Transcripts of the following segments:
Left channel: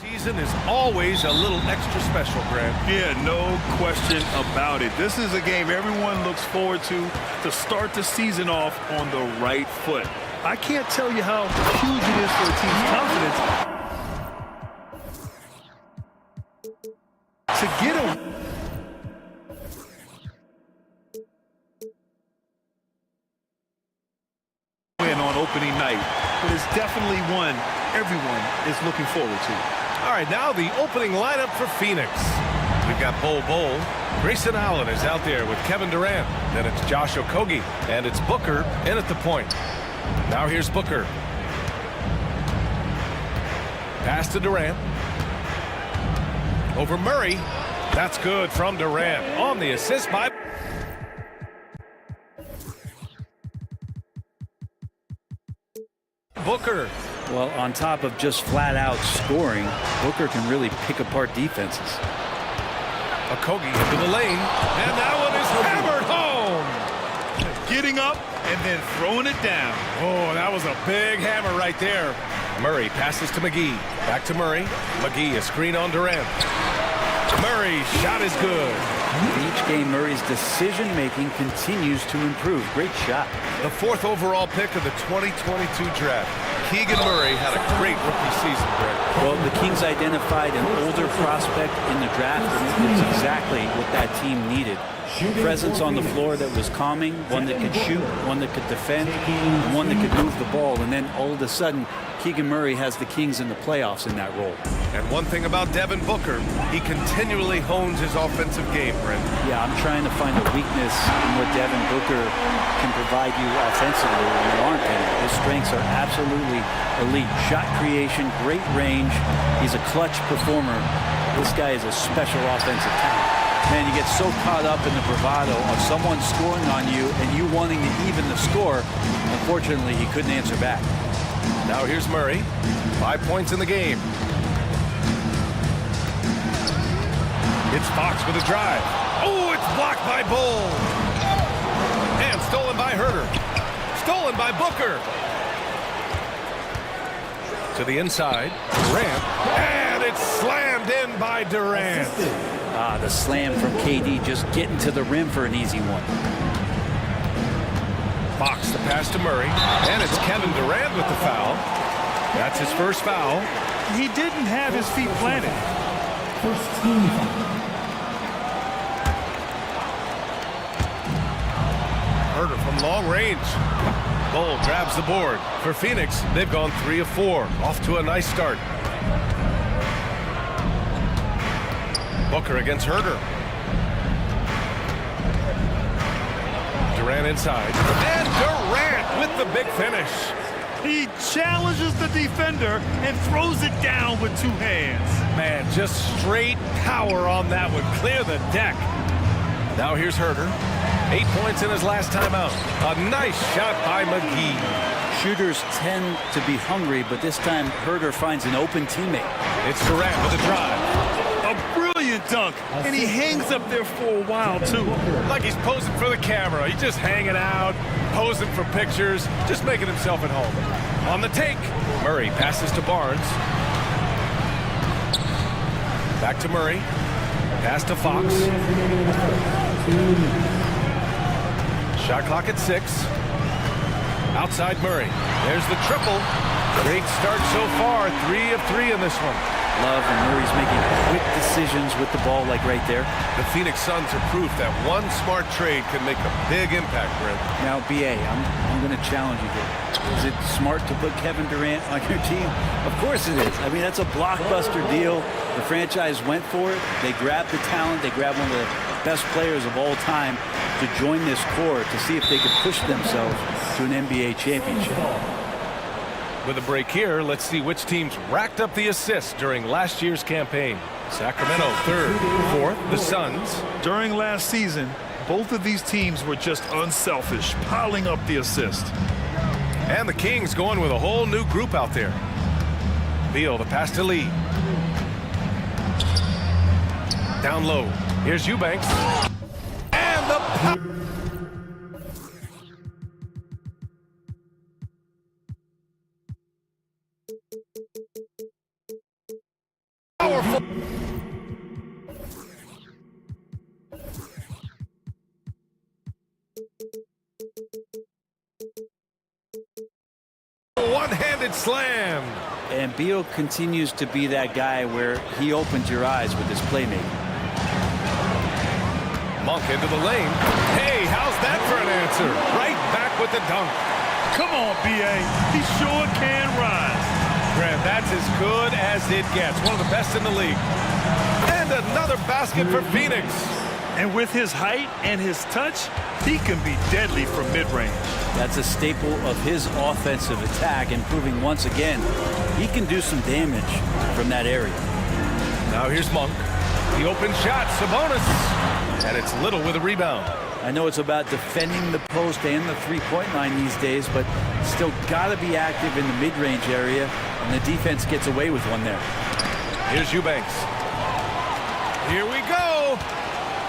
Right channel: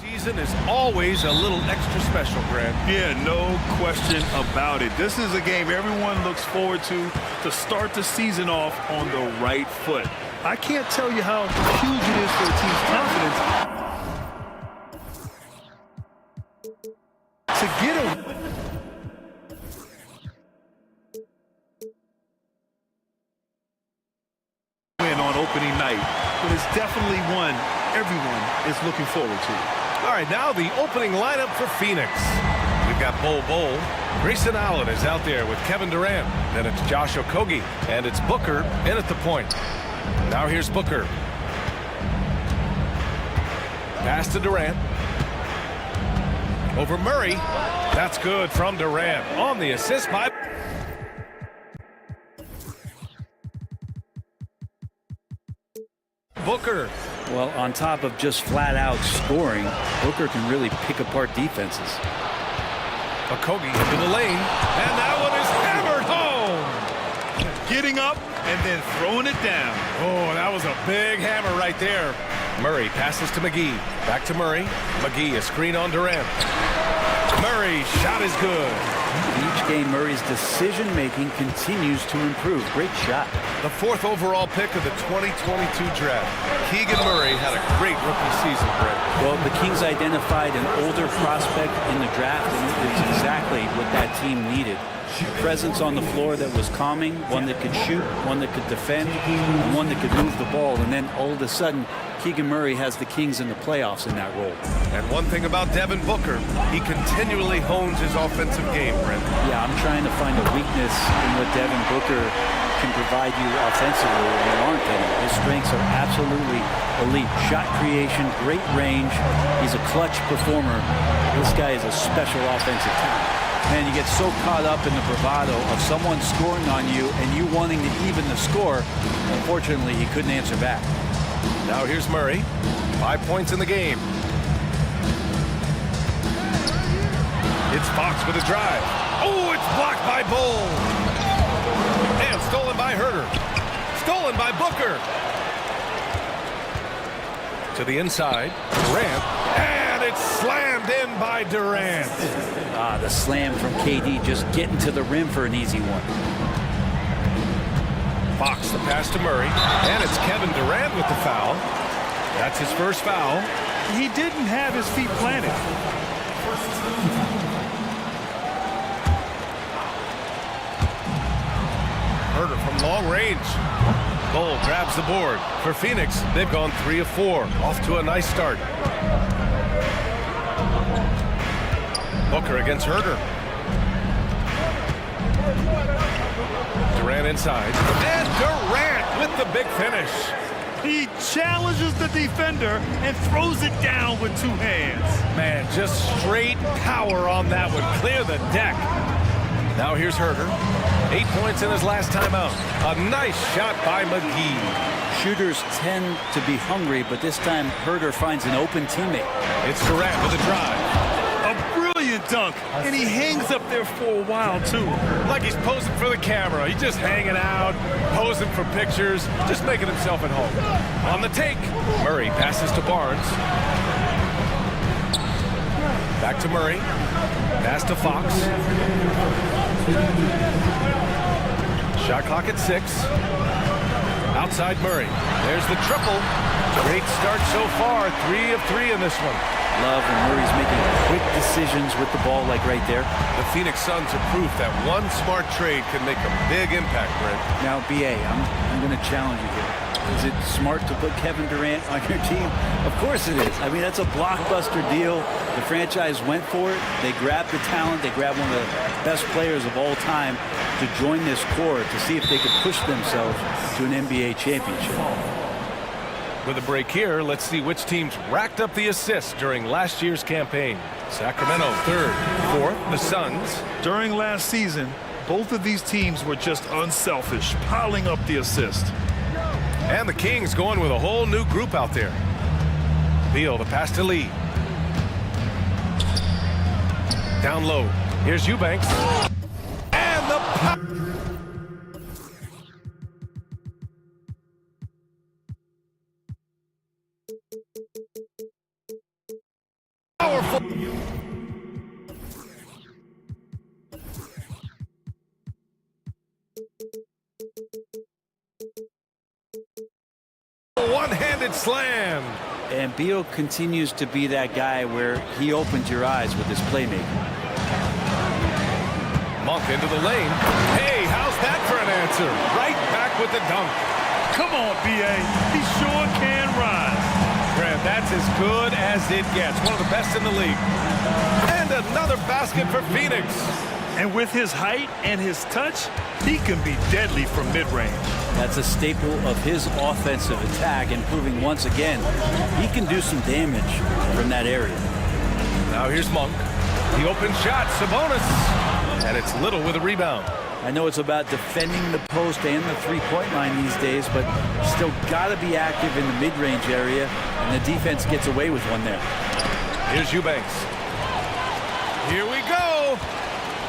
Season is always a little extra special, Grant. Yeah, no question about it. This is a game everyone looks forward to start the season off on the right foot. I can't tell you how huge it is for a team's confidence to get a win on opening night, but it's definitely one everyone is looking forward to. All right, now the opening lineup for Phoenix. We've got Bol. Grayson Allen is out there with Kevin Durant. Then it's Josh Okogie, and it's Booker in at the point. Now here's Booker. Pass to Durant. Over Murray. That's good from Durant on the assist by Booker. Well, on top of just flat-out scoring, Booker can really pick apart defenses. Okogie into the lane, and that one is hammered home. Getting up and then throwing it down. Oh, that was a big hammer right there. Murray passes to McGee. Back to Murray. McGee, a screen on Durant. Murray's shot is good. Each game, Murray's decision-making continues to improve. Great shot. The 4th overall pick of the 2022 draft. Keegan Murray had a great rookie season, Brett. Well, the Kings identified an older prospect in the draft, and it's exactly what that team needed. Presence on the floor that was calming, one that could shoot, one that could defend, and one that could move the ball. And then all of a sudden, Keegan Murray has the Kings in the playoffs in that role. And one thing about Devin Booker, he continually hones his offensive game, Brent. Yeah, I'm trying to find a weakness in what Devin Booker can provide you offensively, and there aren't any. His strengths are absolutely elite. Shot creation, great range. He's a clutch performer. This guy is a special offensive talent. Man, you get so caught up in the bravado of someone scoring on you and you wanting to even the score. Unfortunately, he couldn't answer back. Now here's Murray. 5 points in the game. It's Fox with a drive. Oh, it's blocked by Bol. And stolen by Herter. Stolen by Booker. To the inside. Durant. And it's slammed in by Durant. Ah, the slam from KD, just getting to the rim for an easy one. Fox the pass to Murray. And it's Kevin Durant with the foul. That's his first foul. He didn't have his feet planted. Herter from long range. Bol grabs the board. For Phoenix, they've gone 3 of 4. Off to a nice start. Booker against Herter. Durant inside. And Durant with the big finish. He challenges the defender and throws it down with 2 hands. Man, just straight power on that one. Clear the deck. Now here's Herter. 8 points in his last time out. A nice shot by McGee. Shooters tend to be hungry, but this time Herter finds an open teammate. It's Durant with a drive. A brilliant dunk, and he hangs up there for a while, too. Like he's posing for the camera. He's just hanging out, posing for pictures, just making himself at home. On the take, Murray passes to Barnes. Back to Murray. Pass to Fox. Shot clock at 6. Outside Murray. There's the triple. Great start so far. 3 of 3 in this one. Love when Murray's making quick decisions with the ball, like right there. The Phoenix Suns are proof that one smart trade can make a big impact, Brent. Now, BA, I'm going to challenge you here. Is it smart to put Kevin Durant on your team? Of course it is. I mean, that's a blockbuster deal. The franchise went for it. They grabbed the talent. They grabbed one of the best players of all time to join this core to see if they could push themselves to an NBA championship. With a break here, let's see which teams racked up the assists during last year's campaign. Sacramento 3rd, 4th, the Suns. During last season, both of these teams were just unselfish, piling up the assist. And the Kings going with a whole new group out there. Beal, the pass to Lee. Down low. Here's Eubanks. And the one-handed slam. And Beal continues to be that guy where he opens your eyes with his playmaking. Monk into the lane. Hey, how's that for an answer? Right back with the dunk. Come on, B.A. He sure can rise. Grant, that's as good as it gets. One of the best in the league. And another basket for Phoenix. And with his height and his touch, he can be deadly from mid-range. That's a staple of his offensive attack, and proving once again he can do some damage from that area. Now here's Monk. The open shot, Sabonis. And it's Little with a rebound. I know it's about defending the post and the three-point line these days, but still got to be active in the mid-range area, and the defense gets away with one there. Here's Eubanks. Here we go.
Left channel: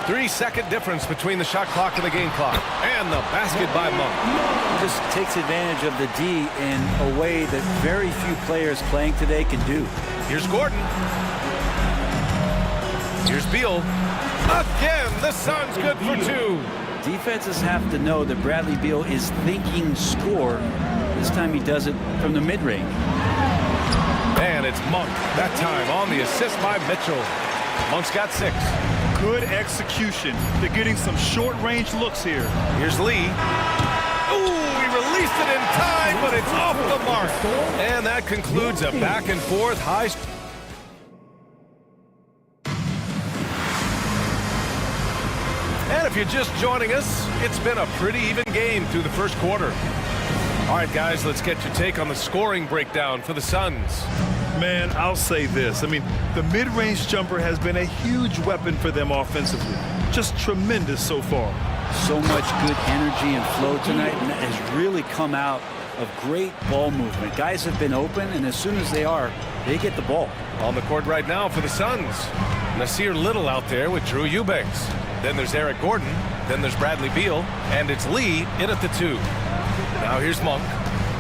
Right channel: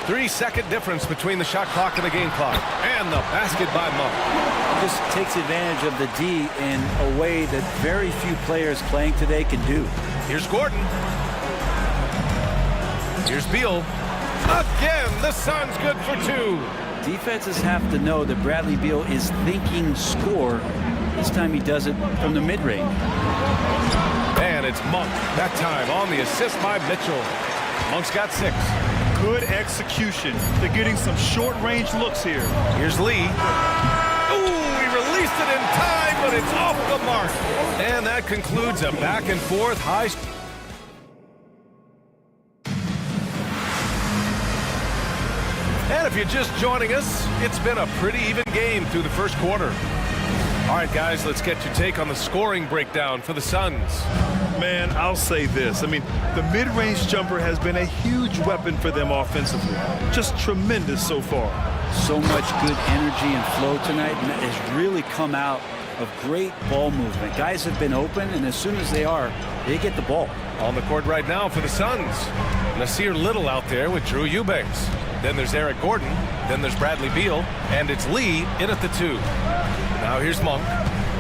3-second difference between the shot clock and the game clock. And the basket by Monk. He just takes advantage of the D in a way that very few players playing today can do. Here's Gordon. Here's Beal. Again, the Suns good for two. Defenses have to know that Bradley Beal is thinking score. This time he does it from the mid-range. And it's Monk, that time on the assist by Mitchell. Monk's got 6. Good execution. They're getting some short-range looks here. Here's Lee. Ooh, he released it in time, but it's off the mark. And that concludes a back-and-forth high. And if you're just joining us, it's been a pretty even game through the first quarter. All right, guys, let's get your take on the scoring breakdown for the Suns. Man, I'll say this. I mean, the mid-range jumper has been a huge weapon for them offensively. Just tremendous so far. So much good energy and flow tonight, and that has really come out of great ball movement. Guys have been open, and as soon as they are, they get the ball. On the court right now for the Suns, Nasir Little out there with Drew Eubanks. Then there's Eric Gordon. Then there's Bradley Beal. And it's Lee in at the 2. Now here's Monk.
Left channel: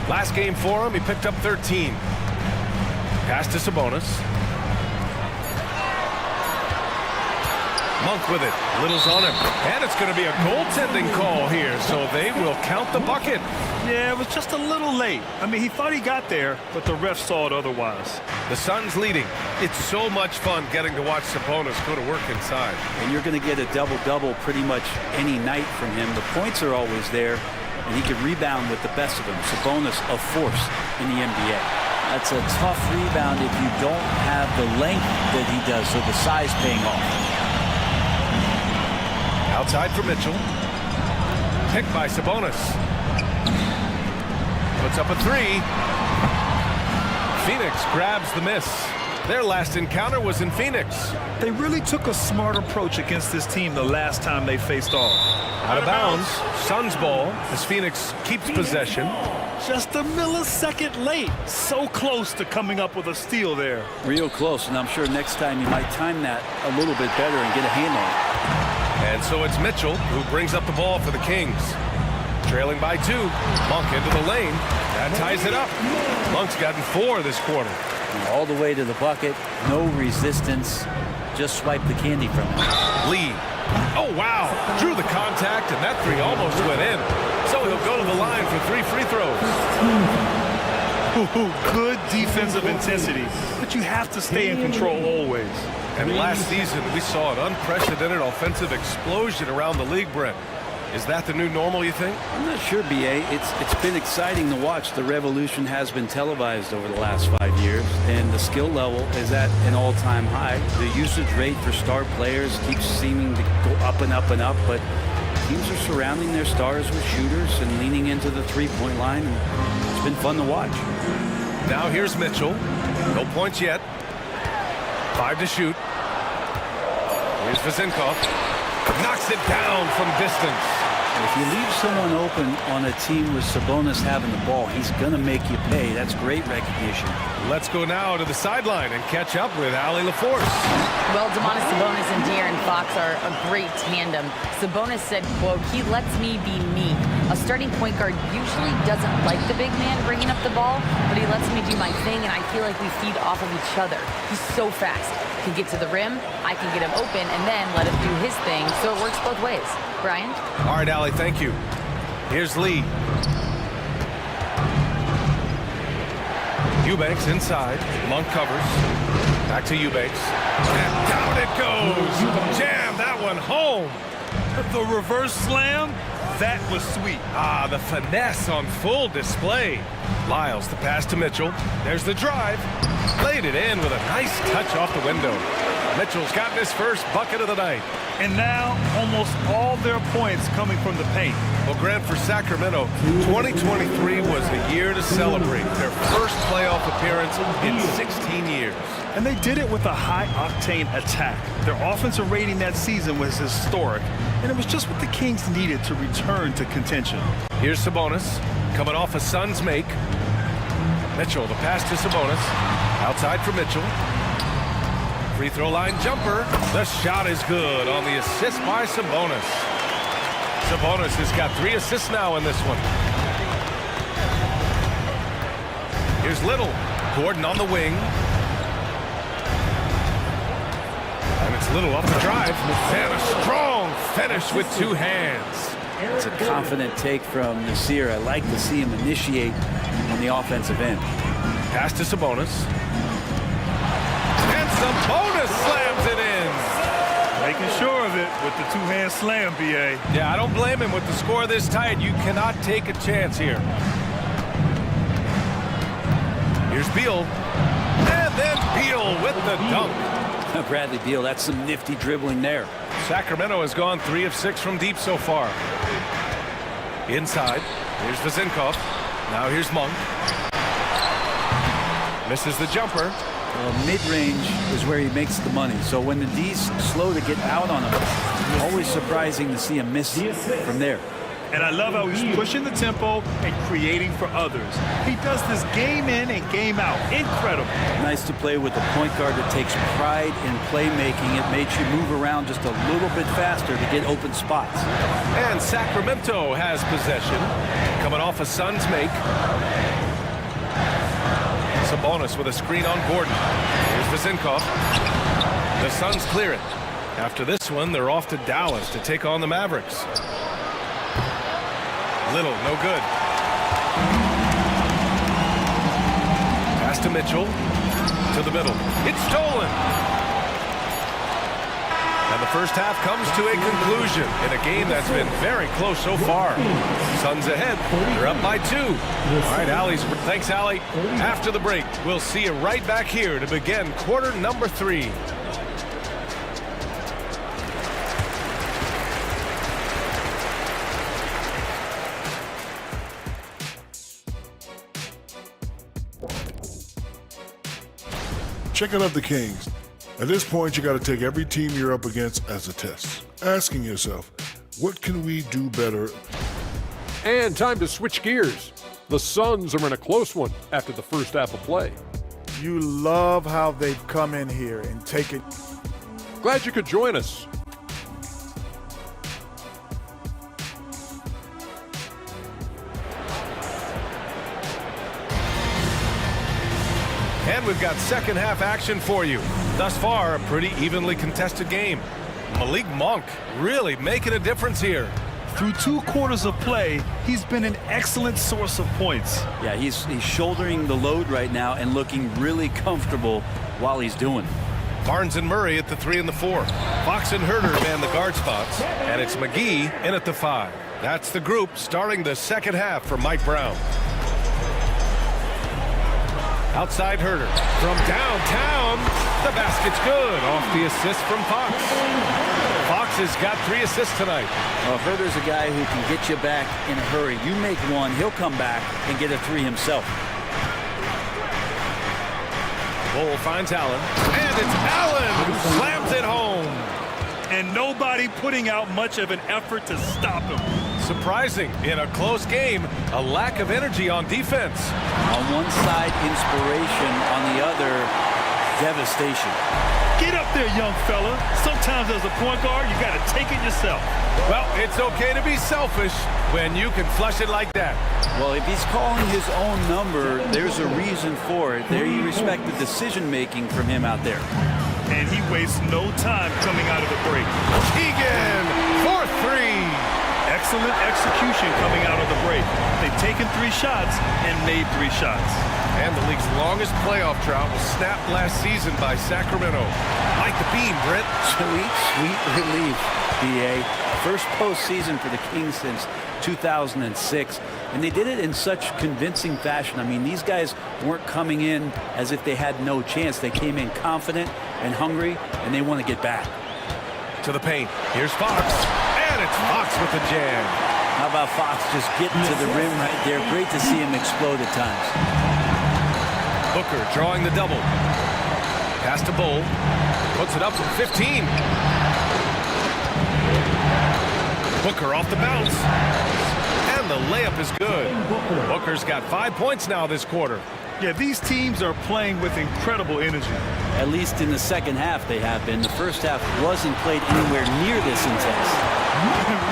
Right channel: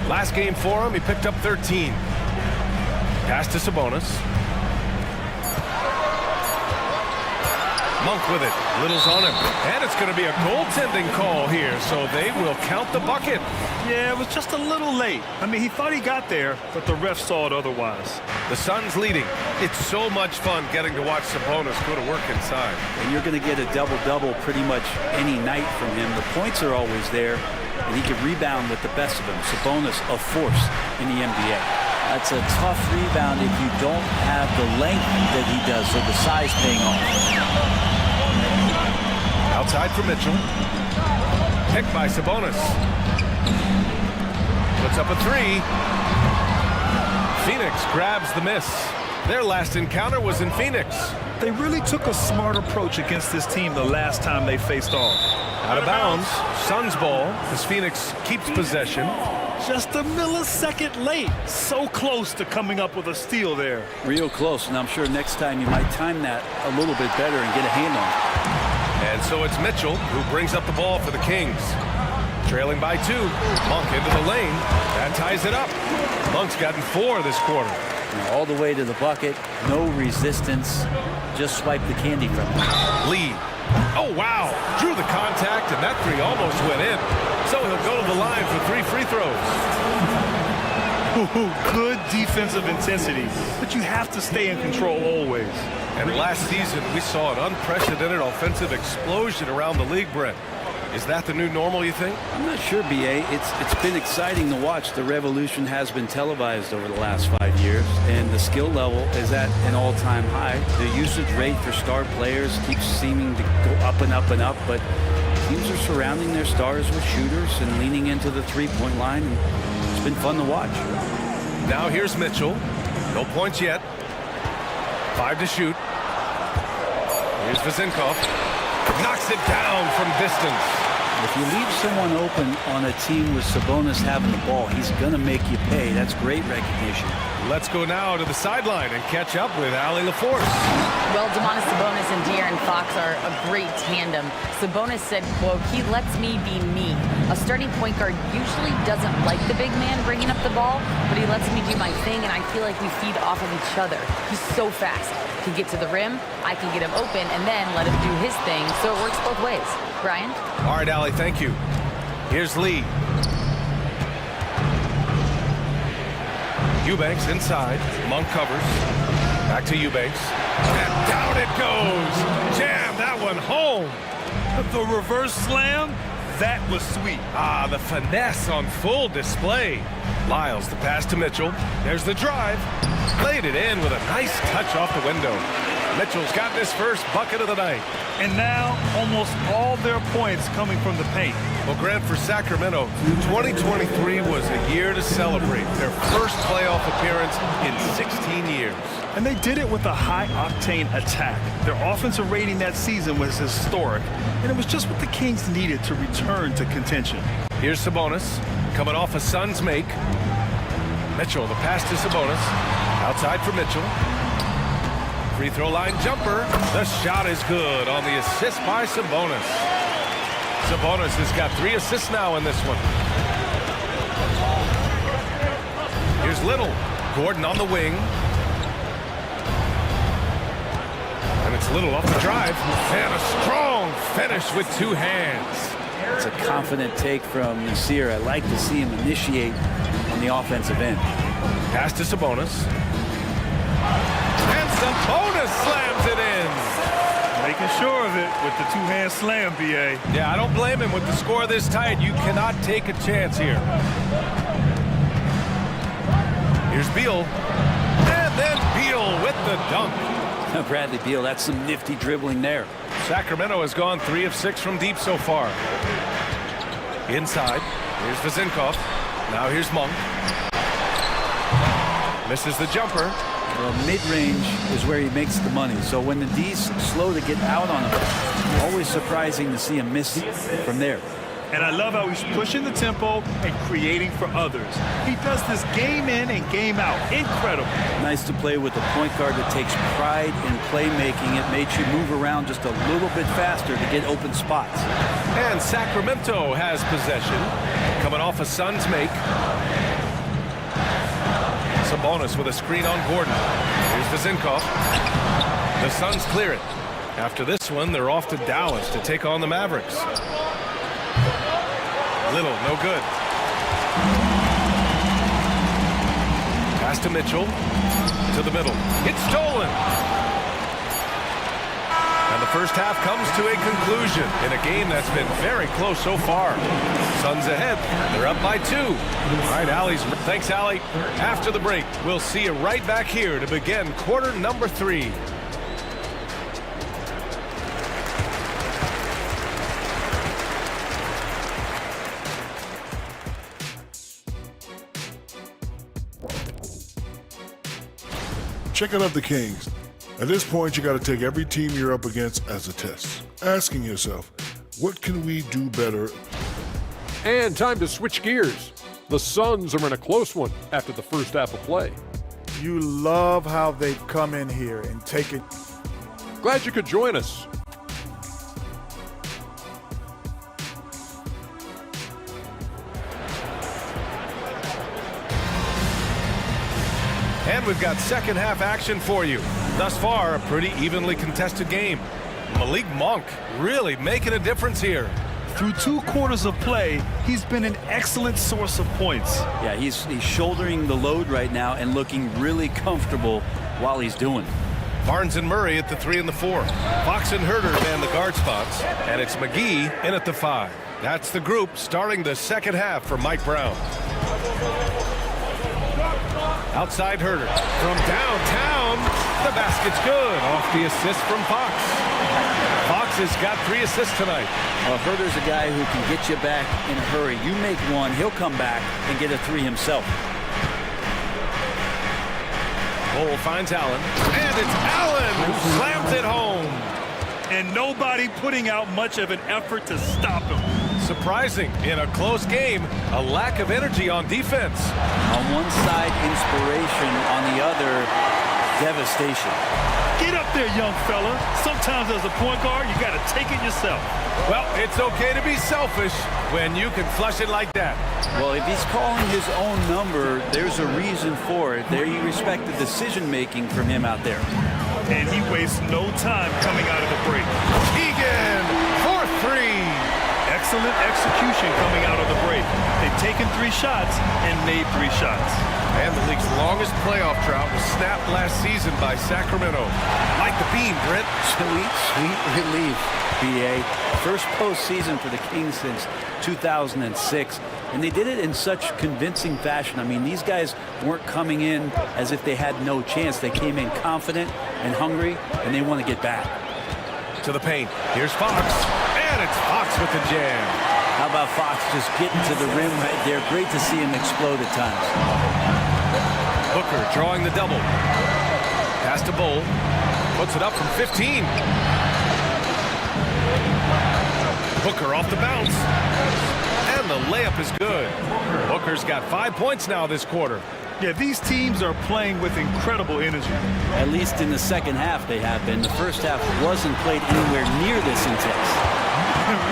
Last game for him, he picked up 13. Pass to Sabonis. Monk with it. Little's on him. And it's going to be a goaltending call here, so they will count the bucket. Yeah, it was just a little late. I mean, he thought he got there, but the ref saw it otherwise. The Suns leading. It's so much fun getting to watch Sabonis go to work inside. And you're going to get a double-double pretty much any night from him. The points are always there, and he can rebound with the best of them. Sabonis, a force in the NBA. That's a tough rebound if you don't have the length that he does, so the size paying off. Outside for Mitchell. Picked by Sabonis. Puts up a 3. Phoenix grabs the miss. Their last encounter was in Phoenix. They really took a smart approach against this team the last time they faced off. Out of bounds. Suns ball as Phoenix keeps possession. Just a millisecond late. So close to coming up with a steal there. Real close, and I'm sure next time you might time that a little bit better and get a hand on it. And so it's Mitchell who brings up the ball for the Kings. Trailing by 2. Monk into the lane. That ties it up. Monk's gotten 4 this quarter. Now all the way to the bucket. No resistance. Just swipe the candy from him. Lee. Oh, wow. Drew the contact, and that 3 almost went in. So he'll go to the line for 3 free throws. Good defensive intensity, but you have to stay in control always. And last season, we saw an unprecedented offensive explosion around the league, Brent. Is that the new normal, you think? I'm not sure, B.A. It's been exciting to watch. The revolution has been televised over the last 5 years, and the skill level is at an all-time high. The usage rate for star players keeps seeming to go up and up and up, but teams are surrounding their stars with shooters and leaning into the three-point line, and it's been fun to watch. Now here's Mitchell. No points yet. 5 to shoot. Here's Vezenkov. Knocks it down from distance. If you leave someone open on a team with Sabonis having the ball, he's going to make you pay. That's great recognition. Let's go now to the sideline and catch up with Allie LaForce. Well, Domantas Sabonis and De'Aaron Fox are a great tandem. Sabonis said, quote, "He lets me be me." A starting point guard usually doesn't like the big man bringing up the ball, but he lets me do my thing, and I feel like we feed off of each other. He's so fast. He can get to the rim, I can get him open, and then let him do his thing, so it works both ways. Brian? All right, Allie, thank you. Here's Lee. Eubanks inside. Monk covers. Back to Eubanks. And down it goes. Jam that one home. The reverse slam, that was sweet. Ah, the finesse on full display. Lyles, the pass to Mitchell. There's the drive. Laid it in with a nice touch off the window. Mitchell's gotten his first bucket of the night. And now, almost all their points coming from the paint. Well, Grant, for Sacramento, 2023 was a year to celebrate. Their first playoff appearance in 16 years. And they did it with a high-octane attack. Their offensive rating that season was historic, and it was just what the Kings needed to return to contention. Here's Sabonis, coming off a Suns make. Mitchell, the pass to Sabonis. Outside for Mitchell. Free throw line jumper. The shot is good on the assist by Sabonis. Sabonis has got 3 assists now in this one. Here's Little. Gordon on the wing. And it's Little off the drive. And a strong finish with 2 hands. It's a confident take from Nasir. I like to see him initiate on the offensive end. Pass to Sabonis. And Sabonis slams it in. Making sure of it with the 2-hand slam, B.A. Yeah, I don't blame him with the score this tight. You cannot take a chance here. Here's Beal. And then Beal with the dunk. Bradley Beal, that's some nifty dribbling there. Sacramento has gone 3 of 6 from deep so far. Inside. Here's Vezinkov. Now here's Monk. Misses the jumper. Well, mid-range is where he makes the money. So when the D's slow to get out on him, always surprising to see him miss from there. And I love how he's pushing the tempo and creating for others. He does this game in and game out. Incredible. Nice to play with a point guard that takes pride in playmaking. It makes you move around just a little bit faster to get open spots. And Sacramento has possession. Coming off a Suns make. Sabonis with a screen on Gordon. Here's Vezinkov. The Suns clear it. After this one, they're off to Dallas to take on the Mavericks. Little, no good. Pass to Mitchell. To the middle. It's stolen. And the first half comes to a conclusion in a game that's been very close so far. Suns ahead. They're up by 2. All right, Allie's. Thanks, Allie. After the break, we'll see you right back here to begin quarter number 3. Checking out the Kings. At this point, you got to take every team you're up against as a test, asking yourself, what can we do better? And time to switch gears. The Suns are in a close one after the first half of play. You love how they've come in here and taken. Glad you could join us. And we've got second half action for you. Thus far, a pretty evenly contested game. Malik Monk really making a difference here. Through 2 quarters of play, he's been an excellent source of points. Yeah, he's shouldering the load right now and looking really comfortable while he's doing it. Barnes and Murray at the 3 and the 4. Fox and Herter man the guard spots. And it's McGee in at the 5. That's the group starting the second half for Mike Brown. Outside Herter. From downtown, the basket's good. Off the assist from Fox. Fox has got 3 assists tonight. Well, Herter's a guy who can get you back in a hurry. You make one, he'll come back and get a 3 himself. Bol finds Allen. And it's Allen who slams it home. And nobody putting out much of an effort to stop him. Surprising in a close game, a lack of energy on defense. On one side, inspiration. On the other, devastation. Get up there, young fella. Sometimes as a point guard, you got to take it yourself. Well, it's okay to be selfish when you can flush it like that. Well, if he's calling his own number, there's a reason for it. There you respect the decision-making from him out there. And he wastes no time coming out of the break. Keegan for 3. Excellent execution coming out of the break. They've taken 3 shots and made 3 shots. And the league's longest playoff drought was snapped last season by Sacramento. Like the beam, Britt. Sweet, sweet relief, BA. First postseason for the Kings since 2006. And they did it in such convincing fashion. I mean, these guys weren't coming in as if they had no chance. They came in confident and hungry, and they want to get back. To the paint. Here's Fox. And it's Fox with the jam. How about Fox just getting to the rim right there? Great to see him explode at times. Booker drawing the double. Pass to Bull. Puts it up from 15. Booker off the bounce. And the layup is good. Booker's got 5 points now this quarter. Yeah, these teams are playing with incredible energy. At least in the second half they have been. The first half wasn't played anywhere near this intense.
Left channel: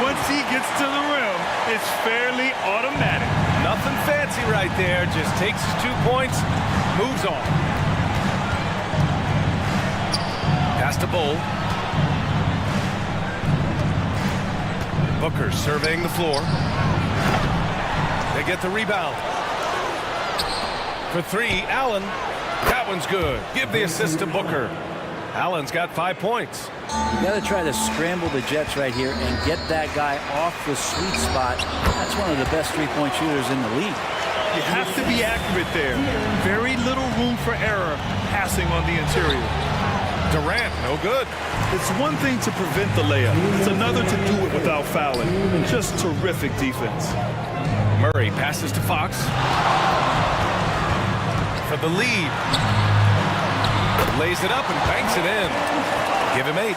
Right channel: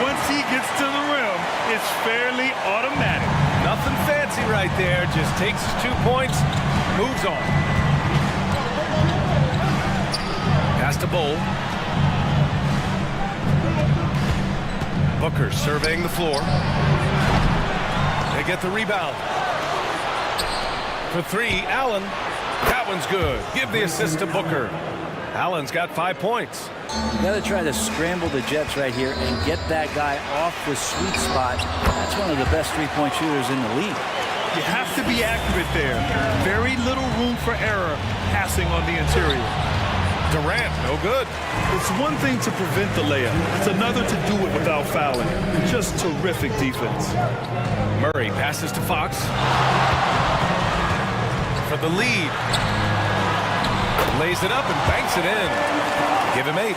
Once he gets to the rim, it's fairly automatic. Nothing fancy right there. Just takes his 2 points, moves on. Pass to Bull. Booker surveying the floor. They get the rebound. For three, Allen. That one's good. Give the assist to Booker. Allen's got 5 points. You got to try to scramble the Jets right here and get that guy off the sweet spot. That's one of the best three-point shooters in the league. You have to be accurate there. Very little room for error passing on the interior. Durant, no good. It's one thing to prevent the layup. It's another to do it without fouling. Just terrific defense. Murray passes to Fox. For the lead. Lays it up and banks it in. Give him 8.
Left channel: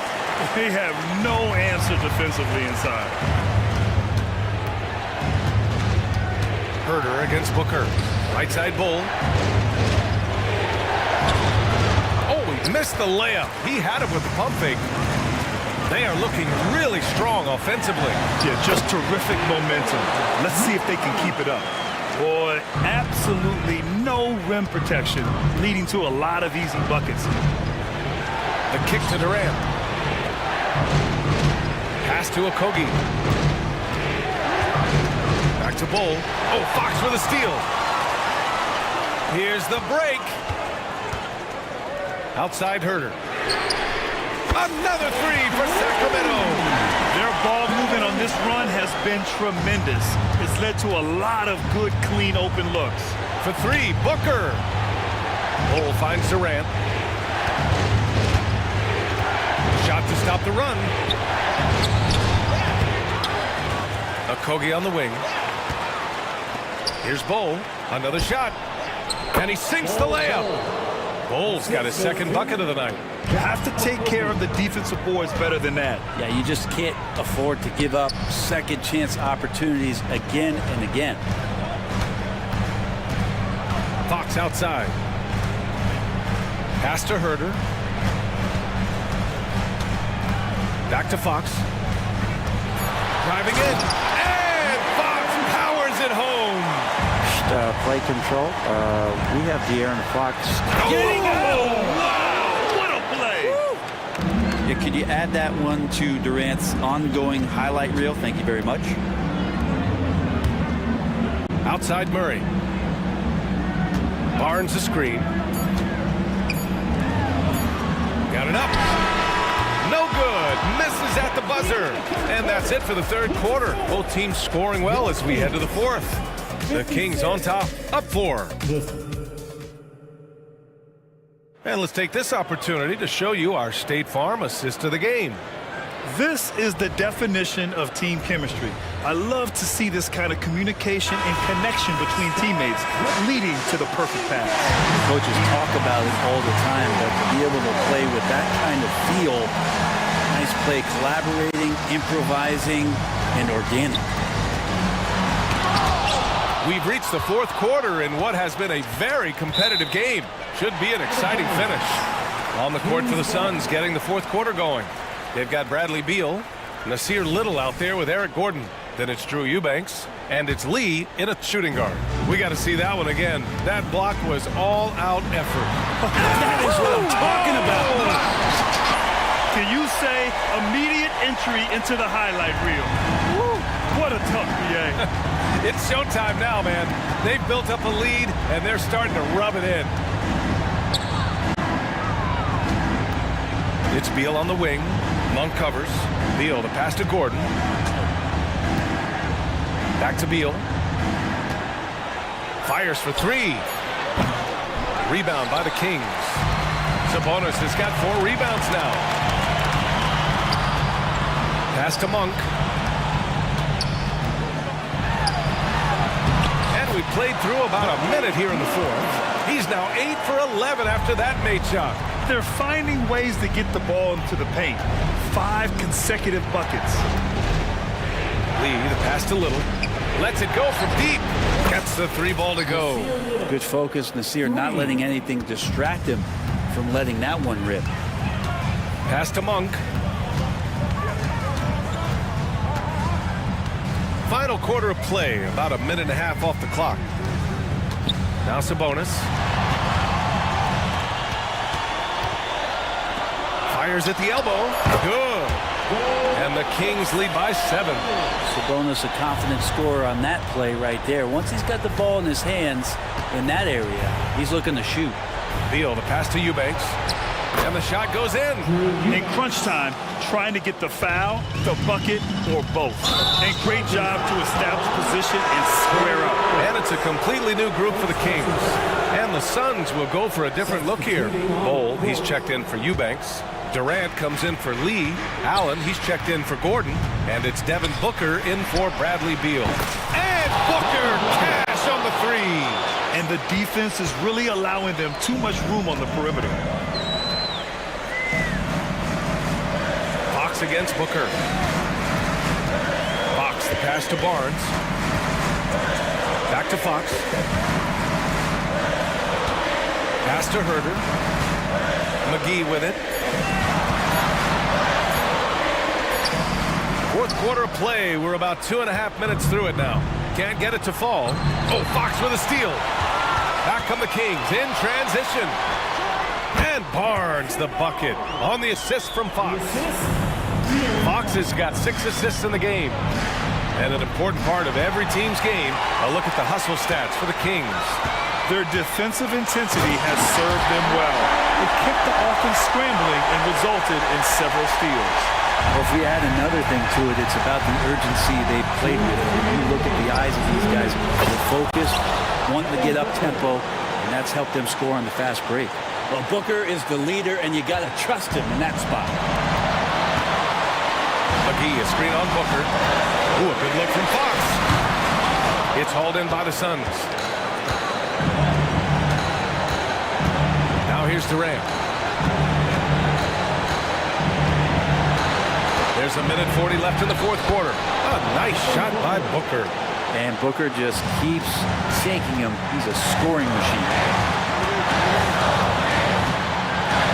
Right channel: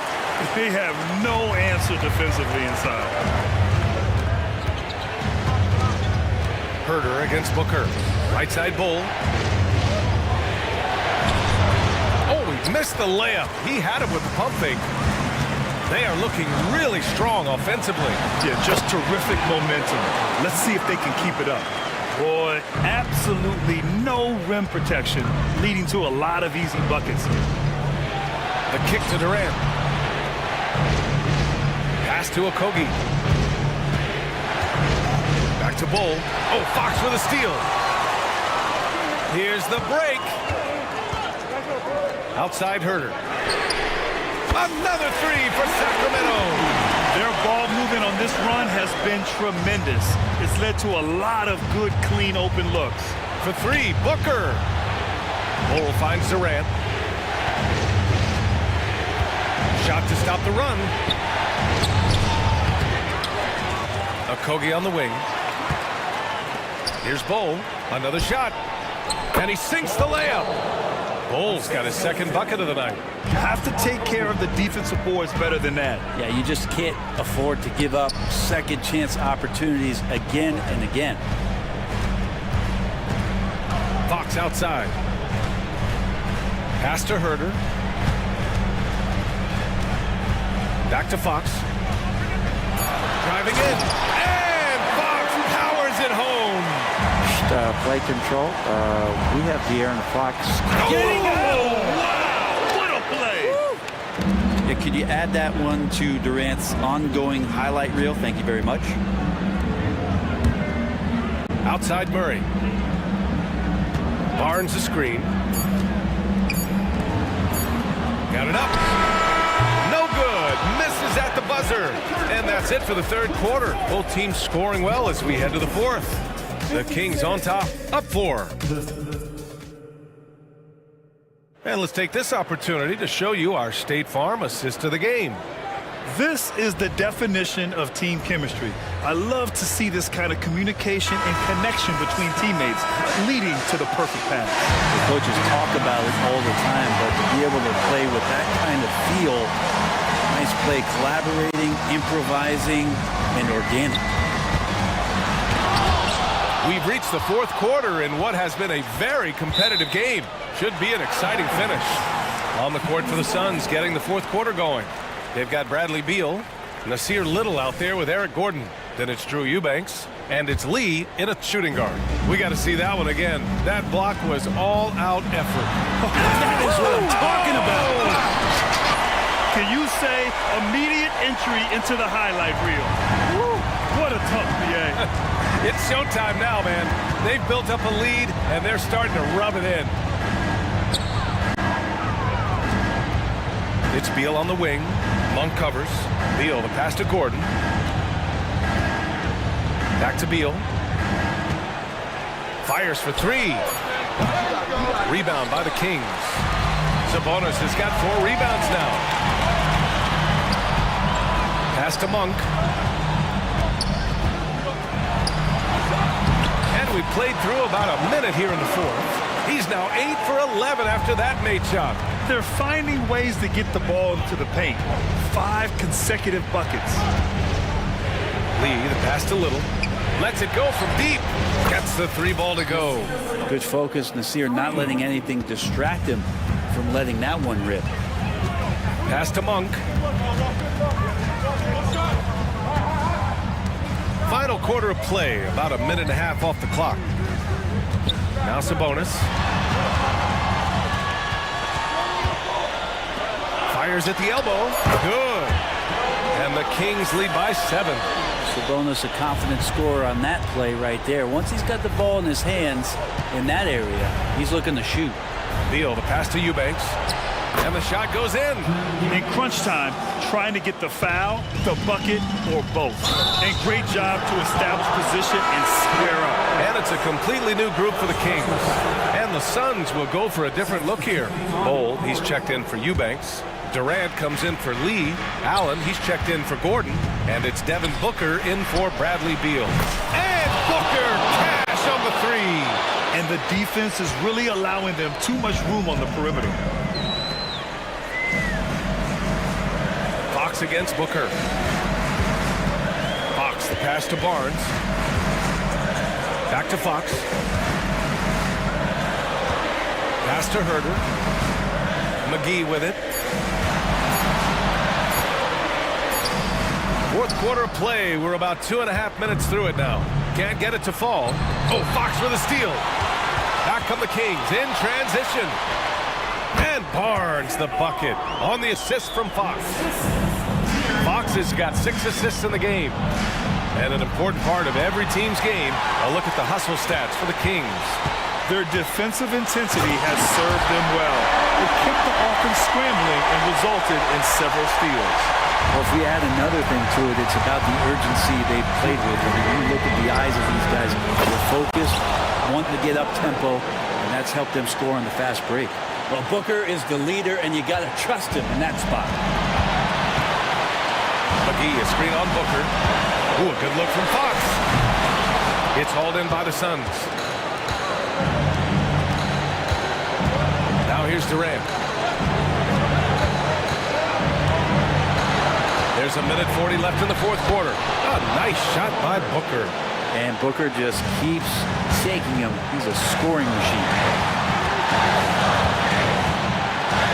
They have no answer defensively inside. Herter against Booker. Right side Bull. Oh, he missed the layup. He had it with the pump fake. They are looking really strong offensively. Yeah, just terrific momentum. Let's see if they can keep it up. Boy, absolutely no rim protection, leading to a lot of easy buckets here. The kick to Durant. Pass to Okogie. Back to Bull. Oh, Fox with a steal. Here's the break. Outside Herter. Another three for Sacramento. Their ball movement on this run has been tremendous. It's led to a lot of good, clean, open looks. For three, Booker. Bull finds Durant. Shot to stop the run. Okogie on the wing. Here's Bull. Another shot. And he sinks the layup. Bull's got his second bucket of the night. You have to take care of the defensive boards better than that. Yeah, you just can't afford to give up second chance opportunities again and again. Fox outside. Pass to Herter. Back to Fox. Driving in. And Fox powers it home. Play control. We have De'Aaron Fox. Oh, wow! What a play! Yeah, could you add that one to Durant's ongoing highlight reel? Thank you very much. Outside Murray. Barnes the screen. Got it up. No good. Misses at the buzzer. And that's it for the third quarter. Both teams scoring well as we head to the fourth. The Kings on top, up 4. And let's take this opportunity to show you our State Farm assist of the game. This is the definition of team chemistry. I love to see this kind of communication and connection between teammates leading to the perfect pass. The coaches talk about it all the time, but to be able to play with that kind of feel, nice play, collaborating, improvising, and organic. We've reached the fourth quarter in what has been a very competitive game. Should be an exciting finish. On the court for the Suns, getting the fourth quarter going. They've got Bradley Beal, Nasir Little out there with Eric Gordon. Then it's Drew Eubanks, and it's Lee in a shooting guard. We got to see that one again. That block was all-out effort. That is what I'm talking about. Wow. Can you say immediate entry into the highlight reel? Woo. What a tough BA. It's showtime now, man. They've built up a lead, and they're starting to rub it in. It's Beal on the wing. Monk covers. Beal, the pass to Gordon. Back to Beal. Fires for three. Rebound by the Kings. Sabonis has got 4 rebounds now. Pass to Monk. And we played through about a minute here in the fourth. He's now 8 for 11 after that made shot. They're finding ways to get the ball into the paint. 5 consecutive buckets. Lee, the pass to Little. Lets it go from deep. Gets the 3 ball to go. Good focus. Nasir not letting anything distract him from letting that one rip. Pass to Monk. Final quarter of play, about a minute and a half off the clock. Now Sabonis. Fires at the elbow. Good. And the Kings lead by 7. Sabonis a confident scorer on that play right there. Once he's got the ball in his hands in that area, he's looking to shoot. Beal, the pass to Eubanks. And the shot goes in. In crunch time, trying to get the foul, the bucket, or both. And great job to establish position and square up. And it's a completely new group for the Kings. And the Suns will go for a different look here. Bold, he's checked in for Eubanks. Durant comes in for Lee. Allen, he's checked in for Gordon. And it's Devin Booker in for Bradley Beal. And Booker, cash on the 3. And the defense is really allowing them too much room on the perimeter. Fox against Booker. Fox, the pass to Barnes. Back to Fox. Pass to Herter. McGee with it. Fourth quarter of play. We're about 2.5 minutes through it now. Can't get it to fall. Oh, Fox with a steal. Back come the Kings in transition. And Barnes the bucket on the assist from Fox. Fox has got 6 assists in the game. And an important part of every team's game, a look at the hustle stats for the Kings. Their defensive intensity has served them well. It kept the offense scrambling and resulted in several steals. Well, if we add another thing to it, it's about the urgency they've played with. I mean, you look at the eyes of these guys, they're focused, wanting to get up tempo, and that's helped them score on the fast break. Well, Booker is the leader, and you got to trust him in that spot. McGee, a screen on Booker. Ooh, a good look from Fox. It's hauled in by the Suns. Now here's Durant. There's a minute 40 left in the fourth quarter. A nice shot by Booker. And Booker just keeps shaking him. He's a scoring machine.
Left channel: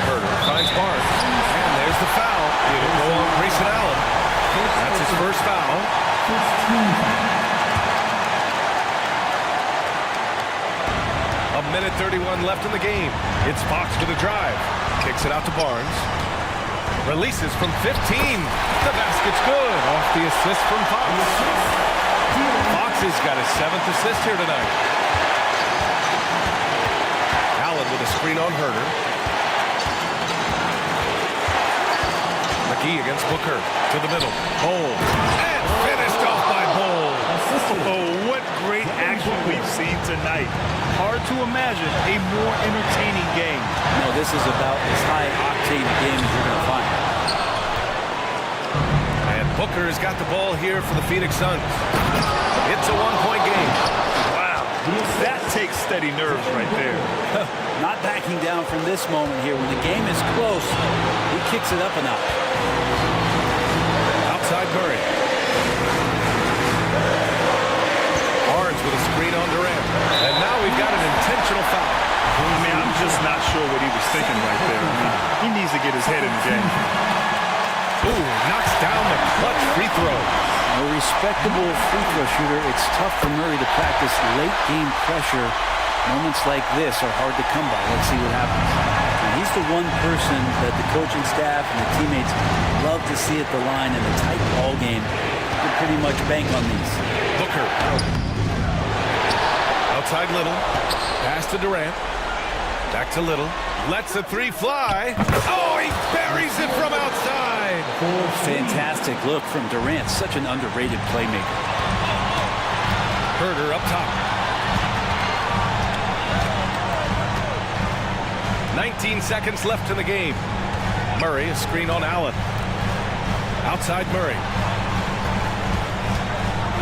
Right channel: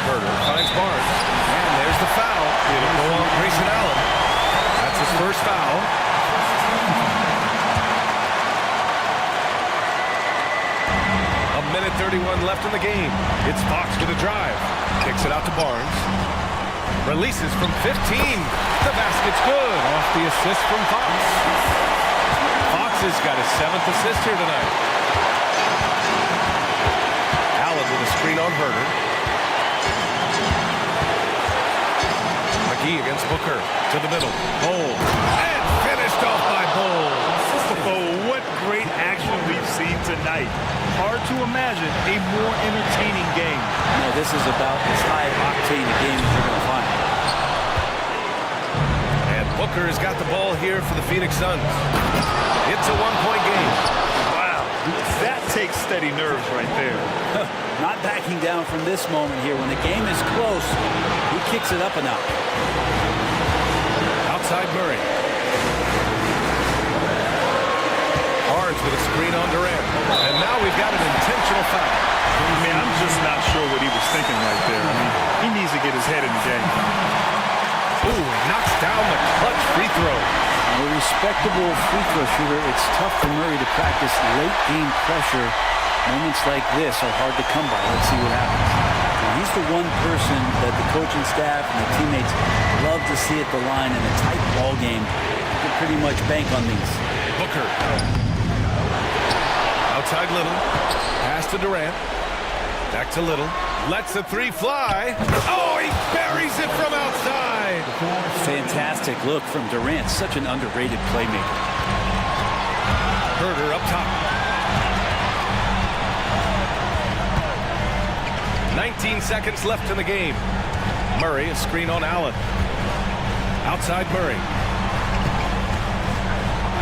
Herter finds Barnes. And there's the foul. It'll go on Grayson Allen. That's his first foul. A minute 31 left in the game. It's Fox with a drive. Kicks it out to Barnes. Releases from 15. The basket's good. Off the assist from Fox. Fox has got his 7th assist here tonight. Allen with a screen on Herter. McGee against Booker. To the middle. Bold. And finished off by Bold. Oh, what great action we've seen tonight. Hard to imagine a more entertaining game. No, this is about as high-octane a game as you're going to find. And Booker has got the ball here for the Phoenix Suns. It's a 1-point game. Wow, that takes steady nerves right there. Not backing down from this moment here. When the game is close, he kicks it up a notch. Outside Murray. Barnes with a screen on Durant. And now we've got an intentional foul. I mean, I'm just not sure what he was thinking right there. I mean, he needs to get his head in the game. Ooh, he knocks down the clutch free throw. A respectable free throw shooter. It's tough for Murray to practice late game pressure. Moments like this are hard to come by. Let's see what happens. And he's the one person that the coaching staff and the teammates love to see at the line in a tight ball game. You can pretty much bank on these. Booker. Outside Little. Pass to Durant. Back to Little. Lets the three fly. Oh, he buries it from outside. Fantastic look from Durant. Such an underrated playmaker. Herder up top. 19 seconds left in the game. Murray, a screen on Allen. Outside Murray.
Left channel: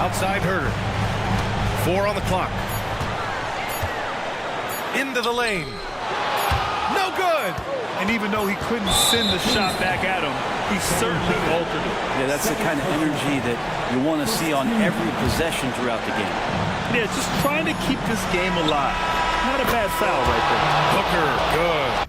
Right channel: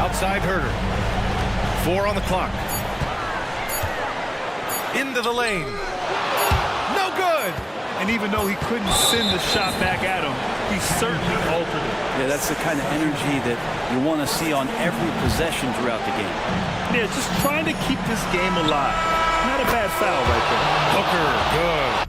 Outside Herder. 4 on the clock. Into the lane. No good. And even though he couldn't send the shot back at him, he certainly altered it. Yeah, that's the kind of energy that you want to see on every possession throughout the game. Yeah, just trying to keep this game alive. Not a bad foul right there. Booker, good.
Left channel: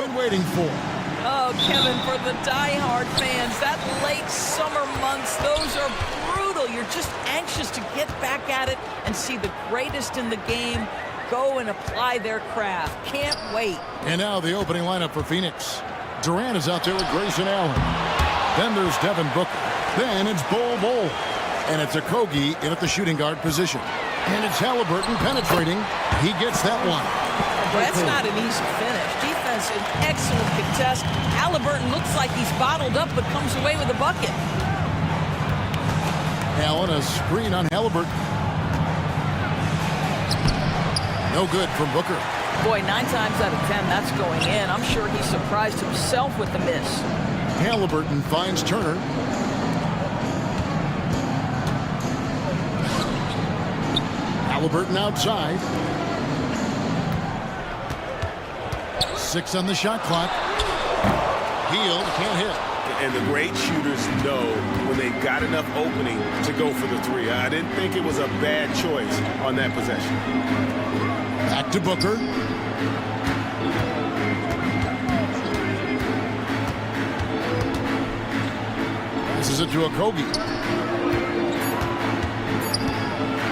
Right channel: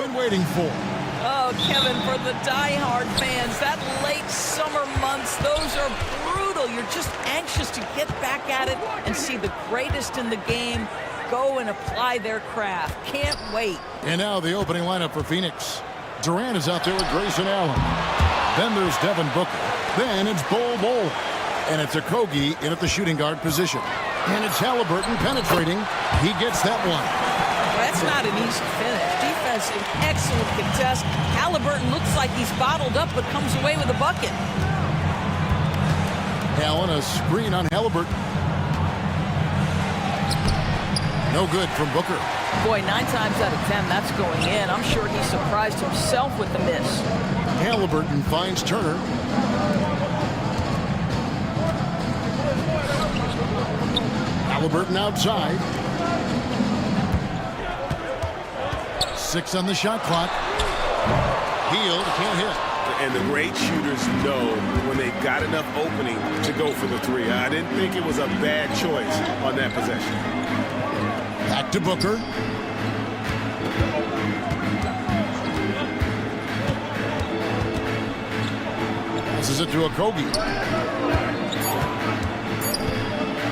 been waiting for. Oh, Kevin, for the diehard fans, that late summer months, those are brutal. You're just anxious to get back at it and see the greatest in the game go and apply their craft. Can't wait. And now the opening lineup for Phoenix. Durant is out there with Grayson Allen. Then there's Devin Booker. Then it's Bol. And it's Okogie in at the shooting guard position. And it's Halliburton penetrating. He gets that one. Well, that's not an easy finish. Defense, an excellent contest. Halliburton looks like he's bottled up, but comes away with a bucket. Allen, a screen on Halliburton. No good from Booker. Boy, 9 times out of 10, that's going in. I'm sure he surprised himself with the miss. Halliburton finds Turner. Halliburton outside. 6 on the shot clock. Hield can't hit. And the great shooters know when they've got enough opening to go for the three. I didn't think it was a bad choice on that possession. Back to Booker. Passes it to Okogie.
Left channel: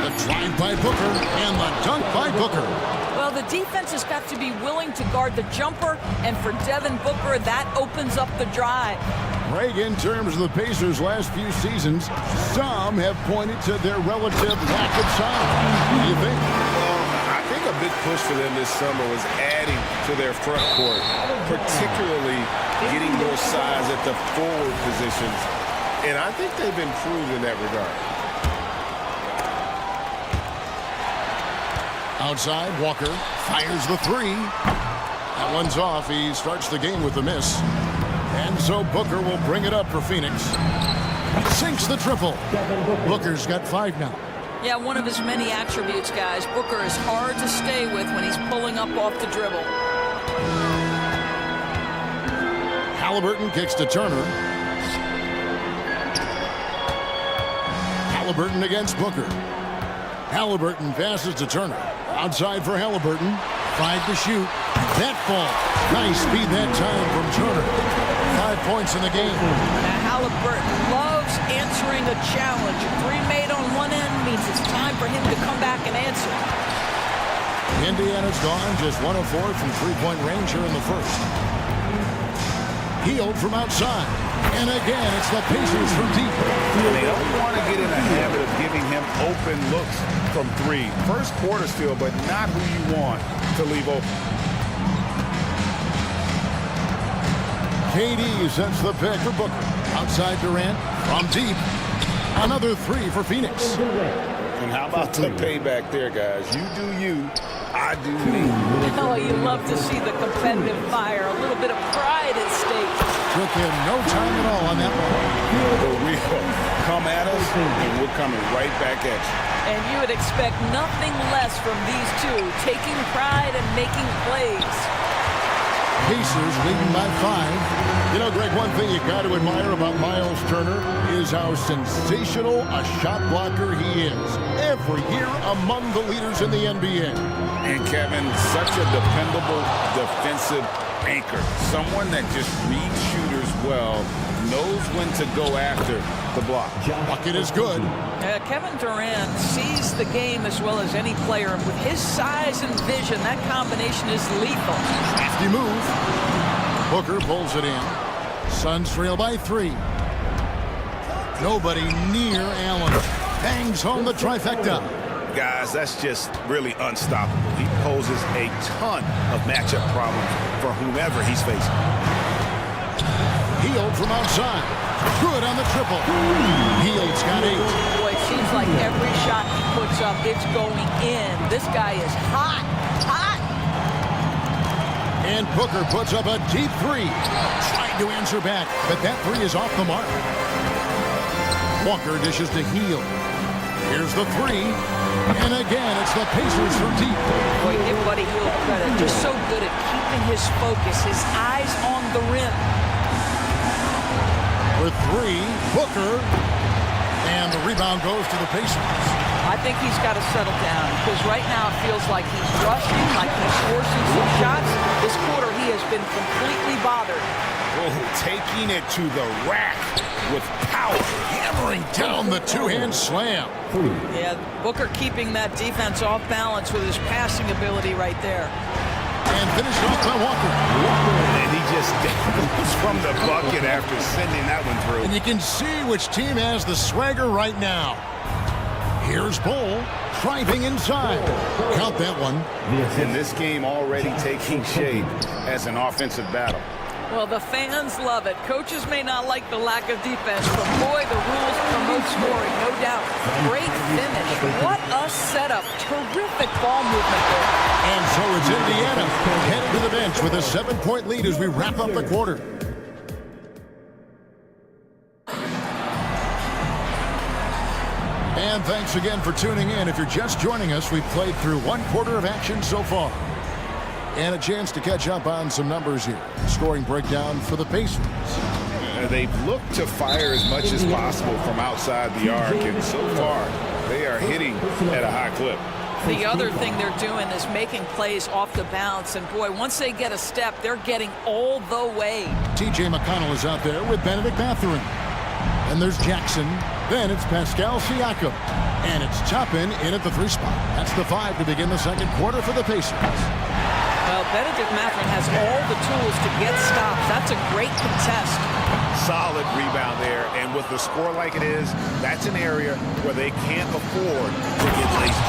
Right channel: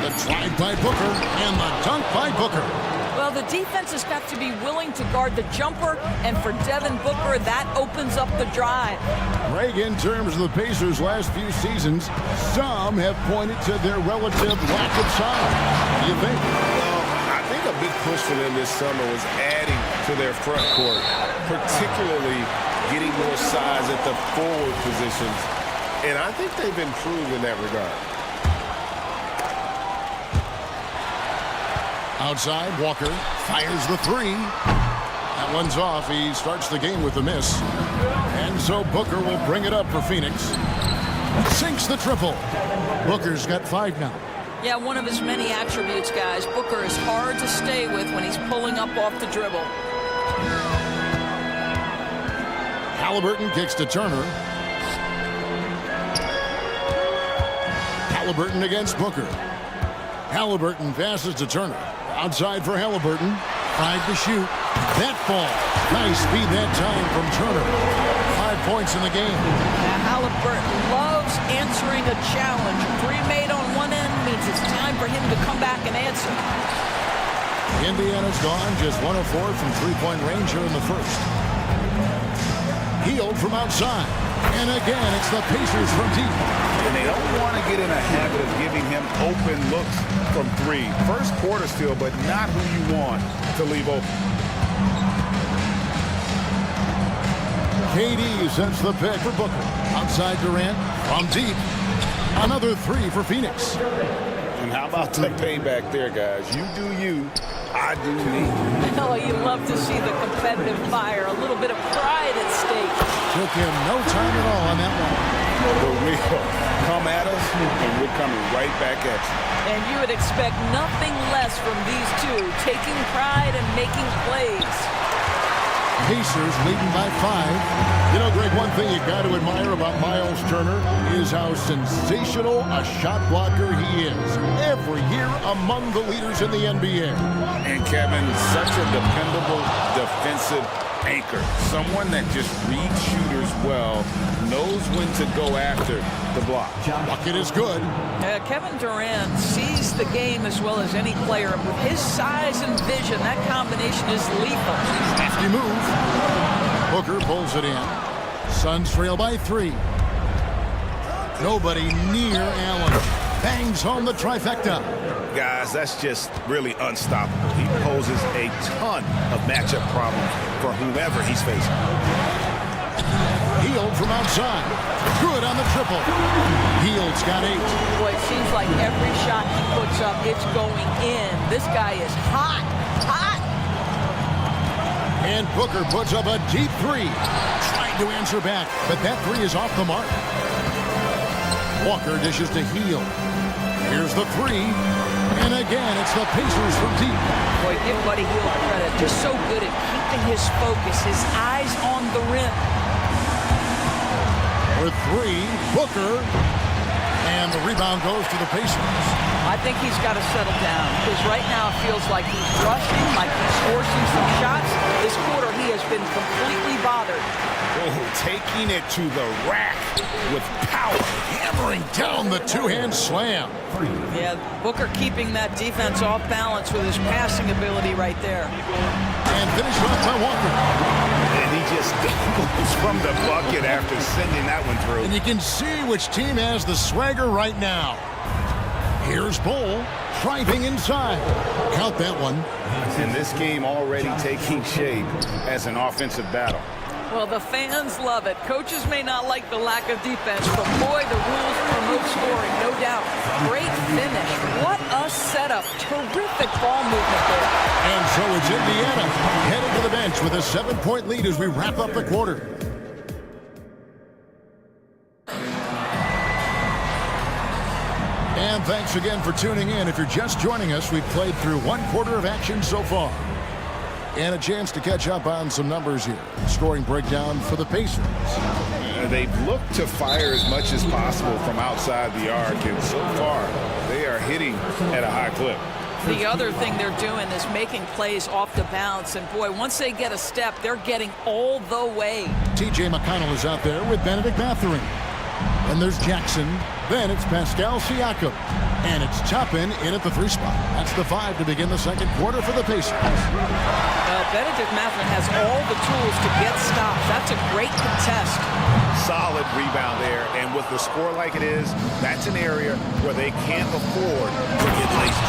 The drive by Booker and the dunk by Booker. Well, the defense has got to be willing to guard the jumper, and for Devin Booker, that opens up the drive. Greg, in terms of the Pacers' last few seasons, some have pointed to their relative lack of size. What do you think? Well, I think a big push for them this summer was adding to their front court, particularly getting more size at the forward positions, and I think they've improved in that regard. Outside, Walker fires the three. That one's off. He starts the game with a miss. And so Booker will bring it up for Phoenix. Sinks the triple. Booker's got 5 now. Yeah, one of his many attributes, guys. Booker is hard to stay with when he's pulling up off the dribble. Halliburton kicks to Turner. Halliburton against Booker. Halliburton passes to Turner. Outside for Halliburton. 5 to shoot. That falls. Nice speed that time from Turner. 5 points in the game. Now Halliburton loves answering a challenge. A 3 made on one end means it's time for him to come back and answer. Indiana's gone just 1 of 4 from three-point range here in the first. Hield from outside. And again, it's the Pacers from deep. And they don't want to get in a habit of giving him open looks from 3. First quarter still, but not who you want to leave open. KD sets the pick for Booker. Outside Durant from deep. Another 3 for Phoenix. And how about the payback there, guys? You do you, I do me. Oh, you love to see the competitive fire. A little bit of pride at stake. Took him no time at all on that one. The real come at us, and we're coming right back at you. And you would expect nothing less from these two, taking pride and making plays. Pacers leading by 5. You know, Greg, one thing you got to admire about Miles Turner is how sensational a shot blocker he is. Every year among the leaders in the NBA. And Kevin, such a dependable defensive anchor. Someone that just reads shooters well, knows when to go after the block. Bucket is good. Kevin Durant sees the game as well as any player. And with his size and vision, that combination is lethal. Crafty move. Booker pulls it in. Suns trail by 3. Nobody near Allen. Bangs home the trifecta. Guys, that's just really unstoppable. He poses a ton of matchup problems for whomever he's facing. Hield from outside. Good on the triple. Hield's got 8. Boy, it seems like every shot he puts up, it's going in. This guy is hot, hot. And Booker puts up a deep 3. Trying to answer back, but that 3 is off the mark. Walker dishes to Hield. Here's the 3. And again, it's the Pacers from deep. Boy, give Buddy Hield credit. Just so good at keeping his focus, his eyes on the rim. For 3, Booker. And the rebound goes to the Pacers. I think he's got to settle down because right now it feels like he's rushing, like he's forcing some shots. This quarter he has been completely bothered. Oh, taking it to the rack with power. Hammering down the two-hand slam. Yeah, Booker keeping that defense off balance with his passing ability right there. And finished off by Walker. And he just dangles from the bucket after sending that one through. And you can see which team has the swagger right now. Here's Bull driving inside. Count that one. And this game already taking shape as an offensive battle. Well, the fans love it. Coaches may not like the lack of defense, but boy, the rules promote scoring, no doubt. Great finish. What a setup. Terrific ball movement there. And so it's Indiana headed to the bench with a 7-point lead as we wrap up the quarter. And thanks again for tuning in. If you're just joining us, we've played through one quarter of action so far. And a chance to catch up on some numbers here. Scoring breakdown for the Pacers. They've looked to fire as much as possible from outside the arc, and so far they are hitting at a high clip. The other thing they're doing is making plays off the bounce, and boy, once they get a step, they're getting all the way. T.J. McConnell is out there with Benedict Mathurin. And there's Jackson. Then it's Pascal Siakam. And it's Toppin in at the 3 spot. That's the 5 to begin the second quarter for the Pacers. Well, Benedict Mathurin has all the tools to get stops. That's a great contest. Solid rebound there, and with the score like it is, that's an area where they can't afford to get laced.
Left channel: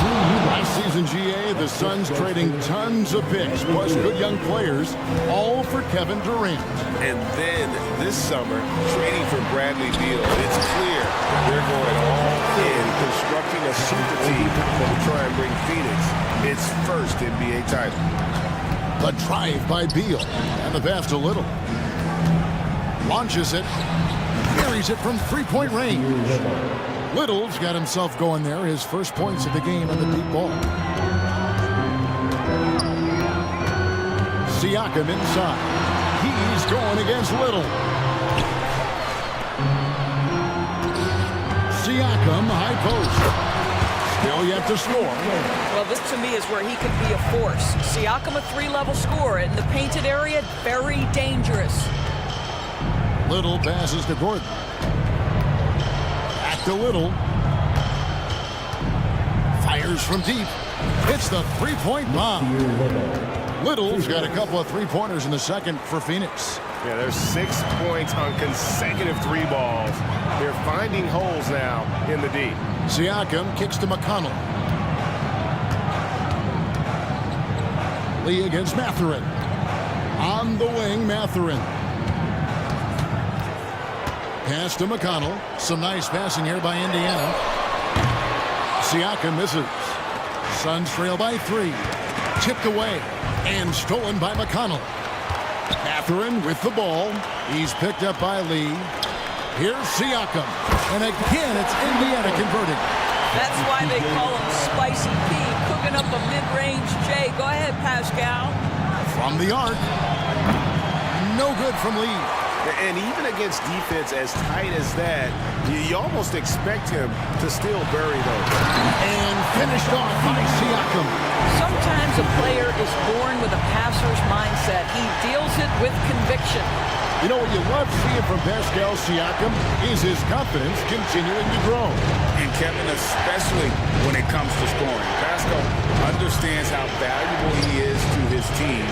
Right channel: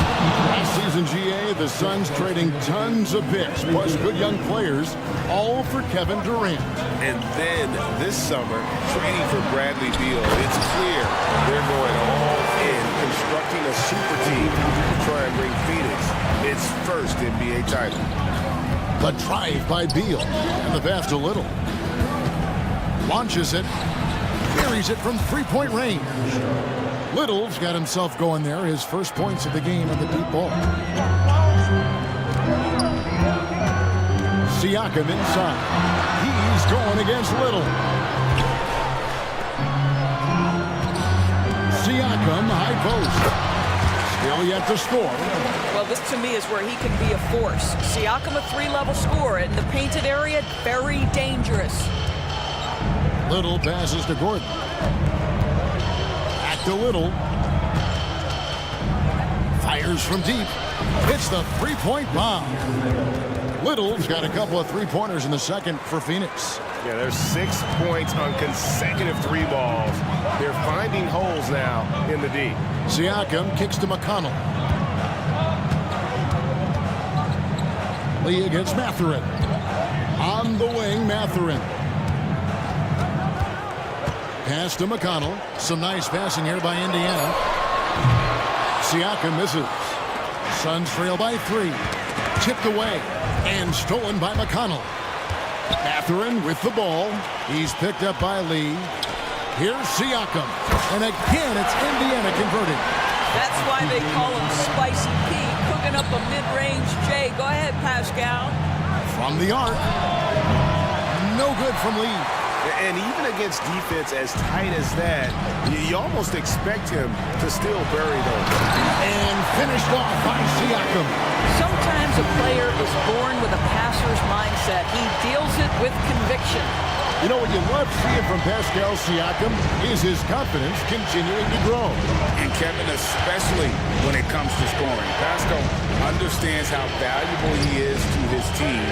Last season, GA, the Suns trading tons of picks, plus good young players, all for Kevin Durant. And then this summer, trading for Bradley Beal. It's clear they're going all in, constructing a super team to try and bring Phoenix its first NBA title. The drive by Beal, and the pass to Little. Launches it, carries it from 3-point range. Little's got himself going there, his first points of the game on the deep ball. Siakam inside. He's going against Little. Siakam, high post. Still yet to score. Well, this to me is where he can be a force. Siakam, a 3-level scorer in the painted area, very dangerous. Little passes to Gordon. Back to Little. Fires from deep. Hits the 3-point bomb. Little's got a couple of 3-pointers in the second for Phoenix. Yeah, there's 6 points on consecutive 3 balls. They're finding holes now in the D. Siakam kicks to McConnell. Lee against Mathurin. On the wing, Mathurin. Pass to McConnell. Some nice passing here by Indiana. Siakam misses. Suns trail by 3. Tipped away and stolen by McConnell. Mathurin with the ball. He's picked up by Lee. Here's Siakam. And again, it's Indiana converting. That's why they call him Spicy P, cooking up a mid-range J. Go ahead, Pascal. From the arc. No good from Lee. And even against defense as tight as that, you almost expect him to still bury those. And finished off by Siakam. Sometimes a player is born with a passer's mindset. He deals it with conviction. You know what you love seeing from Pascal Siakam is his confidence continuing to grow. And Kevin, especially when it comes to scoring. Pascal understands how valuable he is to his team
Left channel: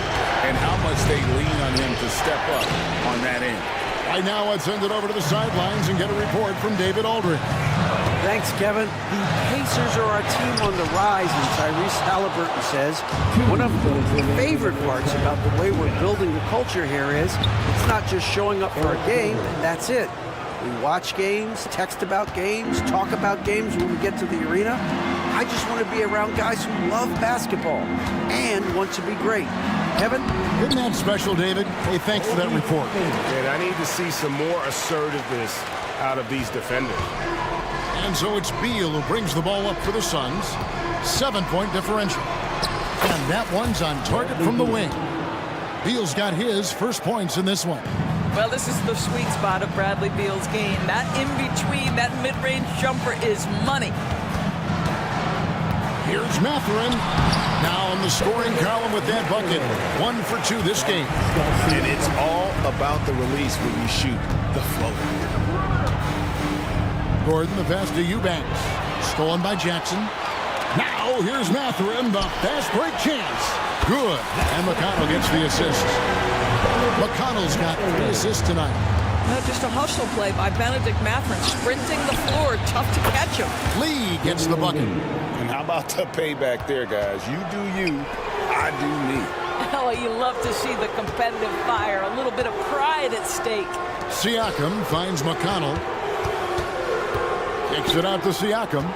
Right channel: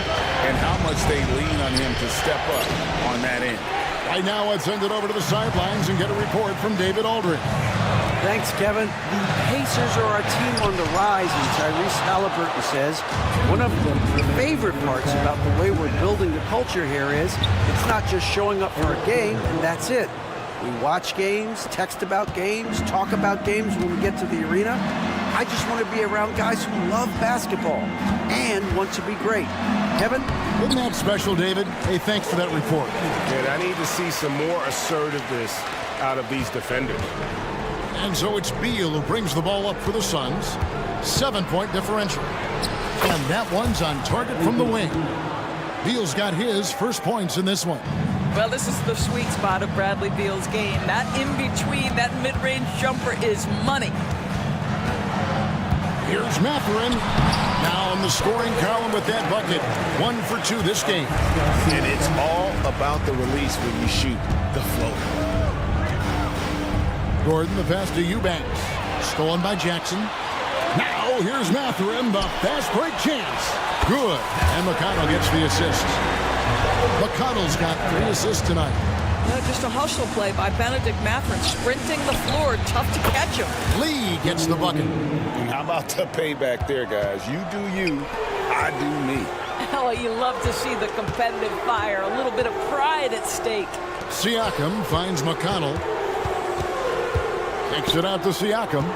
and how much they lean on him to step up on that end. Right now, let's send it over to the sidelines and get a report from David Aldridge. Thanks, Kevin. The Pacers are a team on the rise, and Tyrese Halliburton says one of the favorite parts about the way we're building the culture here is it's not just showing up for a game, and that's it. We watch games, text about games, talk about games when we get to the arena. I just want to be around guys who love basketball and want to be great. Kevin? Isn't that special, David? Hey, thanks for that report. And I need to see some more assertiveness out of these defenders. And so it's Beal who brings the ball up for the Suns. 7-point differential. And that one's on target from the wing. Beal's got his first points in this one. Well, this is the sweet spot of Bradley Beal's game. That in-between, that mid-range jumper is money. Here's Mathurin. Now in the scoring column with that bucket. 1 for 2 this game. And it's all about the release when you shoot the floater. Gordon, the pass to Eubanks. Stolen by Jackson. Now here's Mathurin, the fast break chance. Good. And McConnell gets the assist. McConnell's got 3 assists tonight. Just a hustle play by Benedict Mathurin, sprinting the floor, tough to catch him. Lee gets the bucket. And how about the payback there, guys? You do you, I do me. Oh, you love to see the competitive fire, a little bit of pride at stake. Siakam finds McConnell. Kicks it out to Siakam.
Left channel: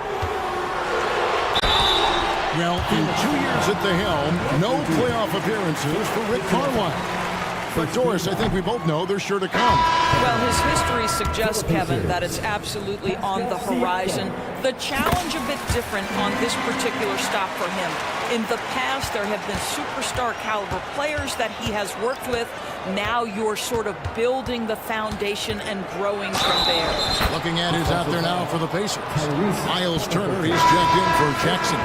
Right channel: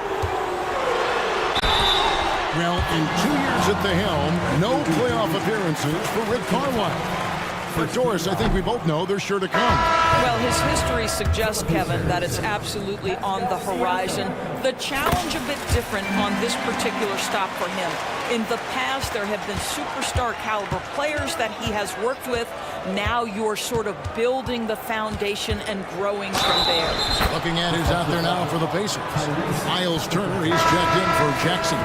Well, in 2 years at the helm, no playoff appearances for Rick Carlisle. For Doris, I think we both know they're sure to come. Well, his history suggests, Kevin, that it's absolutely on the horizon. The challenge a bit different on this particular stop for him. In the past, there have been superstar caliber players that he has worked with. Now you're sort of building the foundation and growing from there. Looking at who's out there now for the Pacers. Miles Turner, he's checked in for Jackson.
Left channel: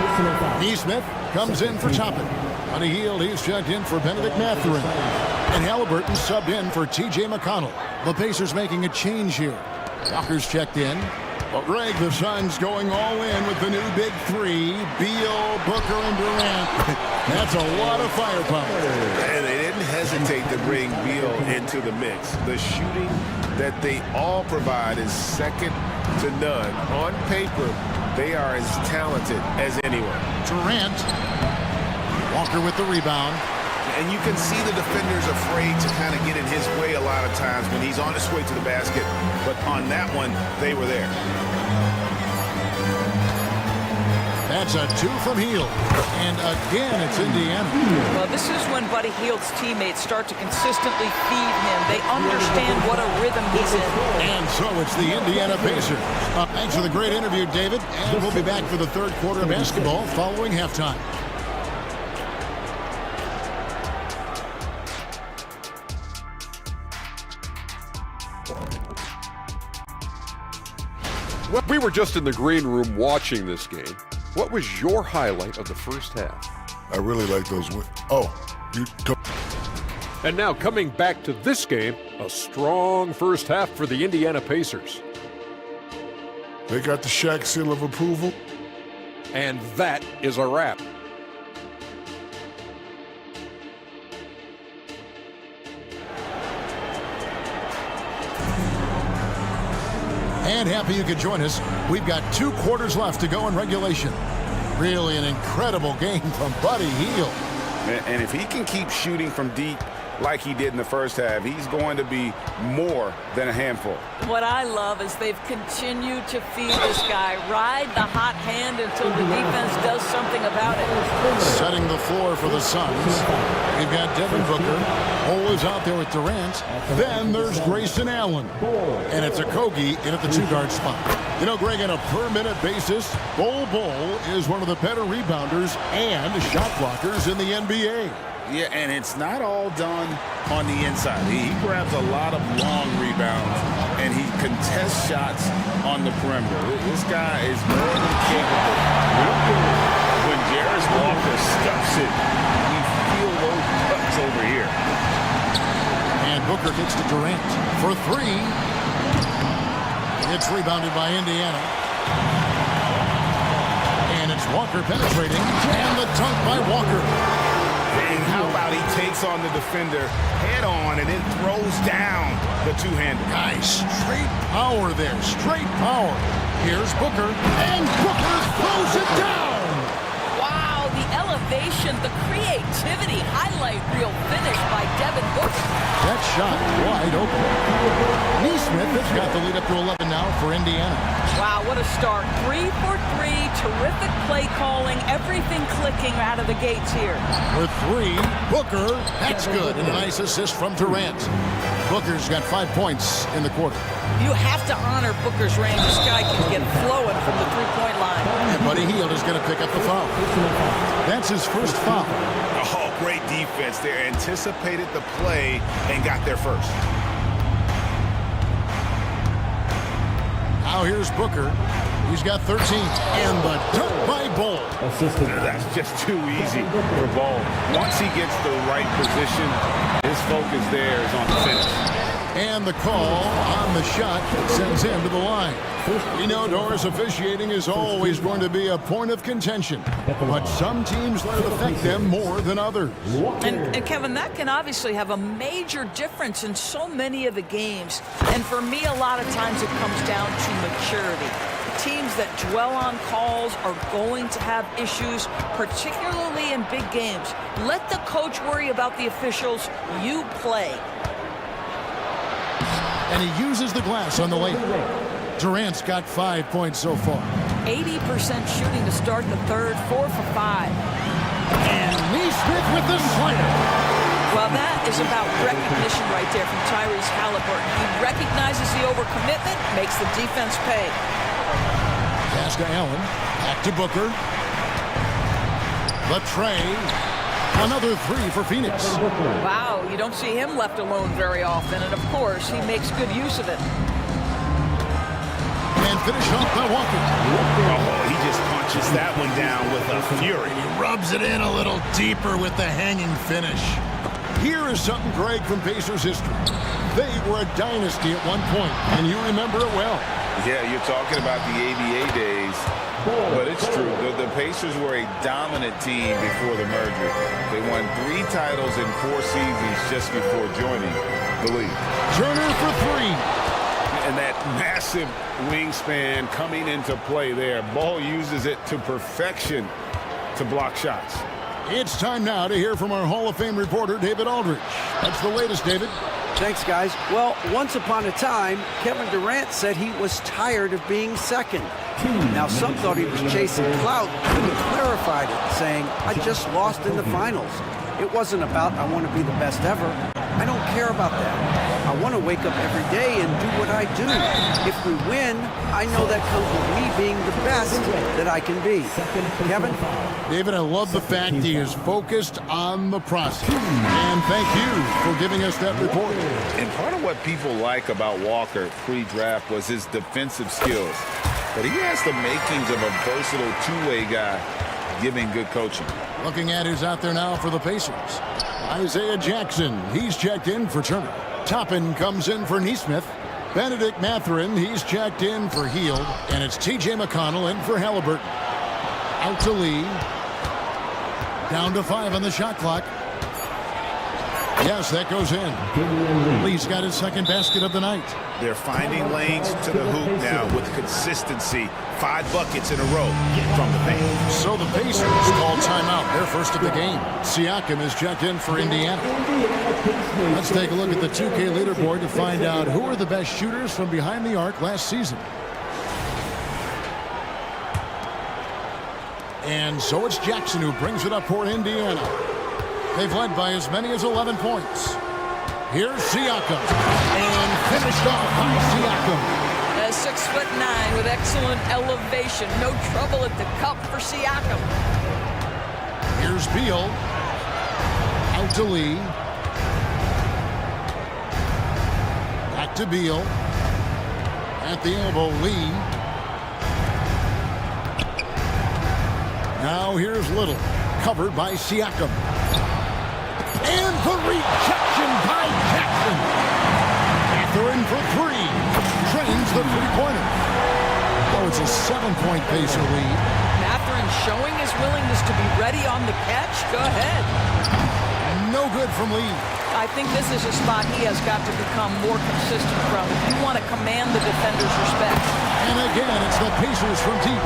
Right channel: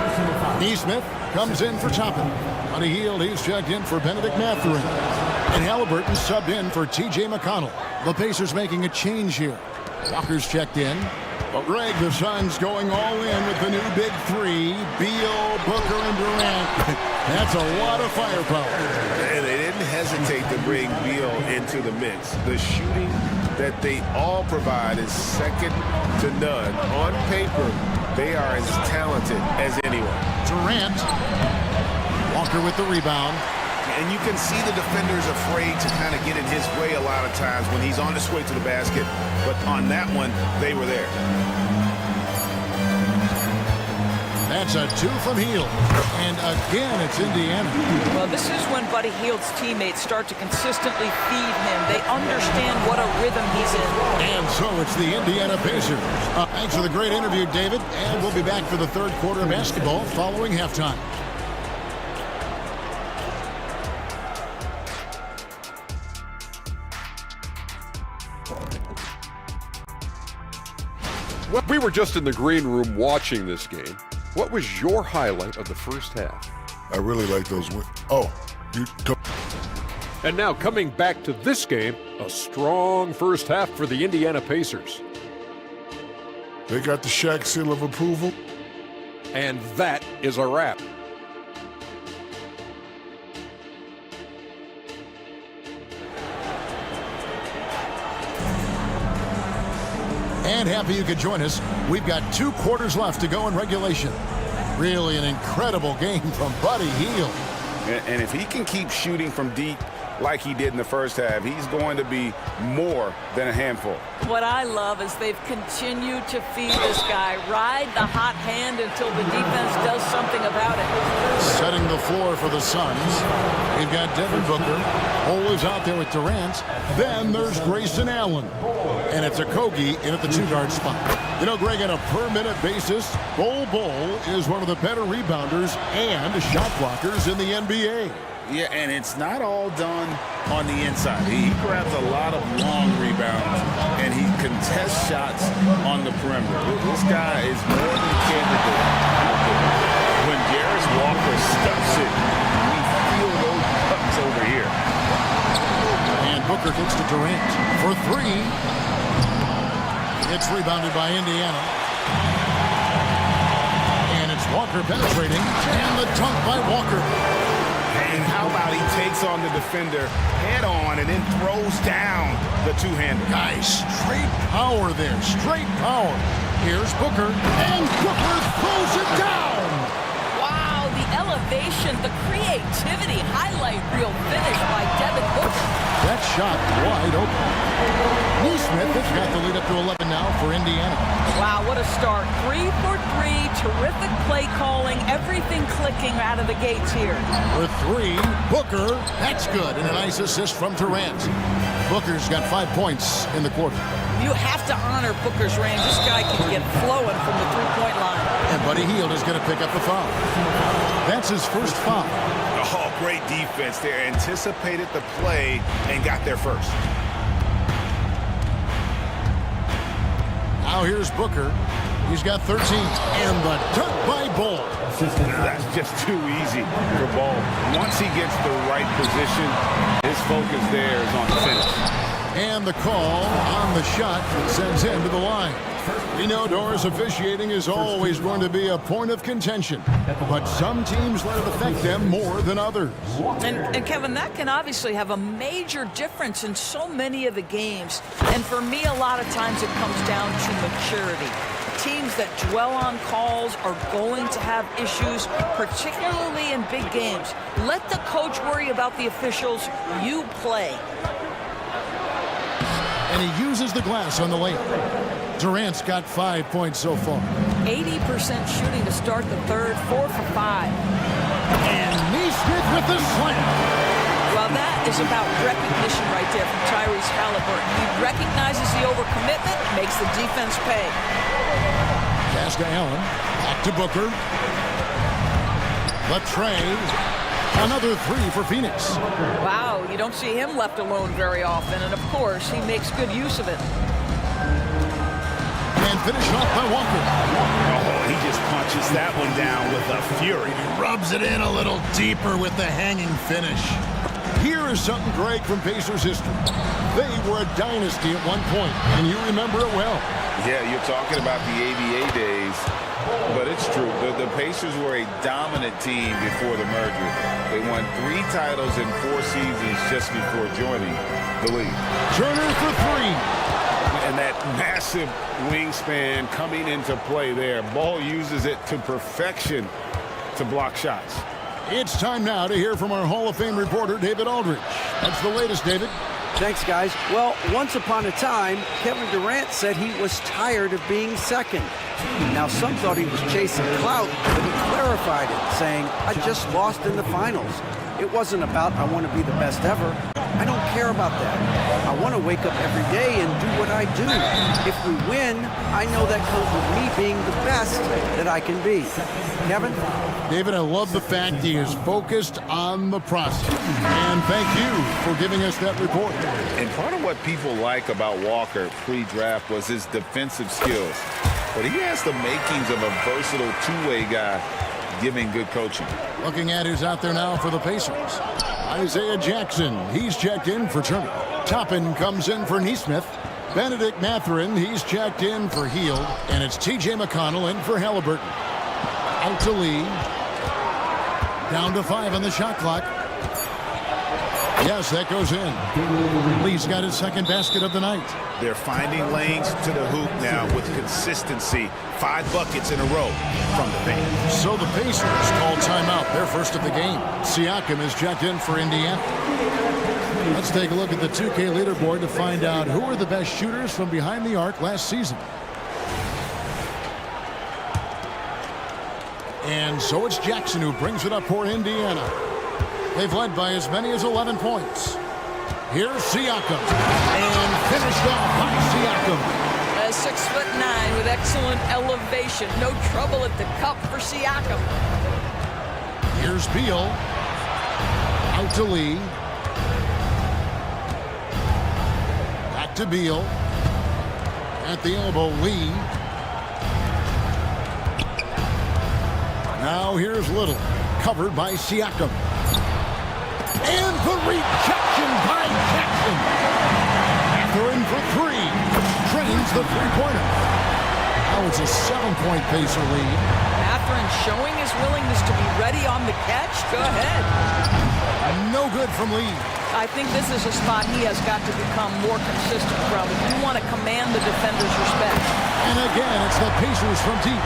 Neesmith comes in for Toppin. Buddy Hield, he's checked in for Benedict Mathurin. And Halliburton subbed in for T.J. McConnell. The Pacers making a change here. Walker's checked in. But Greg, the Suns going all in with the new big 3. Beal, Booker, and Durant. That's a lot of firepower. And they didn't hesitate to bring Beal into the mix. The shooting that they all provide is second to none. On paper, they are as talented as anyone. Durant. Walker with the rebound. And you can see the defenders afraid to kind of get in his way a lot of times when he's on his way to the basket. But on that one, they were there. That's a 2 from Hield. And again, it's Indiana. Well, this is when Buddy Hield's teammates start to consistently feed him. They understand what a rhythm he's in. And so it's the Indiana Pacers. Thanks for the great interview, David. And we'll be back for the third quarter of basketball following halftime. Well, we were just in the green room watching this game. What was your highlight of the first half? I really like those wins. Oh, you don't. And now coming back to this game, a strong first half for the Indiana Pacers. They got the Shaq seal of approval. And that is a wrap. And happy you could join us. We've got 2 quarters left to go in regulation. Really an incredible game from Buddy Hield. And if he can keep shooting from deep like he did in the first half, he's going to be more than a handful. What I love is they've continued to feed this guy, ride the hot hand until the defense does something about it. Setting the floor for the Suns. We've got Devin Booker. Cole is out there with Durant. Then there's Grayson Allen. And it's Okogie in at the 2-guard spot. You know, Greg, on a per-minute basis, Bol is one of the better rebounders and shot blockers in the NBA. Yeah, and it's not all done on the inside. He grabs a lot of long rebounds, and he contests shots on the perimeter. This guy is more than capable out there. When Jarris Walker stuffs it, we feel those cuts over here. And Booker gets to Durant for 3. It's rebounded by Indiana. And it's Walker penetrating, and the dunk by Walker. And how about he takes on the defender head on and then throws down the two-hander. Guys, straight power there, straight power. Here's Booker, and Booker throws it down. Wow, the elevation, the creativity, highlight reel finish by Devin Booker. That shot wide open. Neesmith has got the lead up to 11 now for Indiana. Wow, what a start. 3 for 3, terrific play calling, everything clicking out of the gates here. For 3, Booker, that's good, and a nice assist from Durant. Booker's got 5 points in the quarter. You have to honor Booker's range. This guy can get flowing from the 3-point line. And Buddy Hield is going to pick up the foul. That's his first foul. Oh, great defense there. Anticipated the play and got there first. Now here's Booker. He's got 13. And the dunk by Ball. That's just too easy for Ball. Once he gets the right position, his focus there is on the finish. And the call on the shot that sends him to the line. We know Doris officiating is always going to be a point of contention, but some teams let it affect them more than others. And Kevin, that can obviously have a major difference in so many of the games. And for me, a lot of times it comes down to maturity. Teams that dwell on calls are going to have issues, particularly in big games. Let the coach worry about the officials. You play. And he uses the glass on the layup. Durant's got 5 points so far. 80% shooting to start the third, 4 for 5. And Neesmith with the slam. Well, that is about recognition right there from Tyrese Halliburton. He recognizes the overcommitment, makes the defense pay. Pass to Allen. Back to Booker. The tray. Another 3 for Phoenix. Wow, you don't see him left alone very often. And, of course, he makes good use of it. And finished off by Walker. Oh, he just punches that one down with a fury. He rubs it in a little deeper with the hanging finish. Here is something great from Pacers history. They were a dynasty at one point, and you remember it well. Yeah, you're talking about the ABA days, but it's true. The Pacers were a dominant team before the merger. They won 3 titles in 4 seasons just before joining the league. Turner for 3. And that massive wingspan coming into play there. Ball uses it to perfection to block shots. It's time now to hear from our Hall of Fame reporter, David Aldridge. That's the latest, David. Thanks, guys. Well, once upon a time, Kevin Durant said he was tired of being second. Now, some thought he was chasing clout, but he clarified it, saying, I just lost in the finals. It wasn't about I want to be the best ever. I don't care about that. I want to wake up every day and do what I do. If we win, I know that comes with me being the best that I can be. Kevin? David, I love the fact he is focused on the process. And thank you for giving us that report. And part of what people like about Walker pre-draft was his defensive skills. But he has the makings of a versatile two-way guy giving good coaching. Looking at who's out there now for the Pacers. Isaiah Jackson, he's checked in for Turner. Toppin comes in for Neesmith. Benedict Mathurin, he's checked in for Heald. And it's T.J. McConnell in for Halliburton. Out to Lee. Down to 5 on the shot clock. Yes, that goes in. Lee's got his second basket of the night. They're finding lanes to the hoop now with consistency. 5 buckets in a row from the paint. So the Pacers call timeout, their first of the game. Siakam is checked in for Indiana. Let's take a look at the 2K leaderboard to find out who are the best shooters from behind the arc last season. And so it's Jackson who brings it up for Indiana. They've led by as many as 11 points. Here's Siakam. And finished off by Siakam. 6'9" with excellent elevation. No trouble at the cup for Siakam. Here's Beal. Out to Lee. Back to Beal. At the elbow, Lee. Now here's Little. Covered by Siakam. And the rejection by Jackson. Mathurin for 3. Trains the three-pointer. Now it's a 7-point Pacer lead. Mathurin showing his willingness to be ready on the catch. Go ahead. No good from Lee. I think this is a spot he has got to become more consistent from if you want to command the defender's respect. And again, it's the Pacers from deep.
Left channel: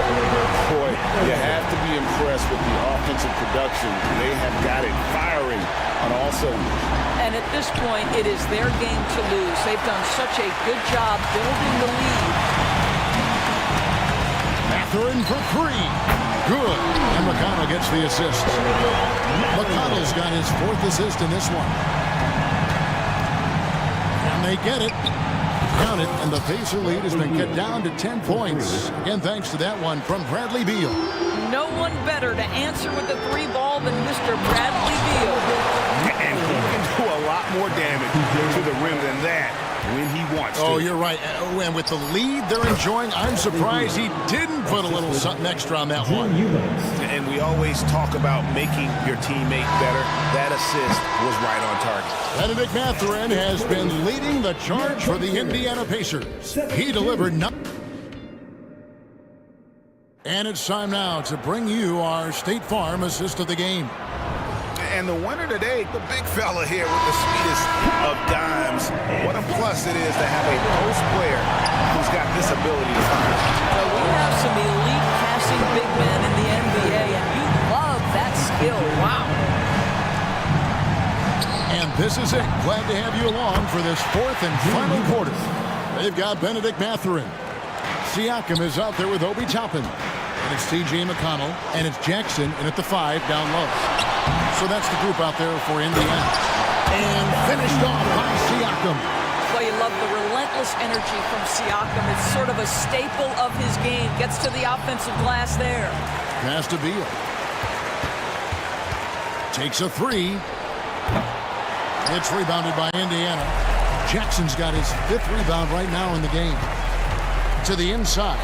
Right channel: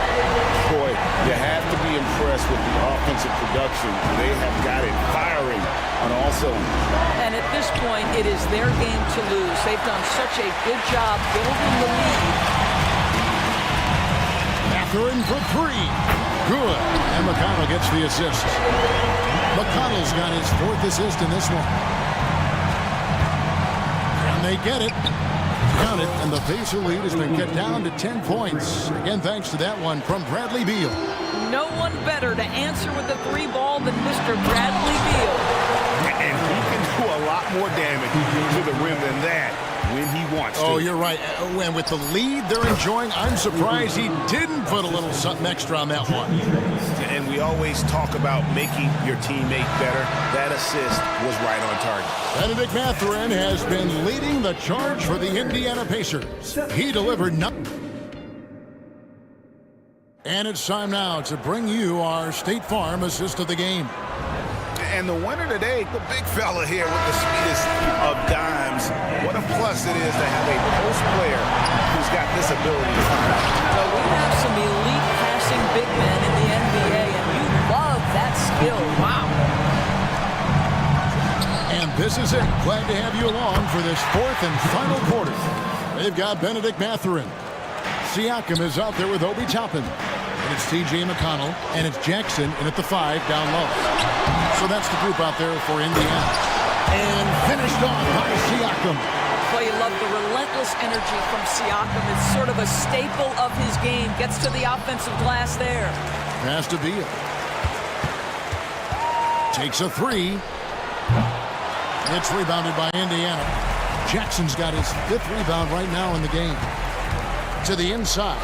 Boy, you have to be impressed with the offensive production. They have got it firing on all cylinders. And at this point, it is their game to lose. They've done such a good job building the lead. Mathurin for 3. Good. And McConnell gets the assist. McConnell's got his 4th assist in this one. And they get it. Count it, and the Pacer lead has been cut down to 10 points. Again, thanks to that one from Bradley Beal. No one better to answer with the 3 ball than Mr. Bradley Beal. And he can do a lot more damage to the rim than that when he wants to. Oh, you're right. And with the lead they're enjoying, I'm surprised he didn't put a little something extra on that one. And we always talk about making your teammate better. That assist was right on target. Benedict Mathurin has been leading the charge for the Indiana Pacers. He delivered nothing. And it's time now to bring you our State Farm assist of the game. And the winner today, the big fella here with the sweetest of dimes. What a plus it is to have a post player who's got this ability to fire. So we have some elite passing big men in the NBA, and you love that skill. Wow. And this is it. Glad to have you along for this fourth and final quarter. They've got Benedict Mathurin. Siakam is out there with Obi Toppin. And it's T.J. McConnell. And it's Jackson in at the 5 down low. So that's the group out there for Indiana. And finished off by Siakam. Well, you love the relentless energy from Siakam. It's sort of a staple of his game. Gets to the offensive glass there. Pass to Beal. Takes a 3. It's rebounded by Indiana. Jackson's got his 5th rebound right now in the game. To the inside.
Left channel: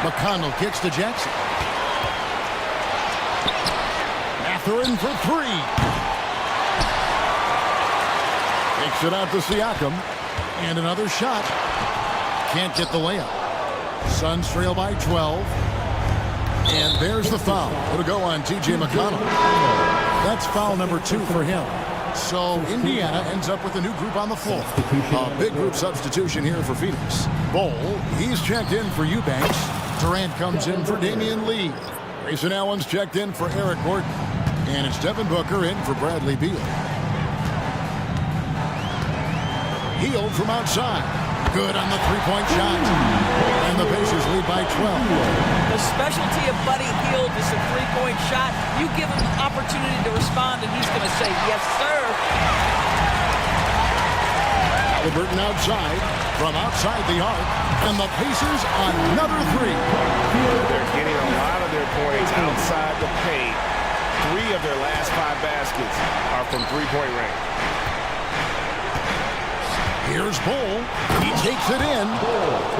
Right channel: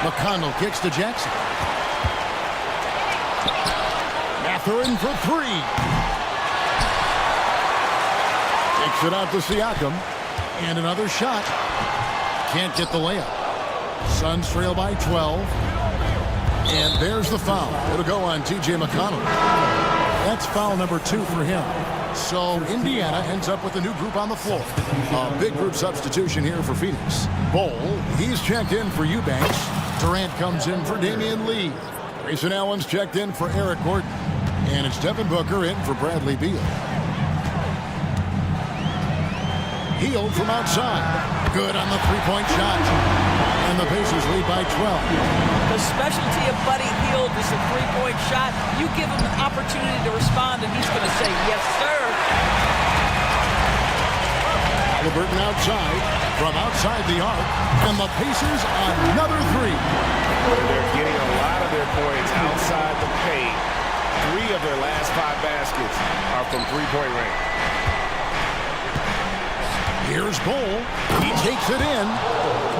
McConnell kicks to Jackson. Mathurin for 3. Takes it out to Siakam. And another shot. Can't get the layup. Suns trail by 12. And there's the foul. It'll go on T.J. McConnell. That's foul number 2 for him. So Indiana ends up with a new group on the floor. A big group substitution here for Phoenix. Bol, he's checked in for Eubanks. Durant comes in for Damian Lee. Grayson Allen's checked in for Eric Gordon. And it's Devin Booker in for Bradley Beal. Hield from outside. Good on the three-point shot. And the Pacers lead by 12. The specialty of Buddy Hield is a three-point shot. You give him an opportunity to respond, and he's going to say, yes, sir. Halliburton outside, from outside the arc, and the Pacers another 3. They're getting a lot of their points outside the paint. 3 of their last 5 baskets are from three-point range. Here's Bol. He takes it in.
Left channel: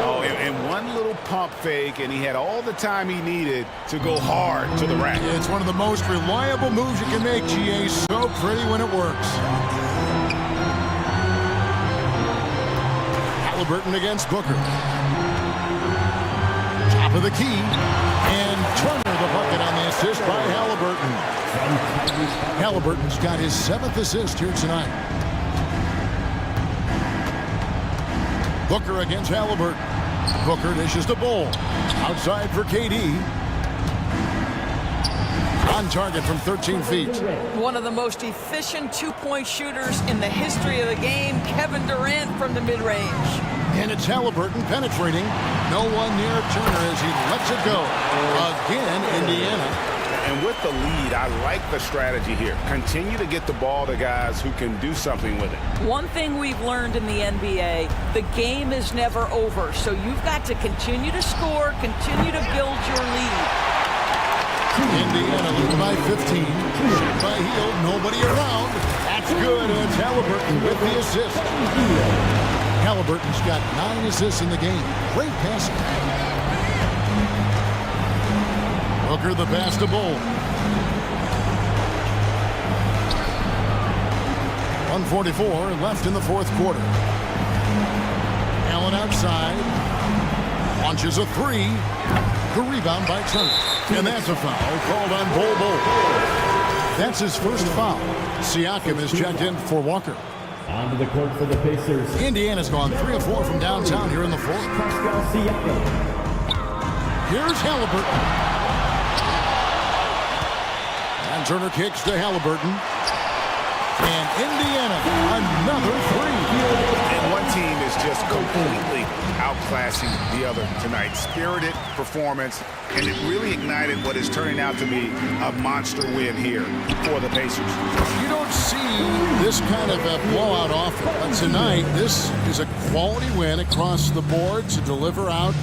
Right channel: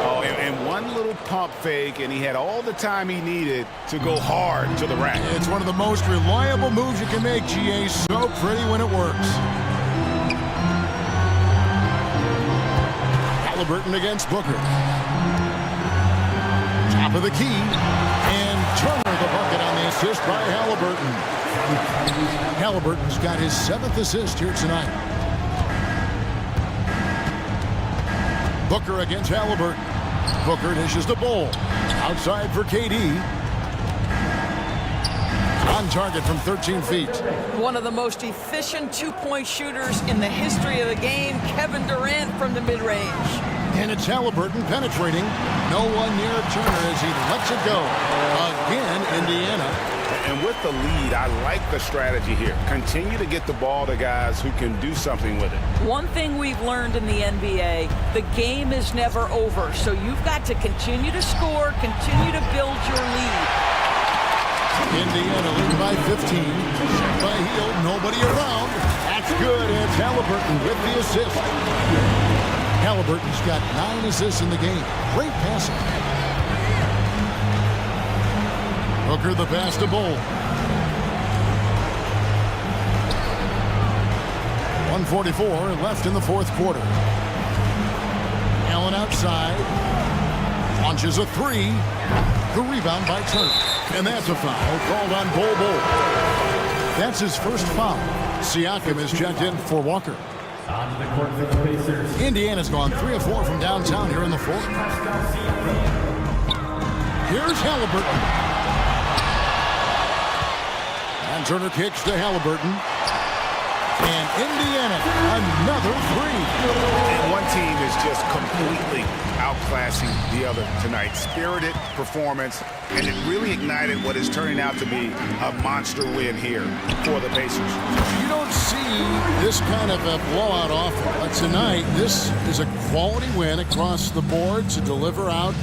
Oh, and one little pump fake, and he had all the time he needed to go hard to the rack. It's one of the most reliable moves you can make, GA. So pretty when it works. Halliburton against Booker. Top of the key. And Turner the bucket on the assist by Halliburton. Halliburton's got his 7th assist here tonight. Booker against Halliburton. Booker dishes the Bol. Outside for KD. On target from 13 feet. One of the most efficient two-point shooters in the history of the game, Kevin Durant from the mid-range. And it's Halliburton penetrating. No one near Turner as he lets it go. Again, Indiana. And with the lead, I like the strategy here. Continue to get the ball to guys who can do something with it. One thing we've learned in the NBA, the game is never over. So you've got to continue to score, continue to build your lead. Indiana leading by 15. Shot by Hield, nobody around. That's good. It's Halliburton with the assist. Halliburton's got 9 assists in the game. Great passing. Booker the pass to Bol. 1:44 left in the 4th quarter. Allen outside. Launches a 3. The rebound by Turner. And that's a foul called on Bol. That's his first foul. Siakam is checked in for Walker. Onto the court for the Pacers. Indiana's gone 3 of 4 from downtown here in the 4th. Here's Halliburton. And Turner kicks to Halliburton. And Indiana, another 3. And one team is just completely outclassing the other tonight. Spirited performance, and it really ignited what is turning out to be a monster win here for the Pacers. You don't see this kind of a blowout often, but tonight this is a quality win across the board to deliver out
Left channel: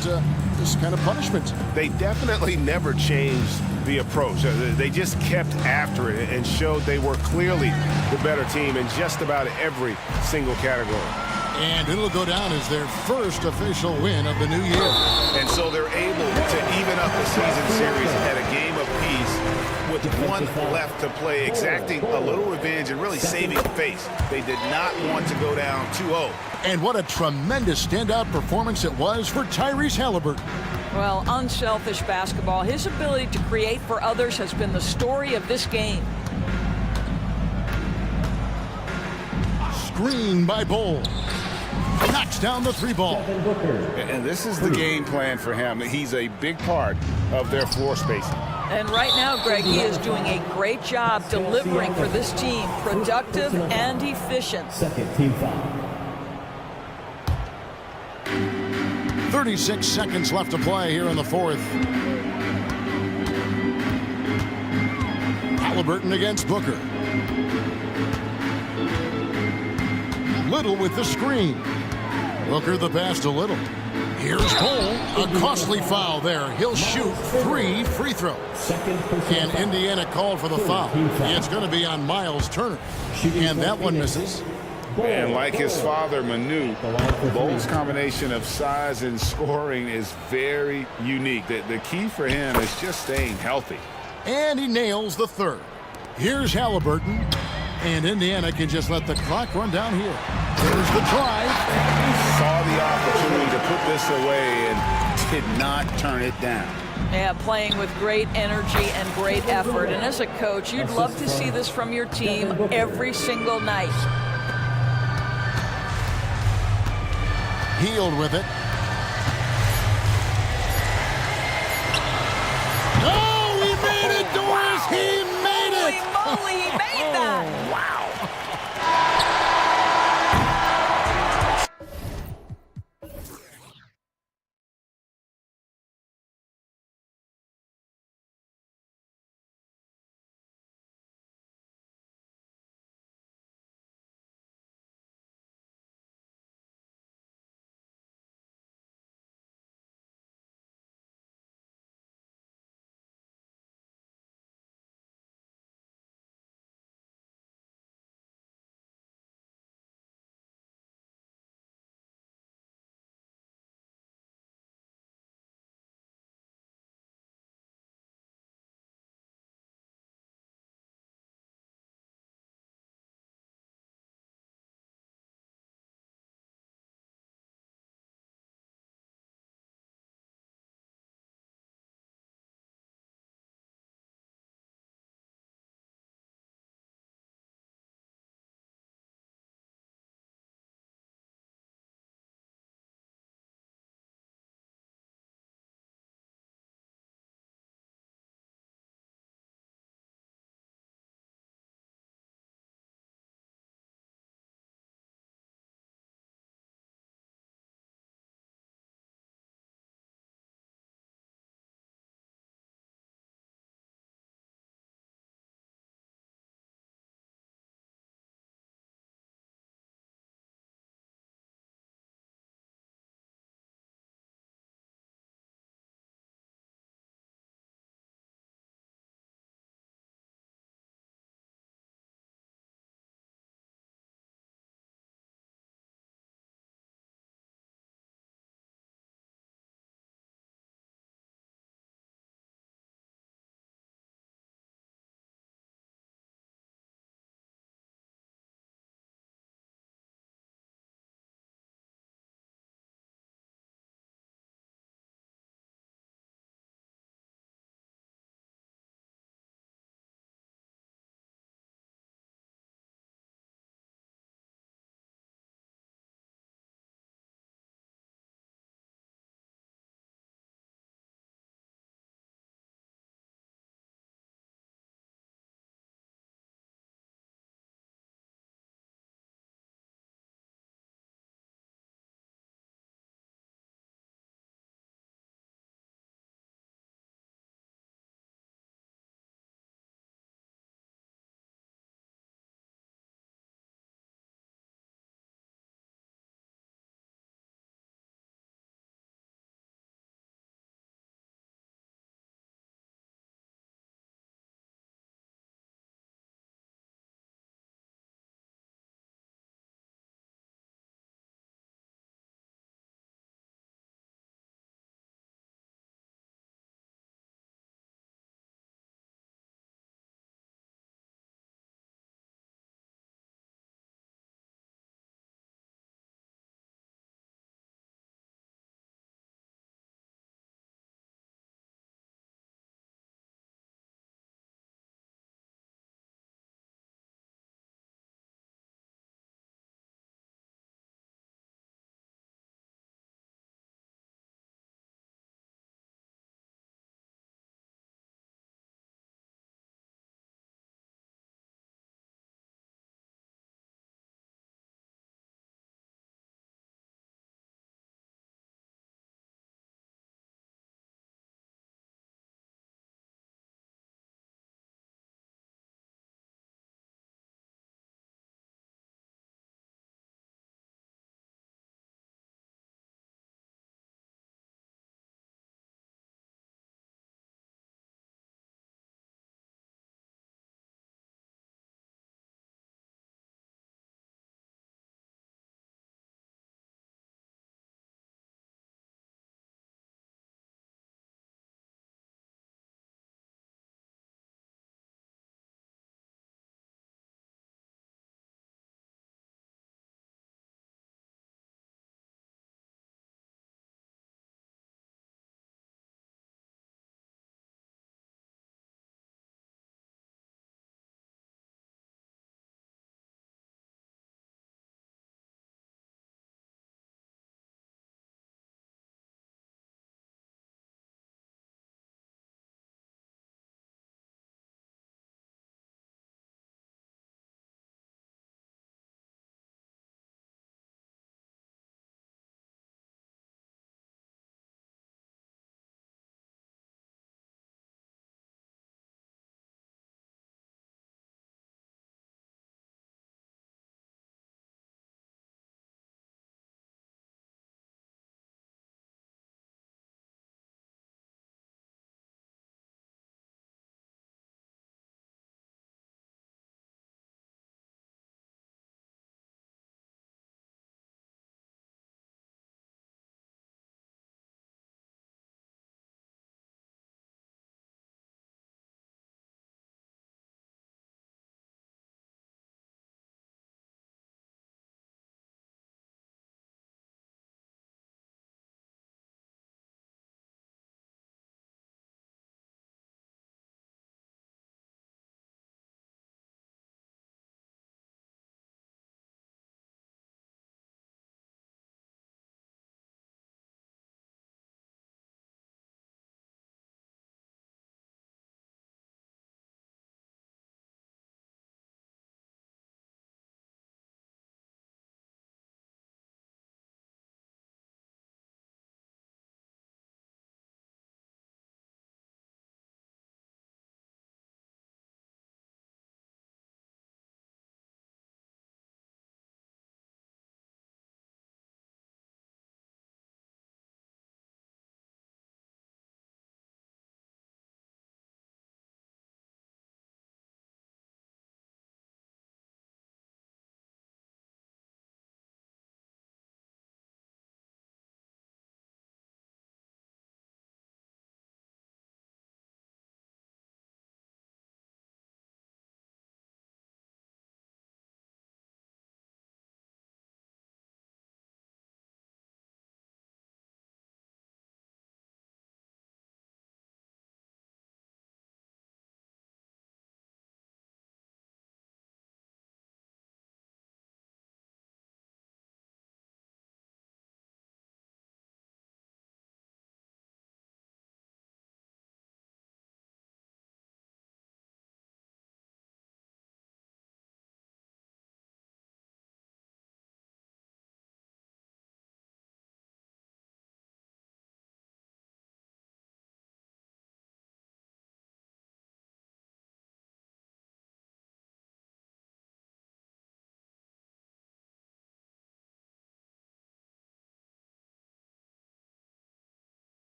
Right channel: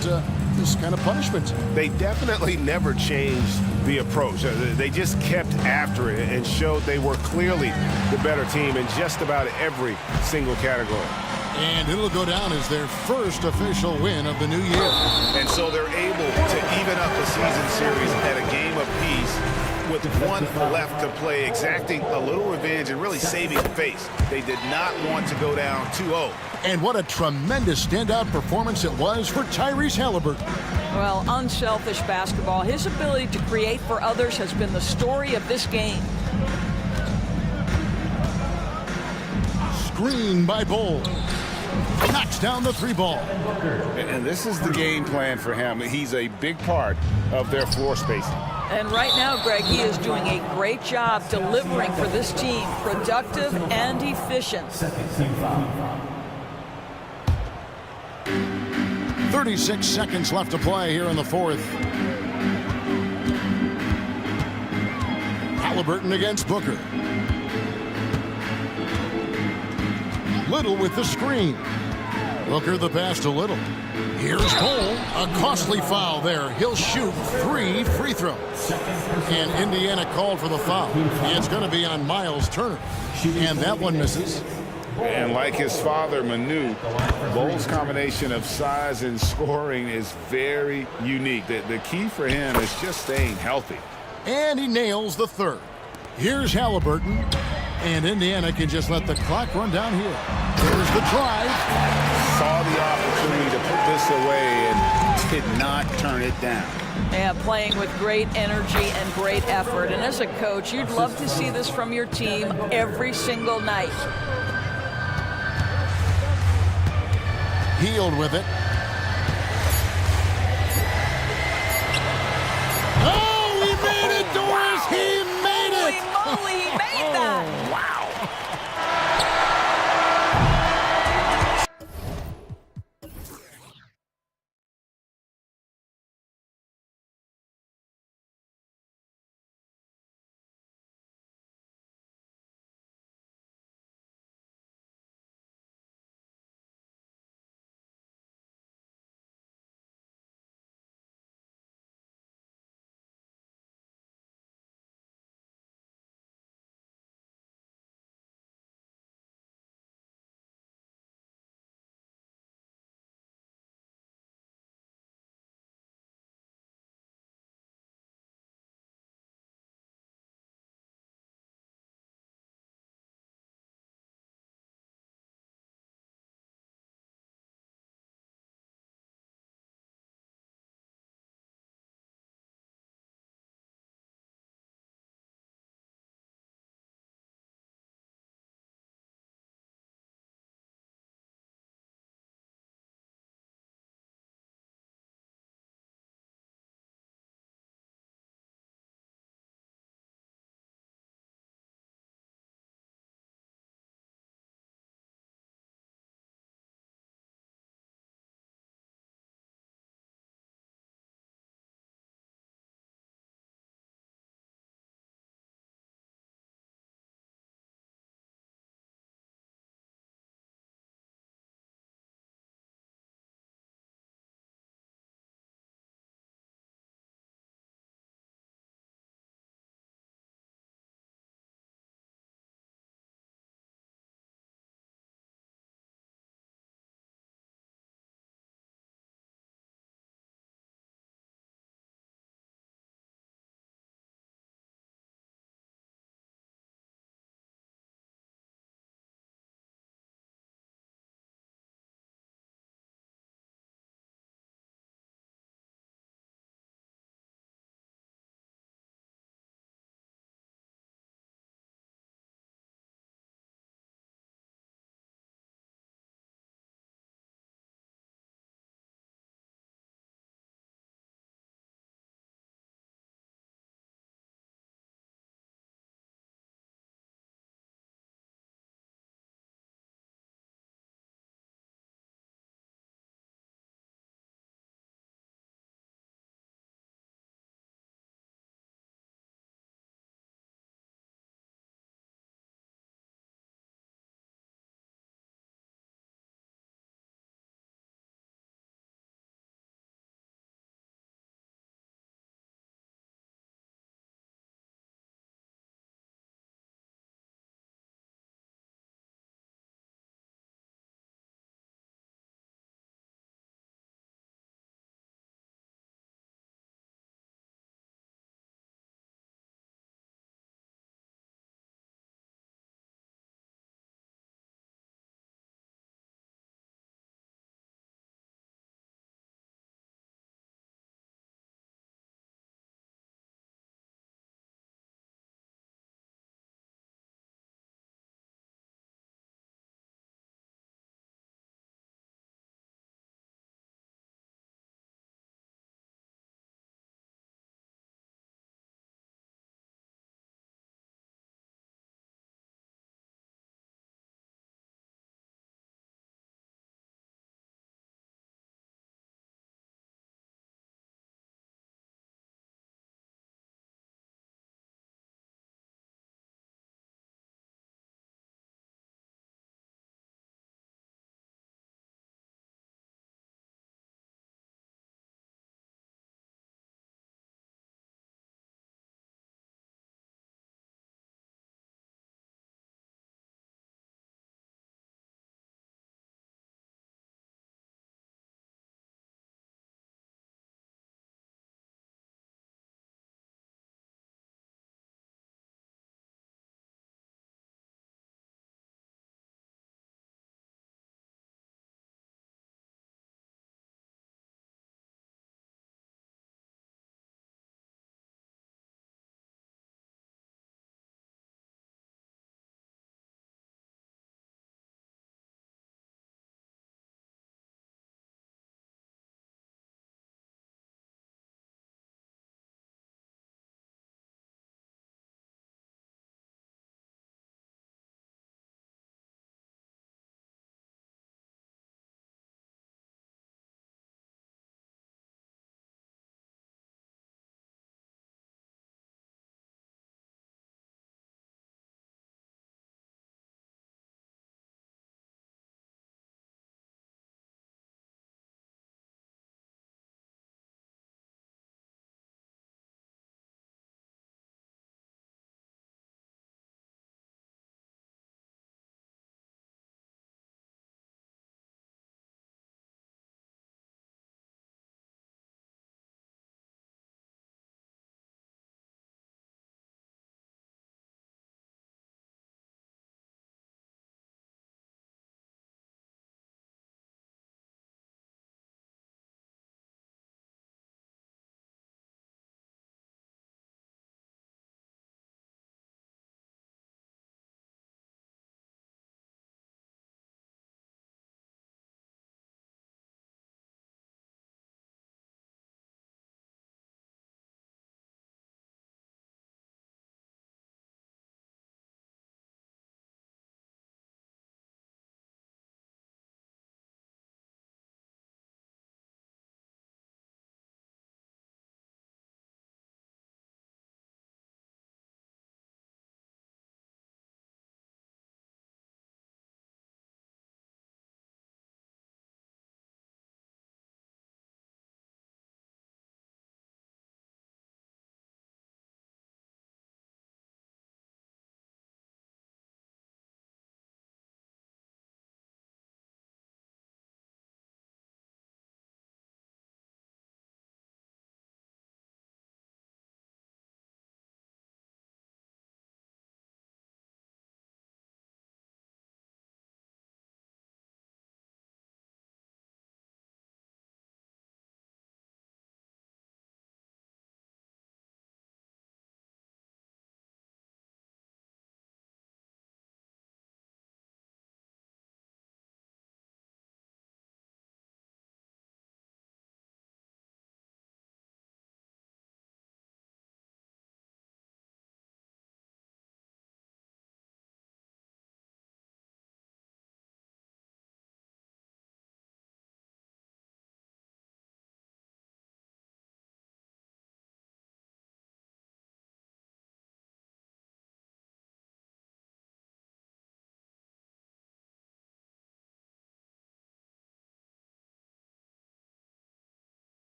this kind of punishment. They definitely never changed the approach. They just kept after it and showed they were clearly the better team in just about every single category. And it'll go down as their first official win of the new year. And so they're able to even up the season series at a game apiece with one left to play, exacting a little revenge and really saving face. They did not want to go down 2-0. And what a tremendous standout performance it was for Tyrese Halliburton. Well, unselfish basketball. His ability to create for others has been the story of this game. Screen by Bowl. Knocks down the three ball. And this is the game plan for him. He's a big part of their floor spacing. And right now, Greg, he is doing a great job delivering for this team, productive and efficient. Second team foul. 36 seconds left to play here in the fourth. Halliburton against Booker. Little with the screen. Booker the pass to Little. Here's Cole. A costly foul there. He'll shoot 3 free throws. And Indiana called for the foul. It's going to be on Miles Turner. And that one misses. And like his father, Manu, Bowles' combination of size and scoring is very unique. The key for him is just staying healthy. And he nails the third. Here's Halliburton. And Indiana can just let the clock run down here. Here's the drive. Saw the opportunity to put this away and did not turn it down. Yeah, playing with great energy and great effort. And as a coach, you'd love to see this from your team every single night. Healed with it. Oh, he made it, Doris! He made it! Holy moly, he made that! Wow.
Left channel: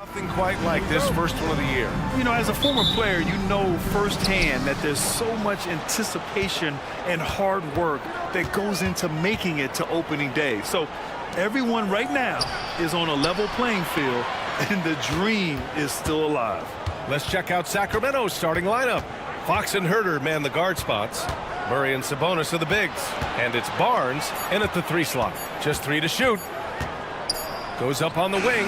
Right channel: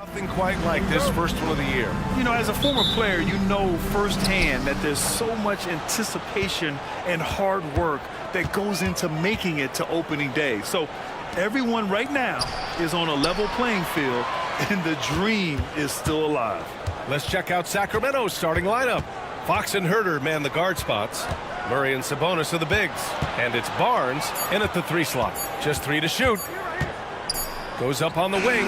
Nothing quite like this first one of the year. You know, as a former player, you know firsthand that there's so much anticipation and hard work that goes into making it to opening day. So everyone right now is on a level playing field, and the dream is still alive. Let's check out Sacramento's starting lineup. Fox and Herter man the guard spots. Murray and Sabonis are the bigs. And it's Barnes in at the 3 slot. Just 3 to shoot. Goes up on the wing.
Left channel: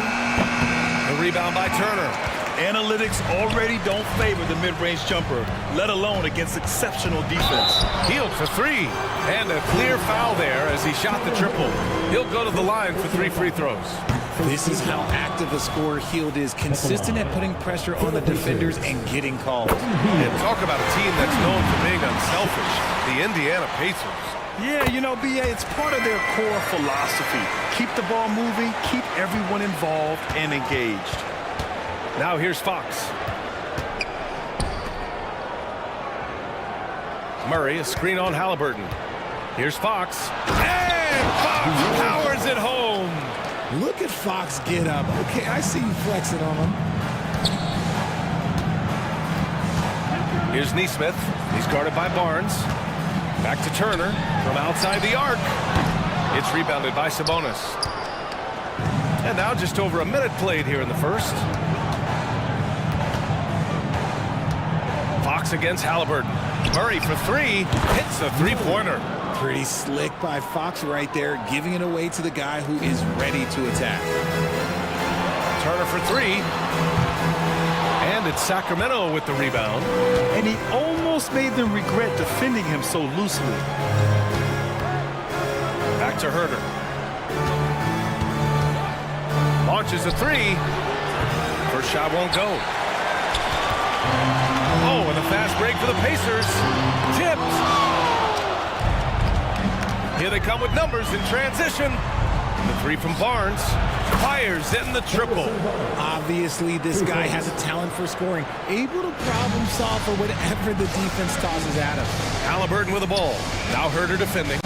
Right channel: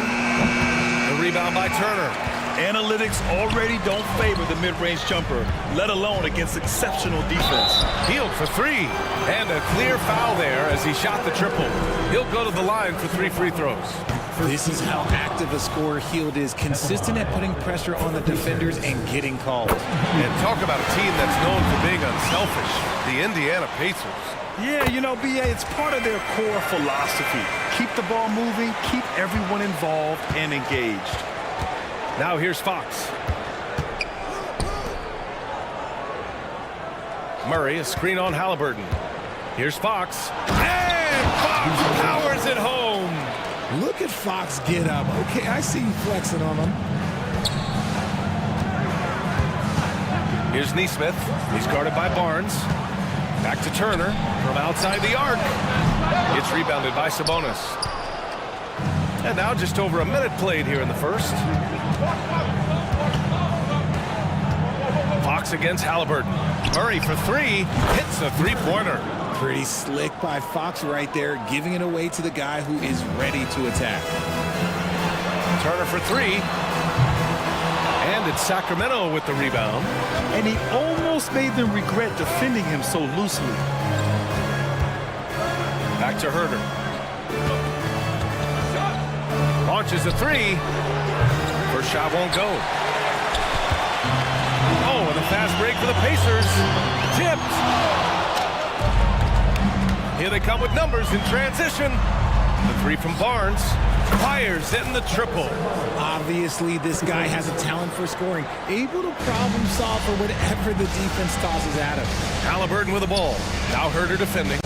The rebound by Turner. Analytics already don't favor the mid-range jumper, let alone against exceptional defense. Hield for 3. And a clear foul there as he shot the triple. He'll go to the line for 3 free throws. This is how active a scorer Hield is, consistent at putting pressure on the defenders and getting calls. And talk about a team that's known for being unselfish, the Indiana Pacers. Yeah, you know, BA, it's part of their core philosophy. Keep the ball moving, keep everyone involved and engaged. Now here's Fox. Murray, a screen on Halliburton. Here's Fox. And Fox powers it home. Look at Fox get up. Okay, I see you flexing on him. Here's Neesmith. He's guarded by Barnes. Back to Turner from outside the arc. It's rebounded by Sabonis. And now just over a minute played here in the first. Fox against Halliburton. Murray for 3. Hits a 3-pointer. Pretty slick by Fox right there, giving it away to the guy who is ready to attack. Turner for 3. And it's Sacramento with the rebound. And he almost made them regret defending him so loosely. Back to Herter. Launches a 3. First shot won't go. Oh, and a fast break for the Pacers. Tipped. Here they come with numbers in transition. The 3 from Barnes. Fires in the triple. Obviously, this guy has a talent for scoring, able to problem solve for whatever the defense tosses at him. Halliburton with the ball. Now Herter defending.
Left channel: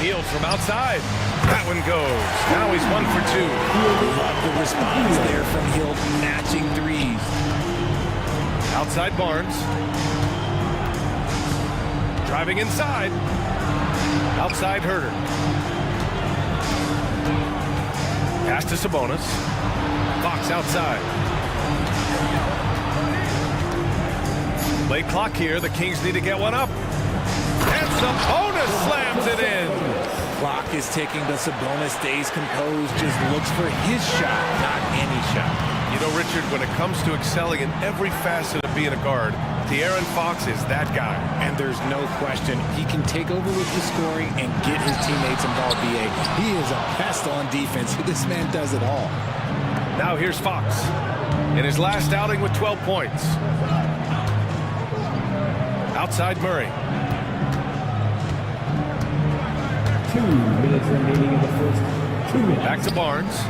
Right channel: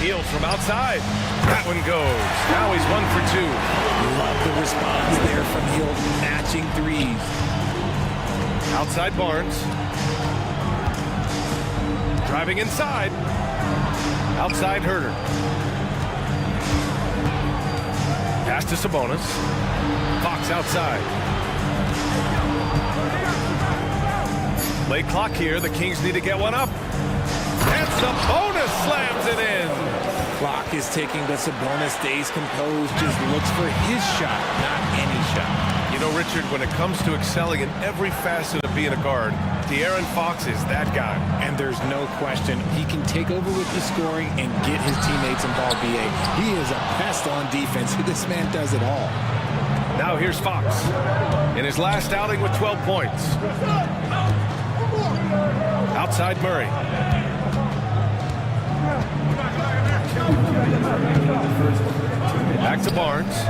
Hield from outside. That one goes. Now he's 1 for 2. Love the response there from Hield, matching threes. Outside Barnes. Driving inside. Outside Herter. Pass to Sabonis. Fox outside. Late clock here. The Kings need to get one up. And Sabonis slams it in. Clock is ticking, but Sabonis stays composed, just looks for his shot, not any shot. You know, Richard, when it comes to excelling in every facet of being a guard, De'Aaron Fox is that guy. And there's no question, he can take over with the scoring and get his teammates involved, BA. He is a pest on defense. This man does it all. Now here's Fox in his last outing with 12 points. Outside Murray. 2 minutes remaining in the first. 2 minutes. Back to Barnes.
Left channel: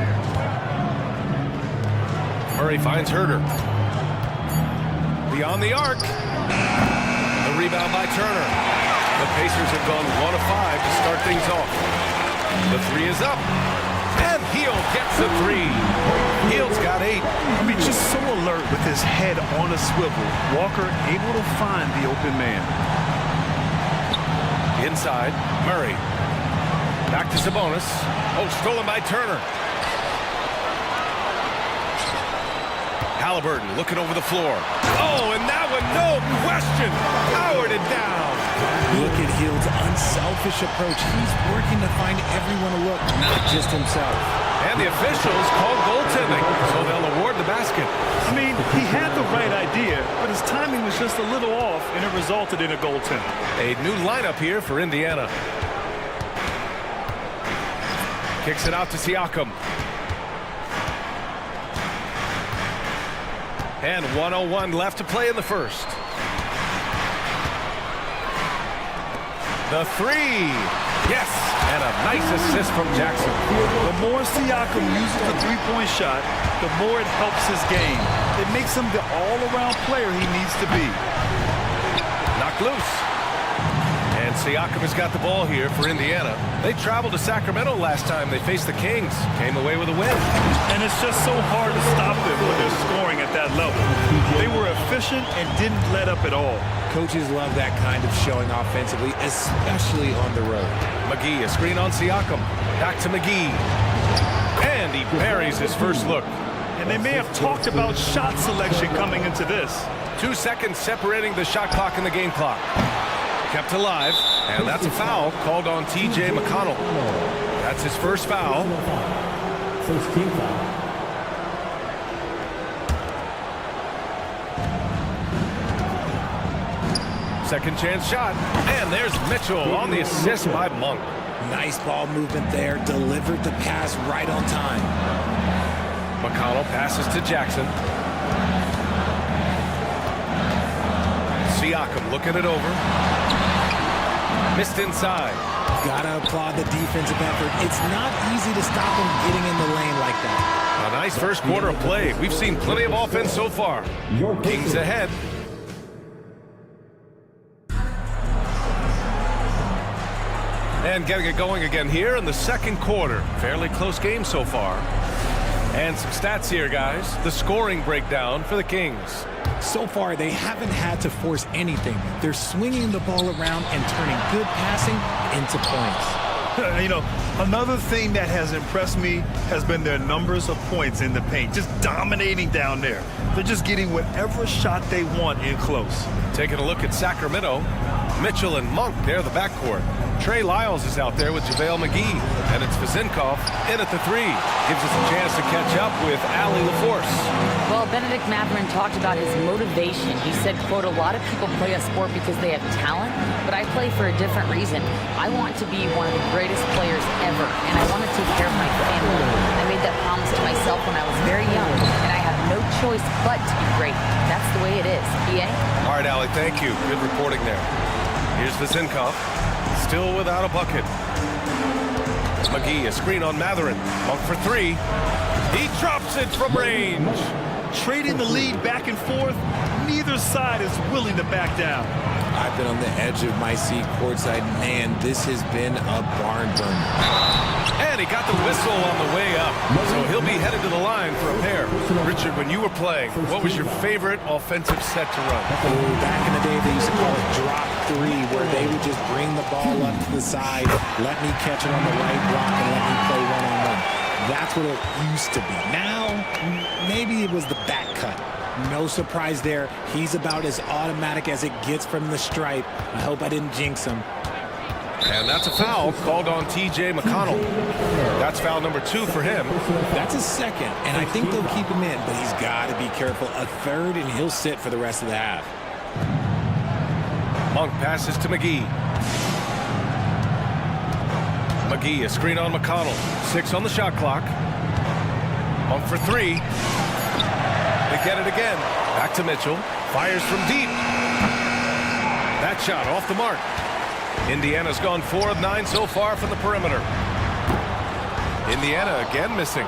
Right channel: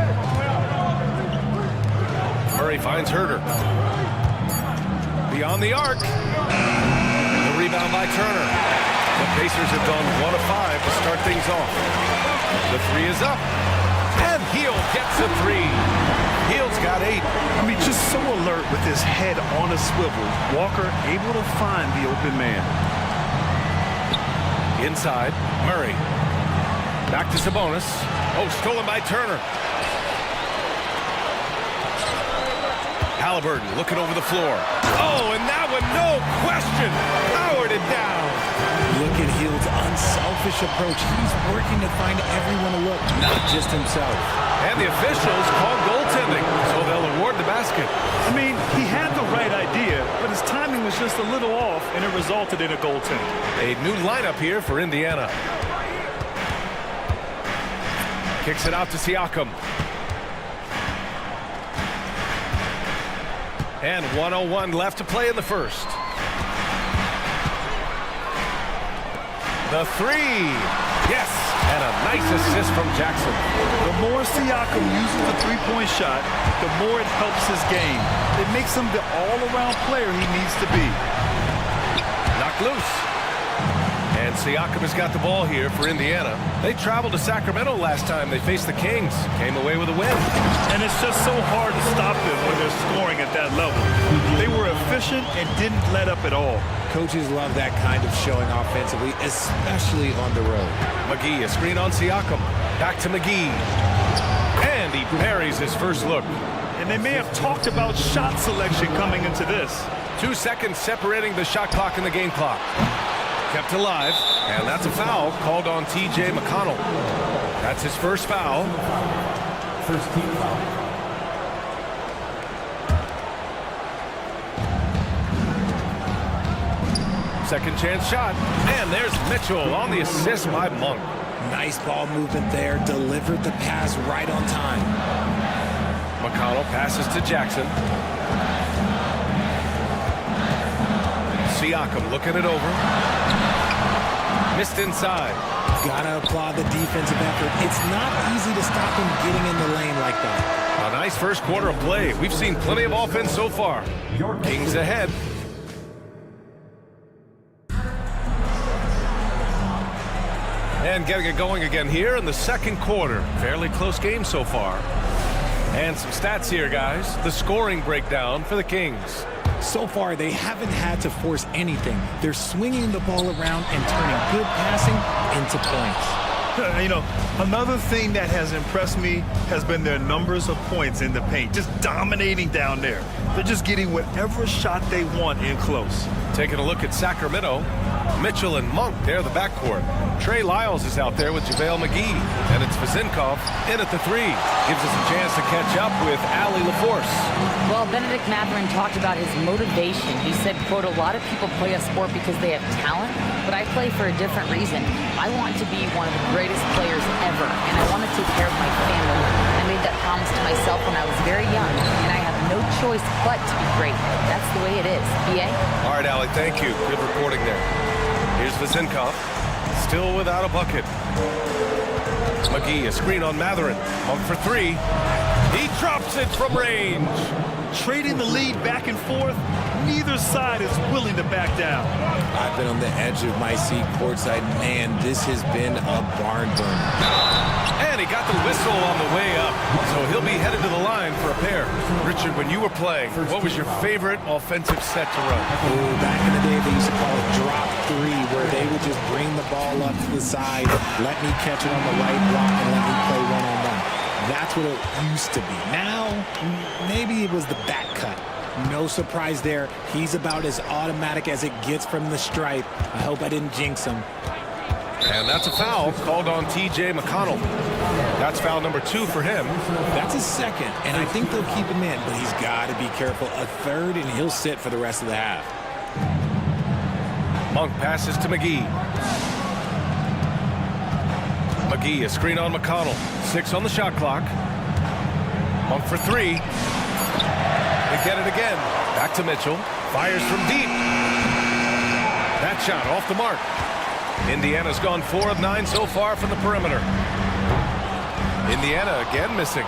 Murray finds Herter. Beyond the arc. The rebound by Turner. The Pacers have gone 1 of 5 to start things off. The 3 is up. And Hield gets a 3. Hield's got 8. I mean, just so alert with his head on a swivel. Walker able to find the open man. Inside, Murray. Back to Sabonis. Oh, stolen by Turner. Halliburton looking over the floor. Oh, and that one, no question, powered it down. Look at Hield's unselfish approach. He's working to find everyone a look, not just himself. And the officials called goaltending, so they'll award the basket. I mean, he had the right idea, but his timing was just a little off, and it resulted in a goaltend. A new lineup here for Indiana. Kicks it out to Siakam. And 1:01 left to play in the first. The 3. Yes, and a nice assist from Jackson. The more Siakam uses the three-point shot, the more it helps his game. It makes him the all-around player he needs to be. Knocked loose. And And Siakam has got the ball here for Indiana. They traveled to Sacramento last time they faced the Kings. Came away with a win. And it's just so hard to stop them when they're scoring at that level. They were efficient and didn't let up at all. Coaches love that kind of showing offensively, especially on the road. McGee, a screen on Siakam. Back to McGee. And he buries his first look. And they may have talked about shot selection coming into this. 2 seconds separating the shot clock and the game clock. Kept alive, and that's a foul called on T.J. McConnell. That's his first foul. First team foul. Second chance shot, and there's Mitchell on the assist by Monk. Nice ball movement there, delivered the pass right on time. McConnell passes to Jackson. Siakam looking it over. Missed inside. Gotta applaud the defensive effort. It's not easy to stop him getting in the lane like that. A nice first quarter of play. We've seen plenty of offense so far. Kings ahead. And getting it going again here in the second quarter. Fairly close game so far. And some stats here, guys. The scoring breakdown for the Kings. So far, they haven't had to force anything. They're swinging the ball around and turning good passing into points. You know, another thing that has impressed me has been their numbers of points in the paint. Just dominating down there. They're just getting whatever shot they want in close. Taking a look at Sacramento. Mitchell and Monk, they're the backcourt. Trey Lyles is out there with JaVale McGee. And it's Vezinkov in at the 3. Gives us a chance to catch up with Allie LaForce. Well, Benedict Mathurin talked about his motivation. He said, quote, a lot of people play a sport because they have talent, but I play for a different reason. I want to be one of the greatest players ever, and I want to take care of my family. I made that promise to myself when I was very young, and I have no choice but to be great. That's the way it is. B.A.? All right, Allie, thank you. Good reporting there. Here's Vezinkov. Still without a bucket. McGee, a screen on Mathurin. Monk for 3. He drops it from range. Trading the lead back and forth, neither side is willing to back down. I've been on the edge of my seat courtside. Man, this has been a barn burner. And he got the whistle on the way up, so he'll be headed to the line for a pair. Richard, when you were playing, what was your favorite offensive set to run? Oh, back in the day, they used to call it drop 3, where they would just bring the ball up to the side, let me catch it on the right block, and let me play one-on-one. That's what it used to be. Now, maybe it was the back cut. No surprise there. He's about as automatic as it gets from the stripe. I hope I didn't jinx him. And that's a foul called on T.J. McConnell. That's foul number 2 for him. That's his second, and I think they'll keep him in, but he's got to be careful. A third, and he'll sit for the rest of the half. Monk passes to McGee. McGee, a screen on McConnell. 6 on the shot clock. Monk for 3. They get it again. Back to Mitchell. Fires from deep. That shot off the mark. Indiana's gone 4 of 9 so far from the perimeter. Indiana again missing.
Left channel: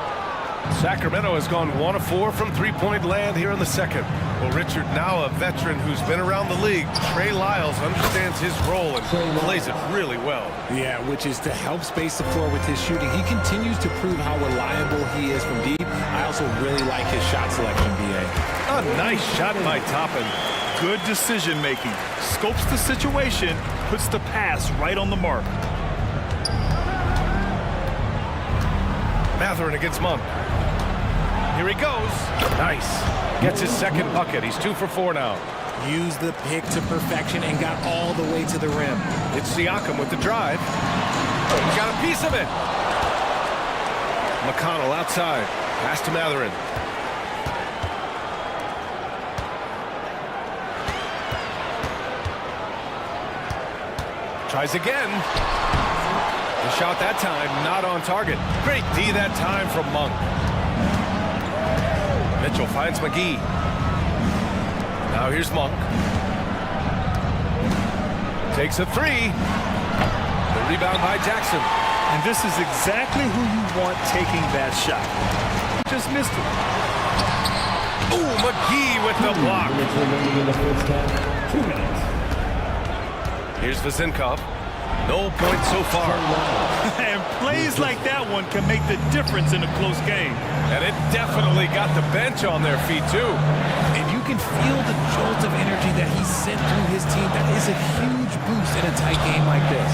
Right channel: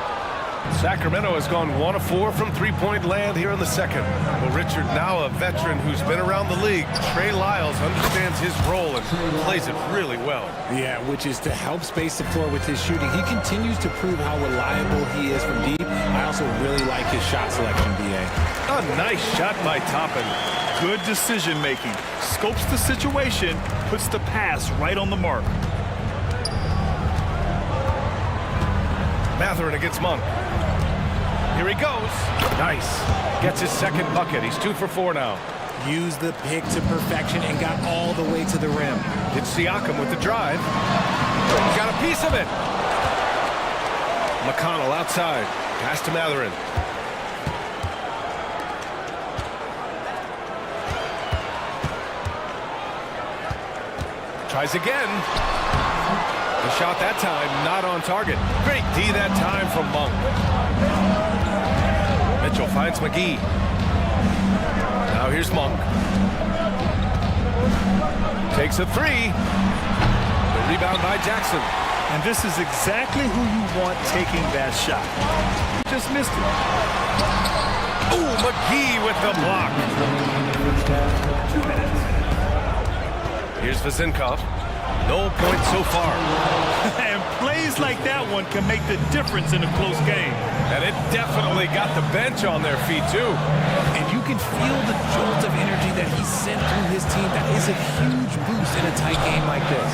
Sacramento has gone 1 of 4 from three-point land here in the second. Well, Richard, now a veteran who's been around the league, Trey Lyles understands his role and plays it really well. Yeah, which is to help space the floor with his shooting. He continues to prove how reliable he is from deep. I also really like his shot selection, B.A. A nice shot by Toppin. Good decision-making. Scopes the situation, puts the pass right on the mark. Mathurin against Monk. Here he goes. Nice. Gets his second bucket. He's 2 for 4 now. Used the pick to perfection and got all the way to the rim. It's Siakam with the drive. He got a piece of it. McConnell outside. Pass to Mathurin. Tries again. The shot that time not on target. Great D that time from Monk. Mitchell finds McGee. Now here's Monk. Takes a 3. The rebound by Jackson. And this is exactly who you want taking that shot. He just missed it. Ooh, McGee with the block. Here's Vezinkov. No points so far. And plays like that one can make the difference in a close game. And it definitely got the bench on their feet, too. And you can feel the jolt of energy that he sent through his team. That is a huge boost in a tight game like this.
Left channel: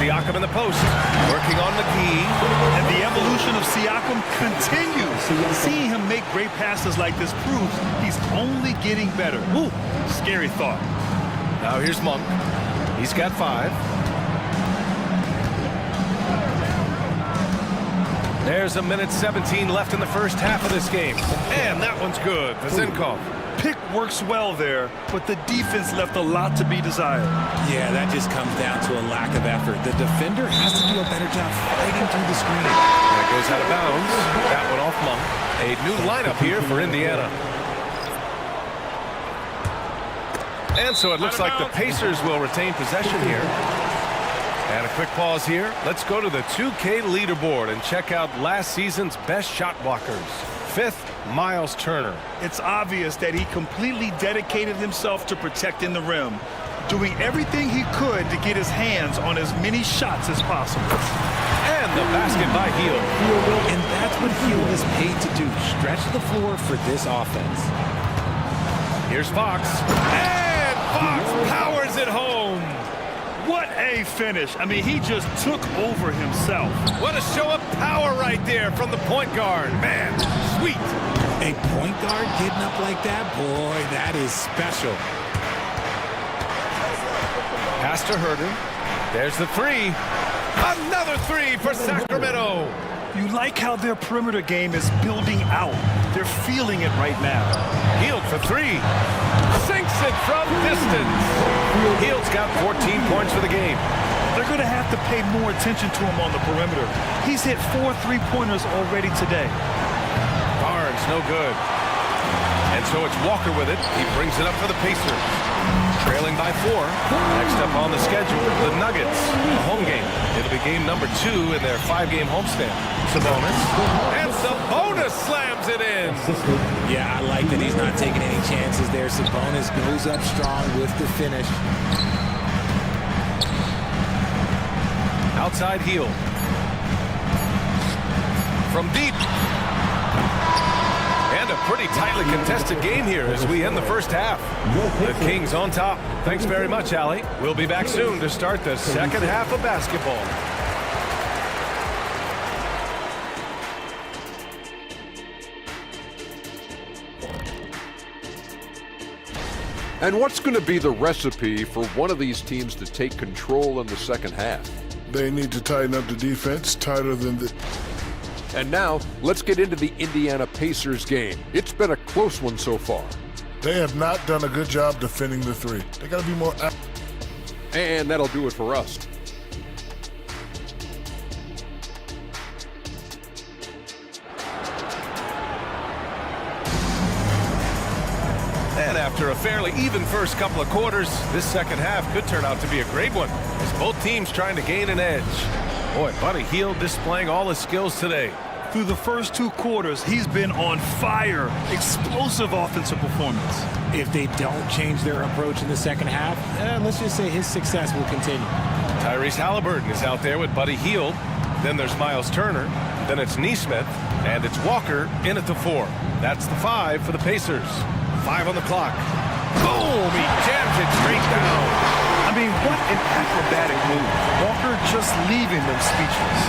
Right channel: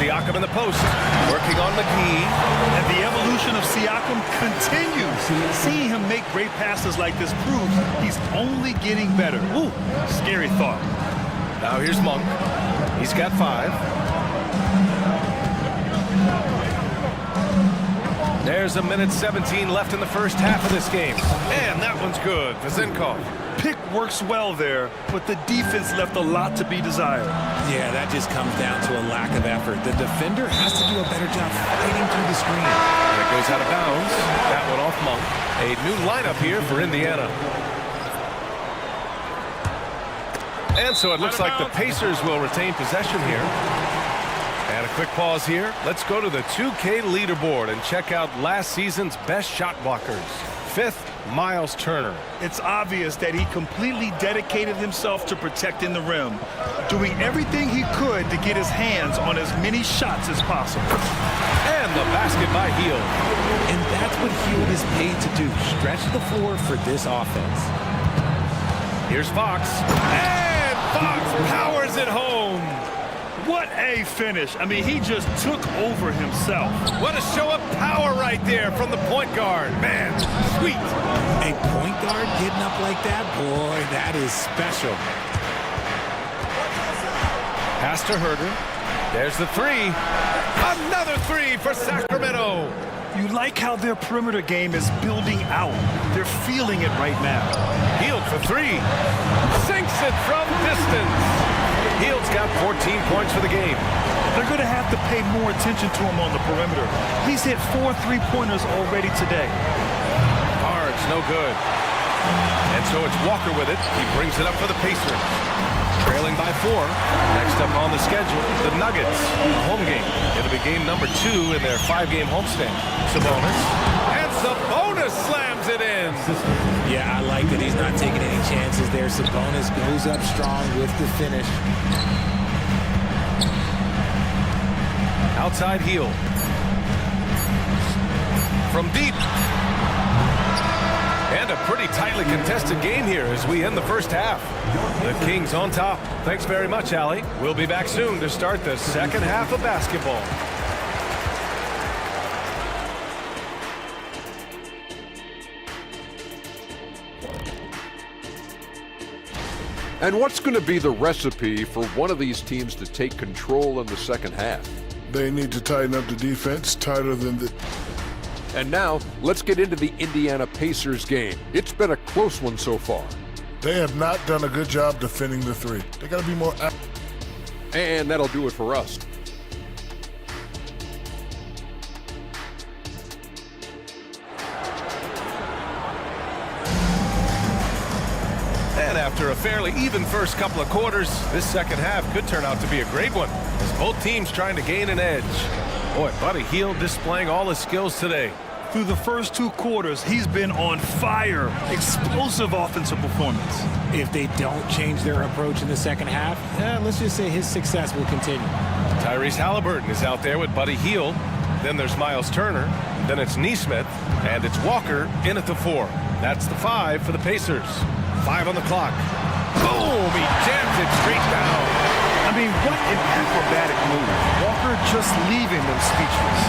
Siakam in the post, working on McGee. And the evolution of Siakam continues. Seeing him make great passes like this proves he's only getting better. Ooh, scary thought. Now here's Monk. He's got 5. There's a minute 17 left in the first half of this game. And that one's good. Vezinkov. Pick works well there, but the defense left a lot to be desired. Yeah, that just comes down to a lack of effort. The defender has to do a better job fighting through the screen. And it goes out of bounds. That one off Monk. A new lineup here for Indiana. And so it looks like the Pacers will retain possession here. And a quick pause here. Let's go to the 2K leaderboard and check out last season's best shot blockers. 5th, Miles Turner. It's obvious that he completely dedicated himself to protecting the rim, doing everything he could to get his hands on as many shots as possible. And the basket by Hield. And that's what Hield is paid to do, stretch the floor for this offense. Here's Fox. And Fox powers it home. What a finish. I mean, he just took over himself. What a show of power right there from the point guard. Man, sweet. A point guard getting up like that? Boy, that is special. Pass to Herder. There's the 3. Another 3 for Sacramento. You like how their perimeter game is building out. They're feeling it right now. Hield for 3. Sinks it from distance. Hield's got 14 points for the game. They're going to have to pay more attention to him on the perimeter. He's hit 4 3-pointers already today. Barnes, no good. And so it's Walker with it. He brings it up for the Pacers. Trailing by 4. Next up on the schedule, the Nuggets, a home game. It'll be game number 2 in their 5-game homestand. Sabonis. And Sabonis slams it in. Yeah, I like that he's not taking any chances there. Sabonis goes up strong with the finish. Outside Hield. From deep. And a pretty tightly contested game here as we end the first half. The Kings on top. Thanks very much, Allie. We'll be back soon to start the second half of basketball. And what's going to be the recipe for one of these teams to take control in the second half? They need to tighten up the defense, tighter than the... And now, let's get into the Indiana Pacers game. It's been a close one so far. They have not done a good job defending the 3. They got to be more... And that'll do it for us. And after a fairly even first couple of quarters, this second half could turn out to be a great one, as both teams trying to gain an edge. Boy, Buddy Hield displaying all his skills today. Through the first 2 quarters, he's been on fire. Explosive offensive performance. If they don't change their approach in the second half, let's just say his success will continue. Tyrese Halliburton is out there with Buddy Hield. Then there's Miles Turner. Then it's Nesmith. And it's Walker in at the 4. That's the 5 for the Pacers. 5 on the clock. Boom! He jams it straight down. I mean, what an acrobatic move. Walker just leaving them speechless.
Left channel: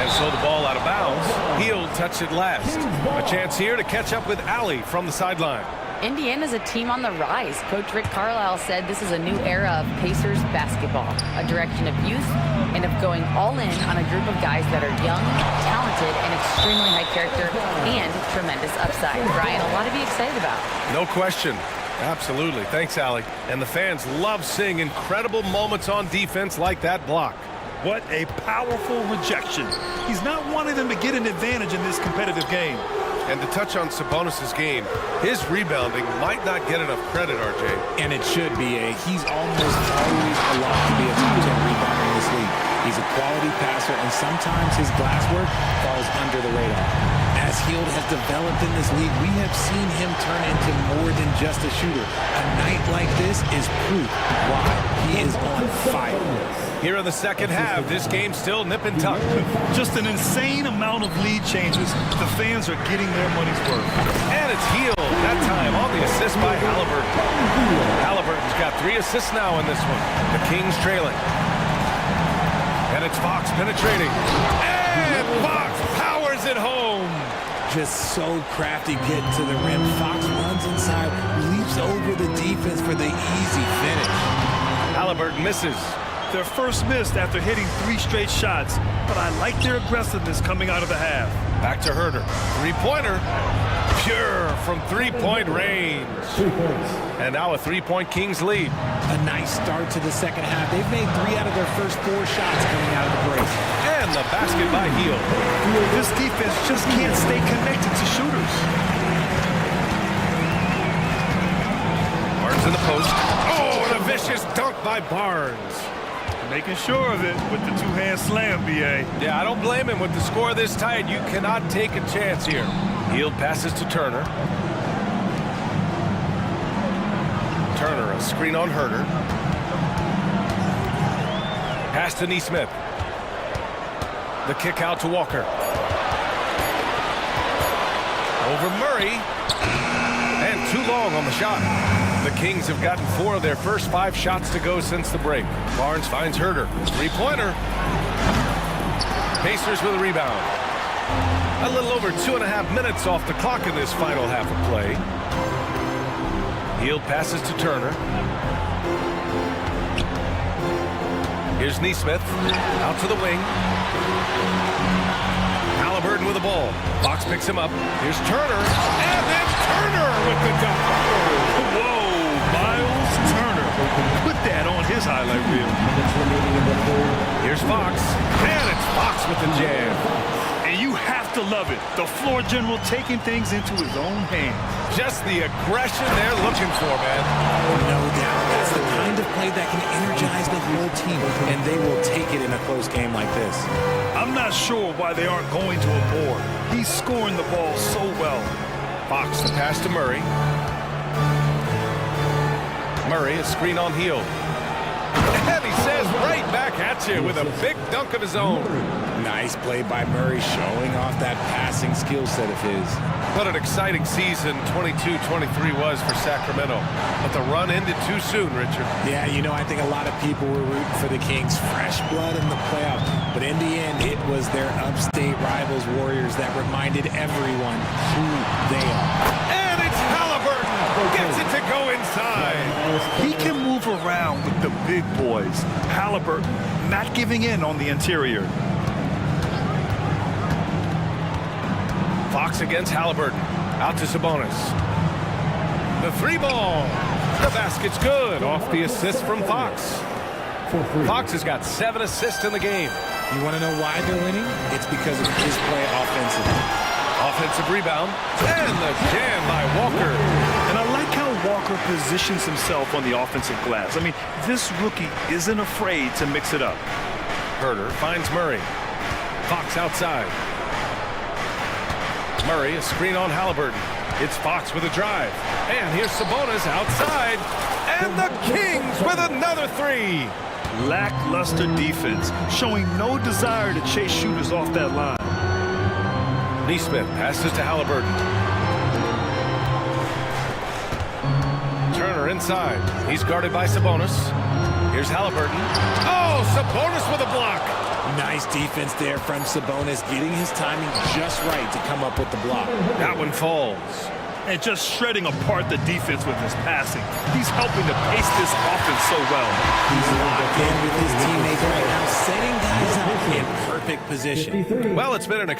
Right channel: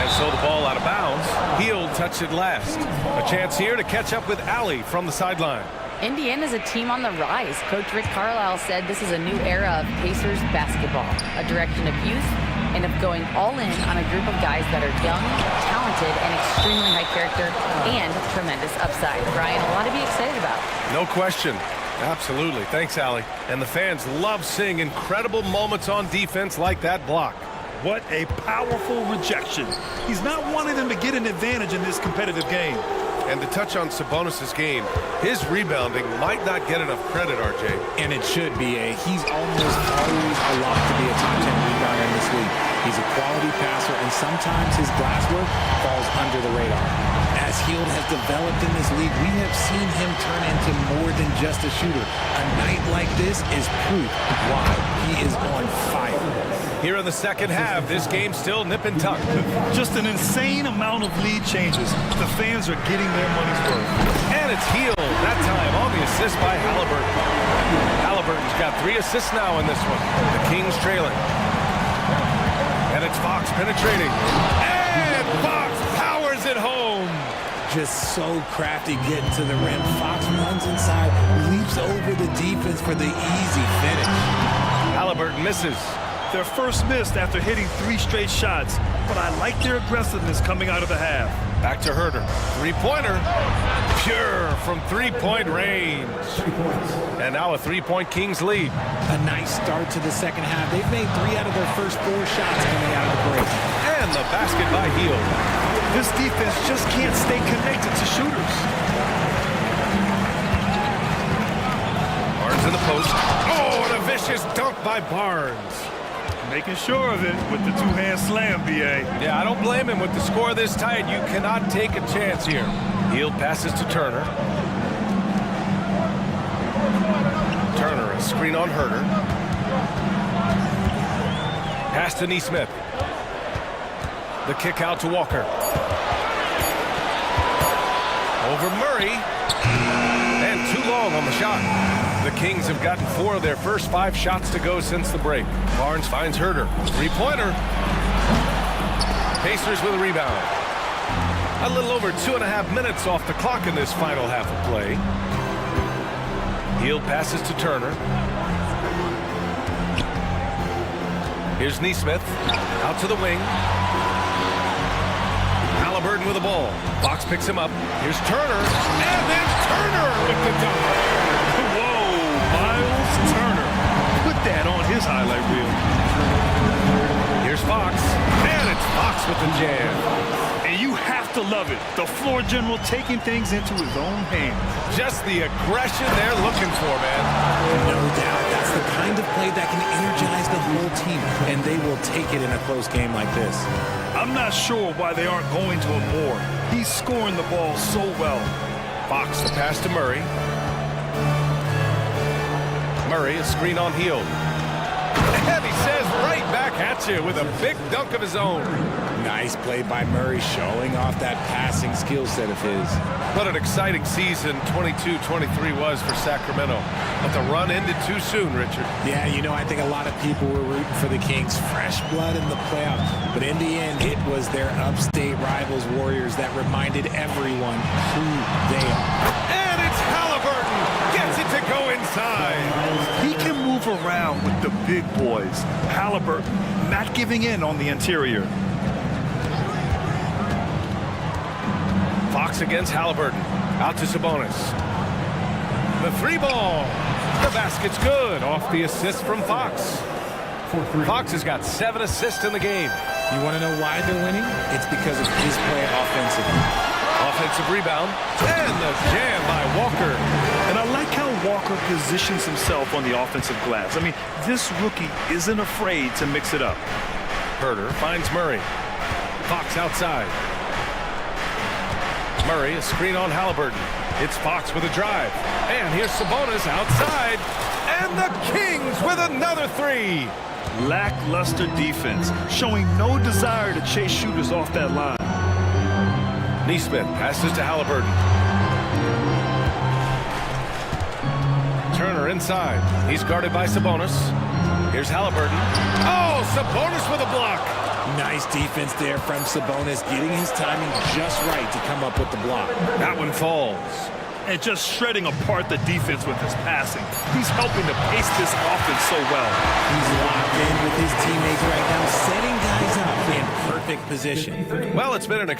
And so the ball out of bounds. Hield touched it last. A chance here to catch up with Allie from the sideline. Indiana's a team on the rise. Coach Rick Carlisle said this is a new era of Pacers basketball, a direction of youth and of going all in on a group of guys that are young, talented, and extremely high character and tremendous upside. Brian, a lot to be excited about. No question. Absolutely. Thanks, Allie. And the fans love seeing incredible moments on defense like that block. What a powerful rejection. He's not wanting them to get an advantage in this competitive game. And to touch on Sabonis' game, his rebounding might not get enough credit, RJ. And it should be. He's almost always a lock to be a top 10 rebounder in this league. He's a quality passer, and sometimes his glass work falls under the radar. As Hield has developed in this league, we have seen him turn into more than just a shooter. A night like this is proof why he is on fire. Here in the second half, this game's still nip and tuck. Just an insane amount of lead changes. The fans are getting their money's worth. And it's Hield, that time on the assist by Halliburton. Halliburton's got 3 assists now in this one. The Kings trailing. And it's Fox penetrating. And Fox powers it home. Just so crafty getting to the rim. Fox runs inside, leaps over the defense for the easy finish. Halliburton misses. Their first missed after hitting 3 straight shots, but I like their aggressiveness coming out of the half. Back to Herder. 3-pointer. Pure from 3-point range. And now a 3-point Kings lead. A nice start to the second half. They've made 3 out of their first 4 shots coming out of the break. And the basket by Hield. This defense just can't stay connected to shooters. Barnes in the post. Oh, and a vicious dunk by Barnes. Making sure of it with the 2-hand slam, B.A. Yeah, I don't blame him. With the score this tight, you cannot take a chance here. Hield passes to Turner. Turner, a screen on Herder. Pass to Neesmith. The kick out to Walker. Over Murray. And too long on the shot. The Kings have gotten 4 of their first 5 shots to go since the break. Barnes finds Herder. 3-pointer. Pacers with a rebound. A little over 2.5 minutes off the clock in this final half of play. Hield passes to Turner. Here's Neesmith. Out to the wing. Halliburton with the ball. Fox picks him up. Here's Turner. And then Turner with the dunk. Whoa, Miles Turner. Put that on his highlight reel. Here's Fox. And it's Fox with the jam. And you have to love it. The floor general taking things into his own hands. Just the aggression they're looking for, man. No doubt. That's the kind of play that can energize the whole team, and they will take it in a close game like this. I'm not sure why they aren't going to him more. He's scoring the ball so well. Fox, the pass to Murray. Murray, a screen on Hield. And he says right back at you with a big dunk of his own. Nice play by Murray, showing off that passing skill set of his. What an exciting season 22-23 was for Sacramento. But the run ended too soon, Richard. Yeah, you know, I think a lot of people were rooting for the Kings. Fresh blood in the playoffs. But in the end, it was their upstate rivals, Warriors, that reminded everyone who they are. And it's Halliburton. Gets it to go inside. He can move around with the big boys. Halliburton not giving in on the interior. Fox against Halliburton. Out to Sabonis. The 3-ball. The basket's good. Off the assist from Fox. Fox has got 7 assists in the game. You want to know why they're winning? It's because of his play offensively. Offensive rebound. And the jam by Walker. And I like how Walker positions himself on the offensive glass. I mean, this rookie isn't afraid to mix it up. Herder finds Murray. Fox outside. Murray, a screen on Halliburton. It's Fox with a drive. And here's Sabonis outside. And the Kings with another 3. Lackluster defense, showing no desire to chase shooters off that line. Neesmith passes to Halliburton. Turner inside. He's guarded by Sabonis. Here's Halliburton. Oh, Sabonis with a block. Nice defense there from Sabonis, getting his timing just right to come up with the block. That one falls. And just shredding apart the defense with his passing. He's helping to pace this offense so well. He's locked in with his teammates right now, setting guys up in perfect position. Well, it's been an...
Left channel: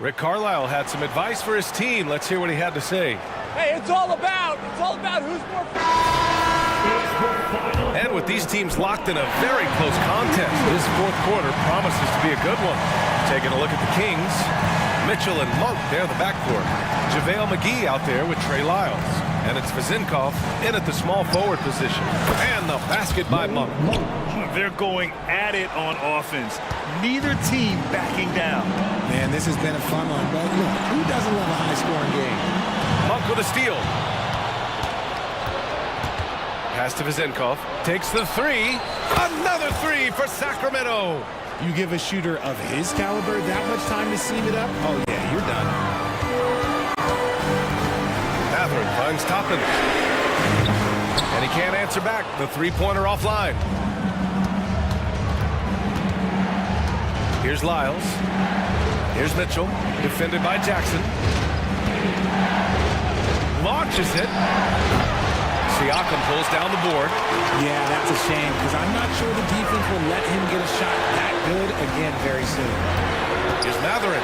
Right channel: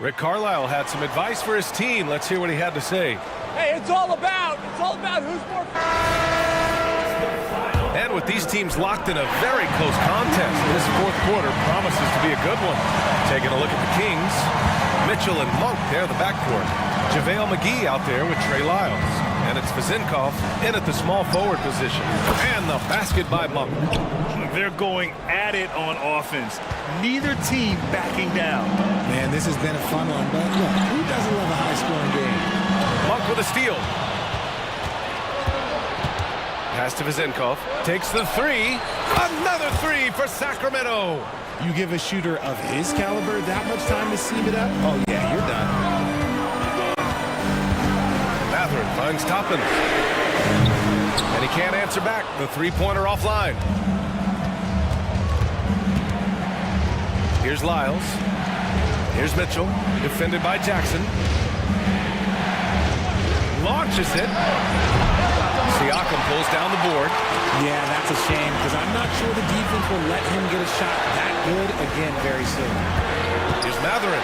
Rick Carlisle had some advice for his team. Let's hear what he had to say. Hey, it's all about who's more... And with these teams locked in a very close contest, this fourth quarter promises to be a good one. Taking a look at the Kings, Mitchell and Monk, they're the backcourt. JaVale McGee out there with Trey Lyles. And it's Vazinkov in at the small forward position. And the basket by Monk. They're going at it on offense. Neither team backing down. Man, this has been a fun one, but look, who doesn't love a high-scoring game? Monk with a steal. Pass to Vazinkov. Takes the three. Another three for Sacramento. You give a shooter of his caliber that much time to seam it up? Oh, yeah, you're done. Matherin finds Toppin. And he can't answer back. The three-pointer offline. Here's Lyles. Here's Mitchell. Defended by Jackson. Launches it. Siakam pulls down the board. Yeah, that's a shame because I'm not sure the defense will let him get a shot that good again very soon. Here's Matherin.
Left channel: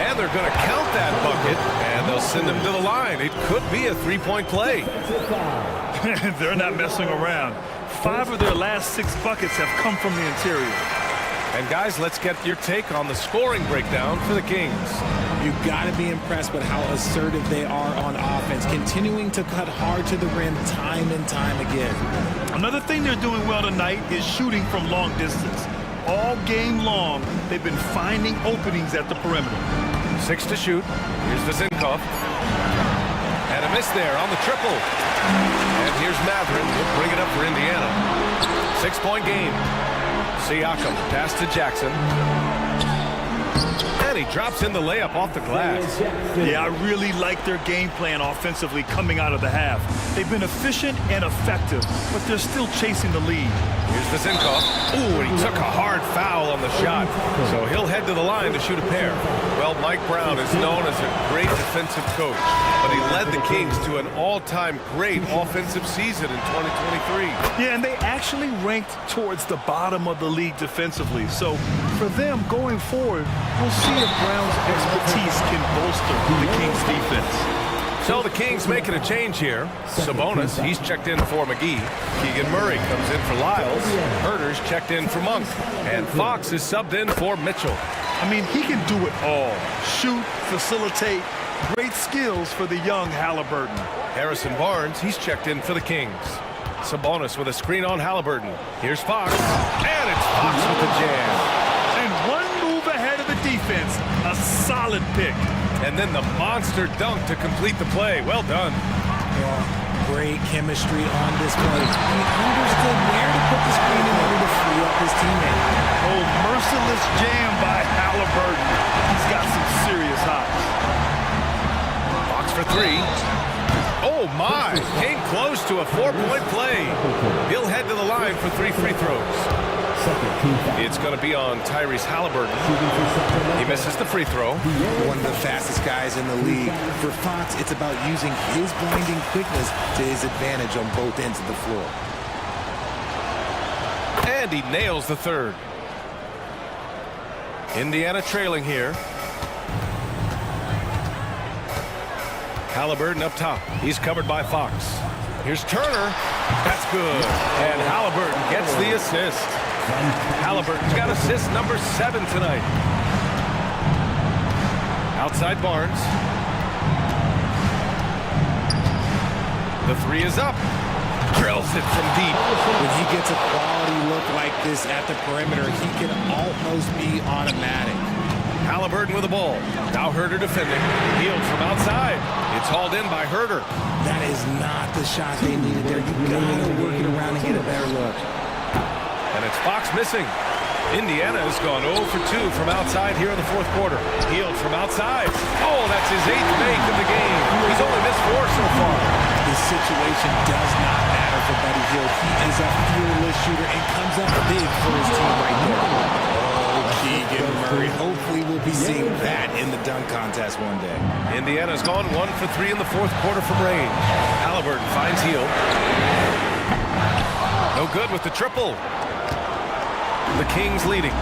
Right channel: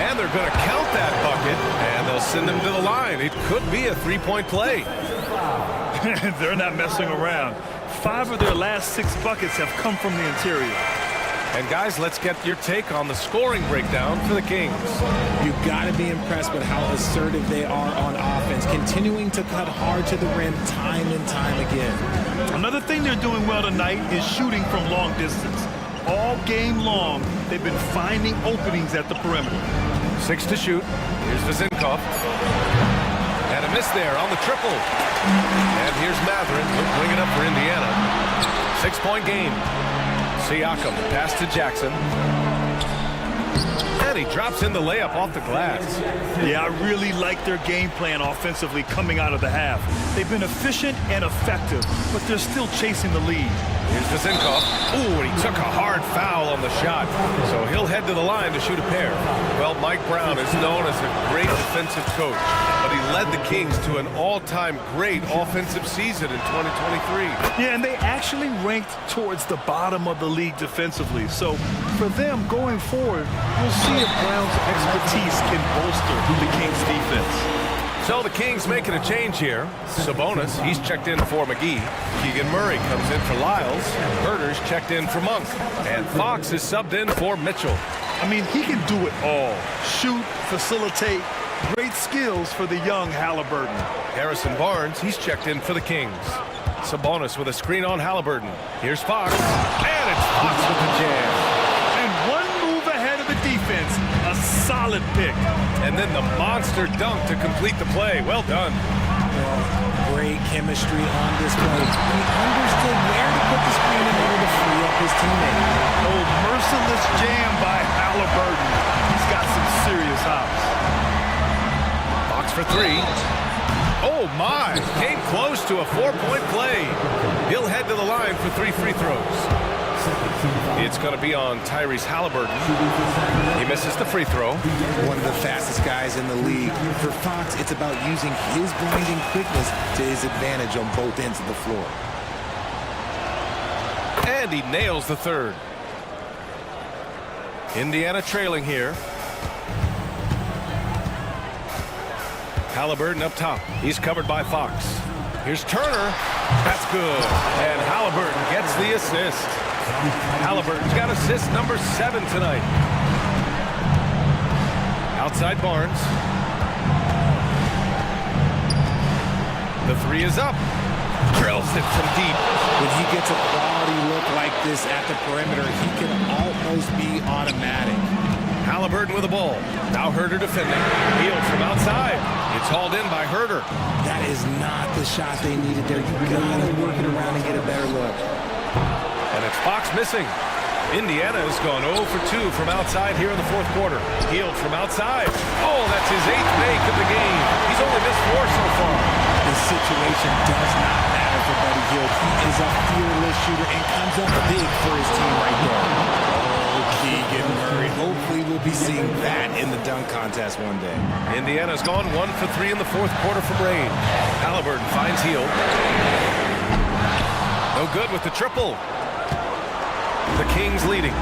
And they're going to count that bucket, and they'll send him to the line. It could be a three-point play. They're not messing around. 5 of their last 6 buckets have come from the interior. And guys, let's get your take on the scoring breakdown for the Kings. You've got to be impressed with how assertive they are on offense, continuing to cut hard to the rim time and time again. Another thing they're doing well tonight is shooting from long distance. All game long, they've been finding openings at the perimeter. 6 to shoot. Here's Vazinkov. And a miss there on the triple. And here's Matherin. He'll bring it up for Indiana. 6-point game. Siakam, pass to Jackson. And he drops in the layup off the glass. Yeah, I really like their game plan offensively coming out of the half. They've been efficient and effective, but they're still chasing the lead. Here's Vazinkov. Ooh, and he took a hard foul on the shot. So he'll head to the line to shoot a pair. Well, Mike Brown is known as a great defensive coach, but he led the Kings to an all-time great offensive season in 2023. Yeah, and they actually ranked towards the bottom of the league defensively. So for them going forward, we'll see if Brown's expertise can bolster the Kings defense. So the Kings making a change here. Sabonis, he's checked in for McGee. Keegan Murray comes in for Lyles. Herter's checked in for Monk. And Fox is subbed in for Mitchell. I mean, he can do it all. Shoot, facilitate. Great skills for the young Halliburton. Harrison Barnes, he's checked in for the Kings. Sabonis with a screen on Halliburton. Here's Fox. And it's Fox with the jam. And one move ahead of the defense. A solid pick. And then the monster dunk to complete the play. Well done. Well, great chemistry on display. He understood where to put the screen in order to free up his teammate. Oh, merciless jam by Halliburton. He's got some serious hops. Fox for 3. Oh, my. Came close to a 4-point play. He'll head to the line for 3 free throws. It's going to be on Tyrese Halliburton. He misses the free throw. One of the fastest guys in the league. For Fox, it's about using his blinding quickness to his advantage on both ends of the floor. And he nails the third. Indiana trailing here. Halliburton up top. He's covered by Fox. Here's Turner. That's good. And Halliburton gets the assist. Halliburton's got assist number 7 tonight. Outside Barnes. The 3 is up. Drills it from deep. When he gets a quality look like this at the perimeter, he can almost be automatic. Halliburton with the ball. Now Herter defending. Healed from outside. It's hauled in by Herter. That is not the shot they needed there. You gotta work it around and get a better look. And it's Fox missing. Indiana has gone 0 for 2 from outside here in the fourth quarter. Healed from outside. Oh, that's his 8th make of the game. He's only missed 4 so far. This situation does not matter for Buddy Hield. He is a fearless shooter and comes up big for his team right there. Oh, Keegan Murray. Hopefully we'll be seeing that in the dunk contest one day. Indiana's gone 1 for 3 in the fourth quarter from range. Halliburton finds Hield. No good with the triple. The Kings leading.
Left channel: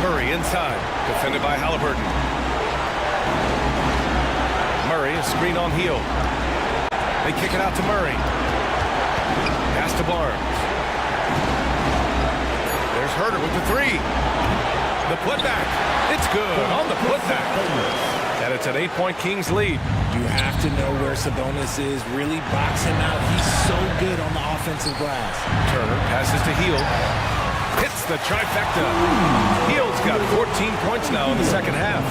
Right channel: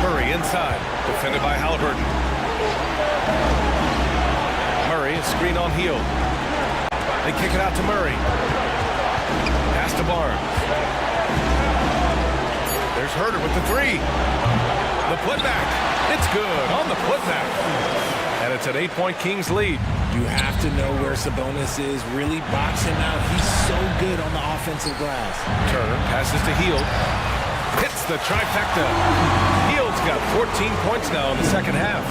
Murray inside, defended by Halliburton. Murray, a screen on Hield. They kick it out to Murray. Pass to Barnes. There's Herter with the 3. The putback. It's good on the putback. And it's an 8-point Kings lead. You have to know where Sabonis is. Really box him out. He's so good on the offensive glass. Turner passes to Hield. Hits the trifecta. Hield's got 14 points now in the second half.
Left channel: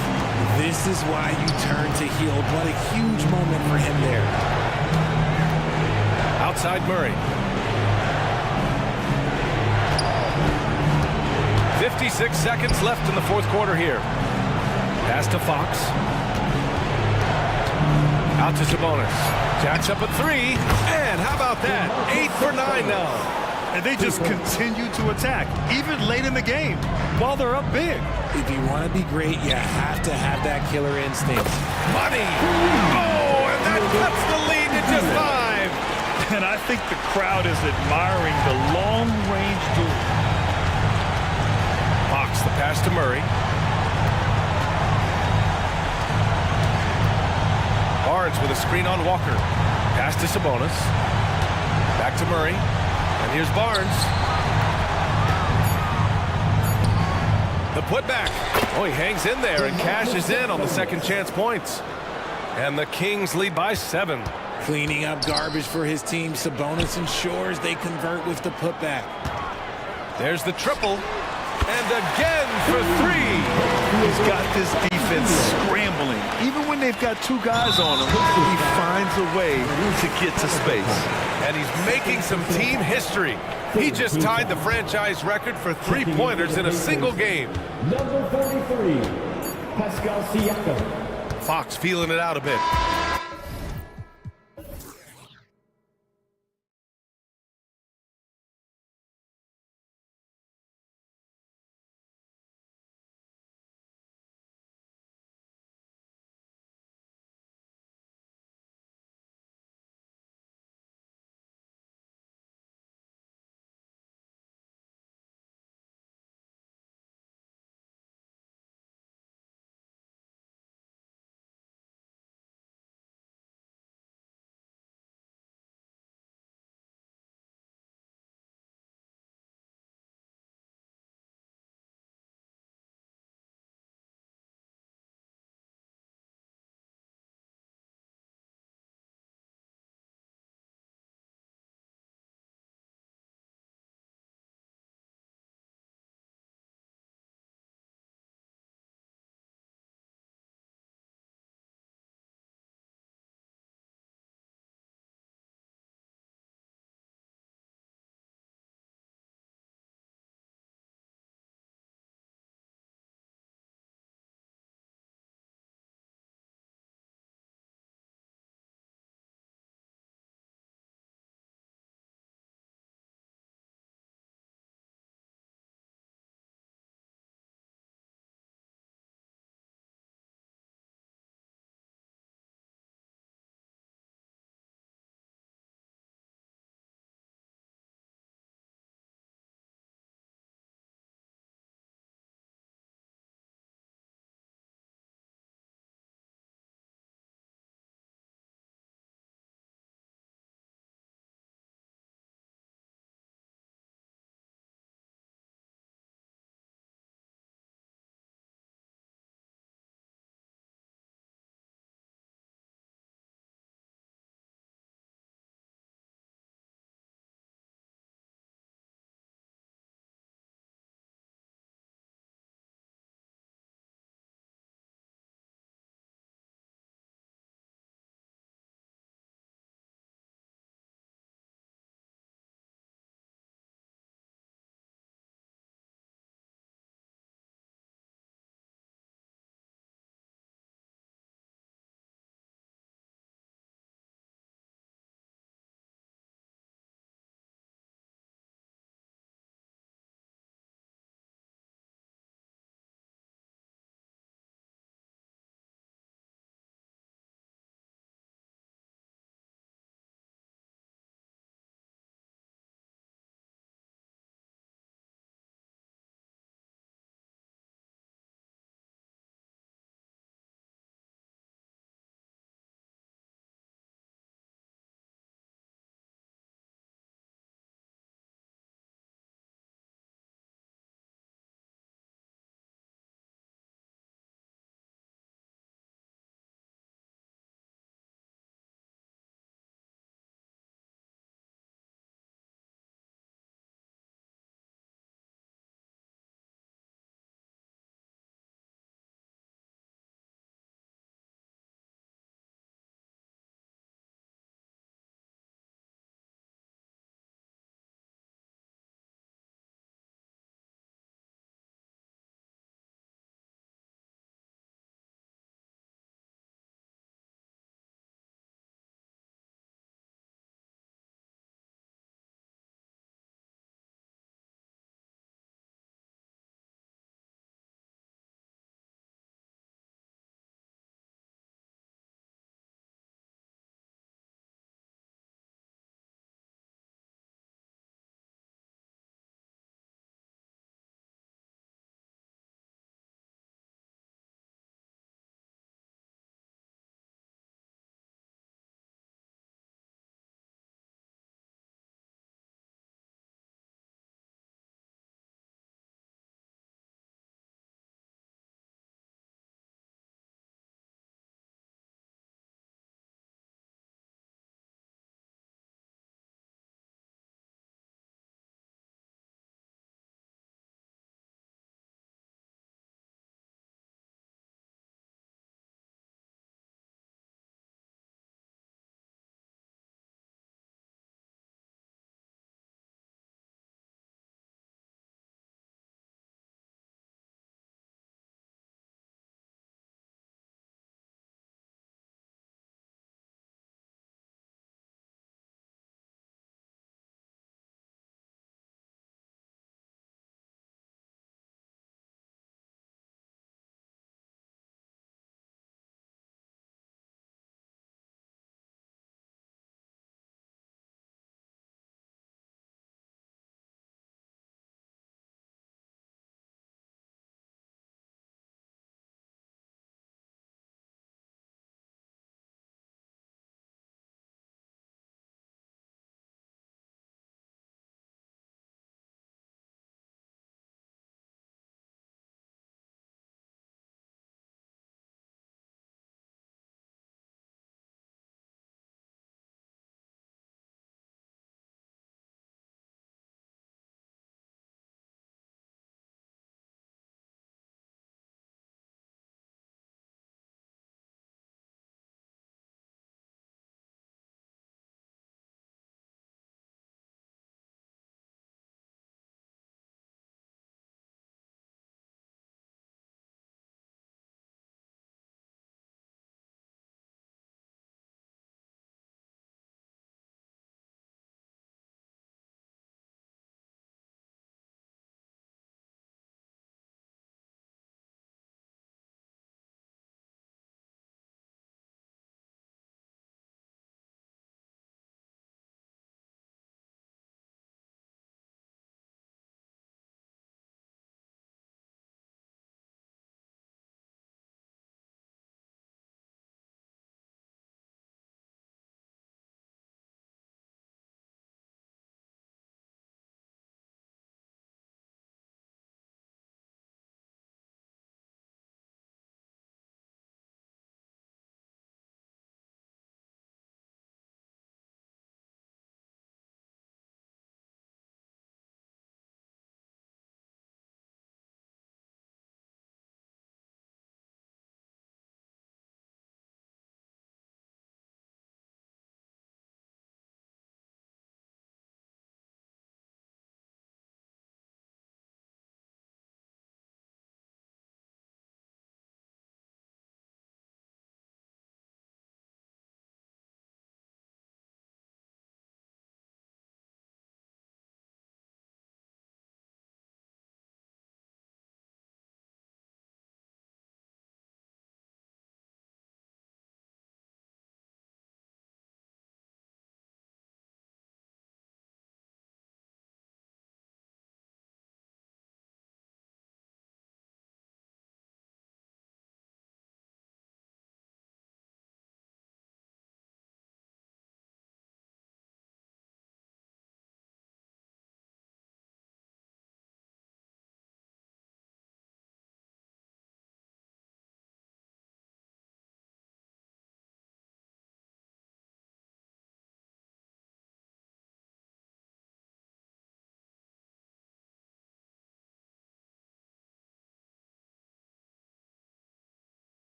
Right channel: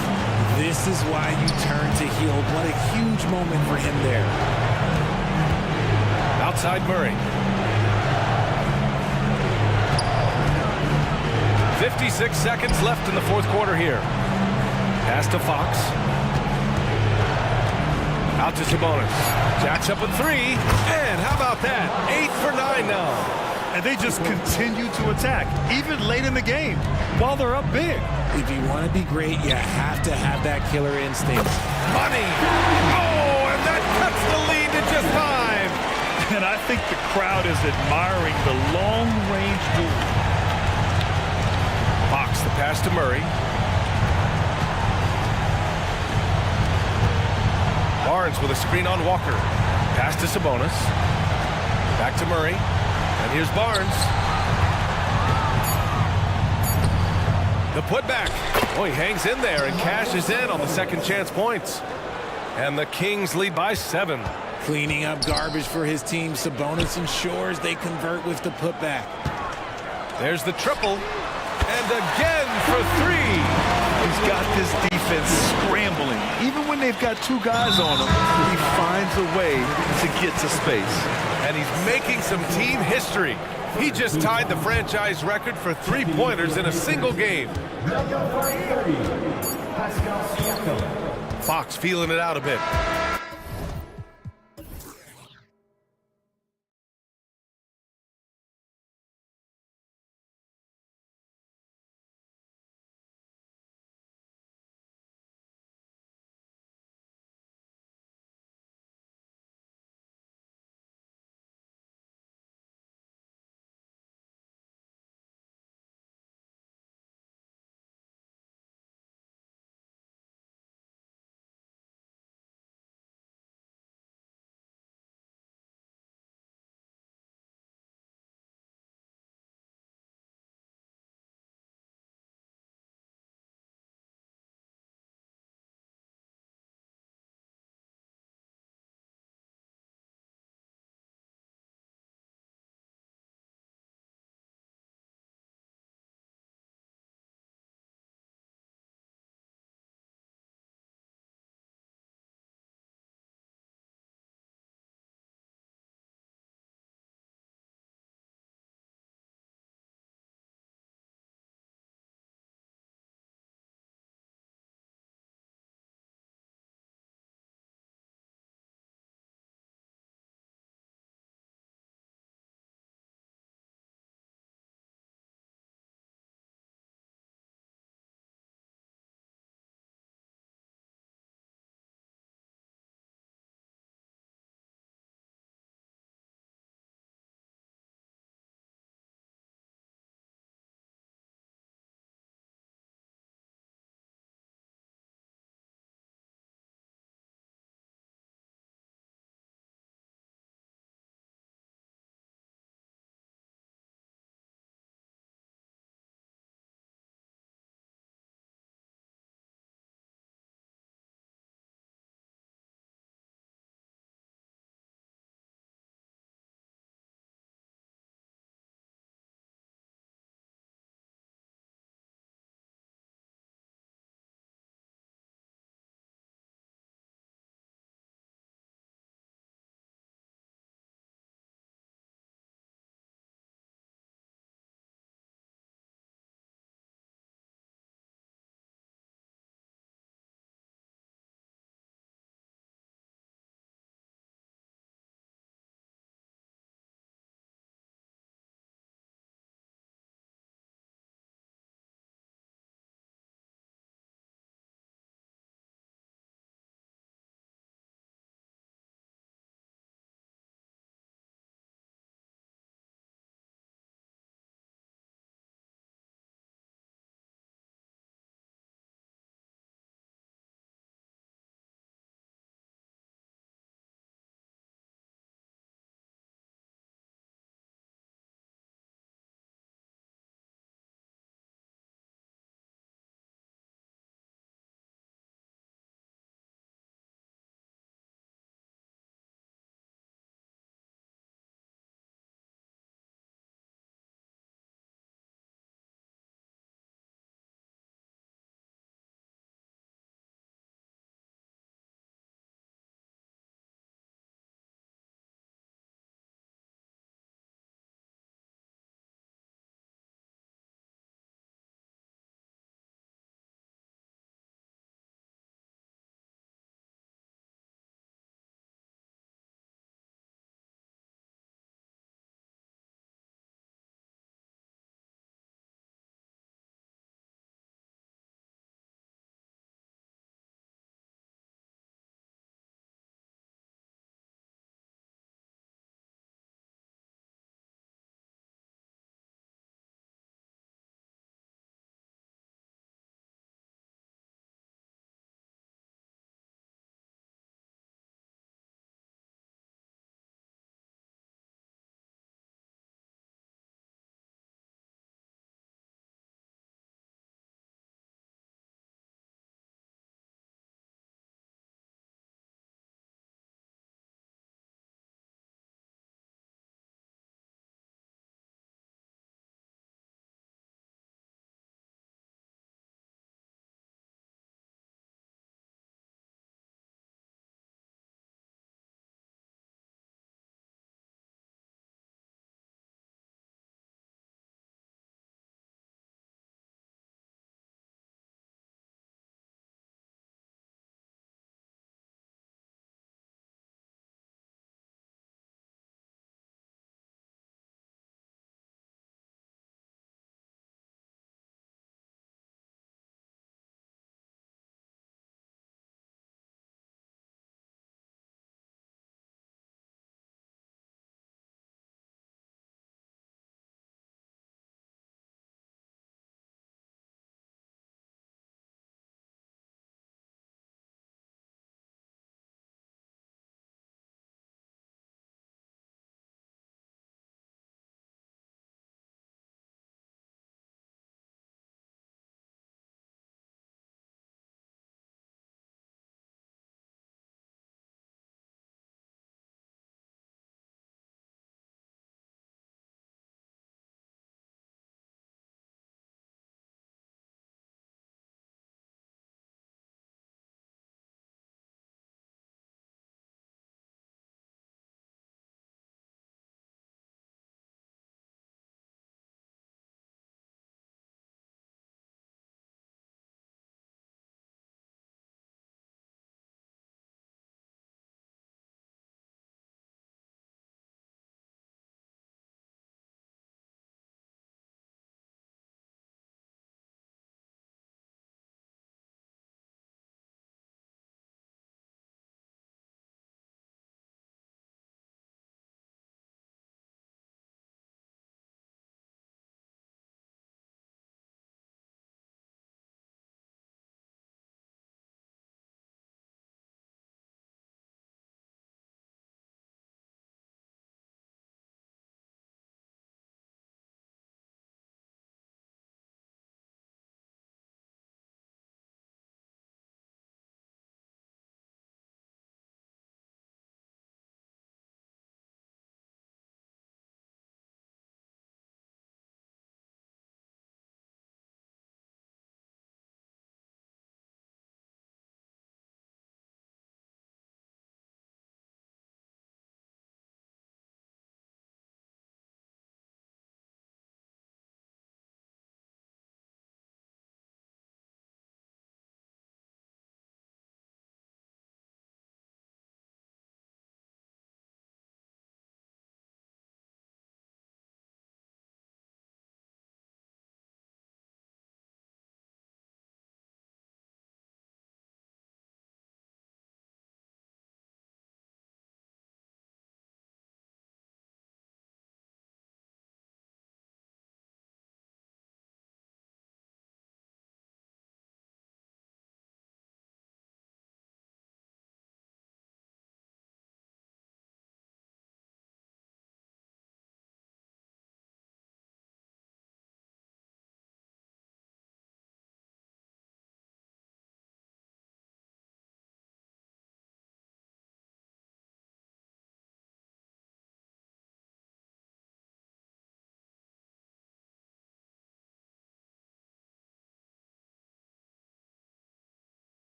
This is why you turn to Hield. What a huge moment for him there. Outside Murray. 56 seconds left in the fourth quarter here. Pass to Fox. Out to Sabonis. Jacks up a three. And how about that? 8 for 9 now. And they just continue to attack, even late in the game, while they're up big. If you want to be great, you have to have that killer instinct. Money! Oh, and that cuts the lead to just 5. And I think the crowd is admiring the long-range duel. Fox, the pass to Murray. Barnes with a screen on Walker. Pass to Sabonis. Back to Murray. And here's Barnes. The putback. Oh, he hangs in there and cashes in on the second chance points. And the Kings lead by 7. Cleaning up garbage for his team. Sabonis ensures they convert with the putback. There's the triple. And again for 3. He's got this defense scrambling. Even when they've got 2 guys on him, he finds a way to get to space. And he's making some team history. He just tied the franchise record for 3-pointers in a single game. Number 33, Pascal Siakam. Fox feeling it out a bit.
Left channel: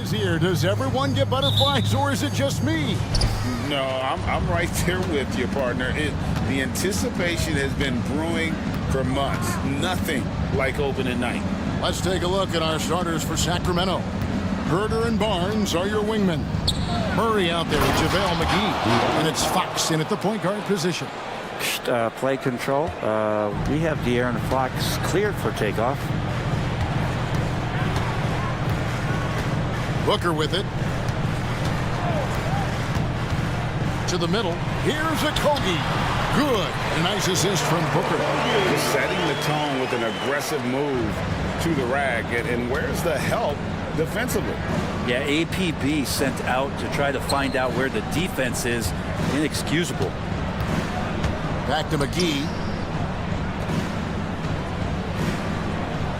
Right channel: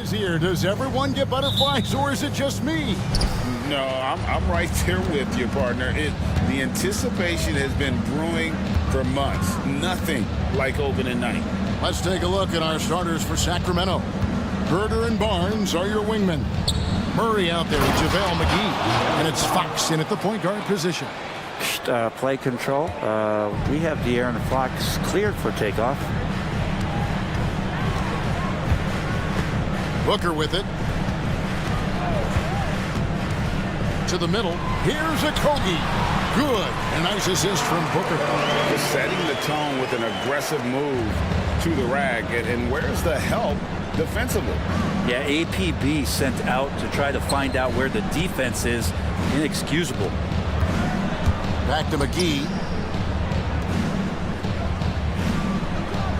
is here. Does everyone get butterflies, or is it just me? No, I'm right there with you, partner. The anticipation has been brewing for months. Nothing like opening night. Let's take a look at our starters for Sacramento. Herder and Barnes are your wingmen. Murray out there with JaVale McGee. And it's Fox in at the point guard position. Play control. We have De'Aaron Fox cleared for takeoff. Booker with it. To the middle. Here's a Kogi. Good. And a nice assist from Booker. Just setting the tone with an aggressive move to the rack. And where's the help defensively? Yeah, APB sent out to try to find out where the defense is. Inexcusable. Back to McGee.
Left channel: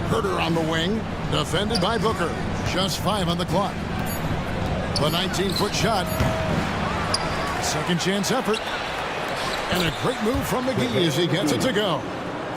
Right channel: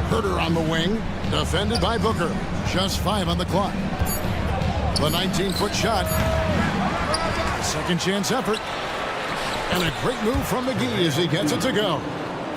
Herder on the wing. Defended by Booker. Just 5 on the clock. The 19-foot shot. A second chance effort. And a great move from McGee as he gets it to go.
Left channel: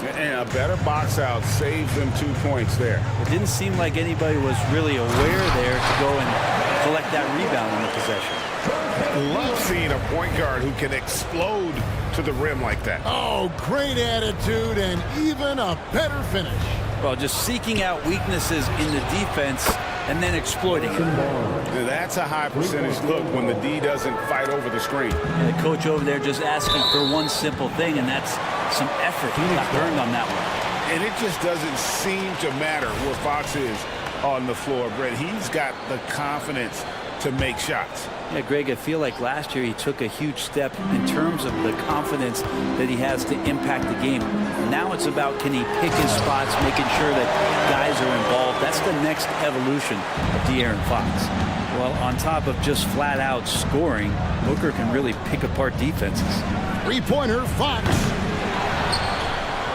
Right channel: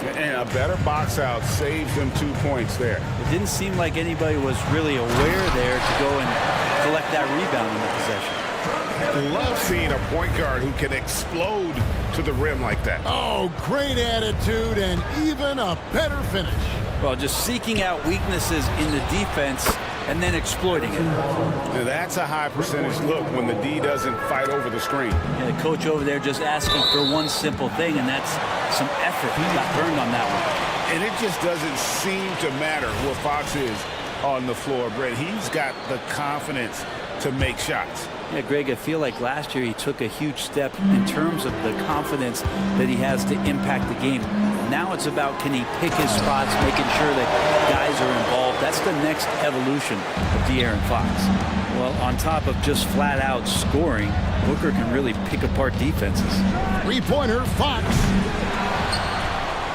And a better box out saves them 2 points there. It didn't seem like anybody was really aware there to go and collect that rebound in the possession. Love seeing a point guard who can explode to the rim like that. Oh, great attitude and even a better finish. Well, just seeking out weaknesses in the defense and then exploiting it. Now, that's a high percentage look when the D doesn't fight over the screen. And the coach over there just asking for one simple thing, and that's some effort. He got burned on that one. And it just doesn't seem to matter where Fox is on the floor, Brett. He's got the confidence to make shots. Yeah, Greg, I feel like last year he took a huge step in terms of the confidence that he has to impact the game. Now it's about, can he pick his spots, making sure that guys are involved. That's the next evolution of De'Aaron Fox. Well, on top of just flat out scoring, Booker can really pick apart defenses. Three-pointer, Fox.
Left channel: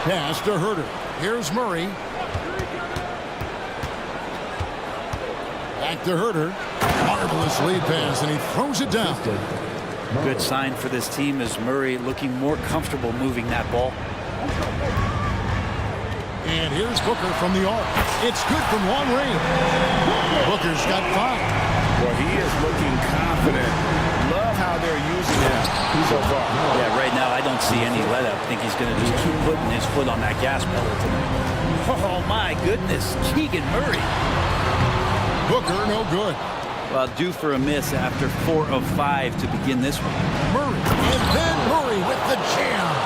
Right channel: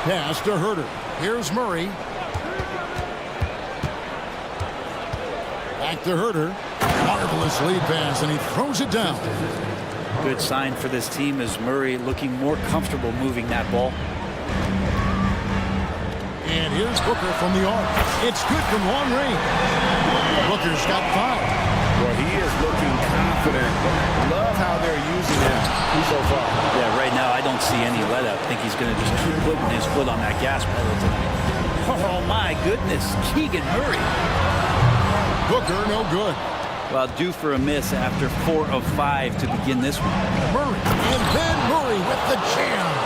Pass to Herder. Here's Murray. Back to Herder. Marvelous lead pass, and he throws it down. Good sign for this team is Murray looking more comfortable moving that ball. And here's Booker from the arc. It's good from long range. Booker's got 5. Well, he is looking confident. Love how they're using him so far. Yeah, right now I don't see any let up. I think he's going to just keep putting his foot on that gas pedal tonight. Oh, my goodness. Keegan Murray. Booker, no good. Well, due for a miss after 4 of 5 to begin this one. Murray, and then Murray with the jam.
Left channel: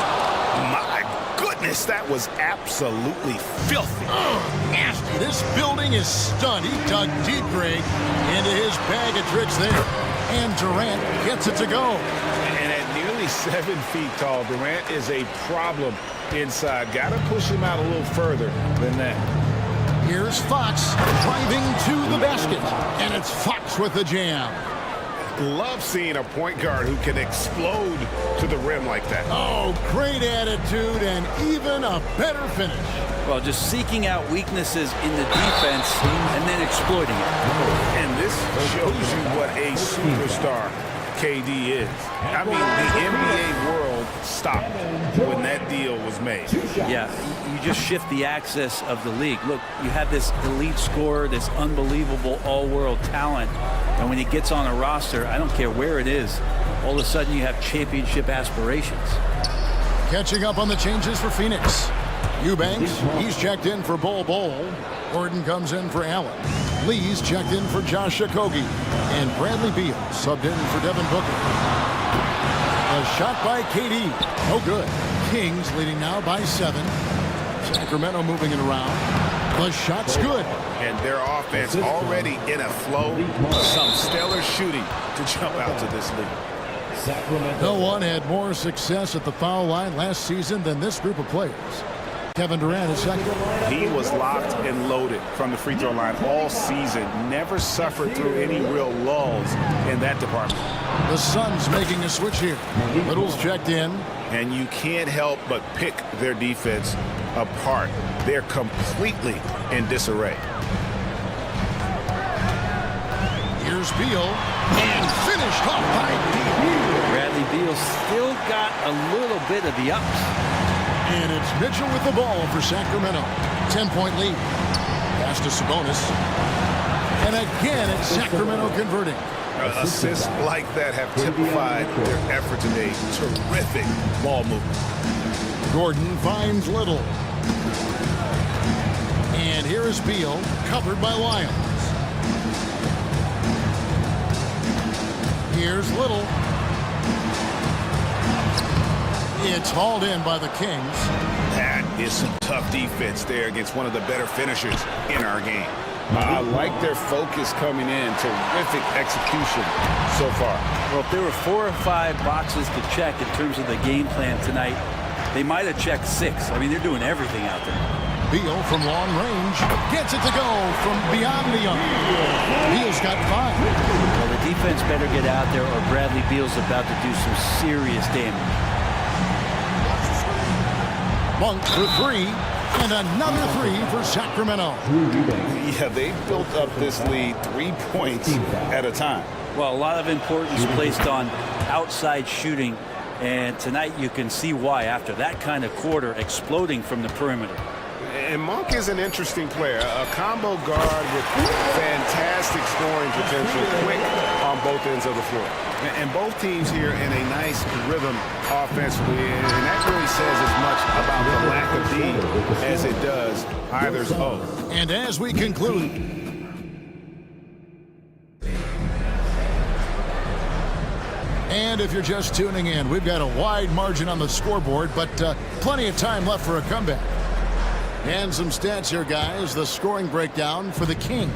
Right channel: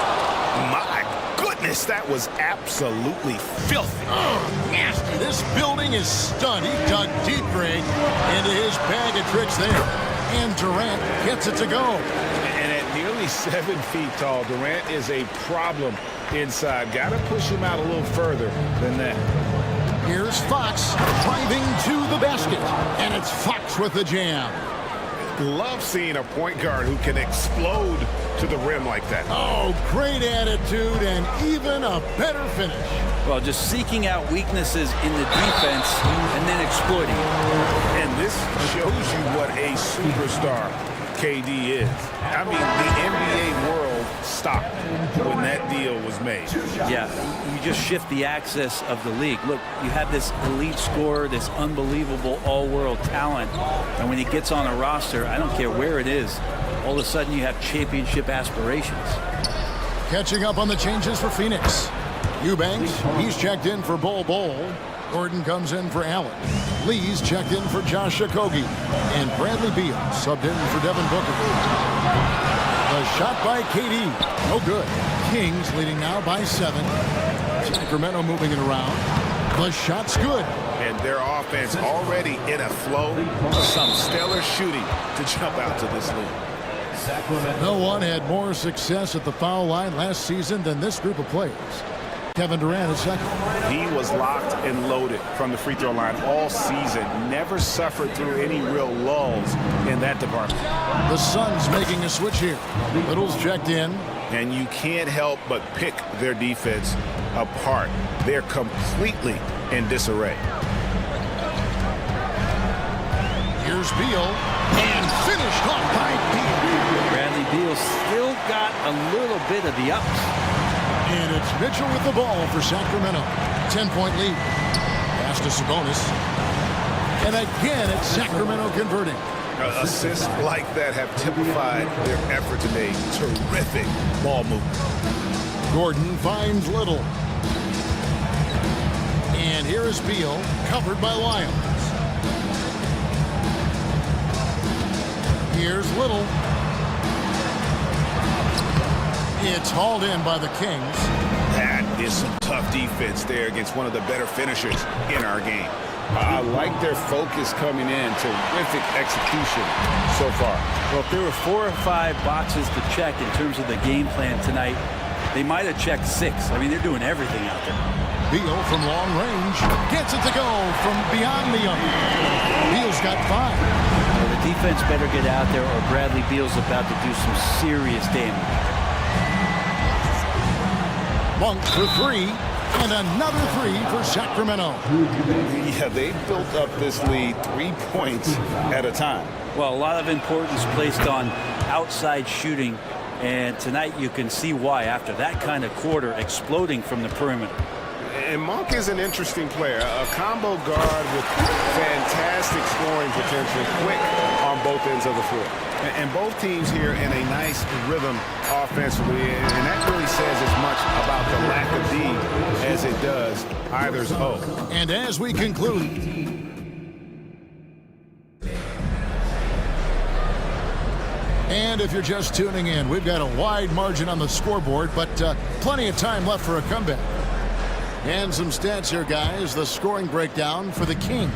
My goodness, that was absolutely filthy. Oh, nasty. This building is stunned. He dug deep, Greg, into his bag of tricks there. And Durant gets it to go. And at nearly 7 feet tall, Durant is a problem inside. Got to push him out a little further than that. Here's Fox driving to the basket. And it's Fox with the jam. Love seeing a point guard who can explode to the rim like that. Oh, great attitude and even a better finish. Well, just seeking out weaknesses in the defense and then exploiting it. And this shows you what a superstar KD is. I mean, the NBA world stopped when that deal was made. Yeah, you just shift the axis of the league. Look, you have this elite scorer, this unbelievable all-world talent, and when he gets on a roster, I don't care where it is, all of a sudden you have championship aspirations. Catching up on the changes for Phoenix. Eubanks, he's checked in for Bol. Gordon comes in for Allen. Lee's checked in for Josh Okogie. And Bradley Beal subbed in for Devin Booker. The shot by KD. No good. Kings leading now by 7. Sacramento moving it around. The shot's good. And their offense already in a flow. Some stellar shooting to jump out to this lead. No one had more success at the foul line last season than this group of players. Kevin Durant is second. He was locked and loaded from the free throw line all season. Never suffered through any real lulls in that department. The Suns making a switch here. Little's checked in. And you can't help but pick their defense apart. They're completely in disarray. Here's Beal. And finished off by Beal. Bradley Beal still got a little bit of the ups. And it's Mitchell with the ball for Sacramento. 10-point lead. Pass to Sabonis. And again, it's Sacramento converting. Assists like that have typified their efforts in a terrific ball movement. Gordon finds Little. And here is Beal, covered by Lyons. Here's Little. It's hauled in by the Kings. That is some tough defense there against one of the better finishers in our game. I like their focus coming in. Terrific execution so far. Well, if there were 4 or 5 boxes to check in terms of the game plan tonight, they might have checked 6. I mean, they're doing everything out there. Beal from long range gets it to go from beyond the arc. Beal's got 5. Well, the defense better get out there or Bradley Beal's about to do some serious damage. Monk for 3, and another 3 for Sacramento. Yeah, they built up this lead 3 points at a time. Well, a lot of importance placed on outside shooting, and tonight you can see why after that kind of quarter exploding from the perimeter. And Monk is an interesting player, a combo guard with fantastic scoring potential, quick on both ends of the floor. And both teams here in a nice rhythm offensively, and that really says as much about the lack of D as it does either's O. And as we conclude, and if you're just tuning in, we've got a wide margin on the scoreboard, but plenty of time left for a comeback. And some stats here, guys. The scoring breakdown for the Kings.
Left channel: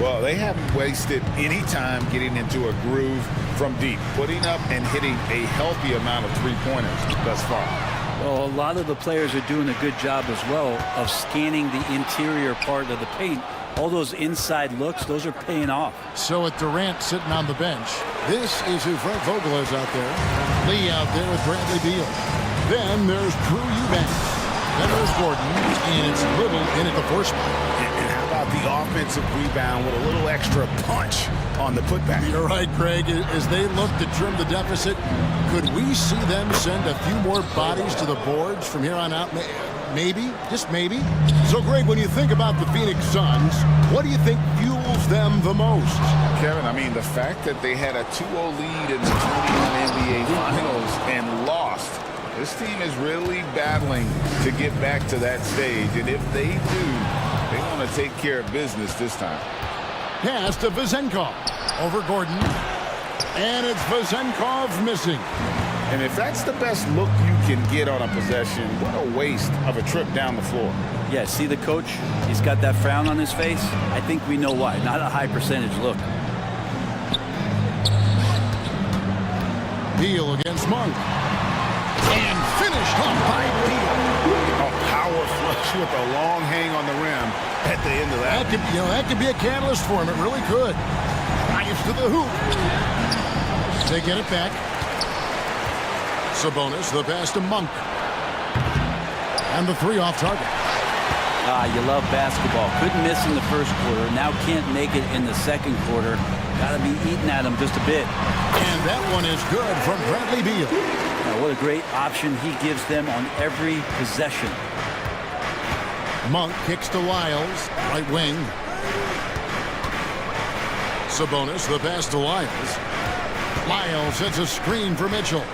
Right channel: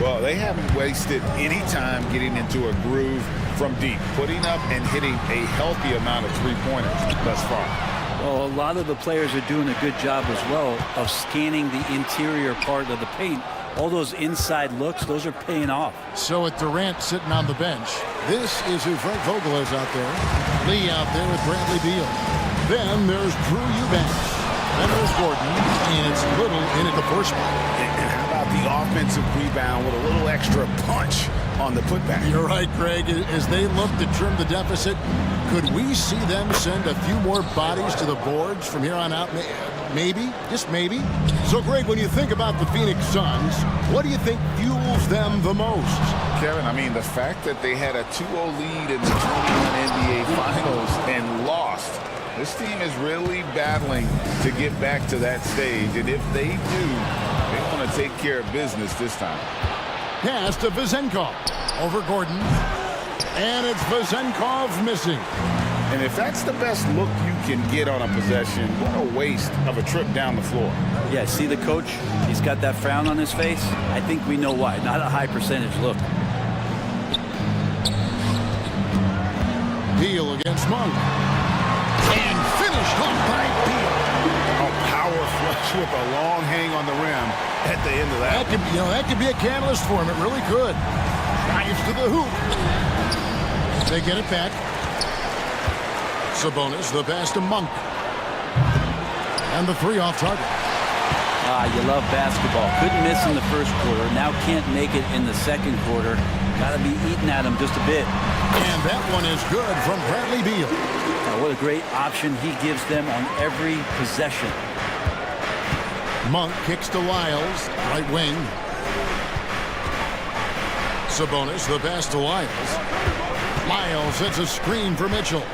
Well, they haven't wasted any time getting into a groove from deep, putting up and hitting a healthy amount of three-pointers thus far. Well, a lot of the players are doing a good job as well of scanning the interior part of the paint. All those inside looks, those are paying off. So with Durant sitting on the bench, this is who Frank Vogel is out there. Lee out there with Bradley Beal. Then there's Drew Eubanks. Then there's Gordon, and it's Little in at the 4 spot. And how about the offensive rebound with a little extra punch on the putback? You're right, Greg. As they look to trim the deficit, could we see them send a few more bodies to the boards from here on out? Maybe, just maybe. So, Greg, when you think about the Phoenix Suns, what do you think fuels them the most? Kevin, I mean, the fact that they had a 2-0 lead in the 21 NBA Finals and lost. This team is really battling to get back to that stage, and if they do, they want to take care of business this time. Pass to Vezenkov over Gordon, and it's Vezenkov missing. And if that's the best look you can get on a possession, what a waste of a trip down the floor. Yeah, see the coach? He's got that frown on his face. I think we know why. Not a high percentage look. Beal against Monk. And finished off by Beal. A power flush with a long hang on the rim at the end of that. That could be a catalyst for him. It really could. Drives to the hoop. They get it back. Sabonis, the pass to Monk. And the 3 off target. You love basketball. Couldn't miss in the first quarter. Now can't make it in the second quarter. Got to be eating at him just a bit. And that one is good from Bradley Beal. Now, what a great option he gives them on every possession. Monk kicks to Lyles, right wing. Sabonis, the pass to Lyles. Lyles hits a screen for Mitchell.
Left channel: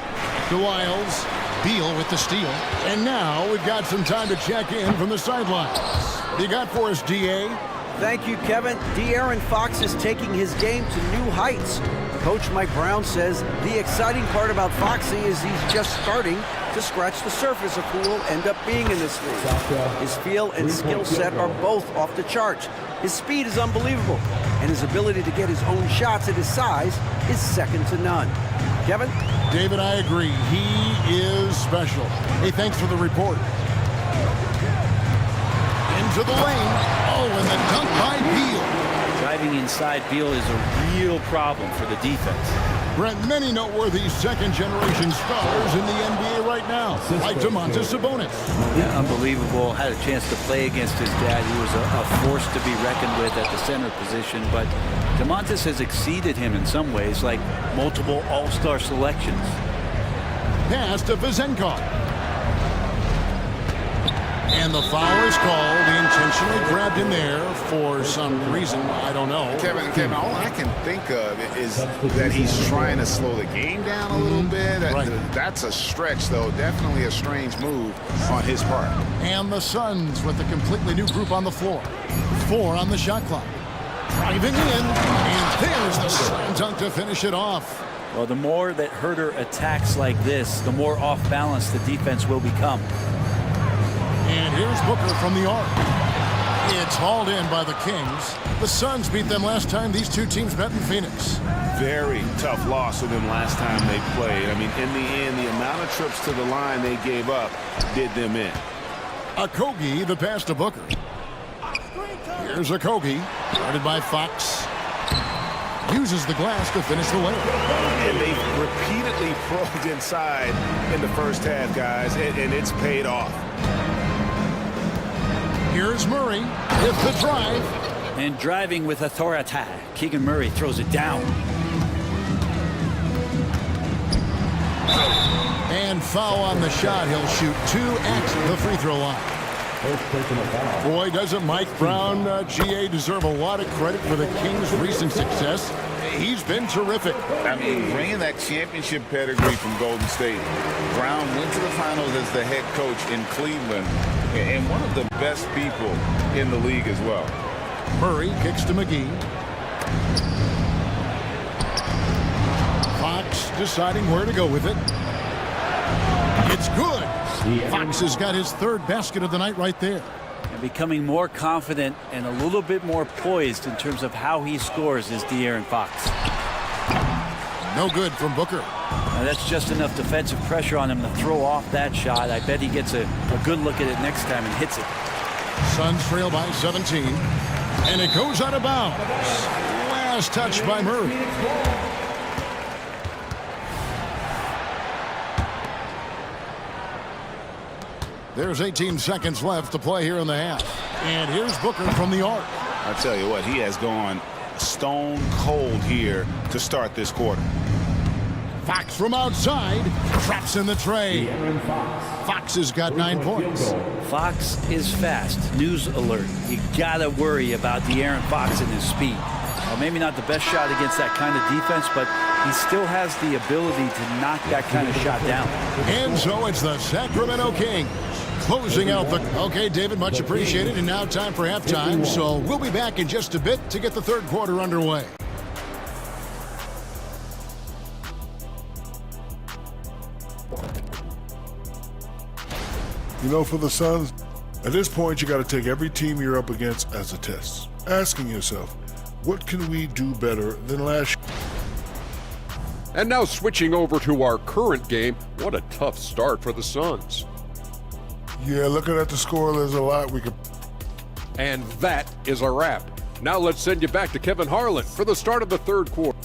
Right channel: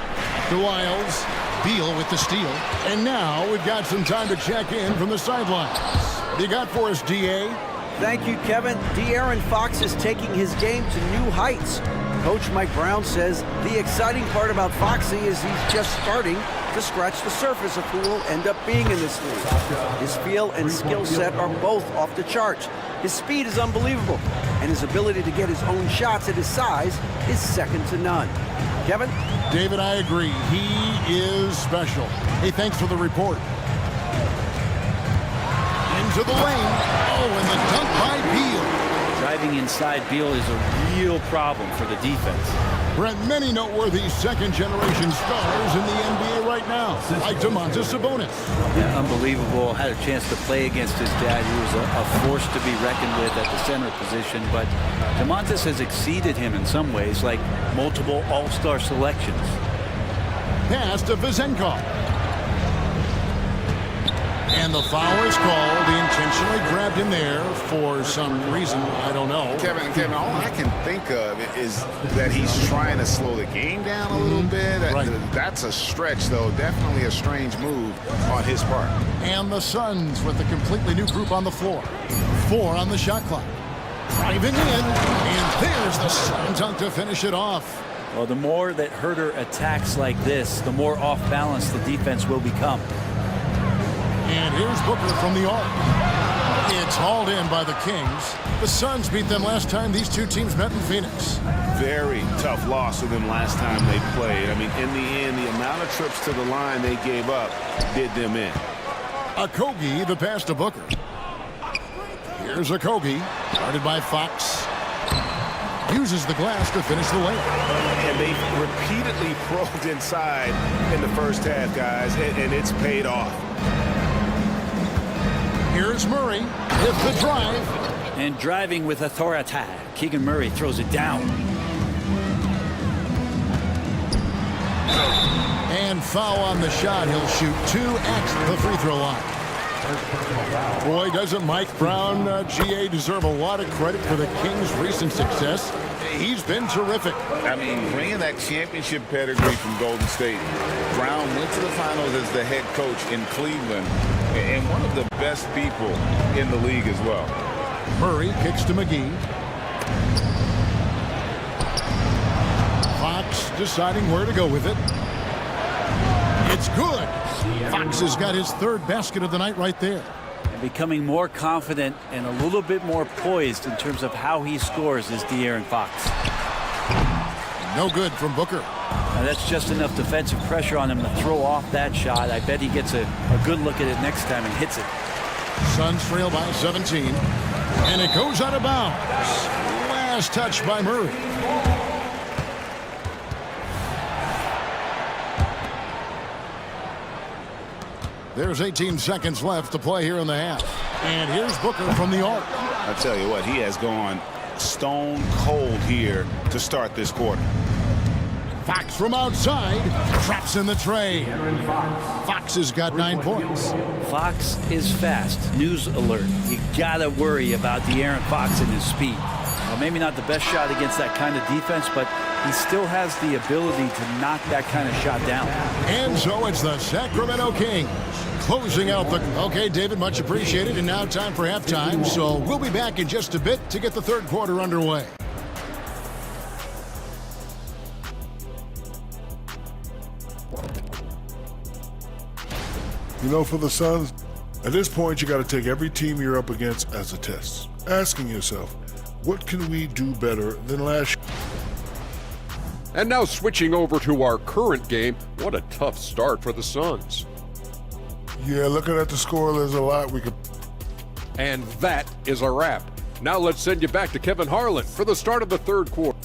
To Lyles. Beal with the steal. And now we've got some time to check in from the sidelines. What do you got for us, D.A.? Thank you, Kevin. De'Aaron Fox is taking his game to new heights. Coach Mike Brown says the exciting part about Foxy is he's just starting to scratch the surface of who will end up being in this league. His feel and skill set are both off the charts. His speed is unbelievable, and his ability to get his own shots at his size is second to none. Kevin? David, I agree. He is special. Hey, thanks for the report. Into the lane. Oh, and the dunk by Beal. Driving inside Beal is a real problem for the defense. Brent, many noteworthy second-generation stars in the NBA right now, like Domantas Sabonis. Yeah, unbelievable. Had a chance to play against his dad, who was a force to be reckoned with at the center position. But Domantas has exceeded him in some ways, like multiple all-star selections. Pass to Vezenkov. And the foul is called. He intentionally grabbed him there for some reason. I don't know. Kevin, all I can think of is that he's trying to slow the game down a little bit. Right. That's a stretch, though. Definitely a strange move on his part. And the Suns with a completely new group on the floor. 4 on the shot clock. Driving in, and there's the slam dunk to finish it off. Well, the more that Herder attacks like this, the more off balance the defense will become. And here's Booker from the arc. It's hauled in by the Kings. The Suns beat them last time these two teams met in Phoenix. Very tough loss for them last time they played. I mean, in the end, the amount of trips to the line they gave up did them in. Okogie, the pass to Booker. Here's Okogie, guarded by Fox. Uses the glass to finish the layup. And they've repeatedly probed inside in the first half, guys, and it's paid off. Here's Murray with the drive. And driving with authority, Keegan Murray throws it down. And foul on the shot. He'll shoot 2 at the free throw line. Boy, doesn't Mike Brown, GA, deserve a lot of credit for the Kings' recent success? He's been terrific. I mean, bringing that championship pedigree from Golden State. Brown went to the finals as the head coach in Cleveland and one of the best people in the league as well. Murray kicks to McGee. Fox deciding where to go with it. It's good. Fox has got his 3rd basket of the night right there. And becoming more confident and a little bit more poised in terms of how he scores is De'Aaron Fox. No good from Booker. Now that's just enough defensive pressure on him to throw off that shot. I bet he gets a good look at it next time and hits it. Suns trail by 17. And it goes out of bounds. Last touch by Murray. There's 18 seconds left to play here in the half. And here's Booker from the arc. I tell you what, he has gone stone cold here to start this quarter. Fox from outside traps in the tray. Fox has got 9 points. Fox is fast. News alert. You gotta worry about De'Aaron Fox and his speed. Well, maybe not the best shot against that kind of defense, but he still has the ability to knock that kind of shot down. And so it's the Sacramento Kings closing out the... Okay, David, much appreciated. And now time for halftime. So we'll be back in just a bit to get the 3rd quarter underway. You know, for the Suns, at this point, you got to take every team you're up against as a test. Asking yourself, what can we do better than last year? And now switching over to our current game, what a tough start for the Suns. Yeah, looking at the score, there's a lot we could... And that is a wrap. Now let's send you back to Kevin Harlan for the start of the 3rd quarter.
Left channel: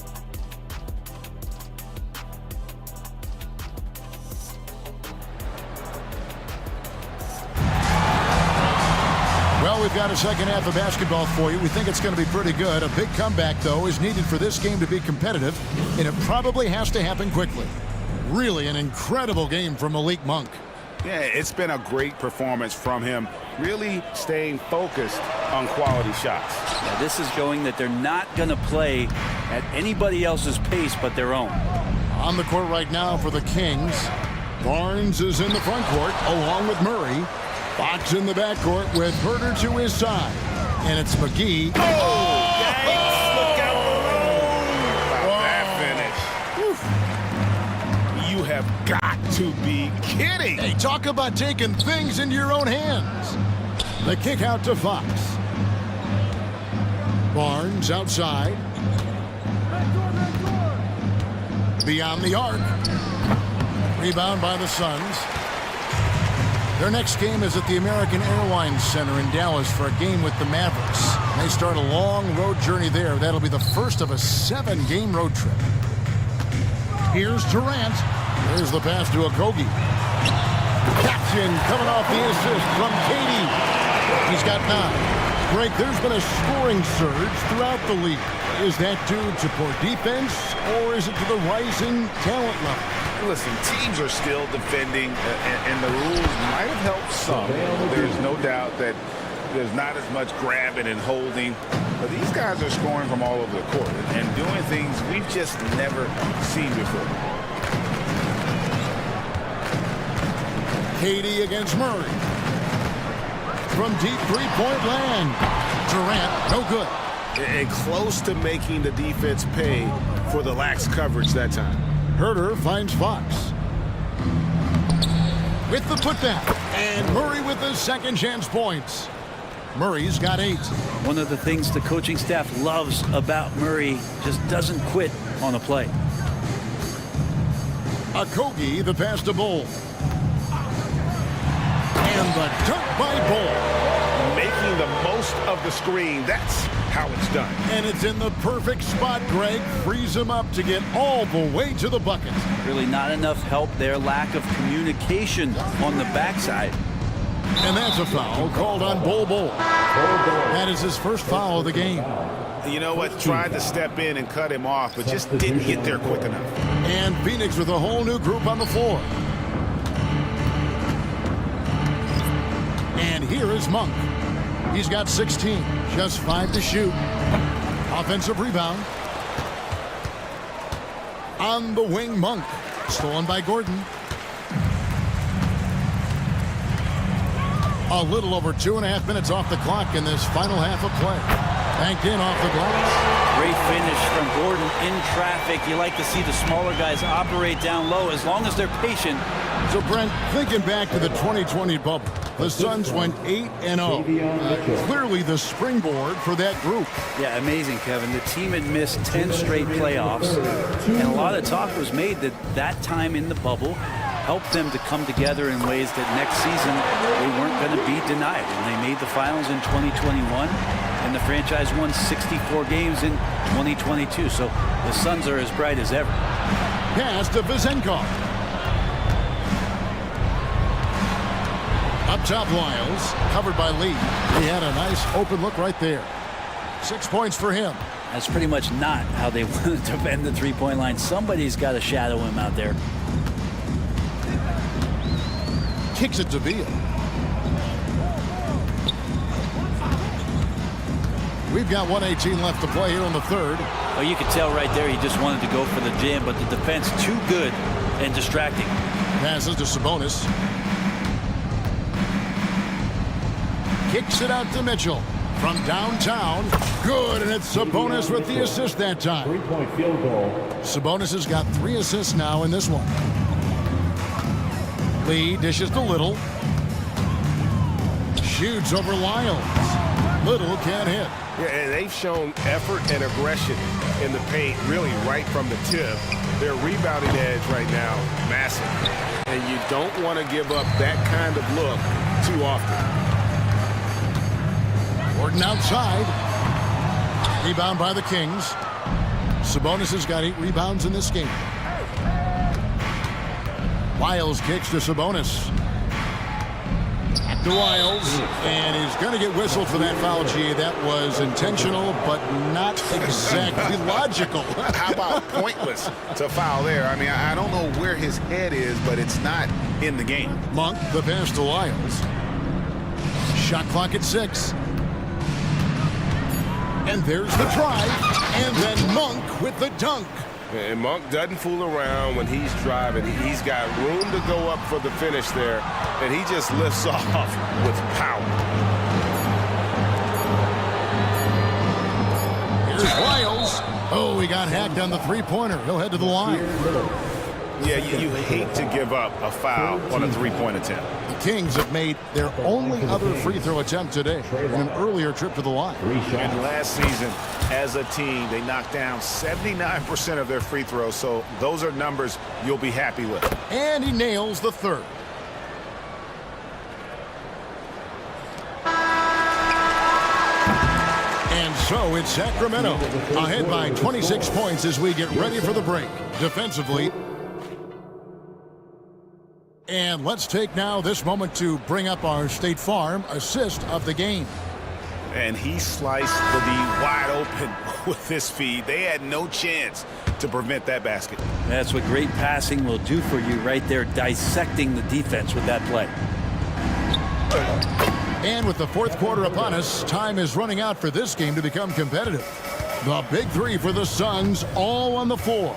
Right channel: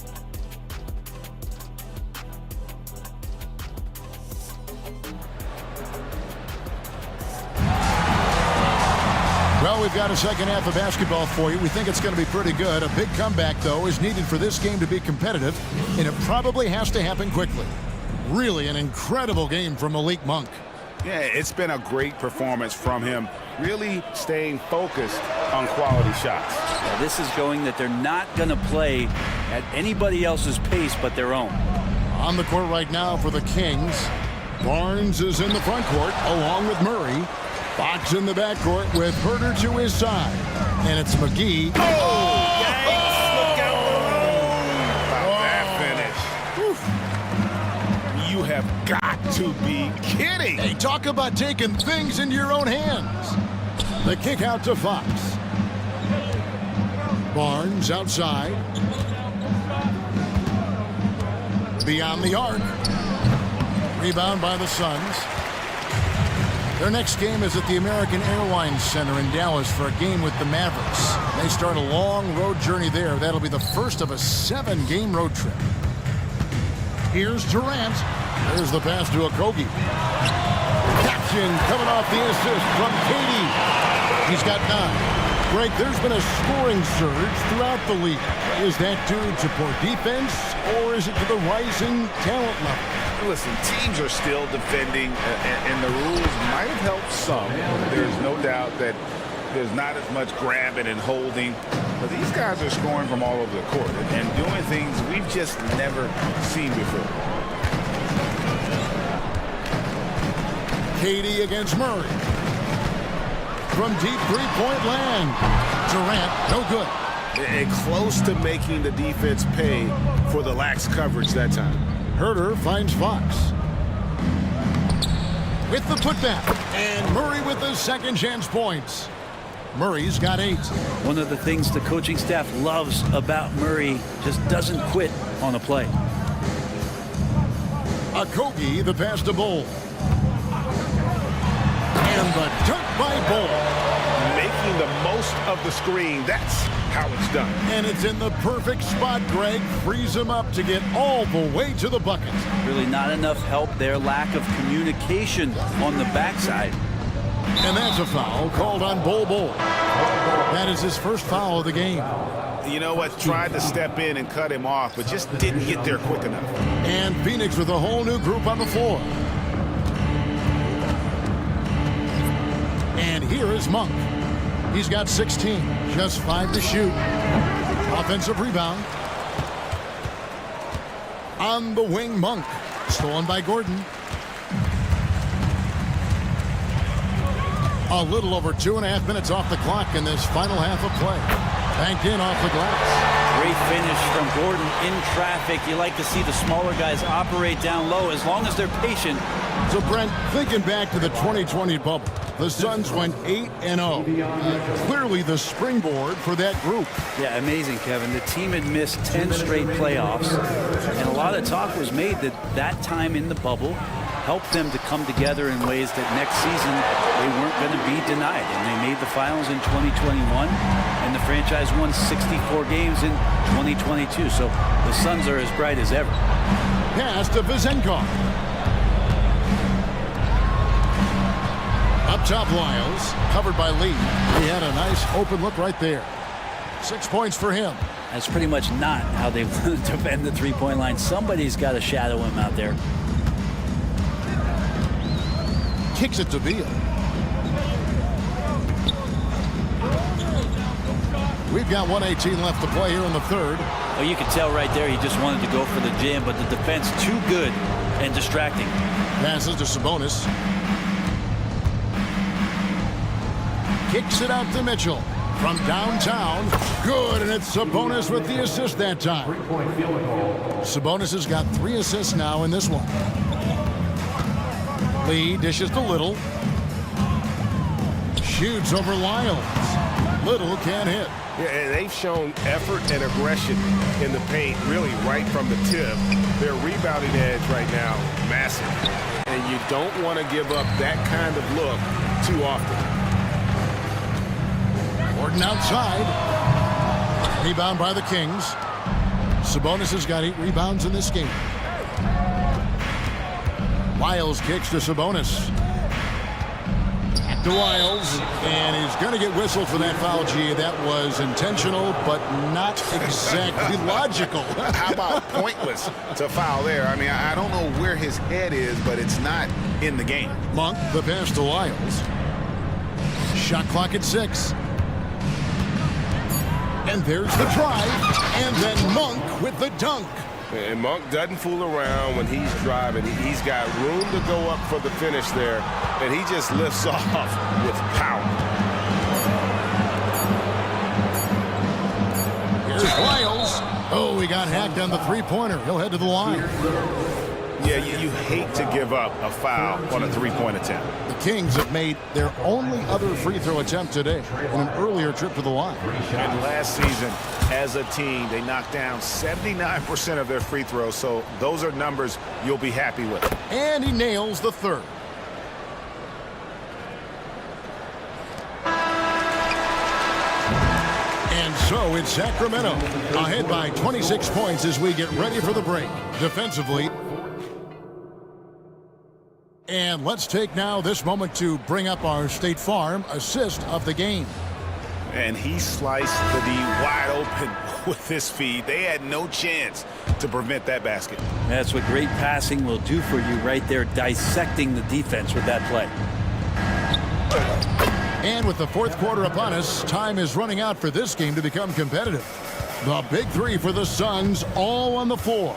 Well, we've got a second half of basketball for you. We think it's going to be pretty good. A big comeback, though, is needed for this game to be competitive, and it probably has to happen quickly. Really an incredible game from Malik Monk. Yeah, it's been a great performance from him, really staying focused on quality shots. Yeah, this is showing that they're not going to play at anybody else's pace but their own. On the court right now for the Kings, Barnes is in the front court along with Murray. Fox in the backcourt with Herder to his side. And it's McGee. Oh, yikes! Look out below! That finish. You have got to be kidding. Hey, talk about taking things into your own hands. The kick out to Fox. Barnes outside. Beyond the arc. Rebound by the Suns. Their next game is at the American Airlines Center in Dallas for a game with the Mavericks. They start a long road journey there. That'll be the first of a 7-game road trip. Here's Durant. There's the pass to Okogie. Captain coming off the assist from Katie. He's got 9. Greg, there's been a scoring surge throughout the league. Is that due to poor defense, or is it to the rising talent level? Listen, teams are still defending, and the rules might have helped some. There's no doubt that there's not as much grabbing and holding, but these guys are scoring from all over the court and doing things we've just never seen before. Katie against Murray. From deep three-point land. Durant, no good. And close to making the defense pay for the lax coverage that time. Herter finds Fox. With the putback. And Murray with the second chance points. Murray's got 8. One of the things the coaching staff loves about Murray, just doesn't quit on a play. Okogie, the pass to Bull. And the dunk by Bull. Making the most of the screen. That's how it's done. And it's in the perfect spot, Greg. Frees him up to get all the way to the bucket. Really not enough help there. Lack of communication on the backside. And that's a foul called on Bull. That is his first foul of the game. You know what? Tried to step in and cut him off, but just didn't get there quick enough. And Phoenix with a whole new group on the floor. And here is Monk. He's got 16, just 5 to shoot. Offensive rebound. On the wing, Monk. Stolen by Gordon. A little over 2.5 minutes off the clock in this final half of play. Banked in off the glass. Great finish from Gordon in traffic. You like to see the smaller guys operate down low as long as they're patient. So, Brent, thinking back to the 2020 bubble, the Suns went 8-0. Clearly the springboard for that group. Yeah, amazing, Kevin. The team had missed 10 straight playoffs, and a lot of talk was made that time in the bubble helped them to come together in ways that next season they weren't going to be denied. And they made the finals in 2021, and the franchise won 64 games in 2022. So the Suns are as bright as ever. Pass to Vizenkov. Up top, Lyles, covered by Lee. He had a nice open look right there. 6 points for him. That's pretty much not how they want to defend the three-point line. Somebody's got to shadow him out there. Kicks it to Beal. We've got 1:18 left to play here in the third. Oh, you could tell right there he just wanted to go for the jam, but the defense too good and distracting. Passes to Sabonis. Kicks it out to Mitchell. From downtown. Good, and it's Sabonis with the assist that time. 3-point field goal. Sabonis has got 3 assists now in this one. Lee dishes to Little. Shoots over Lyles. Little can't hit. Yeah, and they've shown effort and aggression in the paint, really right from the tip. Their rebounding edge right now, massive. And you don't want to give up that kind of look too often. Gordon outside. Rebound by the Kings. Sabonis has got 8 rebounds in this game. Lyles kicks to Sabonis. Back to Lyles, and he's going to get whistled for that foul, G. That was intentional, but not exactly logical. How about pointless to foul there? I mean, I don't know where his head is, but it's not in the game. Monk, the pass to Lyles. Shot clock at 6. And there's the drive, and then Monk with the dunk. And Monk doesn't fool around when he's driving. He's got room to go up for the finish there, and he just lifts off with power. Here's Lyles. Oh, he got hacked on the three-pointer. He'll head to the line. Yeah, you hate to give up a foul on a three-point attempt. The Kings have made their only other free throw attempt today in an earlier trip to the line. And last season, as a team, they knocked down 79% of their free throws, so those are numbers you'll be happy with. And he nails the third. And so it's Sacramento ahead by 26 points as we get ready for the break. Defensively. And let's take now this moment to bring up our State Farm assist of the game. And he sliced the D wide open with his feed. They had no chance to prevent that basket. That's what great passing will do for you right there, dissecting the defense with that play. And with the fourth quarter upon us, time is running out for this game to become competitive. The big three for the Suns, all on the floor.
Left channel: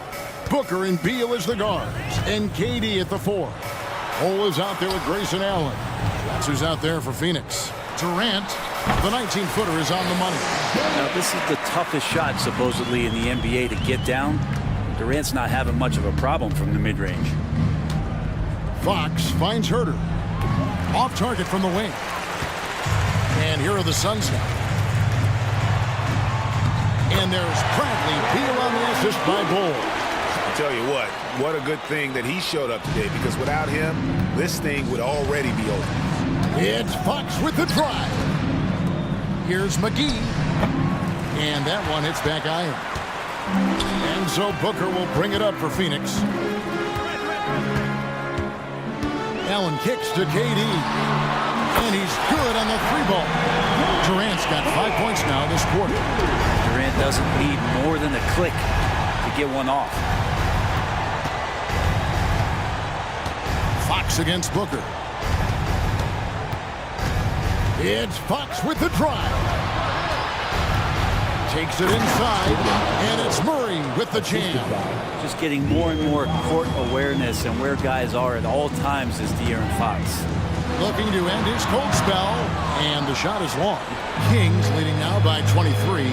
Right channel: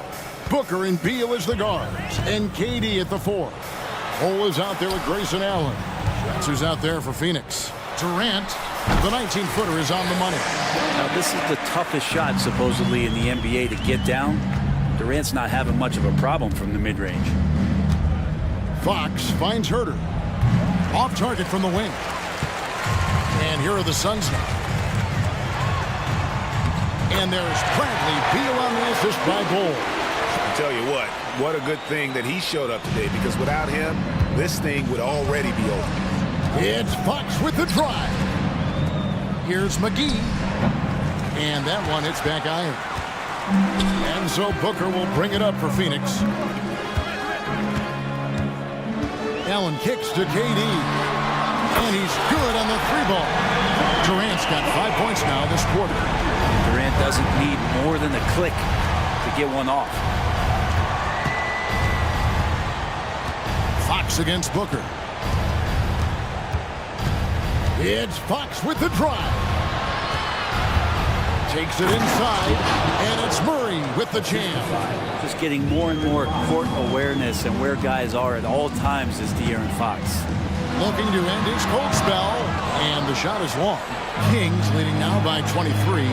Booker and Beal as the guards, and KD at the 4. Cole is out there with Grayson Allen. That's who's out there for Phoenix. Durant, the 19-footer, is on the money. Now, this is the toughest shot, supposedly, in the NBA to get down. Durant's not having much of a problem from the mid-range. Fox finds Herter. Off target from the wing. And here are the Suns now. And there's Bradley Beal on the assist by Bull. I tell you what a good thing that he showed up today, because without him, this thing would already be over. It's Fox with the drive. Here's McGee. And that one hits back iron. And so Booker will bring it up for Phoenix. Allen kicks to KD. And he's good on the 3-ball. Durant's got 5 points now this quarter. And Durant doesn't need more than a click to get one off. Fox against Booker. It's Fox with the drive. Takes it inside, and it's Murray with the jam. Just getting more and more court awareness and where guys are at all times is De'Aaron Fox. Looking to end his cold spell, and the shot is long. Kings leading now by 23.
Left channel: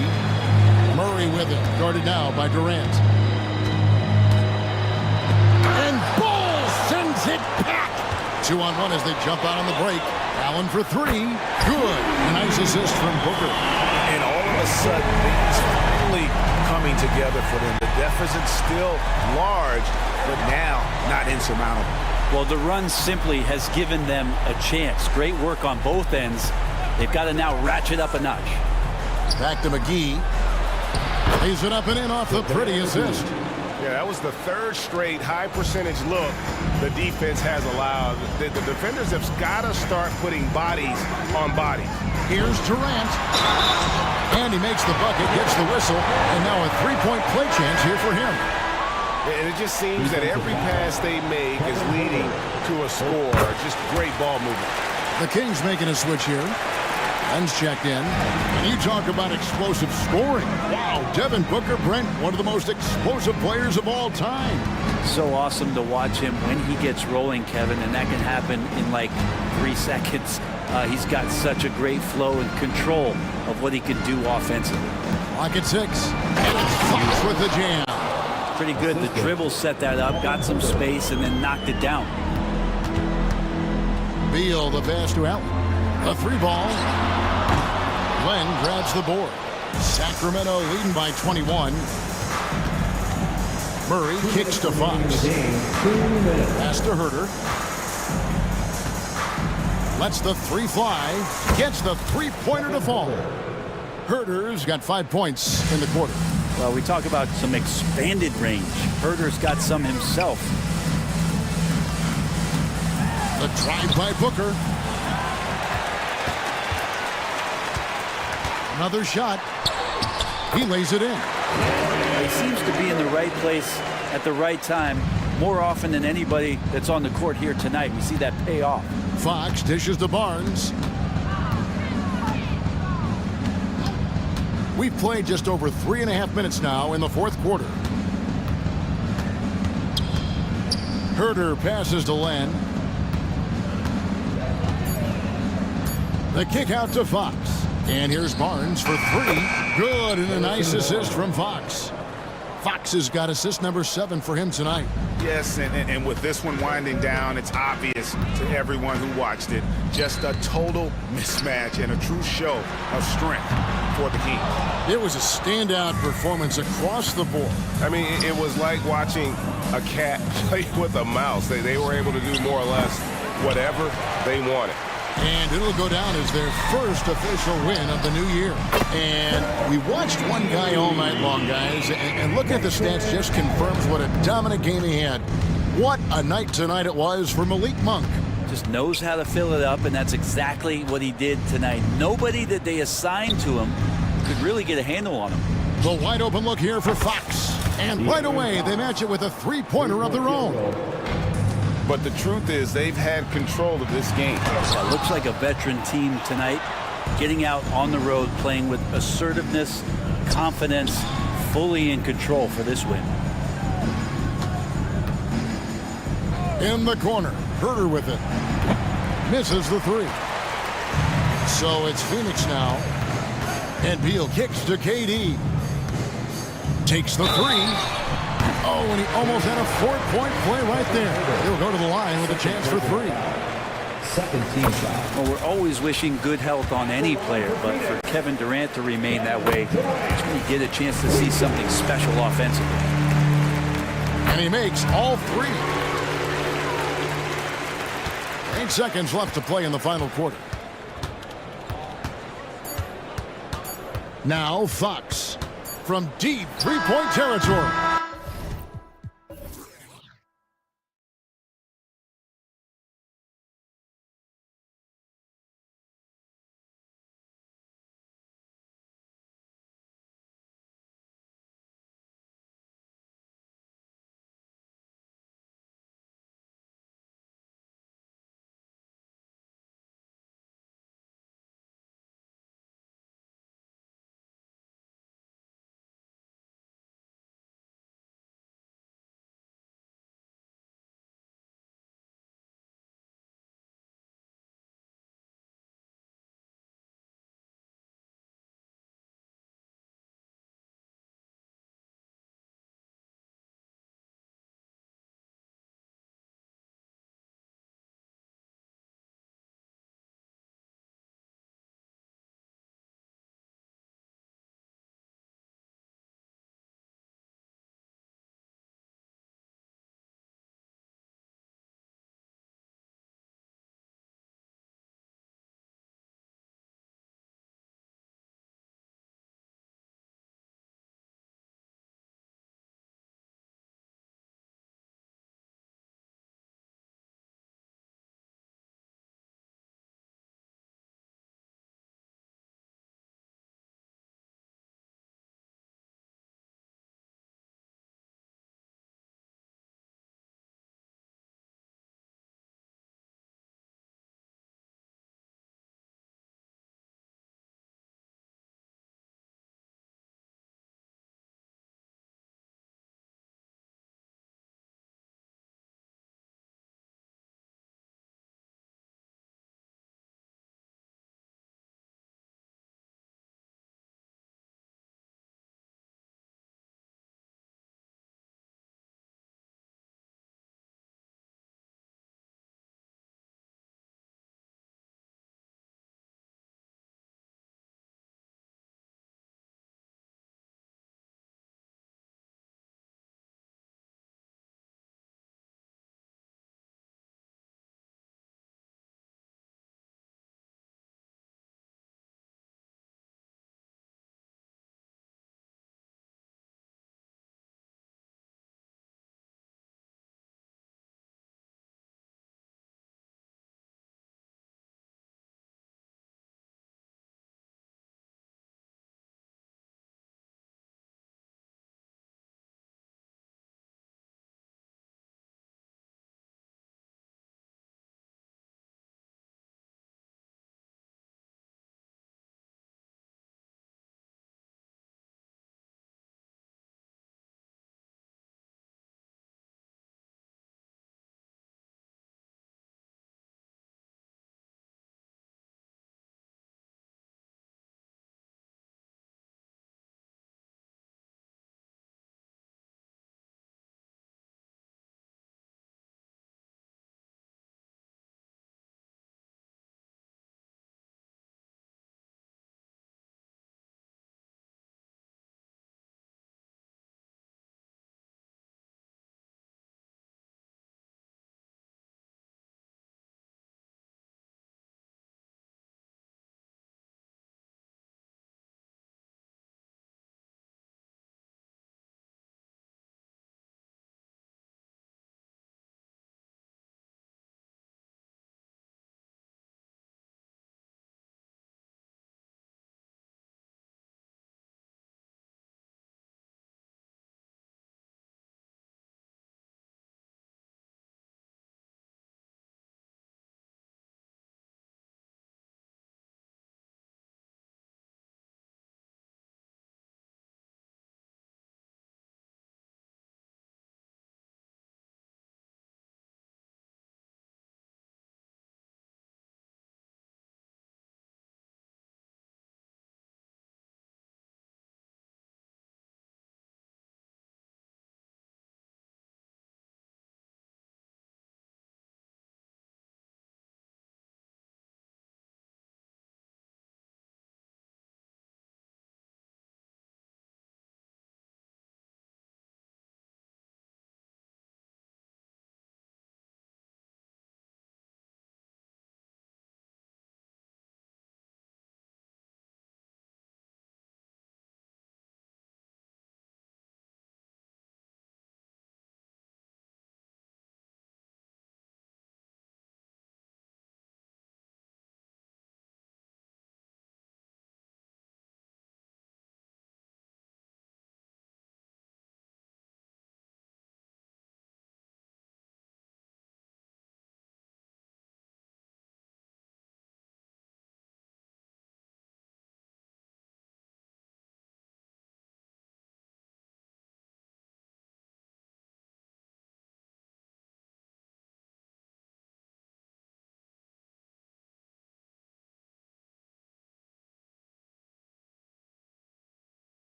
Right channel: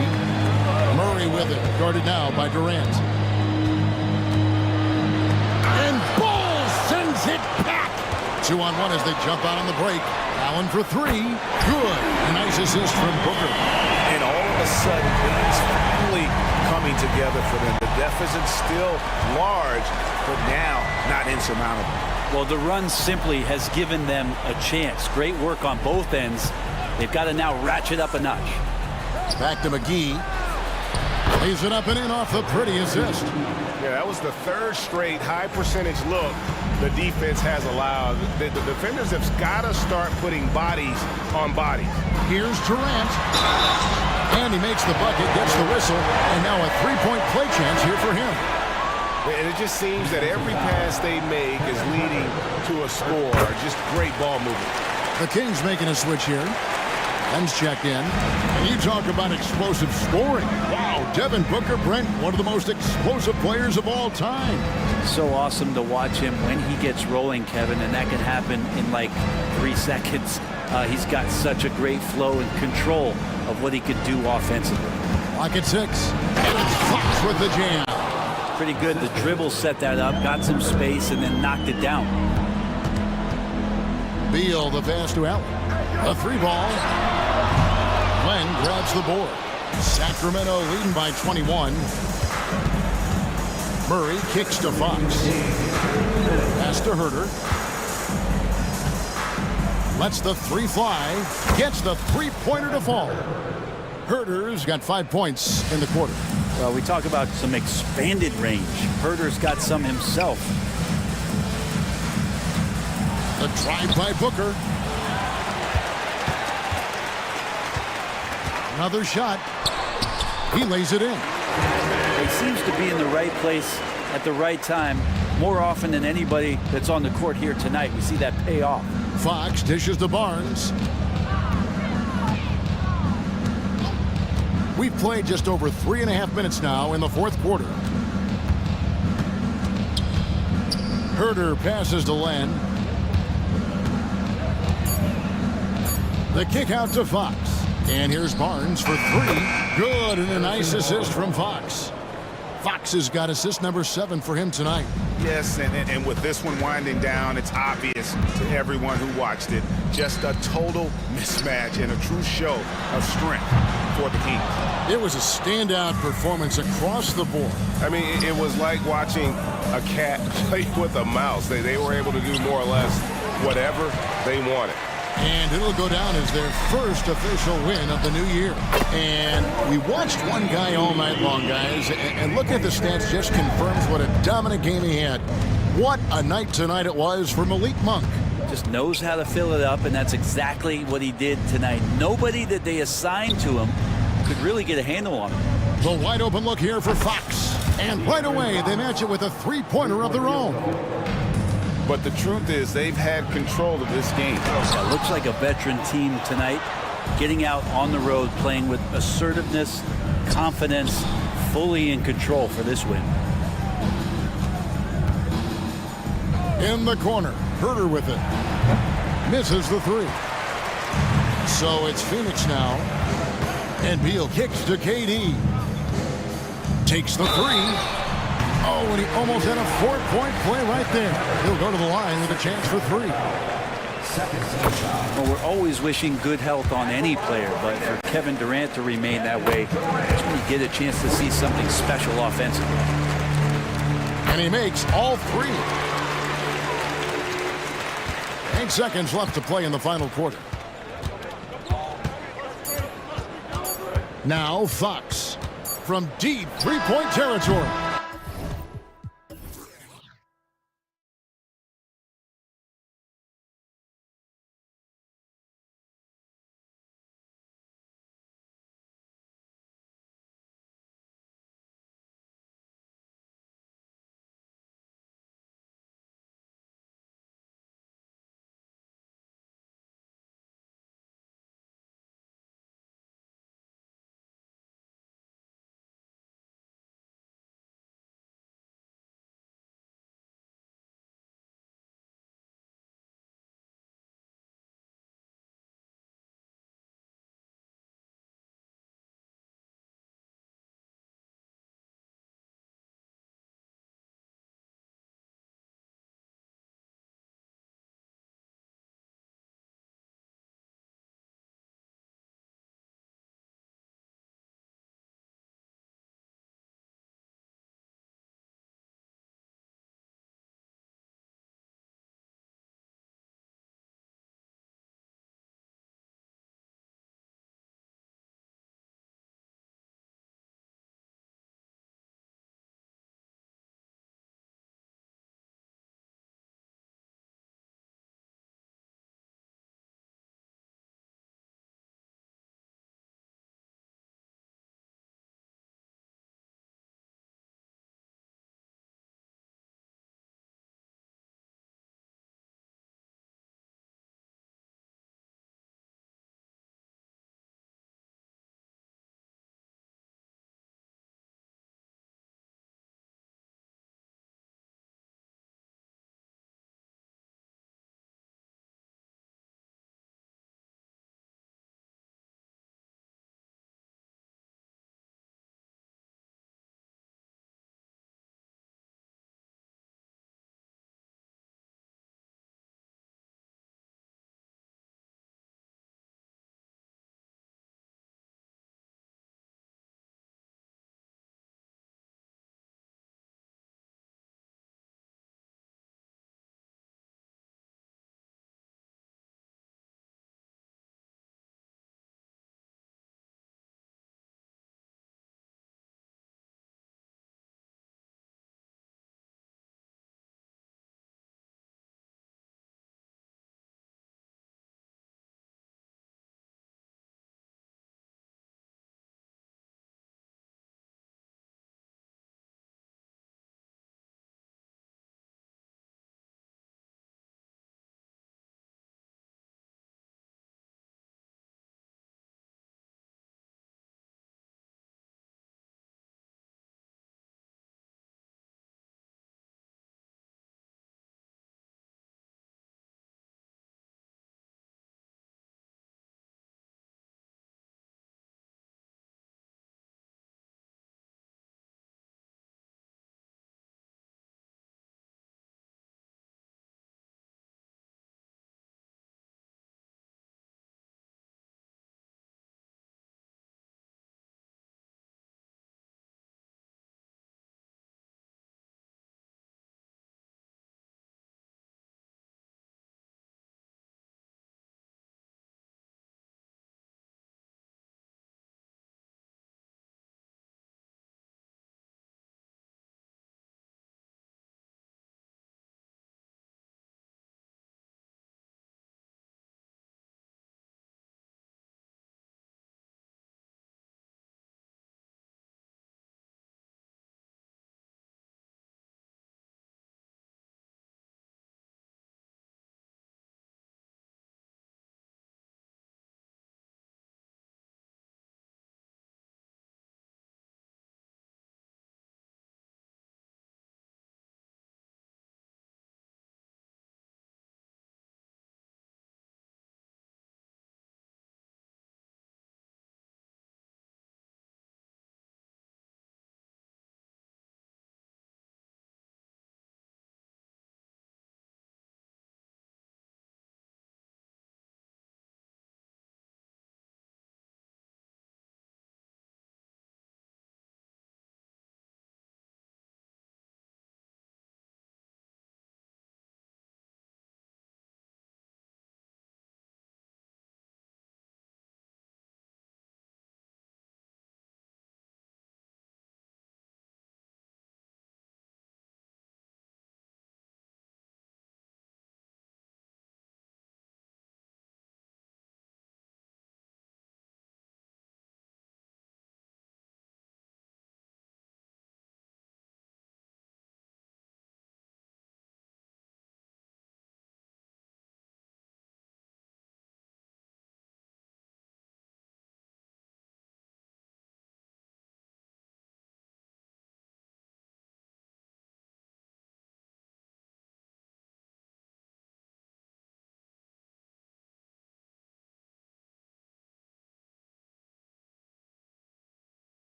Murray with it, guarded now by Durant. And Bull sends it back. 2-on-1 as they jump out on the break. Allen for 3. Good. A nice assist from Booker. And all of a sudden, things finally coming together for them. The deficit's still large, but now not insurmountable. Well, the run simply has given them a chance. Great work on both ends. They've got to now ratchet up a notch. Back to McGee. Lays it up and in off the pretty assist. Yeah, that was the third straight high percentage look the defense has allowed. The defenders have got to start putting bodies on bodies. Here's Durant. And he makes the bucket, gets the whistle, and now a 3-point play chance here for him. And it just seems that every pass they make is leading to a score. Just great ball movement. The Kings making a switch here. Ben's checked in. And you talk about explosive scoring. Wow, Devin Booker, Brent, one of the most explosive players of all time. So awesome to watch him when he gets rolling, Kevin, and that can happen in like 3 seconds. He's got such a great flow and control of what he can do offensively. Lock at 6. And it's Fox with the jam. Pretty good. The dribble set that up, got some space, and then knocked it down. Beal, the pass to Allen. A 3-ball. Len grabs the board. Sacramento leading by 21. Murray kicks to Fox. Pass to Herter. Lets the 3 fly. Gets the 3-pointer to fall. Herter's got 5 points in the quarter. Well, we talk about some expanded range. Herter's got some himself. The drive by Booker. Another shot. He lays it in. He seems to be in the right place at the right time more often than anybody that's on the court here tonight. We see that pay off. Fox dishes to Barnes. We've played just over 3.5 minutes now in the fourth quarter. Herter passes to Len. The kick out to Fox. And here's Barnes for 3. Good, and a nice assist from Fox. Fox has got assist number 7 for him tonight. Yes, and with this one winding down, it's obvious to everyone who watched it. Just a total mismatch and a true show of strength for the Kings. It was a standout performance across the board. I mean, it was like watching a cat play with a mouse. They were able to do more or less whatever they wanted. And it'll go down as their first official win of the new year. And we watched one guy all night long, guys, and looking at the stats just confirms what a dominant game he had. What a night tonight it was for Malik Monk. Just knows how to fill it up, and that's exactly what he did tonight. Nobody that they assigned to him could really get a handle on him. The wide open look here for Fox. And right away, they match it with a three-pointer of their own. But the truth is, they've had control of this game. Yeah, looks like a veteran team tonight, getting out on the road, playing with assertiveness, confidence, fully in control for this win. In the corner, Herter with it. Misses the three. So it's Phoenix now. And Beal kicks to KD. Takes the three. Oh, and he almost had a 4-point play right there. He'll go to the line with a chance for three. Second team shot. Well, we're always wishing good health on any player, but for Kevin Durant to remain that way, that's when you get a chance to see something special offensively. And he makes all three. 8 seconds left to play in the final quarter. Now Fox from deep three-point territory.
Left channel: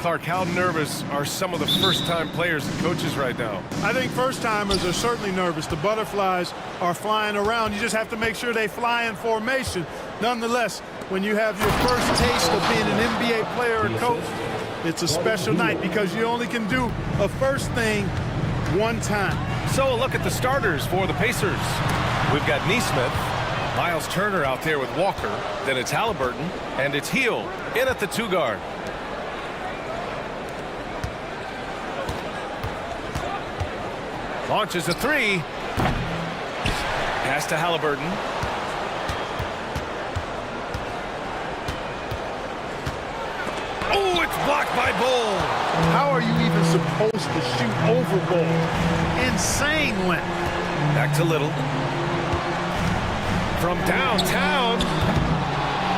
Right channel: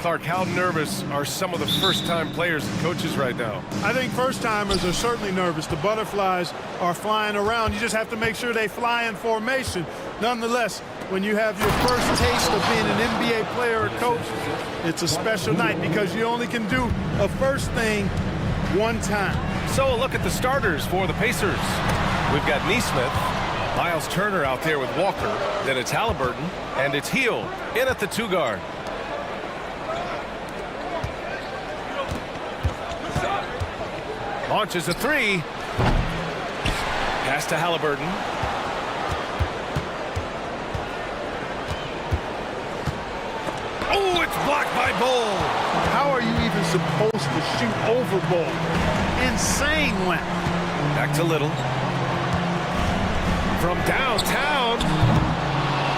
Clark, how nervous are some of the first-time players and coaches right now? I think first-timers are certainly nervous. The butterflies are flying around. You just have to make sure they fly in formation. Nonetheless, when you have your first taste of being an NBA player or coach, it's a special night because you only can do a first thing one time. So a look at the starters for the Pacers. We've got Neesmith, Miles Turner out there with Walker, then it's Halliburton, and it's Heel in at the 2 guard. Launches a 3. Pass to Halliburton. Oh, it's blocked by Bull. How are you even supposed to shoot over Bull? Insane length. Back to Little. From downtown.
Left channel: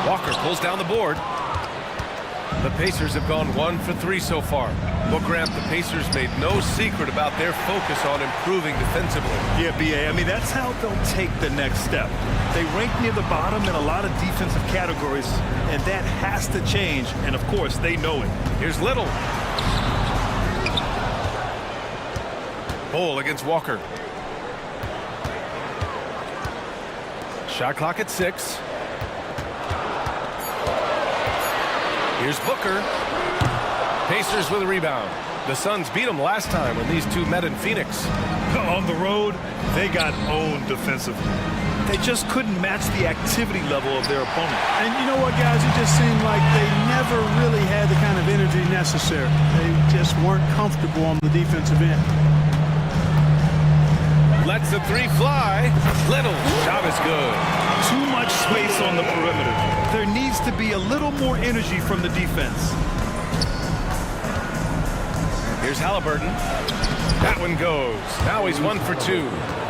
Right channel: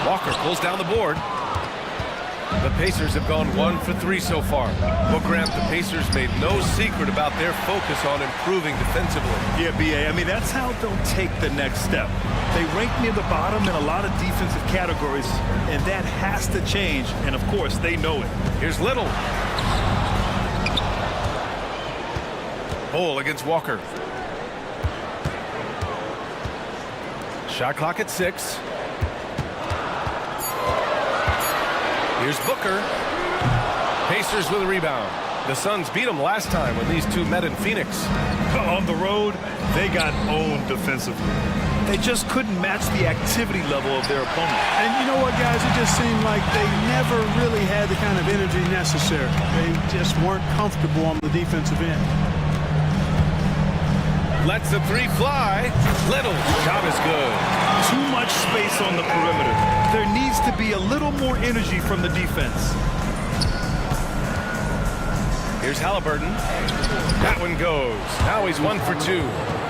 Walker pulls down the board. The Pacers have gone 1 for 3 so far. Well, Grant, the Pacers made no secret about their focus on improving defensively. Yeah, B.A., I mean, that's how they'll take the next step. They rank near the bottom in a lot of defensive categories, and that has to change, and of course, they know it. Here's Little. Bull against Walker. Shot clock at 6. Here's Booker. Pacers with a rebound. The Suns beat them last time when these two met in Phoenix. On the road, they got owned defensively. They just couldn't match the activity level of their opponent. And you know what, guys? It just seemed like they never really had the kind of energy necessary. They just weren't comfortable on the defensive end. Lets the 3 fly. Little shot is good. Too much space on the perimeter. There needs to be a little more energy from the defense. Here's Halliburton. That one goes. Now he's 1 for 2.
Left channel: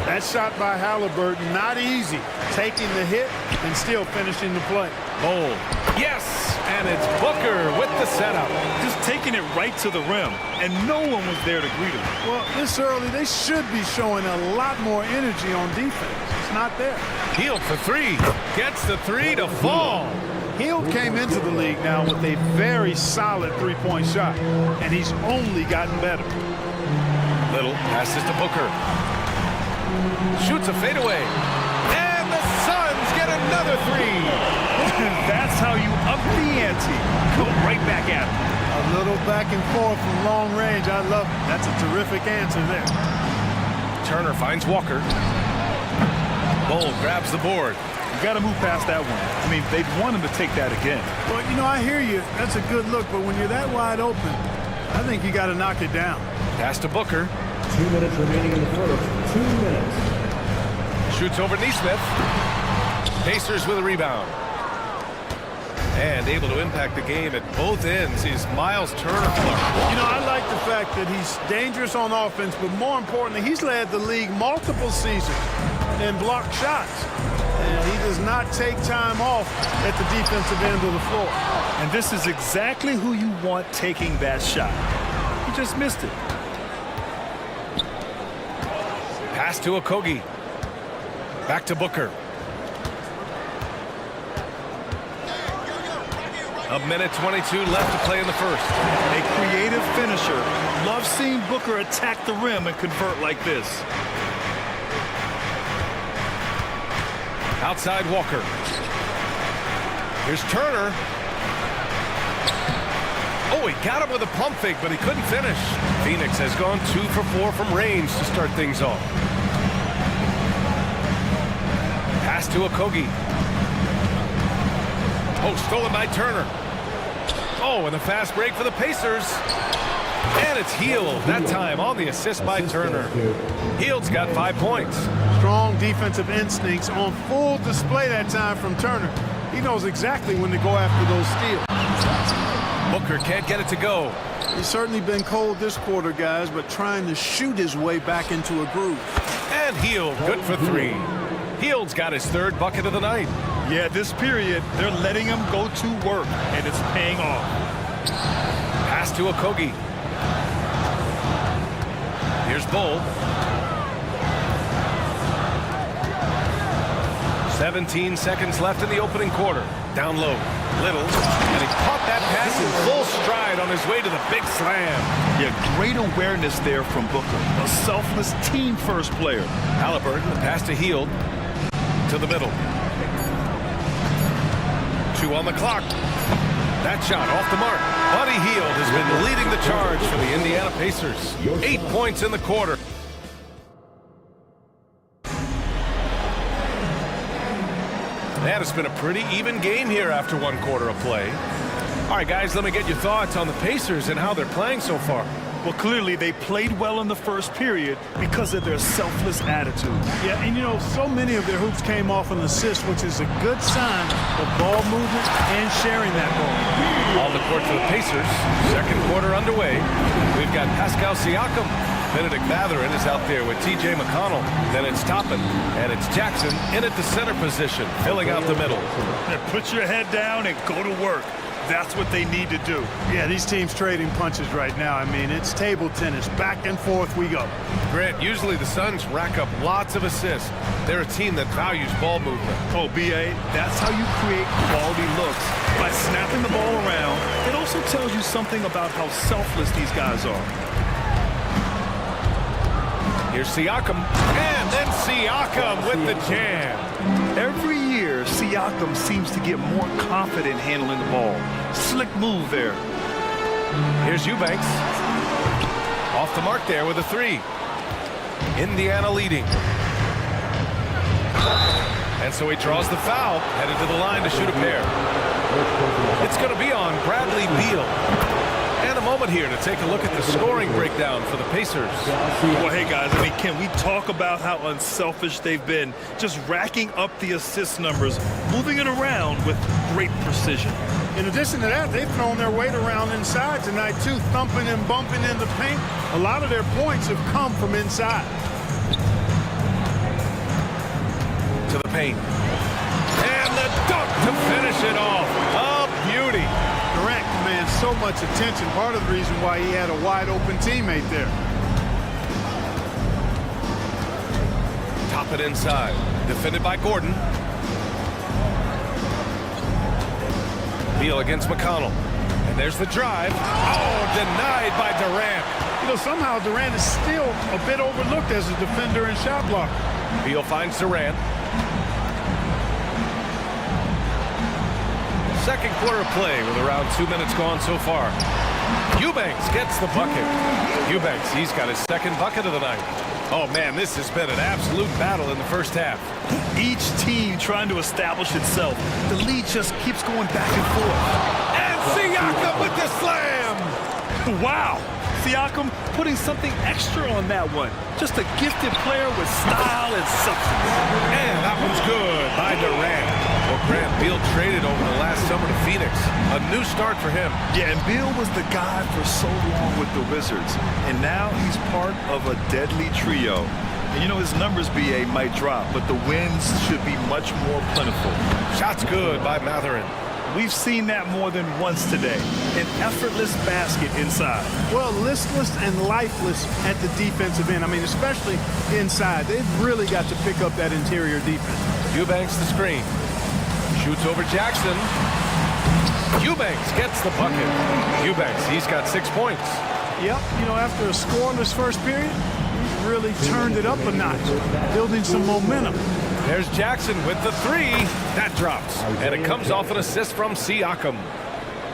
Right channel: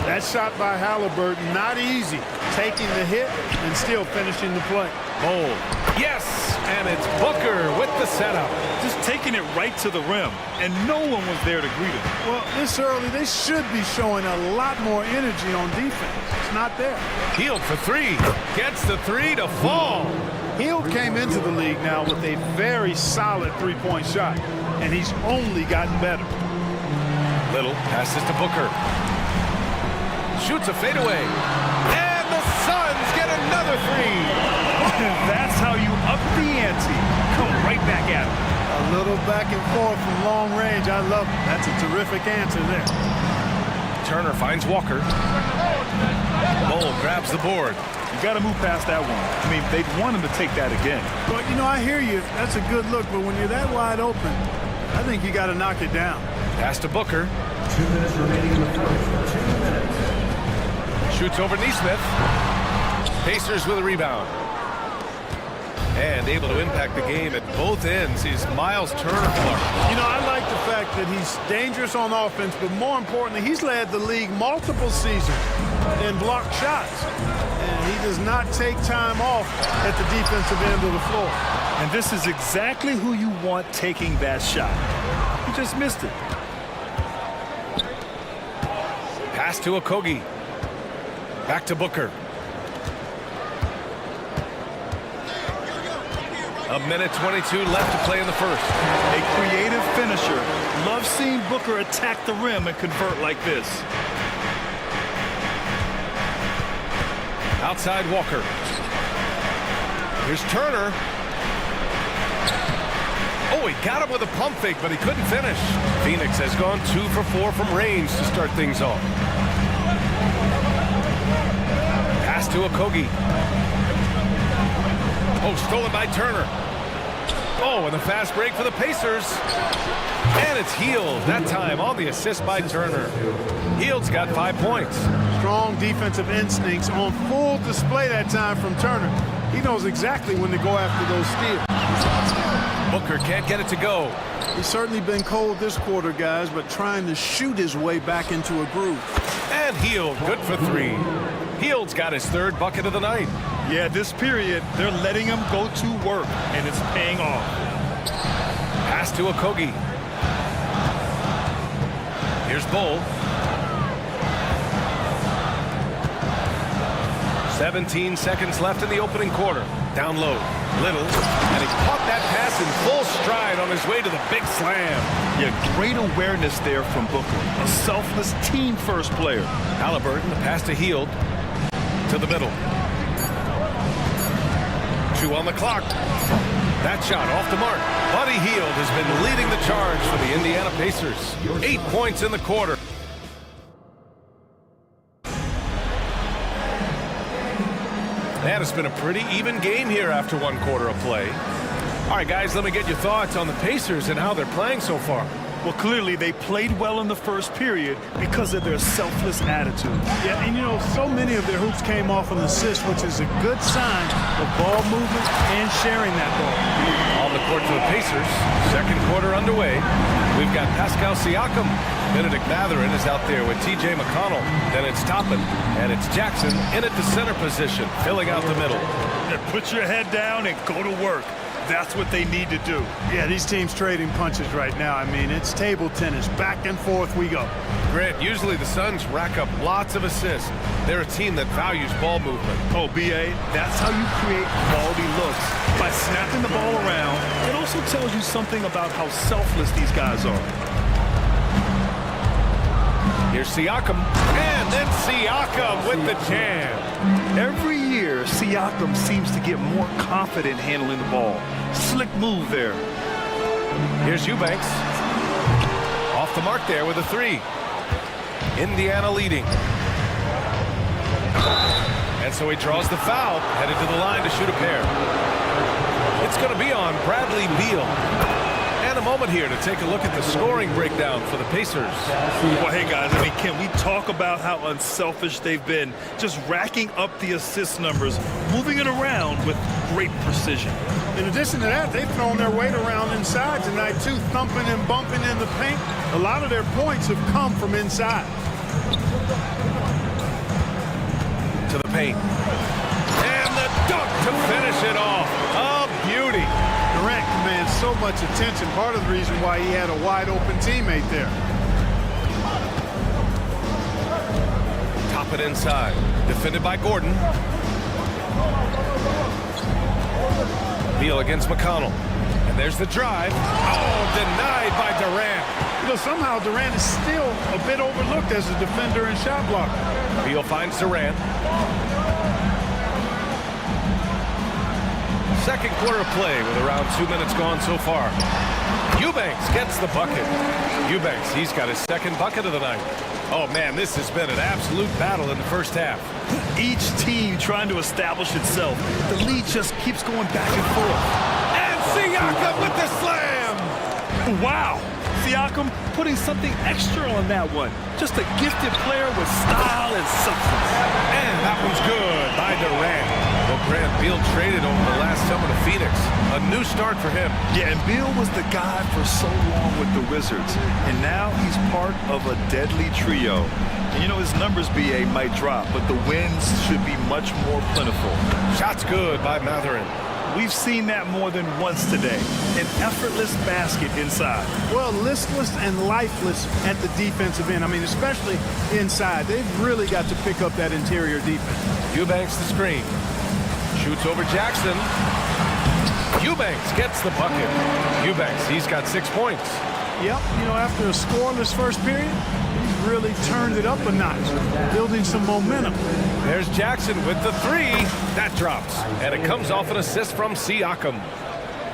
That shot by Halliburton, not easy. Taking the hit and still finishing the play. Bold. Yes! And it's Booker with the setup. Just taking it right to the rim, and no one was there to greet him. Well, this early, they should be showing a lot more energy on defense. It's not there. Hield for 3. Gets the 3 to fall. Hield came into the league now with a very solid three-point shot, and he's only gotten better. Little passes to Booker. Shoots a fadeaway. And the Suns get another 3. That's how you up the ante. Come right back at him. A little back and forth from long range. I love it. That's a terrific answer there. Turner finds Walker. Bull grabs the board. You got to move past that one. I mean, they'd want him to take that again. Well, you know, I hear you. That's a good look, but when you're that wide open, I think you got to knock it down. Pass to Booker. 2 minutes remaining in the first. 2 minutes. Shoots over Neesmith. Pacers with a rebound. And able to impact the game at both ends is Miles Turner. You know, I like the fact that he's dangerous on offense, but more importantly, he's led the league multiple seasons in blocked shots. And he does not take time off at the defensive end of the floor. And this is exactly who you want taking that shot. He just missed it. Pass to Okogie. Back to Booker. A minute 22 left to play in the first. A creative finisher. Love seeing Booker attack the rim and convert like this. Outside Walker. Here's Turner. Oh, he got him with a pump fake, but he couldn't finish. Phoenix has gone 2 for 4 from range to start things off. Pass to Okogie. Oh, stolen by Turner. Oh, and the fast break for the Pacers. And it's Hield, that time on the assist by Turner. Hield's got 5 points. Strong defensive instincts on full display that time from Turner. He knows exactly when to go after those steals. Booker can't get it to go. He's certainly been cold this quarter, guys, but trying to shoot his way back into a groove. And Hield, good for 3. Hield's got his 3rd bucket of the night. Yeah, this period, they're letting him go to work, and it's paying off. Pass to Okogie. Here's Bull. 17 seconds left in the opening quarter. Down low, Little, and he caught that pass in full stride on his way to the big slam. Yeah, great awareness there from Booker. A selfless team-first player. Halliburton, the pass to Hield, to the middle. 2 on the clock. That shot off the mark. Buddy Hield has been leading the charge for the Indiana Pacers. 8 points in the quarter. And it's been a pretty even game here after 1 quarter of play. All right, guys, let me get your thoughts on the Pacers and how they're playing so far. Well, clearly they played well in the first period because of their selfless attitude. Yeah, and you know, so many of their hoops came off an assist, which is a good sign of ball movement and sharing that ball. On the court for the Pacers, second quarter underway. We've got Pascal Siakam. Benedict Mathurin is out there with T.J. McConnell. Then it's Toppin, and it's Jackson in at the center position, filling out the middle. And put your head down and go to work. That's what they need to do. Yeah, these teams trading punches right now. I mean, it's table tennis. Back and forth we go. Grant, usually the Suns rack up lots of assists. They're a team that values ball movement. Oh, B.A., that's how you create quality looks. By snapping the ball around, it also tells you something about how selfless these guys are. Here's Siakam, and then Siakam with the jam. Every year, Siakam seems to get more confident handling the ball. Slick move there. Here's Eubanks. Off the mark there with a 3. Indiana leading. And so he draws the foul, headed to the line to shoot a pair. It's going to be on Bradley Beal. And a moment here to take a look at the scoring breakdown for the Pacers. Well, hey, guys, I mean, can we talk about how unselfish they've been? Just racking up the assist numbers, moving it around with great precision. In addition to that, they've thrown their weight around inside tonight, too, thumping and bumping in the paint. A lot of their points have come from inside. To the paint. And the dunk to finish it off. A beauty. Durant commands so much attention. Part of the reason why he had a wide-open teammate there. Top it inside. Defended by Gordon. Beal against McConnell. And there's the drive. Oh, denied by Durant. You know, somehow Durant is still a bit overlooked as a defender and shot blocker. Beal finds Durant. Second quarter of play with around 2 minutes gone so far. Eubanks gets the bucket. Eubanks, he's got his second bucket of the night. Oh, man, this has been an absolute battle in the first half. Each team trying to establish itself. The lead just keeps going back and forth. And Siakam with the slam! Wow! Siakam putting something extra on that one. Just a gifted player with style and substance. And that one's good by Durant. Well, Grant, Beal traded over the last summer to Phoenix. A new start for him. Yeah, and Beal was the guy for so long with the Wizards. And now he's part of a deadly trio. And you know, his numbers, B.A., might drop, but the wins should be much more plentiful. Shots good by Mathurin. We've seen that more than once today. An effortless basket inside. Well, listless and lifeless at the defensive end. I mean, especially inside. They've really got to pick up that interior defense. Eubanks the screen. Shoots over Jackson. Eubanks gets the bucket. Eubanks, he's got 6 points. Yep, you know, after a scoreless first period, he's really turned it up a notch, building some momentum. There's Jackson with the 3. That drops. And it comes off an assist from Siakam.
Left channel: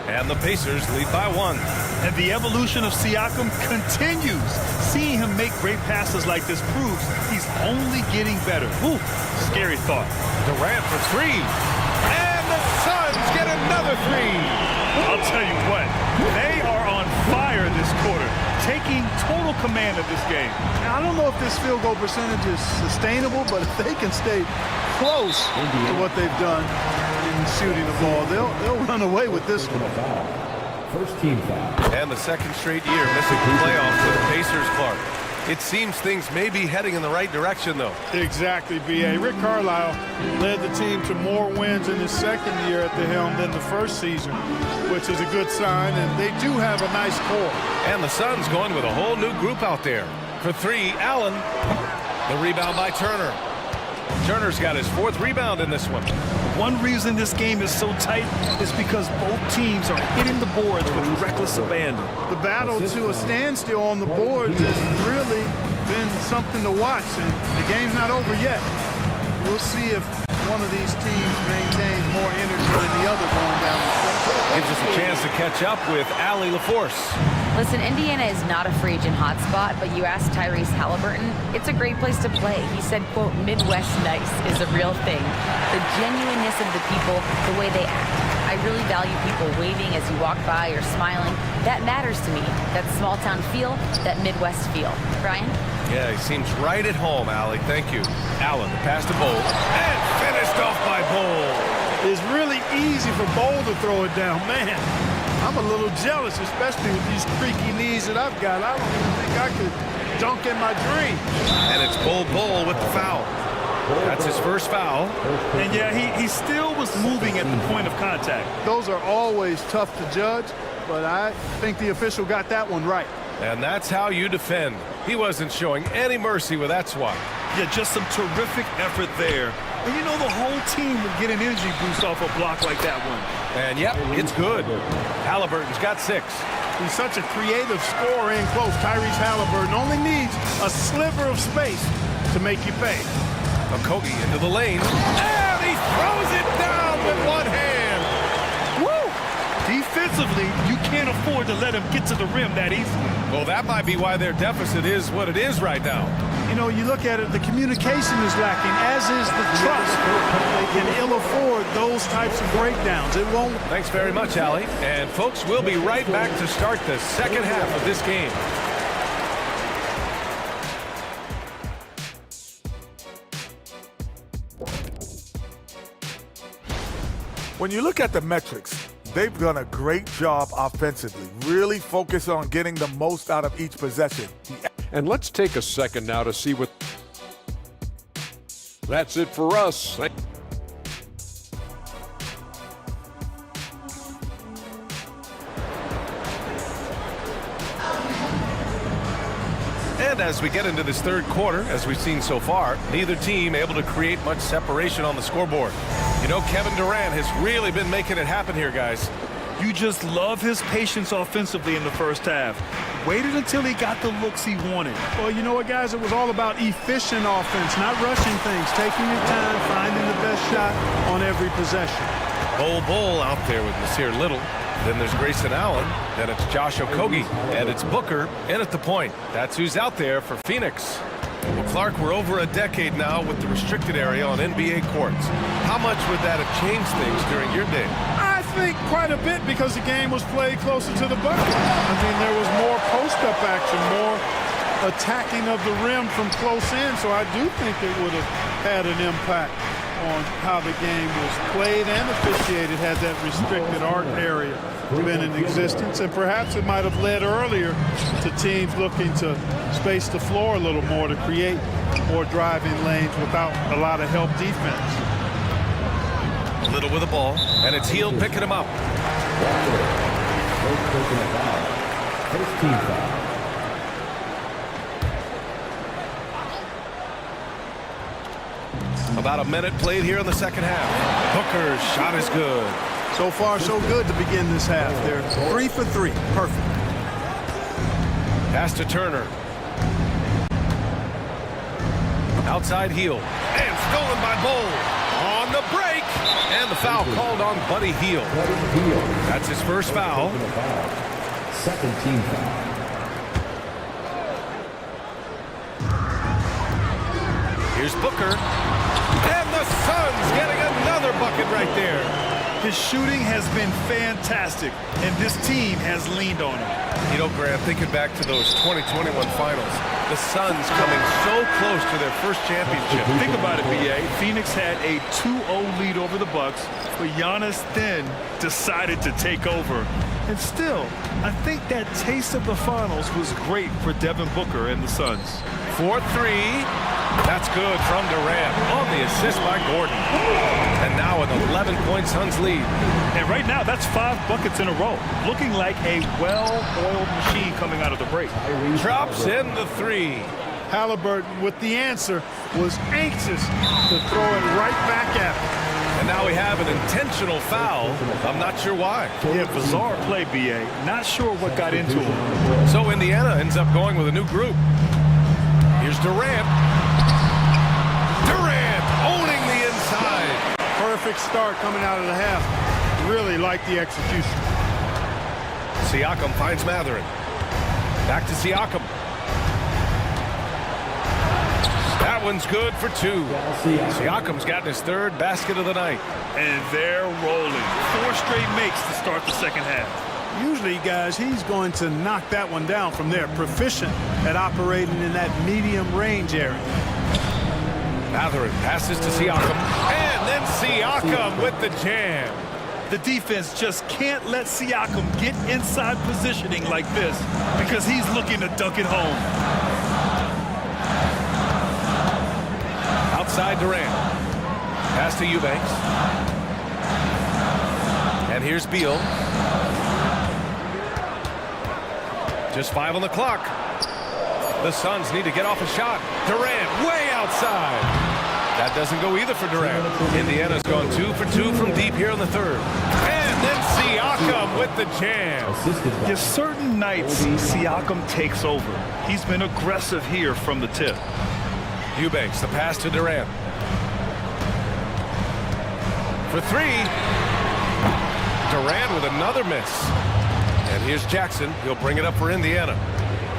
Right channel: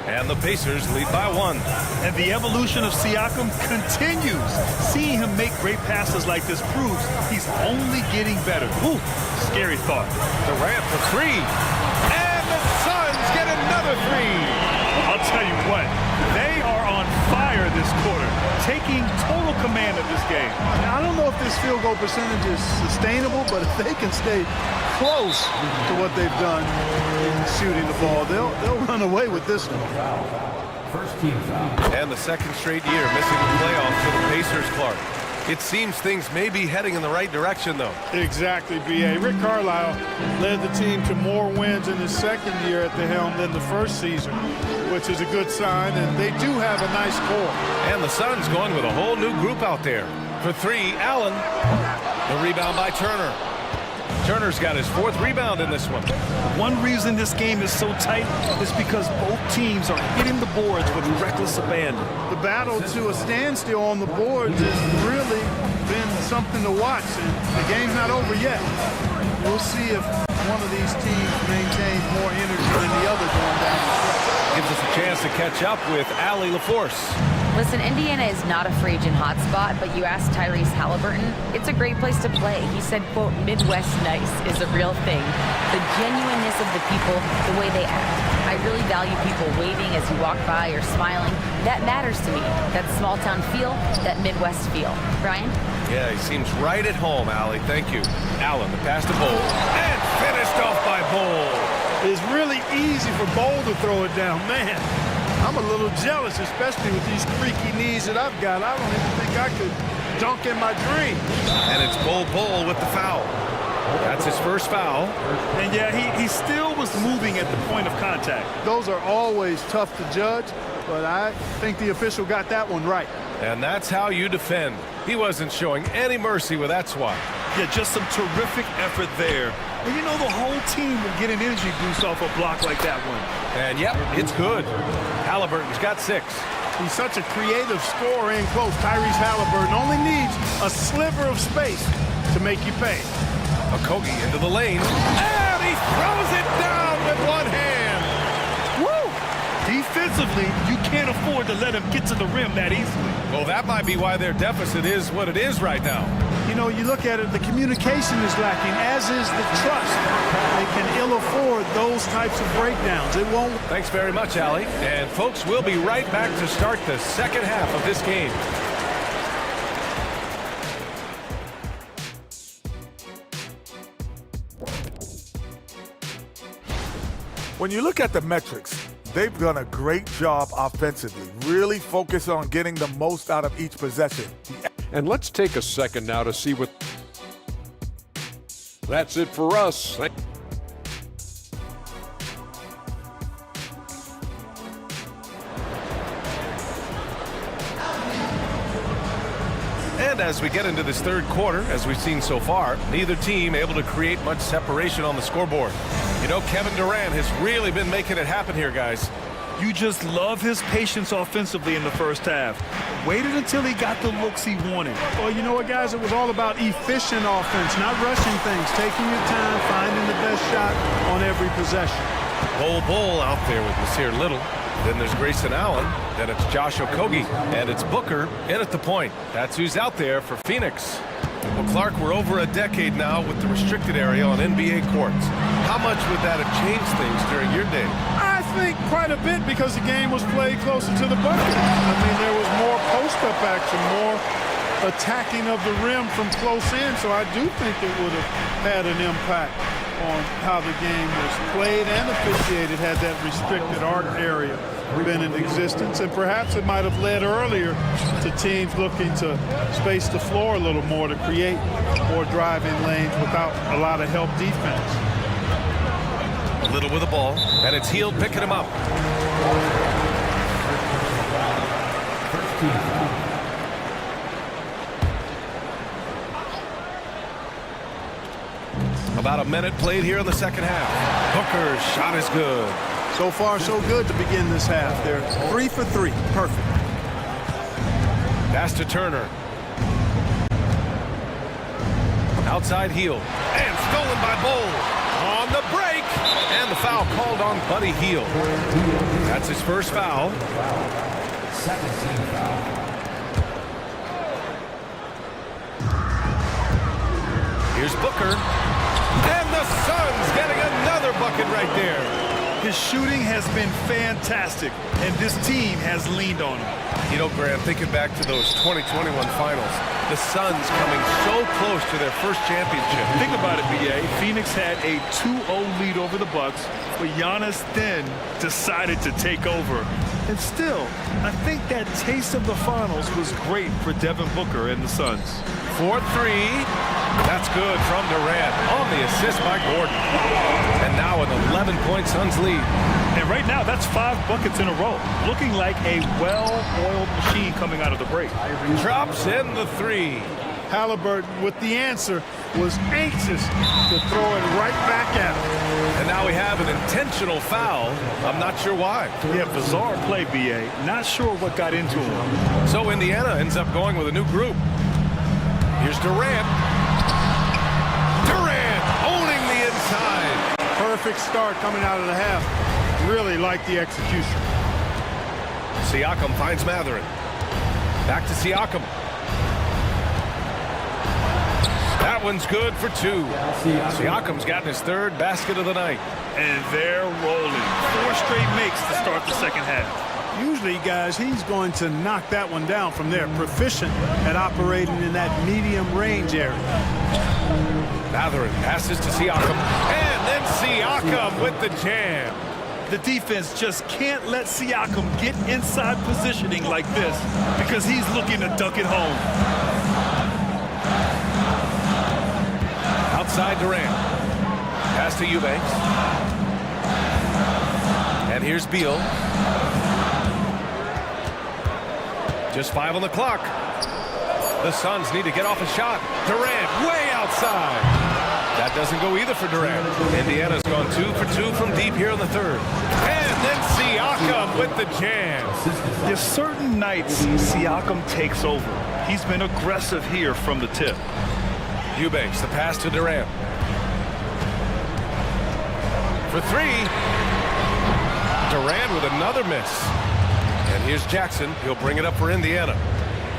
And the Pacers lead by 1. And the evolution of Siakam continues. Seeing him make great passes like this proves he's only getting better. Whew, scary thought. Durant for 3. And the Suns get another 3. I'll tell you what, they are on fire this quarter, taking total command of this game. Now, I don't know if this field goal percentage is sustainable, but if they can stay close to what they've done in shooting the ball, they'll run away with this one. First team foul. And the second straight year missing the playoffs for the Pacers, Clark. It seems things may be heading in the right direction, though. Exactly, B.A. Rick Carlisle led the team to more wins in his second year at the helm than the first season, which is a good sign, and they do have a nice core. And the Suns going with a whole new group out there. For 3, Allen. The rebound by Turner. Turner's got his 4th rebound in this one. One reason this game is so tight is because both teams are hitting the boards with reckless abandon. The battle to a standstill on the boards has really been something to watch, and the game's not over yet. We'll see if one of these teams maintains more energy than the other going down the stretch. Gives us a chance to catch up with Allie LaForce. Listen, Indiana is not a free agent hotspot, but you ask Tyrese Halliburton, it's a great place to play. He said, quote, Midwest nice is a real thing. The genuineness of the people, the way they act. I really value people waving as you walk by or smiling. That matters to me. That small town feel, that Midwest feel. Brian? Yeah, he seems right at home, Allie. Thank you. Allen, the pass to Bowl, and finished off by Bowl. It's really easy for Bowl to throw it down. Man, I'm a little jealous, especially with these creaky knees that I've got. I don't even think I could dunk in my dreams. And it's Bowl with the foul. That's his first foul. And yeah, he still was moving at the point of contact. Those are always tough to judge, but I think the official got that one right. And that's how you defend. He wasn't showing any mercy with that swat. Yeah, just some terrific effort there. And you know the whole team will get an energy boost off a block like that one. And yep, it's good. Halliburton's got 6. He's such a creative scorer in close. Tyrese Halliburton only needs a sliver of space to make you pay. Okogie into the lane, and he throws it down with one hand. Woo! Defensively, you can't afford to let him get to the rim that easily. Well, that might be why their deficit is what it is right now. You know, you look at it, the communication is lacking, as is the trust. They can ill afford those types of breakdowns. It won't. Thanks very much, Allie. And folks, we'll be right back to start the second half of this game. When you look at the metrics, they've done a great job offensively. Really focus on getting the most out of each possession. And let's take a second now to see what... That's it for us. And as we get into this third quarter, as we've seen so far, neither team able to create much separation on the scoreboard. You know, Kevin Durant has really been making it happen here, guys. You just love his patience offensively in the first half. Waited until he got the looks he wanted. Well, you know what, guys? It was all about efficient offense, not rushing things, taking your time, finding the best shot on every possession. Bowl out there with Nasir Little. Then there's Grayson Allen. Then it's Josh Okogie. And it's Booker in at the point. That's who's out there for Phoenix. Well, Clark, we're over a decade now with the restricted area on NBA courts. How much would that have changed things during your day? I think quite a bit, because the game was played closer to the bucket. I mean, there was more post-up action, more attacking of the rim from close in, so I do think it would have had an impact on how the game was played and officiated had that restricted arc area been in existence. And perhaps it might have led earlier to teams looking to space the floor a little more to create more driving lanes without a lot of help defense. Little with the ball, and it's Hield picking him up. First team foul. About a minute played here in the second half. Booker's shot is good. So far, so good to begin this half. They're 3 for 3. Perfect. Pass to Turner. Outside Hield. And stolen by Bowl. On the break. And the foul called on Buddy Hield. That's his first foul. Second team foul. Here's Booker. And the Suns getting another bucket right there. His shooting has been fantastic, and this team has leaned on him. You know, Grant, thinking back to those 2021 finals, the Suns coming so close to their first championship. Think about it, B.A. Phoenix had a 2-0 lead over the Bucks, but Giannis then decided to take over. And still, I think that taste of the finals was great for Devin Booker and the Suns. 4-3. That's good from Durant on the assist by Gordon. And now an 11-point Suns lead. And right now, that's 5 buckets in a row. Looking like a well-oiled machine coming out of the break. Drops in the 3. Halliburton with the answer. was anxious to throw it right back at him. And now we have an intentional foul. I'm not sure why. Yeah, bizarre play, B.A. Not sure what got into him. So Indiana ends up going with a new group. Here's Durant. Durant owning the inside. Perfect start coming out of the half. Really like the execution. Siakam finds Matherin. Back to Siakam. That one's good for two. Siakam's gotten his third basket of the night. And they're rolling. 4 straight makes to start the second half. Usually, guys, he's going to knock that one down from there. Proficient at operating in that medium range area. Matherin passes to Siakam. And then Siakam with the jam. The defense just can't let Siakam get inside positioning like this because he's looking to dunk it home. Outside Durant. Pass to Eubanks. And here's Beal. Just 5 on the clock. The Suns need to get off a shot. Durant way outside. That doesn't go either for Durant. Indiana's gone 2 for 2 from deep here in the third. And then Siakam with the jam. There's certain nights Siakam takes over. He's been aggressive here from the tip. Eubanks, the pass to Durant. For 3. Durant with another miss. And here's Jackson. He'll bring it up for Indiana.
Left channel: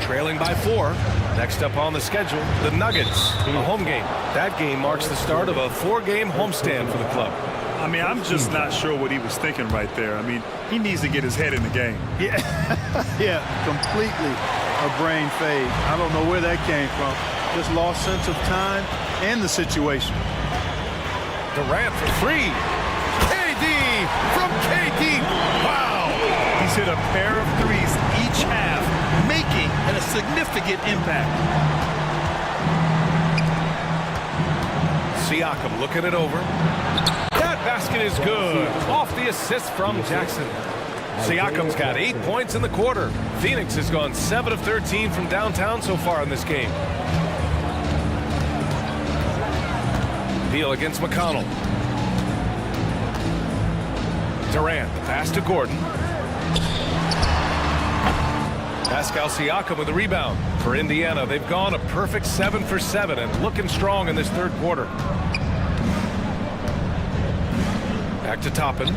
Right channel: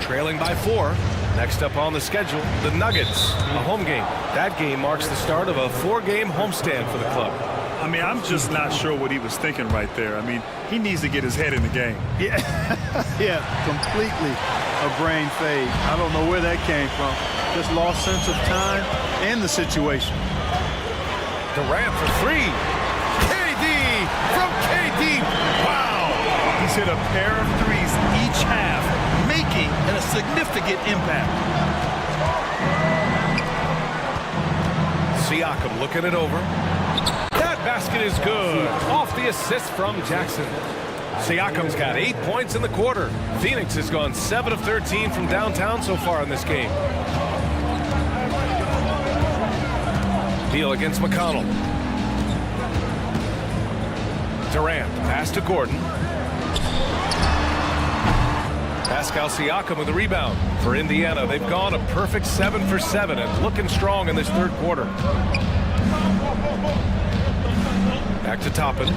Trailing by 4. Next up on the schedule, the Nuggets, a home game. That game marks the start of a 4-game homestand for the club. I mean, I'm just not sure what he was thinking right there. I mean, he needs to get his head in the game. Yeah, yeah, completely a brain fade. I don't know where that came from. Just lost sense of time and the situation. Durant for 3. KD from KD. Wow. He's hit a pair of threes each half, making a significant impact. Siakam looking it over. That basket is good. Off the assist from Jackson. Siakam's got 8 points in the quarter. Phoenix has gone 7 of 13 from downtown so far in this game. Beal against McConnell. Durant, the pass to Gordon. Pascal Siakam with the rebound. For Indiana, they've gone a perfect 7 for 7 and looking strong in this third quarter. Back to Toppin.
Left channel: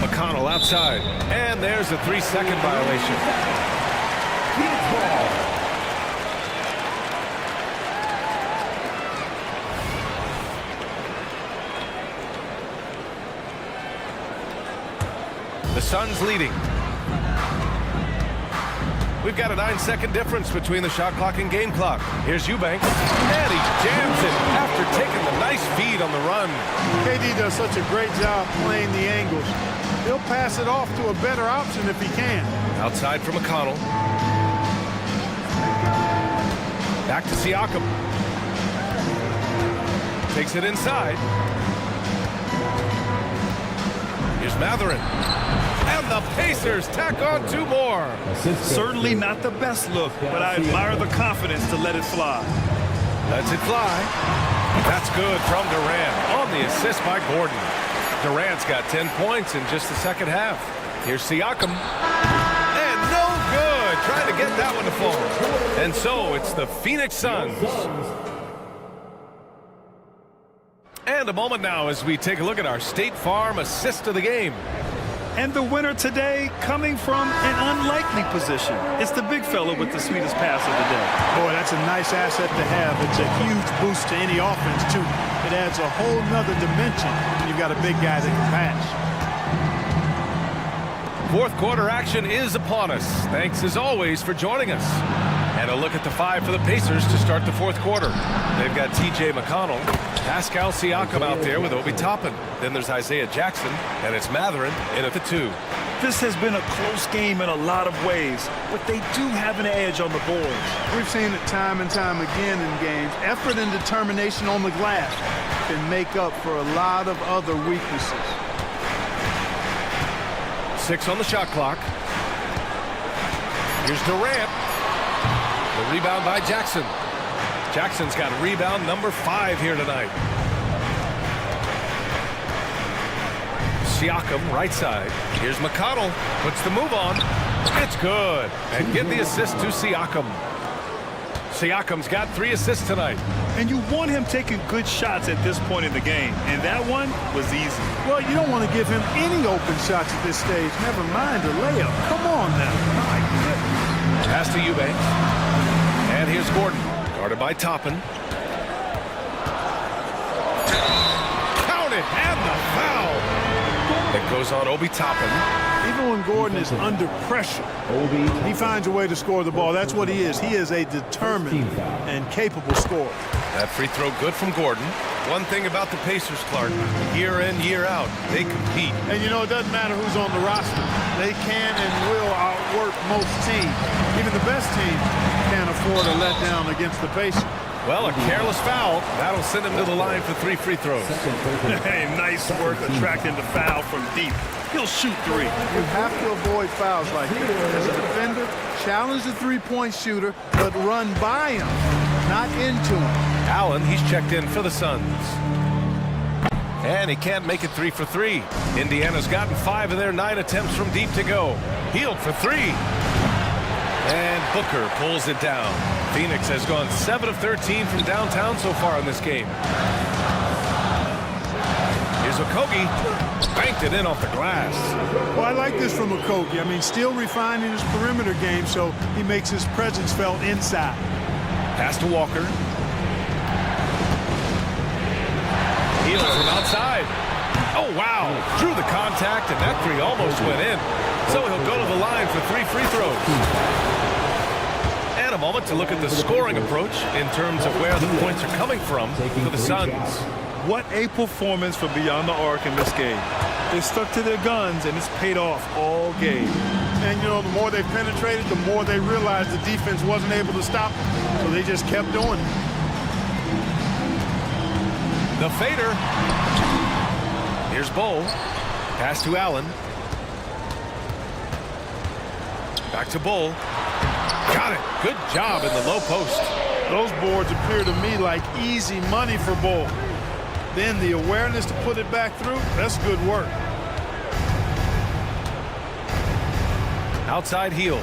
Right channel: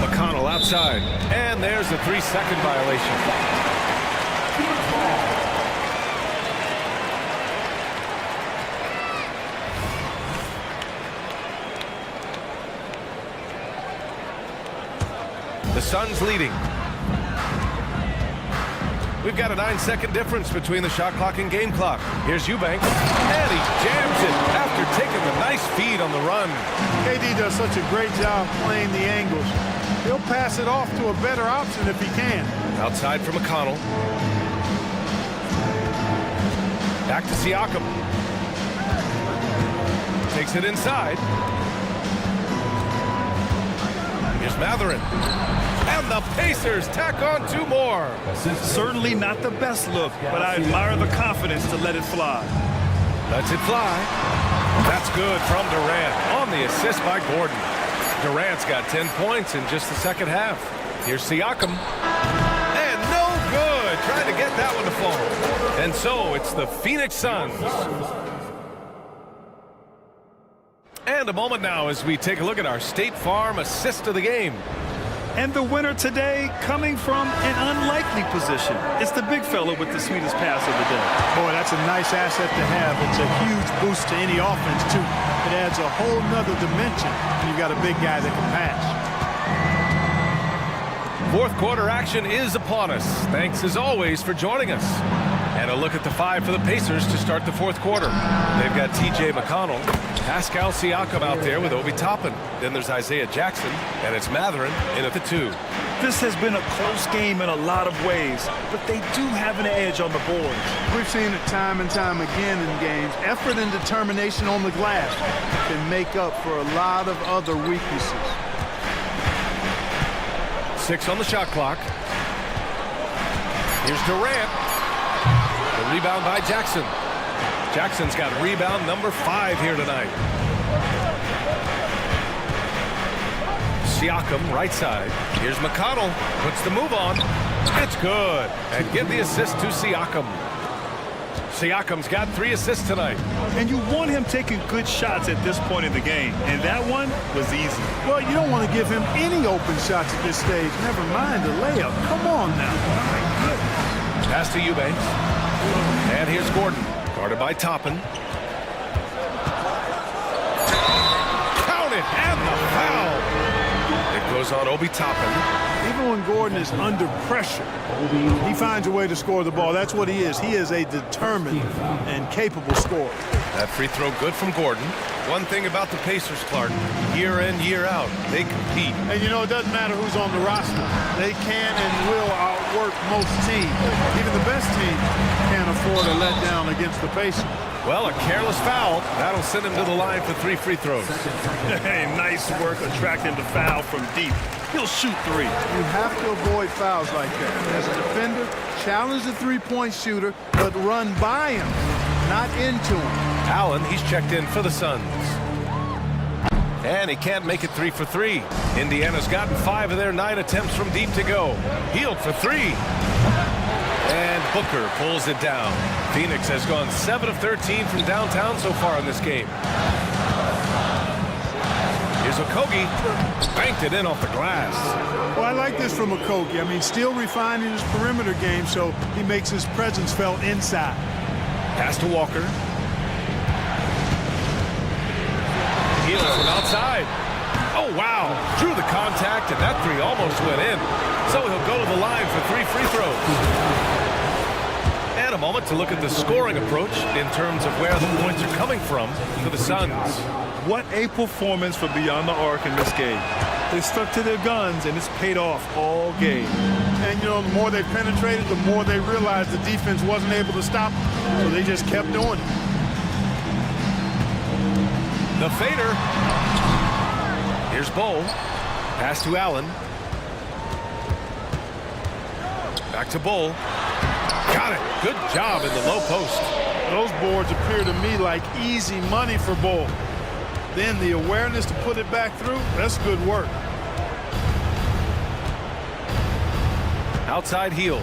McConnell outside. And there's a 3-second violation. The Suns leading. We've got a 9-second difference between the shot clock and game clock. Here's Eubanks, and he jams it after taking the nice feed on the run. KD does such a great job playing the angles. He'll pass it off to a better option if he can. Outside for McConnell. Back to Siakam. Takes it inside. Here's Matherin. And the Pacers tack on 2 more. Certainly not the best look, but I admire the confidence to let it fly. Lets it fly. That's good from Durant on the assist by Gordon. Durant's got 10 points in just the second half. Here's Siakam. And no good. Trying to get that one to fall. And so it's the Phoenix Suns. And a moment now as we take a look at our State Farm assist of the game. And the winner today coming from an unlikely position. It's the big fella with the sweetest pass of the day. Boy, that's a nice asset to have. It's a huge boost to any offense, too. It adds a whole nother dimension when you've got a big guy that can pass. Fourth quarter action is upon us. Thanks, as always, for joining us. And a look at the 5 for the Pacers to start the fourth quarter. They've got T.J. McConnell, Pascal Siakam out there with Obi Toppin. Then there's Isaiah Jackson, and it's Matherin in at the 2. This has been a close game in a lot of ways, but they do have an edge on the boards. We've seen it time and time again in games. Effort and determination on the glass can make up for a lot of other weaknesses. 6 on the shot clock. Here's Durant. The rebound by Jackson. Jackson's got rebound number 5 here tonight. Siakam, right side. Here's McConnell. Puts the move on. It's good. And give the assist to Siakam. Siakam's got 3 assists tonight. And you want him taking good shots at this point in the game. And that one was easy. Well, you don't want to give him any open shots at this stage. Never mind a layup. Come on now. My goodness. Pass to Eubanks. And here's Gordon. Guarded by Toppin. Count it. And the foul. It goes on Obi Toppin. Even when Gordon is under pressure, he finds a way to score the ball. That's what he is. He is a determined and capable scorer. That free throw good from Gordon. One thing about the Pacers, Clark, year in, year out, they compete. And you know, it doesn't matter who's on the roster. They can and will outwork most teams. Even the best teams can't afford a letdown against the Pacers. Well, a careless foul. That'll send him to the line for 3 free throws. Hey, nice work attracting the foul from deep. He'll shoot 3. You have to avoid fouls like that. As a defender, challenge the three-point shooter, but run by him, not into him. Allen, he's checked in for the Suns. And he can't make it 3 for 3. Indiana's gotten 5 of their 9 attempts from deep to go. Healed for 3. And Booker pulls it down. Phoenix has gone 7 of 13 from downtown so far in this game. Here's Okogie. Banked it in off the glass. Well, I like this from Okogie. I mean, still refining his perimeter game so he makes his presence felt inside. Pass to Walker. Healed from outside. Oh, wow. Drew the contact, and that 3 almost went in. So he'll go to the line for 3 free throws. And a moment to look at the scoring approach in terms of where the points are coming from for the Suns. What a performance for beyond the arc in this game. They stuck to their guns, and it's paid off all game. And, you know, the more they penetrated, the more they realized the defense wasn't able to stop them. So they just kept doing it. The fader. Here's Bowl. Pass to Allen. Back to Bowl. Got it. Good job in the low post. Those boards appear to me like easy money for Bowl. Then the awareness to put it back through, that's good work. Outside heel.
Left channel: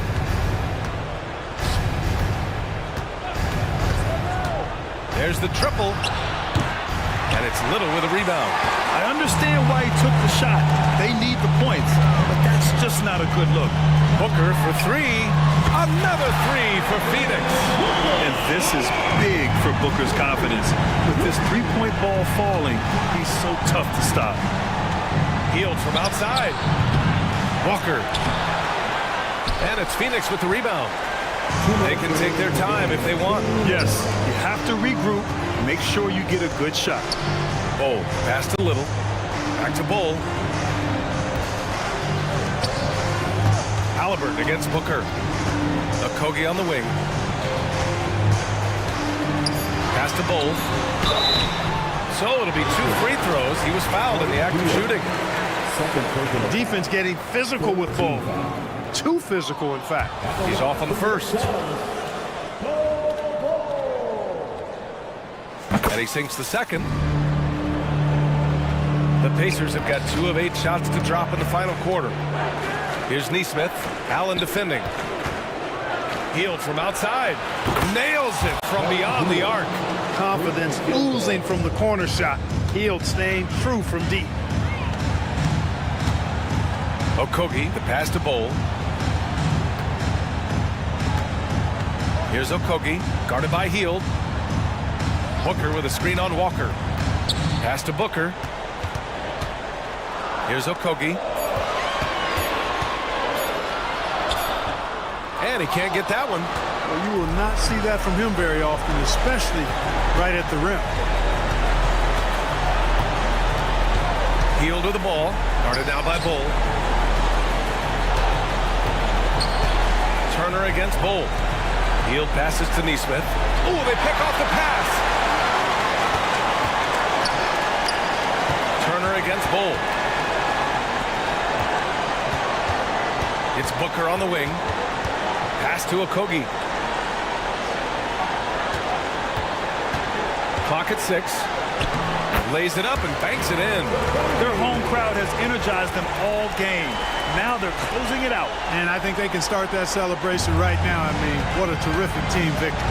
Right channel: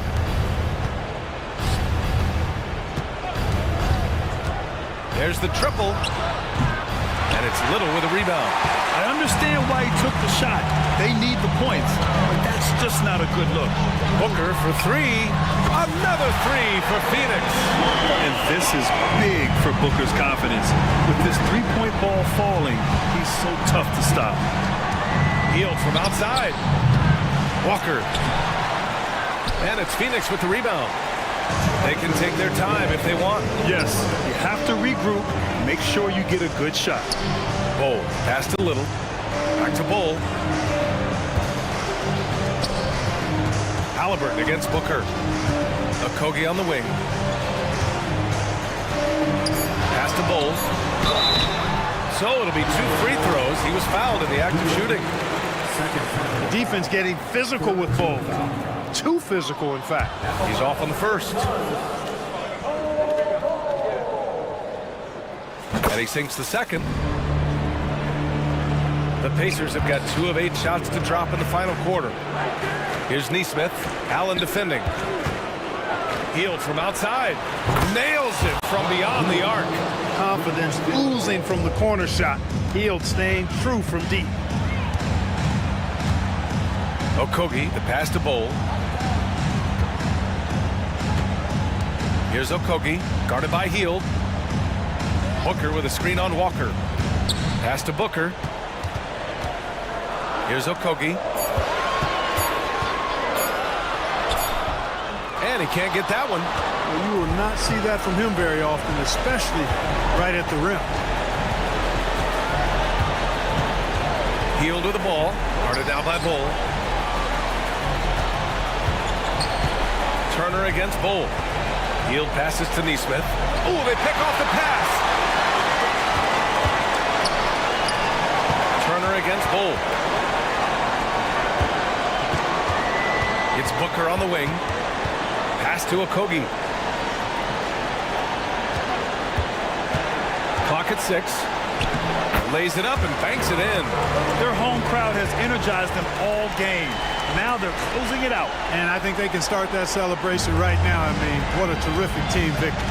There's the triple. And it's Little with a rebound. I understand why he took the shot. They need the points, but that's just not a good look. Booker for 3. Another 3 for Phoenix. And this is big for Booker's confidence. With this three-point ball falling, he's so tough to stop. Healed from outside. Walker. And it's Phoenix with the rebound. They can take their time if they want. Yes, you have to regroup. Make sure you get a good shot. Bowl. Pass to Little. Back to Bowl. Halliburton against Booker. Okogie on the wing. Pass to Bowl. So it'll be 2 free throws. He was fouled in the act of shooting. Defense getting physical with Bowl. Too physical, in fact. He's off on the first. And he sinks the second. The Pacers have got 2 of 8 shots to drop in the final quarter. Here's Nesmith. Allen defending. Healed from outside. Nails it from beyond the arc. Confidence oozing from the corner shot. Hield staying true from deep. Okogie, the pass to Bowl. Here's Okogie, guarded by Hield. Booker with a screen on Walker. Pass to Booker. Here's Okogie. And he can't get that one. Well, you will not see that from him very often, especially right at the rim. Hield with the ball. Guarded now by Bowl. Turner against Bowl. Hield passes to Nesmith. Oh, they pick off the pass. Turner against Bowl. It's Booker on the wing. Pass to Okogie. Clock at 6. Lays it up and banks it in. Their home crowd has energized them all game. Now they're closing it out. And I think they can start that celebration right now. I mean, what a terrific team victory.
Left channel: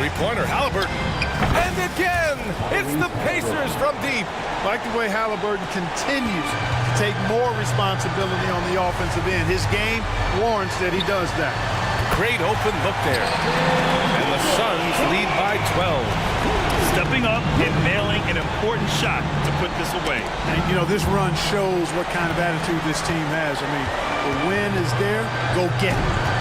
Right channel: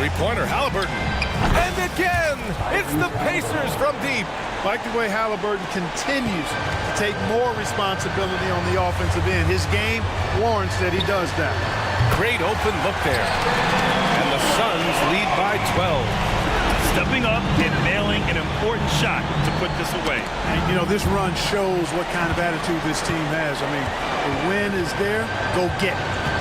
Three-pointer, Halliburton. And again, it's the Pacers from deep. Like the way Halliburton continues to take more responsibility on the offensive end. His game warrants that he does that. Great open look there. And the Suns lead by 12. Stepping up and nailing an important shot to put this away. And, you know, this run shows what kind of attitude this team has. I mean, the win is there. Go get it.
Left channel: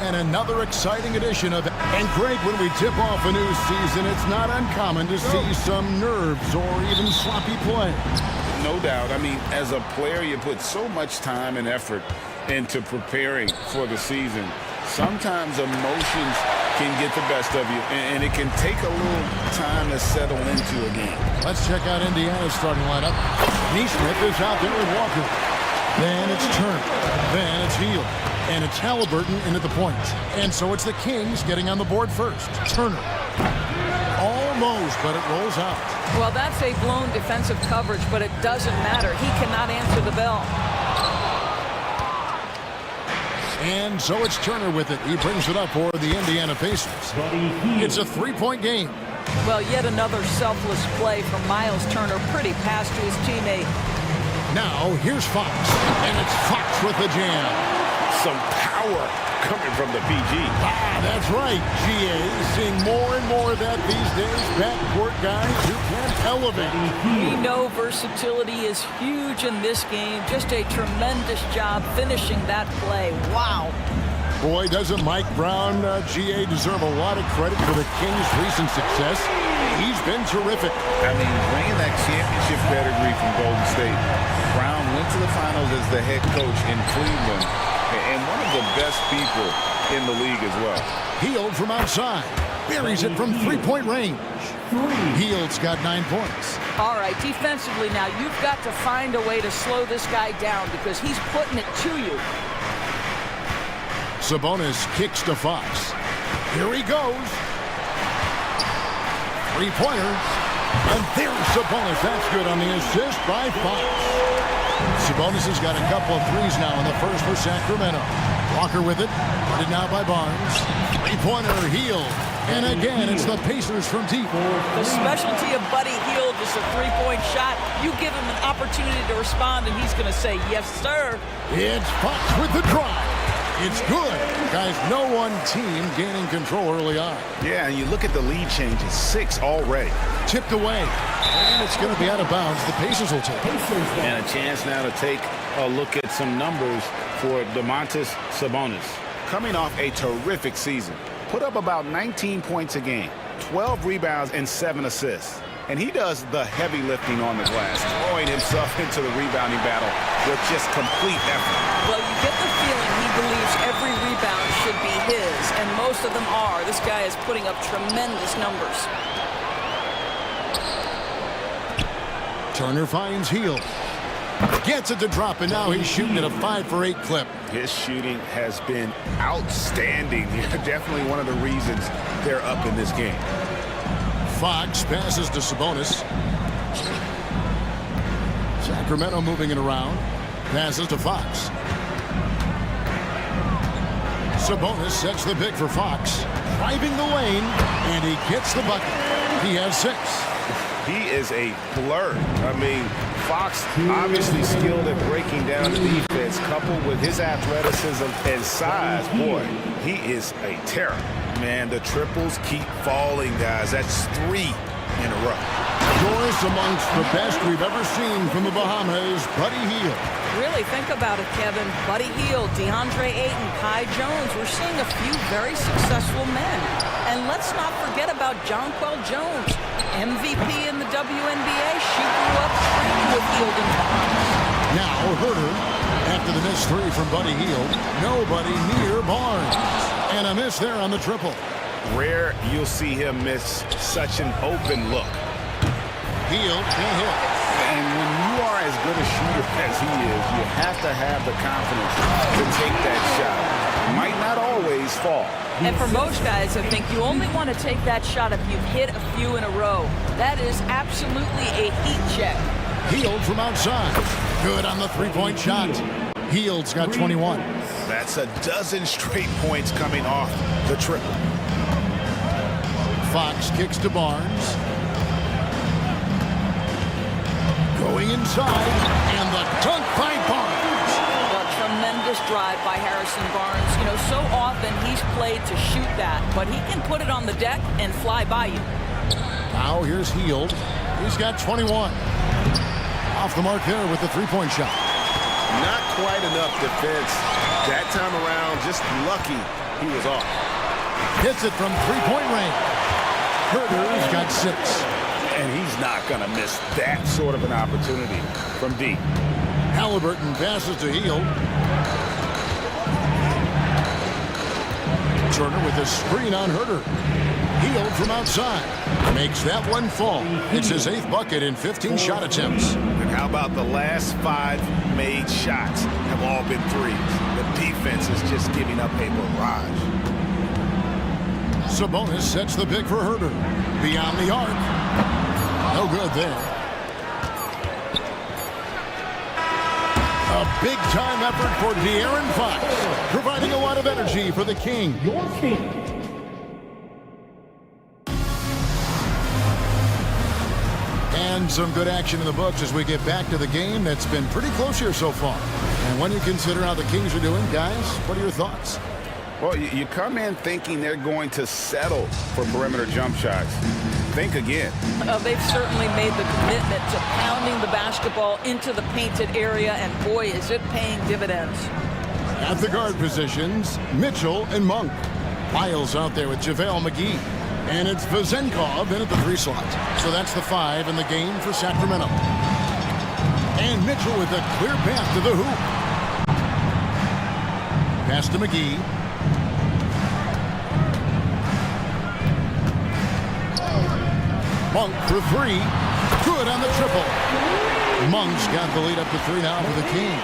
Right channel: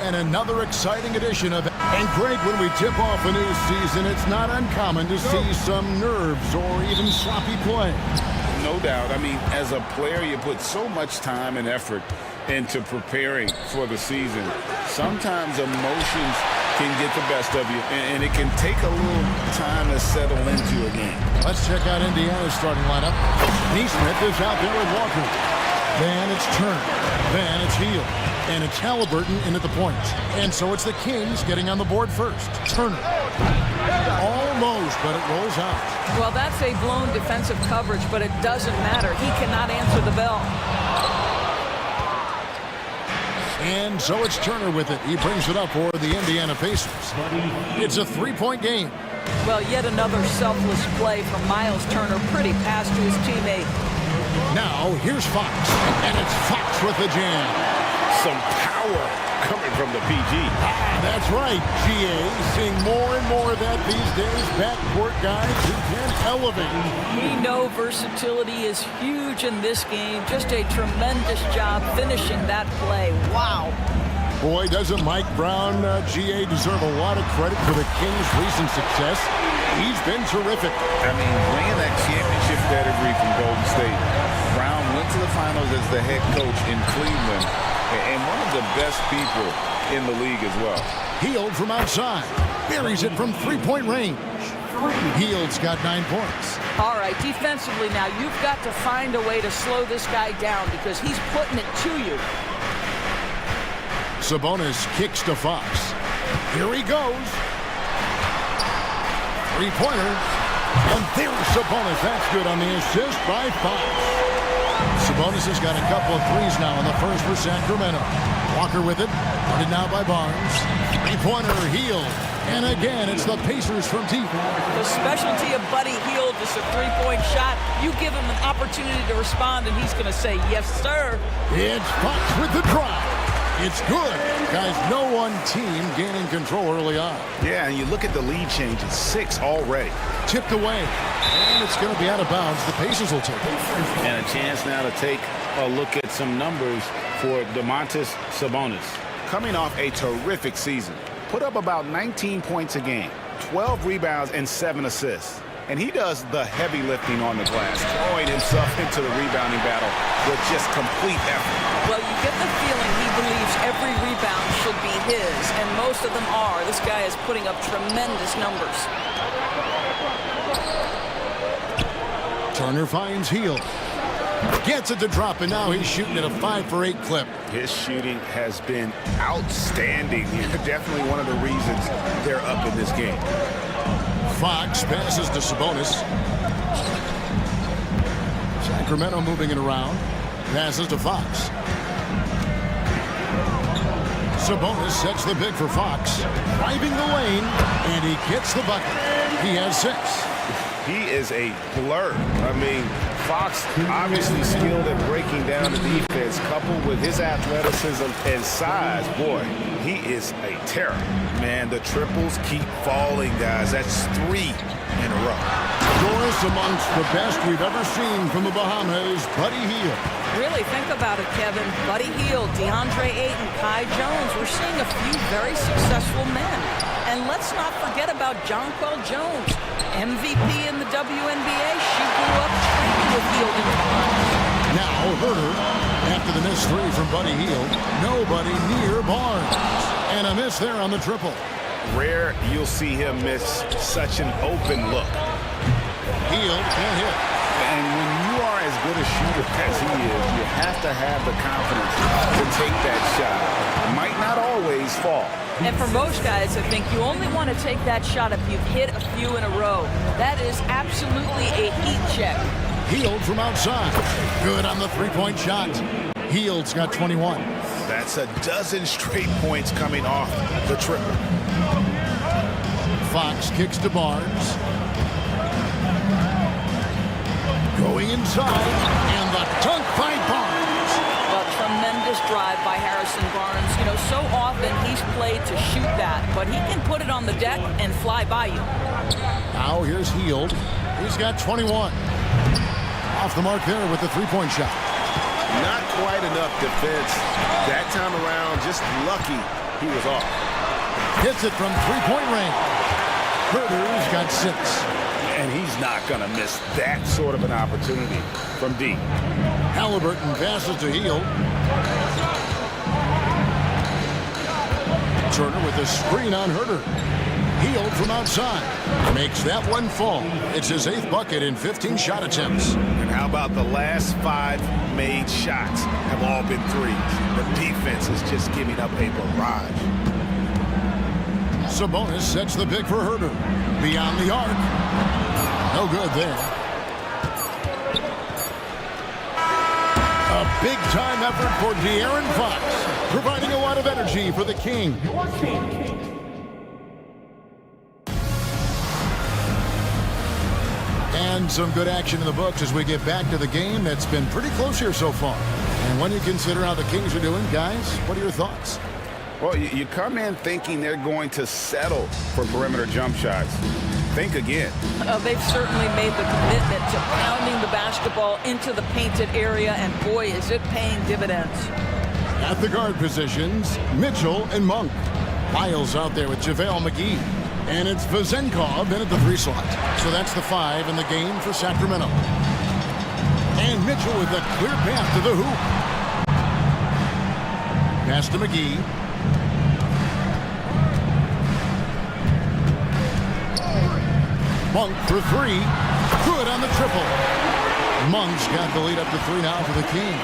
And another exciting edition of... And Greg, when we tip off a new season, it's not uncommon to see some nerves or even sloppy play. No doubt. I mean, as a player, you put so much time and effort into preparing for the season. Sometimes emotions can get the best of you, and it can take a little time to settle into a game. Let's check out Indiana's starting lineup. Neesmith is out there with Walker. Then it's Turner. Then it's Hield. And it's Halliburton in at the point. And so it's the Kings getting on the board first. Turner. Almost, but it rolls out. Well, that's a blown defensive coverage, but it doesn't matter. He cannot answer the bell. And so it's Turner with it. He brings it up for the Indiana Pacers. It's a three-point game. Well, yet another selfless play from Miles Turner. Pretty pass to his teammate. Now, here's Fox. And it's Fox with the jam. Some power coming from the PG. Ah, that's right, GA. Seeing more and more of that these days. Backcourt guys who can elevate. We know versatility is huge in this game. Just a tremendous job finishing that play. Wow. Boy, doesn't Mike Brown, GA, deserve a lot of credit for the Kings' recent success? He's been terrific. I mean, bringing that championship pedigree from Golden State. Brown went to the finals as the head coach in Cleveland. And one of the best people in the league as well. Hield from outside. Buries it from three-point range. Hield's got 9 points. All right, defensively now, you've got to find a way to slow this guy down because he's putting it to you. Sabonis kicks to Fox. Here he goes. Three-pointer. And there's Sabonis. That's good on the assist by Fox. Sabonis has got a couple of threes now in the first for Sacramento. Walker with it. Guarded now by Barnes. Three-pointer, Hield. And again, it's the Pacers from deep. The specialty of Buddy Hield is a three-point shot. You give him an opportunity to respond, and he's going to say, yes, sir. It's Fox with the drive. It's good. Guys, no one team gaining control early on. Yeah, and you look at the lead change. It's 6 already. Tipped away. And it's going to be out of bounds. The Pacers will take it. And a chance now to take a look at some numbers for Domantas Sabonis. Coming off a terrific season. Put up about 19 points a game, 12 rebounds, and 7 assists. And he does the heavy lifting on the glass, throwing himself into the rebounding battle with just complete effort. Well, you get the feeling he believes every rebound should be his, and most of them are. This guy is putting up tremendous numbers. Turner finds Hield. Gets it to drop, and now he's shooting at a 5-for-8 clip. His shooting has been outstanding. Definitely one of the reasons they're up in this game. Fox passes to Sabonis. Sacramento moving it around. Passes to Fox. Sabonis sets the pick for Fox. Driving the lane, and he gets the bucket. He has 6. He is a blur. I mean, Fox obviously skilled at breaking down the defense, coupled with his athleticism and size. Boy, he is a terror. Man, the triples keep falling, guys. That's 3 in a row. Doris amongst the best we've ever seen from the Bahamas, Buddy Hield. Really, think about it, Kevin. Buddy Hield, DeAndre Ayton, Kai Jones. We're seeing a few very successful men. And let's not forget about Jonquel Jones, MVP in the WNBA. She grew up training with Hield in the Bahamas. Now, Herter, after the missed 3 from Buddy Hield, nobody near Barnes. And a miss there on the triple. Rare you'll see him miss such an open look. Hield can't hit. And when you are as good a shooter as he is, you have to have the confidence to take that shot. It might not always fall. And for most guys, I think you only want to take that shot if you've hit a few in a row. That is absolutely a heat check. Hield from outside. Good on the three-point shot. Hield's got 21. That's a dozen straight points coming off the triple. Fox kicks to Barnes. Going inside, and the dunk by Barnes. Well, tremendous drive by Harrison Barnes. You know, so often he's played to shoot that, but he can put it on the deck and fly by you. Now here's Hield. He's got 21. Off the mark there with the three-point shot. Not quite enough defense. That time around, just lucky he was off. Hits it from three-point range. Herder's got 6. And he's not going to miss that sort of an opportunity from deep. Halliburton passes to Hield. Turner with a screen on Herder. Hield from outside. Makes that one fall. It's his 8th bucket in 15 shot attempts. And how about the last 5 made shots have all been threes? The defense is just giving up a barrage. Sabonis sets the pick for Herder. Beyond the arc. No good there. A big-time effort for De'Aaron Fox, providing a lot of energy for the King. And some good action in the books as we get back to the game that's been pretty close here so far. And when you consider how the Kings are doing, guys, what are your thoughts? Well, you come in thinking they're going to settle for perimeter jump shots. Think again. They've certainly made the commitment to pounding the basketball into the painted area, and boy, is it paying dividends. At the guard positions, Mitchell and Monk. Miles out there with JaVale McGee. And it's Vezenkov in at the 3 slot. So that's the 5 in the game for Sacramento. And Mitchell with a clear path to the hoop. Pass to McGee. Monk for 3. Good on the triple. Monk's got the lead up to 3 now for the Kings.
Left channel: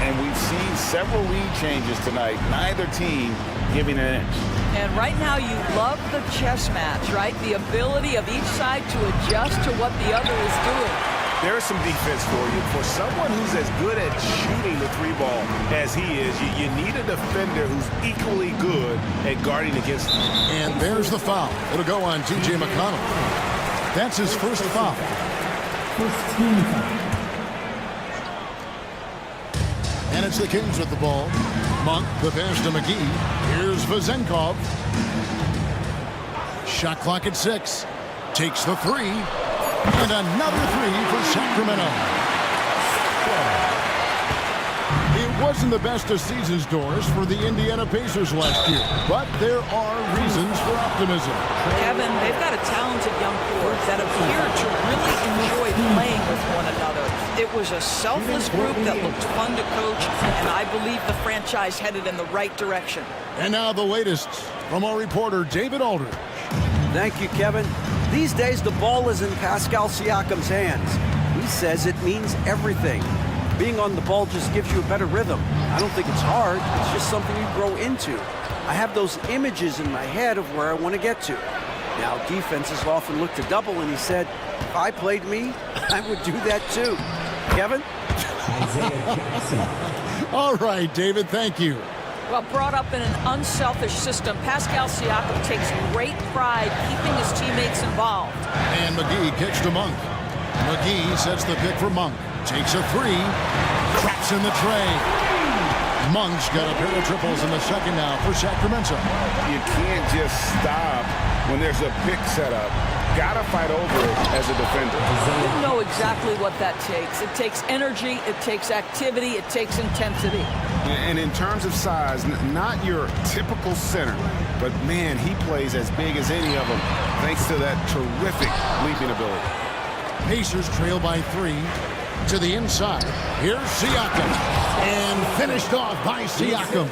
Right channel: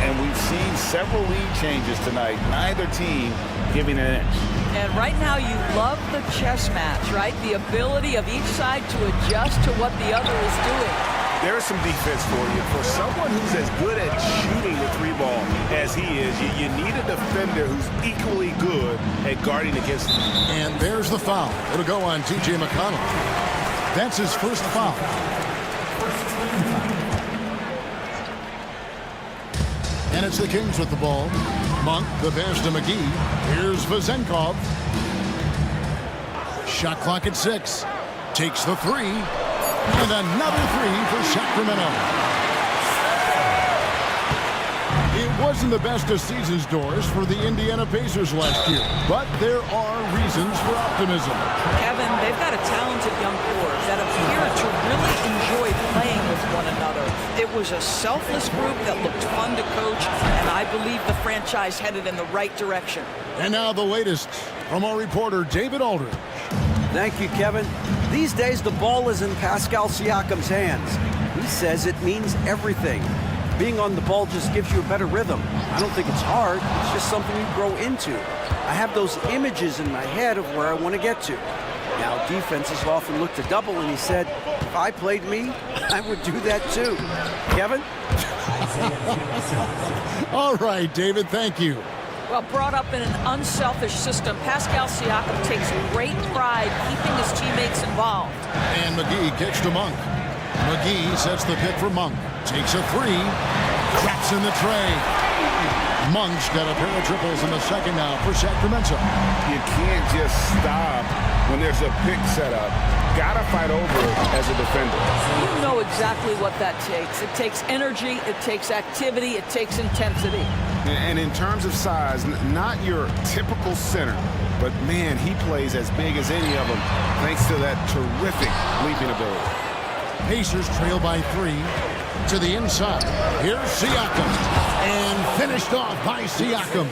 And we've seen several lead changes tonight. Neither team giving an inch. And right now you love the chess match, right? The ability of each side to adjust to what the other is doing. There's some defense for you. For someone who's as good at shooting the 3-ball as he is, you need a defender who's equally good at guarding against him. And there's the foul. It'll go on T.J. McConnell. That's his first foul. First team foul. And it's the Kings with the ball. Monk, the pass to McGee. Here's Vezenkov. Shot clock at 6. Takes the 3. And another 3 for Sacramento. It wasn't the best of season's doors for the Indiana Pacers last year, but there are reasons for optimism. Kevin, they've got a talented young core that appear to really enjoy playing with one another. It was a selfless group that looked fun to coach, and I believe the franchise headed in the right direction. And now the latest from our reporter, David Aldridge. Thank you, Kevin. These days, the ball is in Pascal Siakam's hands. He says it means everything. Being on the ball just gives you a better rhythm. I don't think it's hard. It's just something you grow into. I have those images in my head of where I want to get to. Now, defenses often look to double, and he said, if I played me, I would do that too. Kevin? All right, David, thank you. Well, brought up in an unselfish system, Pascal Siakam takes great pride keeping his teammates involved. And McGee kicks to Monk. McGee sets the pick for Monk. Takes a 3. Traps in the tray. Monk's got a pair of triples in the second now for Sacramento. You can't just stop when there's a pick set up. Gotta fight over it as a defender. You know exactly what that takes. It takes energy, it takes activity, it takes intensity. And in terms of size, not your typical center, but man, he plays as big as any of them thanks to that terrific leaping ability. Pacers trail by 3 to the inside. Here's Siakam. And finished off by Siakam.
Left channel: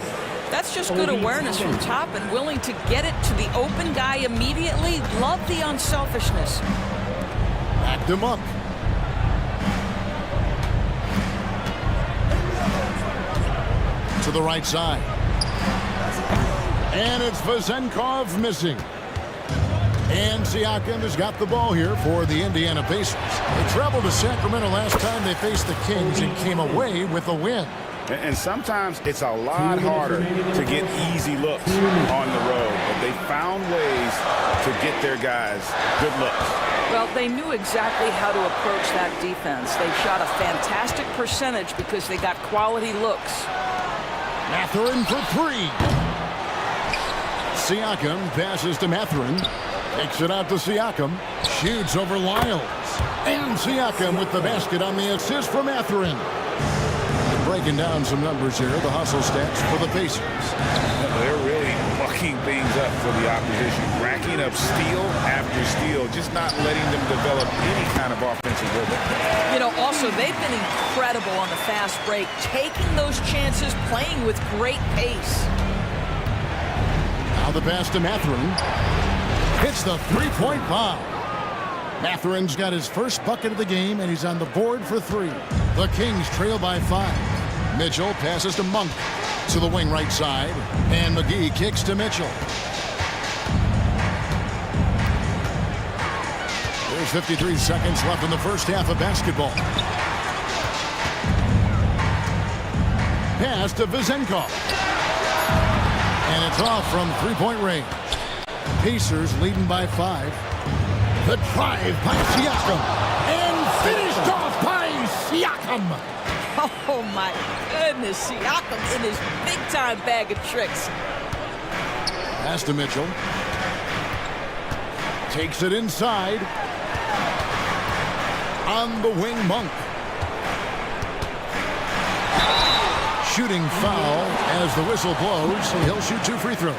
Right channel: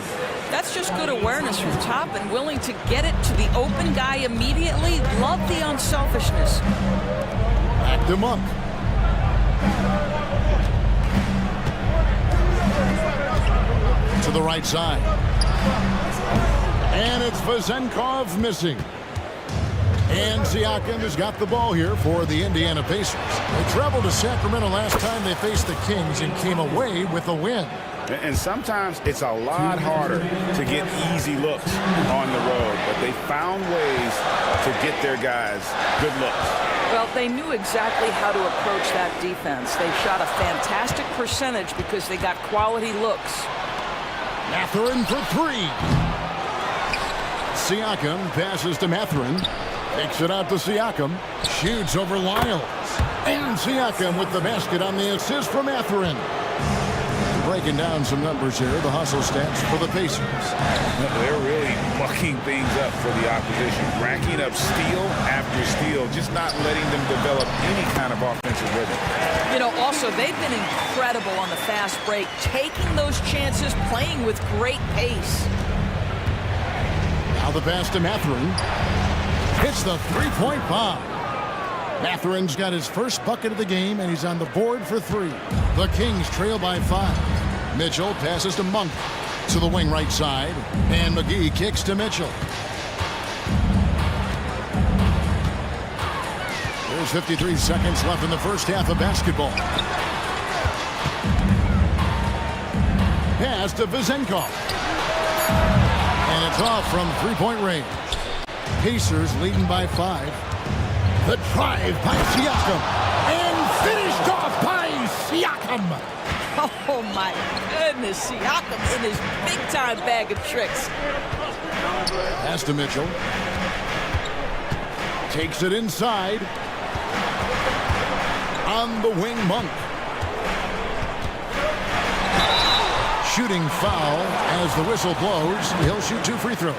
That's just good awareness from top and willing to get it to the open guy immediately. Love the unselfishness. Back to Monk. To the right side. And it's Vezenkov missing. And Siakam has got the ball here for the Indiana Pacers. They traveled to Sacramento last time they faced the Kings and came away with a win. And sometimes it's a lot harder to get easy looks on the road, but they found ways to get their guys good looks. Well, they knew exactly how to approach that defense. They shot a fantastic percentage because they got quality looks. Mathurin for 3. Siakam passes to Mathurin. Takes it out to Siakam. Shoots over Lyles. And Siakam with the basket on the assist from Mathurin. Breaking down some numbers here, the hustle stats for the Pacers. They're really mucking things up for the opposition, racking up steal after steal, just not letting them develop any kind of offensive rhythm. You know, also, they've been incredible on the fast break, taking those chances, playing with great pace. Now the pass to Mathurin. Hits the three-point bomb. Mathurin's got his first bucket of the game, and he's on the board for 3. The Kings trail by 5. Mitchell passes to Monk to the wing right side, and McGee kicks to Mitchell. There's 53 seconds left in the first half of basketball. Pass to Vizenkov. And it's off from three-point range. Pacers leading by 5. The drive by Siakam. And finished off by Siakam. Oh, my goodness. Siakam in his big-time bag of tricks. Pass to Mitchell. Takes it inside. On the wing, Monk. Shooting foul as the whistle blows. He'll shoot 2 free throws.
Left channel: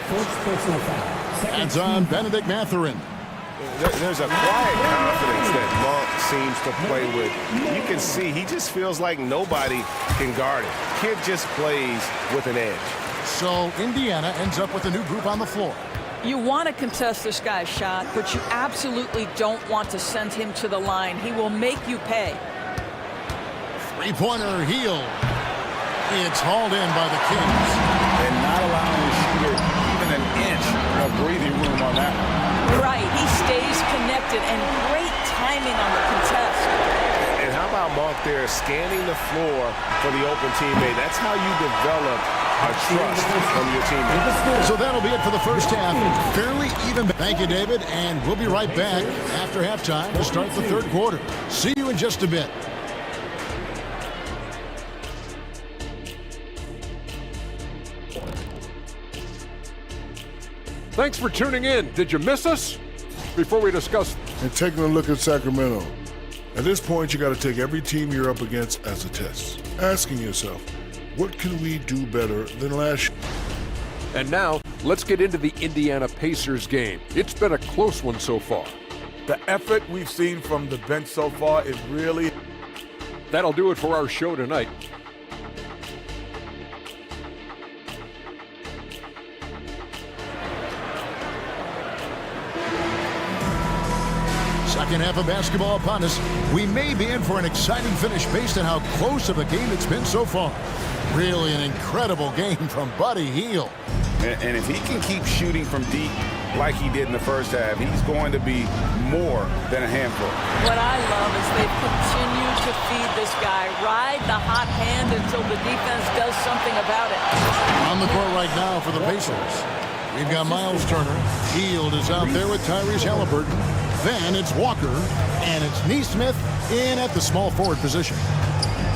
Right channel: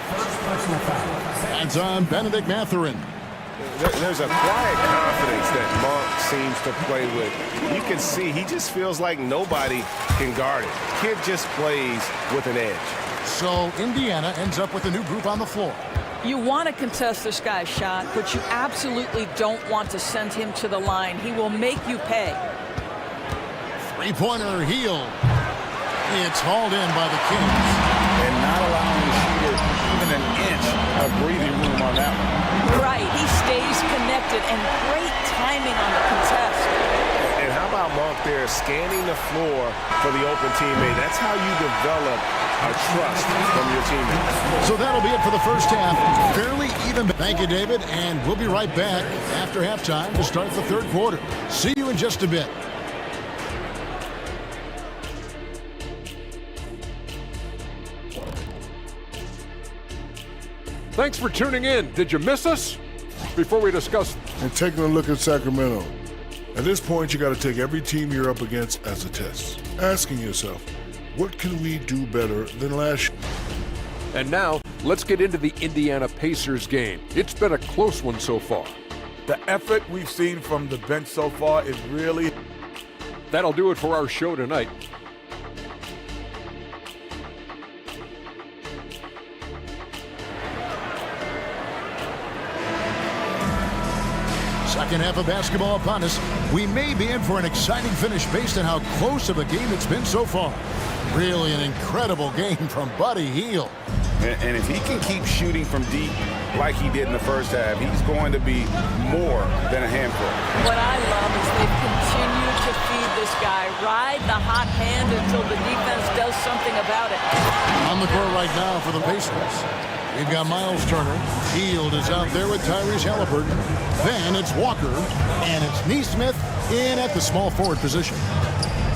That's on Benedict Mathurin. There's a quiet confidence that Monk seems to play with. You can see he just feels like nobody can guard it. Kid just plays with an edge. So Indiana ends up with a new group on the floor. You want to contest this guy's shot, but you absolutely don't want to send him to the line. He will make you pay. Three-pointer Heel. It's hauled in by the Kings. And not allowing the shooter even an inch of breathing room on that one. Right, he stays connected, and great timing on the contest. And how about Monk there scanning the floor for the open teammate? That's how you develop a trust from your teammates. So that'll be it for the first half. Fairly even. Thank you, David, and we'll be right back after halftime to start the third quarter. See you in just a bit. Thanks for tuning in. Did you miss us? Before we discuss... And taking a look at Sacramento. At this point, you got to take every team you're up against as a test. Asking yourself, what can we do better than last year? And now, let's get into the Indiana Pacers game. It's been a close one so far. The effort we've seen from the bench so far is really... That'll do it for our show tonight. Second half of basketball upon us. We may be in for an exciting finish based on how close of a game it's been so far. Really an incredible game from Buddy Hield. And if he can keep shooting from deep like he did in the first half, he's going to be more than a handful. What I love is they've continued to feed this guy, ride the hot hand until the defense does something about it. On the court right now for the Pacers. We've got Miles Turner. Hield is out there with Tyrese Halliburton. Then it's Walker, and it's Nesmith in at the small forward position.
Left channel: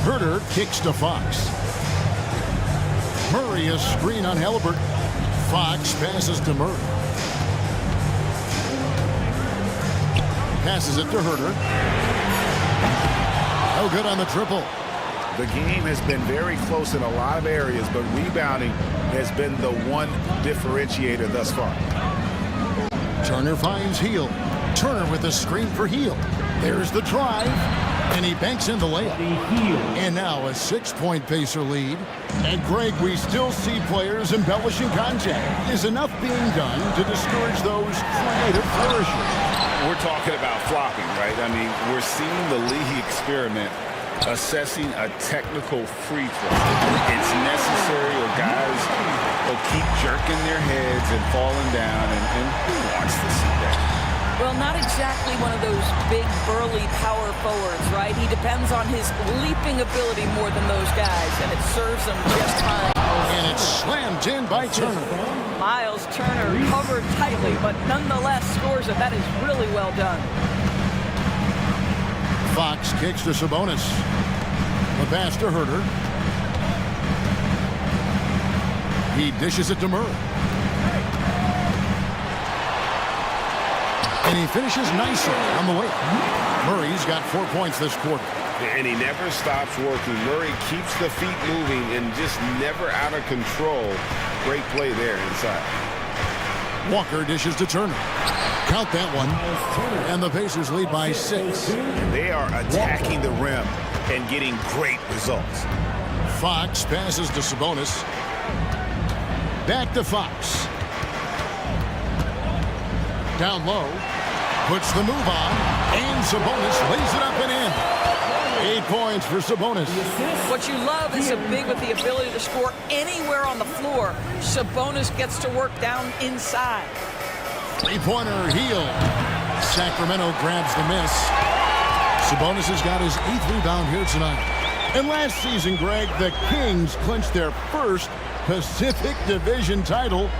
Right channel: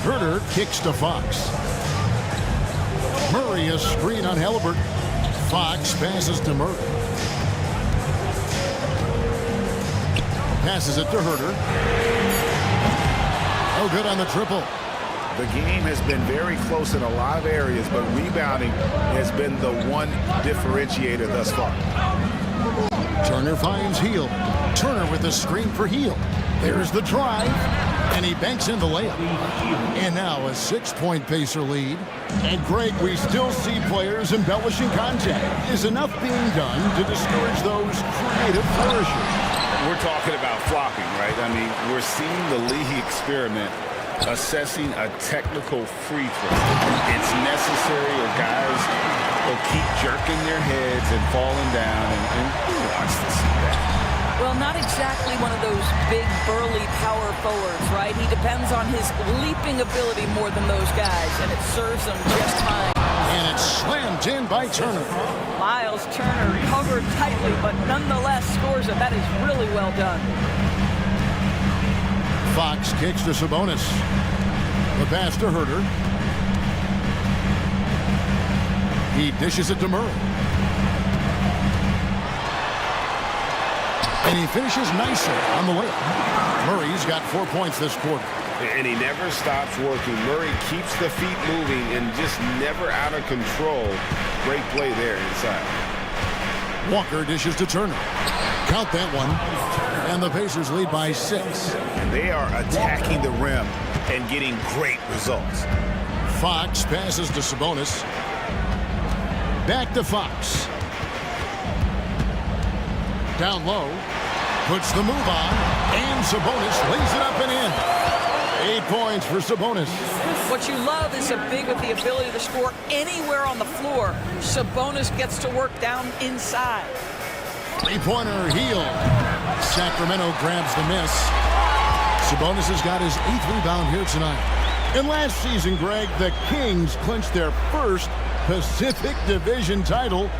Herter kicks to Fox. Murray a screen on Halliburton. Fox passes to Murray. Passes it to Herter. No good on the triple. The game has been very close in a lot of areas, but rebounding has been the one differentiator thus far. Turner finds Hield. Turner with the screen for Hield. There's the drive, and he banks in the layup. And now a 6-point Pacer lead. And Greg, we still see players embellishing contact. Is enough being done to discourage those creative flourishes? We're talking about flopping, right? I mean, we're seeing the league experiment assessing a technical free throw. It's necessary, or guys will keep jerking their heads and falling down, and who wants to see that? Well, not exactly one of those big, burly power forwards, right? He depends on his leaping ability more than those guys, and it serves him just fine. And it's slammed in by Turner. Miles Turner covered tightly, but nonetheless scores it. That is really well done. Fox kicks to Sabonis. The pass to Herter. He dishes it to Murray. And he finishes nicely on the layup. Murray's got 4 points this quarter. And he never stops working. Murray keeps the feet moving and just never out of control. Great play there inside. Walker dishes to Turner. Count that one. And the Pacers lead by 6. And they are attacking the rim and getting great results. Fox passes to Sabonis. Back to Fox. Down low. Puts the move on. And Sabonis lays it up and in. 8 points for Sabonis. What you love is a big with the ability to score anywhere on the floor. Sabonis gets to work down inside. Three-pointer heel. Sacramento grabs the miss. Sabonis has got his 8th rebound here tonight. And last season, Greg, the Kings clinched their first Pacific Division title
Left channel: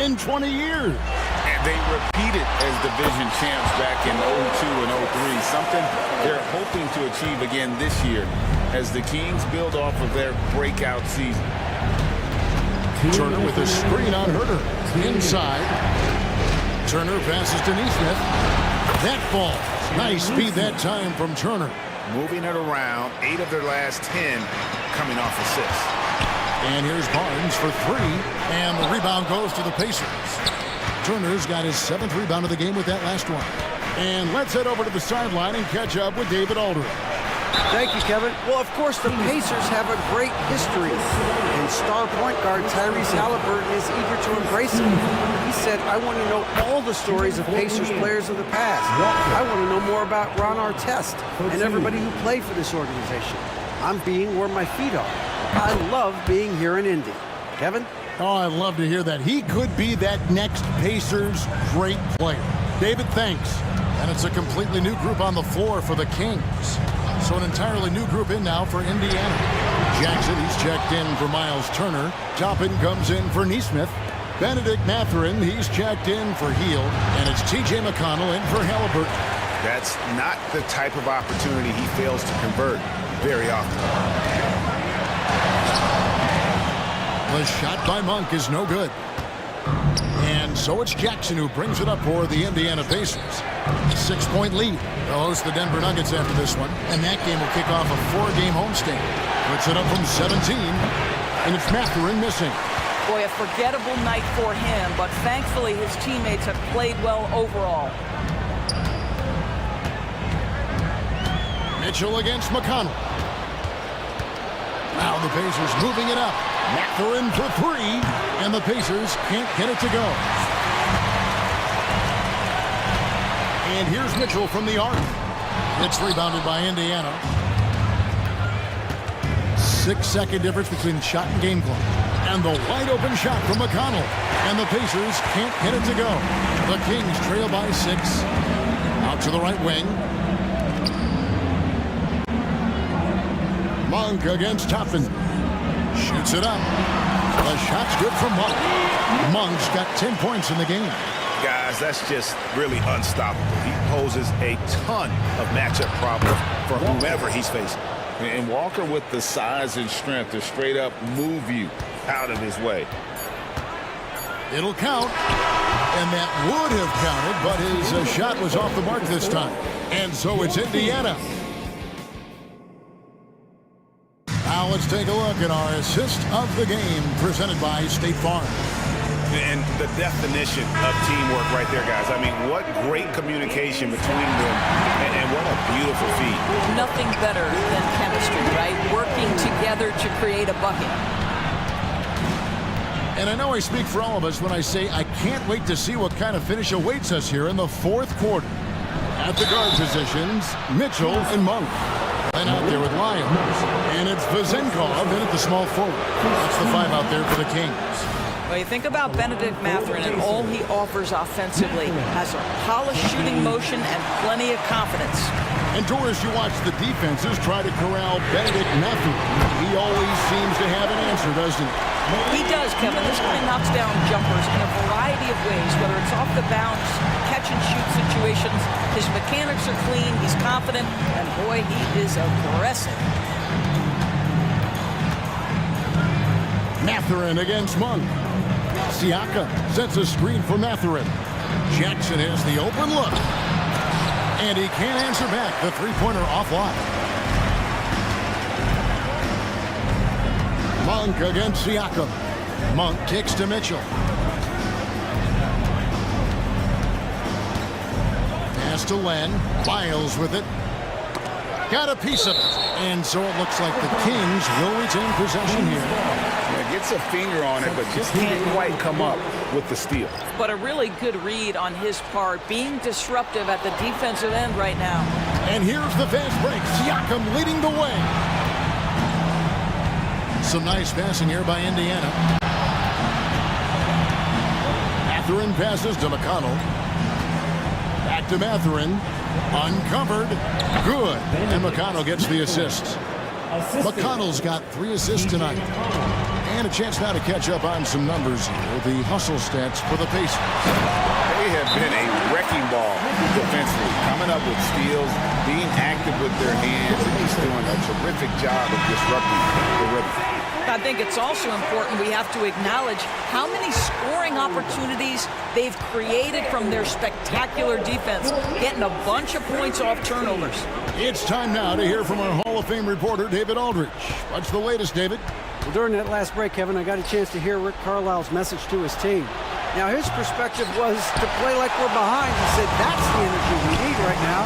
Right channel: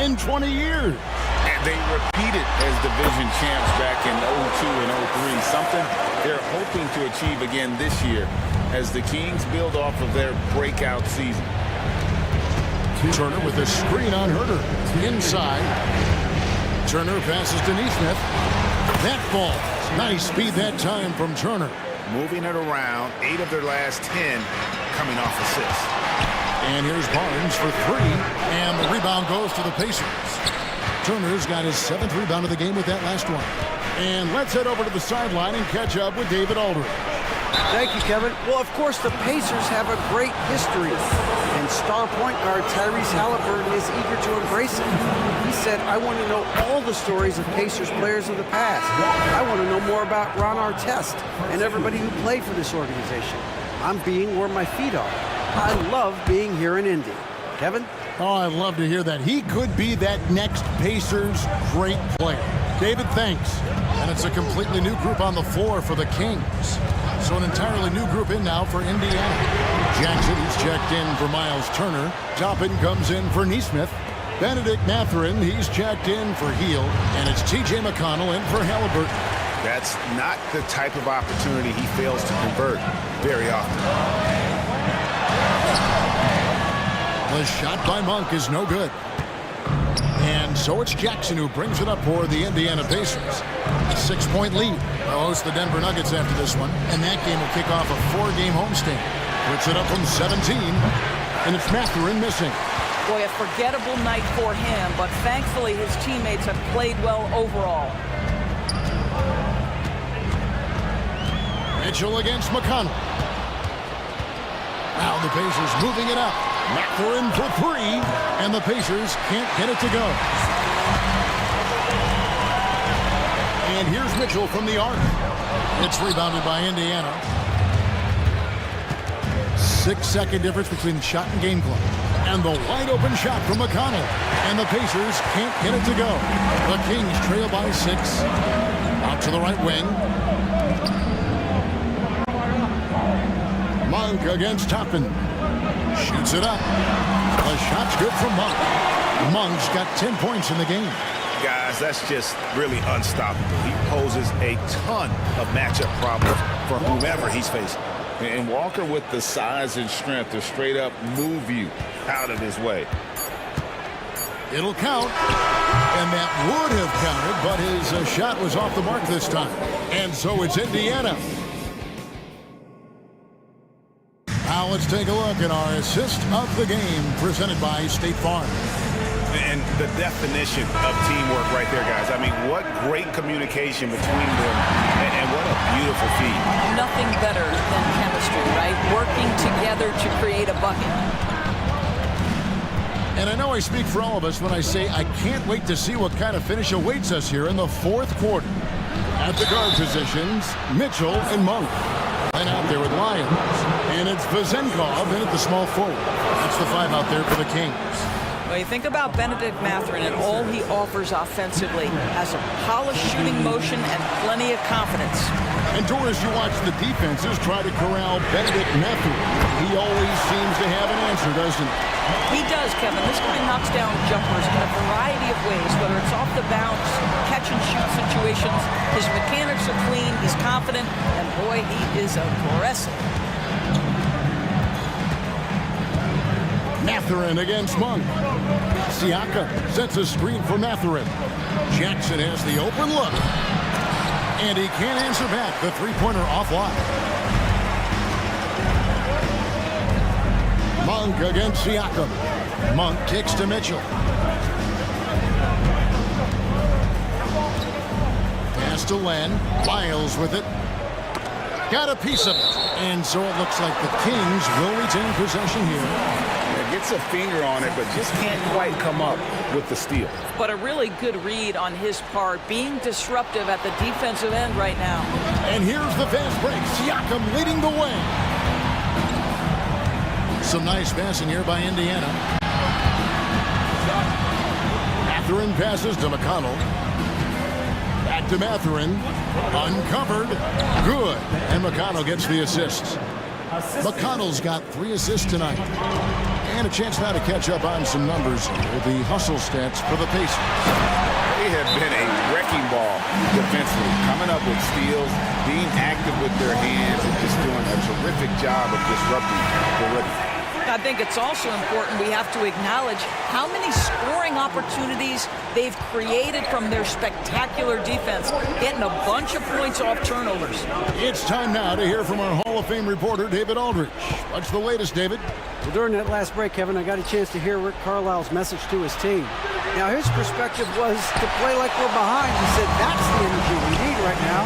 in 20 years. And they repeated as division champs back in 02 and 03, something they're hoping to achieve again this year as the Kings build off of their breakout season. Turner with a screen on Herter. Inside. Turner passes to Neesmith. That falls. Nice speed that time from Turner. Moving it around, 8 of their last 10 coming off assists. And here's Barnes for 3. And the rebound goes to the Pacers. Turner's got his 7th rebound of the game with that last one. And let's head over to the sideline and catch up with David Aldridge. Thank you, Kevin. Well, of course, the Pacers have a great history. And star point guard Tyrese Halliburton is eager to embrace it. He said, I want to know all the stories of Pacers players of the past. I want to know more about Ron Artest and everybody who played for this organization. I'm being where my feet are. I love being here in Indy. Kevin? Oh, I'd love to hear that. He could be that next Pacers great player. David, thanks. And it's a completely new group on the floor for the Kings. So an entirely new group in now for Indiana. Jackson, he's checked in for Miles Turner. Toppin comes in for Neesmith. Benedict Mathurin, he's checked in for Hield. And it's T.J. McConnell in for Halliburton. That's not the type of opportunity he fails to convert very often. The shot by Monk is no good. And so it's Jackson who brings it up for the Indiana Pacers. 6-point lead. They'll host the Denver Nuggets after this one. And that game will kick off a 4-game homestand. Puts it up from 17. And it's Mathurin missing. Boy, a forgettable night for him, but thankfully his teammates have played well overall. Mitchell against McConnell. Now the Pacers moving it up. Mathurin for 3, and the Pacers can't get it to go. And here's Mitchell from the arc. It's rebounded by Indiana. 6-second difference between shot and game clock. And the wide open shot from McConnell. And the Pacers can't get it to go. The Kings trail by 6. Out to the right wing. Monk against Toppin. Shoots it up. The shot's good from Monk. Monk's got 10 points in the game. Guys, that's just really unstoppable. He poses a ton of matchup problems for whomever he's facing. And Walker with the size and strength to straight up move you out of his way. It'll count. And that would have counted, but his shot was off the mark this time. And so it's Indiana. Now let's take a look at our assist of the game presented by State Farm. And the definition of teamwork right there, guys. I mean, what great communication between them, and what a beautiful feat. Nothing better than chemistry, right? Working together to create a bucket. And I know I speak for all of us when I say I can't wait to see what kind of finish awaits us here in the 4th quarter. At the guard positions, Mitchell and Monk. And out there with Lyons. And it's Vezenkov in at the small forward. That's the 5 out there for the Kings. Well, you think about Benedict Mathurin and all he offers offensively. Has a polished shooting motion and plenty of confidence. And Doris, you watch the defenses try to corral Benedict Mathurin. He always seems to have an answer, doesn't he? He does, Kevin. This guy knocks down jumpers in a variety of ways, whether it's off the bounce, catch and shoot situations. His mechanics are clean, he's confident, and boy, he is aggressive. Mathurin against Monk. Siaka sets a screen for Mathurin. Jackson has the open look. And he can't answer back. The 3-pointer offline. Monk against Siakam. Monk kicks to Mitchell. Pass to Len. Miles with it. Got a piece of it. And so it looks like the Kings will retain possession here. Yeah, gets a finger on it, but just can't quite come up with the steal. But a really good read on his part, being disruptive at the defensive end right now. And here's the fast break. Siakam leading the way. Some nice passing here by Indiana. Mathurin passes to McConnell. Back to Mathurin. Uncovered. Good. And McConnell gets the assist. McConnell's got 3 assists tonight. And a chance now to catch up on some numbers here. The hustle stats for the Pacers. They have been a wrecking ball defensively, coming up with steals, being active with their hands, and just doing a terrific job of disrupting the rhythm. I think it's also important we have to acknowledge how many scoring opportunities they've created from their spectacular defense, getting a bunch of points off turnovers. It's time now to hear from our Hall of Fame reporter, David Aldridge. What's the latest, David? Well, during that last break, Kevin, I got a chance to hear Rick Carlisle's message to his team. Now, his perspective was to play like we're behind. He said that's the energy we need right now.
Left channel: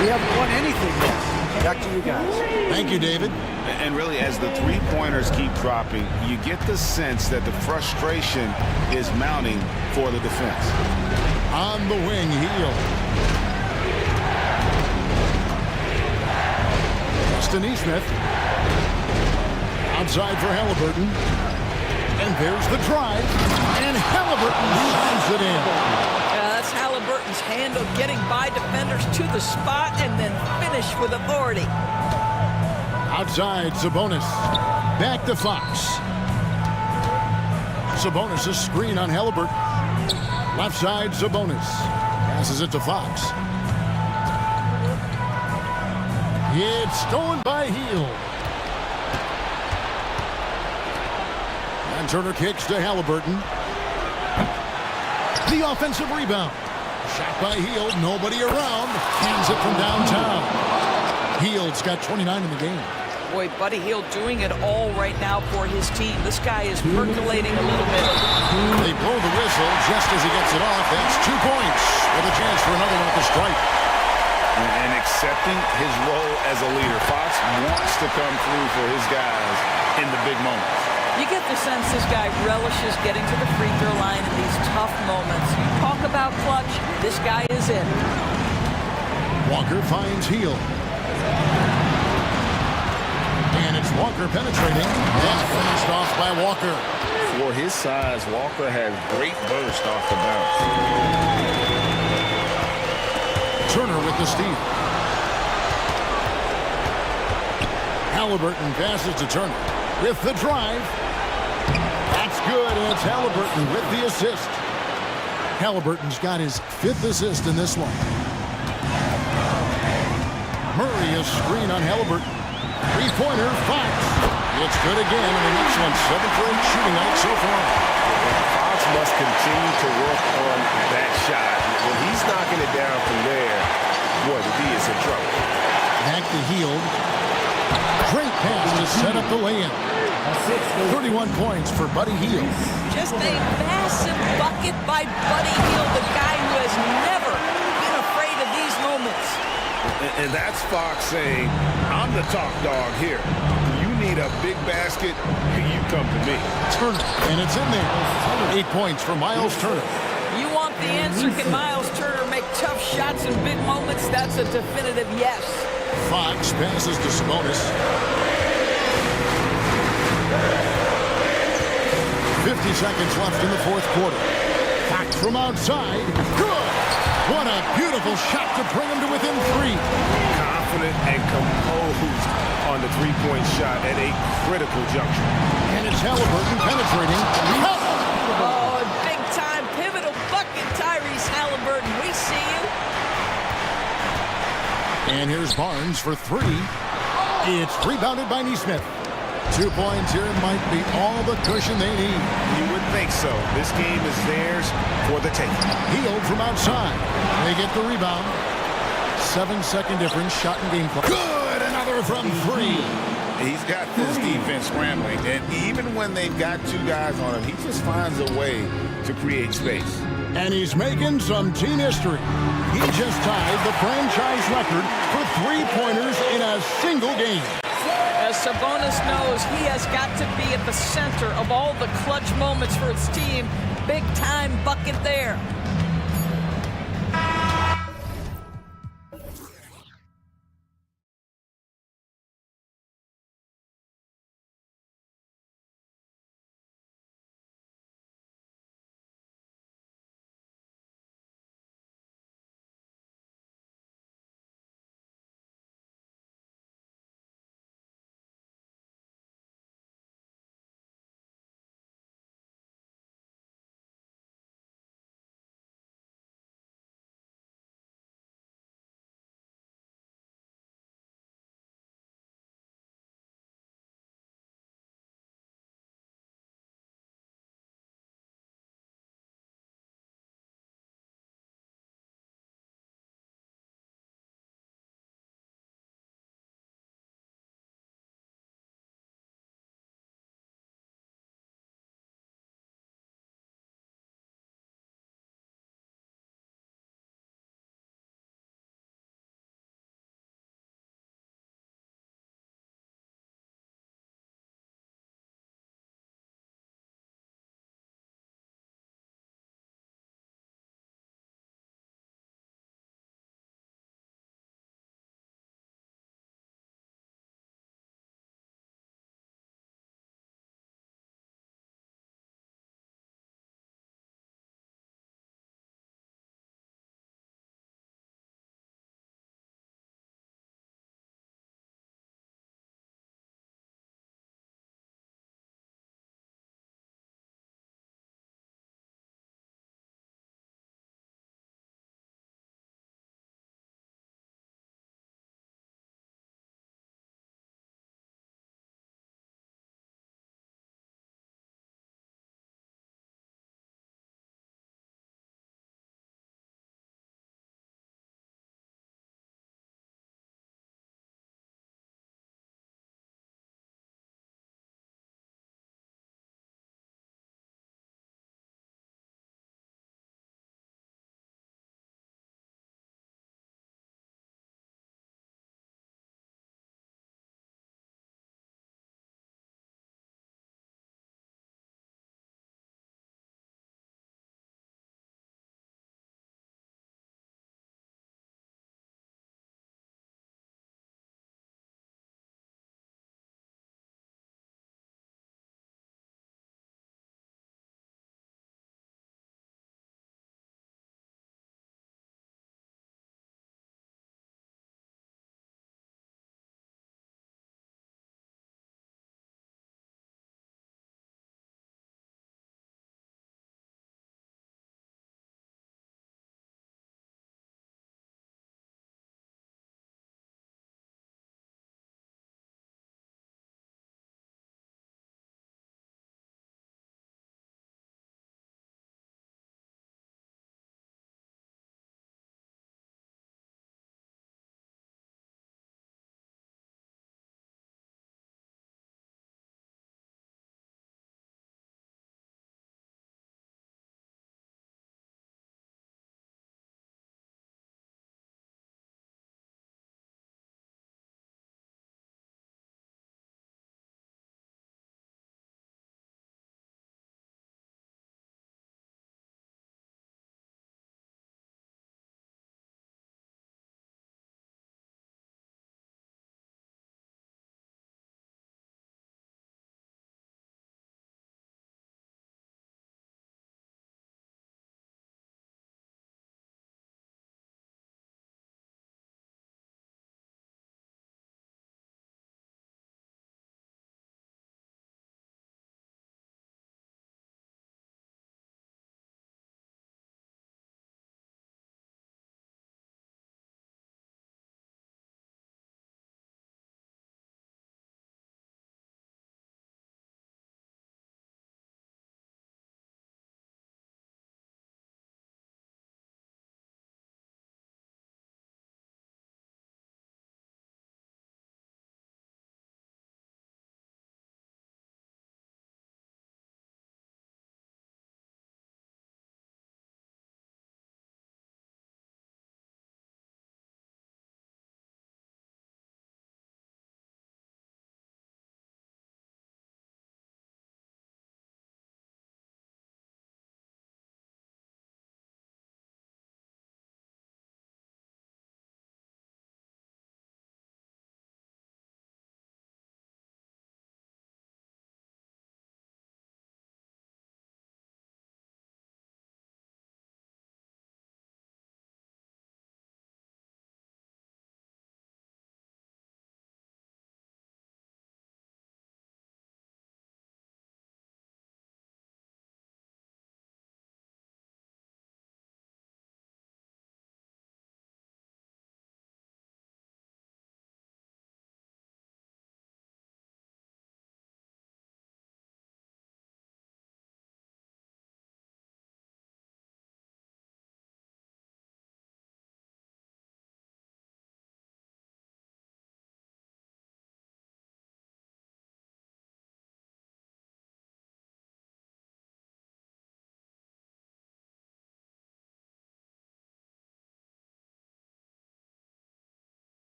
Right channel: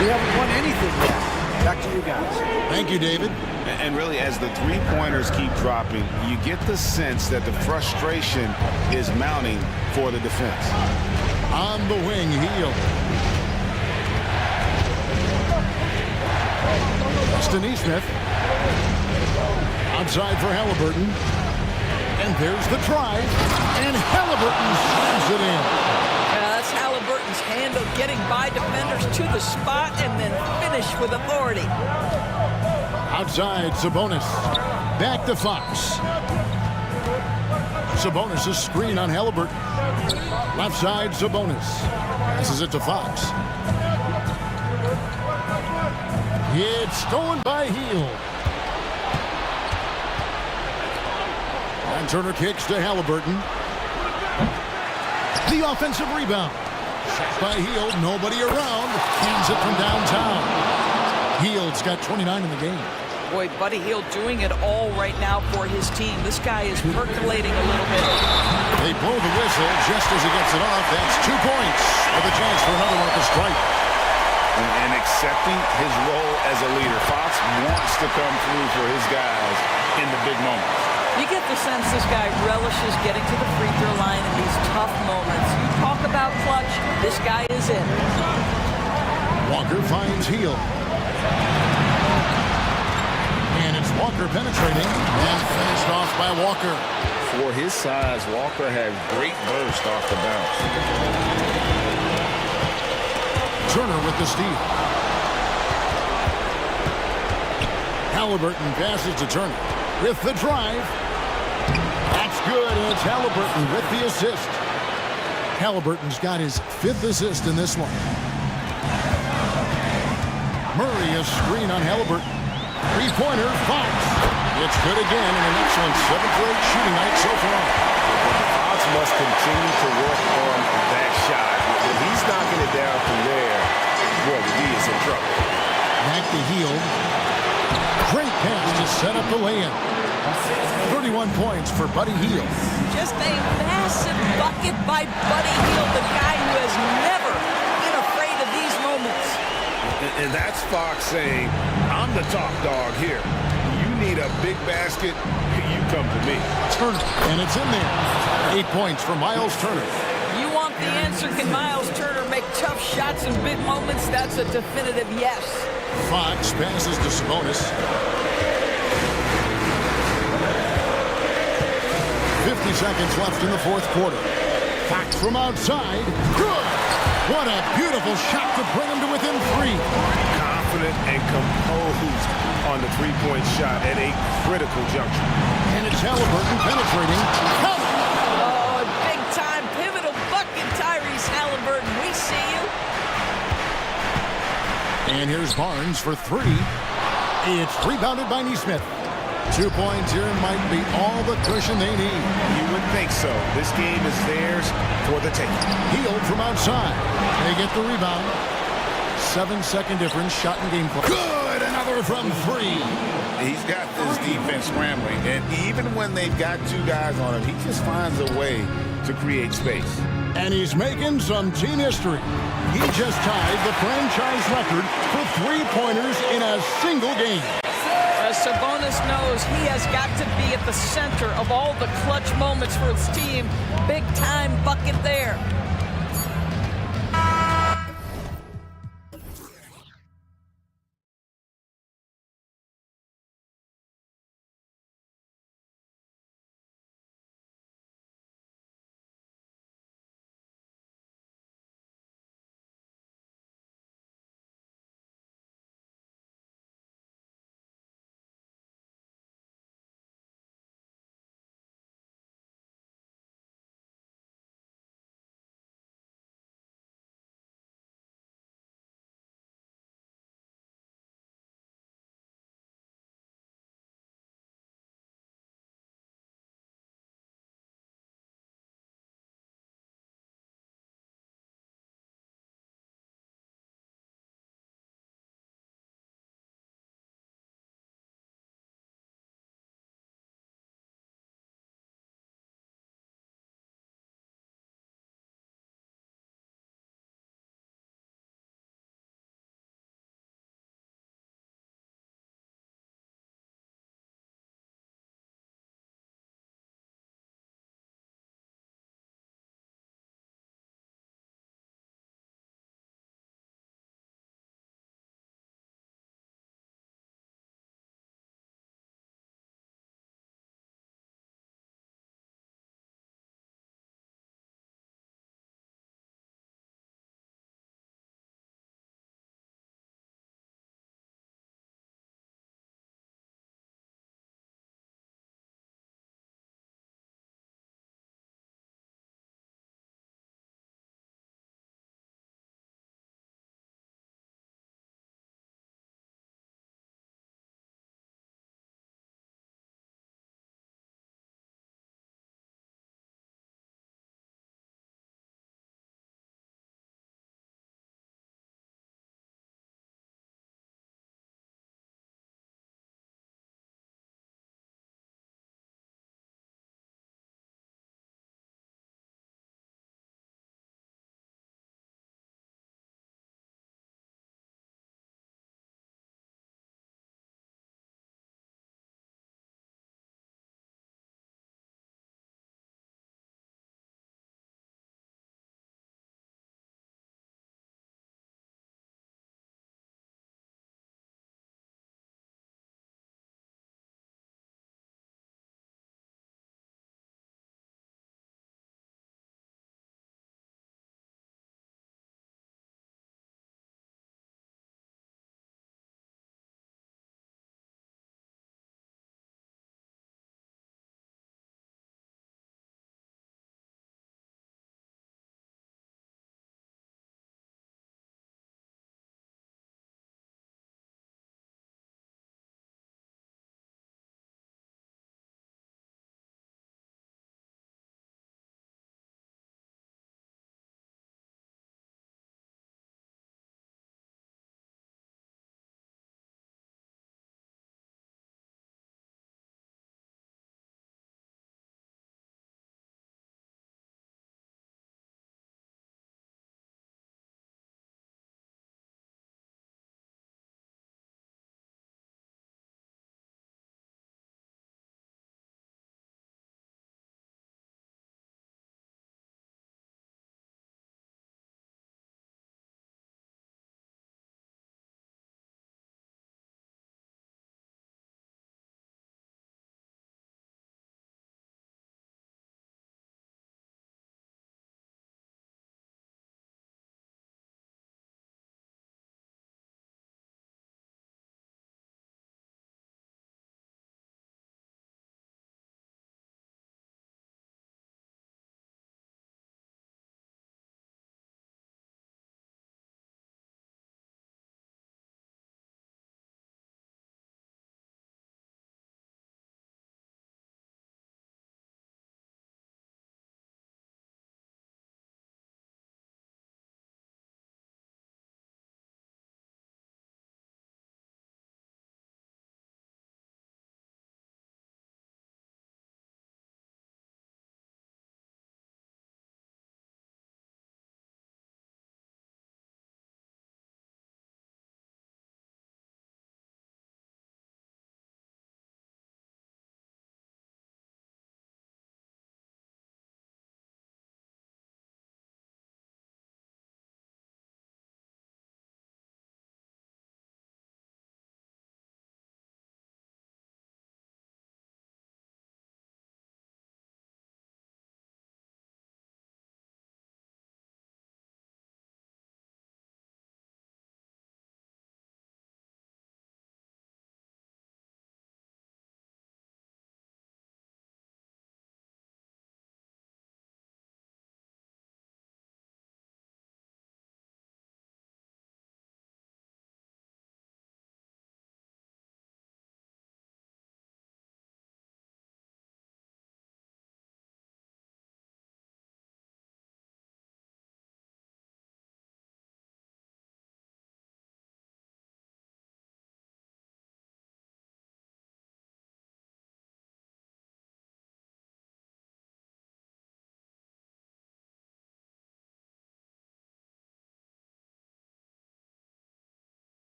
We haven't won anything yet. Back to you guys. Thank you, David. And really, as the three-pointers keep dropping, you get the sense that the frustration is mounting for the defense. On the wing, Heel. Justin Nesmith. Outside for Halliburton. And there's the drive. And Halliburton slams it in. That's Halliburton's handle, getting by defenders to the spot and then finish with authority. Outside, Sabonis. Back to Fox. Sabonis' screen on Halliburton. Left side, Sabonis. Passes it to Fox. It's stolen by Heel. And Turner kicks to Halliburton. The offensive rebound. Shot by Heel. Nobody around. Hands it from downtown. Heald's got 29 in the game. Boy, Buddy Hield doing it all right now for his team. This guy is percolating a little bit. They blow the whistle just as he gets it off. That's 2 points with a chance for another one at the stripe. And accepting his role as a leader. Fox wants to come through for his guys in the big moments. You get the sense this guy relishes getting to the free throw line in these tough moments. You talk about clutch, this guy is in. Walker finds Heel. And it's Walker penetrating and finished off by Walker. For his size, Walker has great burst off the bounce. Turner with the steal. Halliburton passes to Turner with the drive. That's good, and it's Halliburton with the assist. Halliburton's got his 5th assist in this one. Murray is screen on Halliburton. Three-pointer, Fox. It's good again, and an excellent 7 for 8 shooting night so far. Fox must continue to work on that shot. When he's knocking it down from there, boy, the D is in trouble. Back to Hield. Great pass to set up the lay-in. 31 points for Buddy Hield. Just a massive bucket by Buddy Hield, the guy who has never been afraid of these moments. And that's Fox saying, I'm the top dog here. You need a big basket, you come to me. Turner, and it's in there. 8 points for Miles Turner. You want the answer, can Miles Turner make tough shots in big moments? That's a definitive yes. Fox passes to Sabonis. 50 seconds left in the 4th quarter. Fox from outside. Good! What a beautiful shot to bring him to within 3. Confident and composed on the three-point shot at a critical juncture. And it's Halliburton penetrating. Oh, big-time pivotal bucket, Tyrese Halliburton. We see you. And here's Barnes for 3. It's rebounded by Nesmith. 2 points here might be all the cushion they need. You would think so. This game is theirs for the taking. Hield from outside. They get the rebound. 7-second difference, shot and game clock. Good! Another from 3. He's got this defense scrambling, and even when they've got two guys on him, he just finds a way to create space. And he's making some team history. He just tied the franchise record for three-pointers in a single game. As Sabonis knows, he has got to be at the center of all the clutch moments for his team. Big-time bucket there.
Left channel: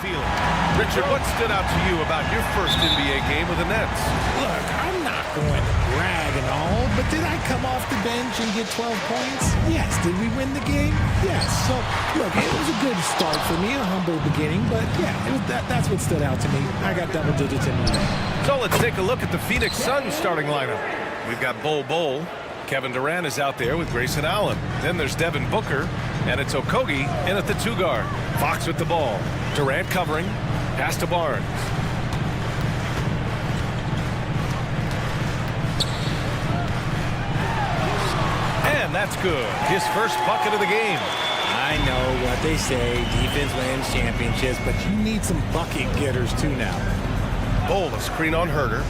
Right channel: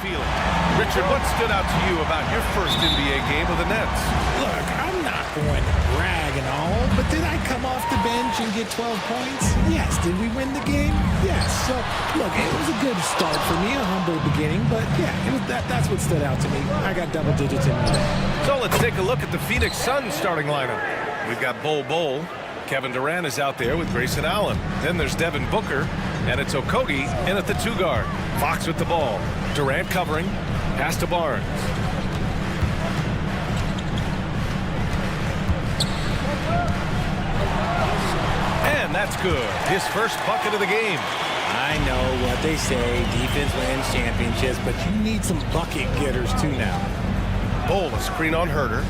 feeling? Richard, what stood out to you about your first NBA game with the Nets? Look, I'm not going to brag and all, but did I come off the bench and get 12 points? Yes. Did we win the game? Yes. So, look, it was a good start for me, a humble beginning, but yeah, that's what stood out to me. I got double digits in the game. So let's take a look at the Phoenix Suns starting lineup. We've got Bol. Kevin Durant is out there with Grayson Allen. Then there's Devin Booker, and it's Okogie in at the 2 guard. Fox with the ball. Durant covering. Pass to Barnes. And that's good. His first bucket of the game. I know what they say, defense wins championships, but you need some bucket getters too now. Bol, a screen on Herder.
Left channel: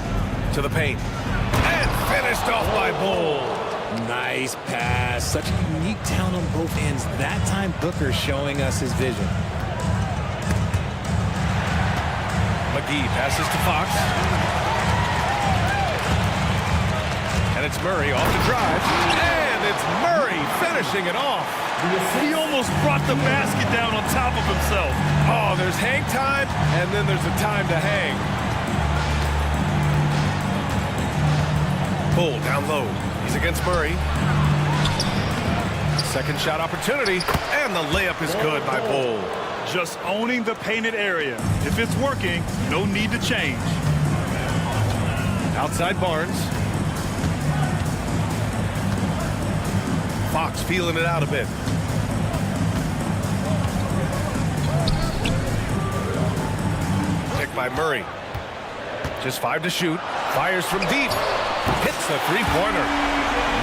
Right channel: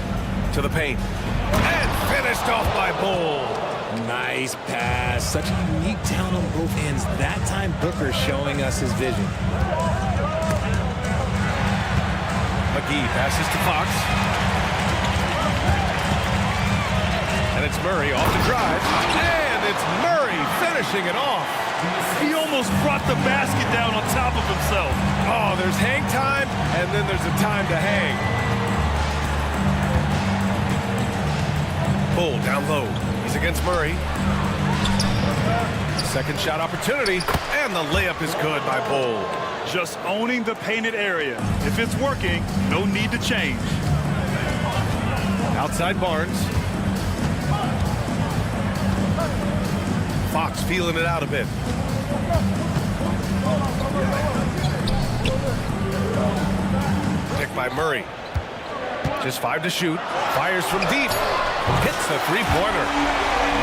To the paint. And finished off by Bol. Nice pass. Such a unique talent on both ends. That time, Booker showing us his vision. McGee passes to Fox. And it's Murray off the drive. And it's Murray finishing it off. He almost brought the basket down on top of himself. Oh, there's hang time, and then there's a time to hang. Bol down low. He's against Murray. Second shot opportunity, and the layup is good by Bol. Just owning the painted area. If it's working, no need to change. Outside Barnes. Fox feeling it out a bit. Pick by Murray. Just 5 to shoot. Fires from deep. Hits the three-pointer.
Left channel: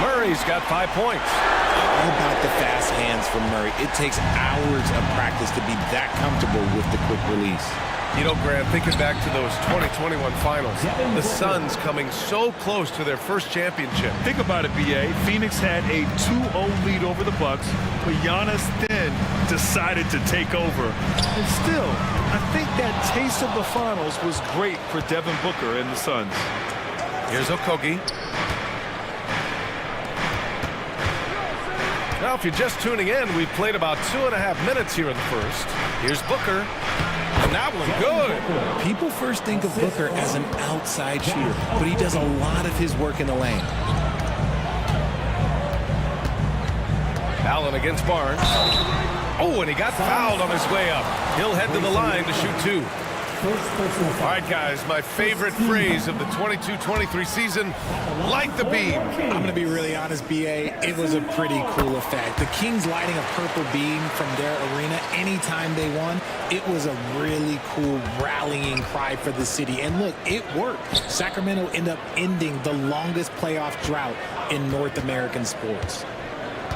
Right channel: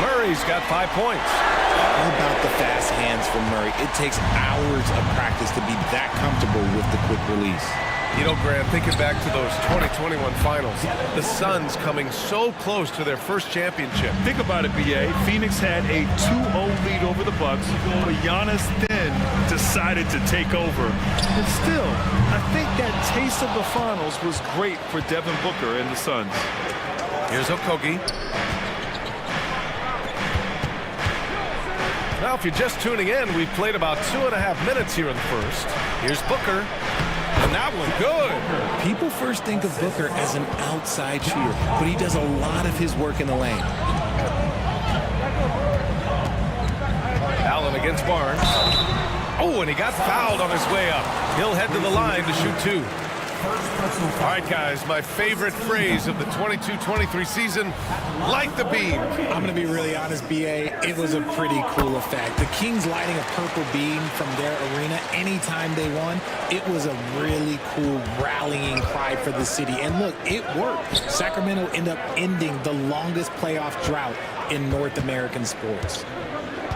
Murray's got 5 points. All about the fast hands from Murray. It takes hours of practice to be that comfortable with the quick release. You know, Grant, thinking back to those 2021 finals, the Suns coming so close to their first championship. Think about it, B.A. Phoenix had a 2-0 lead over the Bucks, but Giannis then decided to take over. And still, I think that taste of the finals was great for Devin Booker and the Suns. Here's Okogie. Now, if you're just tuning in, we've played about 2.5 minutes here in the first. Here's Booker. And that one good. People first think of Booker as an outside shooter, but he does a lot of his work in the lane. Allen against Barnes. Oh, and he got fouled on his way up. He'll head to the line to shoot 2. All right, guys, my favorite phrase of the 22-23 season, light the beam. I'm going to be really honest, B.A. It was a pretty cool effect. The Kings lighting a purple beam from their arena anytime they won, it was a really cool rallying cry for the city. And look, it worked. Sacramento ended up ending the longest playoff drought in North American sports.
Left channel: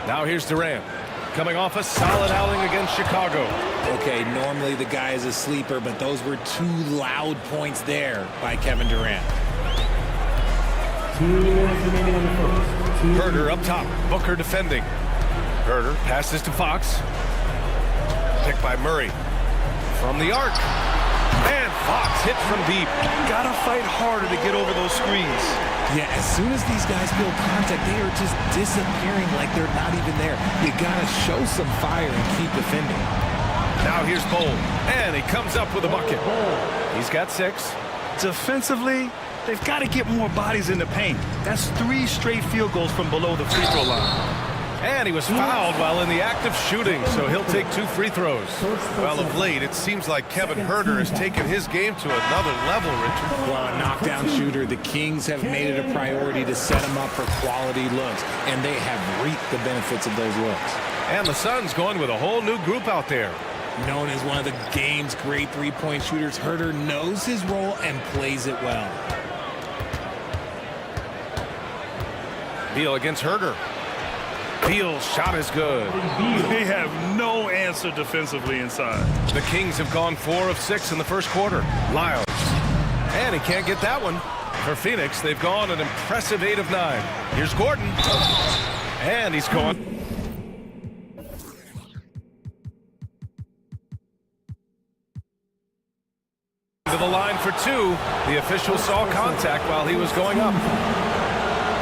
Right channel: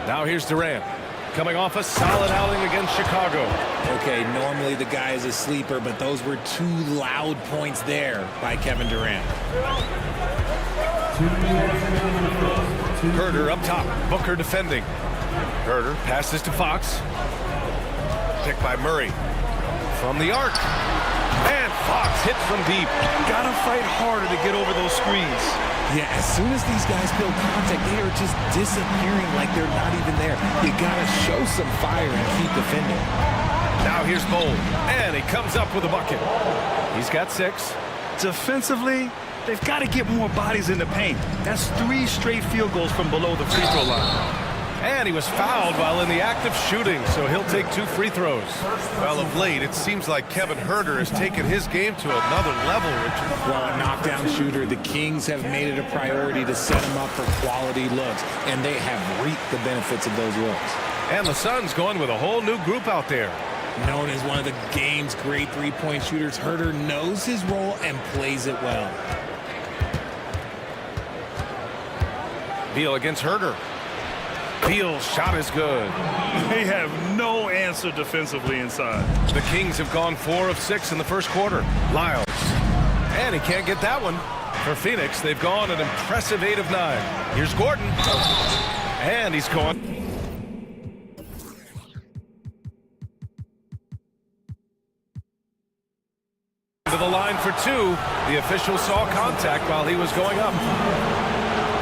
Now here's Durant. Coming off a solid outing against Chicago. Okay, normally the guy is a sleeper, but those were 2 loud points there by Kevin Durant. Herder up top. Booker defending. Herder passes to Fox. Picked by Murray. From the arc. And Fox hits from deep. Gotta fight harder to get over those screens. Yeah, as soon as these guys feel contact, they are just disappearing like they're not even there. You gotta show some fire and keep defending. Now here's Bol, and he comes up with a bucket. He's got 6. Defensively, they've got to get more bodies in the paint. That's 3 straight field goals from below the free throw line. And he was fouled while in the act of shooting, so he'll take 2 free throws. Well, of late, it seems like Kevin Herder has taken his game to another level, Richard. Well, a knockdown shooter, the Kings have made it a priority to set him up for quality looks, and they have reaped the benefits of those looks. And the Suns going with a whole new group out there. Known as one of the game's great three-point shooters, Herder knows his role and plays it well. Beal against Herder. Beal's shot is good. They have no answer defensively inside. The Kings have gone 4 of 6 in the first quarter. Lyles. And he can't get that one. For Phoenix, they've gone an impressive 8 of 9. Here's Gordon. And he's gone. To the line for 2. The official saw contact while he was going up.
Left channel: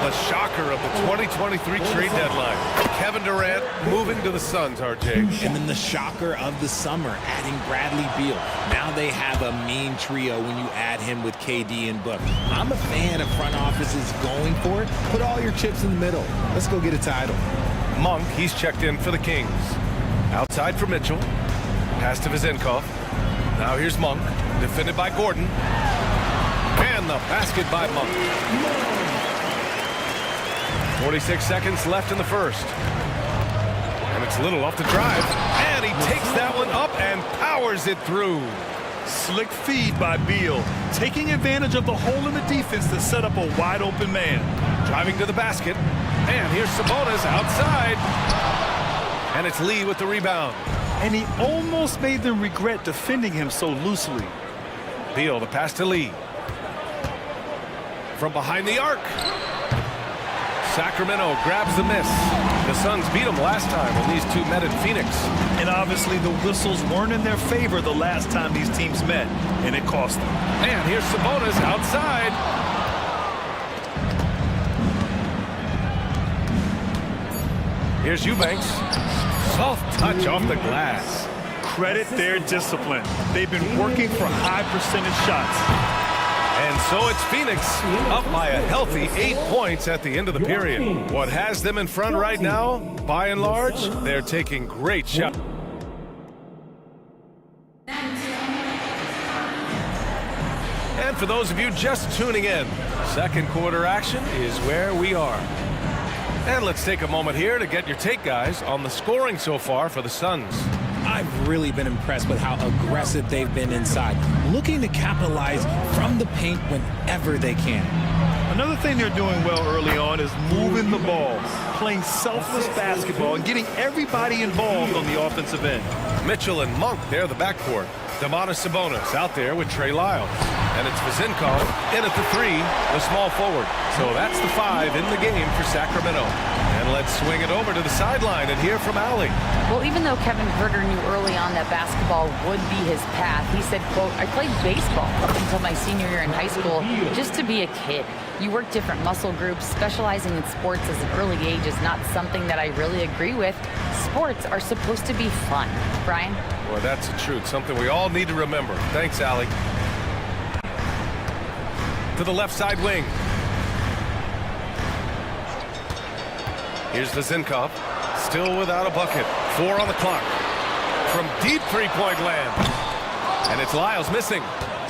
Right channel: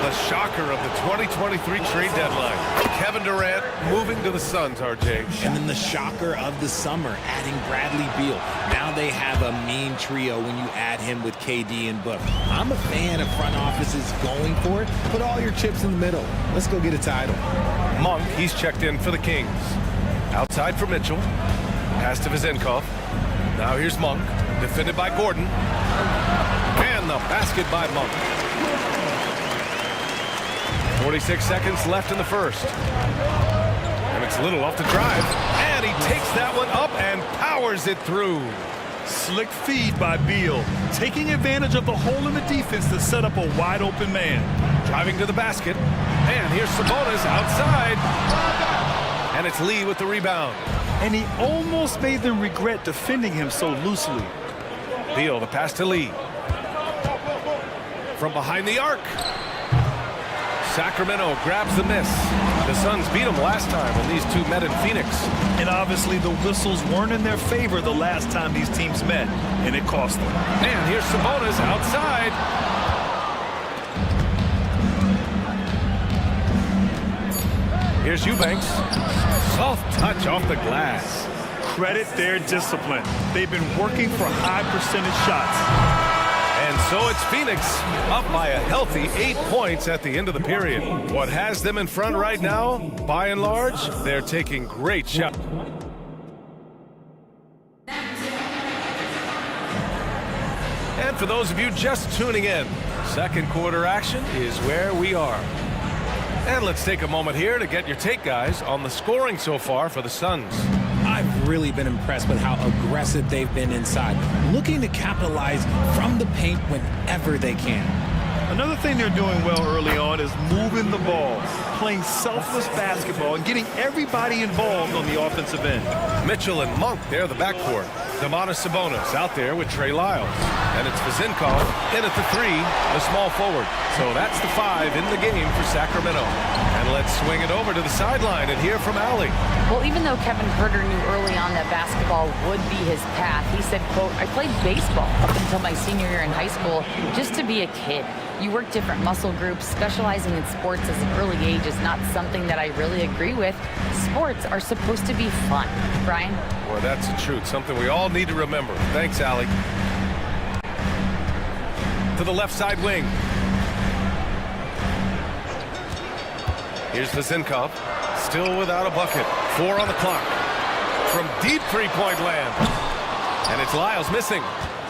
The shocker of the 2023 trade deadline. Kevin Durant moving to the Suns, RJ. And then the shocker of the summer, adding Bradley Beal. Now they have a mean trio when you add him with KD and Book. I'm a fan of front offices going for it. Put all your chips in the middle. Let's go get a title. Monk, he's checked in for the Kings. Outside for Mitchell. Pass to Vizenkov. Now here's Monk, defended by Gordon. And the basket by Monk. 46 seconds left in the first. And it's Little off the drive. And he takes that one up and powers it through. Slick feed by Beal, taking advantage of the hole in the defense to set up a wide open man. Driving to the basket. And here's Sabonis outside. And it's Lee with the rebound. And he almost made them regret defending him so loosely. Beal, the pass to Lee. From behind the arc. Sacramento grabs the miss. The Suns beat them last time when these two met in Phoenix. And obviously the whistles weren't in their favor the last time these teams met, and it cost them. And here's Sabonis outside. Here's Eubanks. Soft touch off the glass. Credit their discipline. They've been working for high percentage shots. And so it's Phoenix up by a healthy 8 points at the end of the period. What has them in front right now, by and large, they're taking great shots. And for those of you just tuning in, second quarter action is where we are. And let's take a moment here to get your take, guys, on the scoring so far for the Suns. I've really been impressed with how aggressive they've been inside, looking to capitalize from the paint whenever they can. Another thing they're doing well early on is moving the ball, playing selfless basketball, and getting everybody involved on the offensive end. Mitchell and Monk, they're the backcourt. Domantas Sabonis out there with Trey Lyles. And it's Vizenkov in at the 3, the small forward. So that's the 5 in the game for Sacramento. And let's swing it over to the sideline and hear from Allie. Well, even though Kevin Huerter knew early on that basketball would be his path, he said, quote, I played baseball up until my senior year in high school just to be a kid. You work different muscle groups. Specializing in sports as an early age is not something that I really agree with. Sports are supposed to be fun. Brian? Boy, that's the truth. Something we all need to remember. Thanks, Allie. To the left side wing. Here's Vizenkov, still without a bucket. 4 on the clock. From deep three-point land. And it's Lyles missing.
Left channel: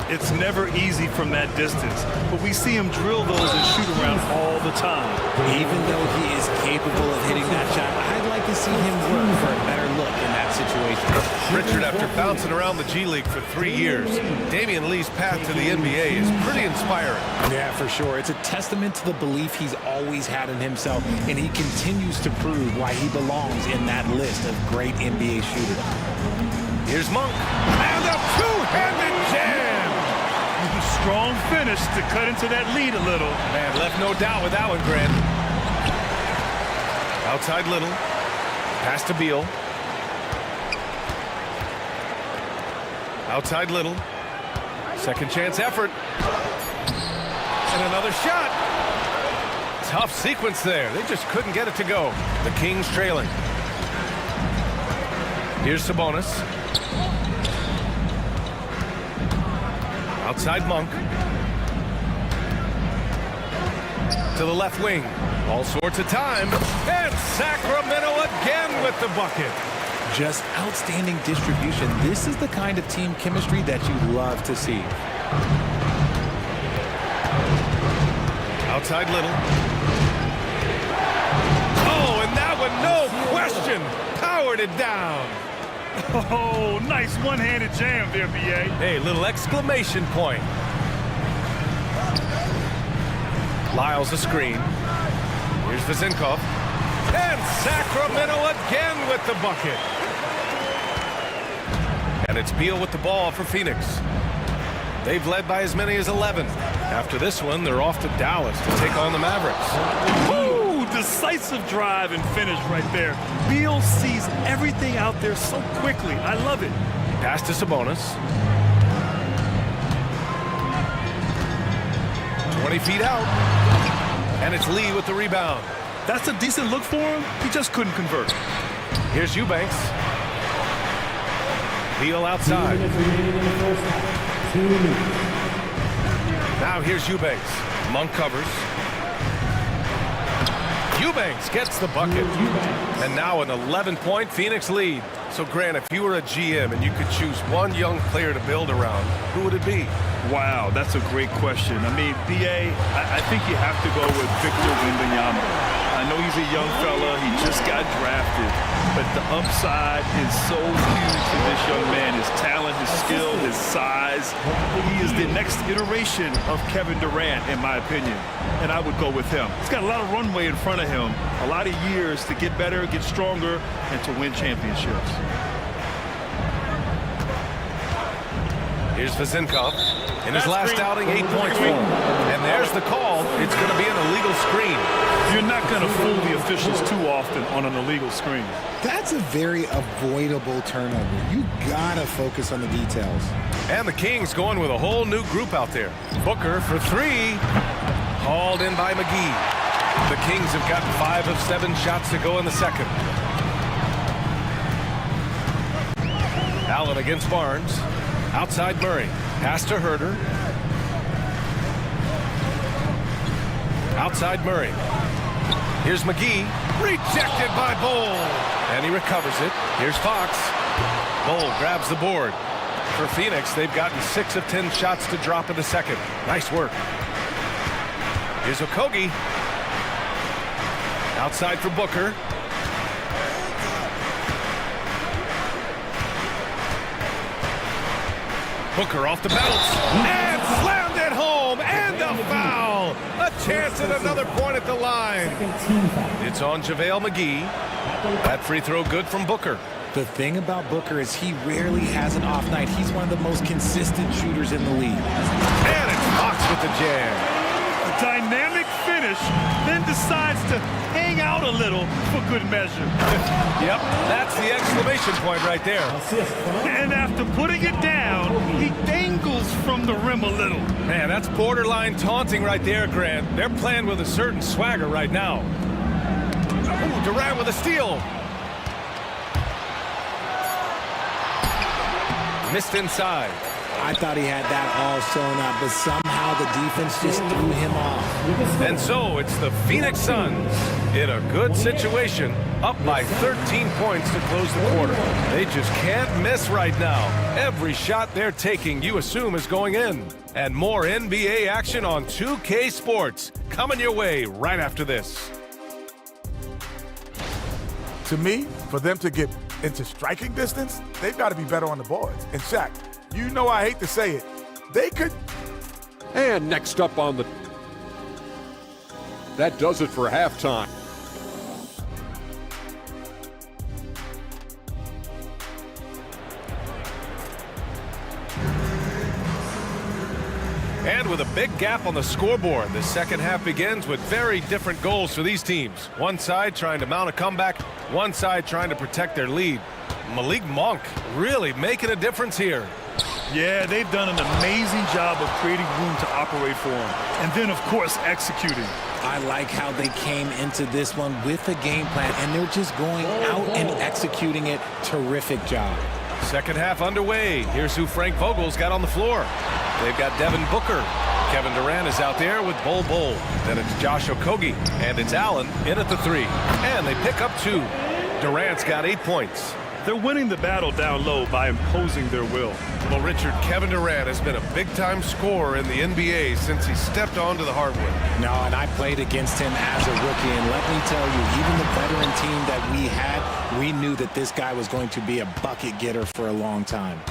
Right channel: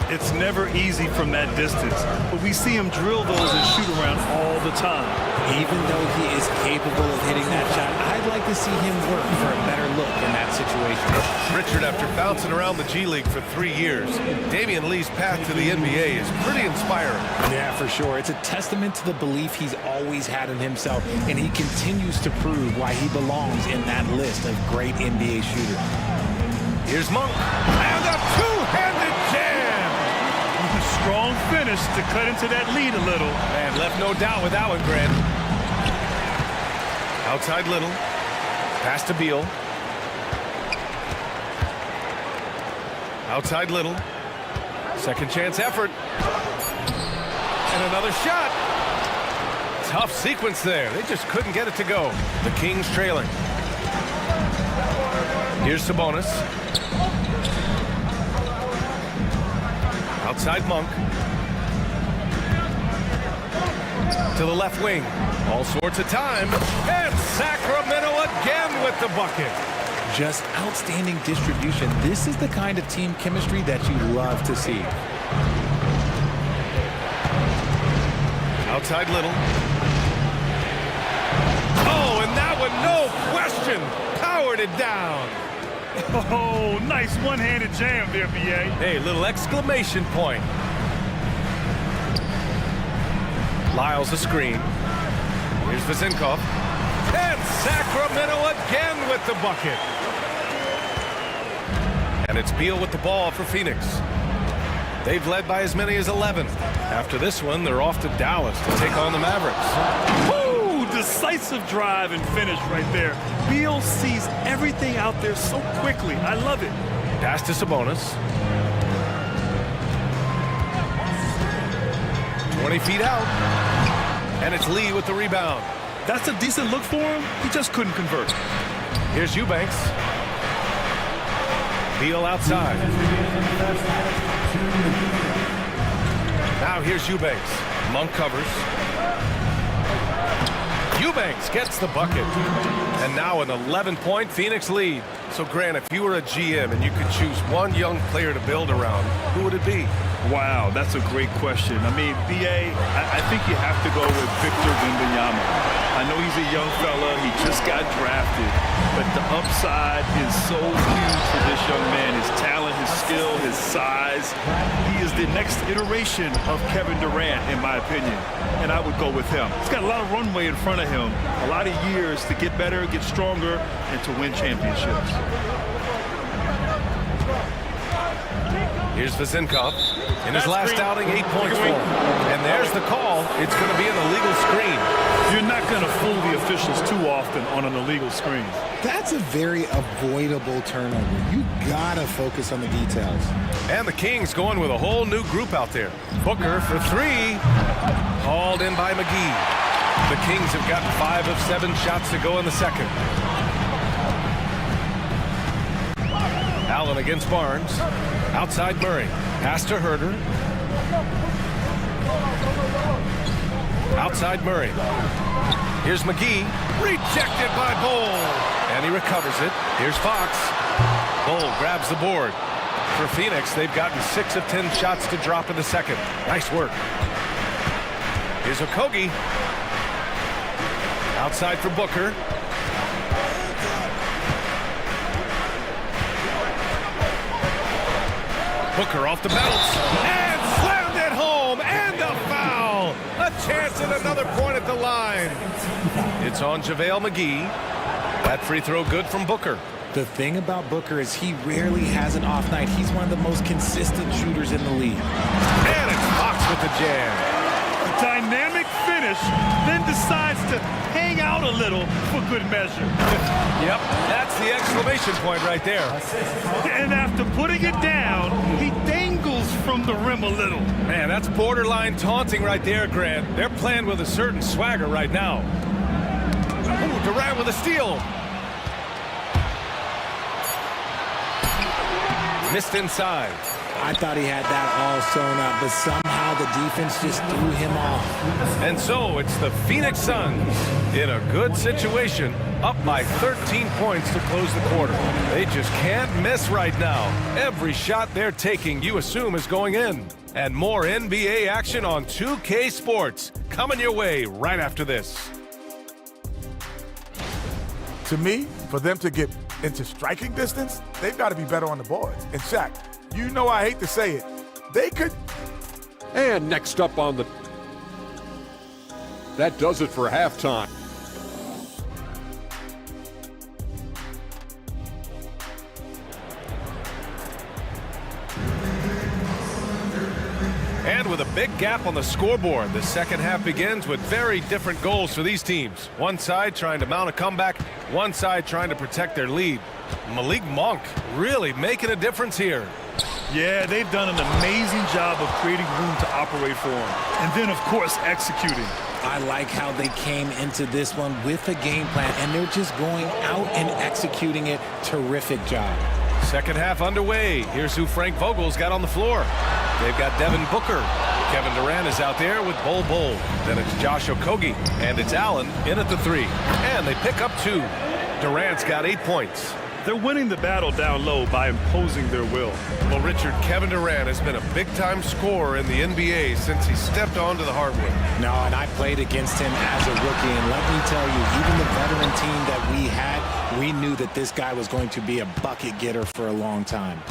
It's never easy from that distance, but we see him drill those and shoot around all the time. Even though he is capable of hitting that shot, I'd like to see him work for a better look in that situation. Richard, after bouncing around the G League for 3 years, Damian Lee's path to the NBA is pretty inspiring. Yeah, for sure. It's a testament to the belief he's always had in himself, and he continues to prove why he belongs in that list of great NBA shooters. Here's Monk, and a two-handed jam! A strong finish to cut into that lead a little. Man, left no doubt with that one, Grant. Outside Little, pass to Beal. Outside Little, second chance effort. And another shot. Tough sequence there. They just couldn't get it to go. The Kings trailing. Here's Sabonis. Outside Monk. To the left wing. All sorts of time. And Sacramento again with the bucket. Just outstanding distribution. This is the kind of team chemistry that you love to see. Outside Little. Oh, and that one, no question, powered it down. Oh, nice one-handed jam there, B.A. Hey, little exclamation point. Lyles a screen. Here's Vizenkov. And Sacramento again with the bucket. And it's Beal with the ball for Phoenix. They've led by as many as 11. After this one, they're off to Dallas to take on the Mavericks. Woo! Decisive drive and finish right there. Beal sees everything out there so quickly. I love it. Pass to Sabonis. 20 feet out. And it's Lee with the rebound. That's a decent look for him. He just couldn't convert. Here's Eubanks. Beal outside. Now here's Eubanks. Monk covers. Eubanks gets the bucket. And now an 11-point Phoenix lead. So, Grant, if you were a GM and you could choose one young player to build around, who would it be? Wow, that's a great question. I mean, BA, I think you have to go with Victor Wembanyama. I know he's a young fella. He just got drafted. But the upside is so huge for this young man. His talent, his skill, his size. He is the next iteration of Kevin Durant, in my opinion. And I would go with him. He's got a lot of runway in front of him. A lot of years to get better, get stronger, and to win championships. Here's Vezinkov. In his last outing, 8 points for him. And there's the call. It's going to be an illegal screen. You're not going to fool the officials too often on an illegal screen. That's a very avoidable turnover. You gotta focus on the details. And the Kings going with a whole new group out there. Booker for three. Hauled in by McGee. The Kings have gotten 5 of 7 shots to go in the second. Allen against Barnes. Outside Murray. Pass to Herter. Outside Murray. Here's McGee. Rejected by Bowl. And he recovers it. Here's Fox. Bowl grabs the board. For Phoenix, they've gotten 6 of 10 shots to drop in the second. Nice work. Here's Okogie. Outside for Booker. Booker off the bounce. And slammed it home. And a foul. A chance at another point at the line. It's on JaVale McGee. That free throw good from Booker. The thing about Booker is he rarely has an off night. He's one of the most consistent shooters in the league. And it's Fox with the jam. A dynamic finish, then decides to hang out a little for good measure. Yep, that's the exclamation point right there. And after putting it down, he dangles from the rim a little. Man, that's borderline taunting right there, Grant. They're playing with a certain swagger right now. Ooh, Durant with a steal. Missed inside. I thought he had that all sewn up, but somehow the defense just threw him off. And so it's the Phoenix Suns in a good situation, up by 13 points to close the quarter. They just can't miss right now. Every shot they're taking, you assume, is going in. And more NBA action on 2K Sports coming your way right after this. To me, for them to get into striking distance, they've got to be better on the boards. And Shaq, you know I hate to say it, they could. And next up on the... That does it for halftime. And with a big gap on the scoreboard, the second half begins with very different goals for these teams. One side trying to mount a comeback, one side trying to protect their lead. Malik Monk really making a difference here. Yeah, they've done an amazing job of creating room to operate for him. And then, of course, executing. I like how they came into this one with a game plan, and they're just going out and executing it. Terrific job. Second half underway. Here's who Frank Vogel's got on the floor. They've got Devin Booker. Kevin Durant is out there with Bol Bol. Then it's Josh Okogie. And it's Allen in at the 3. And they pick up 2. Durant's got 8 points. They're winning the battle down low by imposing their will. Well, Richard, Kevin Durant has been a big-time scorer in the NBA since he stepped onto the hardwood. No, and I played against him as a rookie, and let me tell you, even the veteran team that we had, we knew that this guy was going to be a bucket getter for a long time.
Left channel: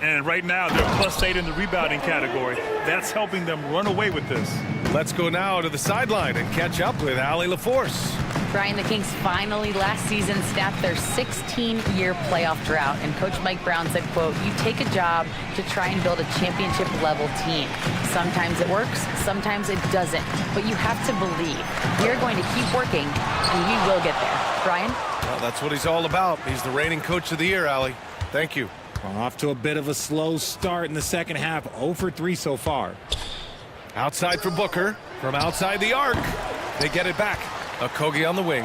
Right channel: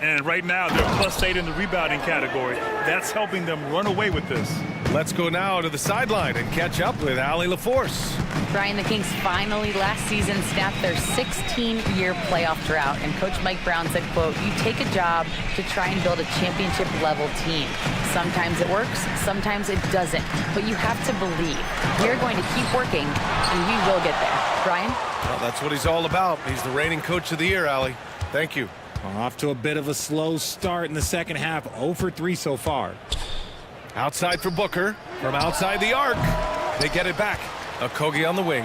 And right now, they're +8 in the rebounding category. That's helping them run away with this. Let's go now to the sideline and catch up with Allie LaForce. Brian, the Kings finally last season snapped their 16-year playoff drought, and Coach Mike Brown said, quote, "You take a job to try and build a championship-level team. Sometimes it works, sometimes it doesn't, but you have to believe. We're going to keep working, and we will get there." Brian? Well, that's what he's all about. He's the reigning Coach of the Year, Allie. Thank you. Off to a bit of a slow start in the second half, 0 for 3 so far. Outside for Booker, from outside the arc. They get it back. Okogie on the wing.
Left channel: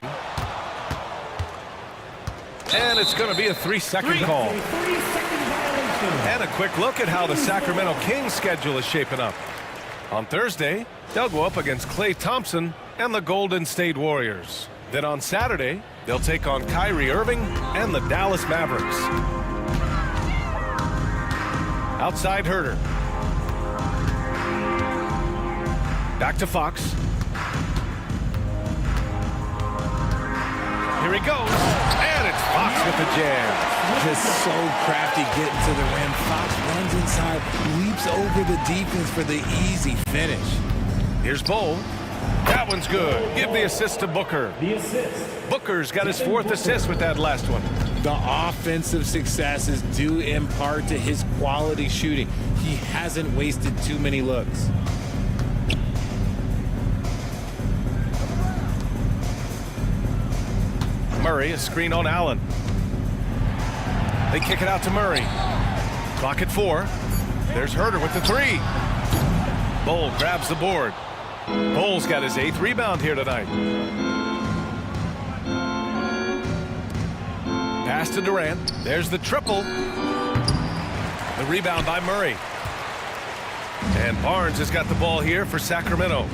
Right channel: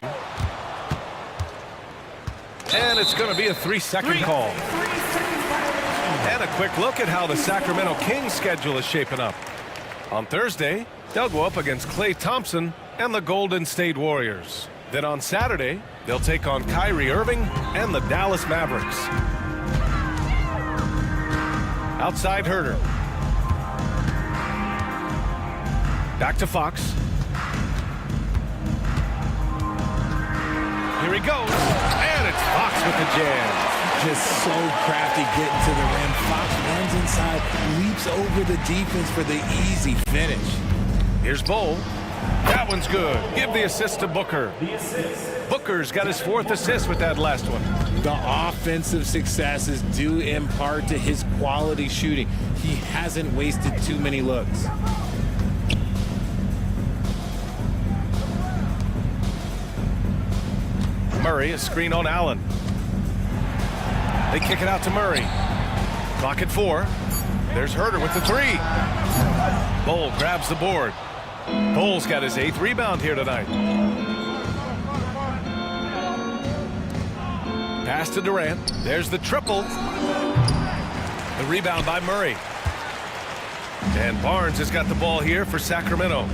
And it's going to be a 3-second call. And a quick look at how the Sacramento Kings schedule is shaping up. On Thursday, they'll go up against Klay Thompson and the Golden State Warriors. Then on Saturday, they'll take on Kyrie Irving and the Dallas Mavericks. Outside Herter. Back to Fox. Here he goes, and it's Fox with the jam. Just so crafty getting to the rim. Fox runs inside, leaps over the defense for the easy finish. Here's Bowl. That one's good. Give the assist to Booker. Booker's got his 4th assist with that last one. The offensive successes due in part to his quality shooting. He hasn't wasted too many looks. Murray, a screen on Allen. They kick it out to Murray. Clock at 4. There's Herter with the 3. Bowl grabs the board. Bowl's got his 8th rebound here tonight. Pass to Durant. There's the triple. The rebound by Murray. And Barnes has got the ball here for Sacramento.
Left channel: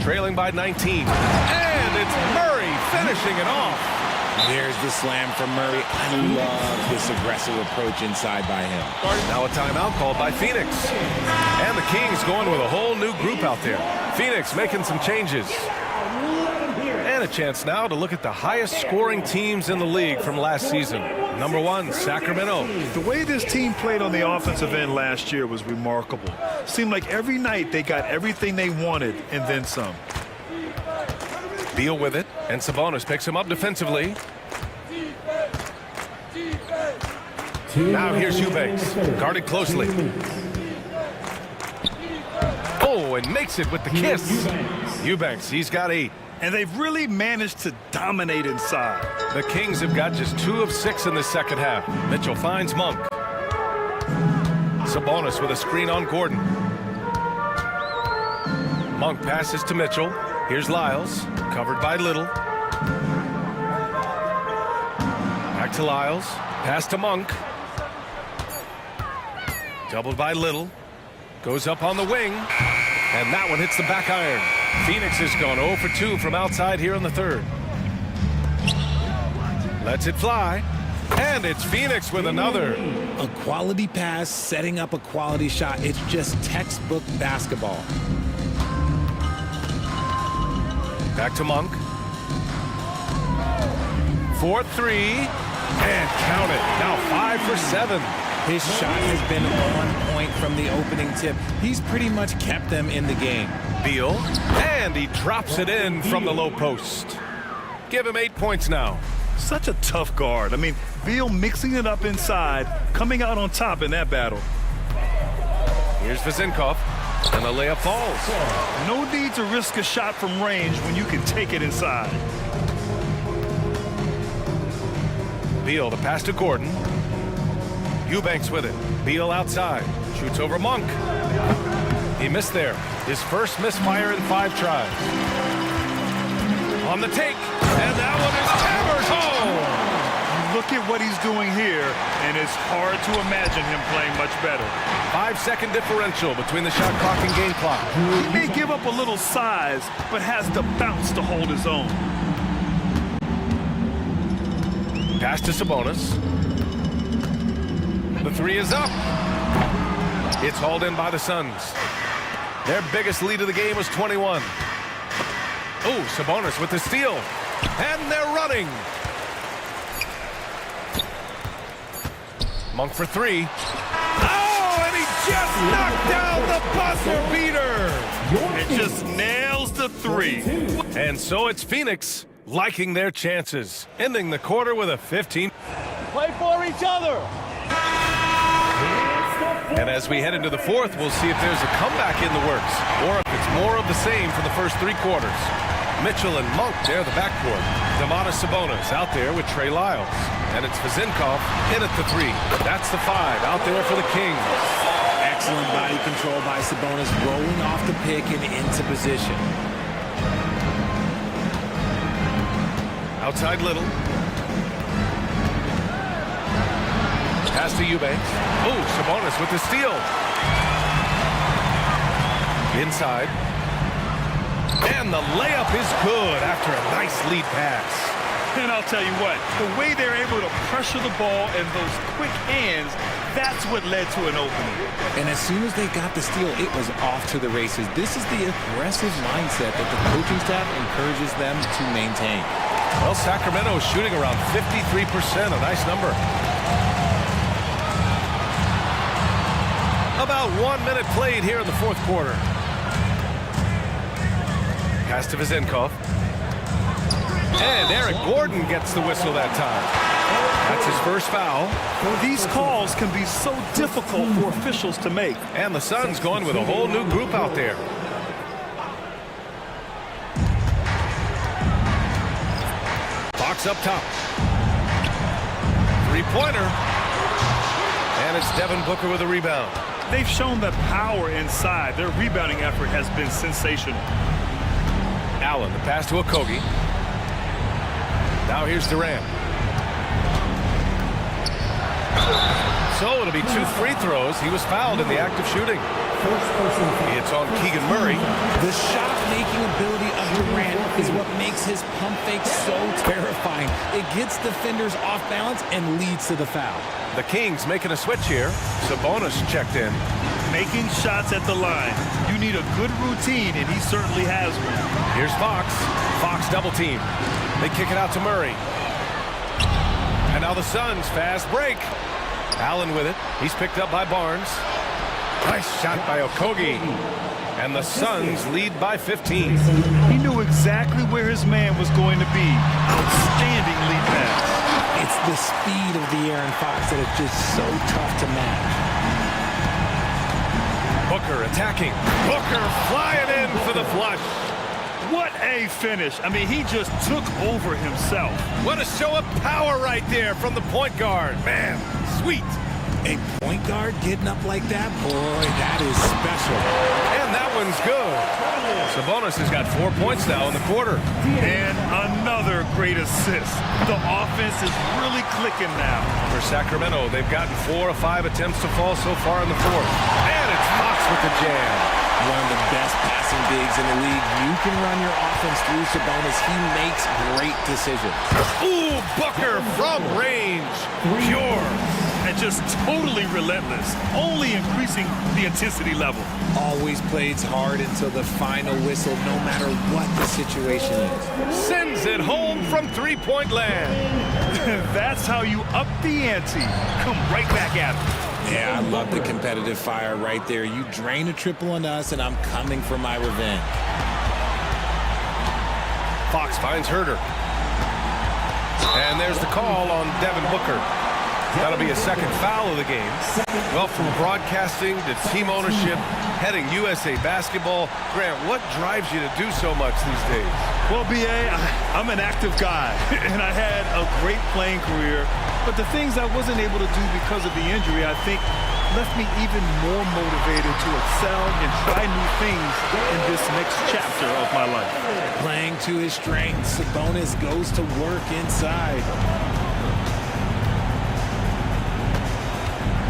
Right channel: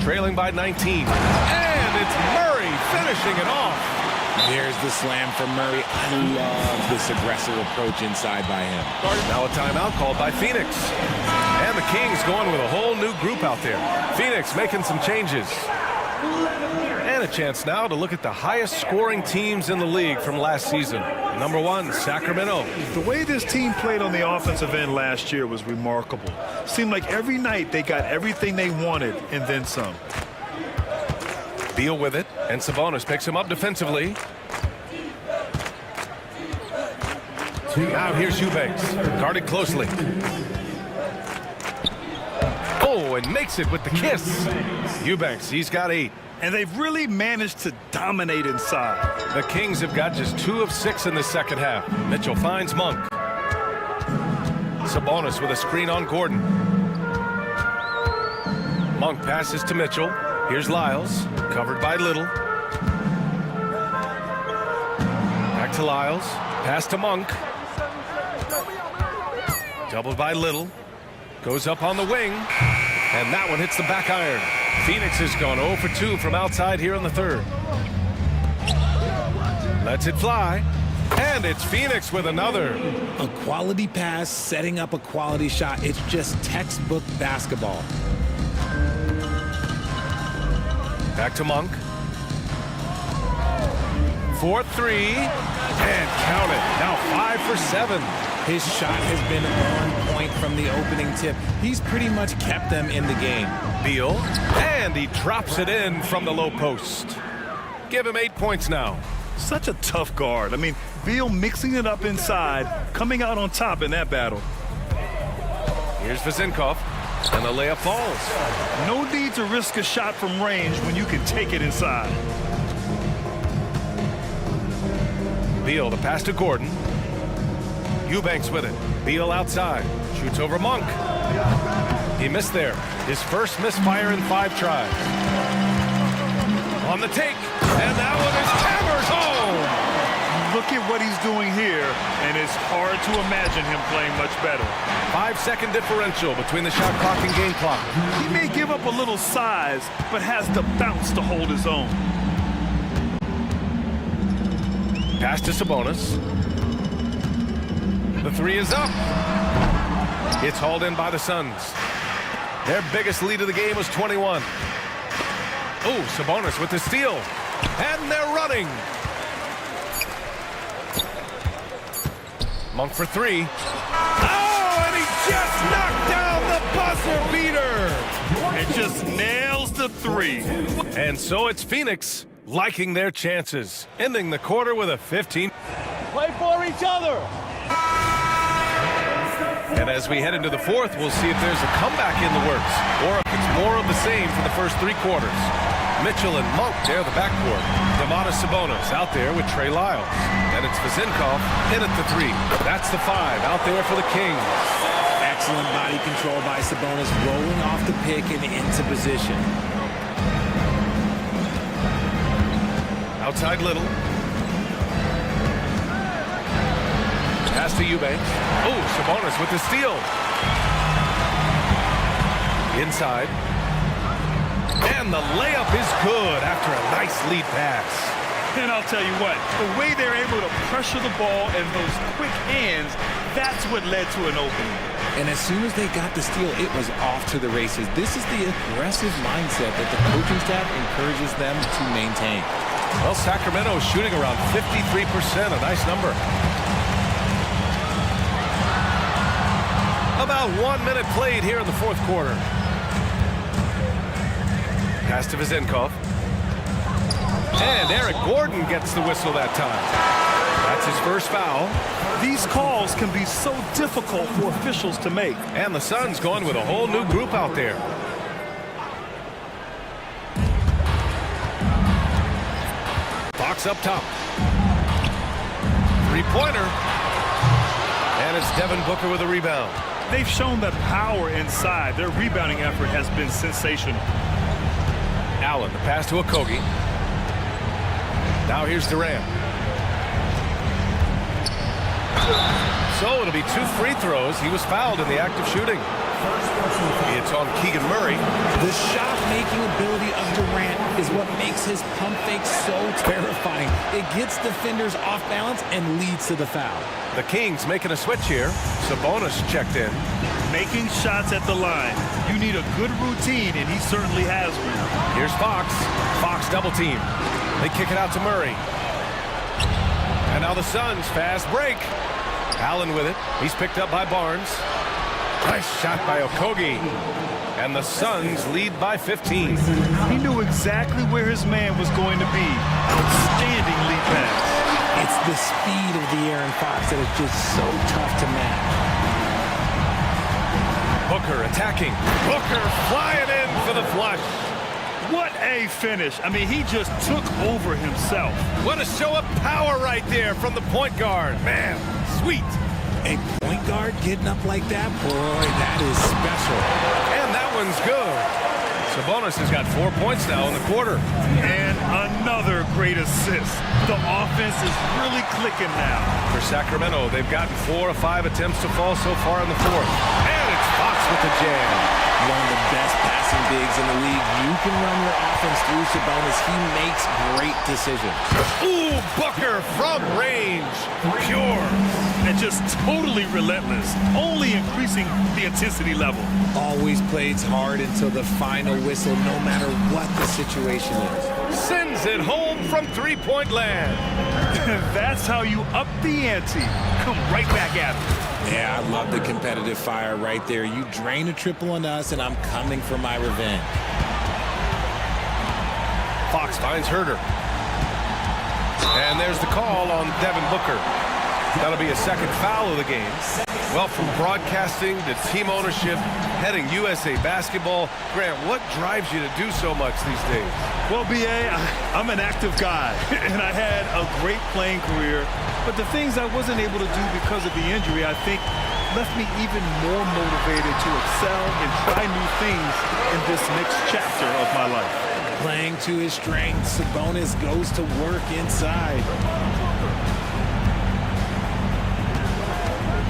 Trailing by 19. And it's Murray finishing it off. There's the slam from Murray. I love this aggressive approach inside by him. Now a timeout called by Phoenix. And the Kings going with a whole new group out there. Phoenix making some changes. And a chance now to look at the highest scoring teams in the league from last season. Number 1, Sacramento. The way this team played on the offensive end last year was remarkable. Seemed like every night they got everything they wanted and then some. Beal with it, and Sabonis picks him up defensively. Now here's Eubanks, guarded closely. Oh, and makes it with the kiss. Eubanks, he's got 8. And they've really managed to dominate inside. The Kings have got just 2 of 6 in the second half. Mitchell finds Monk. Sabonis with a screen on Gordon. Monk passes to Mitchell. Here's Lyles, covered by Little. Back to Lyles. Pass to Monk. Doubled by Little. Goes up on the wing. And that one hits the back iron. Phoenix has gone 0 for 2 from outside here in the 3rd. Lets it fly. And it's Phoenix with another. A quality pass, setting up a quality shot. It's just textbook basketball. Back to Monk. 4-3. And count it. Now 5 for 7. His shot has been on point from the opening tip. He's pretty much kept them in the game. Beal. And he drops it in from the low post. Give him 8 points now. Such a tough guard. I mean, Beal mixing it up inside, coming out on top in that battle. Here's Vezenkov. And the layup falls. No need to risk a shot from range when you can take it inside. Beal, the pass to Gordon. Eubanks with it. Beal outside. Shoots over Monk. He missed there. His first misfire in 5 tries. On the take. And that one is hammered home. Look at what he's doing here, and it's hard to imagine him playing much better. 5-second differential between the shot clock and game clock. He may give up a little size, but has the bounce to hold his own. Pass to Sabonis. The 3 is up. It's hauled in by the Suns. Their biggest lead of the game was 21. Oh, Sabonis with the steal. And they're running. Monk for 3. Oh, and he just knocked down the buzzer beater. It just nails the 3. And so it's Phoenix liking their chances, ending the quarter with a 15. Play for each other. And as we head into the 4th, we'll see if there's a comeback in the works or if it's more of the same for the first 3 quarters. Mitchell and Monk, they're the backcourt. Domantas Sabonis out there with Trey Lyles. And it's Vezenkov in at the 3. That's the 5 out there for the Kings. Excellent body control by Sabonis, rolling off the pick and into position. Outside Little. Pass to Eubanks. Oh, Sabonis with the steal. Inside. And the layup is good after a nice lead pass. And I'll tell you what, the way they're able to pressure the ball and those quick hands, that's what led to an opening. And as soon as they got the steal, it was off to the races. This is the aggressive mindset that the coaching staff encourages them to maintain. Well, Sacramento is shooting around 53%, a nice number. About 1 minute played here in the fourth quarter. Pass to Vezenkov. And Eric Gordon gets the whistle that time. That's his first foul. These calls can be so difficult for officials to make. And the Suns going with a whole new group out there. Fox up top. Three-pointer. And it's Devin Booker with a rebound. They've shown that power inside. Their rebounding effort has been sensational. Allen, the pass to Okogie. Now here's Durant. So it'll be 2 free throws. He was fouled in the act of shooting. It's on Keegan Murray. The shot-making ability of Durant is what makes his pump fake so terrifying. It gets defenders off balance and leads to the foul. The Kings making a switch here. Sabonis checked in. Making shots at the line. You need a good routine, and he certainly has one. Here's Fox. Fox double team. They kick it out to Murray. And now the Suns fast break. Allen with it. He's picked up by Barnes. Nice shot by Okogie. And the Suns lead by 15. He knew exactly where his man was going to be. Outstanding lead pass. It's the speed of the Aaron Fox that is just so tough to match. Booker attacking. Booker flying in for the flush. What a finish. I mean, he just took over himself. What a show of power right there from the point guard. Man, sweet. A point guard getting up like that, boy, that is special. And that one's good. Sabonis has got 4 points now in the quarter. And another great assist. The offense is really clicking now. For Sacramento, they've gotten 4 of 5 attempts to fall so far in the fourth. And it's Fox with the jam. One of the best passing bigs in the league. You can run your offense through Sabonis. He makes great decisions. Ooh, Booker from range. Pure. And just totally relentless. Only increasing the intensity level. Always plays hard until the final whistle, no matter what the situation is. Sends it home from three-point land. That's how you up the ante. Come right back at it. Yeah, I love the competitive fire right there. You drain a triple on us, and I'm coming for my revenge. Fox finds Herter. And there's the call on Devin Booker. That'll be a second foul of the game. Well, from broadcasting to team ownership, heading USA Basketball, Grant, what drives you to do so much these days? Well, B.A., I'm an active guy, and I had a great playing career. But the things I wasn't able to do because of the injury, I think, left me even more motivated to excel and try new things in this next chapter of my life. Playing to his strengths, Sabonis goes to work inside.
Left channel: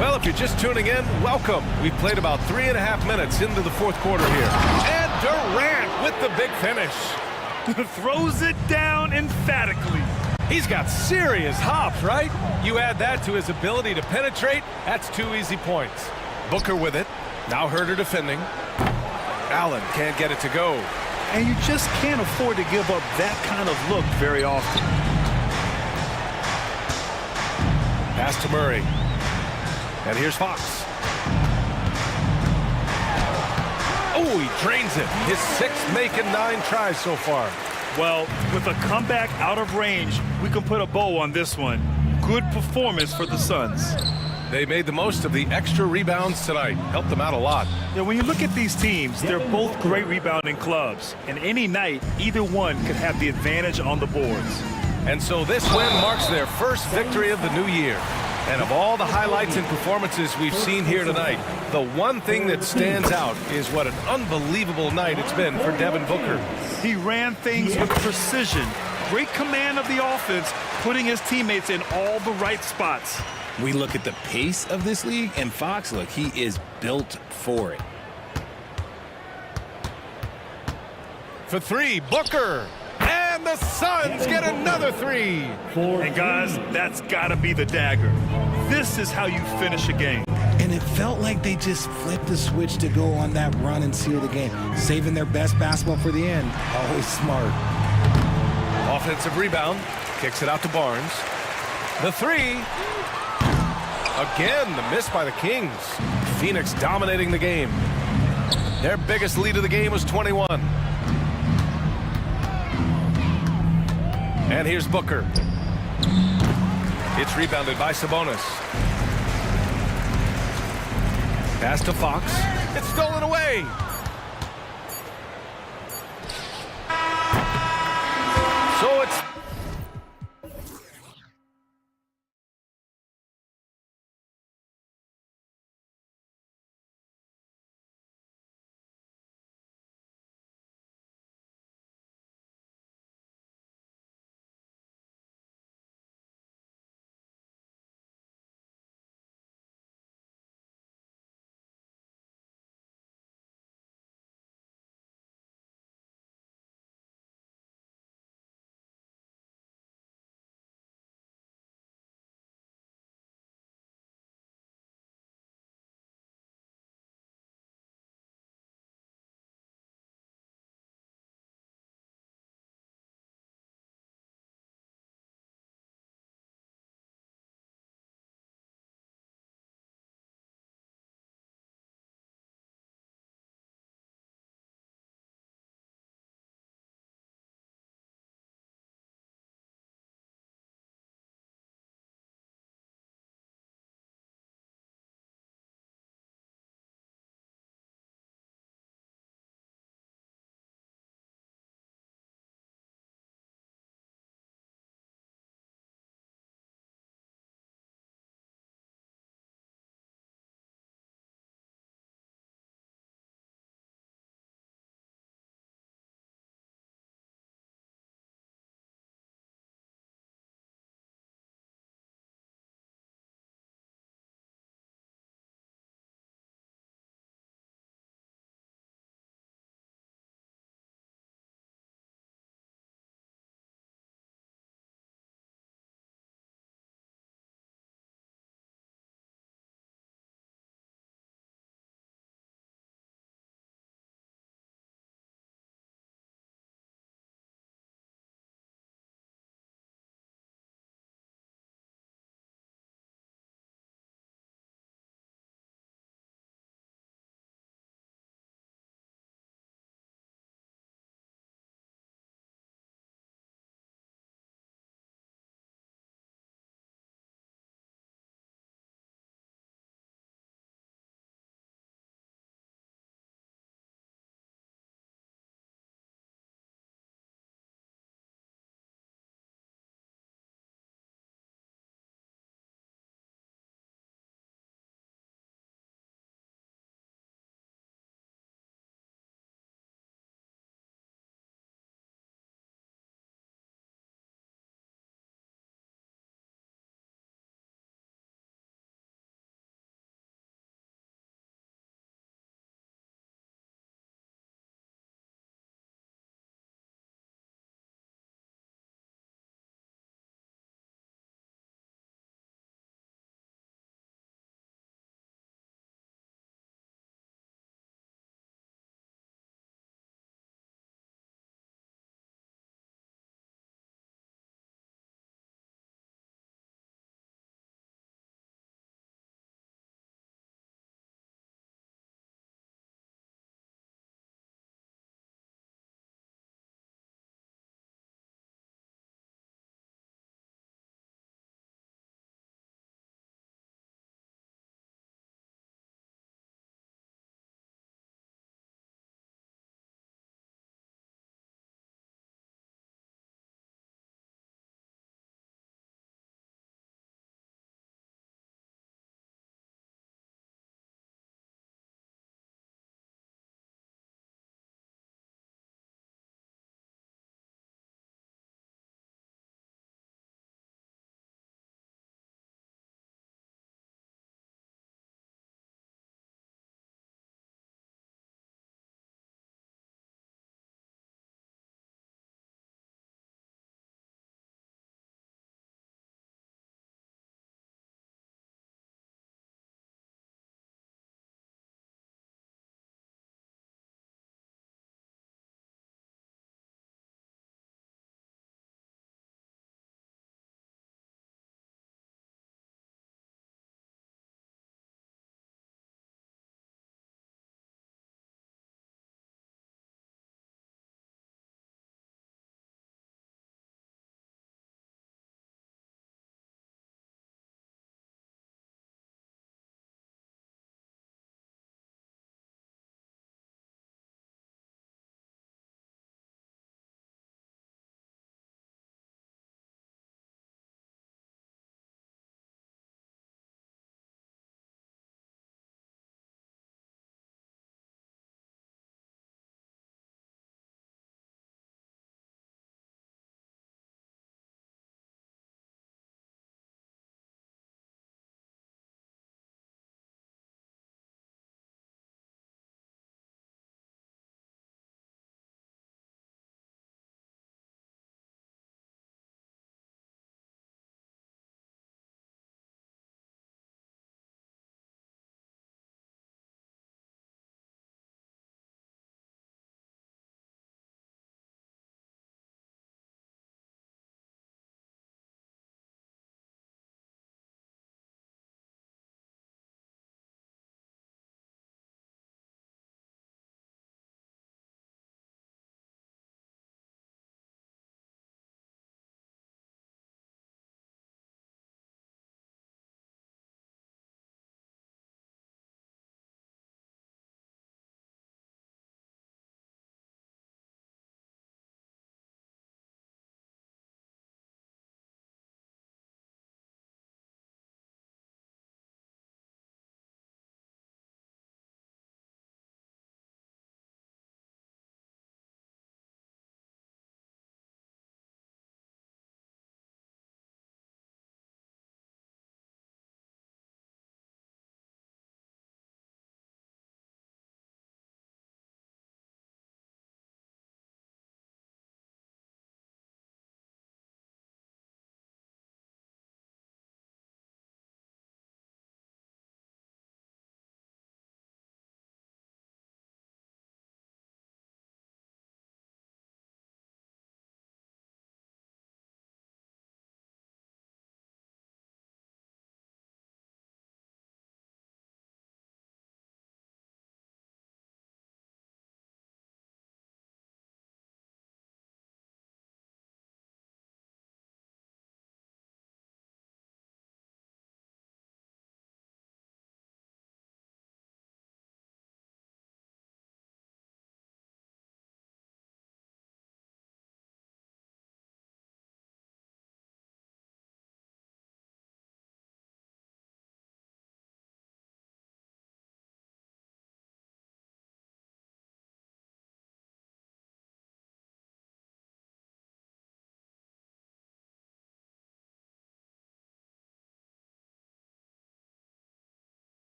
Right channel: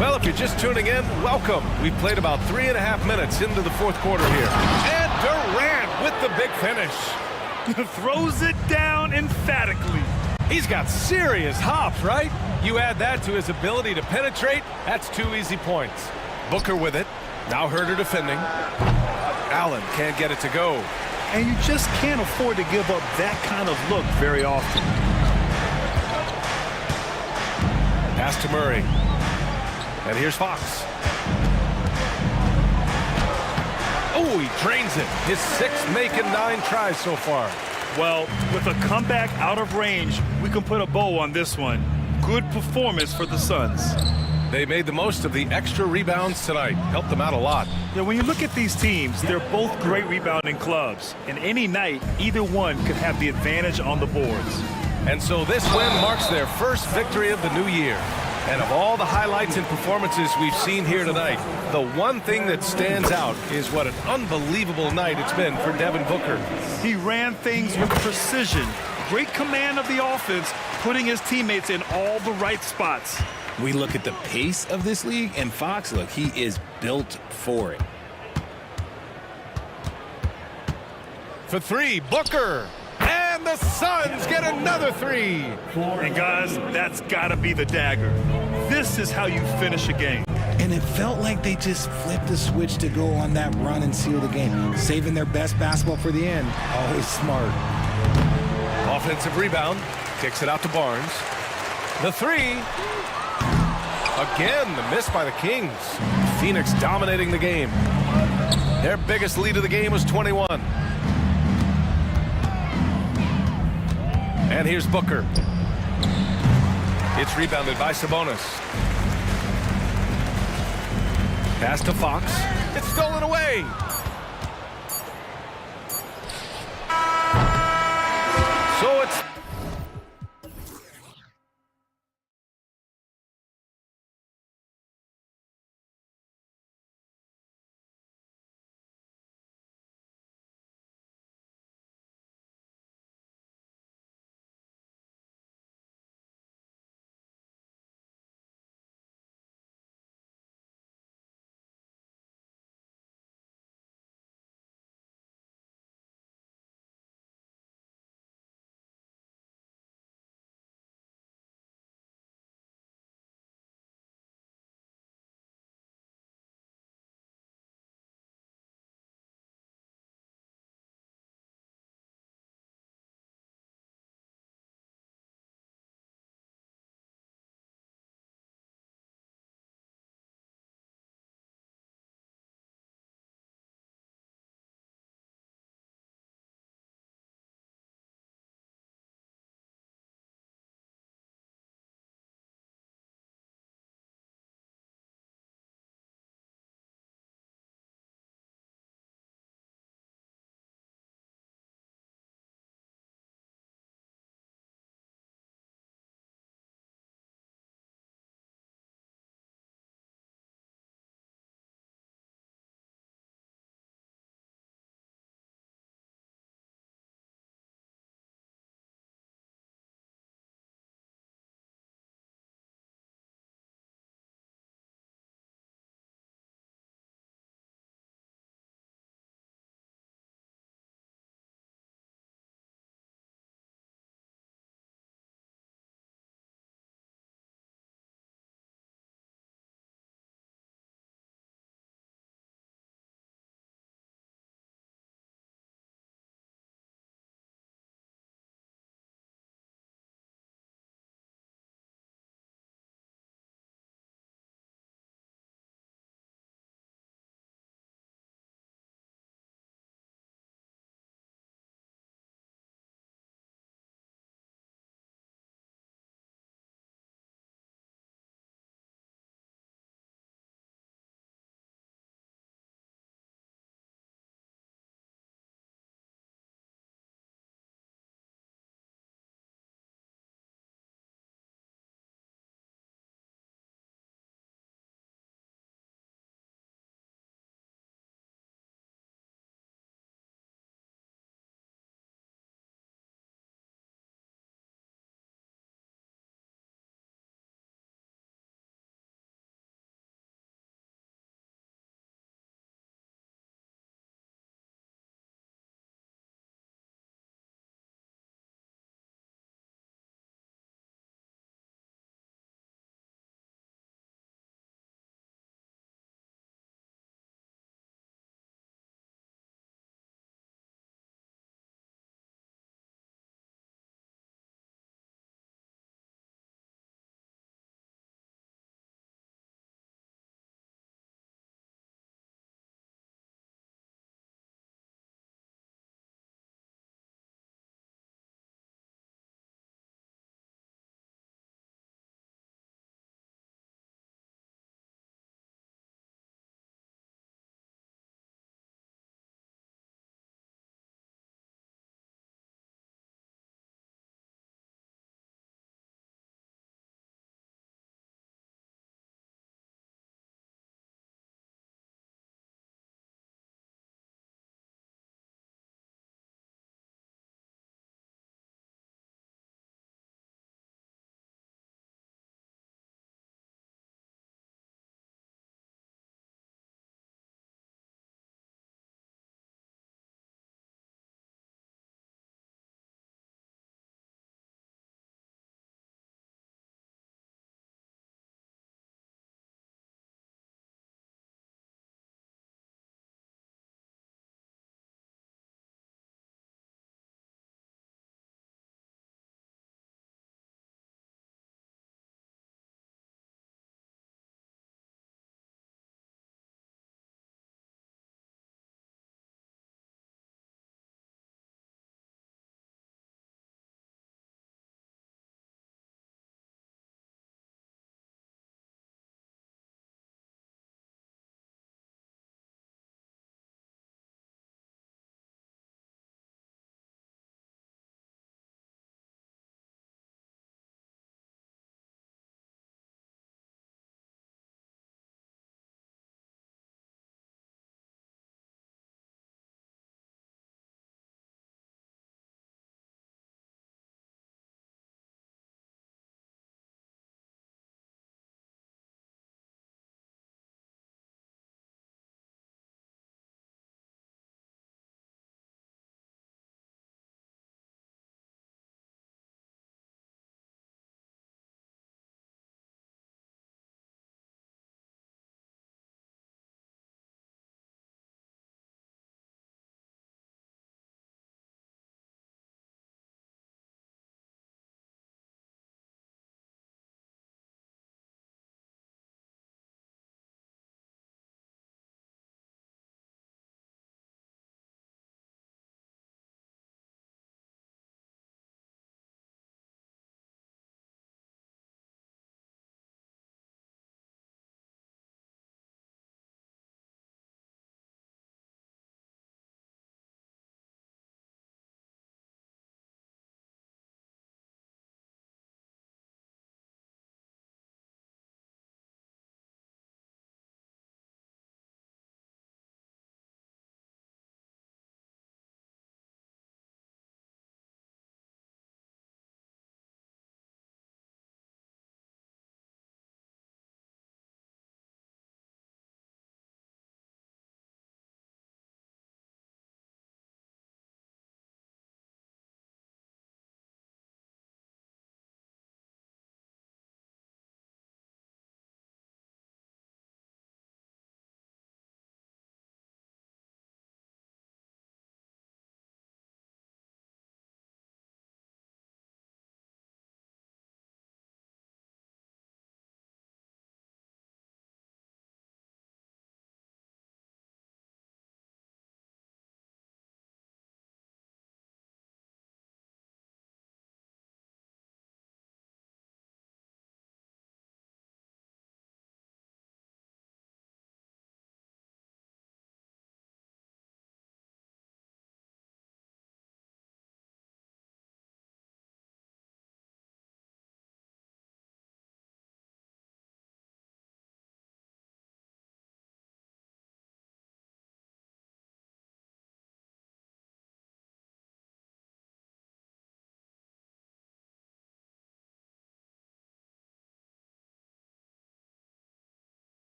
Well, if you're just tuning in, welcome. We've played about 3.5 minutes into the fourth quarter here. And Durant with the big finish. Throws it down emphatically. He's got serious hops, right? You add that to his ability to penetrate, that's 2 easy points. Booker with it. Now Herter defending. Allen can't get it to go. And you just can't afford to give up that kind of look very often. Pass to Murray. And here's Fox. Oh, he drains it. His 6th make in 9 tries so far. Well, with a comeback out of range, we can put a bow on this one. Good performance for the Suns. They made the most of the extra rebounds tonight. Helped them out a lot. Yeah, when you look at these teams, they're both great rebounding clubs. And any night, either one could have the advantage on the boards. And so this win marks their first victory of the new year. And of all the highlights and performances we've seen here tonight, the one thing that stands out is what an unbelievable night it's been for Devin Booker. He ran things with precision, great command of the offense, putting his teammates in all the right spots. We look at the pace of this league, and Fox, look, he is built for it. For three, Booker. And the Suns get another three. And guys, that's got to be the dagger. This is how you finish a game. And it felt like they just flipped the switch to go on that run and seal the game. Saving their best basketball for the end. Always smart. Offensive rebound. Kicks it out to Barnes. The three. Again, the miss by the Kings. Phoenix dominating the game. Their biggest lead of the game was 21. And here's Booker. It's rebounded by Sabonis. Pass to Fox. It's stolen away. So it's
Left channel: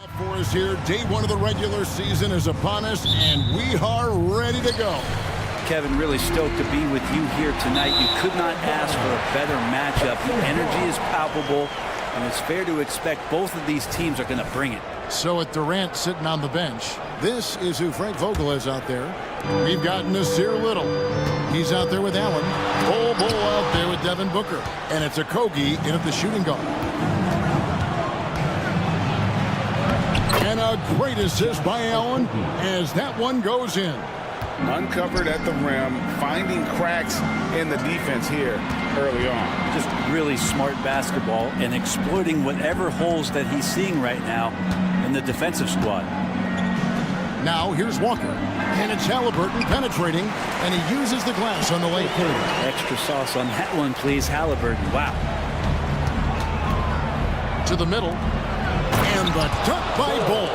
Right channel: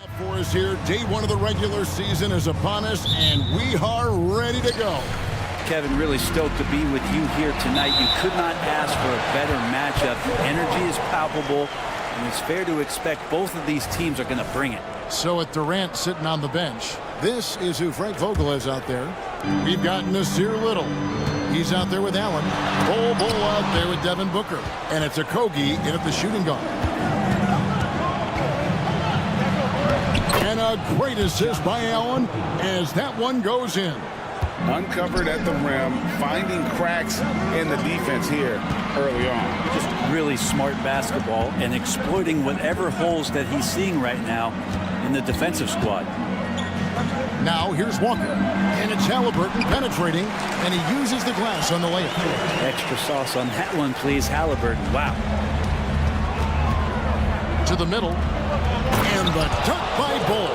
For us here, day one of the regular season is upon us, and we are ready to go. Kevin, really stoked to be with you here tonight. You could not ask for a better matchup. The energy is palpable, and it's fair to expect both of these teams are going to bring it. So with Durant sitting on the bench, this is who Frank Vogel is out there. We've got Nasir Little. He's out there with Allen. Bull out there with Devin Booker. And it's Okogie in at the shooting guard. And a great assist by Allen as that one goes in. Uncovered at the rim, finding cracks in the defense here early on. Just really smart basketball and exploiting whatever holes that he's seeing right now in the defensive squad. Now here's Walker. And it's Halliburton penetrating, and he uses the glass on the layup. Extra sauce on that one, please, Halliburton. Wow. To the middle. And the dunk by Bull.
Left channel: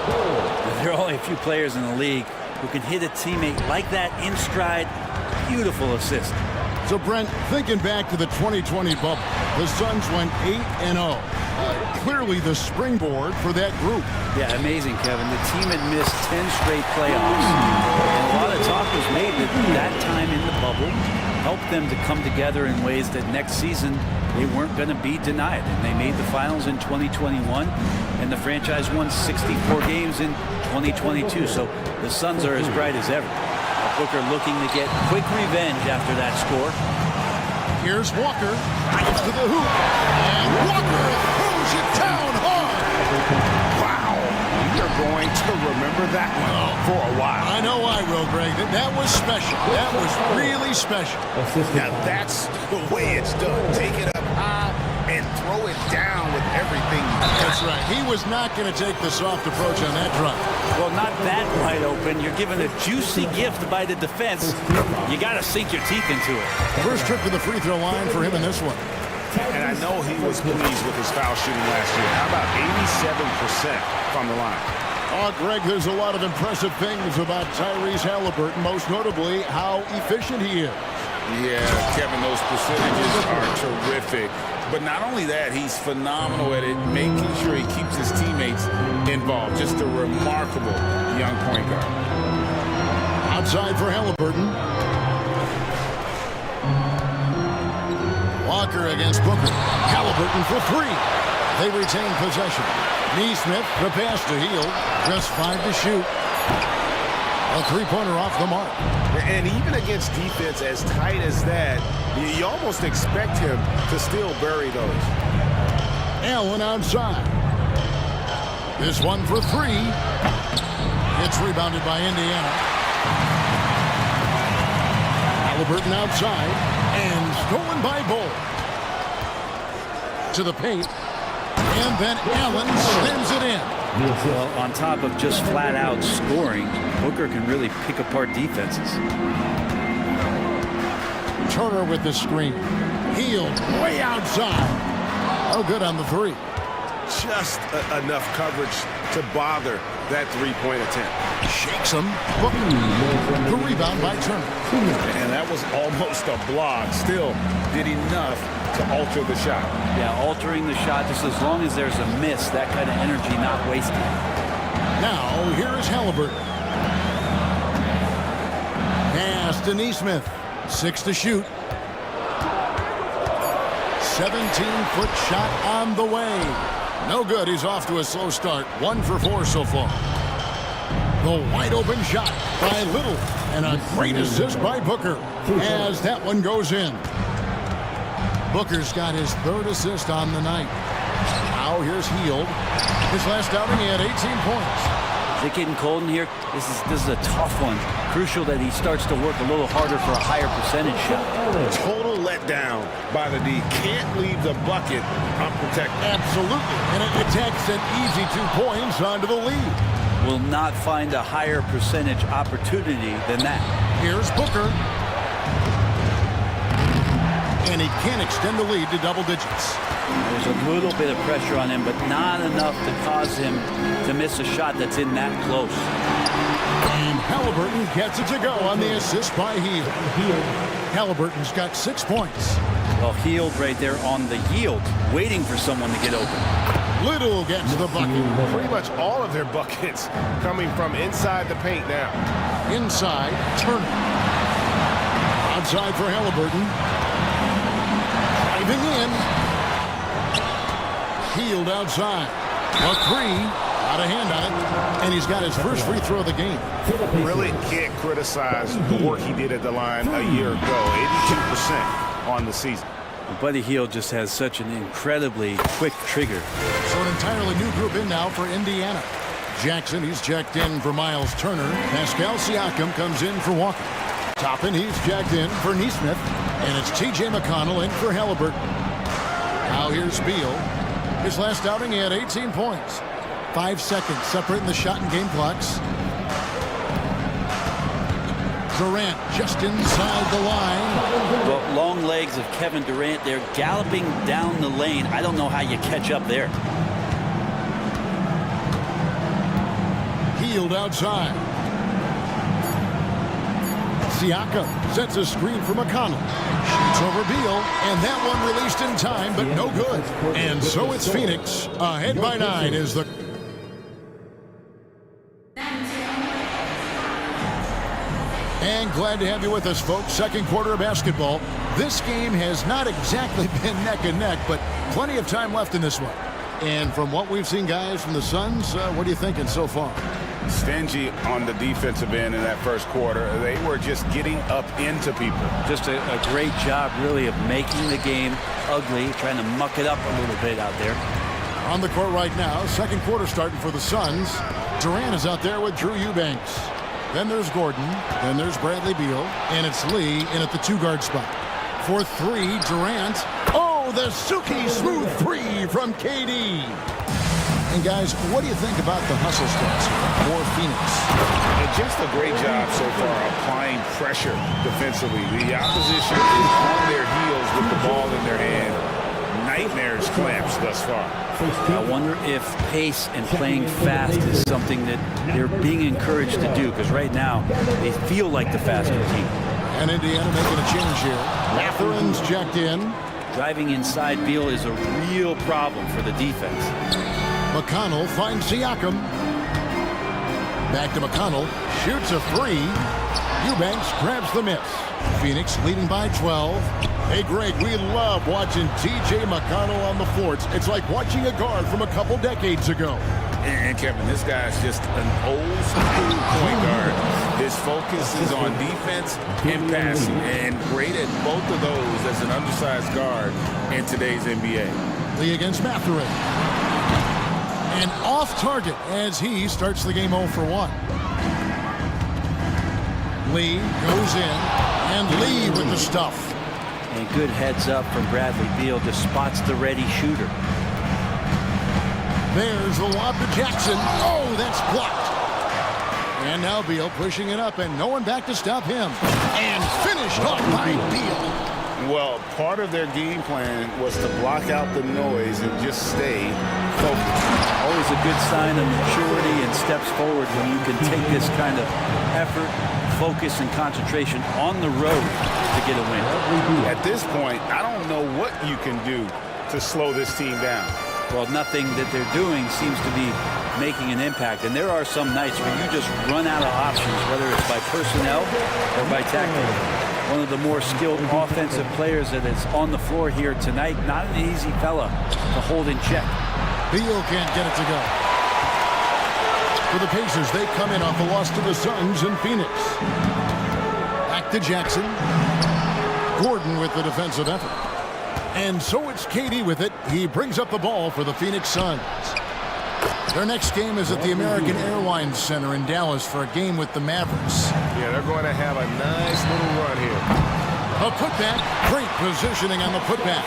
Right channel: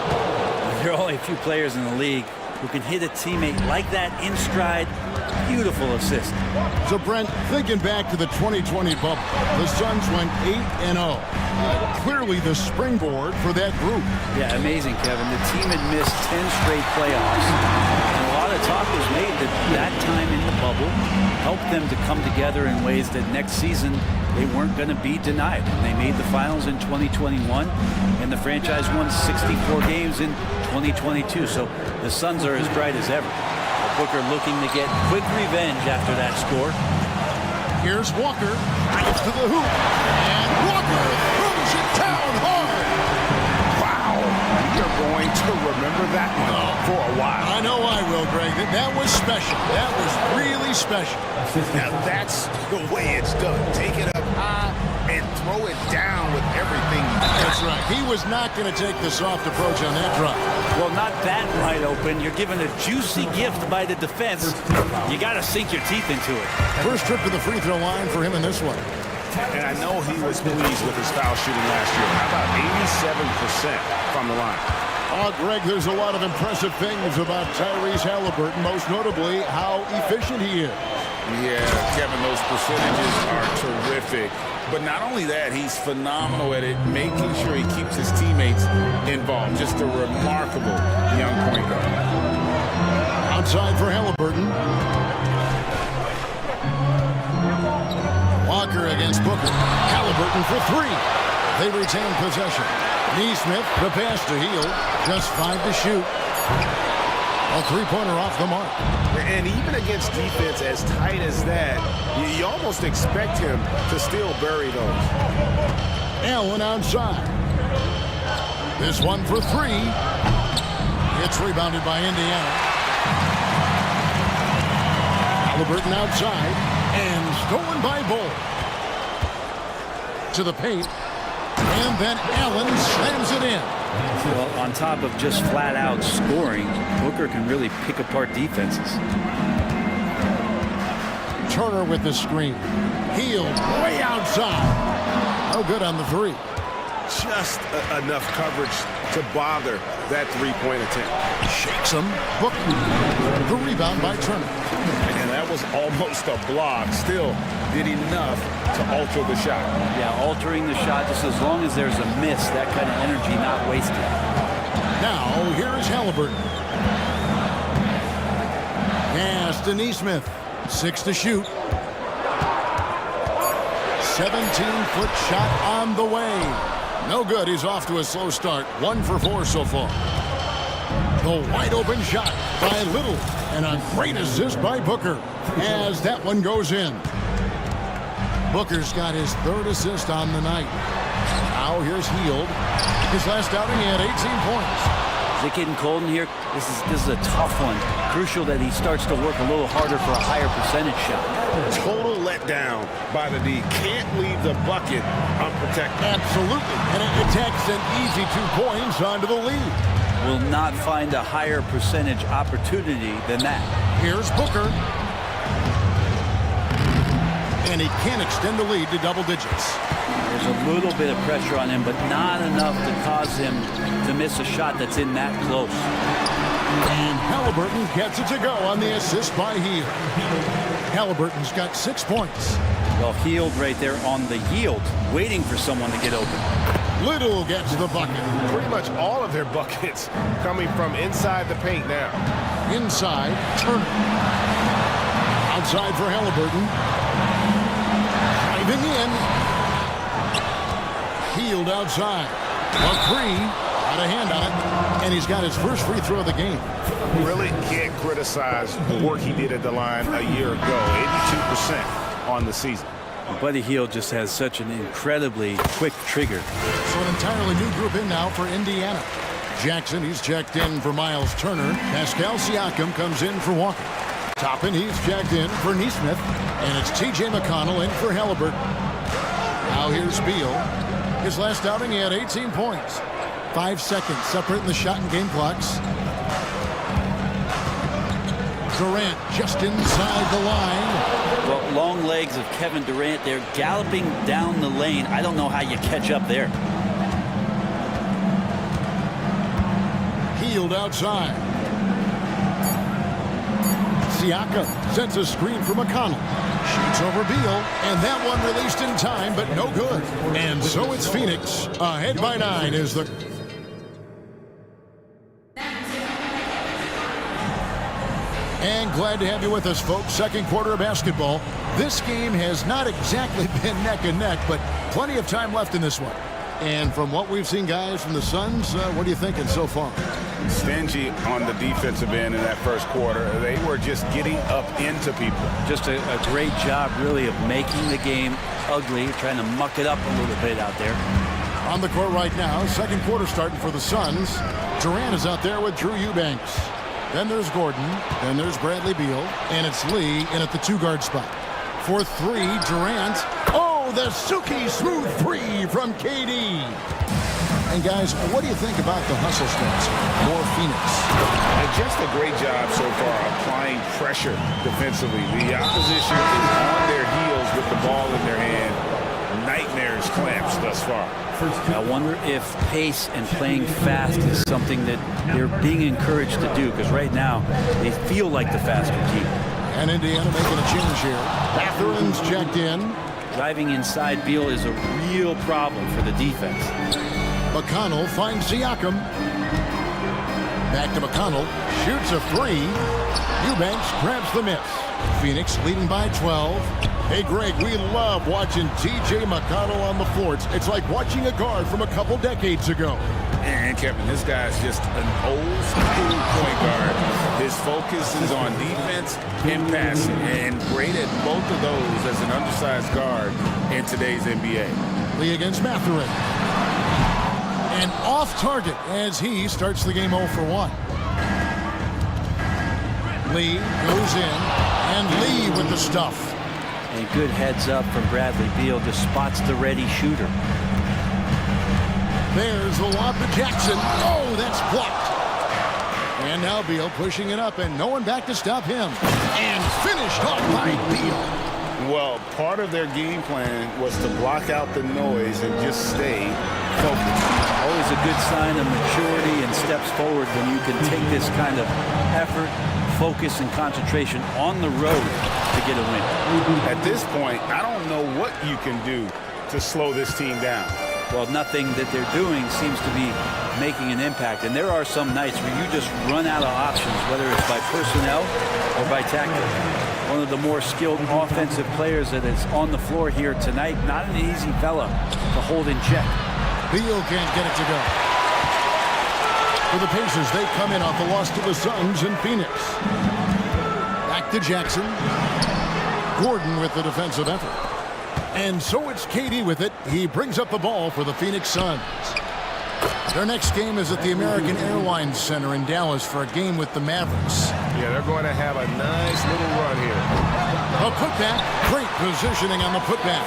There are only a few players in the league who can hit a teammate like that in stride. Beautiful assist. So, Brent, thinking back to the 2020 bubble, the Suns went 8-0. Clearly the springboard for that group. Yeah, amazing, Kevin. The team had missed 10 straight playoffs, and a lot of talk was made that time in the bubble helped them to come together in ways that next season they weren't going to be denied. And they made the finals in 2021, and the franchise won 64 games in 2022. So the Suns are as bright as ever. Well, Booker looking to get quick revenge after that score. Here's Walker. Gets to the hoop. And Walker throws it down hard. Wow. We are going to remember that one for a while. I know I will, Greg. That was special. That was really special. Now that's the way it's done. Take it up high and throw it down with everything you got. That's right. He was not going to take the soft approach on that drive. Well, not that wide open. You're given a juicy gift by the defense. You got to sink your teeth into it. First trip to the free throw line for him in this one. And I know he was pleased with his foul shooting last year. How about 87% from the line? Oh, Greg, there's a lot of impressive things about Tyrese Halliburton, most notably how efficient he is. Yeah, Kevin, those percentages are terrific. But not only that, he's phenomenal at it, making sure he keeps his teammates involved. Just a remarkable young point guard. Outside for Halliburton. Walker against Booker. Halliburton for three. They retain possession. Neesmith, the pass to Hield. Just 5 to shoot. A three-pointer off the mark. And even against defense as tight as that, you almost expect him to still bury those. Allen outside. This one for three. It's rebounded by Indiana. Halliburton outside. And stolen by Bull. To the paint. And then Allen slams it in. Well, on top of just flat-out scoring, Booker can really pick apart defenses. Turner with the screen. Hield way outside. No good on the three. Just enough coverage to bother that three-point attempt. Shakes him. Booker. The rebound by Turner. And that was almost a block. Still did enough to alter the shot. Yeah, altering the shot just as long as there's a miss, that kind of energy not wasted. Now, here is Halliburton. Pass to Neesmith. 6 to shoot. 17-foot shot on the way. No good. He's off to a slow start. 1 for 4 so far. The wide open shot by Little. And a great assist by Booker as that one goes in. Booker's got his 3rd assist on the night. Now here's Hield. His last outing, he had 18 points. Is it getting cold in here? This is a tough one. Crucial that he starts to work a little harder for a higher percentage shot. Total letdown by the D. Can't leave the bucket unprotected. Absolutely. And it takes an easy 2 points onto the lead. Will not find a higher percentage opportunity than that. Here's Booker. And he can extend the lead to double digits. There's a little bit of pressure on him, but not enough to cause him to miss a shot that's in that close. And Halliburton gets it to go on the assist by Hield. Halliburton's got 6 points. Well, Hield right there on the yield, waiting for someone to get open. Little gets the bucket. Pretty much all of their buckets coming from inside the paint now. Inside, Turner. Outside for Halliburton. Driving in. Healed outside. A three. Got a hand on it. And he's got his first free throw of the game. Really can't criticize the work he did at the line a year ago. 82% on the season. Buddy Hield just has such an incredibly quick trigger. So an entirely new group in now for Indiana. Jackson, he's checked in for Miles Turner. Pascal Siakam comes in for Walker. Toppin, he's checked in for Neesmith. And it's T.J. McConnell in for Halliburton. Now here's Beal. His last outing, he had 18 points. 5 seconds separating the shot and game clocks. Durant just inside the line. Well, long legs of Kevin Durant. They're galloping down the lane. I don't know how you catch up there. Healed outside. Siakam sets a screen for McConnell. Shoots over Beal, and that one released in time, but no good. And so it's Phoenix ahead by 9 is the... And glad to have you with us, folks. Second quarter of basketball. This game has not exactly been neck and neck, but plenty of time left in this one. And from what we've seen, guys, from the Suns, what are you thinking so far? Stingy on the defensive end in that first quarter. They were just getting up into people. Just a great job, really, of making the game ugly, trying to muck it up a little bit out there. On the court right now, second quarter starting for the Suns. Durant is out there with Drew Eubanks. Then there's Gordon. Then there's Bradley Beal. And it's Lee in at the 2-guard spot. For 3, Durant. Oh, the Suki smooth 3 from KD. And guys, what do you think about the hustle stats here for Phoenix? And just a great job so far applying pressure defensively. The opposition is on their heels with the ball in their hand. Nightmares clamps thus far. I wonder if pace and playing fast is something that they're being encouraged to do, because right now they feel like the faster team. And Indiana making a change here. Matherin's checked in. Driving inside Beal is a real problem for the defense. McConnell finds Siakam. Back to McConnell. Shoots a 3. Eubanks grabs the miss. Phoenix leading by 12. Hey, Greg, we love watching T.J. McConnell on the floor. It's like watching a guard from a couple decades ago. And Kevin, this guy's just an old school point guard. His focus is on defense and passing, and great at both of those as an undersized guard in today's NBA. Lee against Matherin. And off target as he starts the game 0 for 1. Lee goes in, and Lee with the stuff. And good heads up from Bradley Beal, just spots the ready shooter. There's the lob to Jackson. Oh, that's blocked. And now Beal pushing it up, and no one back to stop him. And finished off by Beal. Well, part of their game plan was to block out the noise and just stay focused. Always a good sign of maturity and steps forward when you can take this kind of effort, focus, and concentration on the road to get a win. At this point, I don't know what you can do to slow this team down. Well, nothing that they're doing seems to be making an impact. And there are some nights where you just run out of options, whether it's by personnel or by tactic. One of the more skilled offensive players that is on the floor here tonight. Not an easy fella to hold in check. Beal can't get it to go. For the Pacers, they come in off a loss to the Suns in Phoenix. Back to Jackson. Gordon with the defensive effort. And so it's KD with it. He brings up the ball for the Phoenix Suns. Their next game is at the American Airlines Center in Dallas for a game with the Mavericks. Yeah, they're going to have a nice little run here. A putback. Great positioning on the putback.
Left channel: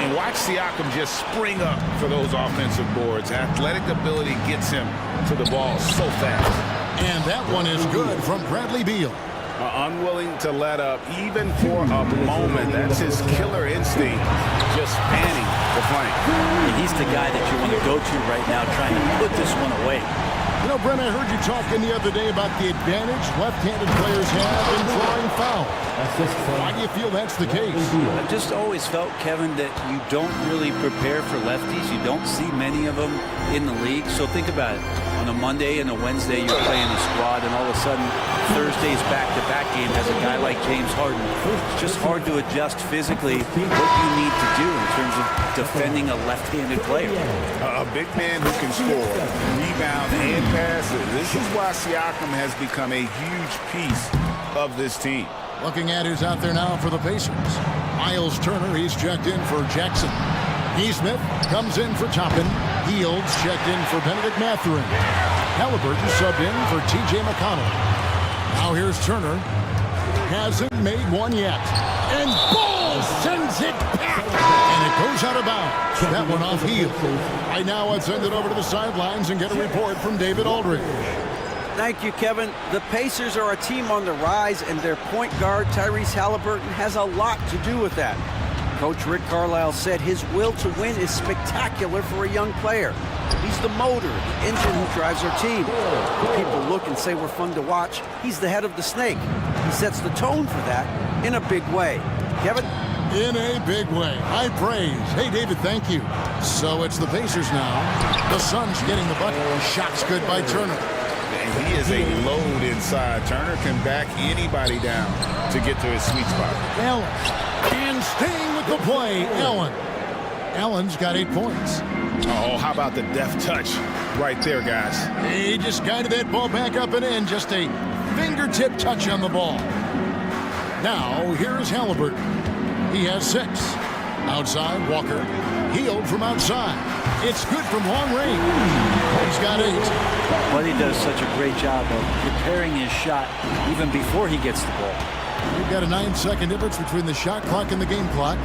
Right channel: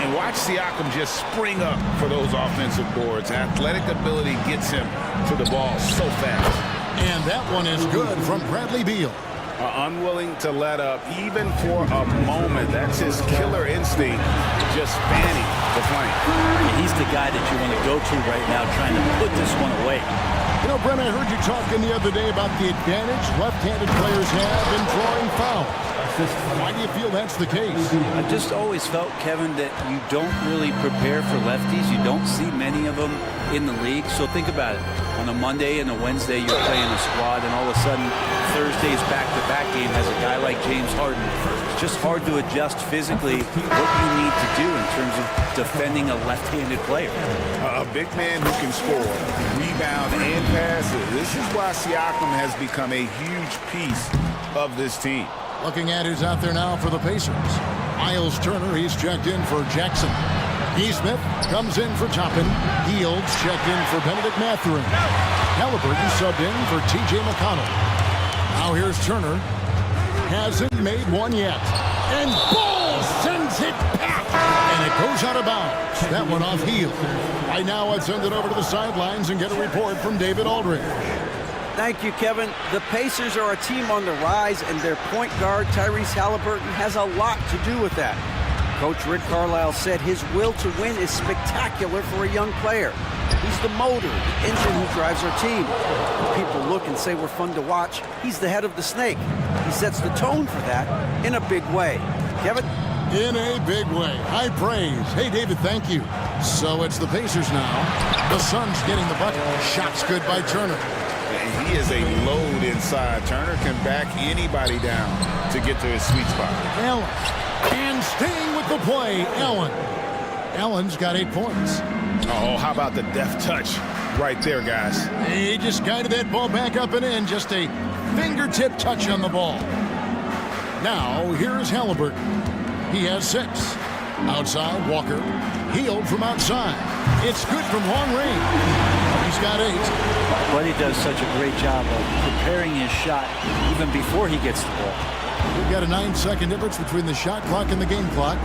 And watch Siakam just spring up for those offensive boards. Athletic ability gets him to the ball so fast. And that one is good from Bradley Beal. Unwilling to let up even for a moment. That's his killer instinct, just fanning the flank. Yeah, he's the guy that you want to go to right now, trying to put this one away. You know, Brent, I heard you talking the other day about the advantage left-handed players have in drawing fouls. Why do you feel that's the case? I've just always felt, Kevin, that you don't really prepare for lefties. You don't see many of them in the league. So think about it. On a Monday and a Wednesday, you're playing a squad, and all of a sudden, Thursday's back-to-back game has a guy like James Harden. It's just hard to adjust physically what you need to do in terms of defending a left-handed player. A big man who can score, rebound, and pass. This is why Siakam has become a huge piece of this team. Looking at who's out there now for the Pacers. Miles Turner, he's checked in for Jackson. Smith comes in for Toppin. Fields checked in for Benedict Mathurin. Halliburton subbed in for T.J. McConnell. Now here's Turner. Hasn't made one yet. And Bull sends it back. And it goes out of bounds. That one off heel. Right now, let's send it over to the sidelines and get a report from David Aldridge. Thank you, Kevin. The Pacers are a team on the rise, and their point guard, Tyrese Halliburton, has a lot to do with that. Coach Rick Carlisle said his will to win is spectacular for a young player. He's the motor, the engine who drives our team. When people look and say we're fun to watch, he's the head of the snake. He sets the tone for that in a big way. Kevin? In a big way. High praise. Hey, David, thank you. So it's the Pacers now. The Suns getting the bucket. Shots good by Turner. And he is a load inside. Turner can back anybody down to get to his sweet spot. Allen. And staying with the play, Allen. Allen's got 8 points. Oh, how about the deft touch right there, guys? He just guided that ball back up and in. Just a fingertip touch on the ball. Now, here's Halliburton. He has 6. Outside, Walker. Healed from outside. It's good from long range. He's got 8. Buddy does such a great job of preparing his shot even before he gets the ball. We've got a 9-second difference between the shot clock and the game clock.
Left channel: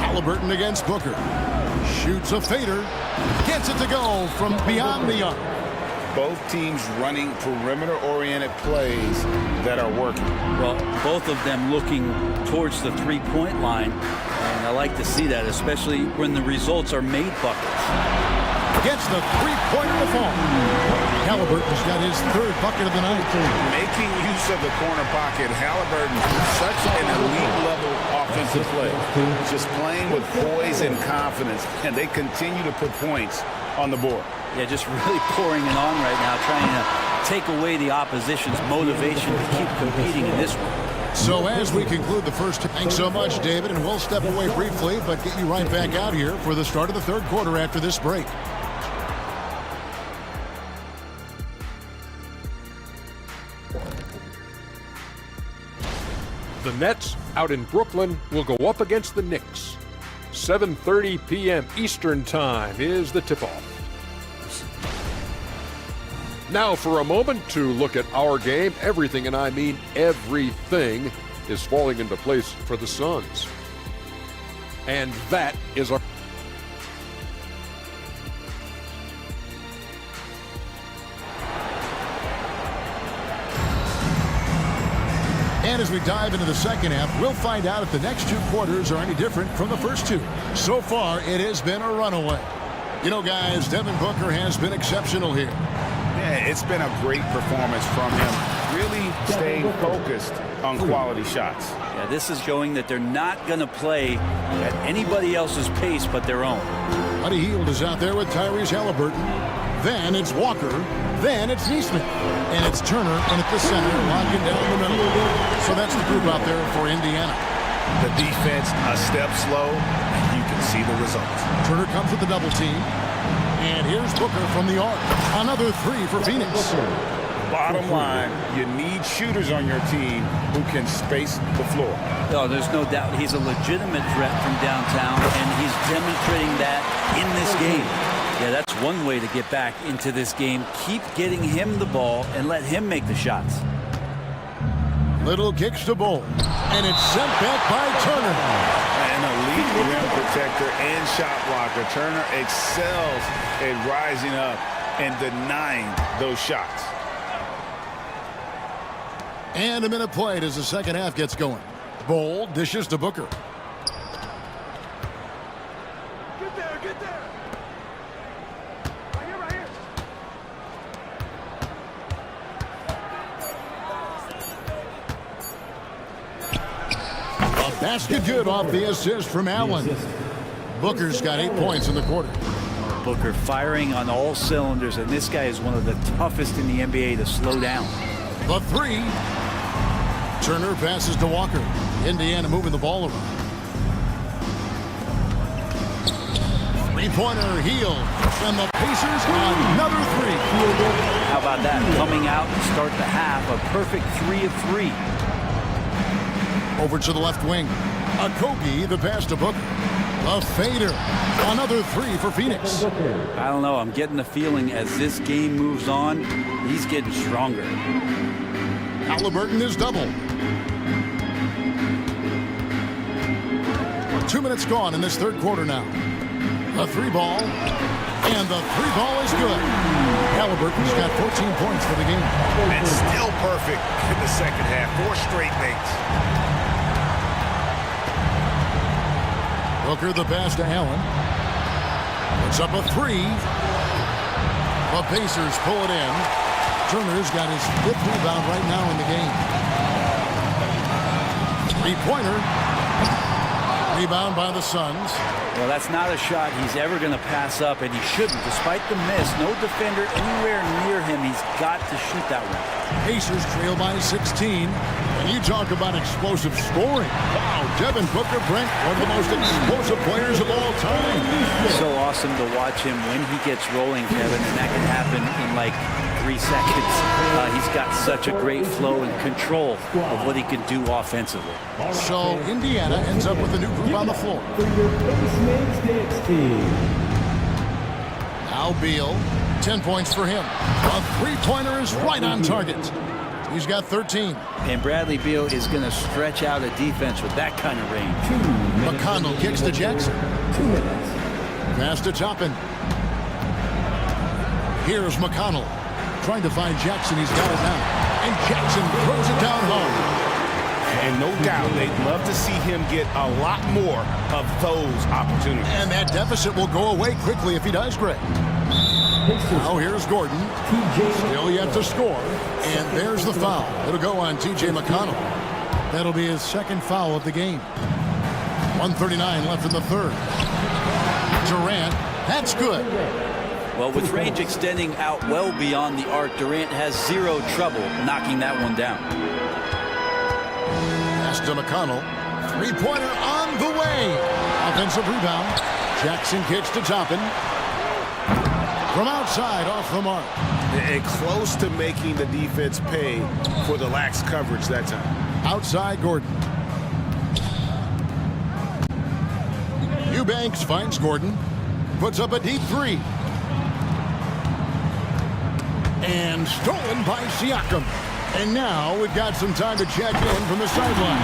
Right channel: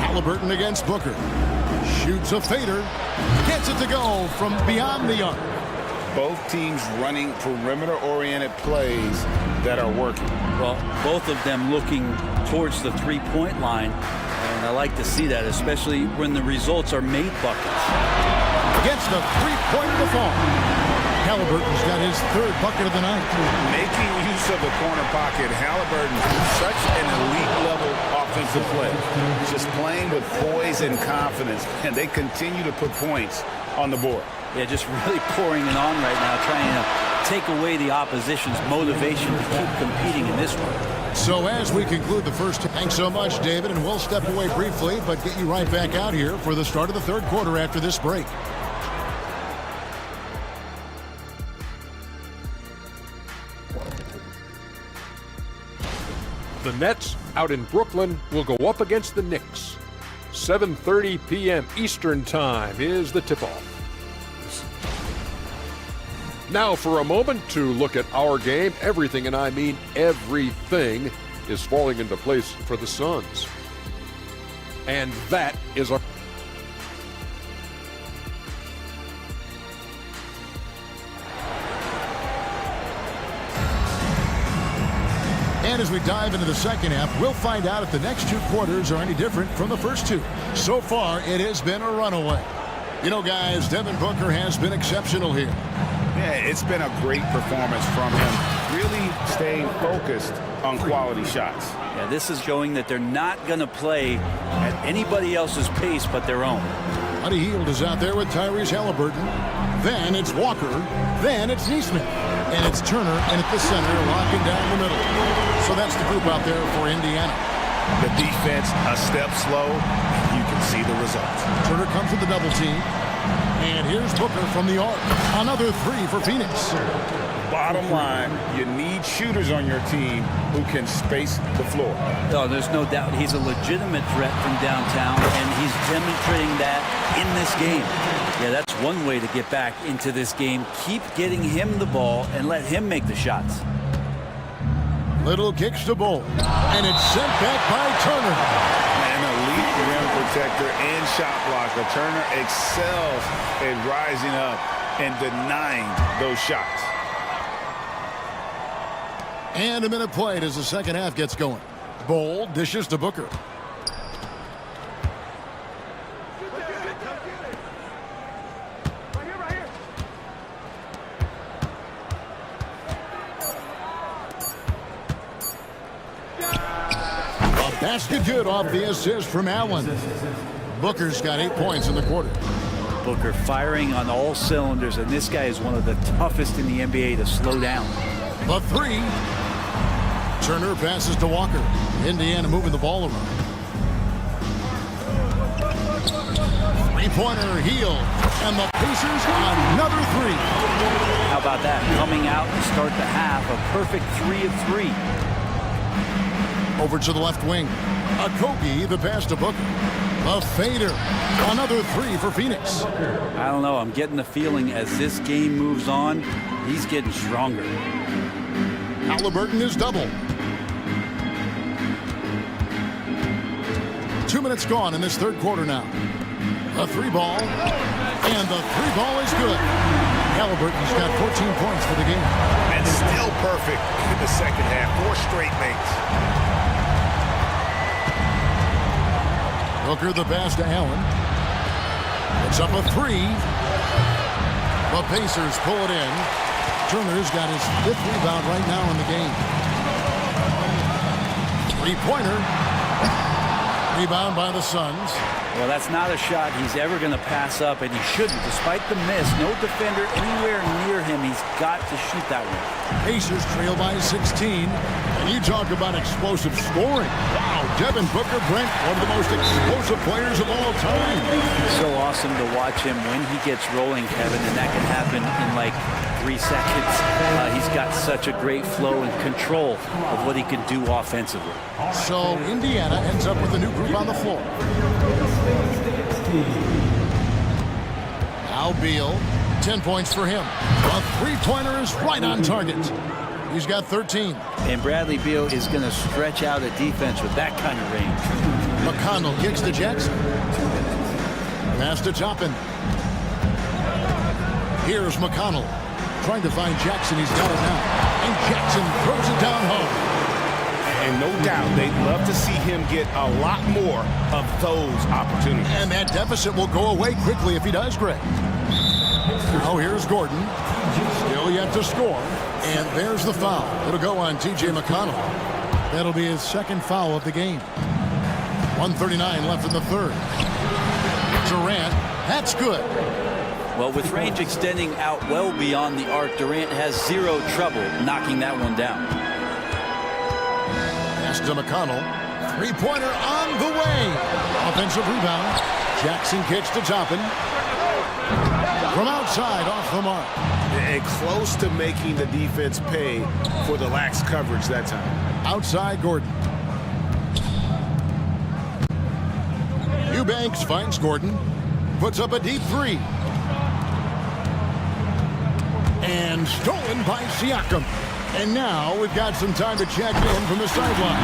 Halliburton against Booker. Shoots a fader. Gets it to go from beyond the arc. Both teams running perimeter-oriented plays that are working. Well, both of them looking towards the three-point line, and I like to see that, especially when the results are made buckets. Gets the three-pointer to fall. Halliburton's got his 3rd bucket of the night. Making use of the corner pocket, Halliburton, such an elite-level offensive play. Just playing with poise and confidence, and they continue to put points on the board. Yeah, just really pouring it on right now, trying to take away the opposition's motivation to keep competing in this one. So as we conclude the first, thanks so much, David, and we'll step away briefly, but get you right back out here for the start of the 3rd quarter after this break. The Nets out in Brooklyn will go up against the Knicks. 7:30 p.m. Eastern Time is the tip-off. Now for a moment to look at our game. Everything, and I mean everything, is falling into place for the Suns. And that is our... And as we dive into the second half, we'll find out if the next 2 quarters are any different from the first 2. So far, it has been a runaway. You know, guys, Devin Booker has been exceptional here. Yeah, it's been a great performance from him, really staying focused on quality shots. Yeah, this is showing that they're not going to play at anybody else's pace but their own. Buddy Hield is out there with Tyrese Halliburton. Then it's Walker. Then it's Nesmith. And it's Turner in at the center, locking down the middle. So that's the group out there for Indiana. The defense a step slow, and you can see the results. Turner comes with the double team. And here's Booker from the arc. Another 3 for Phoenix. Bottom line, you need shooters on your team who can space the floor. Oh, there's no doubt he's a legitimate threat from downtown, and he's demonstrating that in this game. Yeah, that's one way to get back into this game. Keep getting him the ball and let him make the shots. Little kicks to Bull. And it's sent back by Turner. An elite rim protector and shot blocker. Turner excels at rising up and denying those shots. And a minute played as the second half gets going. Bull dishes to Booker. Get there, get there. Right here, right here. Basket good off the assist from Allen. Booker's got 8 points in the quarter. Booker firing on all cylinders, and this guy is one of the toughest in the NBA to slow down. The three. Turner passes to Walker. Indiana moving the ball around. Three-pointer Healed. And the Pacers another three. How about that? Coming out to start the half, a perfect 3 of 3. Over to the left wing. Okogie, the pass to Booker. The fader. Another three for Phoenix. I don't know. I'm getting the feeling as this game moves on, he's getting stronger. Halliburton is double. 2 minutes gone in this third quarter now. The three ball. And the three ball is good. Halliburton's got 14 points for the game. And still perfect in the second half. 4 straight makes. Booker the pass to Allen. Puts up a three. The Pacers pull it in. Turner's got his 5th rebound right now in the game. Three-pointer. Rebound by the Suns. Well, that's not a shot he's ever going to pass up, and he shouldn't. Despite the miss, no defender anywhere near him. He's got to shoot that one. Pacers trail by 16. And you talk about explosive scoring. Wow, Devin Booker, Brent, one of the most explosive players of all time. So awesome to watch him when he gets rolling, Kevin, and that can happen in like 3 seconds. He's got such a great flow and control of what he can do offensively. So Indiana ends up with a new group on the floor. Now Beal, 10 points for him. A three-pointer is right on target. He's got 13. And Bradley Beal is going to stretch out a defense with that kind of range. McConnell kicks to Jackson. Pass to Toppin. Here's McConnell. Trying to find Jackson. He's got it now. And Jackson throws it down hard. And no doubt they'd love to see him get a lot more of those opportunities. And that deficit will go away quickly if he does, Greg. Now here's Gordon. Still yet to score. And there's the foul. It'll go on T.J. McConnell. That'll be his 2nd foul of the game. 1:39 left in the third. Durant, that's good. Well, with range extending out well beyond the arc, Durant has 0 trouble knocking that one down. Pass to McConnell. Three-pointer on the way. Offensive rebound. Jackson kicks to Toppin. From outside, off the mark. And close to making the defense pay for the lax coverage that time. Outside, Gordon. Eubanks finds Gordon. Puts up a deep three. And stolen by Siakam. And now we've got some time to check in from the sideline.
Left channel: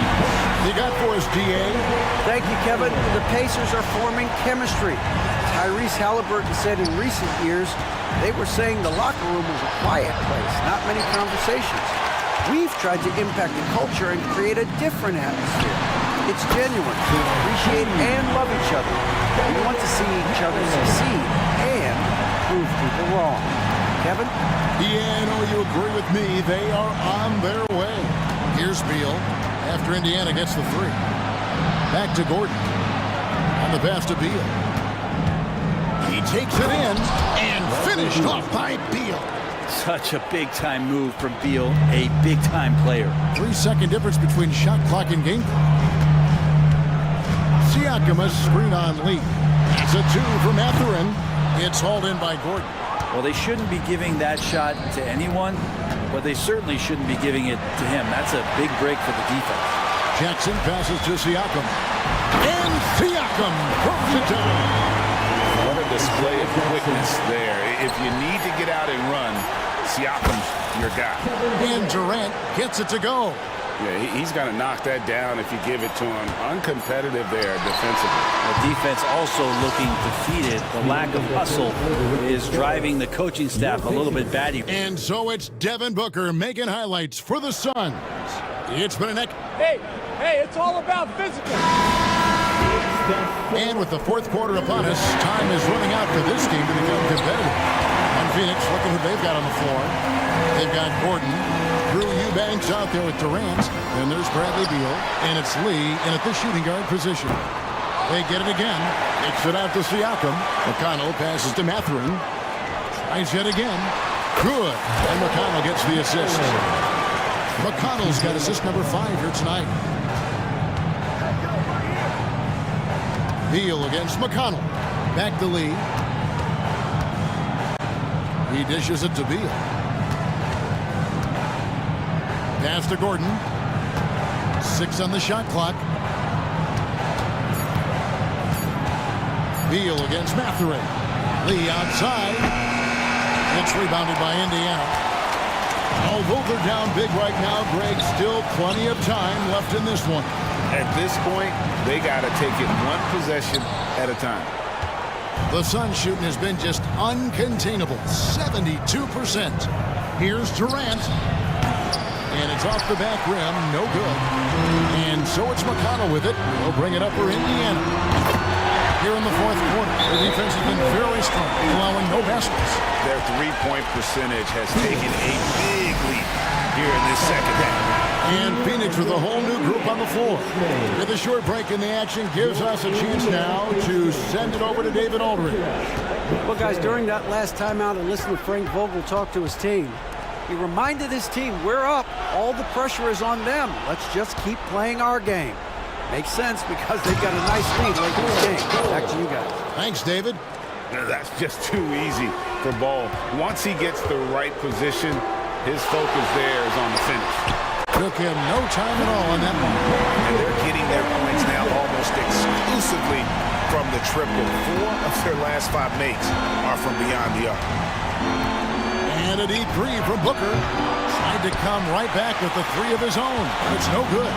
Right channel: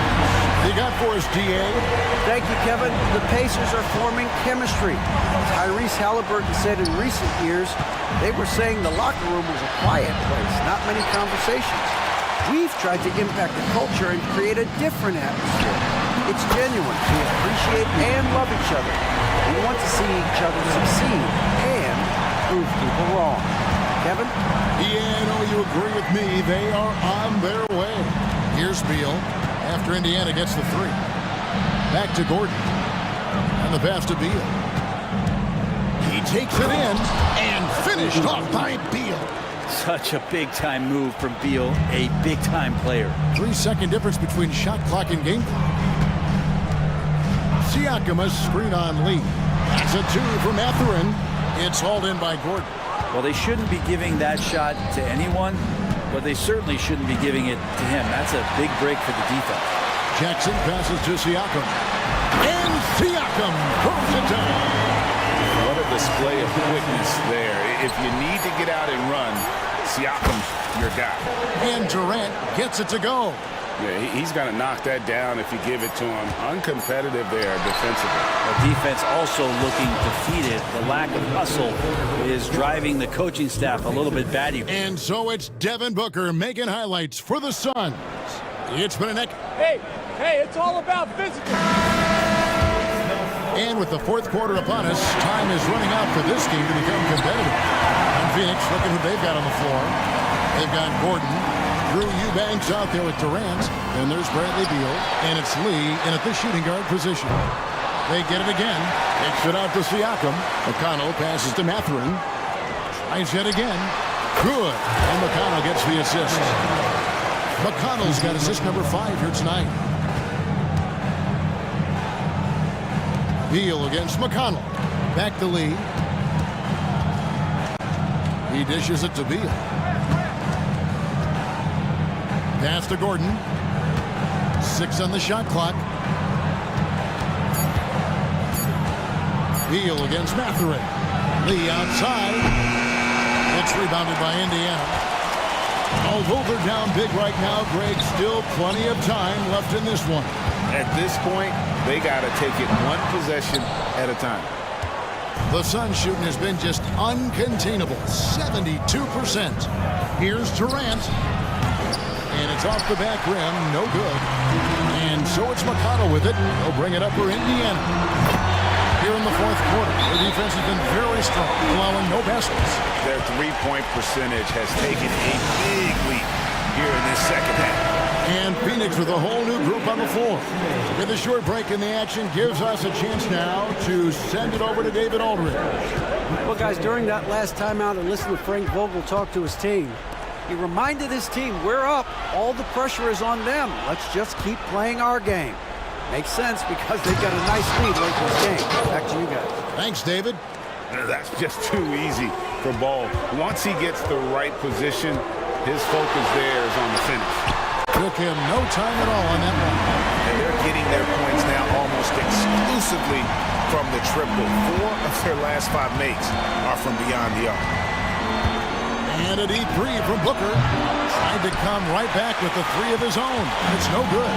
You got for us, D.A.? Thank you, Kevin. The Pacers are forming chemistry. Tyrese Halliburton said in recent years they were saying the locker room was a quiet place, not many conversations. We've tried to impact the culture and create a different atmosphere. It's genuine. We appreciate and love each other. We want to see each other succeed and prove people wrong. Kevin? Yeah, I know you agree with me. They are on their way. Here's Beal after Indiana gets the three. Back to Gordon. And the pass to Beal. He takes it in and finished off by Beal. Such a big-time move from Beal, a big-time player. 3-second difference between shot clock and game clock. Siakam, a screen on Lee. That's a 2 from Mathurin. It's hauled in by Gordon. Well, they shouldn't be giving that shot to anyone, but they certainly shouldn't be giving it to him. That's a big break for the defense. Jackson passes to Siakam. And Siakam throws it down. What a display of quickness there. If you need to get out and run, Siakam's your guy. And Durant gets it to go. Yeah, he's going to knock that down if you give it to him. Uncompetitive there defensively. The defense also looking defeated. The lack of hustle is driving the coaching staff a little bit batty. And so it's Devin Booker making highlights for the Suns. It's been an Hey, it's all about physical. And with the fourth quarter upon us, time is running out for this game to become competitive. And Phoenix, looking who they've got on the floor. They've got Gordon, Drew Eubanks out there with Durant. Then there's Bradley Beal. And it's Lee in at the shooting guard position. They get it again. Kicks it out to Siakam. McConnell passes to Mathurin. Tries it again. Good. And McConnell gets the assist. McConnell's got assist number 5 here tonight. Beal against McConnell. Back to Lee. He dishes it to Beal. Pass to Gordon. 6 on the shot clock. Beal against Mathurin. Lee outside. It's rebounded by Indiana. Although they're down big right now, Greg, still plenty of time left in this one. At this point, they got to take it one possession at a time. The Suns shooting has been just uncontainable, 72%. Here's Durant. And it's off the back rim, no good. And so it's McConnell with it. He'll bring it up for Indiana. Here in the fourth quarter, their defense has been very strong, allowing no baskets. Their three-point percentage has taken a big leap here in this second half. And Phoenix with a whole new group on the floor. With a short break in the action gives us a chance now to send it over to David Aldridge. Well, guys, during that last timeout, I listened to Frank Vogel talk to his team. He reminded his team, we're up. All the pressure is on them. Let's just keep playing our game. Makes sense because they've got a nice lead late in this game. Back to you guys. Thanks, David. That's just too easy for Ball. Once he gets the right position, his focus there is on the finish. Took him no time at all on that one. And they're getting their points now almost exclusively from the triple. 4 of their last 5 makes are from beyond the arc. And a deep 3 from Booker. Tried to come right back with the 3 of his own. It's no good.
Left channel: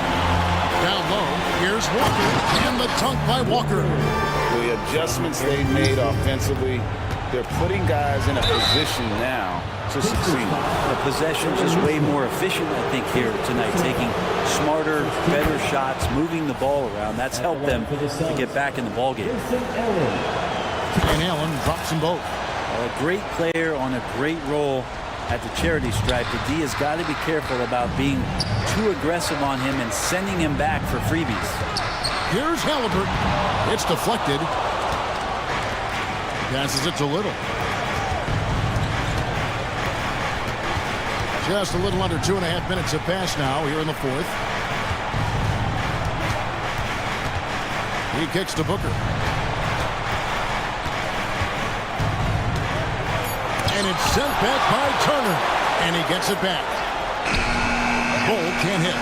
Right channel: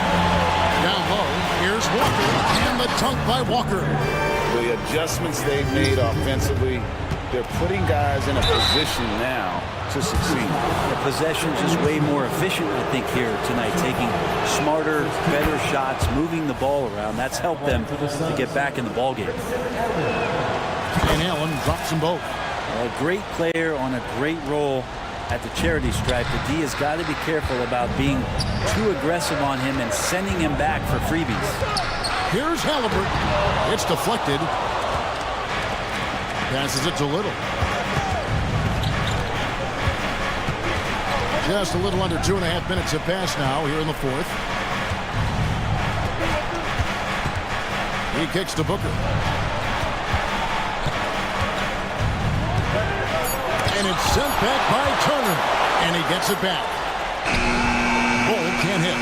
Down low, here's Walker, and the dunk by Walker. The adjustments they made offensively, they're putting guys in a position now to succeed. The possession just way more efficient, I think, here tonight, taking smarter, better shots, moving the ball around. That's helped them to get back in the ball game. And Allen drops them both. A great player on a great role at the charity stripe. The D has got to be careful about being too aggressive on him and sending him back for freebies. Here's Halliburton. It's deflected. Passes it to Little. Just a little under 2.5 minutes have passed now here in the fourth. He kicks to Booker. And it's sent back by Turner. And he gets it back. Bull can't hit.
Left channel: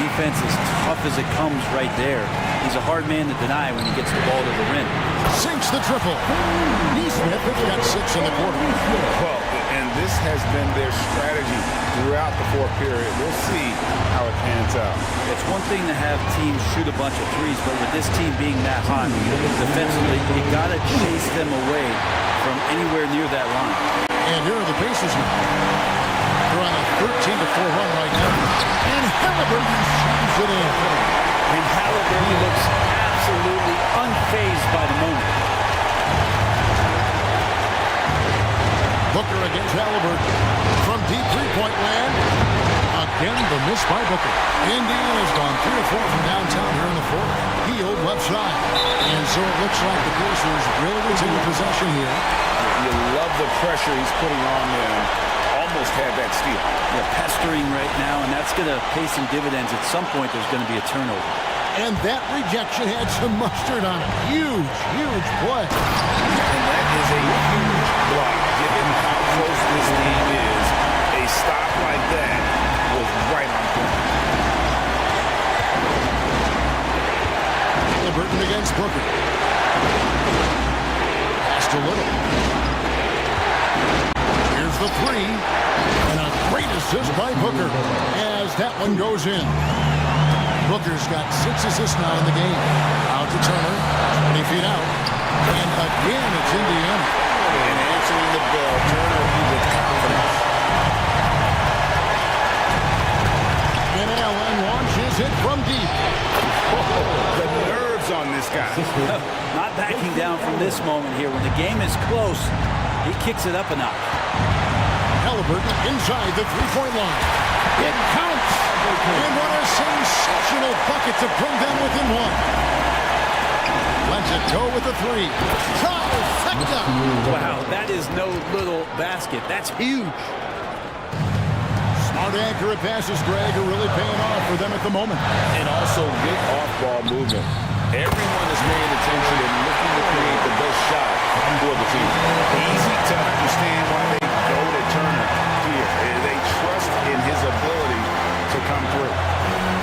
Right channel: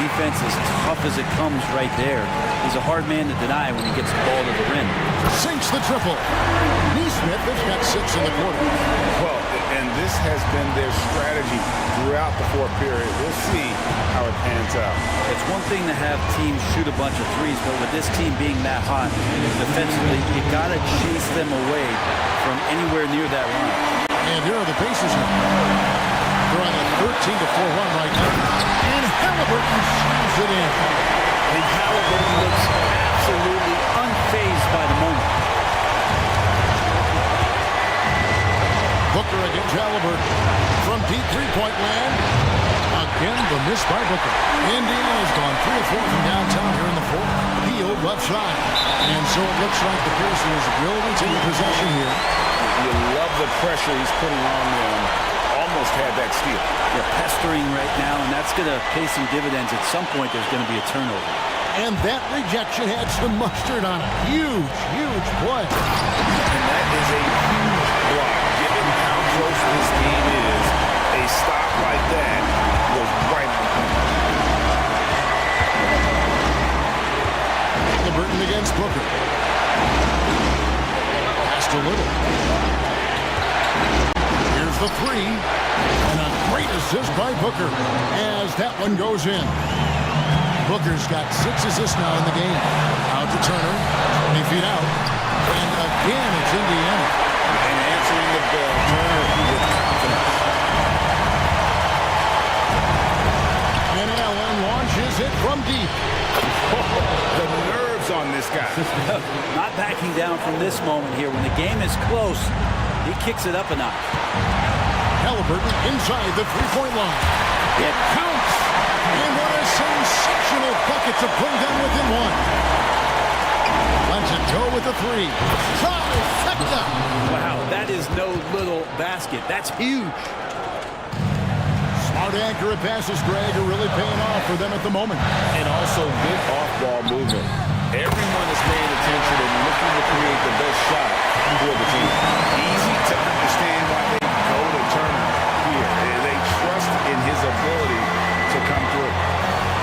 Defense as tough as it comes right there. He's a hard man to deny when he gets the ball to the rim. Sinks the triple. Neesmith has got 6 in the quarter. Well, and this has been their strategy throughout the fourth period. We'll see how it pans out. It's one thing to have teams shoot a bunch of threes, but with this team being that hot defensively, you got to chase them away from anywhere near that line. And here are the Pacers now. They're on a 13-4 run right now. And Halliburton slams it in. And Halliburton looks absolutely unfazed by the moment. Booker against Halliburton. From deep three-point land. Again, the miss by Booker. Indiana's gone 3 of 4 from downtown here in the fourth. Healed left side. And so it looks like the Pacers will retain possession here. You love the pressure he's putting on them. Almost had that steal. Yeah, pestering right now, and that's going to pay some dividends. At some point, there's going to be a turnover. And that rejection had some mustard on it. Huge, huge play. And that is a huge block. Given how close this game is, a stop like that was right on point. Halliburton against Booker. Pass to Little. Here's the 3. And a great assist by Booker as that one goes in. Booker's got 6 assists now in the game. Out to Turner, 20 feet out. And again, it's Indiana. And answering the bell, Turner with confidence. And Allen launches it from deep. The nerves on this guy. Not backing down from this moment here. When the game is close, he kicks it up a notch. Halliburton inside the three-point line. It counts. And what a sensational bucket to bring them within one. Lets it go with the three. Trifecta. Wow, that is no little basket. That's huge. Smart, accurate passes, Greg, are really paying off for them at the moment. And also good off-ball movement. Everyone is paying attention and looking to create the best shot for the team. Easy to understand why they go to Turner here. They trust in his ability to come through.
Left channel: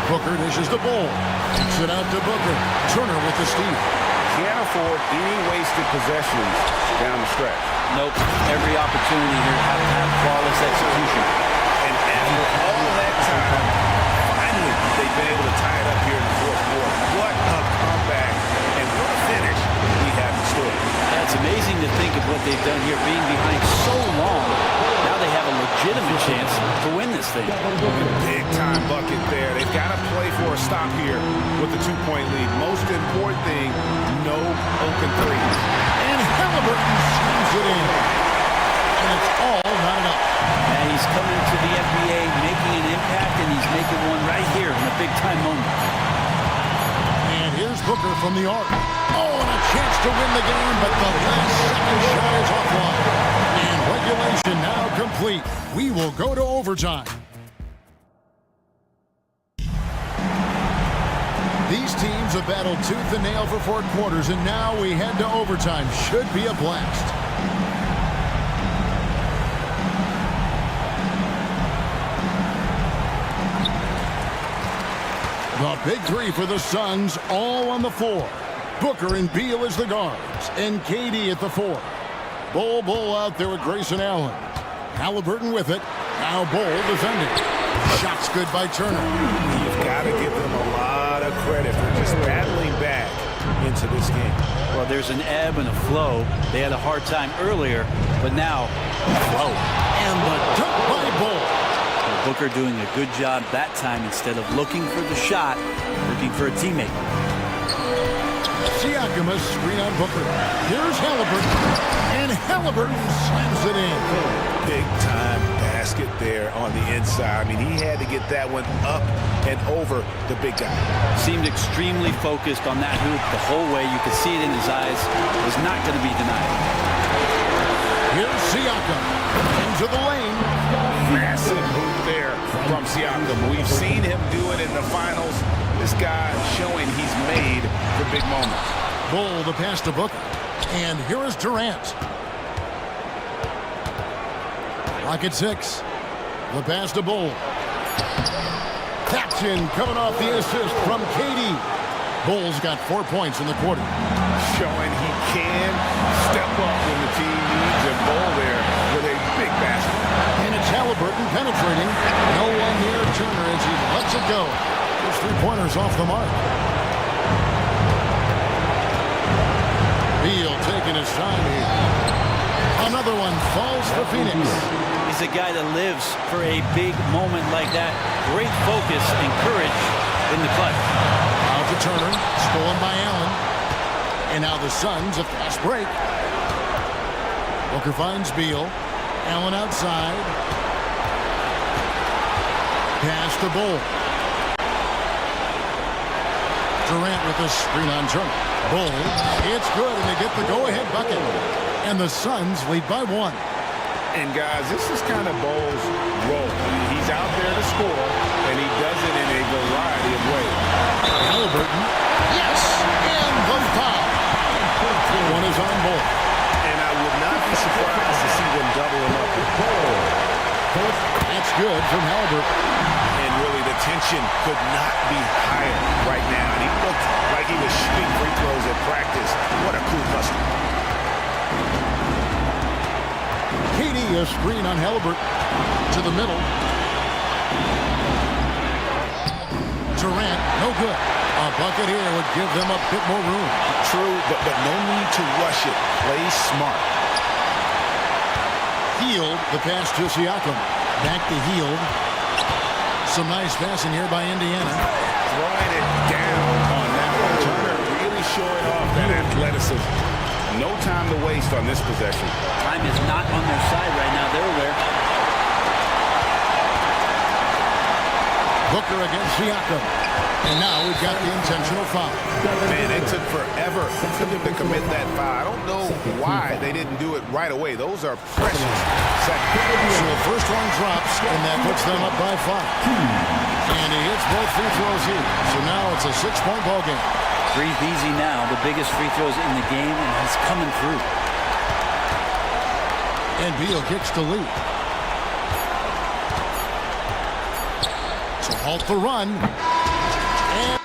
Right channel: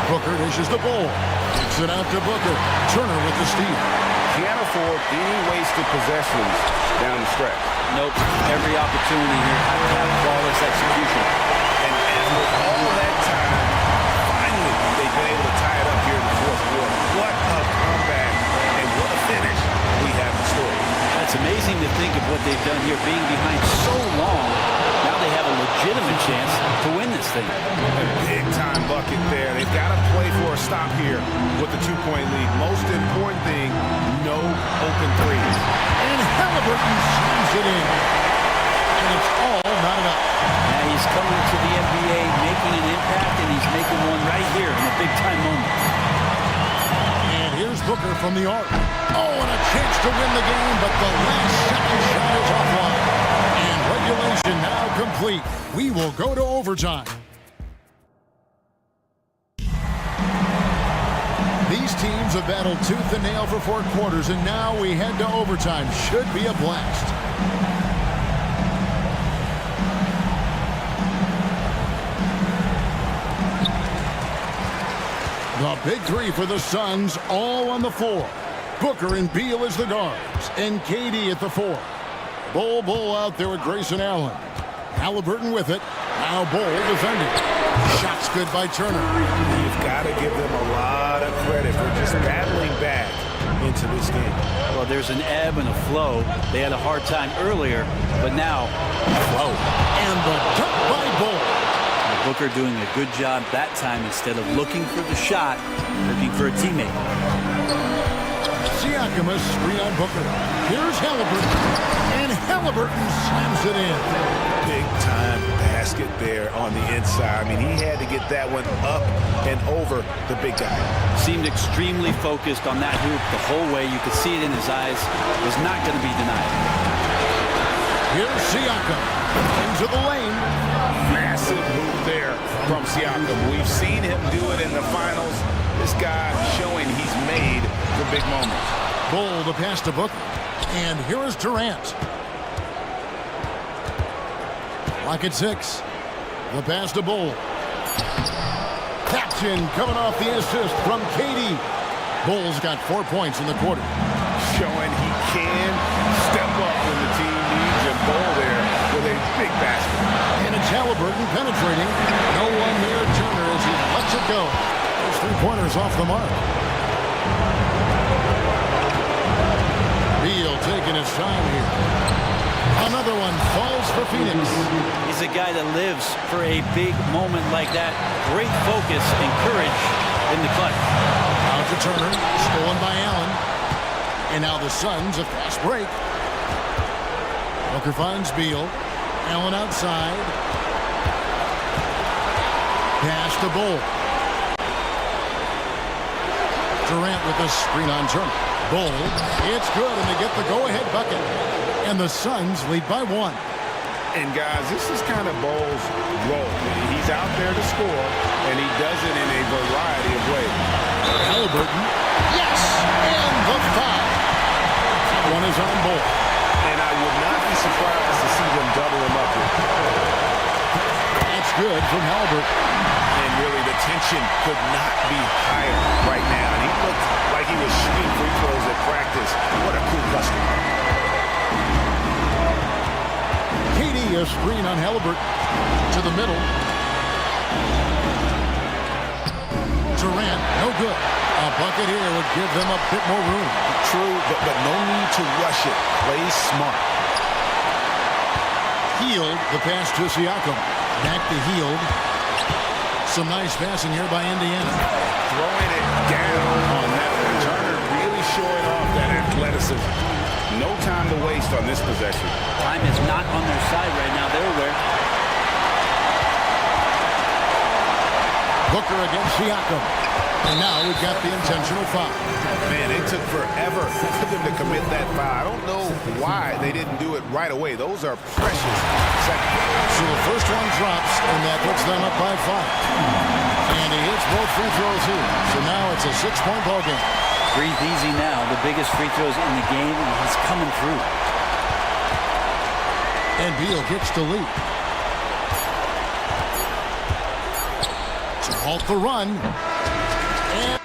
Booker dishes the ball. Kicks it out to Booker. Turner with the steal. Can't afford any wasted possessions down the stretch. Nope. Every opportunity here have to have flawless execution. And after all that time, finally, they've been able to tie it up here in the fourth quarter. What a comeback and what a finish we have in store. It's amazing to think of what they've done here, being behind so long. Now they have a legitimate chance to win this thing. Big time bucket there. They've got to play for a stop here with the 2-point lead. Most important thing, no open threes. And Halliburton slams it in. And it's all knotted up. Now he's coming to the NBA, making an impact, and he's making one right here in a big-time moment. And here's Booker from the arc. Oh, and a chance to win the game, but the last second shot is offline. And regulation now complete. We will go to overtime. These teams have battled tooth and nail for 4 quarters, and now we head to overtime. Should be a blast. The big three for the Suns, all on the floor. Booker and Beal as the guards, and KD at the 4. Bull out there with Grayson Allen. Halliburton with it. Now Bull defending. Shots good by Turner. You've got to give them a lot of credit for just battling back into this game. Well, there's an ebb and a flow. They had a hard time earlier, but now, flow. And the dunk by Bull. Booker doing a good job that time. Instead of looking for the shot, looking for a teammate. Siakam a screen on Booker. Here's Halliburton. And Halliburton slams it in. Big time basket there on the inside. I mean, he had to get that one up and over the big guy. Seemed extremely focused on that hoop the whole way. You could see it in his eyes. Was not going to be denied. Here's Siakam. Into the lane. Massive hoop there from Siakam. We've seen him do it in the finals. This guy showing he's made for big moments. Bull the pass to Booker. And here is Durant. Clock at 6. The pass to Bull. Tapped in, coming off the assist from KD. Bull's got 4 points in the quarter. Showing he can step up when the team needs him. Bull there with a big basket. And it's Halliburton penetrating. No one near Turner as he lets it go. His 3-pointers off the mark. Beal taking his time here. Another one falls for Phoenix. He's a guy that lives for a big moment like that. Great focus and courage in the clutch. Out to Turner, stolen by Allen. And now the Suns a fast break. Booker finds Beal. Allen outside. Pass to Bull. Durant with a screen on Turner. Bull, it's good, and they get the go-ahead bucket. And the Suns lead by 1. And guys, this is kind of Bull's role. He's out there to score, and he does it in a variety of ways. Halliburton, yes, and the foul. One is on Bull. And I would not be surprised to see them double him up here. That's good from Halliburton. And really, the tension could not be higher right now. And he looked like he was shooting free throws at practice. What a cool customer. KD a screen on Halliburton. To the middle. Durant, no good. A bucket here would give them a bit more room. True, but no need to rush it. Play smart. Hield, the pass to Siakam. Back to Hield. Some nice passing here by Indiana. Throwing it down on that one. Turner really showing off that athleticism. No time to waste on this possession. Time is not on their side right now. They're aware. Booker against Siakam. And now we've got the intentional foul. Man, it took forever for them to commit that foul. I don't know why they didn't do it right away. Those are precious seconds. So the first one drops, and that puts them up by 5. And he hits both free throws here. So now it's a 6-point ball game. Breathe easy now. The biggest free throws in the game, and he's coming through. And Beal gets the lead. To halt the run. And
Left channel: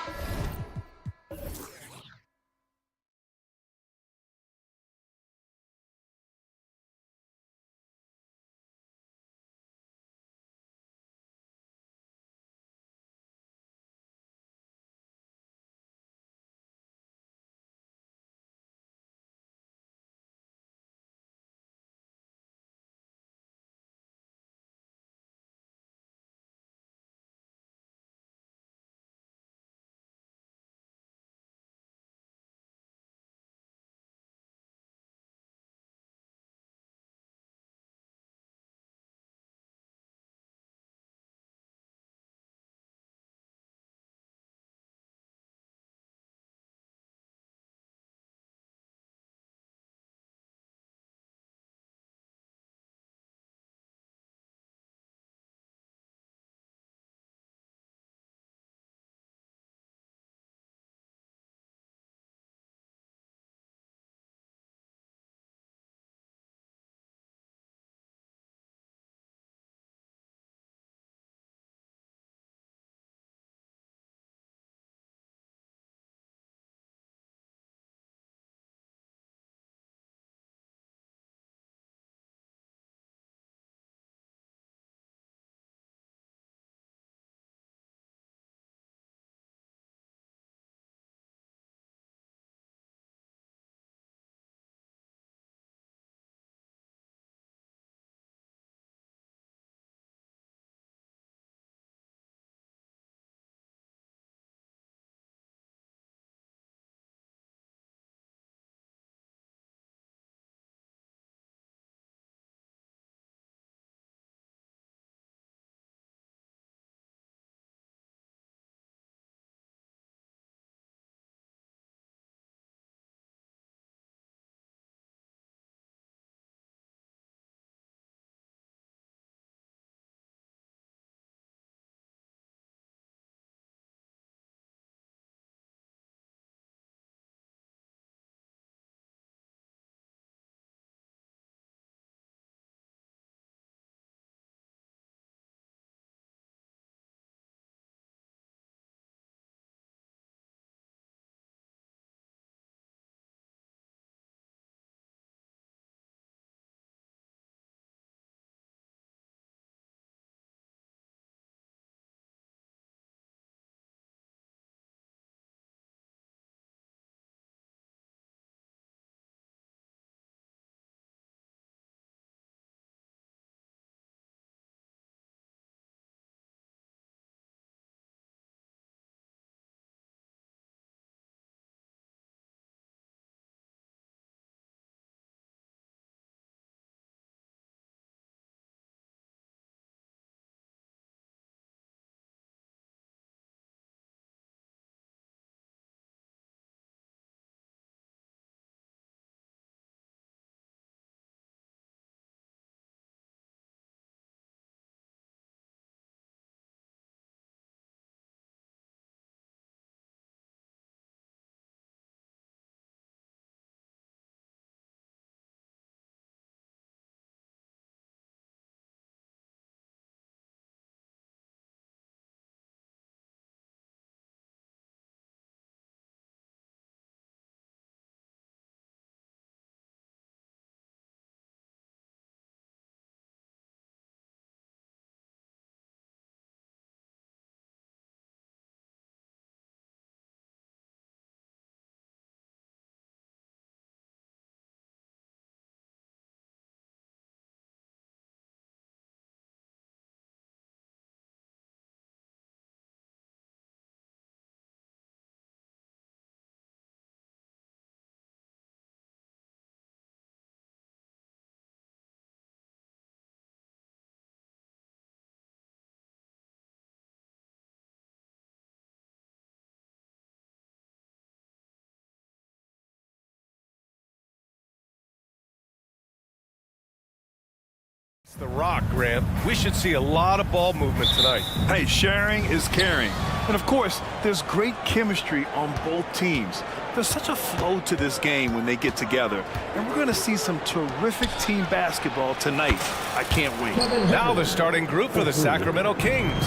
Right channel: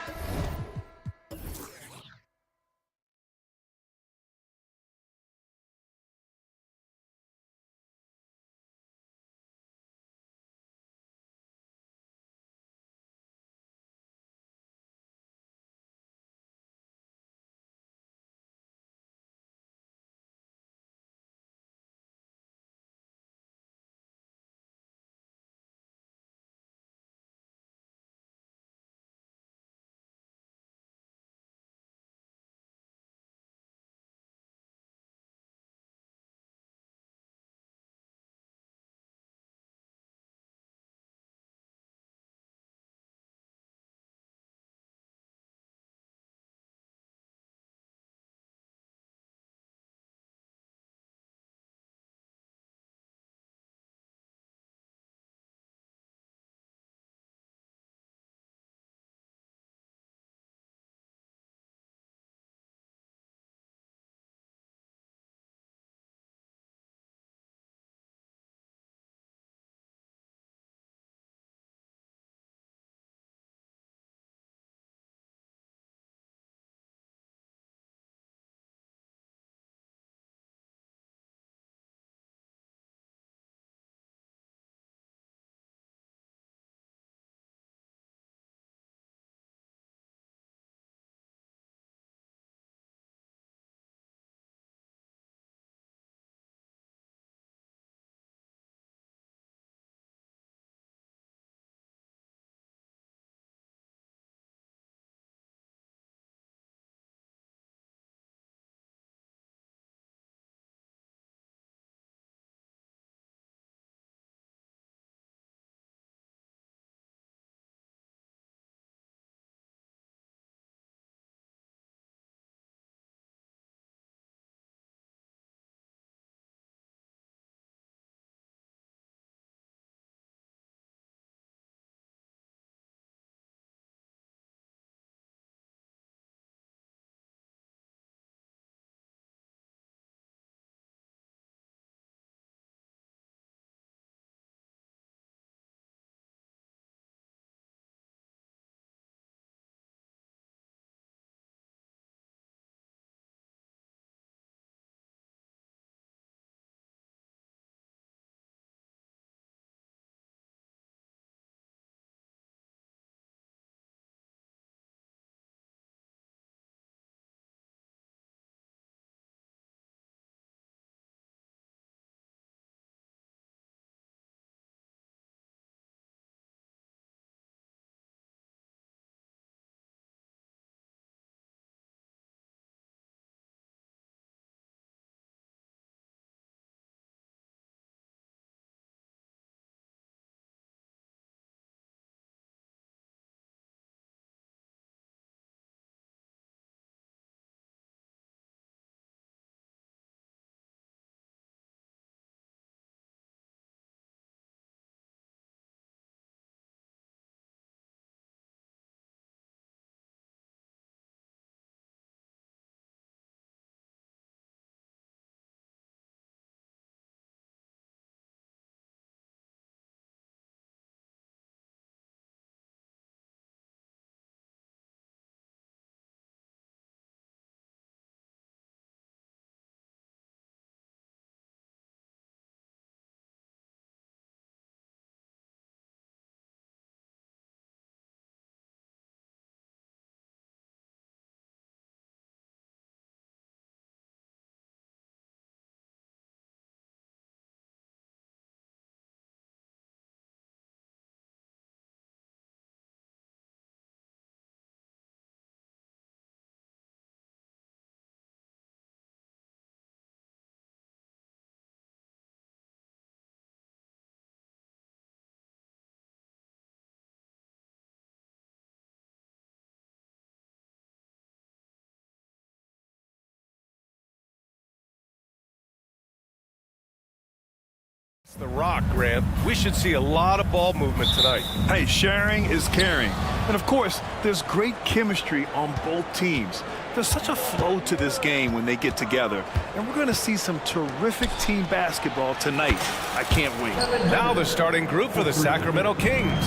The Rock, Grant. We should see a lot of ball movement tonight. Hey, sharing is caring. And of course, there's great chemistry on both teams. There's such a flow to this game when they get together. And we're going to see some terrific team basketball tonight. I can't wait. Now the starting group for the Sacramento Kings.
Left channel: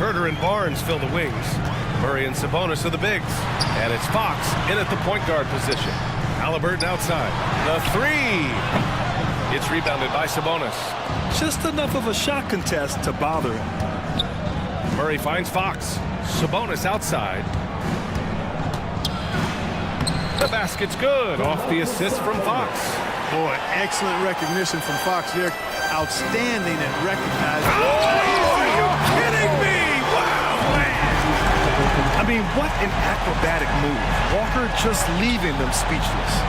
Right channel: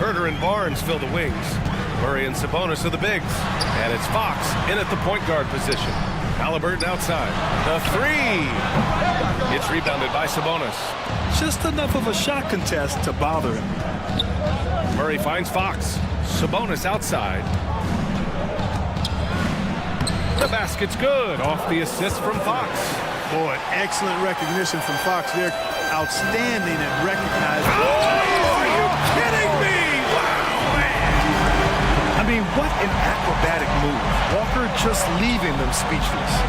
Herter and Barnes fill the wings. Murray and Sabonis are the bigs. And it's Fox in at the point guard position. Halliburton outside. The three. It's rebounded by Sabonis. Just enough of a shot contest to bother him. Murray finds Fox. Sabonis outside. The basket's good. Off the assist from Fox. Boy, excellent recognition from Fox there. Outstanding at recognizing. Oh, are you kidding me? Wow, man. I mean, what an acrobatic move. Walker just leaving them speechless.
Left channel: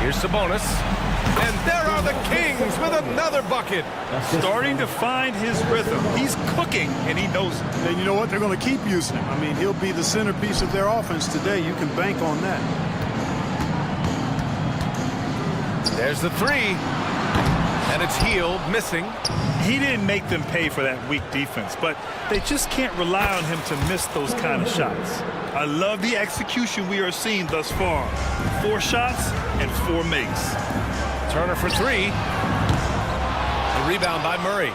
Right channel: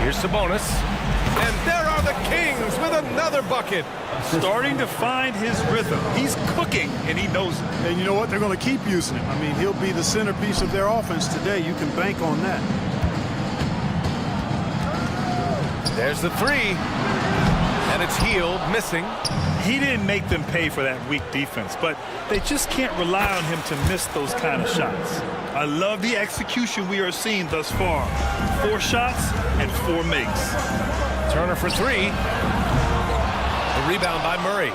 Here's Sabonis. And there are the Kings with another bucket. Starting to find his rhythm. He's cooking, and he knows it. And you know what? They're going to keep using him. I mean, he'll be the centerpiece of their offense today. You can bank on that. There's the three. And it's Healed, missing. He didn't make them pay for that weak defense, but they just can't rely on him to miss those kind of shots. I love the execution we are seeing thus far. 4 shots and 4 makes. Turner for three. The rebound by Murray.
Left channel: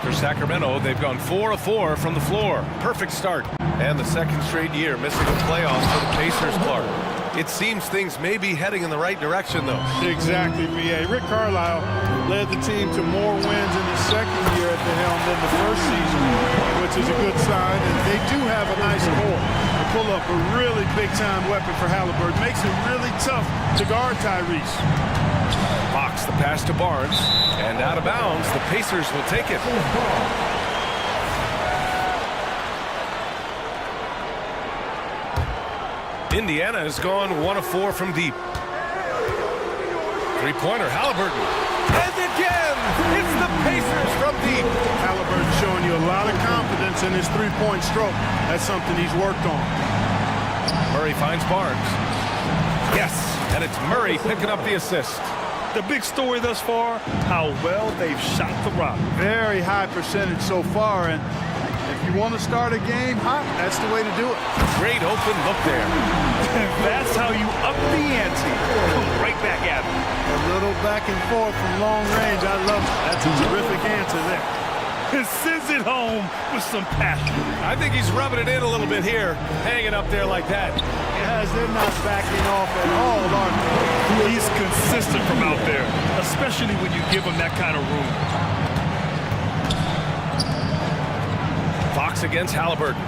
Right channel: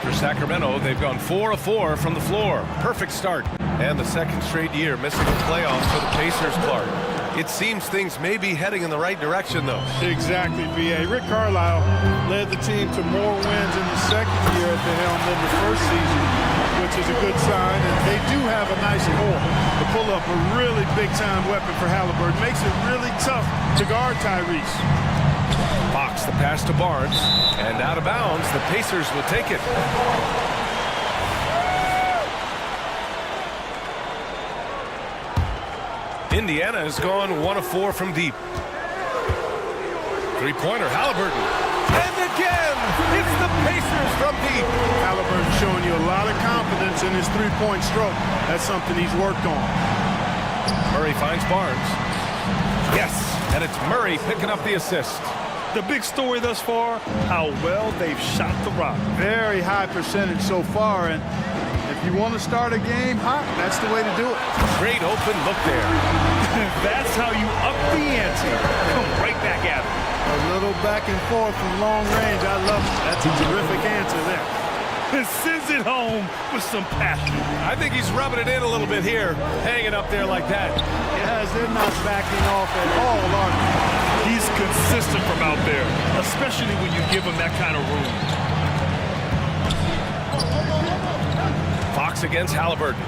For Sacramento, they've gone 4 of 4 from the floor. Perfect start. And the second straight year missing the playoffs for the Pacers, Clark. It seems things may be heading in the right direction, though. Exactly, B.A. Rick Carlisle led the team to more wins in his second year at the helm than the first season, which is a good sign. And they do have a nice core to pull up a really big-time weapon for Halliburton. Makes it really tough to guard Tyrese. Fox, the pass to Barnes, and out of bounds. The Pacers will take it. Indiana has gone 1 of 4 from deep. Three-pointer, Halliburton. And again, it's the Pacers from deep. Halliburton showing you a lot of confidence in his three-point stroke. That's something he's worked on. Murray finds Barnes. Yes, and it's Murray picking up the assist. The big story thus far, how well they've shot the rock. Very high percentage so far, and if you want to start a game hot, that's the way to do it. Great open look there. That's how you up the ante. Come right back at him. A little back and forth from long range. I love it. That's a terrific answer there. And sends it home with some passion. I think he's rubbing it in a little bit here, hanging up there like that. Guys, they're not backing off at all, are they? He's consistent from out there, especially when you give him that kind of room. Fox against Halliburton.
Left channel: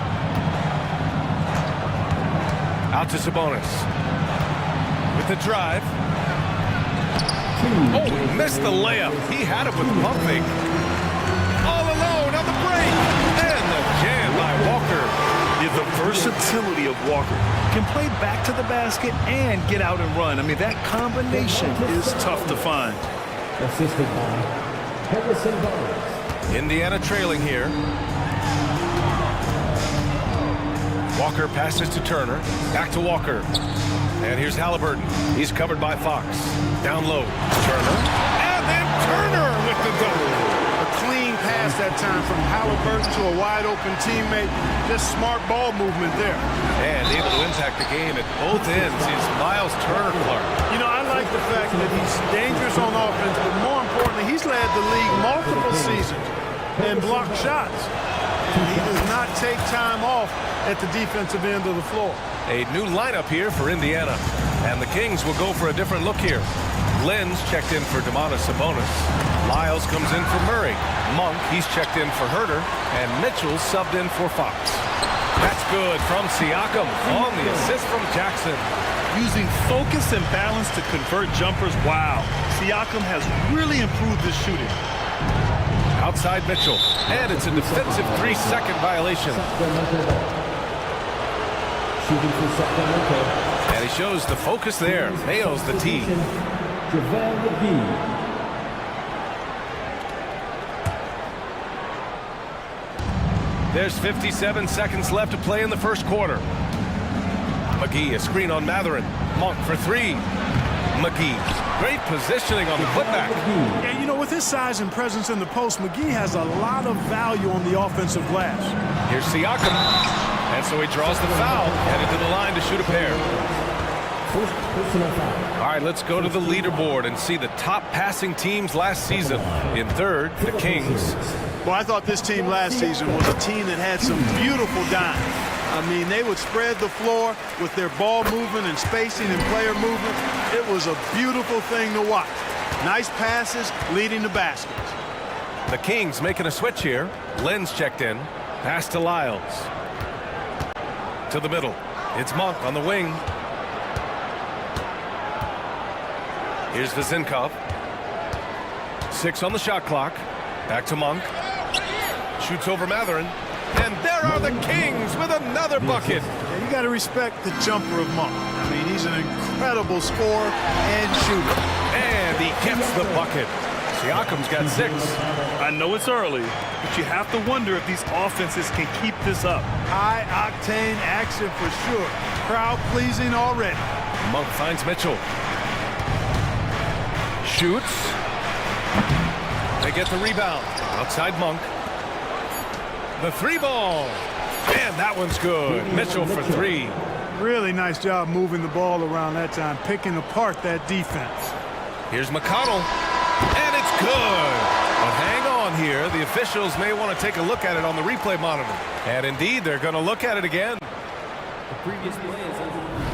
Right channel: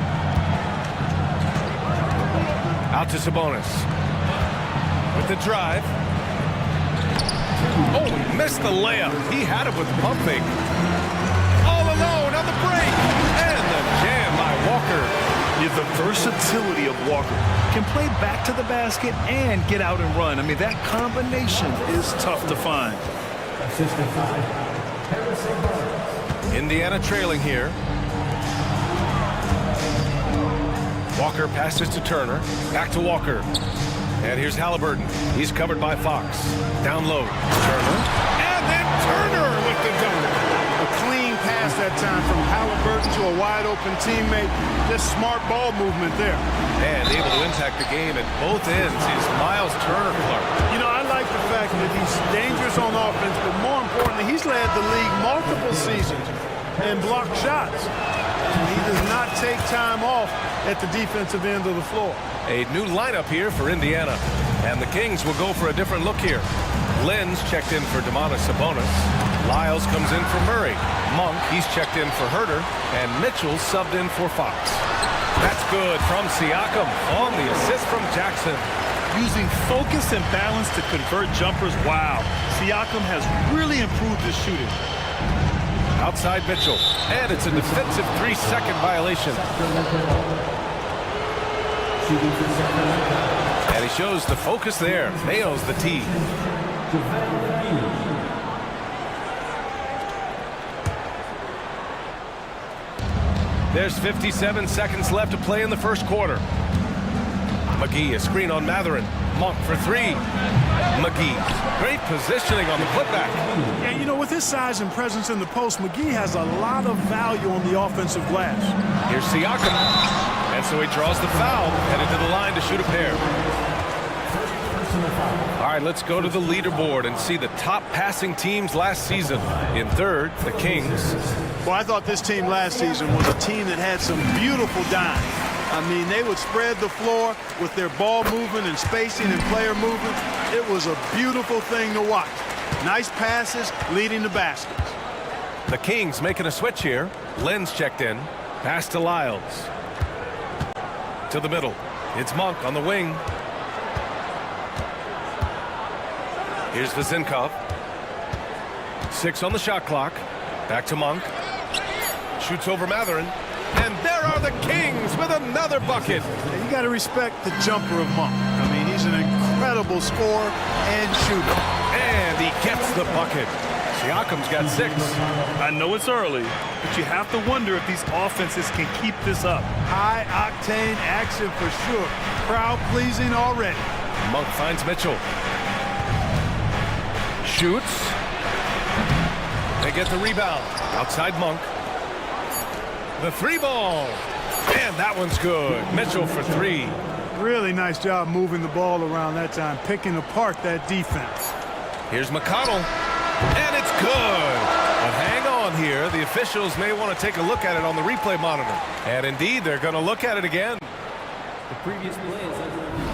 Out to Sabonis. With the drive. Oh, he missed the layup. He had it with the pump fake. All alone on the break. And the jam by Walker. Yeah, the versatility of Walker. Can play back to the basket and get out and run. I mean, that combination is tough to find. Assisted by Harrison Barnes. Indiana trailing here. Walker passes to Turner. Back to Walker. And here's Halliburton. He's covered by Fox. Down low. Turner. And then Turner with the dunk. A clean pass that time from Halliburton to a wide-open teammate. Just smart ball movement there. And able to impact the game at both ends is Miles Turner, Clark. You know, I like the fact that he's dangerous on offense, but more importantly, he's led the league multiple seasons and blocked shots. And he does not take time off at the defensive end of the floor. A new lineup here for Indiana. And the Kings will go for a different look here. Lenz checked in for Domantas Sabonis. Lyles comes in for Murray. Monk, he's checked in for Herter. And Mitchell subbed in for Fox. That's good from Siakam on the assist from Jackson. Using focus and balance to convert jumpers. Wow. Siakam has really improved his shooting. Outside Mitchell. And it's a defensive 3-second violation. And he shows the focus there. Nails the tee. There's 57 seconds left to play in the first quarter. McGee, a screen on Matherin. Monk for three. McGee. Great positioning on the putback. Yeah, you know, with his size and presence in the post, McGee has a lot of value on the offensive glass. Here's Siakam. And so he draws the foul, headed to the line to shoot a pair. All right, let's go to the leaderboard and see the top passing teams last season. In third, the Kings. Well, I thought this team last season was a team that had some beautiful dimes. I mean, they would spread the floor with their ball movement and spacing and player movement. It was a beautiful thing to watch. Nice passes leading to baskets. The Kings making a switch here. Len's checked in. Pass to Lyles. To the middle. It's Monk on the wing. Here's Vezinkov. 6 on the shot clock. Back to Monk. Shoots over Matherin. And there are the Kings with another bucket. Yeah, you got to respect the jumper of Monk. I mean, he's an incredible scorer and shooter. And he gets the bucket. Siakam's got 6. I know it's early, but you have to wonder if these offenses can keep this up. High-octane action for sure. Crowd-pleasing already. Monk finds Mitchell. Shoots. They get the rebound. Outside Monk. The 3 ball. And that one's good. Mitchell for 3. Really nice job moving the ball around that time, picking apart that defense. Here's McConnell. And it's good. But hang on here. The officials may want to take a look at it on the replay monitor. And indeed, they're going to look at it again. The previous play is under review.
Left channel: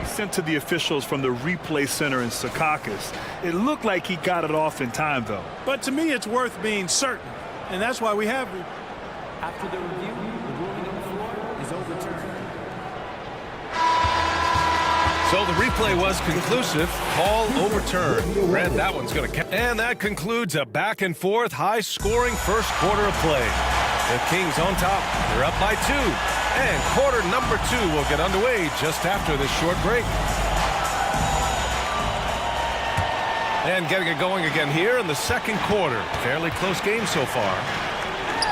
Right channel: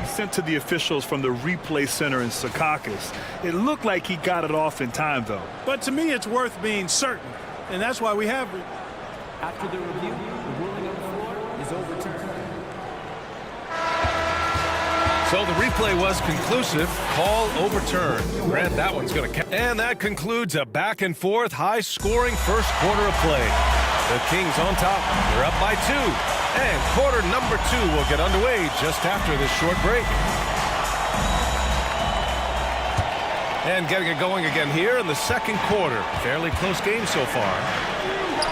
He sent to the officials from the replay center in Secaucus. It looked like he got it off in time, though. But to me, it's worth being certain. And that's why we have... After the review, the ruling on the floor is overturned. So the replay was conclusive. Call overturned. Grant that one's going to count. And that concludes a back-and-forth, high-scoring first quarter of play. The Kings on top. They're up by 2. And quarter number 2 will get underway just after this short break. And getting it going again here in the second quarter. Fairly close game so far.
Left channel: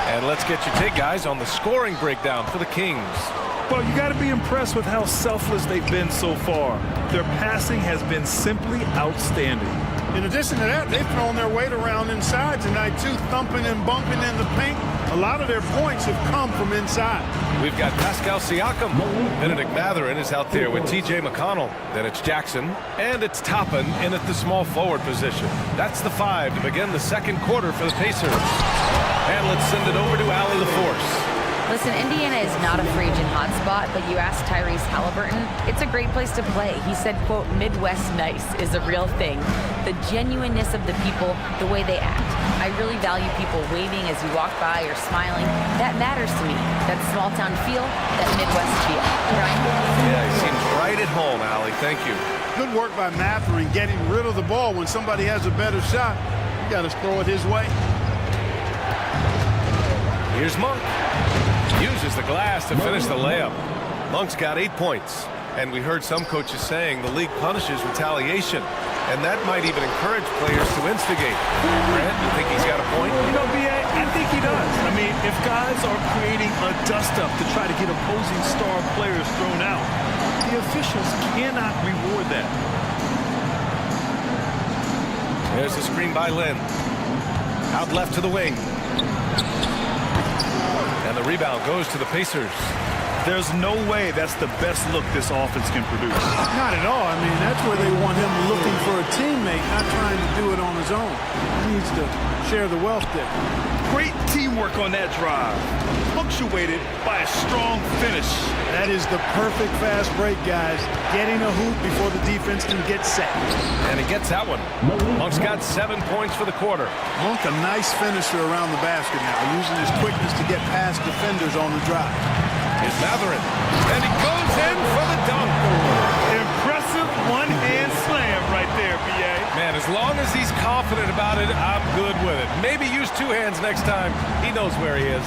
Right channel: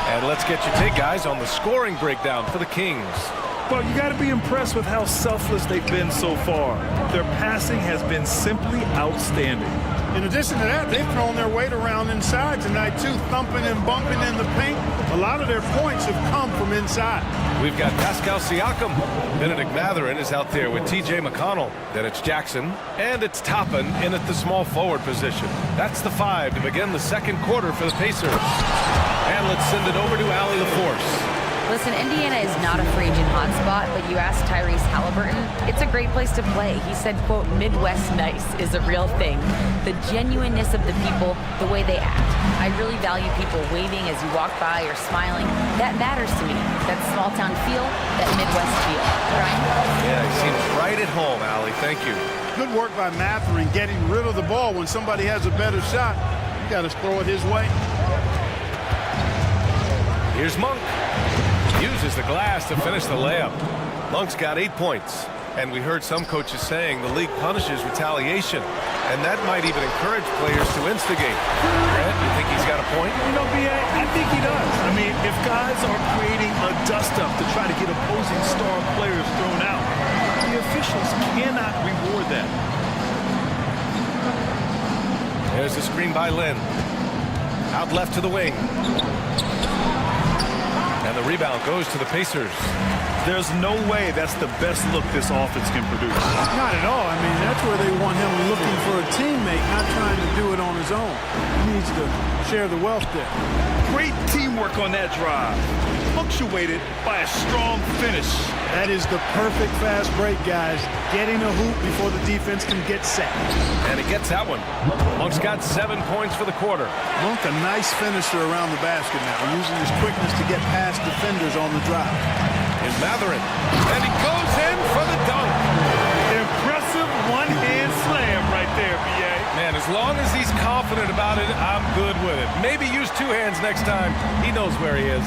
And let's get your take, guys, on the scoring breakdown for the Kings. Well, you got to be impressed with how selfless they've been so far. Their passing has been simply outstanding. In addition to that, they've thrown their weight around inside tonight, too, thumping and bumping in the paint. A lot of their points have come from inside. We've got Pascal Siakam. Benedict Matherin is out there with T.J. McConnell. Then it's Jackson. And it's Toppin in at the small forward position. That's the 5 to begin the second quarter for the Pacers. And let's send it over to Allie LaForce. Listen, Indiana is not a free agent hotspot, but you ask Tyrese Halliburton, it's a great place to play. He said, quote, Midwest nice is a real thing. The genuineness of the people, the way they act. I really value people waving as you walk by or smiling. That matters to me. That small town feel, that Midwest feel. Brian? Yeah, he seems right at home, Allie. Thank you. Good work by Matherin getting rid of the ball. When somebody has a better shot, you got to throw it his way. Here's Monk. Uses the glass to finish the layup. Monk's got 8 points. And we heard some coaches saying the league punishes retaliation. And that might even encourage players to instigate. Grant, you think he's got a point? You know, B.A., I think he does. I mean, if guys are creating a dust-up to try to get opposing star players thrown out, the officials cannot reward that. There's the screen by Lynn. Out left to the wing. And the rebound goes to the Pacers. There's no way that's the best look this offense can produce. Not at all. I mean, that's where they want him looking for a teammate, not trying to do it on his own. He needs to share the wealth there. Great teamwork on that drive, punctuated by a strong finish. That is the perfect fast break, guys. Getting a hoop before the defense can get set. And he gets that one. Monk's got 7 points for the quarter. Monk, a nice finisher around the basket now, using his quickness to get past defenders on the drive. Here's Matherin. And he goes in for the dunk. Impressive one-hand slam right there, B.A. Man, as long as he's confident about it, I'm good with it. Maybe use 2 hands next time. He knows where he is.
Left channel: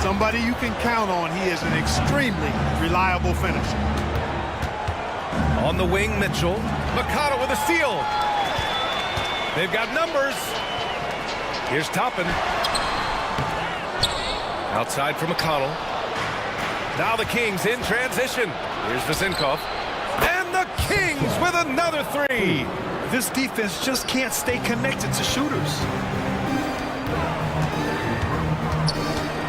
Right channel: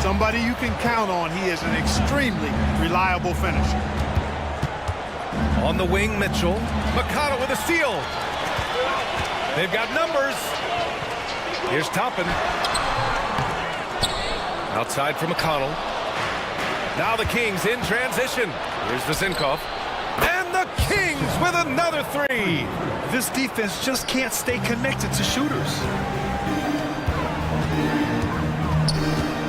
Somebody you can count on. He is an extremely reliable finisher. On the wing, Mitchell. McConnell with a steal. They've got numbers. Here's Toppin. Outside for McConnell. Now the Kings in transition. Here's Vezinkov. And the The Kings with another three. This defense just can't stay connected to shooters.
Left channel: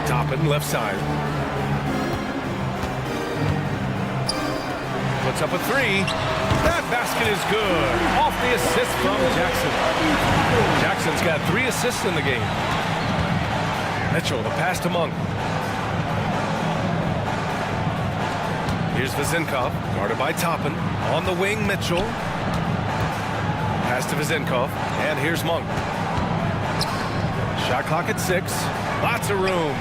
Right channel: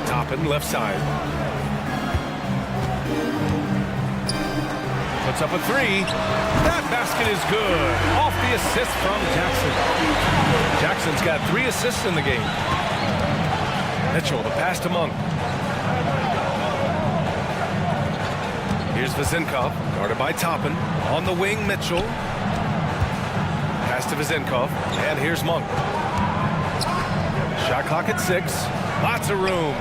Toppin, left side. Puts up a three. That basket is good. Off the assist from Jackson. Jackson's got 3 assists in the game. Mitchell, the pass to Monk. Here's Vezenkov, guarded by Toppin. On the wing, Mitchell. Pass to Vezenkov, and here's Monk. Shot clock at 6. Lots of room.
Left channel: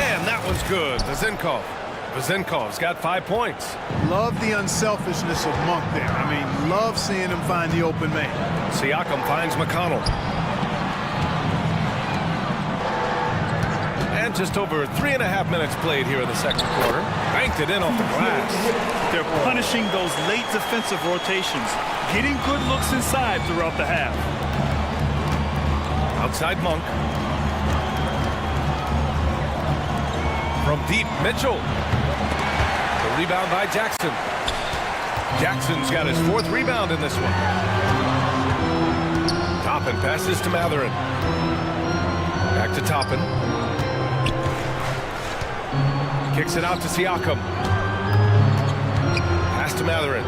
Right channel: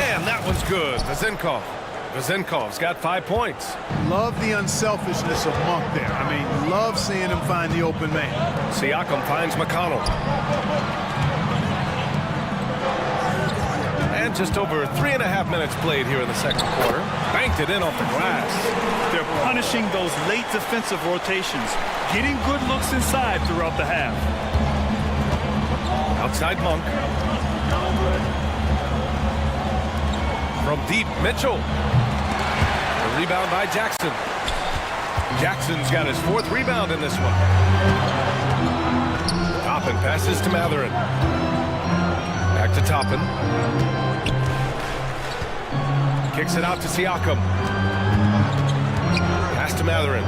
And that one's good. Vezenkov's got 5 points. Love the unselfishness of Monk there. I mean, love seeing him find the open man. Siakam finds McConnell. And just over 3.5 minutes played here in the second quarter. Banked it in off the glass. They're punishing those late defensive rotations, getting good looks inside throughout the half. Outside Monk. From deep, Mitchell. The rebound by Jackson. Jackson's got his 4th rebound in this one. Toppin passes to Matherin. Back to Toppin. Kicks it out to Siakam. Pass to Matherin.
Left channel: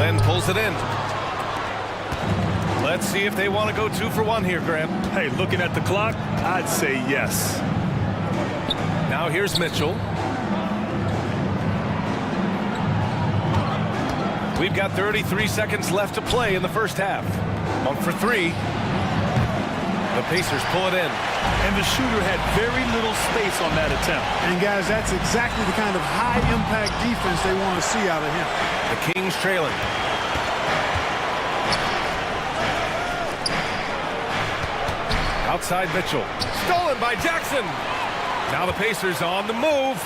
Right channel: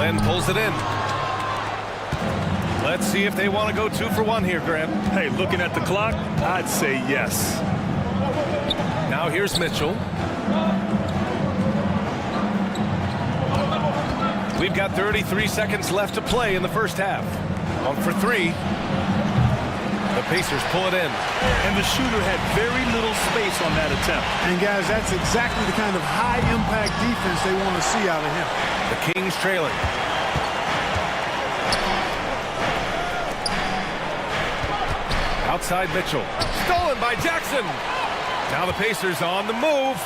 Len pulls it in. Let's see if they want to go 2 for 1 here, Grant. Hey, looking at the clock, I'd say yes. Now here's Mitchell. We've got 33 seconds left to play in the first half. Monk for 3. The Pacers pull it in. And the shooter had very little space on that attempt. And guys, that's exactly the kind of high-impact defense they want to see out of him. The Kings trailing. Outside Mitchell. Stolen by Jackson. Now the Pacers on the move.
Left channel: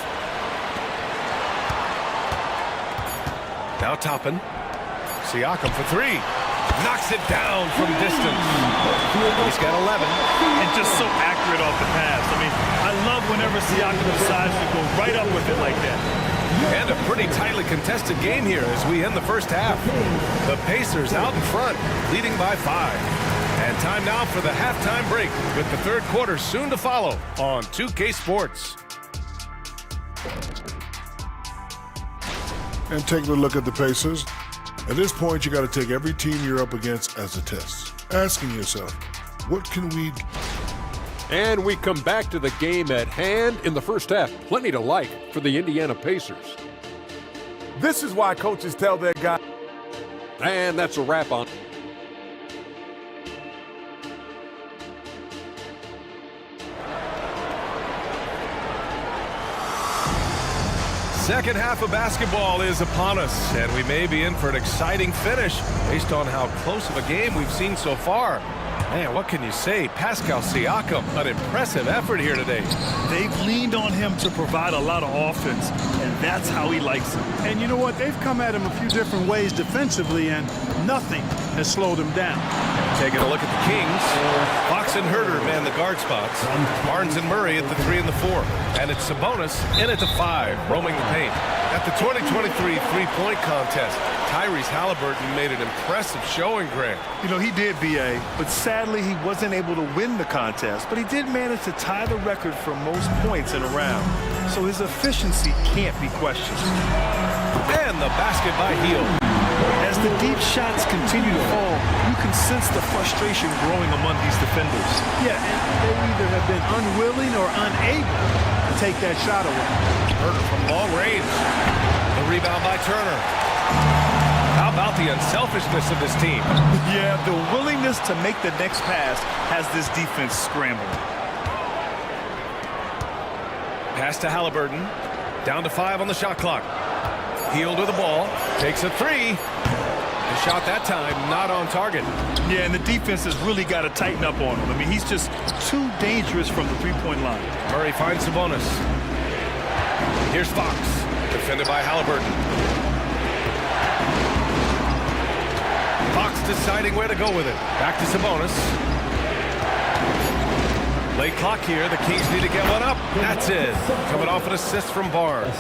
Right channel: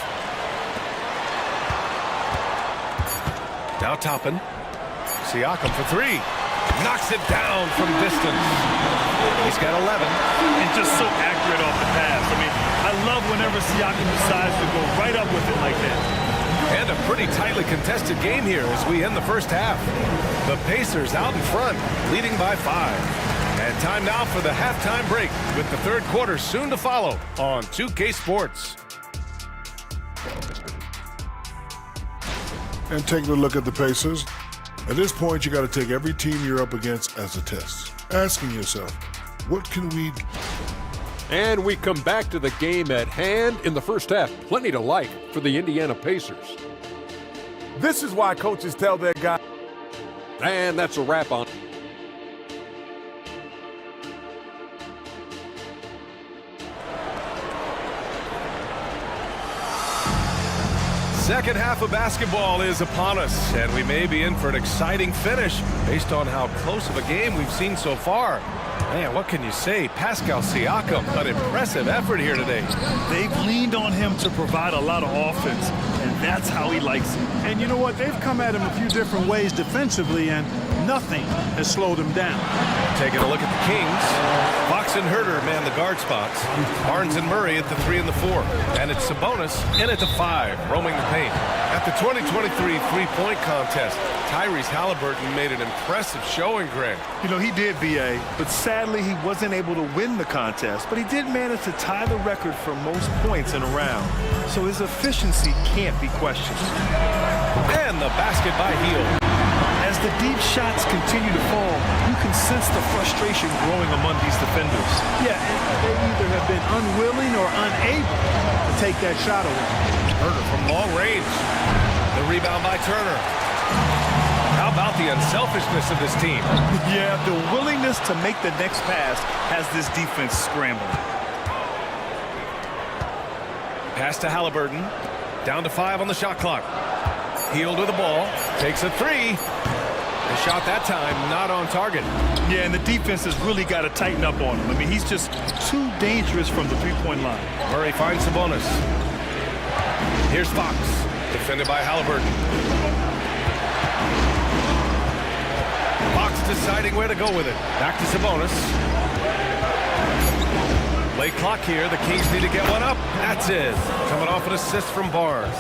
Now Toppin. Siakam for 3. Knocks it down from distance. He's got 11. And just so accurate off the pass. I mean, I love whenever Siakam decides to go right up with it like that. And a pretty tightly contested game here as we end the first half. The Pacers out in front, leading by 5. And time now for the halftime break with the third quarter soon to follow on 2K Sports. And taking a look at the Pacers, at this point you got to take every team you're up against as a test, asking yourself, what can we do? And we come back to the game at hand in the first half. Plenty to like for the Indiana Pacers. This is why coaches tell their guys. And that's a wrap on. Second half of basketball is upon us, and we may be in for an exciting finish based on how close of a game we've seen so far. Man, what can you say? Pascal Siakam, an impressive effort here today. They've leaned on him to provide a lot of offense, and that's how he likes it. And you know what? They've come at him a few different ways defensively, and nothing has slowed him down. Taking a look at the Kings. Fox and Herter man the guard spots. Barnes and Murray at the 3 and the 4. And it's Sabonis in at the 5, roaming the paint. At the 2023 three-point contest, Tyrese Halliburton made an impressive showing, Grant. You know, he did, B.A., but sadly he wasn't able to win the contest, but he did manage to tie the record for most points in a round. So his efficiency can't be questioned. And the basket by Hield. As the deep shots continue to fall, you can sense the frustration growing among these defenders. Yeah, and they either have been unwilling or unable to take that shot away. Herter from long range. The rebound by Turner. How about the unselfishness of this team? Yeah, the willingness to make the next pass has this defense scrambling. Pass to Halliburton. Down to 5 on the shot clock. Hield with the ball. Takes a 3. The shot that time not on target. Yeah, and the defense has really got to tighten up on him. I mean, he's just too dangerous from the three-point line. Murray finds Sabonis. Here's Fox, defended by Halliburton. Fox deciding where to go with it. Back to Sabonis. Late clock here. The Kings need to get one up. That's it. Coming off an assist from Barnes.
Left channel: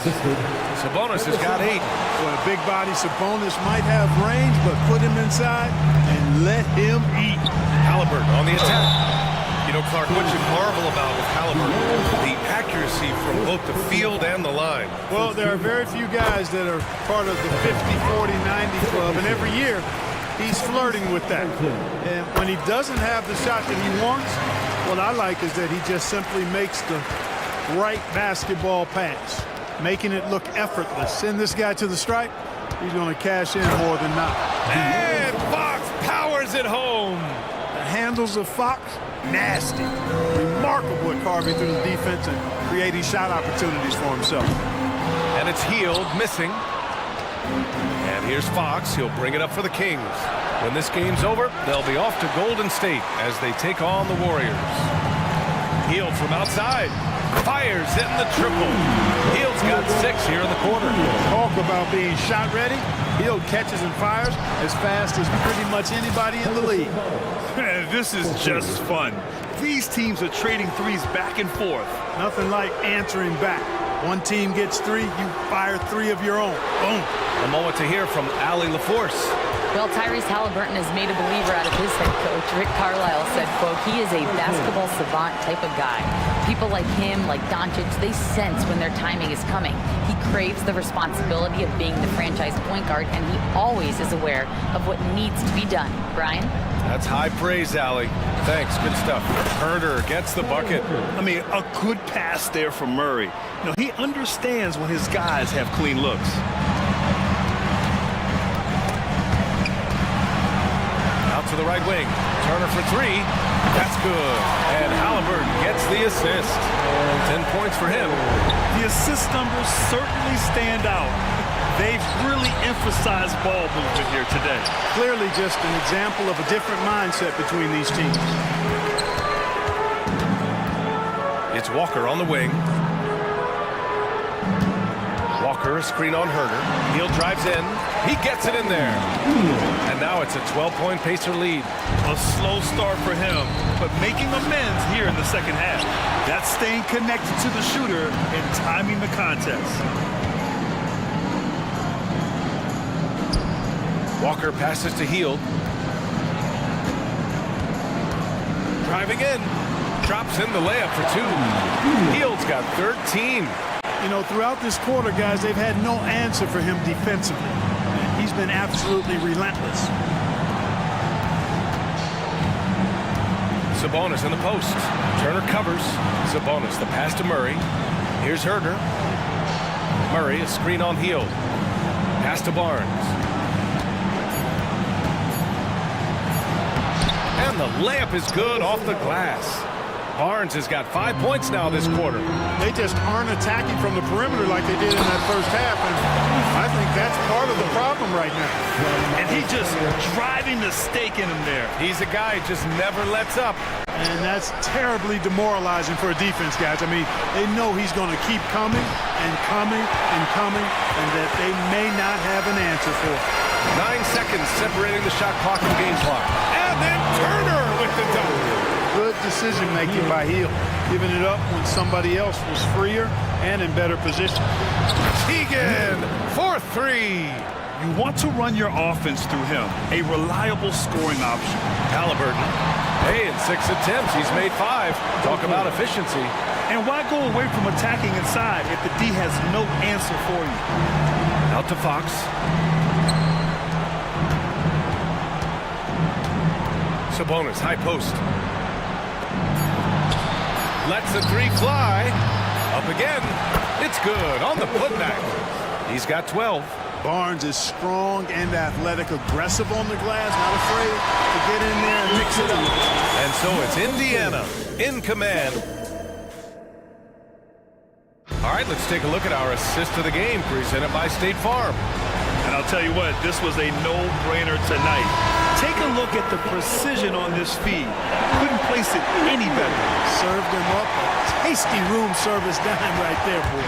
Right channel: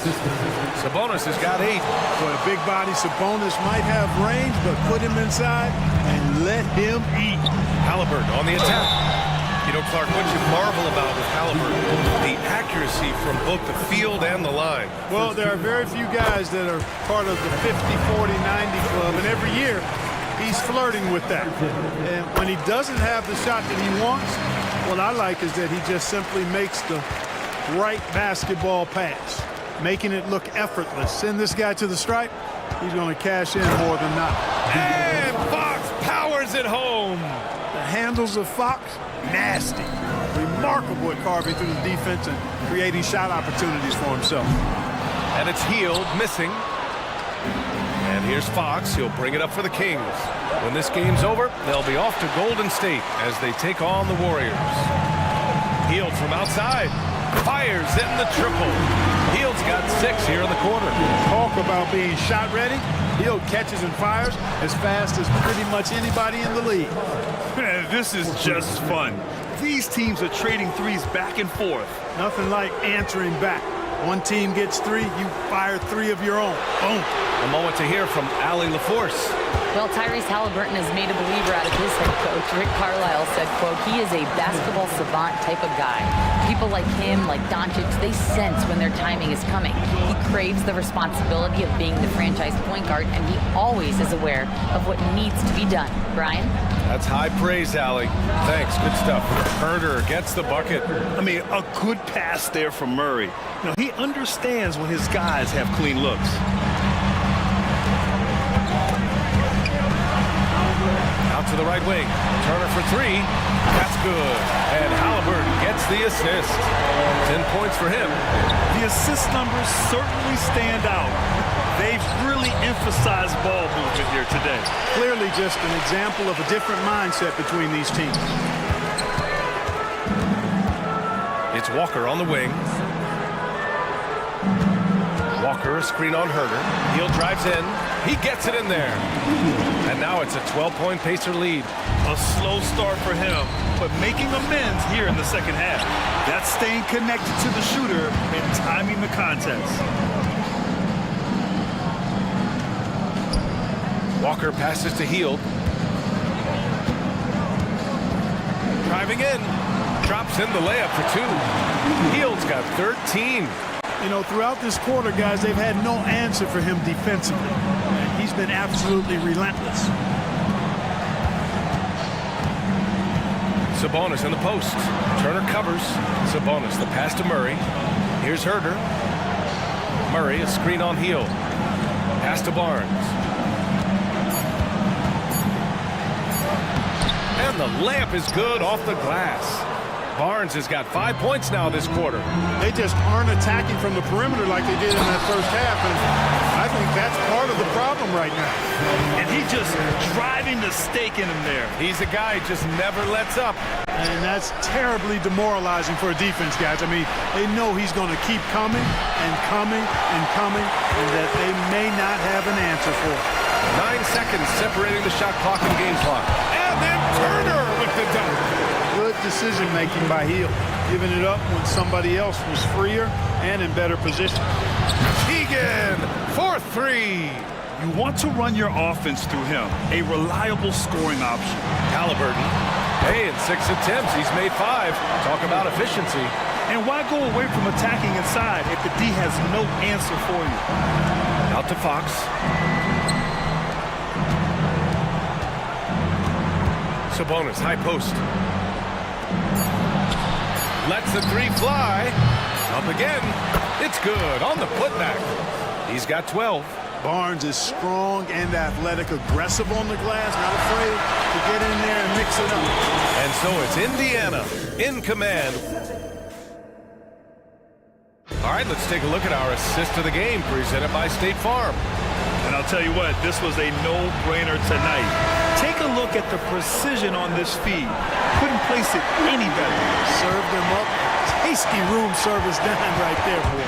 Sabonis has got 8. Boy, a big body Sabonis might have range, but put him inside and let him eat. Halliburton on the attack. You know, Clark, what you marvel about with Halliburton, the accuracy from both the field and the line. Well, there are very few guys that are part of the 50, 40, 90 club, and every year he's flirting with that. And when he doesn't have the shot that he wants, what I like is that he just simply makes the right basketball pass, making it look effortless. Send this guy to the stripe, he's going to cash in more than not. And Fox powers it home. The handles of Fox, nasty. Remarkable at carving through the defense and creating shot opportunities for himself. And it's Hield missing. And here's Fox. He'll bring it up for the Kings. When this game's over, they'll be off to Golden State as they take on the Warriors. Hield from outside. Fires in the triple. Hield's got 6 here in the quarter. Talk about being shot ready. Hield catches and fires as fast as pretty much anybody in the league. Man, this is just fun. These teams are trading threes back and forth. Nothing like answering back. One team gets 3, you fire 3 of your own. Boom. A moment to hear from Allie LaForce. Well, Tyrese Halliburton has made a believer out of his head coach. Rick Carlisle said, quote, he is a basketball savant type of guy. People like him, like Doncic, they sense when their timing is coming. He craves the responsibility of being the franchise point guard, and he always is aware of what needs to be done. Brian? That's high praise, Allie. Thanks. Good stuff. Herder gets the bucket. I mean, a good pass there from Murray. You know, he understands when his guys have clean looks. Out to the right wing. Turner for 3. That's good. And Halliburton gets the assist. 10 points for him. The assist numbers certainly stand out. They've really emphasized ball movement here today. Clearly just an example of a different mindset between these teams. It's Walker on the wing. Walker, a screen on Herder. Hield drives in. He gets it in there. And now it's a 12-point Pacer lead. A slow start for him, but making amends here in the second half. That's staying connected to the shooter and timing the contest. Walker passes to Hield. Driving in. Drops in the layup for 2. Hield's got 13. You know, throughout this quarter, guys, they've had no answer for him defensively. And he's been absolutely relentless. Sabonis in the post. Turner covers. Sabonis, the pass to Murray. Here's Herder. Murray, a screen on Hield. Pass to Barnes. And the layup is good off the glass. Barnes has got 5 points now this quarter. They just aren't attacking from the perimeter like they did in that first half, and I think that's part of the problem right now. And he just driving the stake in him there. He's a guy who just never lets up. And that's terribly demoralizing for a defense, guys. I mean, they know he's going to keep coming and coming and coming, and that they may not have an answer for it. 9 seconds separating the shot clock and game clock. And then Turner with the dunk. Good decision-making by Hield, giving it up when somebody else was freer and in better position. Keegan for 3. You want to run your offense through him, a reliable scoring option. Halliburton, hey, in 6 attempts, he's made 5. Talk about efficiency. And why go away from attacking inside if the D has no answer for you? Out to Fox. Sabonis, high post. Lets the 3 fly. Up again. It's good on the putback. He's got 12. Barnes is strong and athletic, aggressive on the glass, not afraid to get in there and mix it up. And so it's Indiana in command. All right, let's take a look at our assist of the game presented by State Farm. And I'll tell you what, this was a no-brainer tonight. Take a look at the precision on this feed. Couldn't place it any better. Served him up a tasty room service dime right there, boy.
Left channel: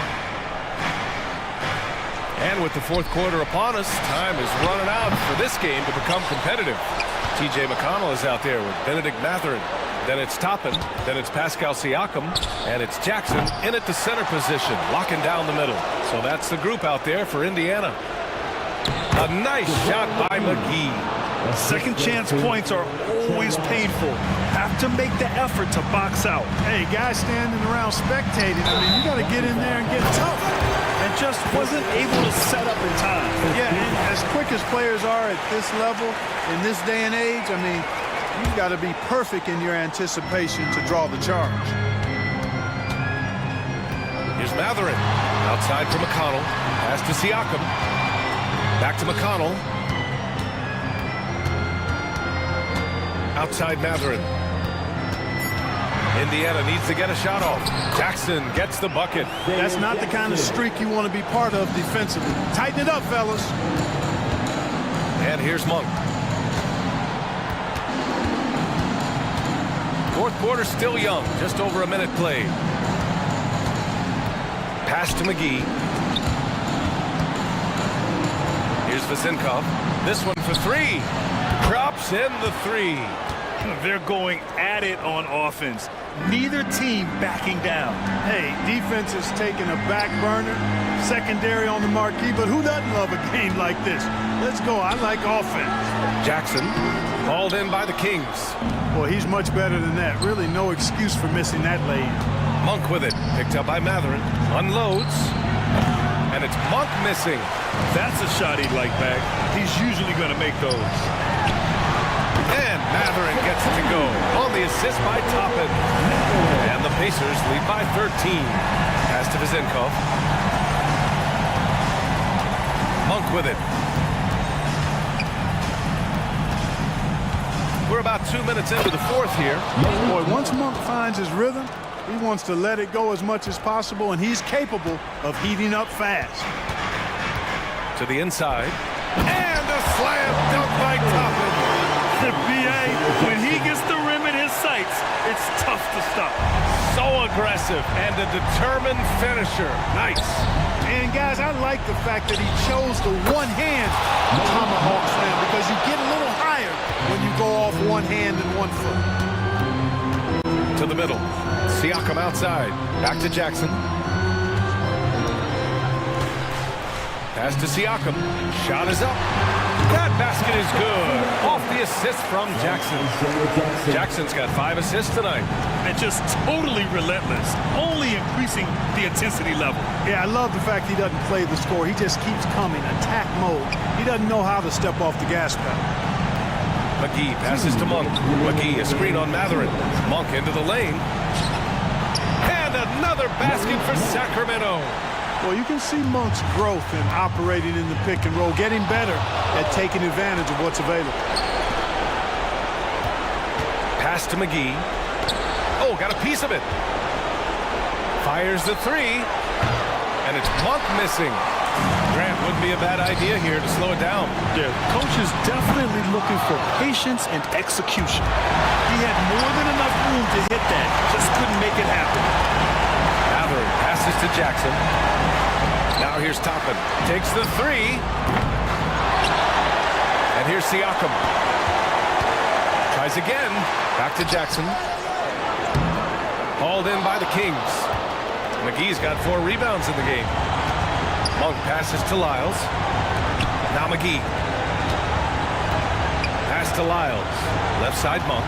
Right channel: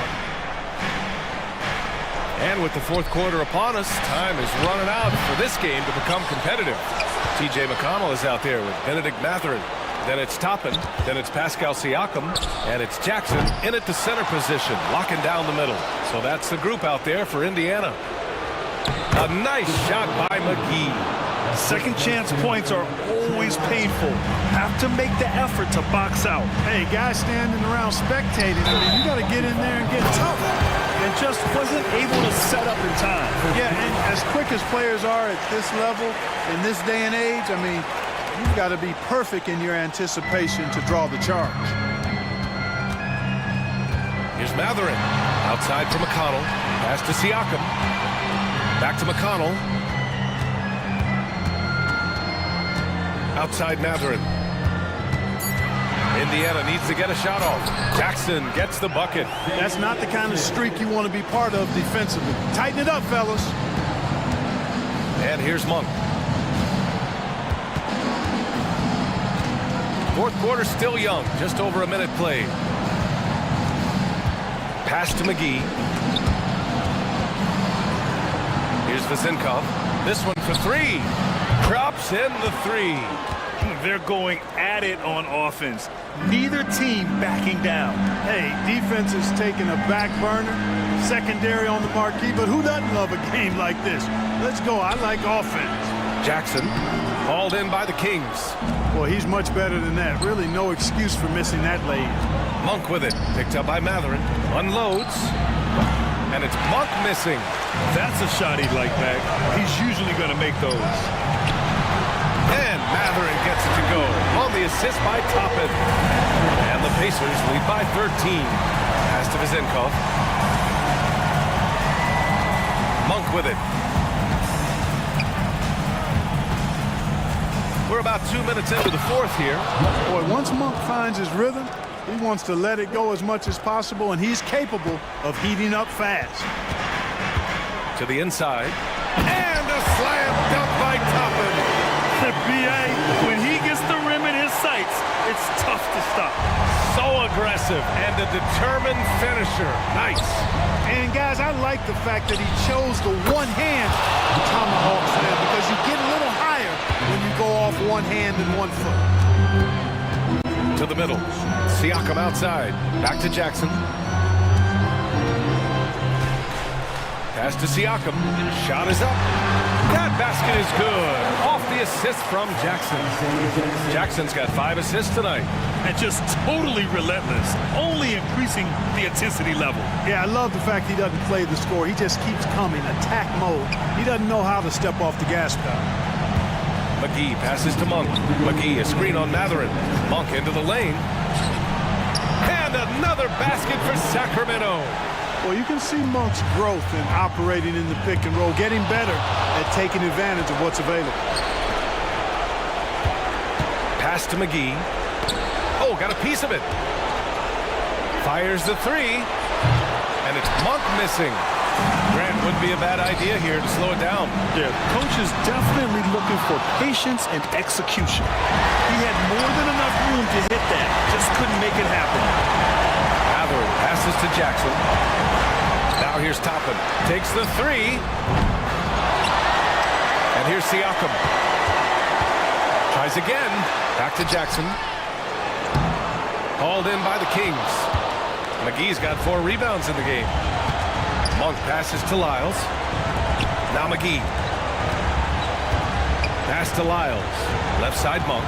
And with the fourth quarter upon us, time is running out for this game to become competitive. TJ McConnell is out there with Benedict Matherin. then it's Toppin, then it's Pascal Siakam, and it's Jackson in at the center position, locking down the middle. So that's the group out there for Indiana. A nice shot by McGee. Second chance points are always painful. Have to make the effort to box out. Hey, guys standing around spectating, I mean, you got to get in there and get tough. And just wasn't able to set up in time. Yeah, and as quick as players are at this level, in this day and age, I mean, you've got to be perfect in your anticipation to draw the charge. Here's Matherin. Outside for McConnell. Pass to Siakam. Back to McConnell. Outside Matherin. Indiana needs to get a shot off. Jackson gets the bucket. That's not the kind of streak you want to be part of defensively. Tighten it up, fellas. And here's Monk. Fourth quarter still young. Just over a minute played. Pass to McGee. Here's Vezenkov. This one for three. Drops in the three. They're going at it on offense. Neither team backing down. Hey, defense is taking a back burner. Secondary on the marquee, but who doesn't love a game like this? Let's go. I like offense. Jackson hauled in by the Kings. Well, he's much better than that. Really no excuse for missing that lay-in. Monk with it. Picked up by Matherin. Unloads. And it's Monk missing. That's a shot he'd like back. He's usually going to make those. And Matherin gets it to go on the assist by Toppin. And the Pacers lead by 13. Pass to Vezenkov. Monk with it. We're about 2 minutes into the fourth here. Boy, once Monk finds his rhythm, he wants to let it go as much as possible, and he's capable of heating up fast. To the inside. And a slam dunk by Toppin. The BA, when he gets the rim in his sights, it's tough to stop. So aggressive and a determined finisher. Nice. And guys, I like the fact that he chose the one-hand tomahawk slam because you get a little higher when you go off one hand and 1 foot. To the middle. Siakam outside. Back to Jackson. Pass to Siakam. Shot is up. That basket is good. Off the assist from Jackson. Jackson's got 5 assists tonight. And just totally relentless, only increasing the intensity level. Yeah, I love the fact he doesn't play the score. He just keeps coming, attack mode. He doesn't know how to step off the gas pedal. McGee passes to Monk. McGee, a screen on Matherin. Monk into the lane. And another basket for Sacramento. Well, you can see Monk's growth in operating in the pick and roll, getting better at taking advantage of what's available. Pass to McGee. Oh, got a piece of it. Fires the three. And it's Monk missing. Grant, wouldn't be a bad idea here to slow it down. Yeah, coach is definitely looking for patience and execution. He had more than enough room to hit that, just couldn't make it happen. Matherin passes to Jackson. Now here's Toppin. Takes the three. And here's Siakam. Tries again. Back to Jackson. Hauled in by the Kings. McGee's got 4 rebounds in the game. Monk passes to Lyles. Now McGee. Pass to Lyles. Left side Monk.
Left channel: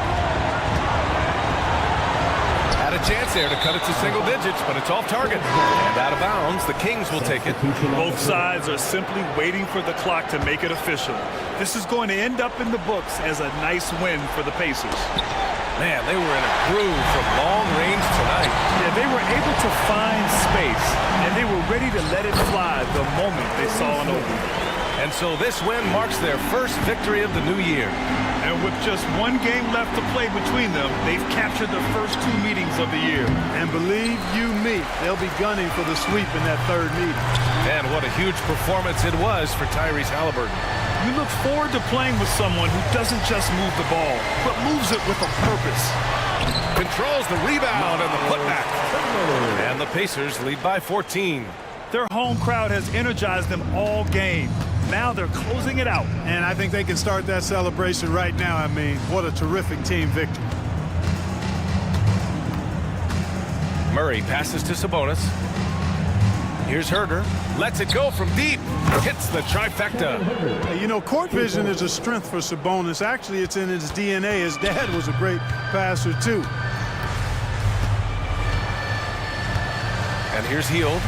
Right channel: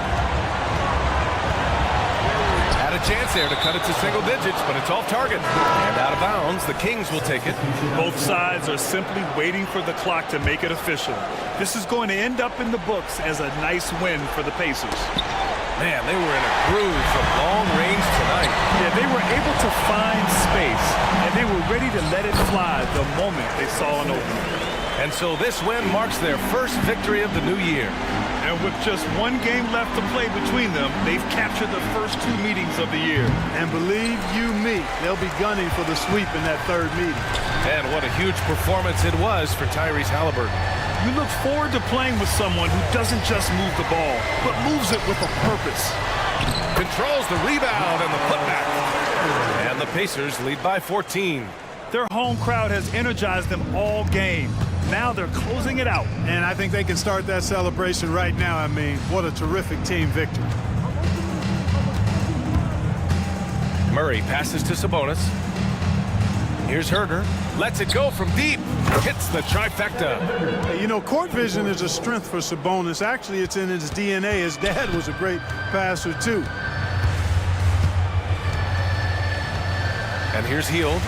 Had a chance there to cut it to single digits, but it's off target. And out of bounds, the Kings will take it. Both sides are simply waiting for the clock to make it official. This is going to end up in the books as a nice win for the Pacers. Man, they were in a groove from long range tonight. Yeah, they were able to find space, and they were ready to let it fly the moment they saw an opening. And so this win marks their first victory of the new year. And with just 1 game left to play between them, they've captured the first 2 meetings of the year. And believe you me, they'll be gunning for the sweep in that 3rd meeting. And what a huge performance it was for Tyrese Halliburton. You look forward to playing with someone who doesn't just move the ball, but moves it with a purpose. Controls the rebound and the putback. And the Pacers lead by 14. Their home crowd has energized them all game. Now they're closing it out. And I think they can start that celebration right now. I mean, what a terrific team victory. Murray passes to Sabonis. Here's Herder. Lets it go from deep. Hits the trifecta. Hey, you know, court vision is a strength for Sabonis. Actually, it's in his DNA. His dad was a great passer, too. And here's Hield.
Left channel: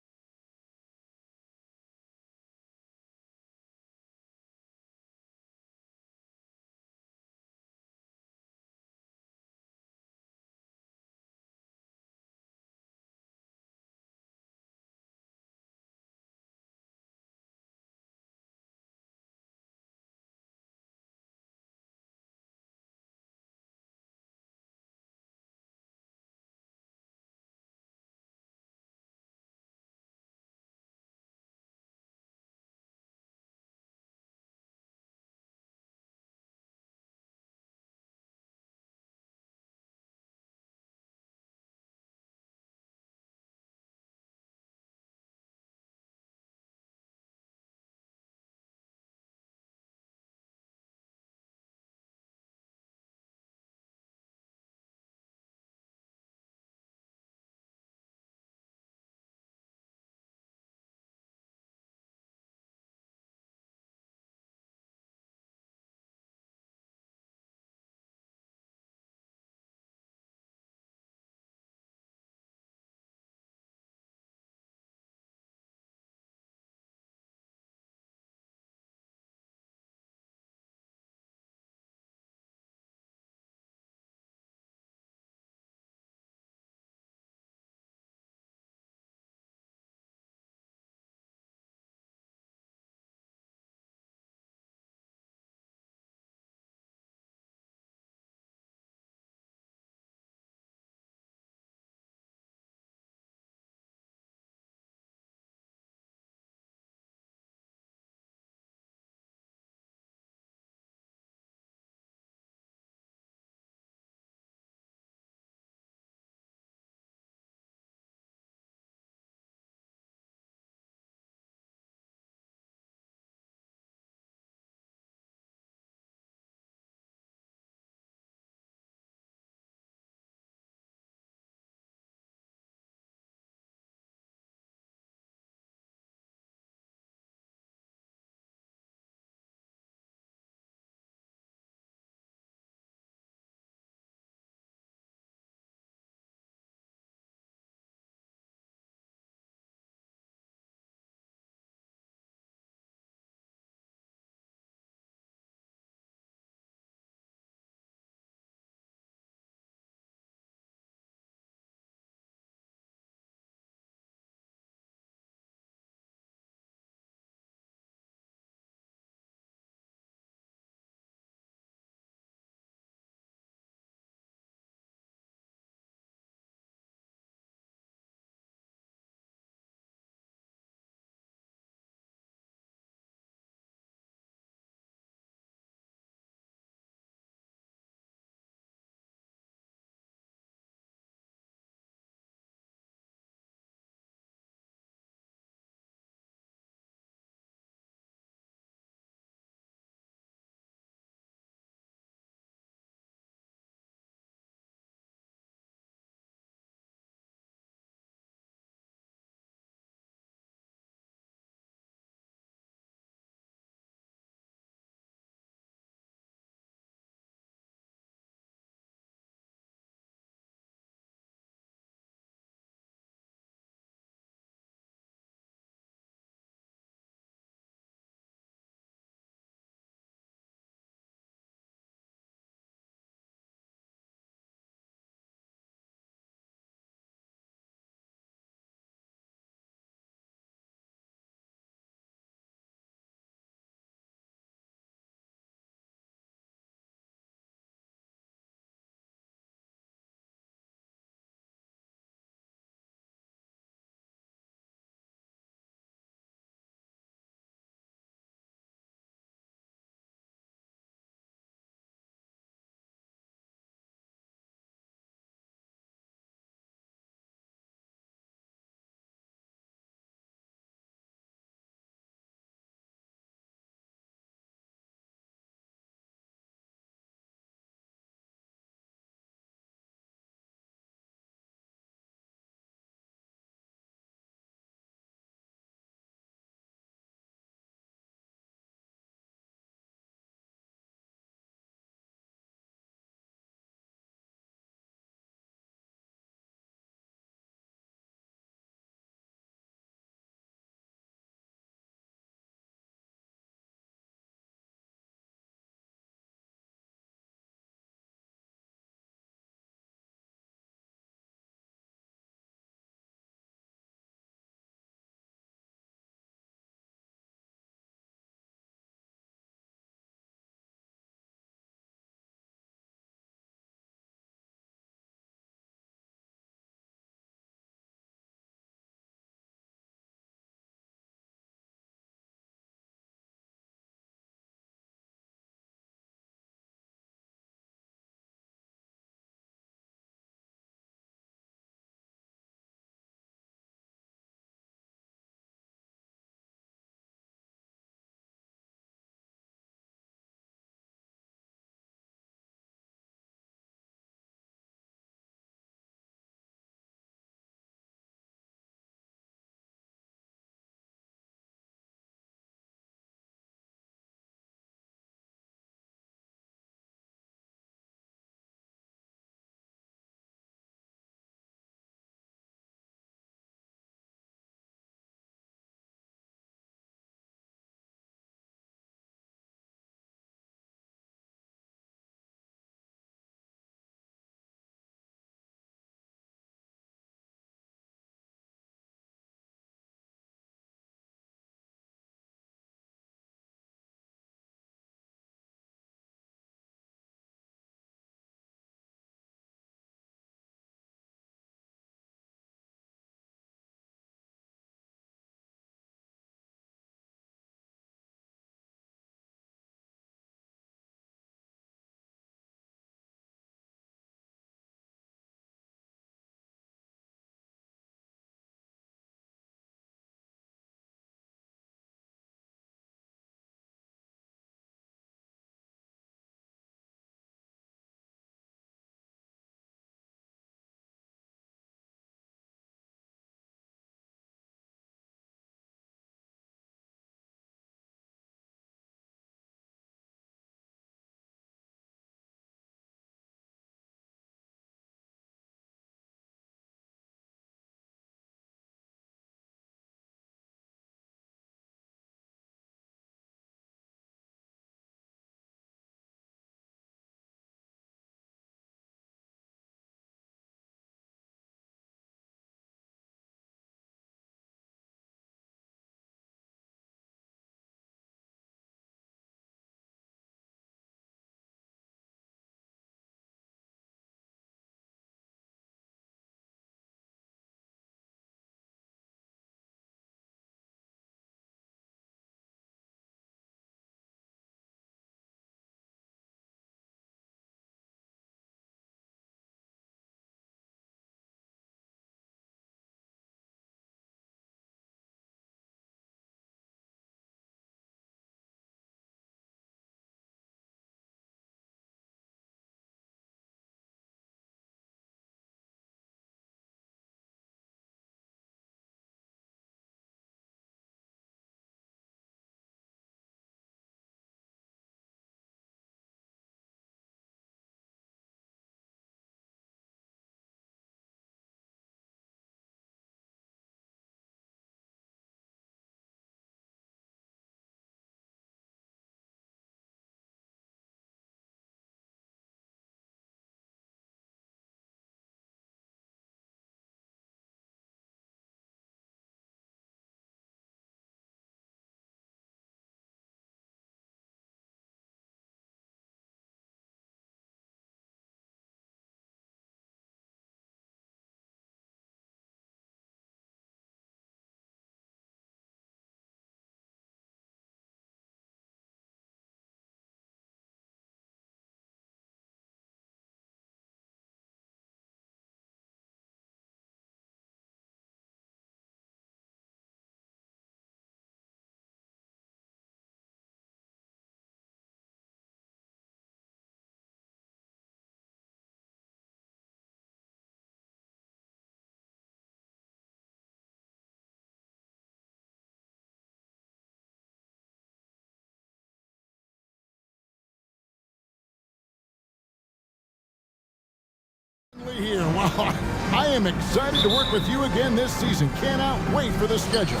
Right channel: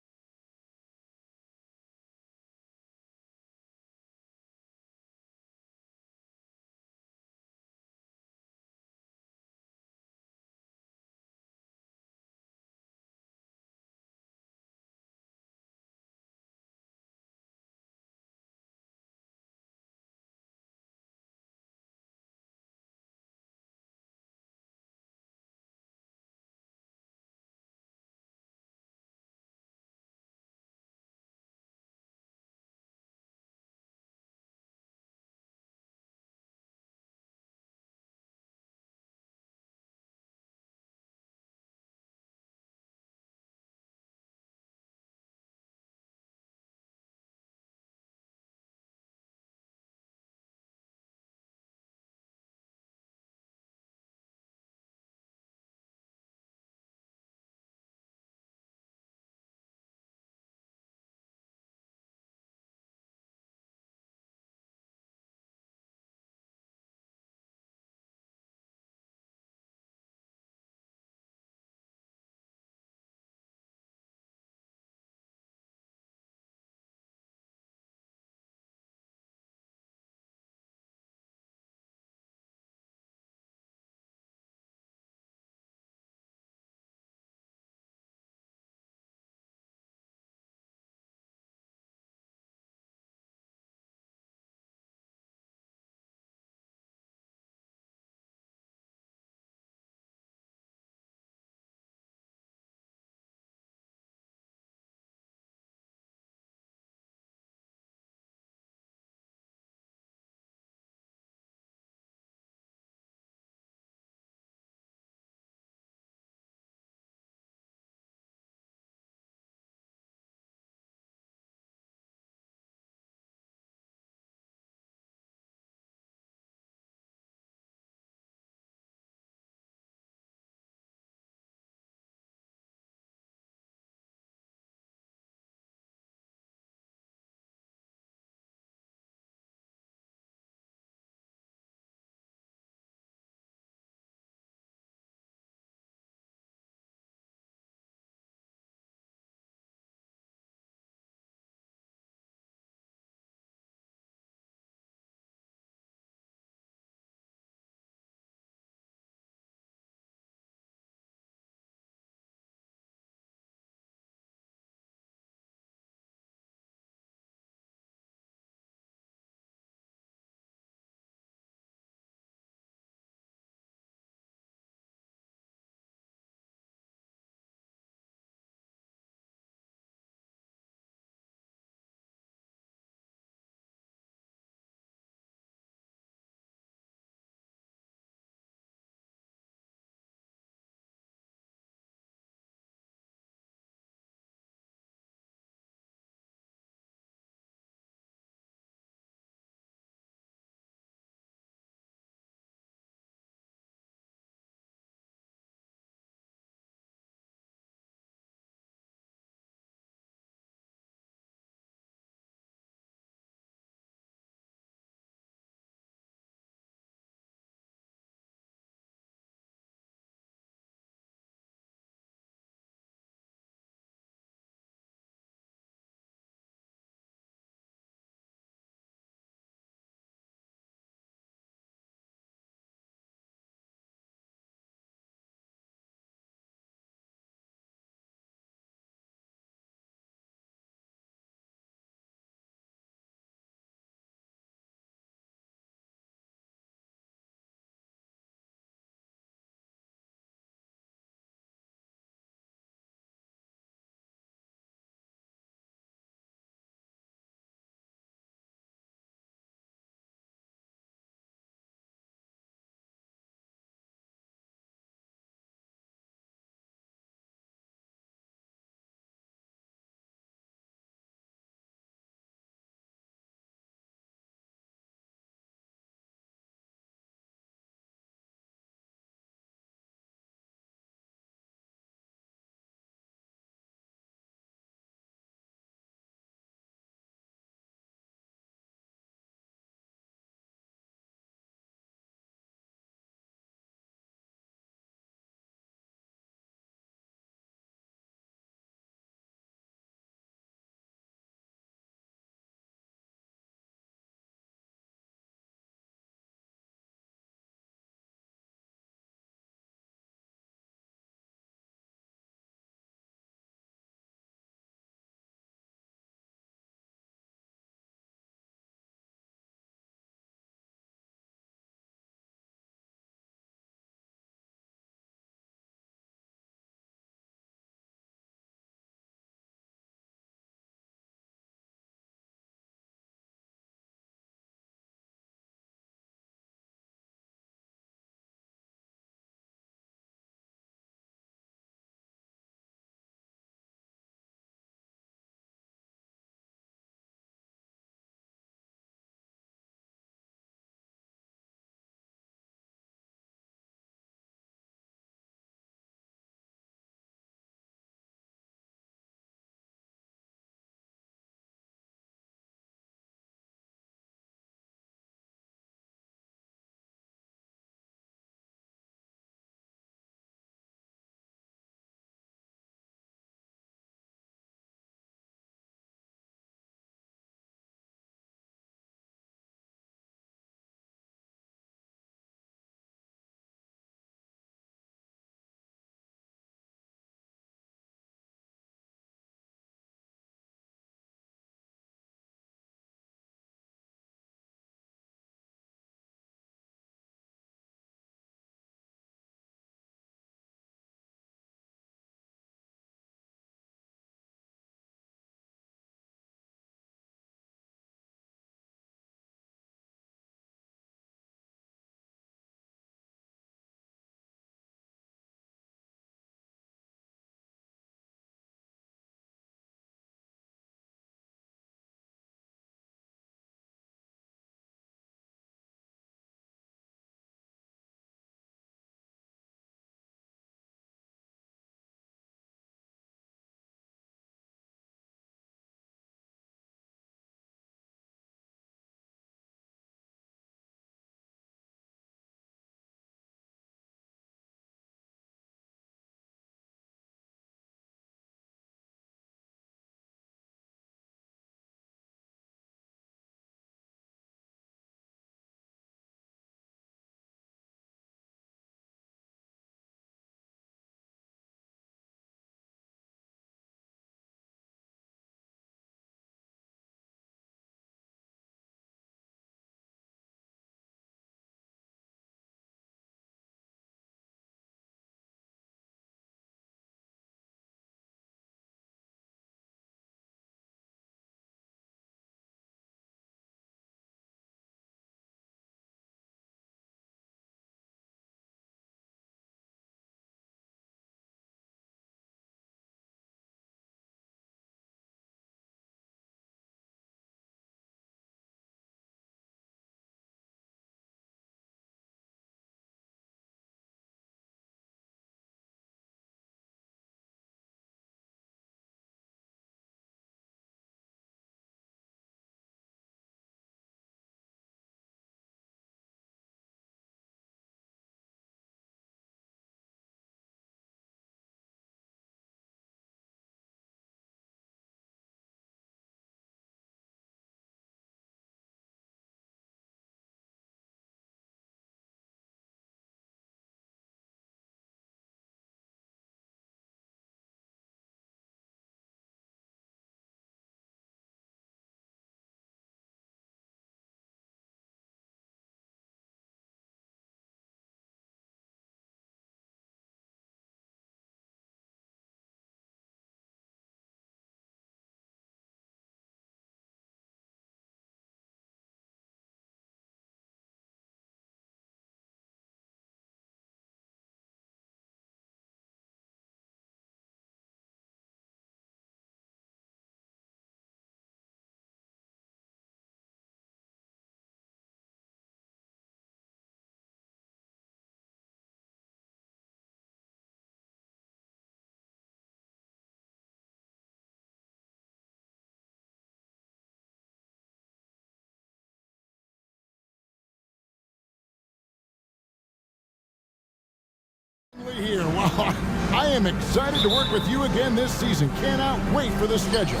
here. Wow, I am excited to work with you again this season. Cannot wait for the schedule.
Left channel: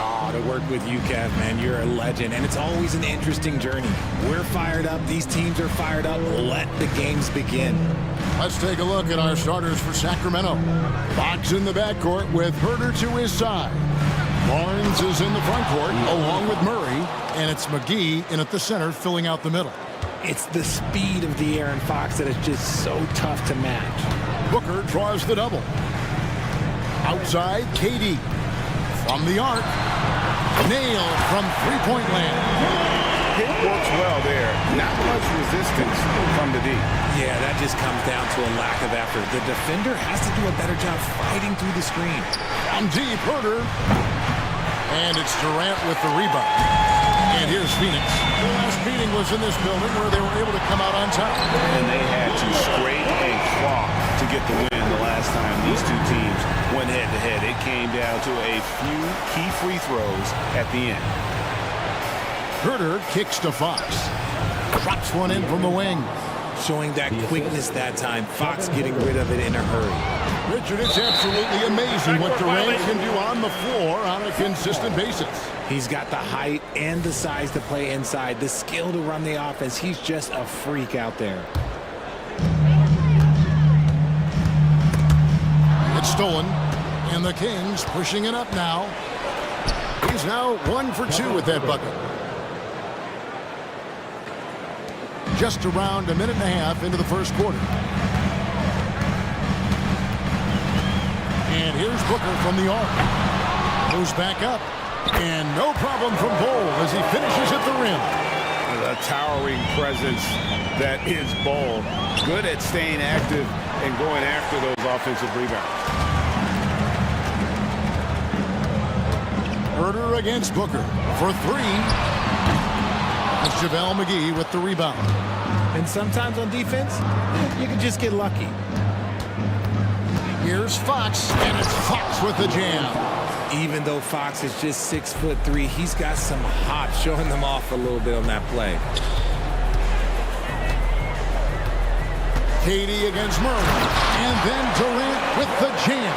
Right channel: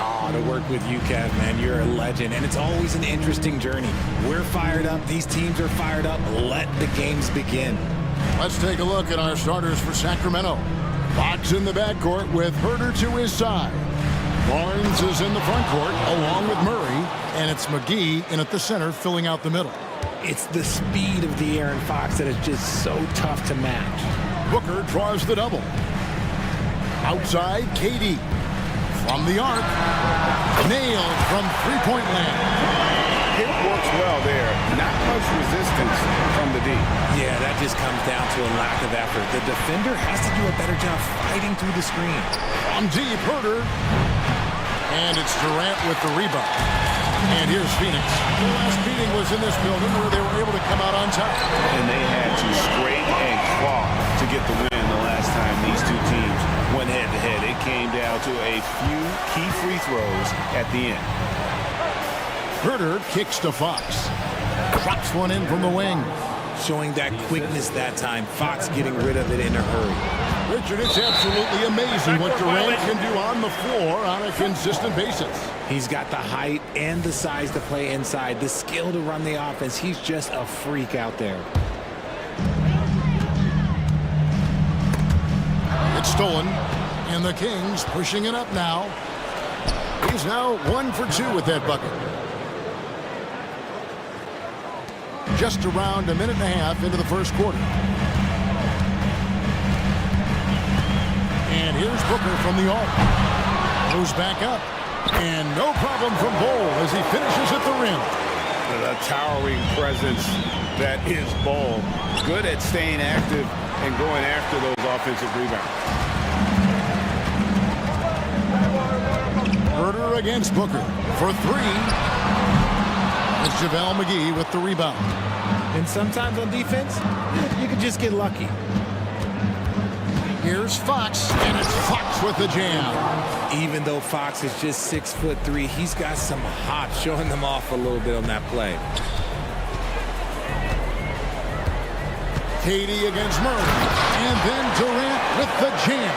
Oh, to work with you, Kev, man. You're a legend, and it's always an interesting journey. We're fired up. These teams are fired up. Let the games begin. Let's take a look at our starters for Sacramento. Fox in the backcourt with Herter to his side. Barnes is in the front court along with Murray, and it's McGee in at the center filling out the middle. It's the speed of De'Aaron Fox that is just so tough to match. Booker draws the double. Outside, KD. From the arc. Nailed from three-point land. It works well there. Not much resistance from the D. Yeah, that just comes down to a lack of effort. The defender has to do a better job fighting through the screen. From deep, Herter. And it's Durant with the rebound. And here's Phoenix. The last meeting was in this building where they were able to come out on top. And they had to scrape and claw to get the win the last time these two teams went head-to-head. It came down to a few key free throws at the end. Herter kicks to Fox. Drops one in from the wing. Showing that quickness that time. Fox getting rid of it in a hurry. Richard, it's absolutely amazing what Durant can do on the floor on a consistent basis. He's got the height and the size to play inside, the skill to run the offense. He's just a freak out there. It's stolen, and the Kings pushing it up now. He's now 1 for 2 with that bucket. Just around a minute and a half into the first quarter. And here's Booker from the arc. Goes back up. And no problem from Bol as he finishes at the rim. A towering presence that is Bol. Good at staying active and going after those offensive rebounds. Herter against Booker for 3. It's JaVale McGee with the rebound. And sometimes on defense, you can just get lucky. Here's Fox, and it's Fox with the jam. Even though Fox is just 6'3", he's got some hop, showing them off a little bit on that play. KD against Murray, and then Durant with the jam.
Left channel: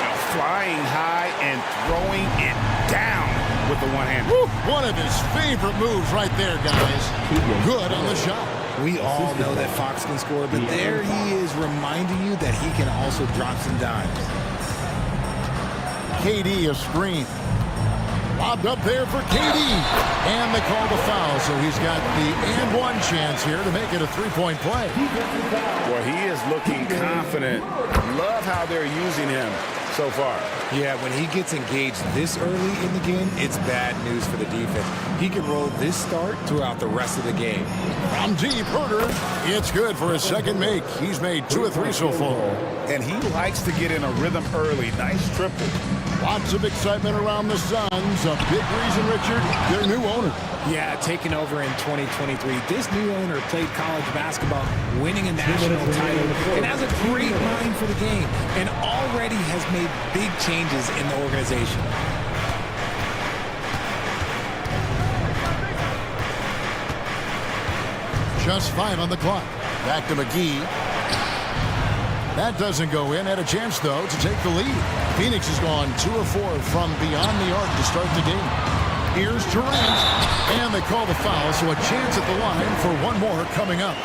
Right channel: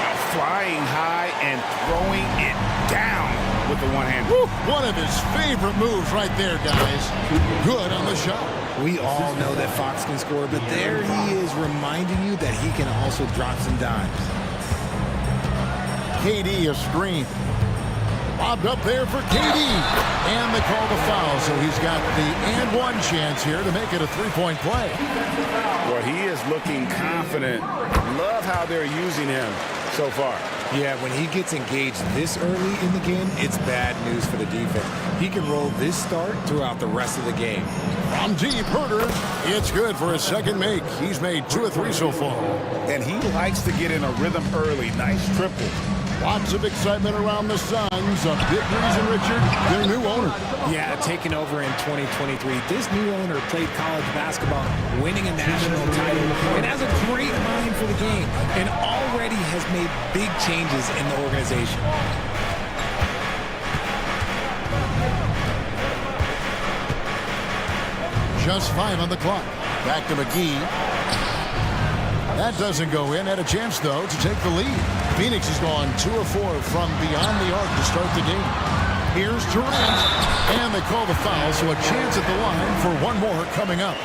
Now flying high and throwing it down with the one hand. One of his favorite moves right there, guys. Good on the shot. We all know that Fox can score, but there he is reminding you that he can also drop some dimes. KD a screen. Lobbed up there for KD. And they call the foul, so he's got the and one chance here to make it a three-point play. Well, he is looking confident. Love how they're using him so far. Yeah, when he gets engaged this early in the game, it's bad news for the defense. He can roll this start throughout the rest of the game. From deep, Herter. It's good for his second make. He's made 2 of 3 so far. And he likes to get in a rhythm early. Nice triple. Lots of excitement around the Suns. A big reason, Richard, their new owner. Yeah, taking over in 2023. This new owner played college basketball, winning a national title, and has a great mind for the game, and already has made big changes in the organization. Just 5 on the clock. Back to McGee. That doesn't go in. Had a chance, though, to take the lead. Phoenix has gone 2 of 4 from beyond the arc to start the game. Here's Durant, and they call the foul, so a chance at the line for one more coming up.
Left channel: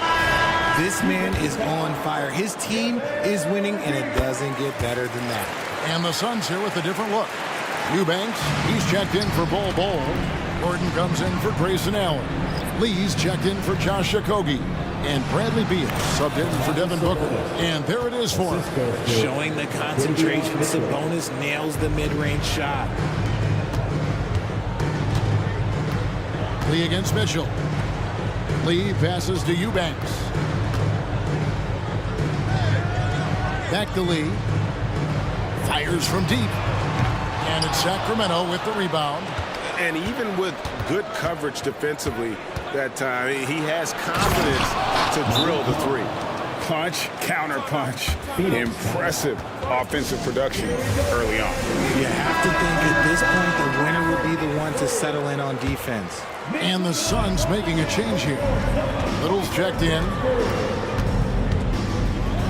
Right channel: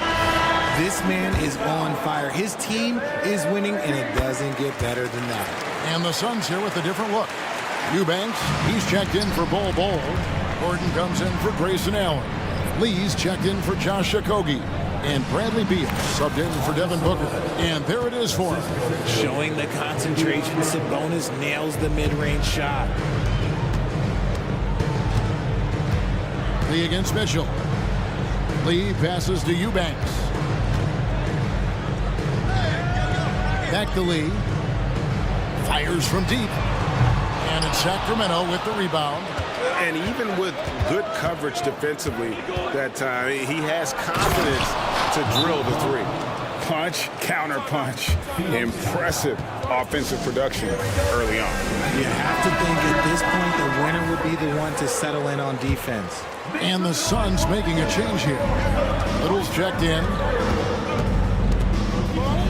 This man is on fire. His team is winning, and it doesn't get better than that. And the Suns here with a different look. Eubanks, he's checked in for Bol. Gordon comes in for Grayson Allen. Lee's checked in for Josh Okogie. And Bradley Beal subbed in for Devin Booker. And there it is for him. Showing the concentration, Sabonis nails the mid-range shot. Lee against Mitchell. Lee passes to Eubanks. Back to Lee. Fires from deep. And it's Sacramento with the rebound. And even with good coverage defensively that time, he has confidence to drill the three. Punch, counter punch. Impressive offensive production early on. You have to think at this point the winner would be the one to settle in on defense. And the Suns making a change here. Little's checked in.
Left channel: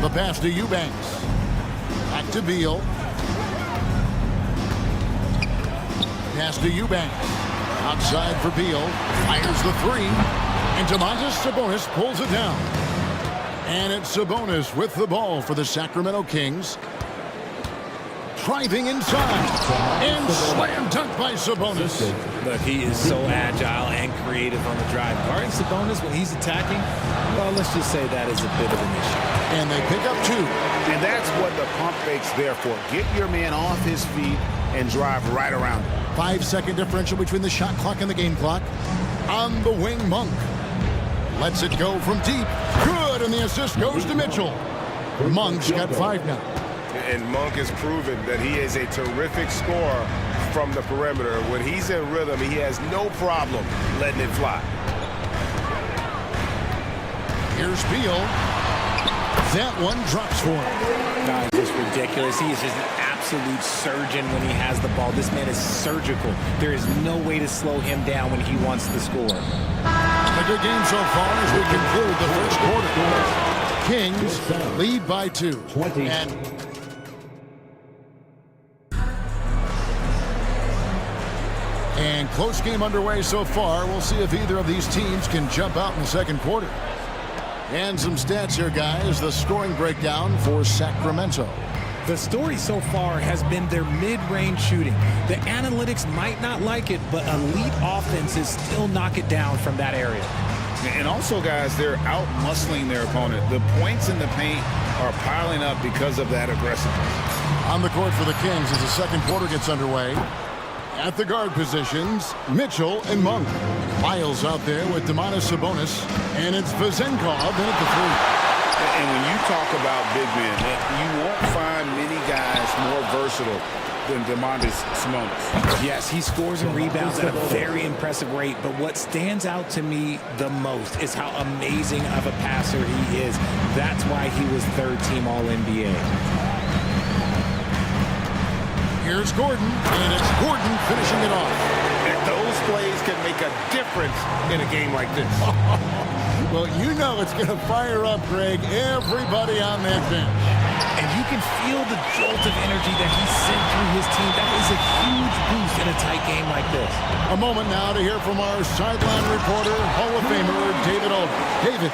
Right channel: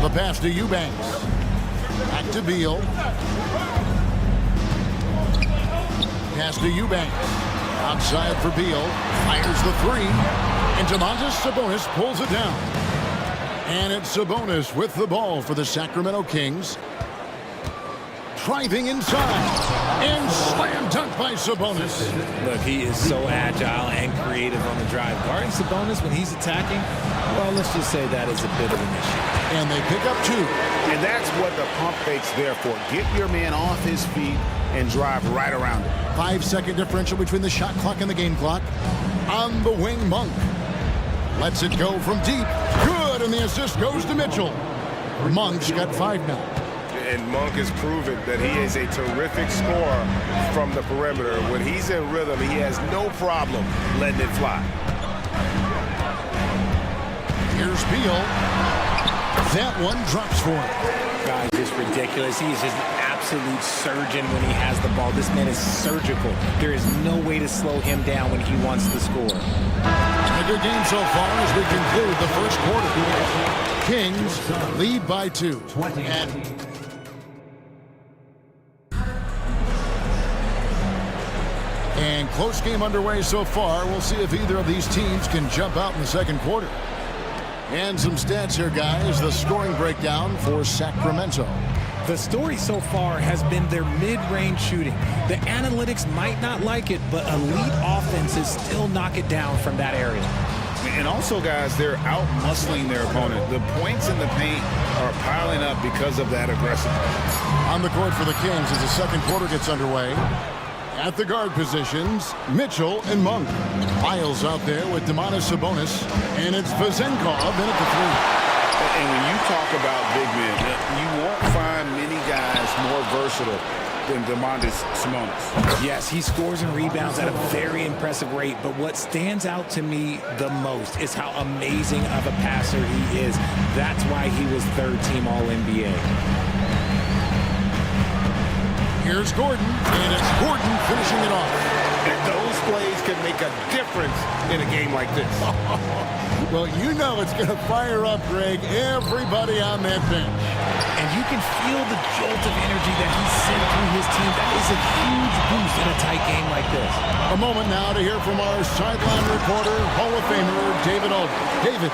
The pass to Eubanks. Back to Beal. Pass to Eubanks. Outside for Beal. Fires the three. And Domantas Sabonis pulls it down. And it's Sabonis with the ball for the Sacramento Kings. Driving inside. And slam dunk by Sabonis. Look, he is so agile and creative on the drive. Guarding Sabonis when he's attacking, well, let's just say that is a bit of an issue. And they pick up 2. And that's what the pump fake's there for. Get your man off his feet and drive right around it. 5-second differential between the shot clock and the game clock. On the wing, Monk. Lets it go from deep. Good, and the assist goes to Mitchell. Monk's got 5 now. And Monk has proven that he is a terrific scorer from the perimeter. When he's in rhythm, he has no problem letting it fly. Here's Beal. That one drops for him. God, just ridiculous. He is just an absolute surgeon when he has the ball. This man is surgical. There is no way to slow him down when he wants to score. A good game so far as we conclude the first quarter. Kings lead by 2. And close game underway so far. We'll see if either of these teams can jump out in the second quarter. And some stats here, guys. The scoring breakdown for Sacramento. The story so far has been their mid-range shooting. The analytics might not like it, but elite offenses still knock it down from that area. And also, guys, they're out-muscling their opponent. The points in the paint are piling up because of that aggressiveness. On the court for the Kings as the second quarter gets underway. At the guard positions, Mitchell and Monk. Miles out there with Domantas Sabonis, and it's Vezenkov in at the 3. And when you talk about big men, you won't find many guys more versatile than Domantas Sabonis. Yes, he scores and rebounds at a very impressive rate, but what stands out to me the most is how amazing of a passer he is. That's why he was third-team All-NBA. Here's Gordon, and it's Gordon finishing it off. And those plays can make a difference in a game like this. Well, you know it's going to fire up, Greg, everybody on that bench. And you can feel the jolt of energy that he sent through his team. That is a huge boost in a tight game like this. A moment now to hear from our sideline reporter, Hall of Famer David Aldridge. David.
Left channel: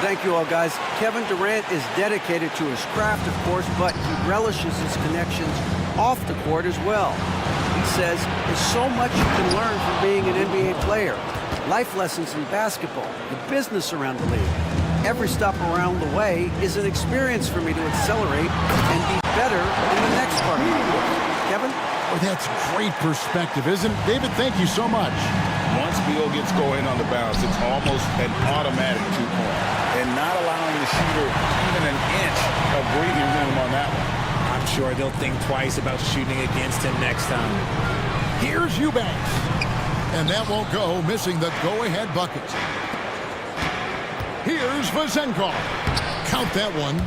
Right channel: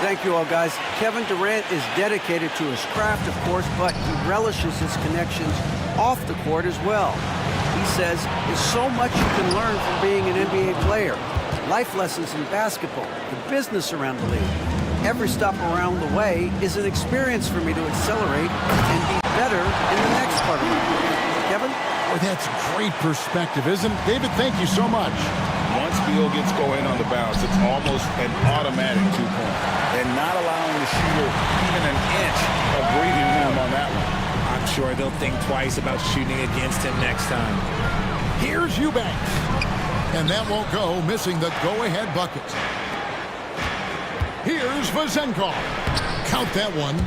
Thank you all, guys. Kevin Durant is dedicated to his craft, of course, but he relishes his connections off the court as well. He says there's so much you can learn from being an NBA player. Life lessons in basketball, the business around the league. Every stop around the way is an experience for me to accelerate and be better in the next part of my life. Kevin? Boy, that's great perspective, isn't it? David, thank you so much. Once Beal gets going on the bounce, it's almost an automatic 2-point. And not allowing the shooter even an inch of breathing room on that one. I'm sure they'll think twice about shooting against him next time. Here's Eubanks. And that won't go, missing the go-ahead bucket. Here's Vezenkov. Count that one.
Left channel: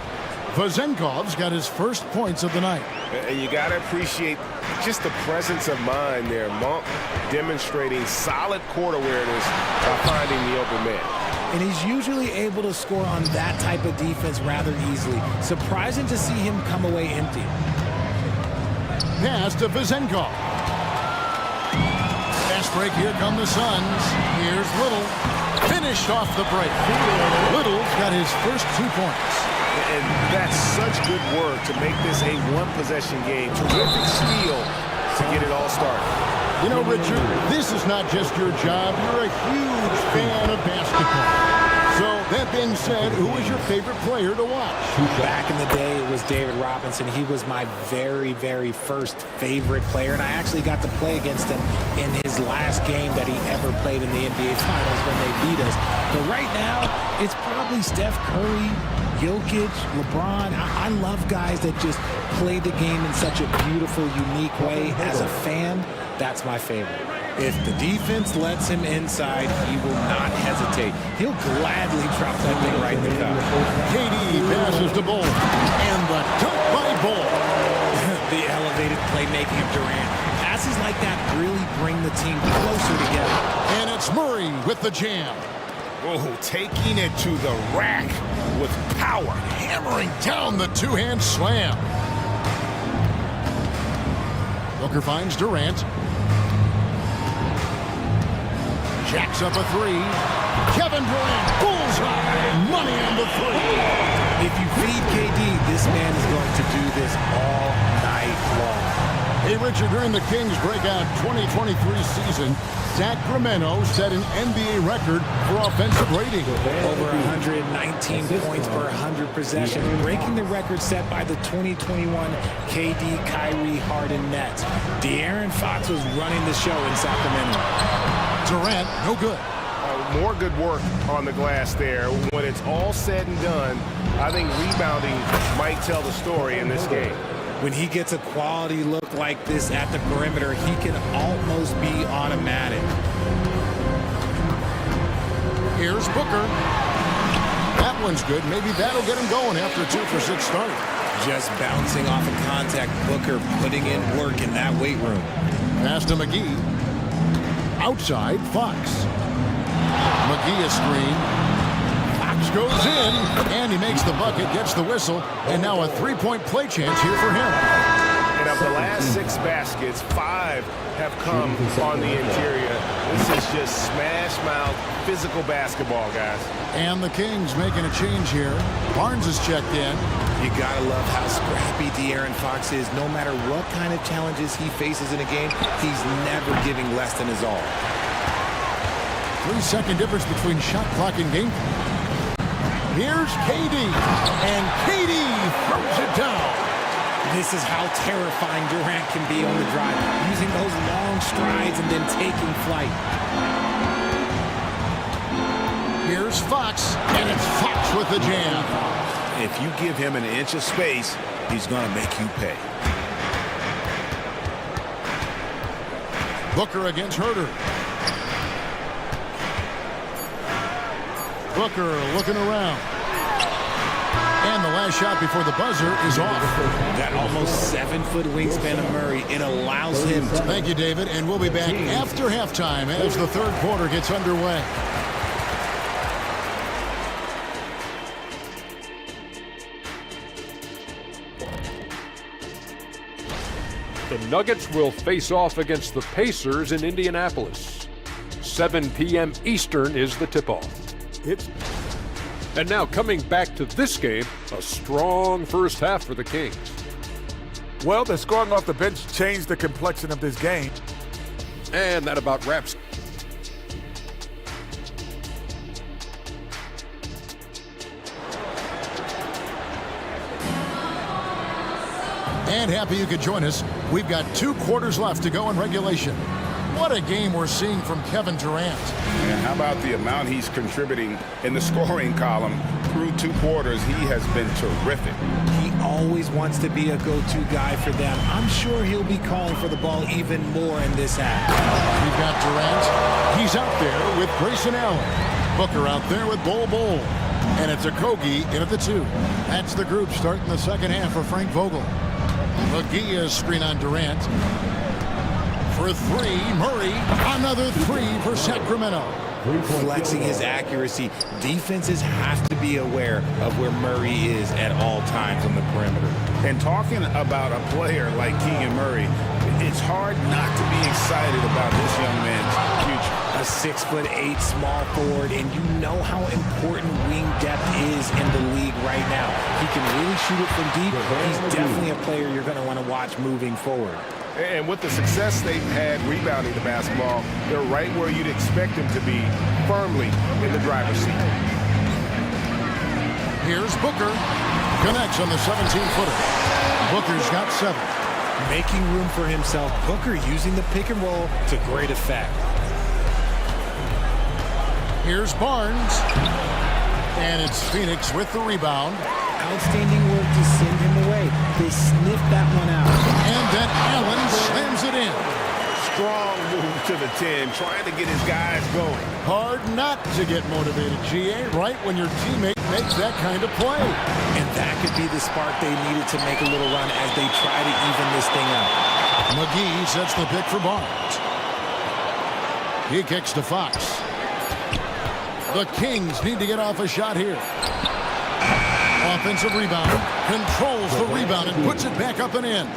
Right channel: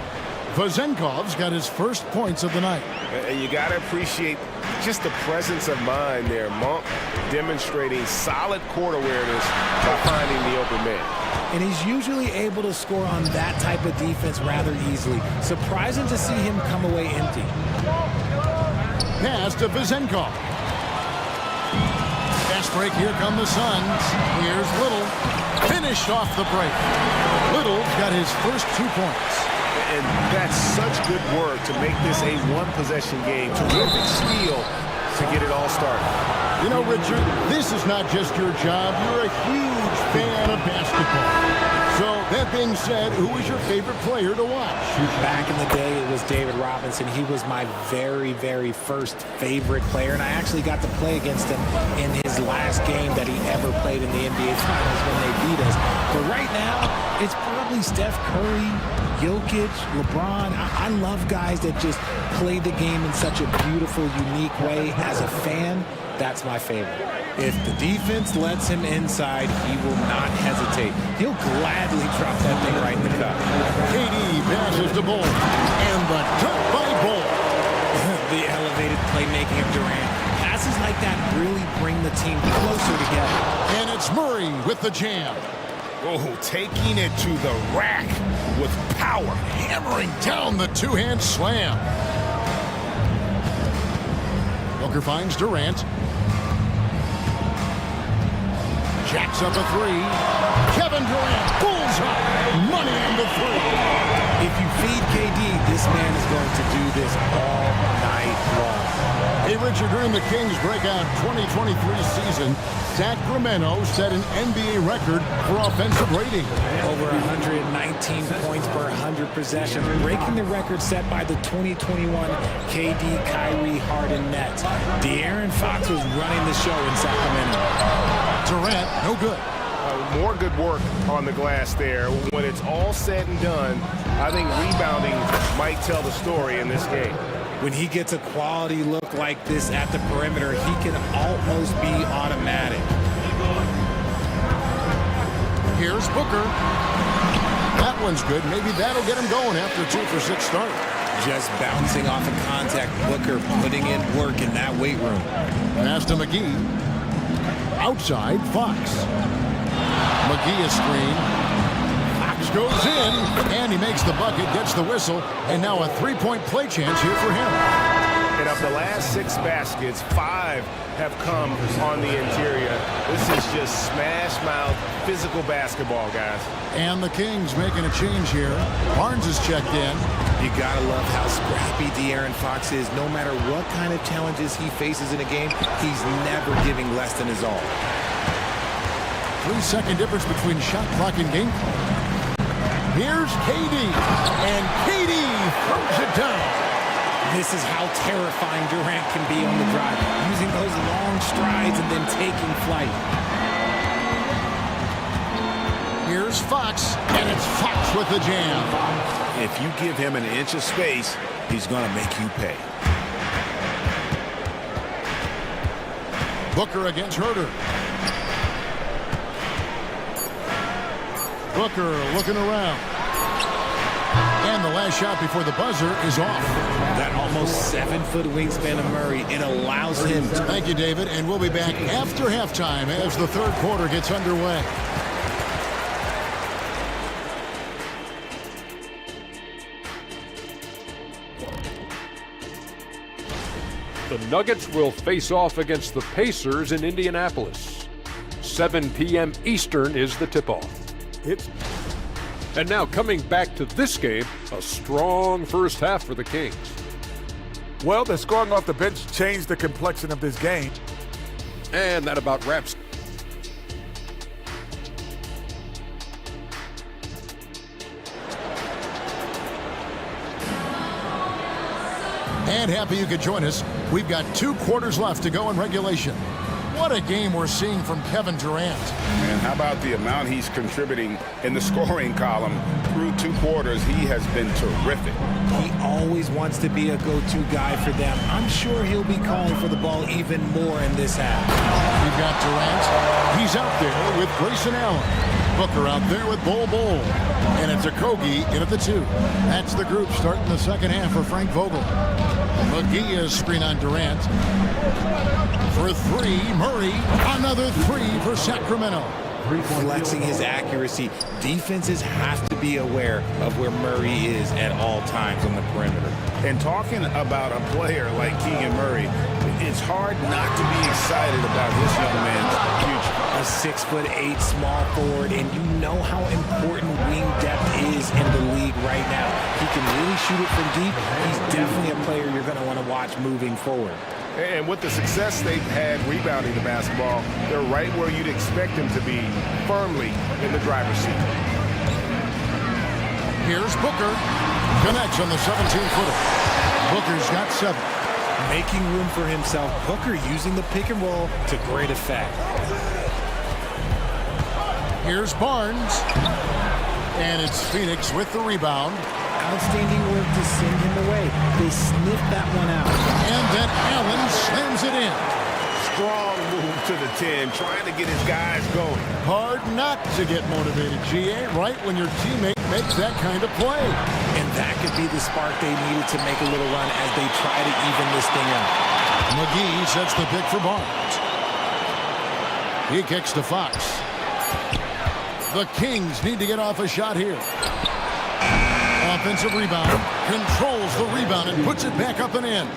Vezenkov's got his first points of the night. And you got to appreciate just the presence of mind there. Monk demonstrating solid court awareness by finding the open man. And he's usually able to score on that type of defense rather easily. Surprising to see him come away empty. Pass to Vezenkov. Fast break, here come the Suns. Here's Little. Finished off the break. Little's got his first 2 points. And that's such good work to make this a one-possession game. Terrific steal to get it all started. You know, Richard, this is not just your job. You're a huge fan of basketball. So, that being said, who was your favorite player to watch? Back in the day, it was David Robinson. He was my very, very first favorite player, and I actually got to play against him in his last game that he ever played in the NBA Finals when they beat us. But right now, it's probably Steph Curry, Jokic, LeBron. I love guys that just play the game in such a beautiful, unique way. As a fan, that's my favorite. If the defense lets him inside, he will not hesitate. He'll gladly drop that thing right in the cup. KD passes to Bull, and the dunk by Bull. The elevated playmaking of Durant. Passes like that really bring the team closer together. And it's Murray with the jam. Oh, taking it to the rack with power. Hammering down the two-hand slam. Booker finds Durant. Jacks up a three. Kevin Durant, bullseye. Money on the three. If you feed KD, this man is going to do this all night long. Hey, Richard, during the Kings' breakout 2023 season, Sacramento set an NBA record for offensive rating. Over 119 points per 100 possessions, breaking the record set by the 2021 KD Kyrie Harden Nets. De'Aaron Fox was running the show in Sacramento. Durant, no good. More good work on the glass there. When it's all said and done, I think rebounding might tell the story in this game. When he gets a quality look like this at the perimeter, he can almost be automatic. Here's Booker. That one's good. Maybe that'll get him going after a 2-for-6 start. Just bouncing off of contact, Booker putting in work in that weight room. Pass to McGee. Outside, Fox. McGee a screen. Fox goes in, and he makes the bucket, gets the whistle, and now a three-point play chance here for him. And of the last 6 baskets, 5 have come on the interior. This is just smash-mouth, physical basketball, guys. And the Kings making a change here. Barnes is checked in. You gotta love how scrappy De'Aaron Fox is. No matter what kind of challenges he faces in a game, he's never giving less than his all. 3-second difference between shot clock and game clock. Here's KD, and KD throws it down. This is how terrifying Durant can be on the drive, using those long strides and then taking flight. Here's Fox, and it's Fox with the jam. If you give him an inch of space, he's going to make you pay. Booker against Herter. Booker looking around. And the last shot before the buzzer is off. That almost 7-foot wingspan of Murray, it allows him to... Thank you, David, and we'll be back after halftime as the third quarter gets underway. The Nuggets will face off against the Pacers in Indianapolis. 7 p.m. Eastern is the tip-off. And now coming back to this game, a strong first half for the Kings. Well, the scoring off the bench changed the complexion of this game. And that about wraps. And happy you could join us. We've got 2 quarters left to go in regulation. What a game we're seeing from Kevin Durant. And how about the amount he's contributing in the scoring column through 2 quarters? He has been terrific. He always wants to be a go-to guy for them. I'm sure he'll be calling for the ball even more in this half. We've got Durant. He's out there with Grayson Allen. Booker out there with Bol Bol. And it's a Kogi in at the 2. That's the group starting the second half for Frank Vogel. McGee is screen on Durant. For 3, Murray. Another 3 for Sacramento. Flexing his accuracy. Defenses have to be aware of where Murray is at all times on the perimeter. And talking about a player like Keegan Murray, it's hard not to be excited about this young man's future. A 6'8" small forward, and you know how important wing depth is in the league right now. He can really shoot it from deep. He's definitely a player you're going to want to watch moving forward. And with the success they've had rebounding the basketball, they're right where you'd expect them to be, firmly in the driver's seat. Here's Booker. Connects on the 17-footer. Booker's got 7. Making room for himself. Booker using the pick and roll to great effect. Here's Barnes. And it's Phoenix with the rebound. Outstanding work to send him away. They sniffed that one out. And then Allen slams it in. Strong move to the 10, trying to get his guys going. Hard not to get motivated, GA, right when your teammate makes that kind of play. And that could be the spark they needed to make a little run as they try to even this thing up. McGee sets the pick for Barnes. He kicks to Fox. The Kings need to get off a shot here. Offensive rebound, controls the rebound and puts it back up and in.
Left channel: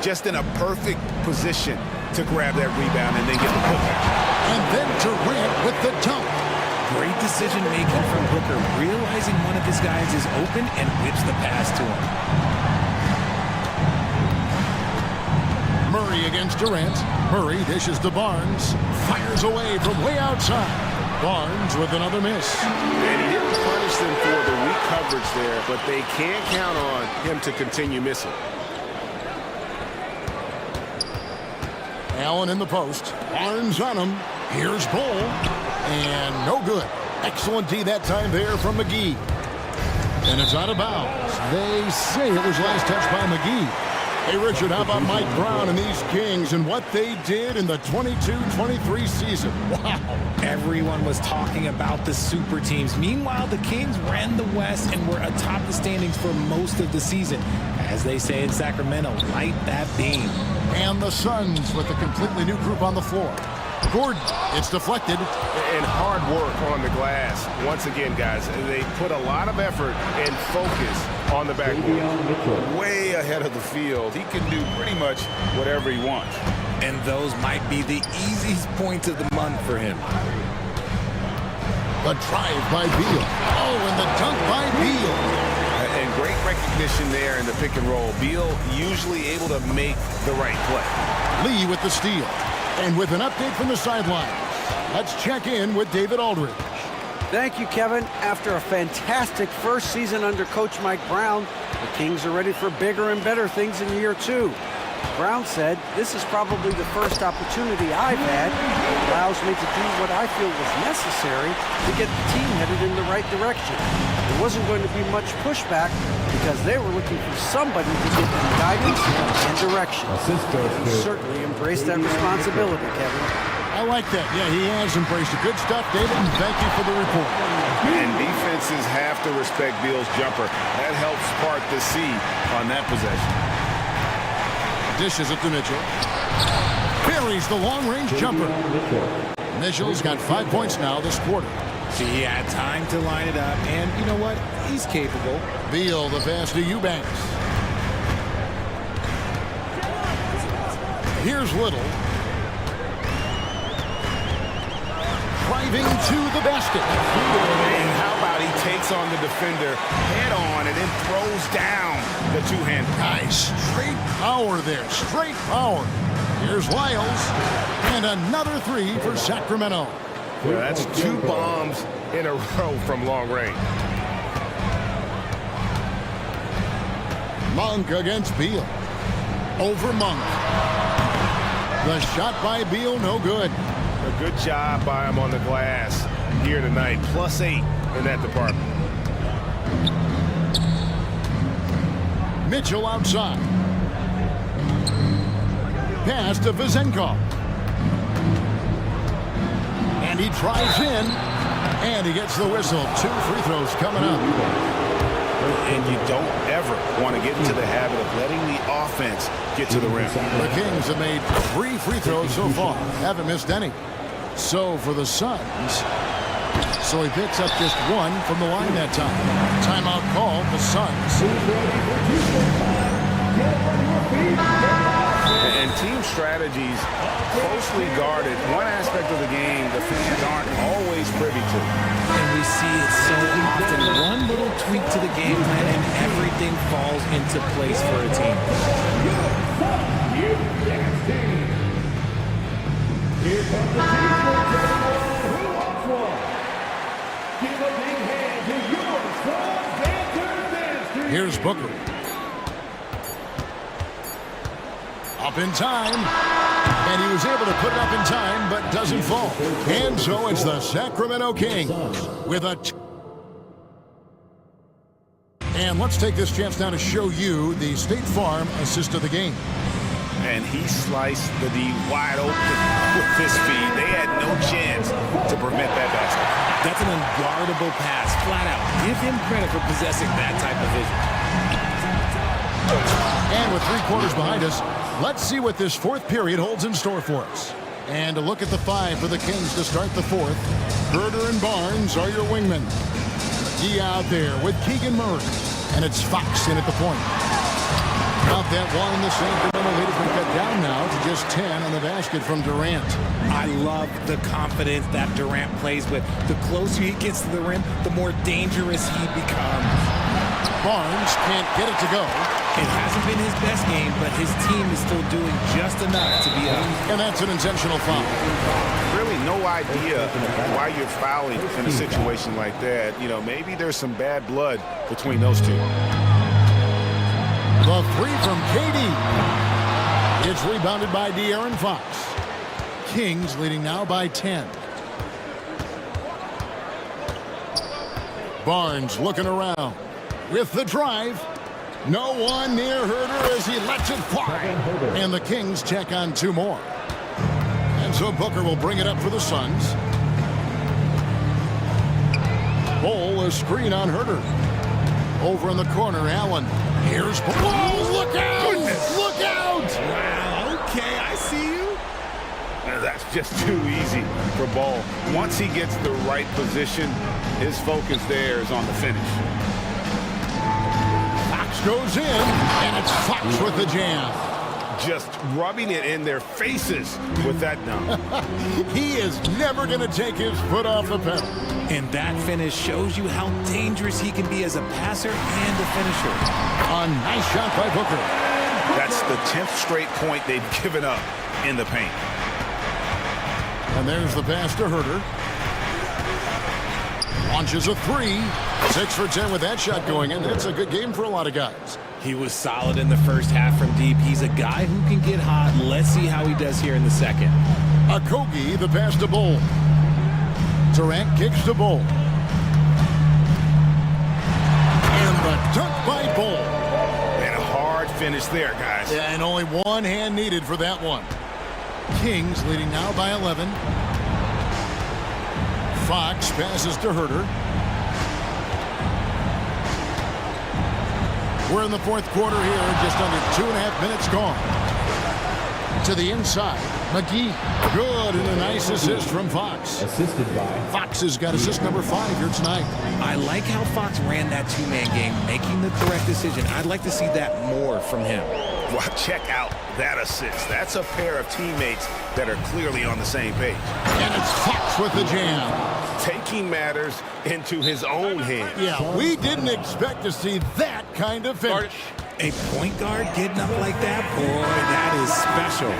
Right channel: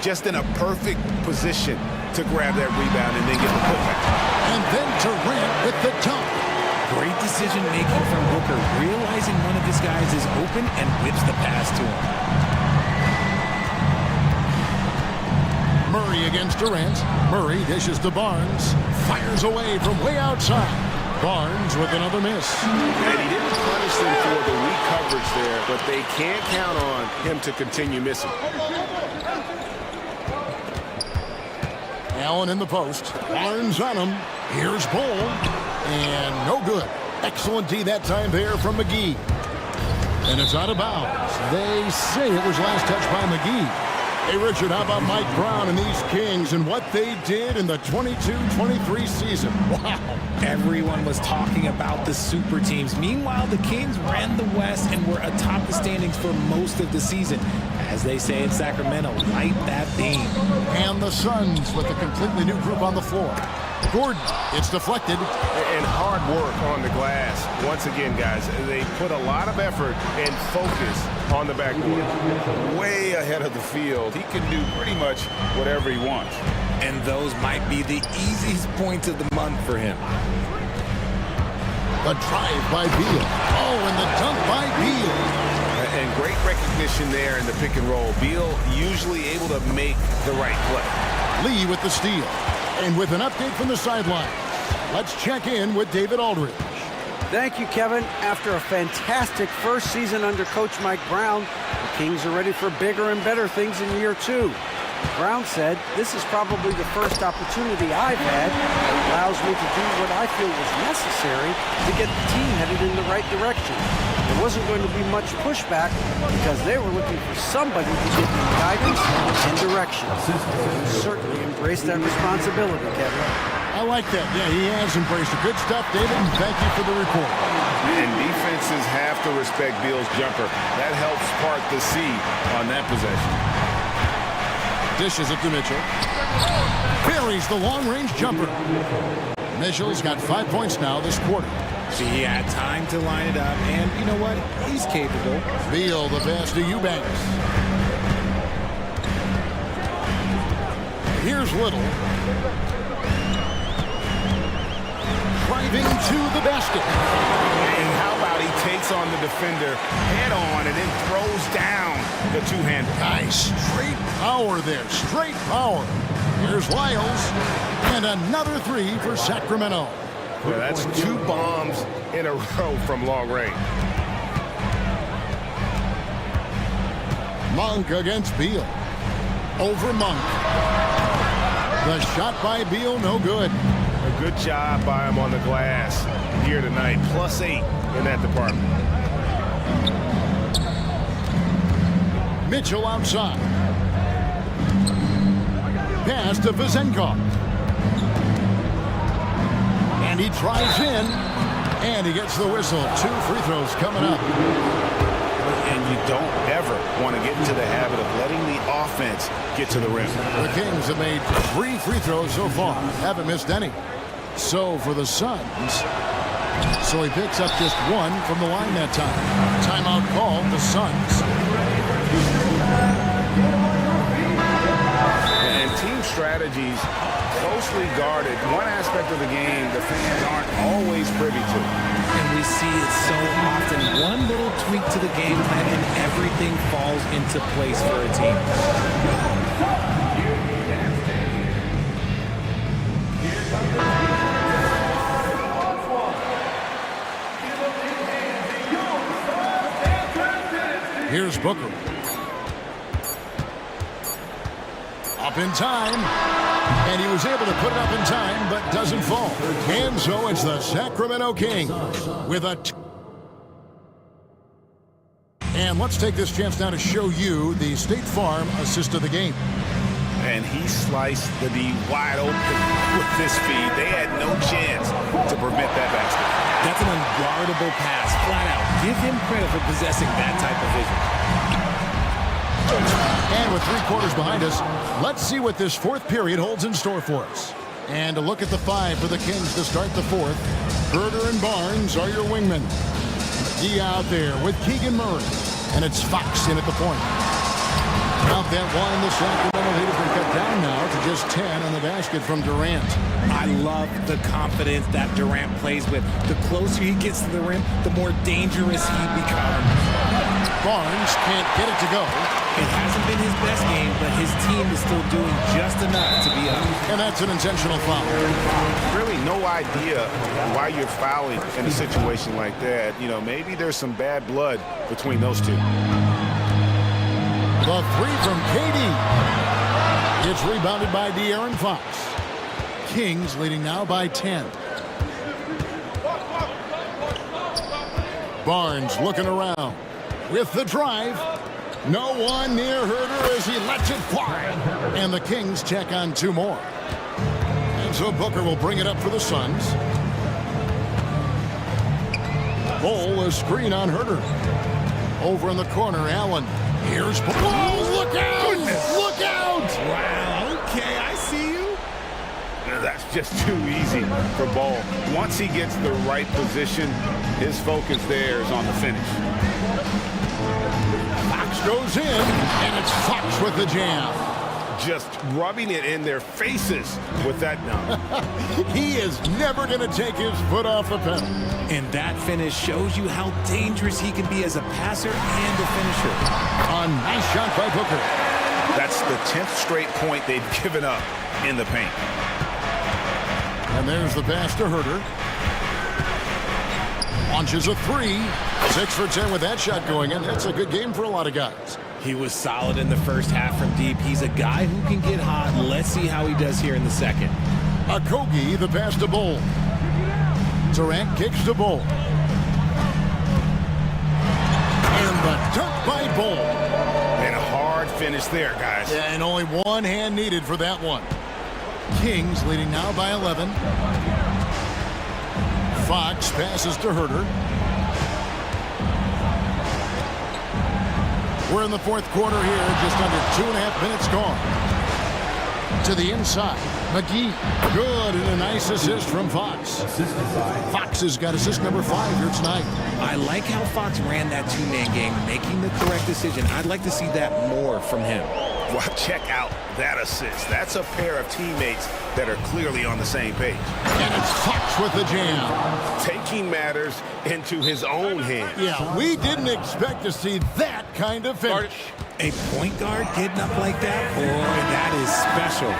Just in a perfect position to grab that rebound and then get the putback. And then Durant with the dunk. Great decision-making from Booker, realizing one of his guys is open and whips the pass to him. Murray against Durant. Murray dishes to Barnes. Fires away from way outside. Barnes with another miss. And he didn't punish them for the weak coverage there, but they can't count on him to continue missing. Allen in the post. Barnes on him. Here's Bull. And no good. Excellent D that time there from McGee. And it's out of bounds. They say it was last touched by McGee. Hey, Richard, how about Mike Brown and these Kings and what they did in the 22-23 season? Wow. Everyone was talking about the super teams. Meanwhile, the Kings ran the West and were atop the standings for most of the season. As they say in Sacramento, light that beam. And the Suns with a completely new group on the floor. Gordon, it's deflected. And hard work on the glass. Once again, guys, they put a lot of effort and focus on the backboard. Way ahead of the field. He can do pretty much whatever he wants. And those might be the easiest points of the month for him. The drive by Beal. Oh, and the dunk by Beal. And great recognition there in the pick and roll. Beal usually able to make the right play. Lee with the steal. And with an update from the sidelines, let's check in with David Aldridge. Thank you, Kevin. After a fantastic first season under Coach Mike Brown, the Kings are ready for bigger and better things in year 2. Brown said, "This is probably the first opportunity I've had that allows me to do what I feel was necessary to get the team headed in the right direction. There wasn't going to be much pushback because they were looking for somebody to give them guidance and direction." He certainly embraced that responsibility, Kevin. I like that. Yeah, he has embraced it. Good stuff, David, and thank you for the report. And defenses have to respect Beal's jumper. That helps part the sea on that possession. Dishes it to Mitchell. Buries the long-range jumper. Mitchell's got 5 points now this quarter. See, he had time to line it up, and you know what? He's capable. Beal, the pass to Eubanks. Here's Little. Driving to the basket. And how about he takes on the defender head on and then throws down the two-hander. Nice. Straight power there. Straight power. Here's Lyles. And another three for Sacramento. Yeah, that's 2 bombs in a row from long range. Monk against Beal. Over Monk. The shot by Beal, no good. A good job by him on the glass here tonight. +8 in that department. Mitchell outside. Pass to Vizenkov. And he drives in. And he gets the whistle. 2 free throws coming up. And you don't ever want to get into the habit of letting the offense get to the rim. The Kings have made 3 free throws so far. Haven't missed any. So for the Suns, so he picks up just 1 from the line that time. Timeout called, the Suns. And team strategies closely guarded. One aspect of the game the fans aren't always privy to. And we see it so often. One little tweak to the game plan and everything falls into place for a team. Here's Booker. Up in time. And he was able to put it up in time, but doesn't fall. And so it's the Sacramento Kings with a... And let's take this chance now to show you the State Farm assist of the game. And he sliced the D wide open with this feed. They had no chance to prevent that basket. That's an unguardable pass, flat out. Give him credit for possessing that type of vision. And with 3 quarters behind us, let's see what this 4th period holds in store for us. And a look at the 5 for the Kings to start the 4th. Herder and Barnes are your wingmen. McGee out there with Keegan Murray. And it's Fox in at the point. Out that one, and the Sacramento lead has been cut down now to just 10 on the basket from Durant. I love the confidence that Durant plays with. The closer he gets to the rim, the more dangerous he becomes. Barnes can't get it to go. It hasn't been his best game, but his team is still doing just enough to be up. And that's an intentional foul. Really no idea why you're fouling in a situation like that. You know, maybe there's some bad blood between those two. The three from KD. It's rebounded by De'Aaron Fox. Kings leading now by 10. Barnes looking around with the drive. No one near Herder as he lets it fly. And the Kings check on two more. And so Booker will bring it up for the Suns. Bol, a screen on Herder. Over in the corner, Allen. Here's Bol. Oh, look out! Goodness. Look out! Wow, okay, I see you. That's just too easy for Bol. Once he gets the right position, his focus there is on the finish. Fox goes in, and it's Fox with the jam. Just rubbing it in their faces with that dunk. He is never going to take his foot off the pedal. And that finish shows you how dangerous he can be as a passer and a finisher. A nice shot by Booker. That's the 10th straight point they've given up in the paint. And there's the pass to Herder. Launches a three. 6 for 10 with that shot going in. That's a good game for a lot of guys. He was solid in the first half from deep. He's a guy who can get hot. Let's see how he does here in the second. Okogie, the pass to Bol. Durant kicks to Bol. And the dunk by Bol. And a hard finish there, guys. Yeah, and only one hand needed for that one. Kings leading now by 11. Fox passes to Herder. We're in the fourth quarter here, just under 2.5 minutes gone. To the inside, McGee. Good, and a nice assist from Fox. Assisted by Fox has got assist number 5 here tonight. I like how Fox ran that two-man game, making the correct decision. I'd like to see that more from him. Well, check out that assist. That's a pair of teammates that are clearly on the same page. And it's Fox with the jam. Taking matters into his own hands. Yeah, we didn't expect to see that kind of finish. A point guard getting up like that? Boy, that is special.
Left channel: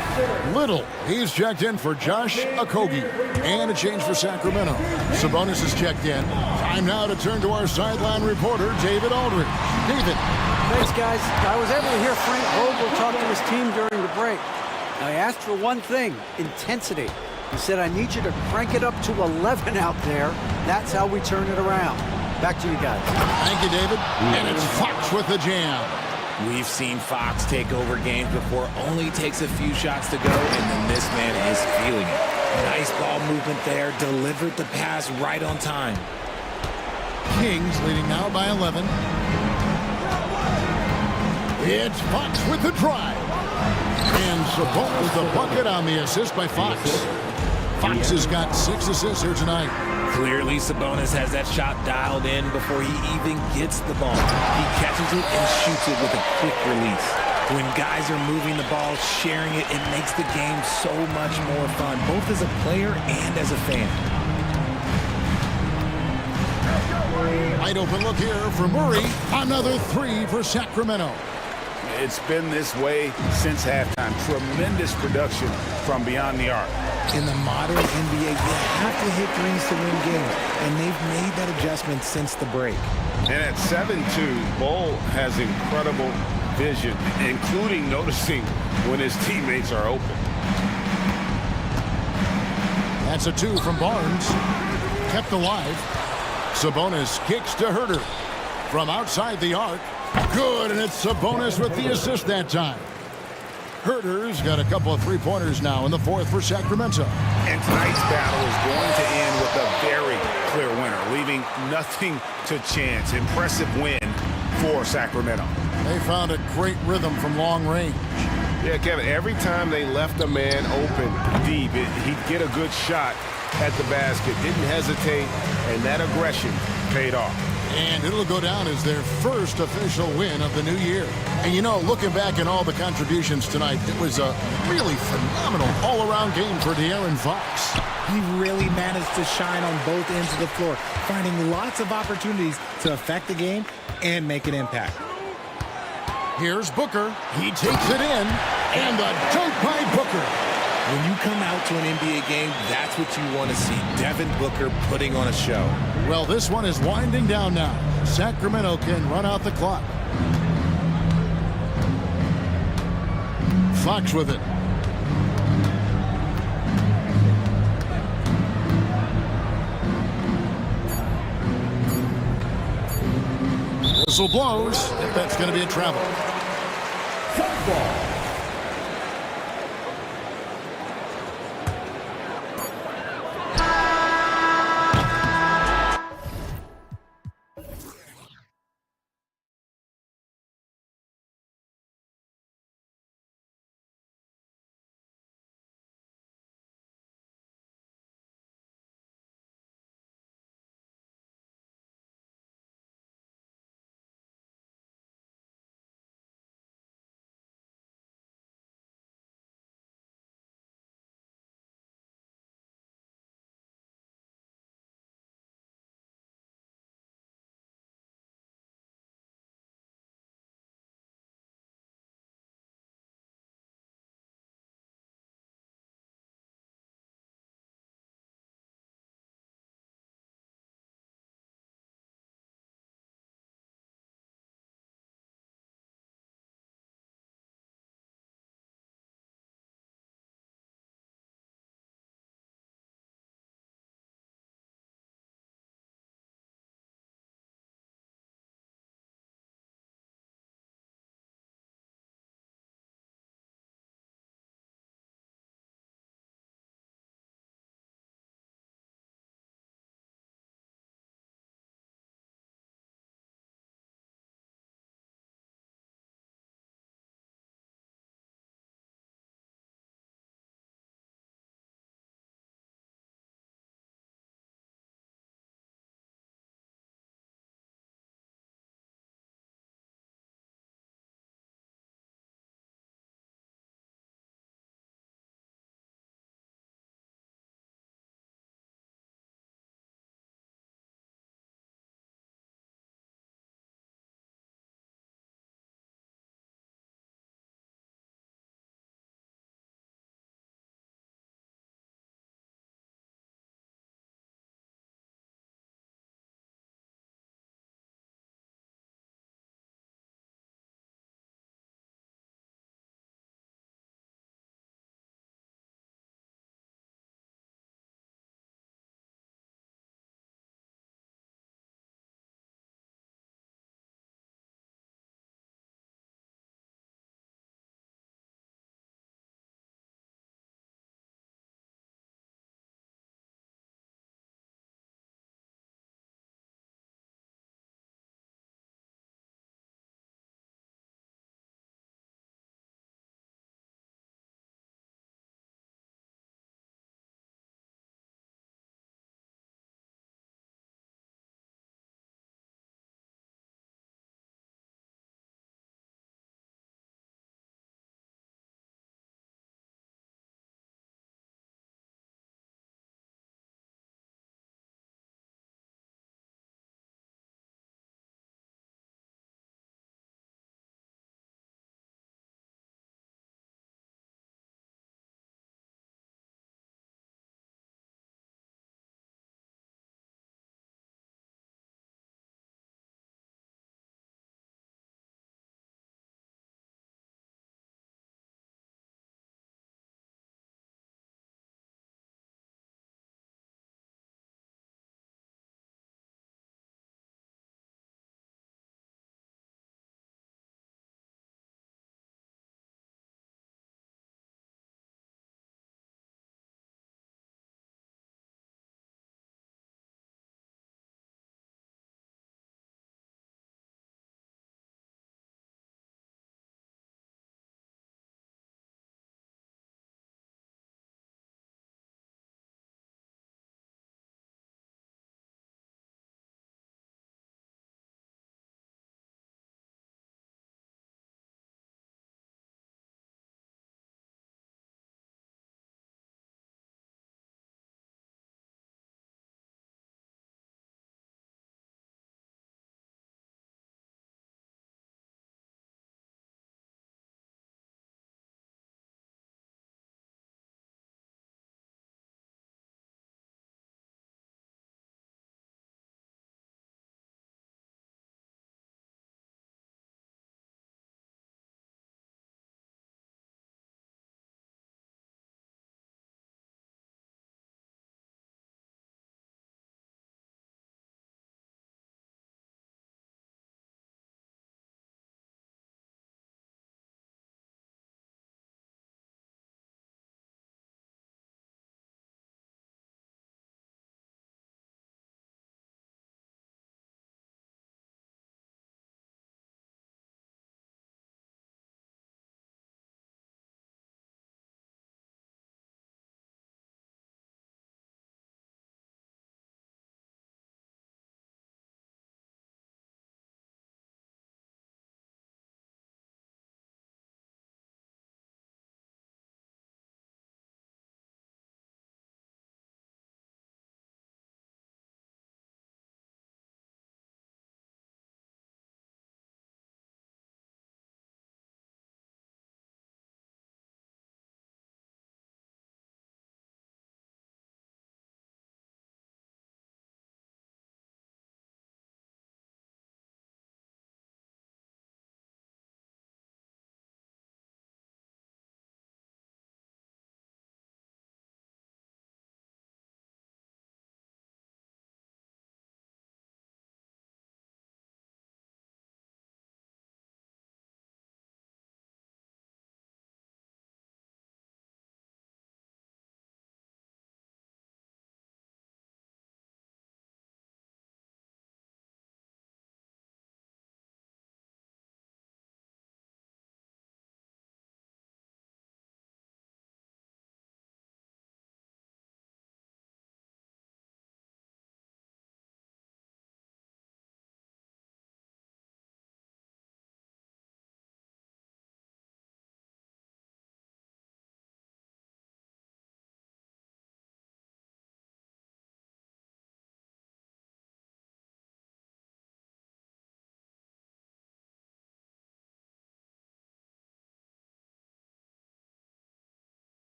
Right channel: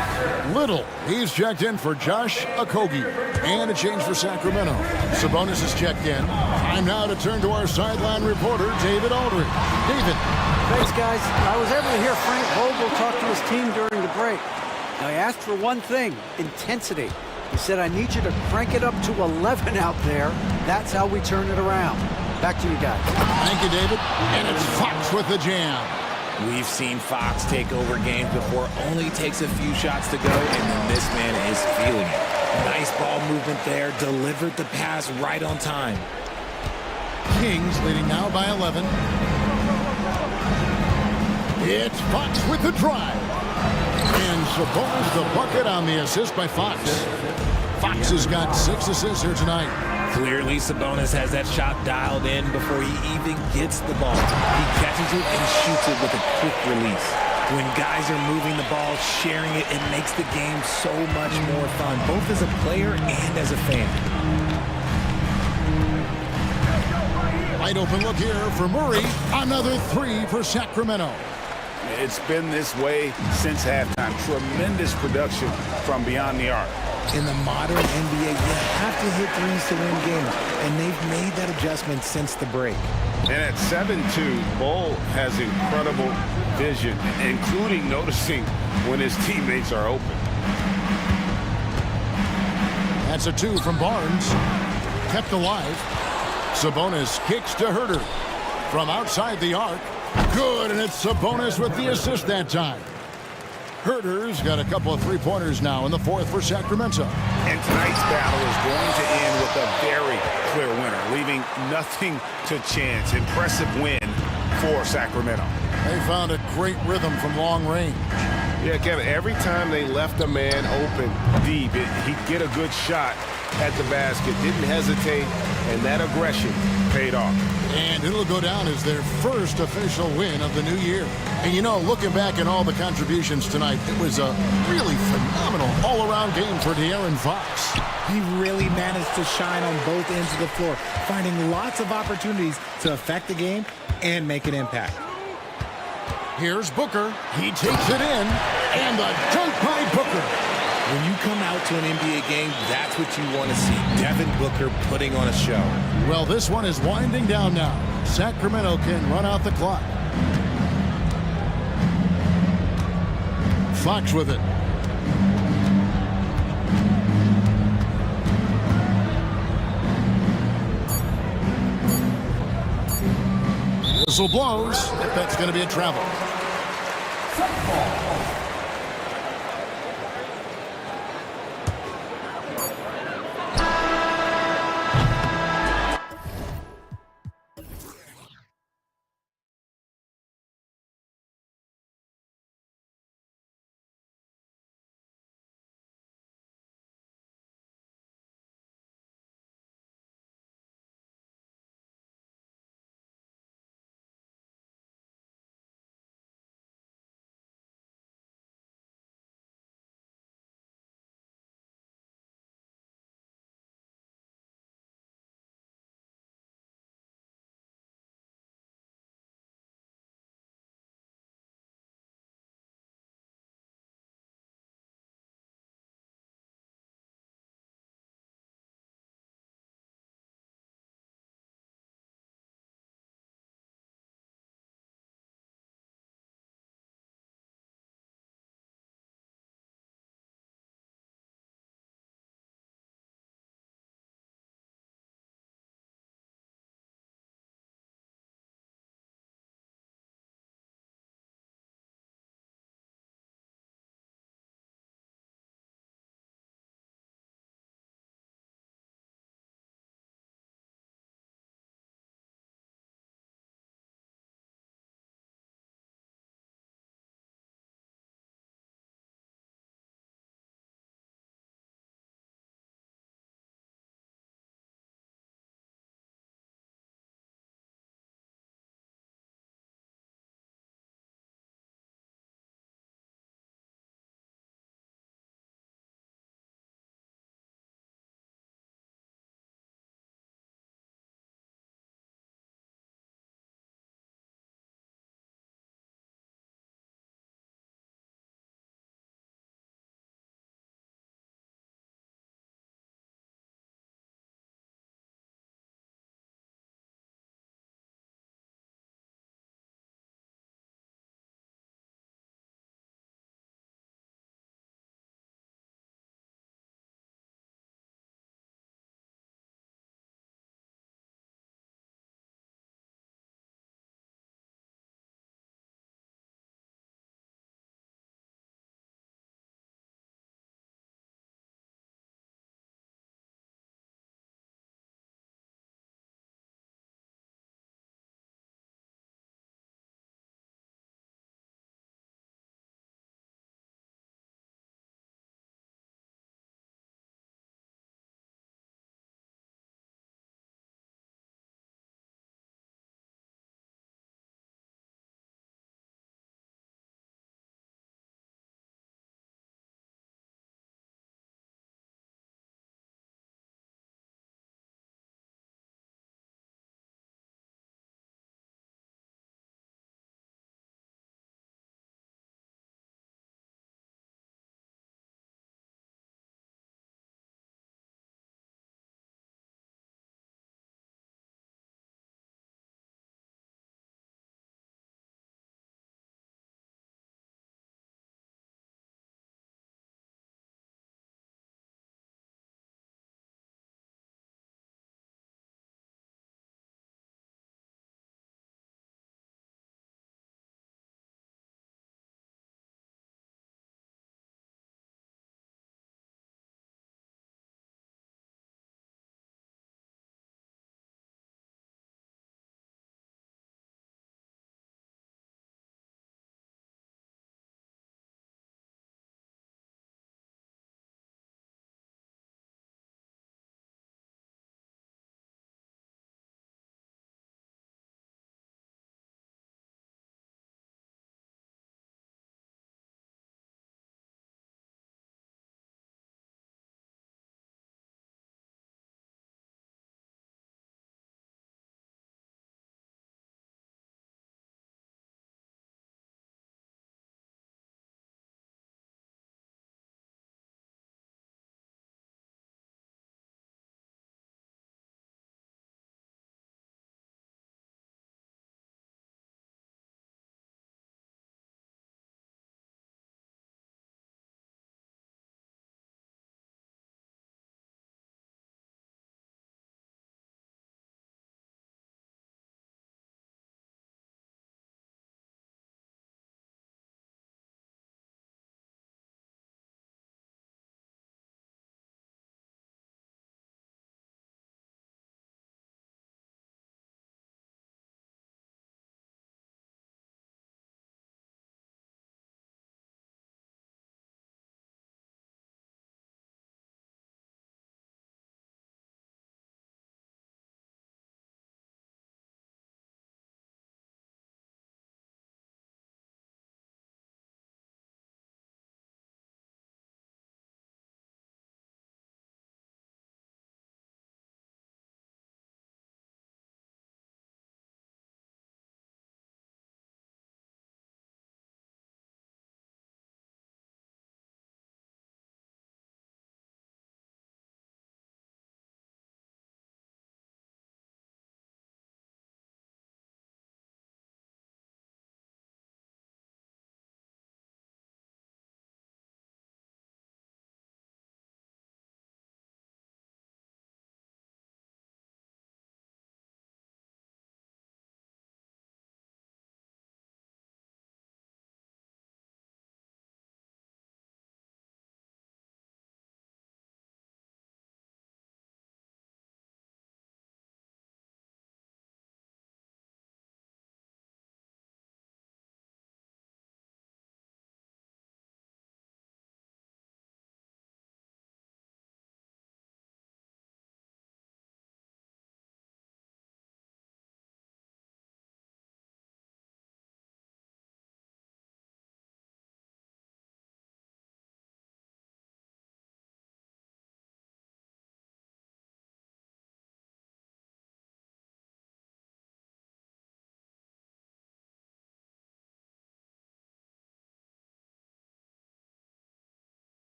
Little, he's checked in for Josh Okogie. And a change for Sacramento. Sabonis is checked in. Time now to turn to our sideline reporter, David Aldridge. David. Thanks, guys. I was able to hear Frank Vogel talk to his team during the break. Now, he asked for one thing, intensity. He said, I need you to crank it up to 11 out there. That's how we turn it around. Back to you guys. Thank you, David. And it's Fox with the jam. We've seen Fox take over games before, only takes a few shots to go, and then this man is feeling it. Nice ball movement there, delivered the pass right on time. Kings leading now by 11. It's Fox with the drive. And Sabonis the bucket on the assist by Fox. Fox has got 6 assists here tonight. Clearly, Sabonis has that shot dialed in before he even gets the ball. He catches it and shoots it with a quick release. When guys are moving the ball, sharing it, it makes the game so much more fun, both as a player and as a fan. Wide open look here for Murray. Another 3 for Sacramento. It's been this way since halftime. Tremendous production from beyond the arc. In the modern NBA, you have to hit threes to win games, and they've made that adjustment since the break. And at 7-2, Bol has incredible vision, including noticing when his teammates are open. That's a 2 from Barnes. Kept alive. Sabonis kicks to Herder. From outside the arc. Good, and it's Sabonis with the assist that time. Herder's got a couple of three-pointers now in the fourth for Sacramento. And tonight's battle is going to end with a very clear winner, leaving nothing to chance. Impressive win for Sacramento. They found a great rhythm from long range. Yeah, Kevin, every time they left a man open deep, he'd get a good shot, at the basket, didn't hesitate, and that aggression paid off. And it'll go down as their first official win of the new year. And you know, looking back at all the contributions tonight, it was a really phenomenal all-around game for De'Aaron Fox. He really managed to shine on both ends of the floor, finding lots of opportunities to affect the game and make an impact. Here's Booker. He takes it in, and the dunk by Booker. When you come out to an NBA game, that's what you want to see. Devin Booker putting on a show. Well, this one is winding down now. Sacramento can run out the clock. Fox with it. Whistle blows if that's going to be a travel. Football.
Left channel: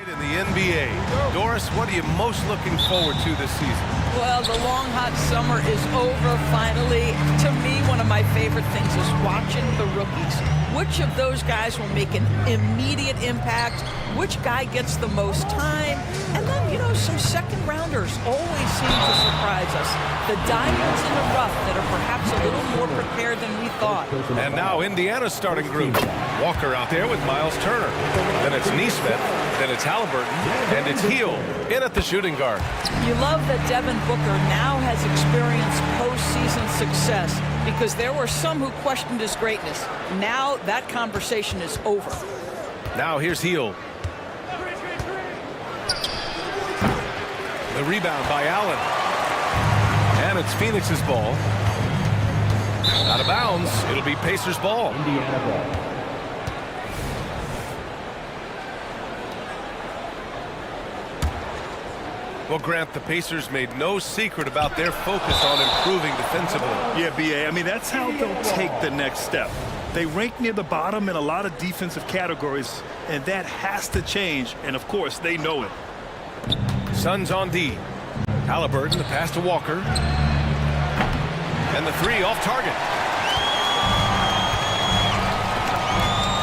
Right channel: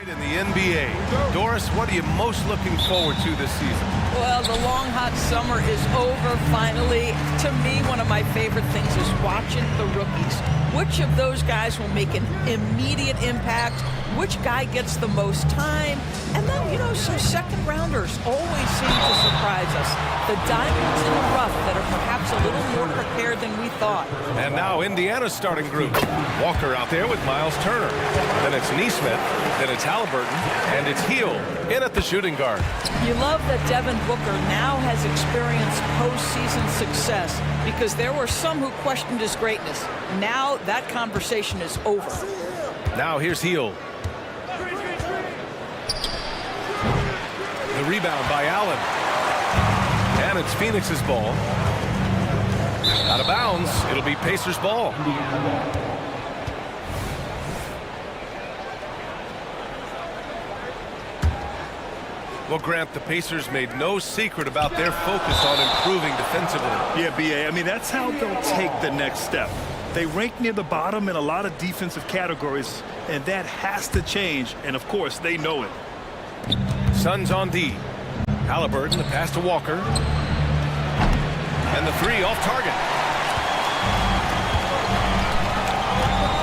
In the NBA. Doris, what are you most looking forward to this season? Well, the long, hot summer is over finally. To me, one of my favorite things is watching the rookies. Which of those guys will make an immediate impact? Which guy gets the most time? And then, you know, some second rounders always seem to surprise us. The diamonds in the rough that are perhaps a little more prepared than we thought. And now Indiana's starting group. Walker out there with Miles Turner. Then it's Neesmith. Then it's Halliburton. And it's Heel in at the shooting guard. You love that Devin Booker now has experienced postseason success because there were some who questioned his greatness. Now that conversation is over. Now here's Heel. The rebound by Allen. And it's Phoenix's ball. Out of bounds. It'll be Pacers' ball. Well, Grant, the Pacers made no secret about their focus on improving defensively. Yeah, B.A., I mean, that's how they'll take the next step. They rank near the bottom in a lot of defensive categories, and that has to change, and of course, they know it. Suns on D. Halliburton, the pass to Walker. And the three off target.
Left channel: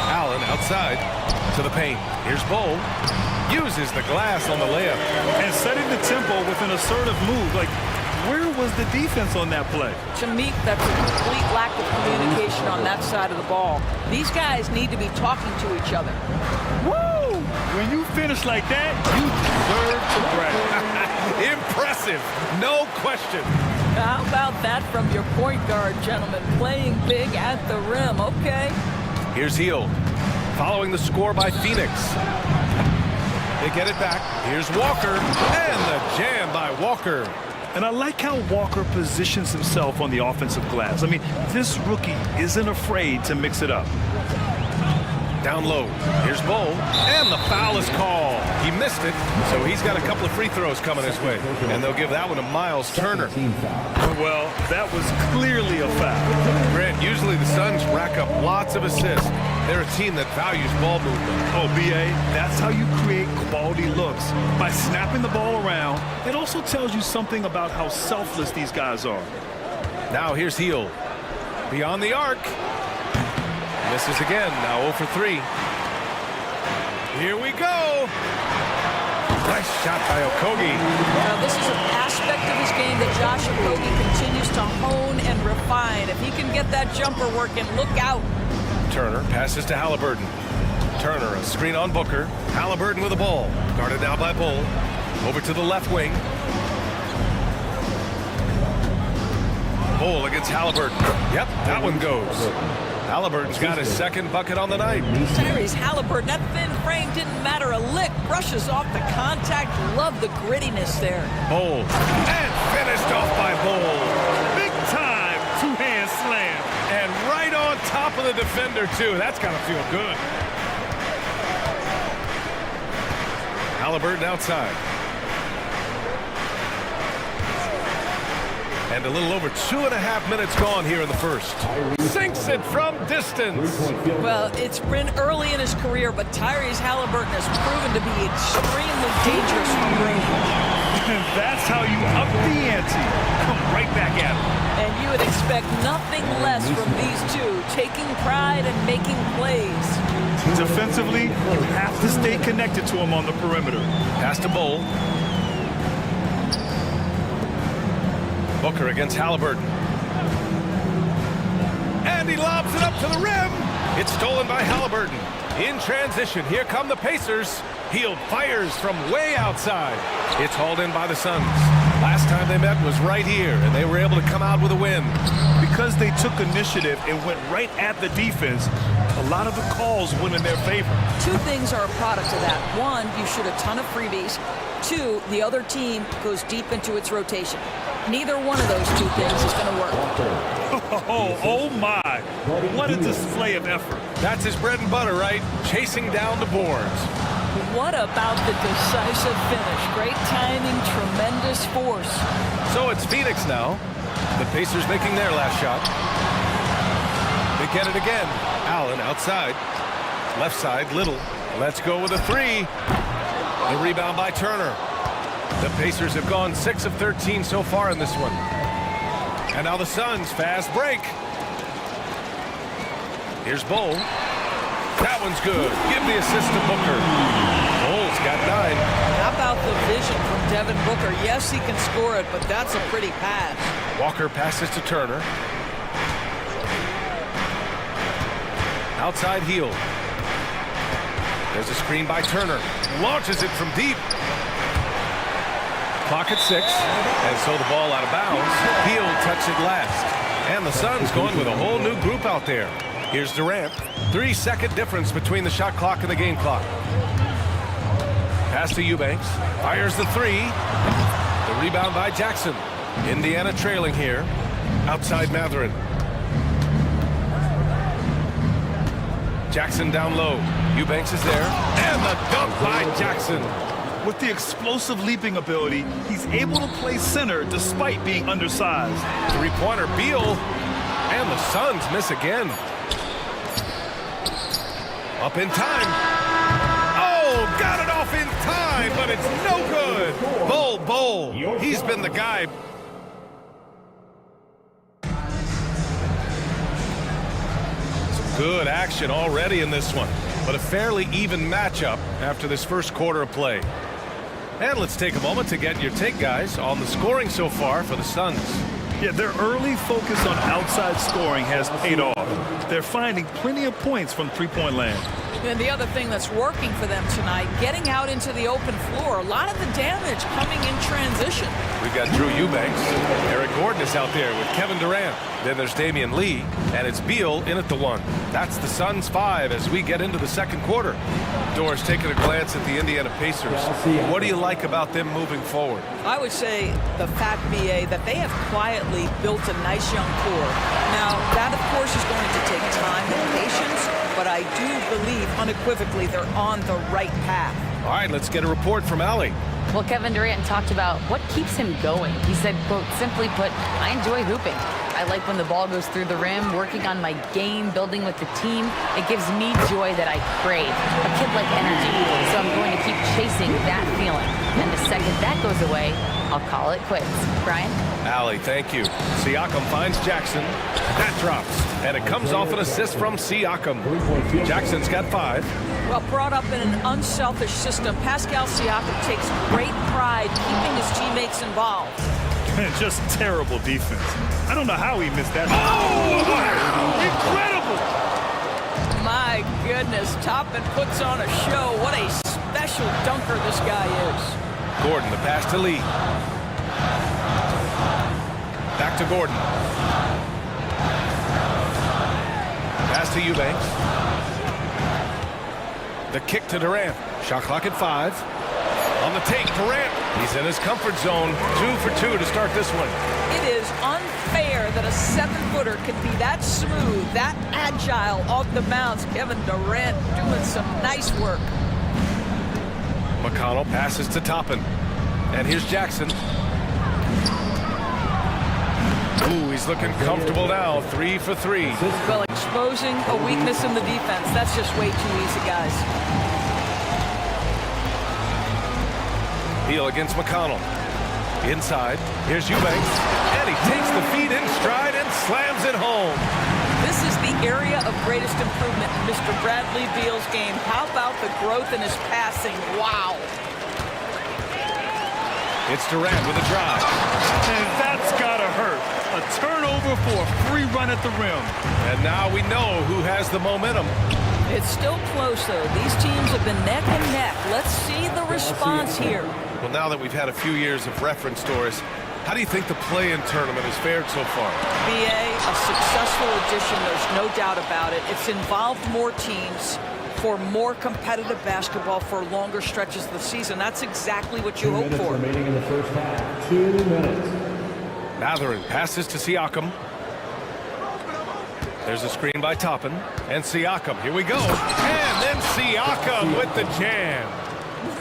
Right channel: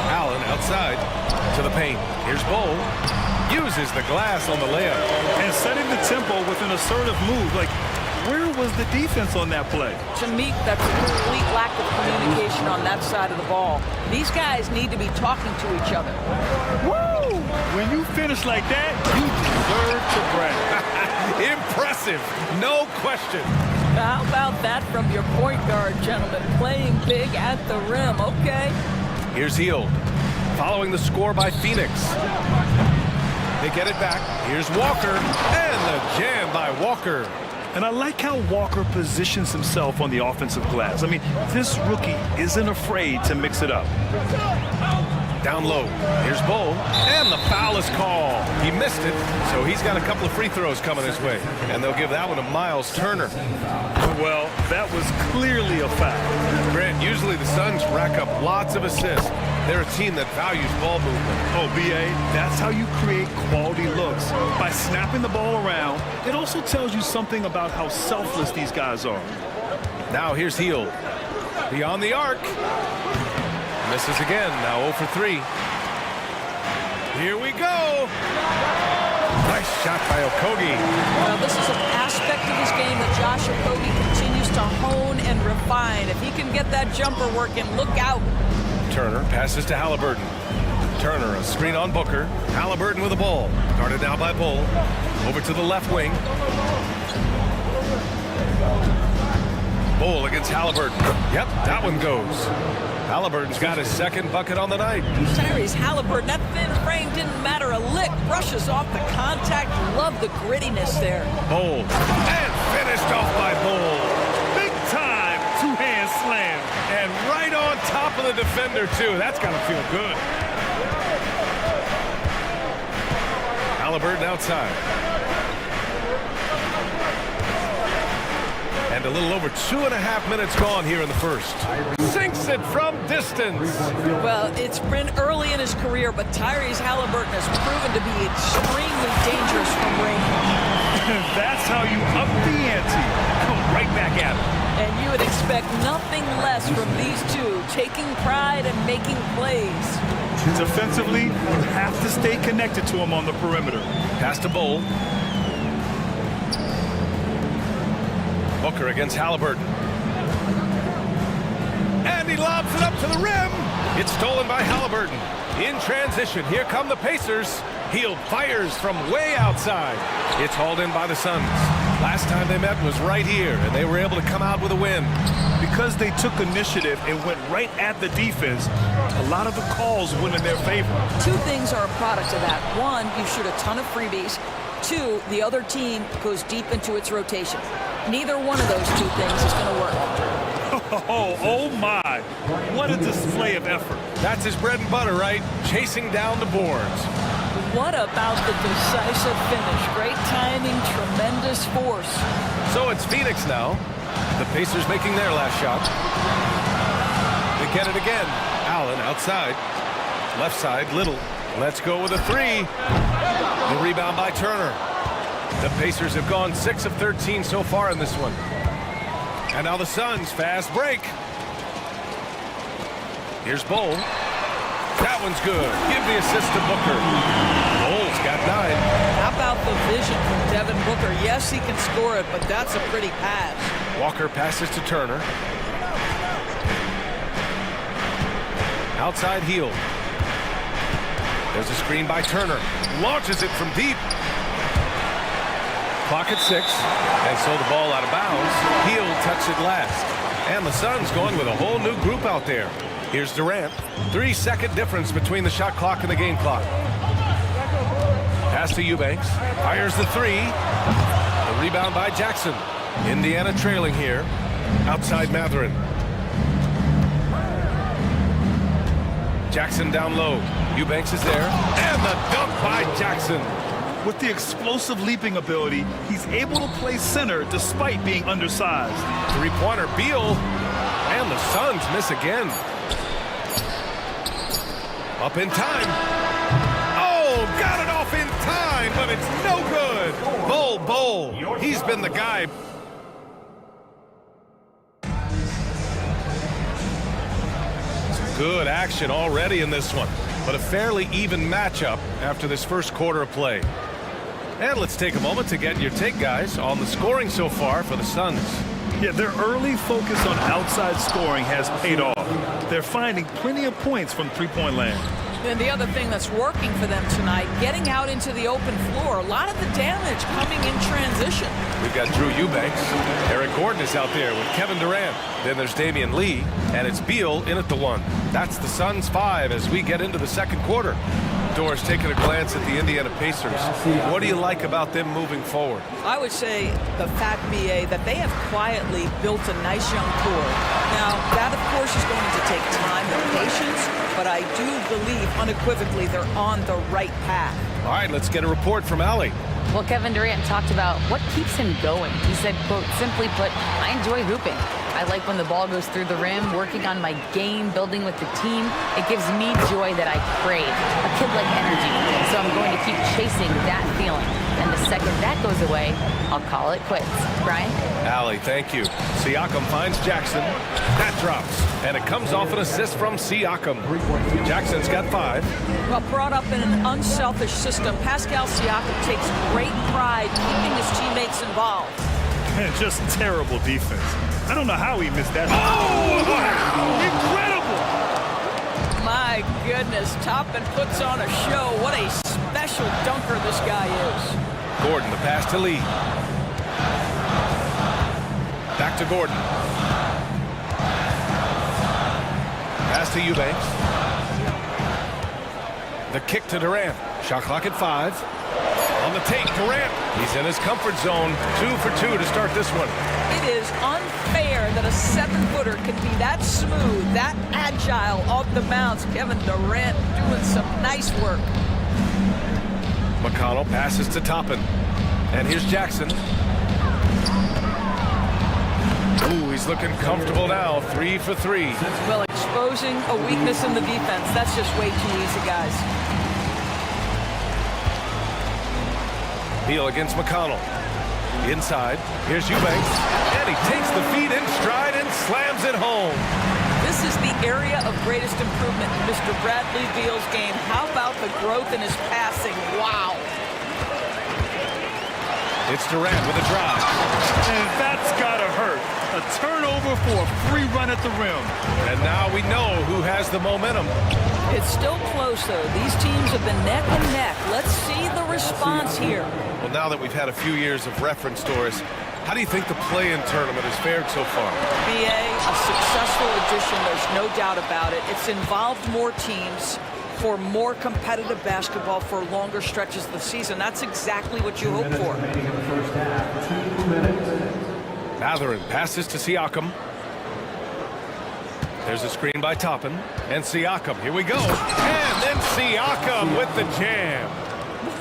Allen outside to the paint. Here's Bowl. Uses the glass on the layup. And setting the tempo with an assertive move. Like, where was the defense on that play? To me, that's a complete lack of communication on that side of the ball. These guys need to be talking to each other. Woo! When you finish like that, you deserve to brag. Impressive, no question. How about that from your point guard, gentlemen? Playing big at the rim, okay. Here's Hield, following the score by Phoenix. They get it back. Here's Walker, and the jam by Walker. And I like how Walker positions himself on the offensive glass. I mean, this rookie isn't afraid to mix it up. Down low. Here's Bowl, and the foul is called. He missed it, so he's got a couple of free throws coming his way. And they'll give that one to Miles Turner. Well, that was clearly a foul. Grant, usually the Suns rack up lots of assists. They're a team that values ball movement. Oh, B.A., that's how you create quality looks. By snapping the ball around, it also tells you something about how selfless these guys are. Now here's Hield. Beyond the arc. Misses again, now 0 for 3. Here we go. Nice shot by Okogie. Well, this is an aspect of his game that Josh Okogie continues to hone and refine. If he can get that jumper working, look out. Turner passes to Halliburton. Turner, a screen on Booker. Halliburton with the ball. Guarded now by Bull. Over to the left wing. Bull against Halliburton. Yep, that one goes. Halliburton's got his second bucket on the night. Tyrese Halliburton, that thin frame didn't matter a lick. Brushes off the contact. Love the grittiness there. Bull. And finished off by Bull. Big time two-hand slam. And right on top of the defender, too. That's got to feel good. Halliburton outside. And a little over 2.5 minutes gone here in the first. Sinks it from distance. Well, it's been early in his career, but Tyrese Halliburton has proven to be extremely dangerous from range. That's how you up the ante. Come right back at him. And you would expect nothing less from these two, taking pride and making plays. Defensively, you have to stay connected to him on the perimeter. Pass to Bull. Booker against Halliburton. And he lobs it up to the rim. It's stolen by Halliburton. In transition, here come the Pacers. Hield fires from way outside. It's hauled in by the Suns. Last time they met was right here, and they were able to come out with a win. Because they took initiative and went right at the defense, a lot of the calls went in their favor. Two things are a product of that. One, you shoot a ton of freebies. Two, the other team goes deep into its rotation. Neither one of those two things is going to work. Oh my. What a display of effort. That's his bread and butter, right? Chasing down the boards. What about the decisive finish? Great timing, tremendous force. So it's Phoenix now. The Pacers making their last shot. They get it again. Allen outside. Left side, Little. Let's go with a three. The rebound by Turner. The Pacers have gone 6 of 13 so far in this one. And now the Suns, fast break. Here's Bowl. That one's good. Give the assist to Booker. Bowl's got 9. How about the vision from Devin Booker? Yes, he can score it, but that's a pretty pass. Walker passes to Turner. Outside heel. There's a screen by Turner. Launches it from deep. Clock at 6. And so the ball out of bounds. Heel touched it last. And the Suns going with a whole new group out there. Here's Durant. 3-second difference between the shot clock and the game clock. Pass to Eubanks. Fires the 3. The rebound by Jackson. Indiana trailing here. Outside Matherin. Jackson down low. Eubanks is there. And the dunk by Jackson. With the explosive leaping ability, he's able to play center despite being undersized. Three-pointer, Beal. And the Suns miss again. Up in time. Oh, got it off in time, but it's no good. Bowl. He's been the guy. Some good action already in this one, but a fairly even matchup after this first quarter of play. And let's take a moment to get your take, guys, on the scoring so far for the Suns. Yeah, their early focus on outside scoring has paid off. They're finding plenty of points from three-point land. And the other thing that's working for them tonight, getting out into the open floor. A lot of the damage coming in transition. We've got Drew Eubanks. Eric Gordon is out there with Kevin Durant. Then there's Damian Lee, and it's Beal in at the 1. That's the Suns 5 as we get into the second quarter. Doris, taking a glance at the Indiana Pacers. What do you like about them moving forward? I would say the fact, BA, that they have quietly built a nice young core. Now, that, of course, is going to take time and patience, but I do believe unequivocally they're on the right path. All right, let's get a report from Allie. Well, Kevin Durant talked about what keeps him going. He said, quote, simply put, I enjoy hooping. I like when the ball goes through the rim, working on my game, building with the team. It gives me joy that I crave, a kid-like energy. So I'm going to keep chasing that feeling. And the second that goes away, I'll call it quits. Brian? Allie, thank you. Siakam finds Jackson. That drops. And it comes off an assist from Siakam. Jackson's got 5. Well, brought up in an unselfish system, Pascal Siakam takes great pride keeping his teammates involved. Just terrible defense. I don't know how he missed that. Oh, wow. Incredible! My goodness, Toppin puts on a show. What a special dunker this guy is. Gordon, the pass to Lee. Back to Gordon. Pass to Eubanks. The kick to Durant. Shot clock at 5. On the take, Durant. He's in his comfort zone. 2 for 2 to start this one. It is unfair that a 7-footer can be that smooth, that agile off the bounce. Kevin Durant doing some nice work. McConnell passes to Toppin. And here's Jackson. Ooh, he's looking comfortable now. 3 for 3. Well, exposing a weakness in the defense. That's just way too easy, guys. Beal against McConnell. Inside. Here's Eubanks. And he takes the feed in stride and slams it home. This is the area of greatest improvement in Mr. Bradley Beal's game. How about the growth in his passing? Wow. It's Durant with a drive. And that's gotta hurt. A turnover for a free run at the rim. And now we know who has the momentum. It's still close, though. These teams have been neck and neck. Let's see the response here. Well, now that we've had a few years of reference, Doris, how do you think the play-in tournament has fared so far? BA, a successful addition, there's no doubt about it. It's involved more teams for more competitive basketball for longer stretches of the season. That's exactly what you hope for. Remaining in the first half. 2 minutes. Matherin passes to Siakam. There's a screen by Toppin. And Siakam, here we go. And then Siakam with the jam.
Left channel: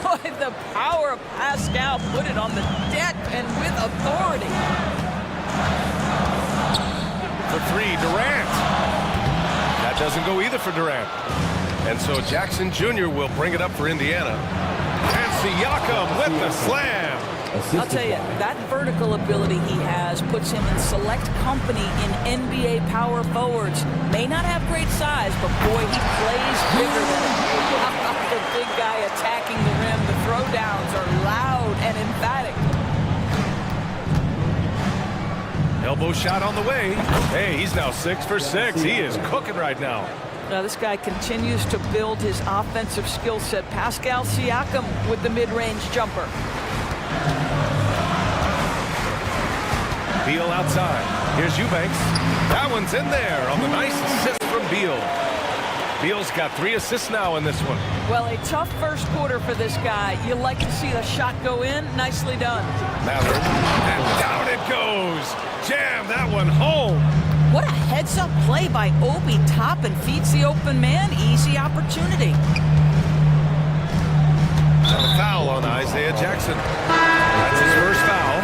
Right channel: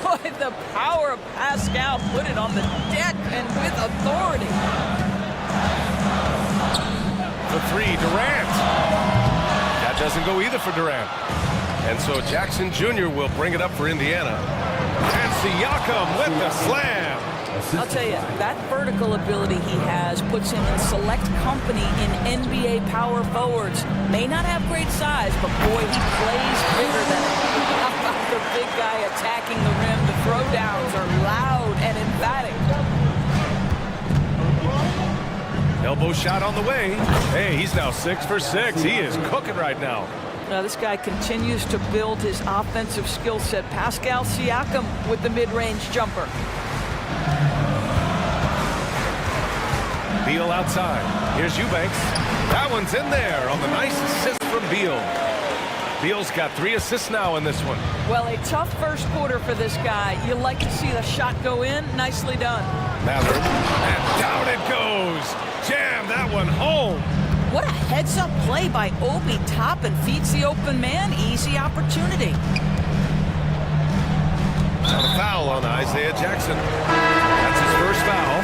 Boy, the power of Pascal put it on the deck and with authority. For 3, Durant. That doesn't go either for Durant. And so Jackson Jr. will bring it up for Indiana. And Siakam with the slam. I'll tell you, that vertical ability he has puts him in select company in NBA power forwards. May not have great size, but boy, he plays bigger than it. How about the big guy attacking the rim? The throwdowns are loud and emphatic. Elbow shot on the way. Hey, he's now 6 for 6. He is cooking right now. Now this guy continues to build his offensive skill set. Pascal Siakam with the mid-range jumper. Beal outside. Here's Eubanks. That one's in there on the nice assist from Beal. Beal's got 3 assists now in this one. Well, a tough first quarter for this guy. You like to see the shot go in. Nicely done. Mather. And down it goes. Jam that one home. What a heads-up play by Obi. Top and feeds the open man. Easy opportunity. Got a foul on Isaiah Jackson. That's his first foul.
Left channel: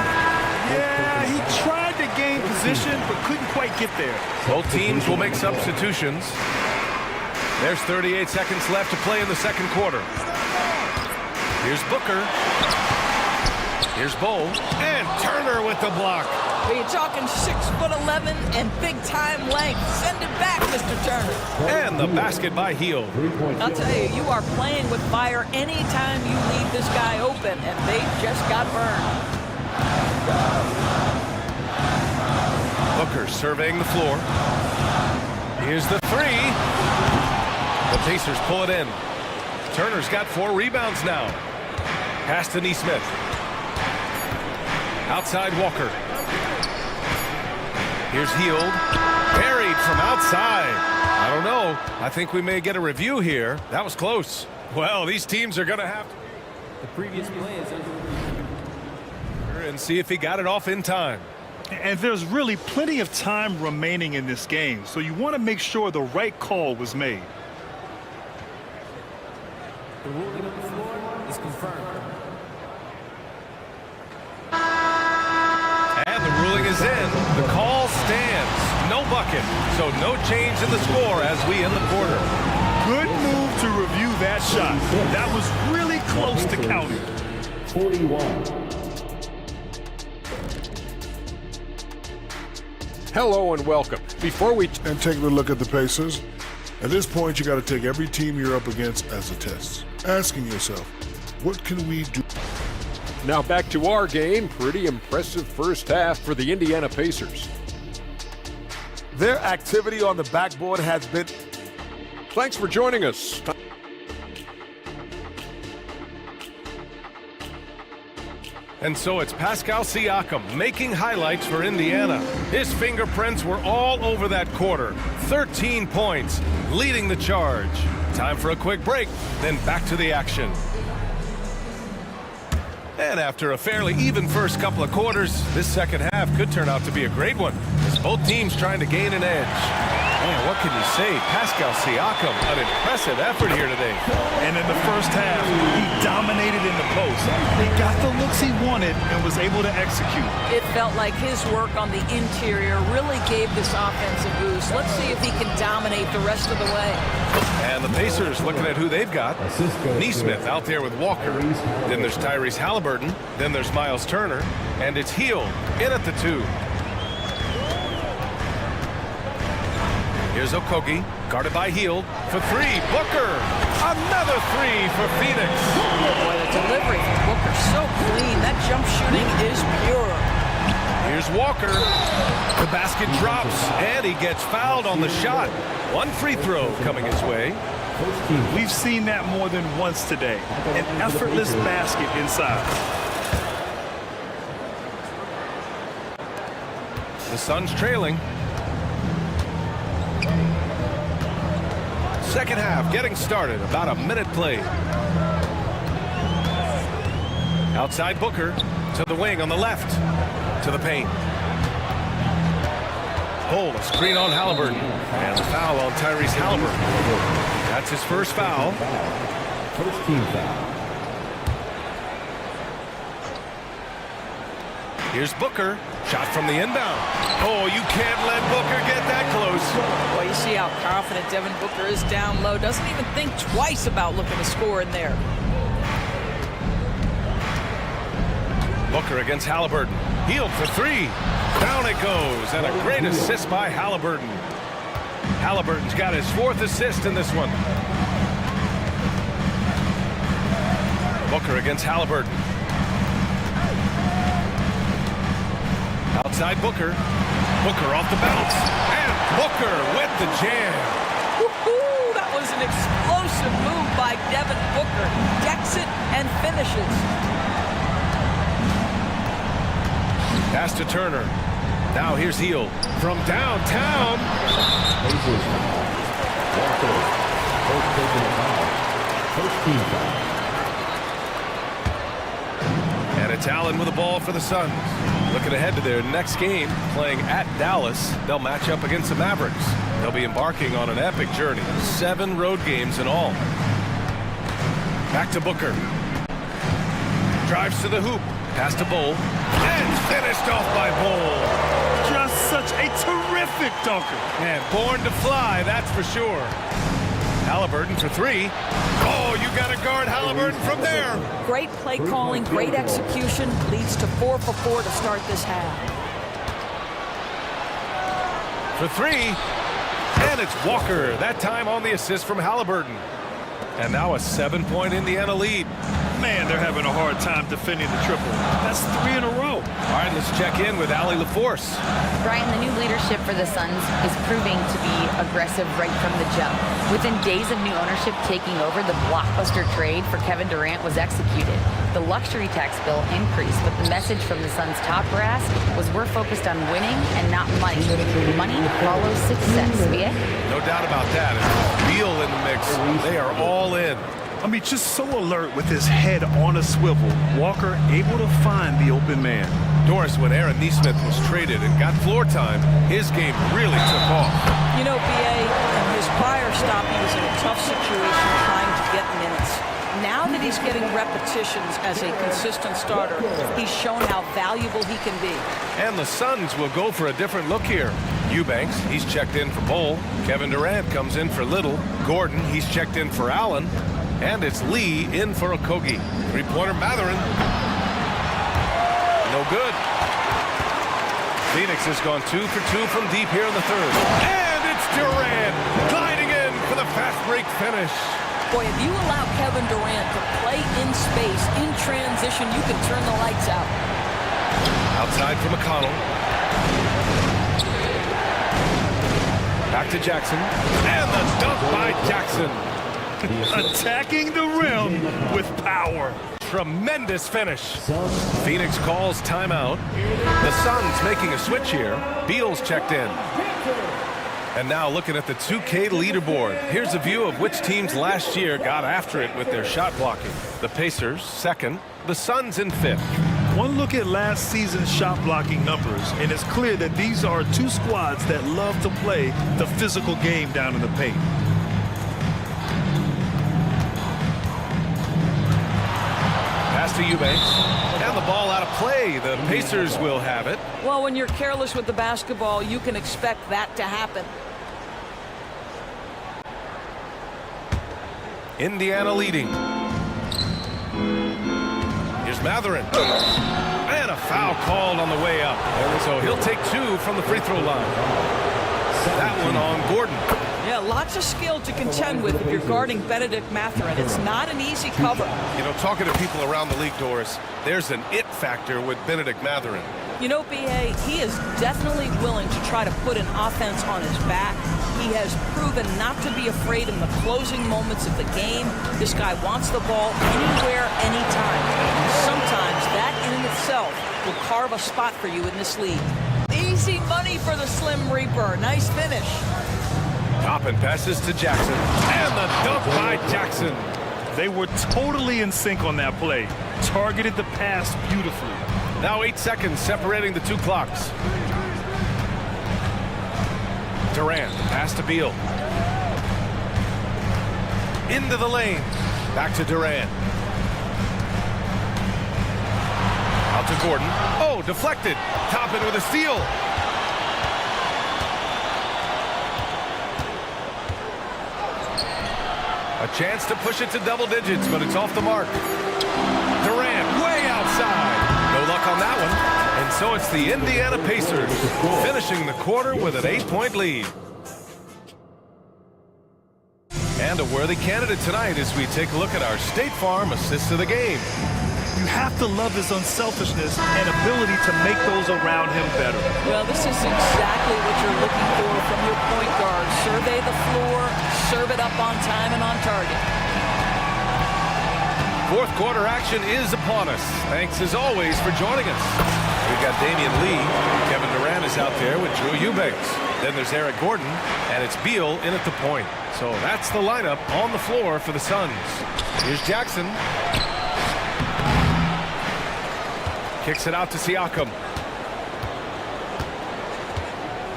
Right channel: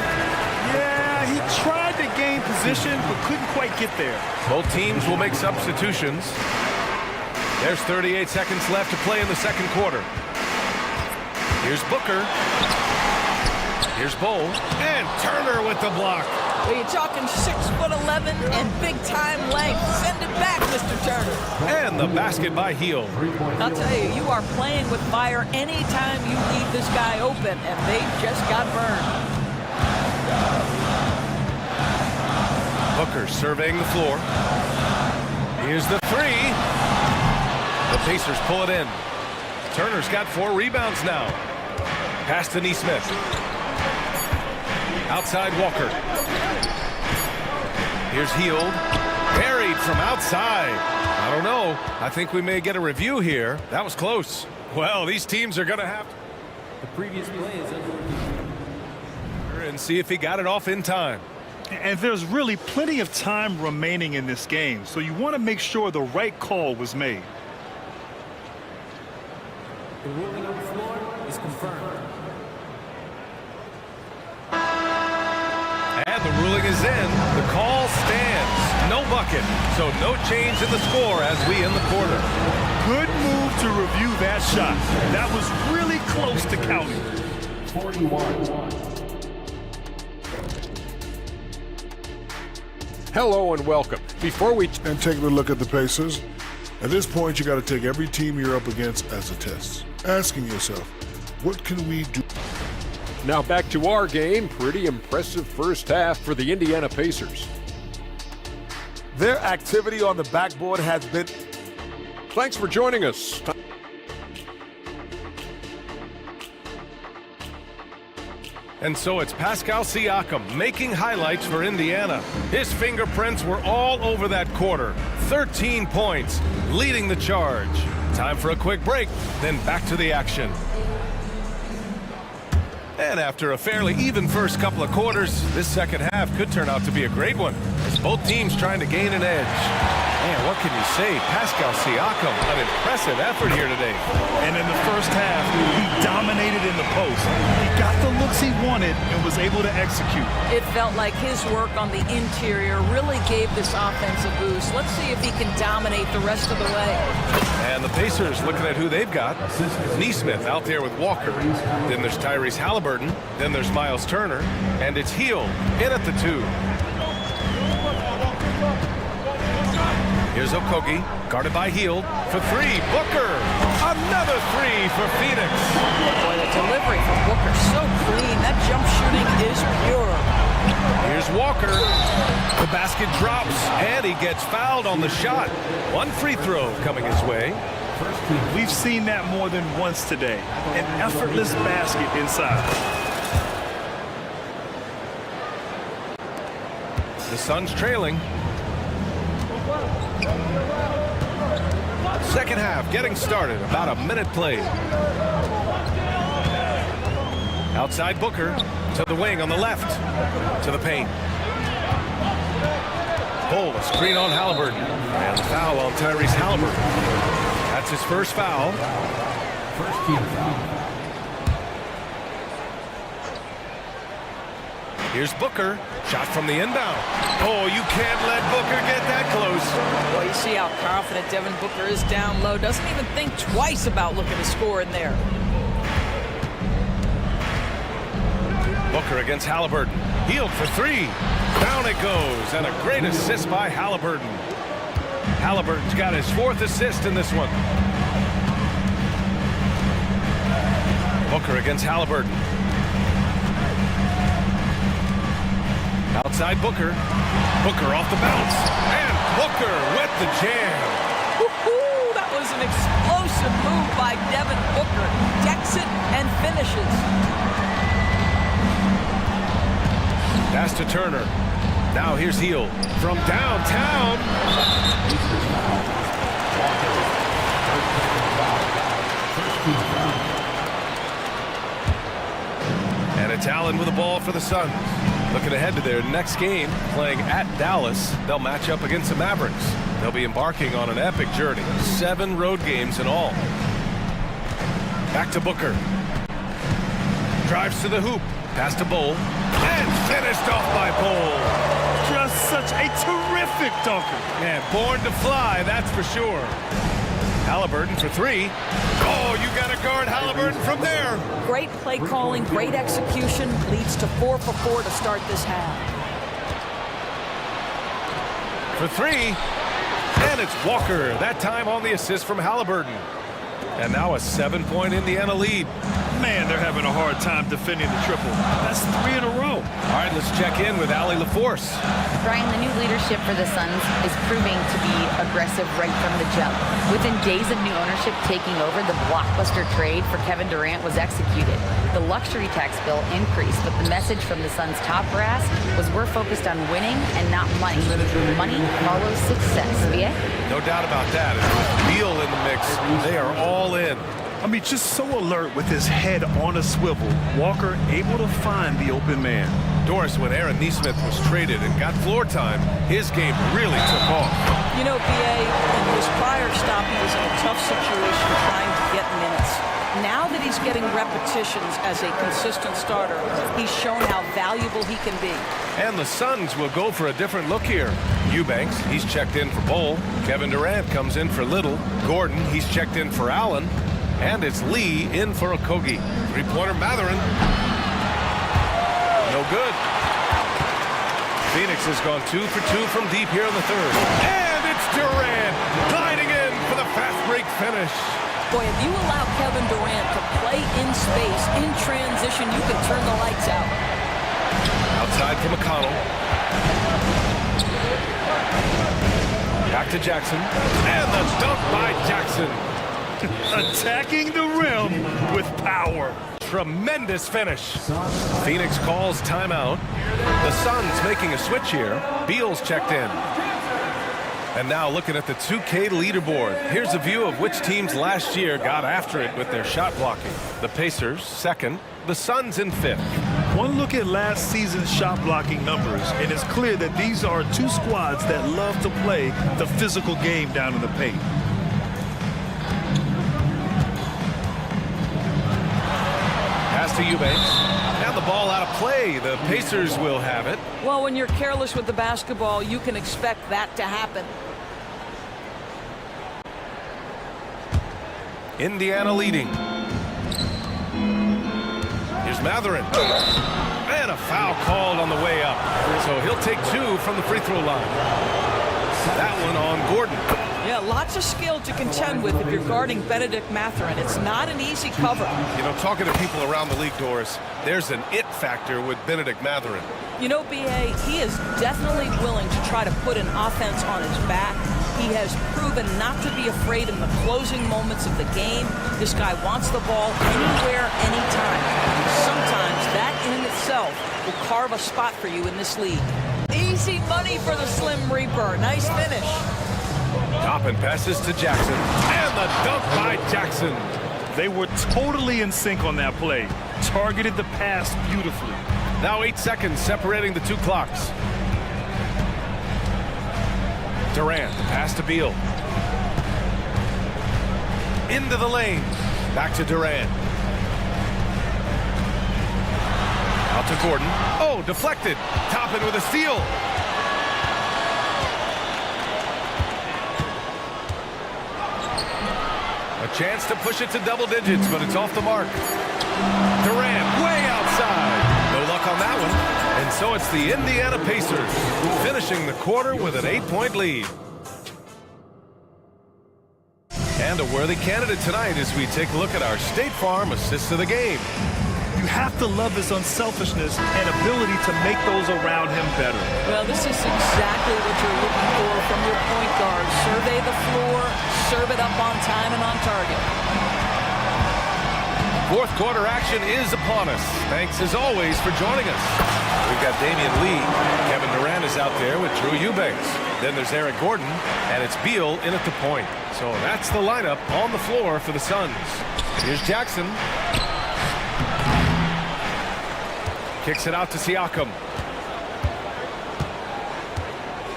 Yeah, he tried to gain position, but couldn't quite get there. Both teams will make substitutions. There's 38 seconds left to play in the second quarter. Here's Booker. Here's Bowl. And Turner with the block. You're talking 6'11" and big-time length. Send it back, Mr. Turner. And the basket by Hield. I'll tell you, you are playing with fire anytime you leave this guy open, and they just got burned. Booker surveying the floor. Here's the 3. The Pacers pull it in. Turner's got 4 rebounds now. Pass to Nesmith. Outside Walker. Here's Hield. Buried from outside. I don't know. I think we may get a review here. That was close. Well, these teams are going to have to. The previous play is under review. And see if he got it off in time. And there's really plenty of time remaining in this game, so you want to make sure the right call was made. The ruling on the floor is confirmed. And the ruling is in. The call stands. No bucket. So no change in the score as we end the quarter. Good move to review that shot. That was really close to counting. 41. Hello and welcome. Before we and take a look at the Pacers, at this point you got to take every team you're up against as a test, asking yourself, what can we do? Now back to our game. Pretty impressive first half for the Indiana Pacers. Their activity on the backboard has been... Thanks for joining us. And so it's Pascal Siakam making highlights for Indiana. His fingerprints were all over that quarter. 13 points, leading the charge. Time for a quick break, then back to the action. And after a fairly even first couple of quarters, this second half could turn out to be a great one, as both teams trying to gain an edge. Man, what can you say? Pascal Siakam, an impressive effort here today. And in the first half, he dominated in the post. He got the looks he wanted and was able to execute. It felt like his work on the interior really gave this offense a boost. Let's see if he can dominate the rest of the way. And the Pacers looking at who they've got. Nesmith out there with Walker. Then there's Tyrese Halliburton. Then there's Miles Turner. And it's Hield in at the 2. Here's Okogie, guarded by Hield for 3. Booker, another 3 for Phoenix. Boy, the delivery from Booker so clean. That jump shooting is pure. Here's Walker. The basket drops, and he gets fouled on the shot. 1 free throw coming his way. We've seen that more than once today. An effortless basket inside. The Suns trailing. Second half getting started. About a minute played. Outside Booker to the wing on the left. To the paint. Pull, a screen on Halliburton. And the foul on Tyrese Halliburton. That's his first foul. First team foul. Here's Booker. Shot from the inbound. Oh, you can't let Booker get that close. Boy, you see how confident Devin Booker is down low. Doesn't even think twice about looking to score in there. Booker against Halliburton. Healed for three. Down it goes, and a great assist by Halliburton. Halliburton's got his fourth assist in this one. Booker against Halliburton. Outside Booker. Booker off the bounce. And Booker with the jam. Woo-hoo! That was an explosive move by Devin Booker. Decks it and finishes. Pass to Turner. Now here's Heel from downtown. Pacers foul. Walker. First taking a foul. First team foul. And it's Allen with the ball for the Suns. Looking ahead to their next game, playing at Dallas. They'll match up against the Mavericks. They'll be embarking on an epic journey. 7 road games in all. Back to Booker. Drives to the hoop. Pass to Bowl. And finished off by Bowl. Just such a terrific dunker. Man, born to fly, that's for sure. Halliburton for three. Oh, you got to guard Halliburton from there. Great play calling, great execution, leads to 4 for 4 to start this half. For three. And it's Walker, that time on the assist from Halliburton. And now a 7-point Indiana lead. Man, they're having a hard time defending the triple. That's 3 in a row. All right, let's check in with Allie LaForce. Brian, the new leadership for the Suns is proving to be aggressive right from the jump. Within days of new ownership taking over, the blockbuster trade for Kevin Durant was executed. The luxury tax bill increased, but the message from the Suns' top brass was we're focused on winning and not money. Money follows success. VA? No doubt about that. And with Beal in the mix, they are all in. I mean, just so alert with his head on a swivel. Walker able to find the open man. Doris, when Aaron Nesmith was traded and got floor time, his game really took off. You know, BA, in his prior stop, he was in a tough situation trying to get minutes. Now that he's getting repetitions as a consistent starter, he's shown how valuable he can be. And the Suns will go for a different look here. Eubanks, he's checked in for Bowl. Kevin Durant comes in for Little. Gordon, he's checked in for Allen. And it's Lee in for Okogie. Three-pointer Matherin. No good. Phoenix has gone 2 for 2 from deep here in the third. And it's Durant gliding in for the fast break finish. Boy, if you allow Kevin Durant to play in space, in transition, you can turn the lights out. Outside for McConnell. Back to Jackson. And the dunk by Jackson. Attacking the rim with power. Tremendous finish. Phoenix calls timeout. The Suns making a switch here. Beal's checked in. And now looking at the 2K leaderboard. Here's a view of which teams last year got after it with their shot blocking. The Pacers, second. The Suns in fifth. One look at last season's shot blocking numbers, and it's clear that these are two squads that love to play the physical game down in the paint. Pass to Eubanks. And the ball out of play. The Pacers will have it. Well, when you're careless with the basketball, you can expect that to happen. Indiana leading. Here's Matherin. And a foul called on the way up. So he'll take 2 from the free throw line. That one on Gordon. Yeah, lots of skill to contend with if you're guarding Benedict Matherin. It's not an easy cover. You know, talking to people around the league, Doris, there's an it factor with Benedict Matherin. You know, BA, he is definitely willing to try to put an offense on his back. He has proven not to be afraid in the closing moments of the game. This guy wants the ball anywhere, anytime. And sometimes that in itself will carve a spot for you in this league. Easy money for the Slim Reaper. Nice finish. Toppin passes to Jackson. And the dunk by Jackson. They were totally in sync on that play. Targeted the pass beautifully. Now 8 seconds separating the two clocks. Durant, the pass to Beal. Into the lane. Back to Durant. Out to Gordon. Oh, deflected. Toppin with a steal. A chance to push it to double digits, but it's off the mark. Durant way outside. No luck block on that one. And so it's the Indiana Pacers finishing the quarter with an 8-point lead. And a worthy candidate tonight as we take a look at our State Farm assist of the game. You have to love his unselfishness and ability to make those around him better. Well, this is exactly what you're looking for from your point guard. Survey the floor, serve it up on time and on target. Fourth quarter action is upon us. Thanks as always for joining us. We've got Damian Lee. Kevin Durant is out there with Drew Eubanks. Then there's Eric Gordon, and it's Beal in at the point. So that's the lineup on the floor for the Suns. Here's Jackson. Kicks it out to Siakam.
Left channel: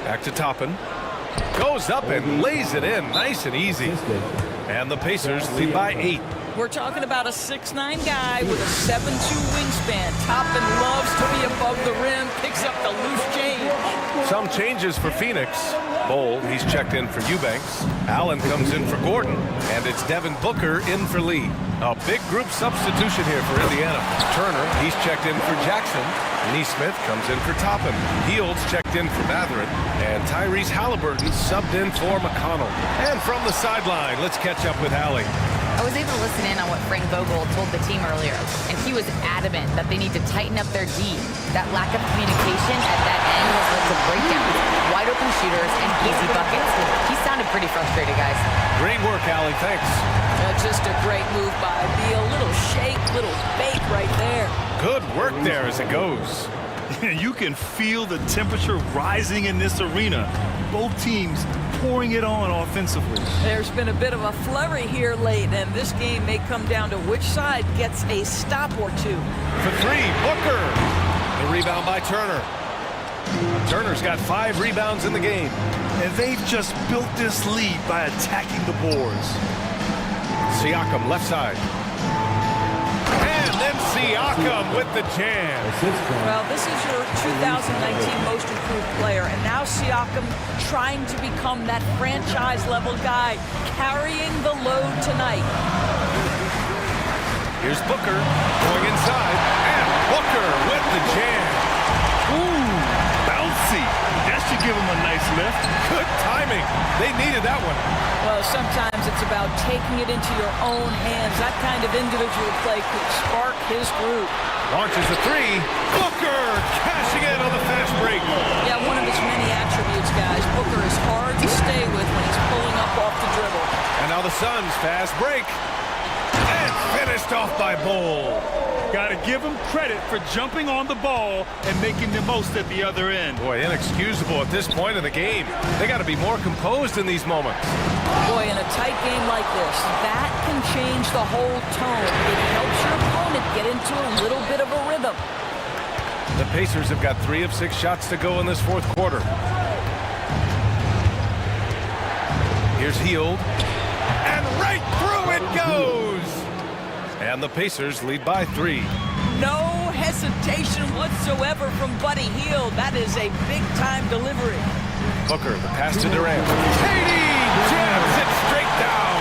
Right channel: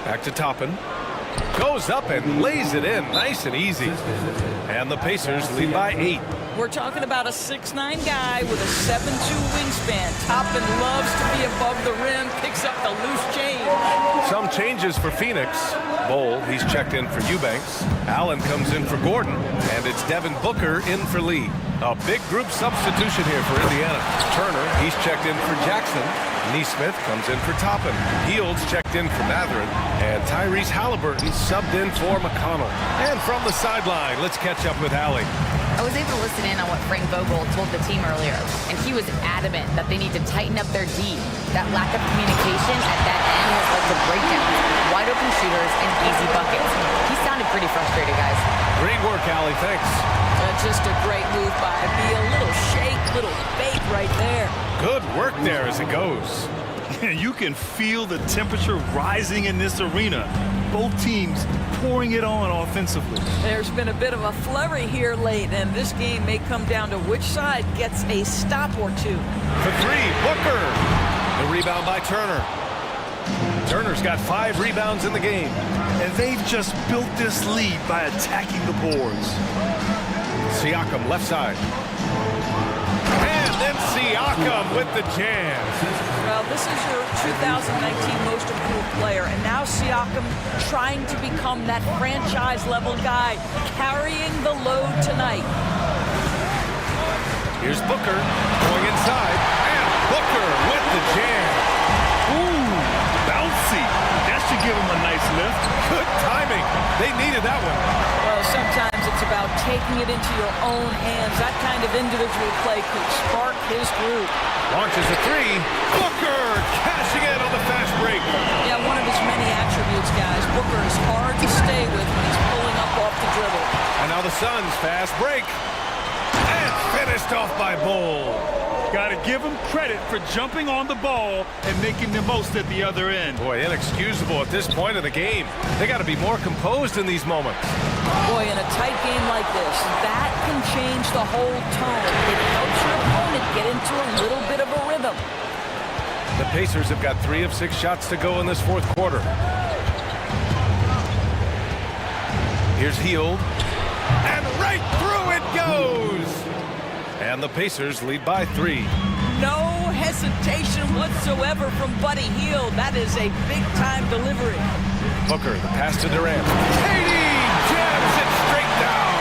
Back to Toppin. Goes up and lays it in nice and easy. And the Pacers lead by 8. We're talking about a 6'9" guy with a 7'2" wingspan. Toppin loves to be above the rim, picks up the loose change. Some changes for Phoenix. Bowl, he's checked in for Eubanks. Allen comes in for Gordon, and it's Devin Booker in for Lee. A big group substitution here for Indiana. Turner, he's checked in for Jackson. Neesmith comes in for Toppin. Fields checked in for Mathurin. And Tyrese Halliburton subbed in for McConnell. And from the sideline, let's catch up with Allie. I was able to listen in on what Frank Vogel told the team earlier, and he was adamant that they need to tighten up their D. That lack of communication at that end has led to breakdowns, wide open shooters, and easy buckets. He sounded pretty frustrated, guys. Great work, Allie. Thanks. Just a great move by Beal. Little shake, little bake right there. Good work there as it goes. You can feel the temperature rising in this arena. Both teams pouring it on offensively. There's been a bit of a flurry here late, and this game may come down to which side gets a stop or two. For three, Booker. The rebound by Turner. Turner's got 5 rebounds in the game. And they've just built this lead by attacking the boards. Siakam left side. And then Siakam with the jam. Well, this is your 2019 most improved player, and now Siakam trying to become that franchise-level guy, carrying the load tonight. Here's Booker going inside, and Booker with the jam. Ooh, bouncy. That should give him a nice lift. Good timing. They needed that one. Well, sometimes it's about taking it into your own hands. That kind of individual play could spark his group. Launches a 3. Booker cashing in on the fast break. Yeah, one of his many attributes, guys. Booker is hard to stay with when he's pulling up off the dribble. And now the Suns fast break. And finished off by Bowl. Got to give him credit for jumping on the ball and making the most at the other end. Boy, inexcusable at this point of the game. They got to be more composed in these moments. Boy, in a tight game like this, that can change the whole tone. It helps your opponent get into a little bit of a rhythm. The Pacers have got 3 of 6 shots to go in this fourth quarter. Here's Hield. And right through it goes! And the Pacers lead by 3. No hesitation whatsoever from Buddy Hield. That is a big-time delivery. Booker, the pass to Durant. Katie jams it straight down.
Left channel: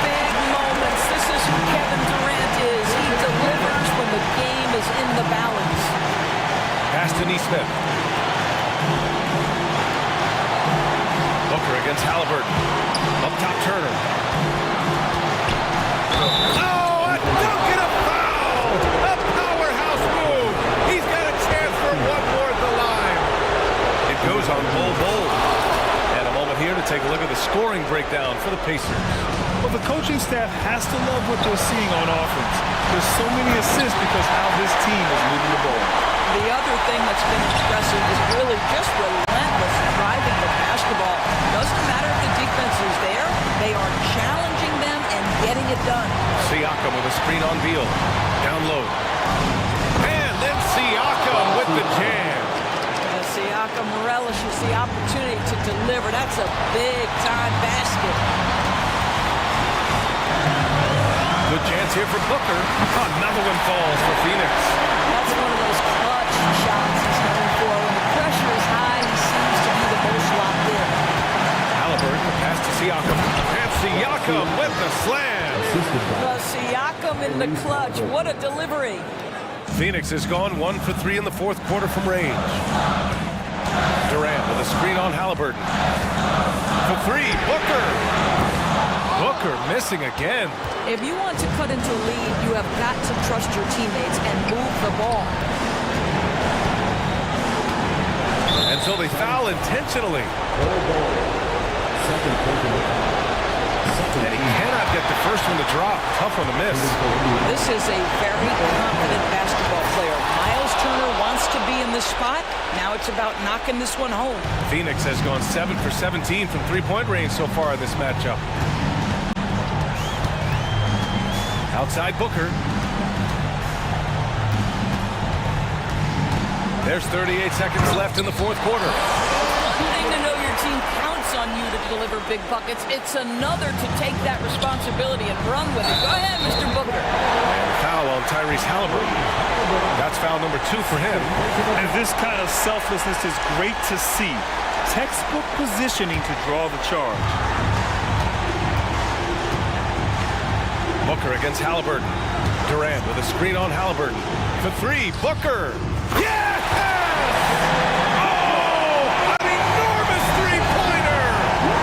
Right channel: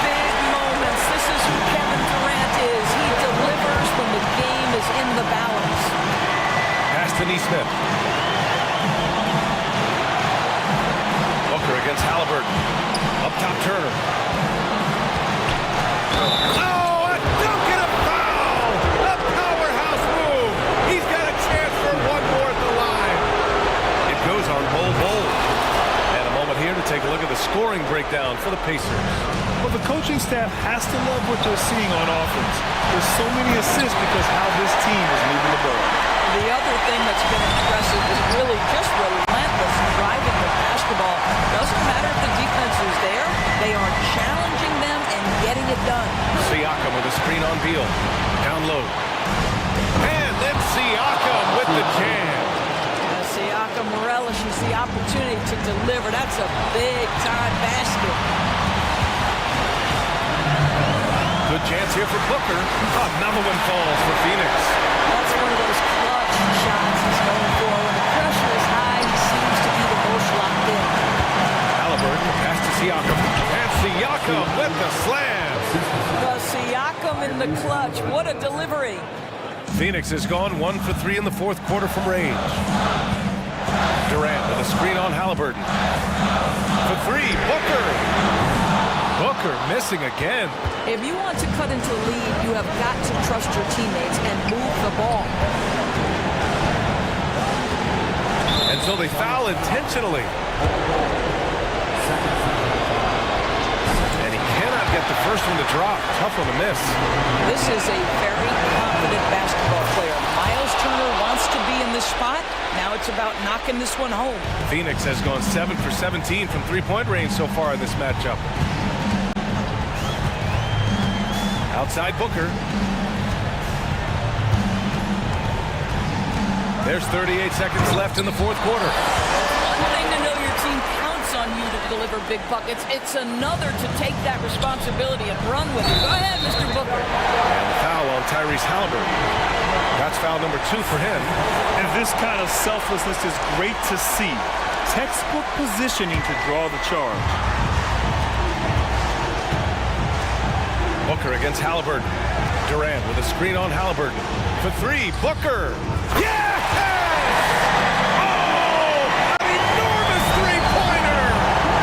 Big moments. This is who Kevin Durant is. He delivers when the game is in the balance. Pass to Neesmith. Booker against Halliburton. Up top, Turner. Oh, a dunk and a foul! A powerhouse move! He's got a chance for one more at the line. It goes on Bowl. And a moment here to take a look at the scoring breakdown for the Pacers. Well, the coaching staff has to love what they're seeing on offense. There's so many assists because how this team is moving the ball. The other thing that's been impressive is really just relentless driving the basketball. Doesn't matter if the defense is there, they are challenging them and getting it done. Siakam with a screen on Beal. Down low. And then Siakam with the jam. Siakam relishes the opportunity to deliver. That's a big-time basket. Good chance here for Booker. Another one falls for Phoenix. That's one of those clutch shots he's known for. When the pressure is high, he seems to be the most locked in. Halliburton, pass to Siakam. And Siakam with the slam. Siakam in the clutch. What a delivery. Phoenix has gone 1 for 3 in the fourth quarter from range. Durant with a screen on Halliburton. For three, Booker. Booker missing again. If you want to cut into a lead, you have got to trust your teammates and move the ball. And so they foul intentionally. And he cannot get the first one to drop. Tough one to miss. This is a very confident basketball player. Miles Turner wants to be in this spot. Now it's about knocking this one home. Phoenix has gone 7 for 17 from three-point range so far in this matchup. Outside Booker. There's 38 seconds left in the fourth quarter. It's one thing to know your team counts on you to deliver big buckets. It's another to take that responsibility and run with it. Go ahead, Mr. Booker. And the foul on Tyrese Halliburton. That's foul number 2 for him. And this kind of selflessness is great to see. Textbook positioning to draw the charge. Booker against Halliburton. Durant with a screen on Halliburton. For three, Booker. Yes! Oh, an enormous three-pointer!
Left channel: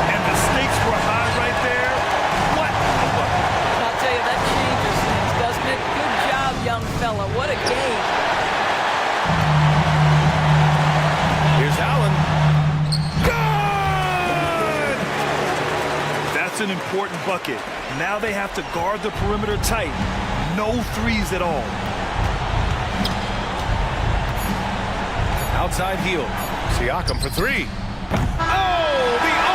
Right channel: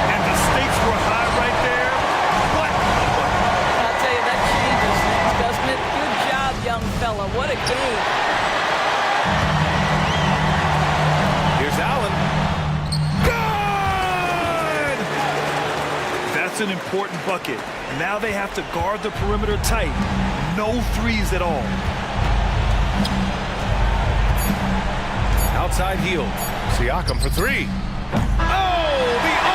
And the stakes were high right there. What a bucket. I'll tell you, that changes things, doesn't it? Good job, young fella. What a game. Here's Allen. Good! That's an important bucket. Now they have to guard the perimeter tight. No threes at all. Outside heel. Siakam for three. Oh, the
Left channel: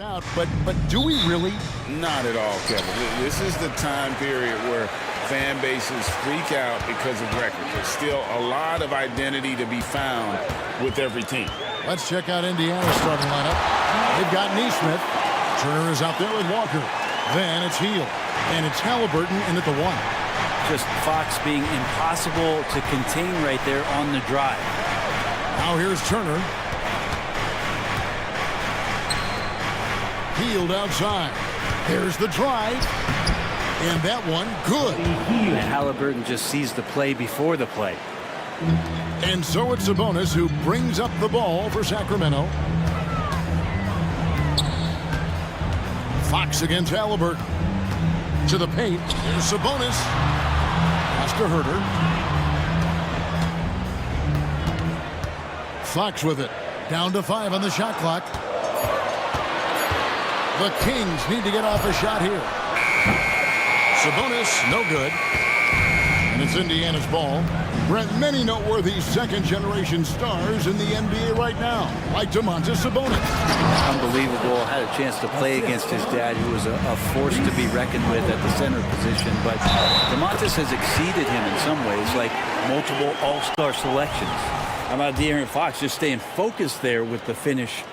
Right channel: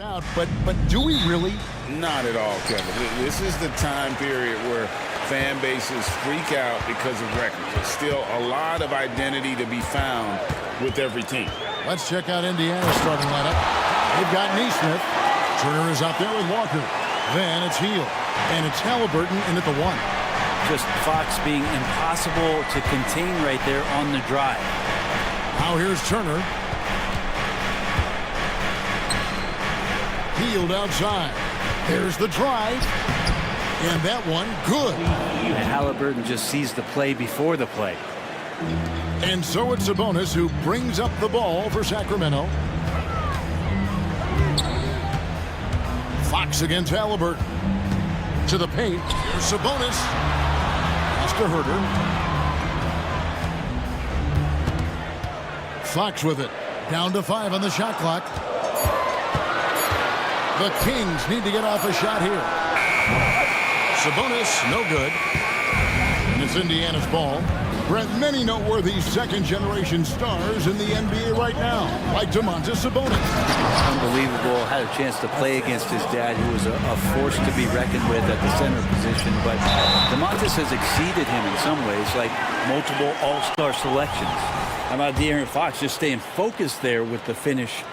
Out, but do we really? Not at all, Kevin. This is the time period where fan bases freak out because of records. There's still a lot of identity to be found with every team. Let's check out Indiana's starting lineup. They've got Neesmith. Turner is out there with Walker. Then it's Heel. And it's Halliburton in at the 1. Just Fox being impossible to contain right there on the drive. Now here's Turner. Healed outside. There's the drive. And that one, good. And Halliburton just sees the play before the play. And so it's Sabonis who brings up the ball for Sacramento. Fox against Halliburton. To the paint. Here's Sabonis. Pass to Herter. Fox with it. Down to 5 on the shot clock. The Kings need to get off a shot here. Sabonis, no good. And it's Indiana's ball. Brent, many noteworthy second-generation stars in the NBA right now, like Domantas Sabonis. Unbelievable. Had a chance to play against his dad, who was a force to be reckoned with at the center position. But Domantas has exceeded him in some ways, like multiple all-star selections. How about De'Aaron Fox just staying focused there with the finish?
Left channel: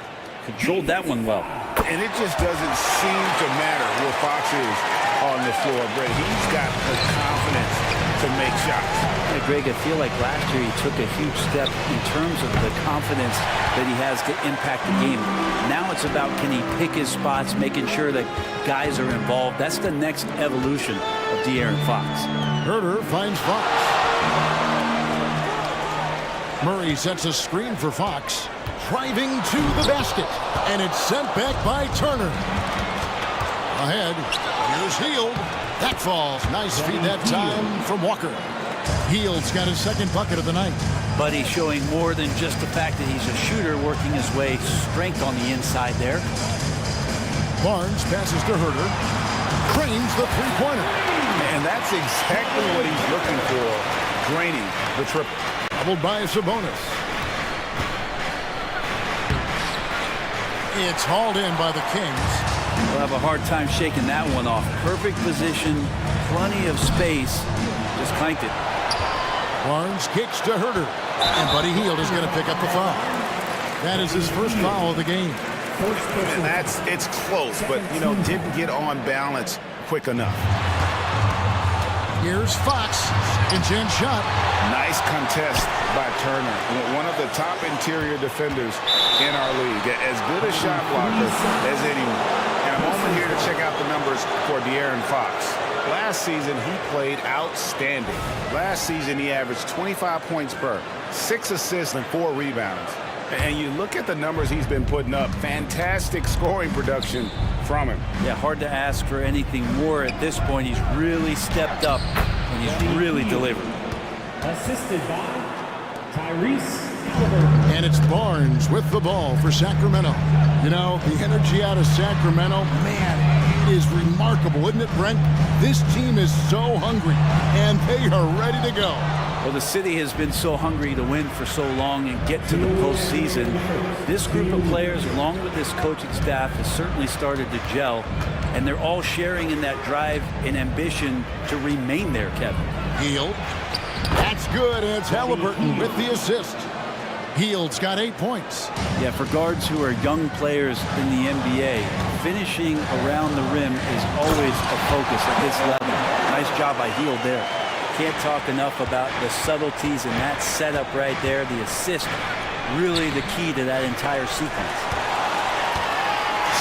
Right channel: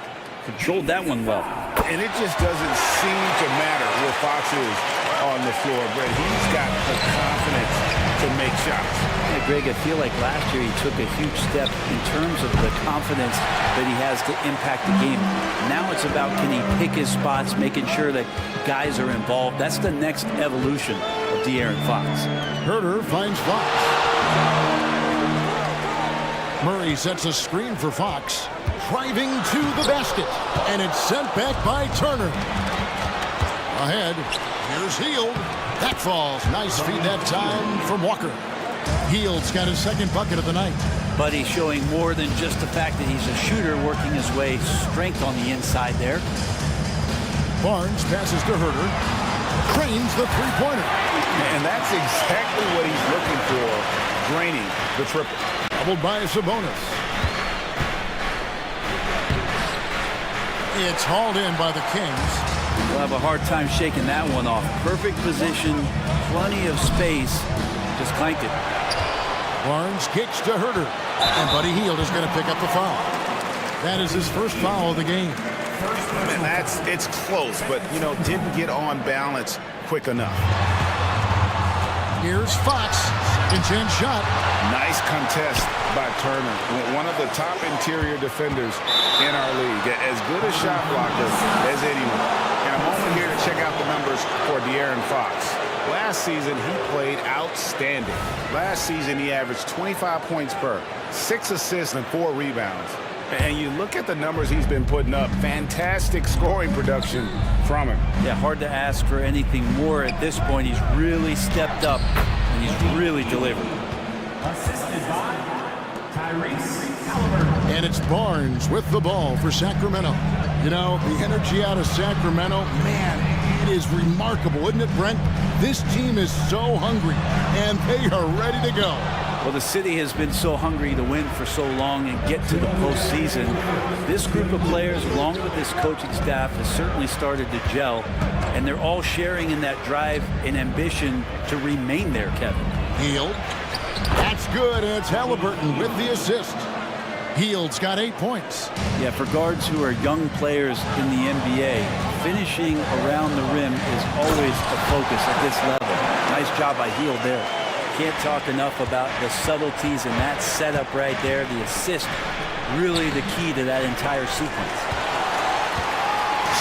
Controlled that one well. And it just doesn't seem to matter where Fox is on the floor, Brett. He's got the confidence to make shots. Yeah, Greg, I feel like last year he took a huge step in terms of the confidence that he has to impact the game. Now it's about, can he pick his spots, making sure that guys are involved. That's the next evolution of De'Aaron Fox. Herter finds Fox. Murray sets a screen for Fox. Driving to the basket. And it's sent back by Turner. Ahead. Here's Hield. That falls. Nice feed that time from Walker. Hield's got his second bucket of the night. But he's showing more than just the fact that he's a shooter, working his way strength on the inside there. Barnes passes to Herter. Cranes the three-pointer. And that's exactly what he's looking for, draining the triple. Doubled by Sabonis. It's hauled in by the Kings. We'll have a hard time shaking that one off. Perfect position, plenty of space. Just clanked it. Barnes kicks to Herter. And Buddy Hield is going to pick up the foul. That is his first foul of the game. And it's close, but, didn't get on balance quick enough. Here's Fox. Second chance shot. Nice contest by Turner. One of the top interior defenders in our league. As good a shot blocker as anyone. And a moment here to check out the numbers for De'Aaron Fox. Last season, he played outstanding. Last season, he averaged 25 points per, 6 assists and 4 rebounds. And you look at the numbers he's been putting up. Fantastic scoring production from him. Yeah, hard to ask for anything more at this point. He's really stepped up, and he's really delivered. Assisted by Tyrese Halliburton. And it's Barnes with the ball for Sacramento. The energy out of Sacramento, man, it is remarkable, isn't it, Brent? This team is so hungry, and they are ready to go. Well, the city has been so hungry to win for so long and get to the postseason. This group of players, along with this coaching staff, has certainly started to gel, and they're all sharing in that drive and ambition to remain there, Kevin. Hield. That's good, and it's Halliburton with the assist. Hield's got 8 points. Yeah, for guards who are young players in the NBA, finishing around the rim is always a focus at this level. Nice job by Hield there. Can't talk enough about the subtleties in that setup right there. The assist, really the key to that entire sequence.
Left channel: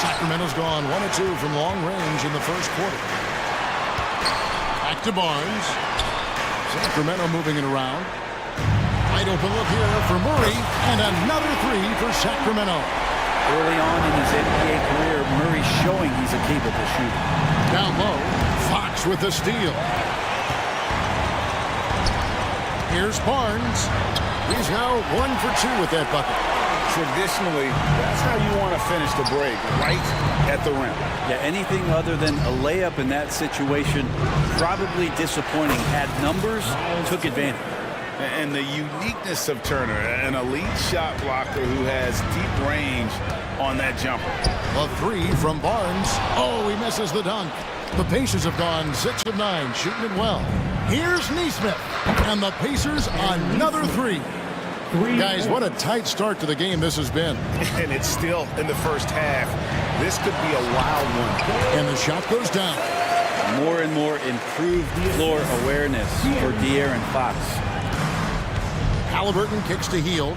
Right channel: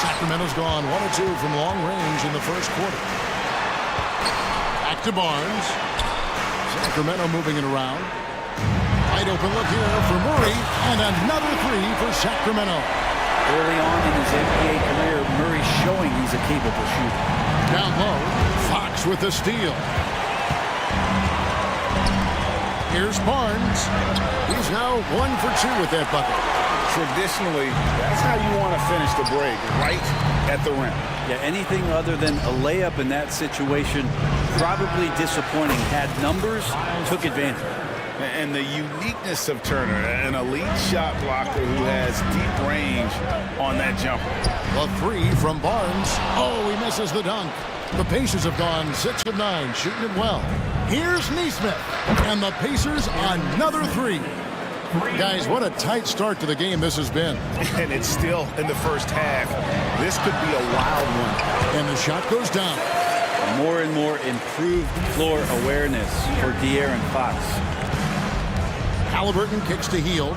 Sacramento's gone 1 of 2 from long range in the first quarter. Back to Barnes. Sacramento moving it around. Wide open look here for Murray, and another 3 for Sacramento. Early on in his NBA career, Murray's showing he's a capable shooter. Down low, Fox with the steal. Here's Barnes. He's now 1 for 2 with that bucket. Traditionally, that's how you want to finish the break, right at the rim. Yeah, anything other than a layup in that situation, probably disappointing. Had numbers, took advantage. And the uniqueness of Turner, an elite shot blocker who has deep range on that jumper. The three from Barnes. Oh, he misses the dunk. The Pacers have gone 6 of 9, shooting it well. Here's Neesmith, and the Pacers another three. Guys, what a tight start to the game this has been. And it's still in the first half. This could be a wild one. And the shot goes down. More and more improved floor awareness for De'Aaron Fox. Halliburton kicks to Hield.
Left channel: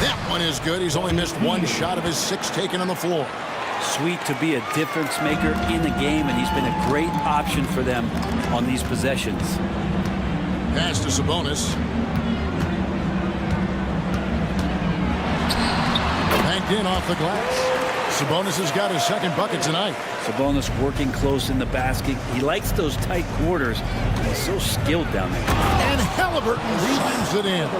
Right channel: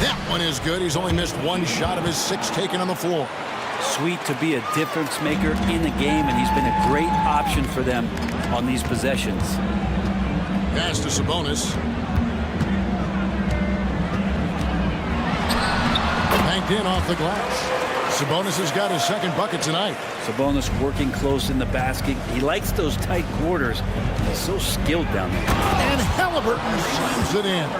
That one is good. He's only missed one shot of his 6 taken on the floor. Sweet to be a difference maker in the game, and he's been a great option for them on these possessions. Pass to Sabonis. Banked in off the glass. Sabonis has got his second bucket tonight. Sabonis working close in the basket. He likes those tight quarters. He's so skilled down there. And Halliburton slams it in.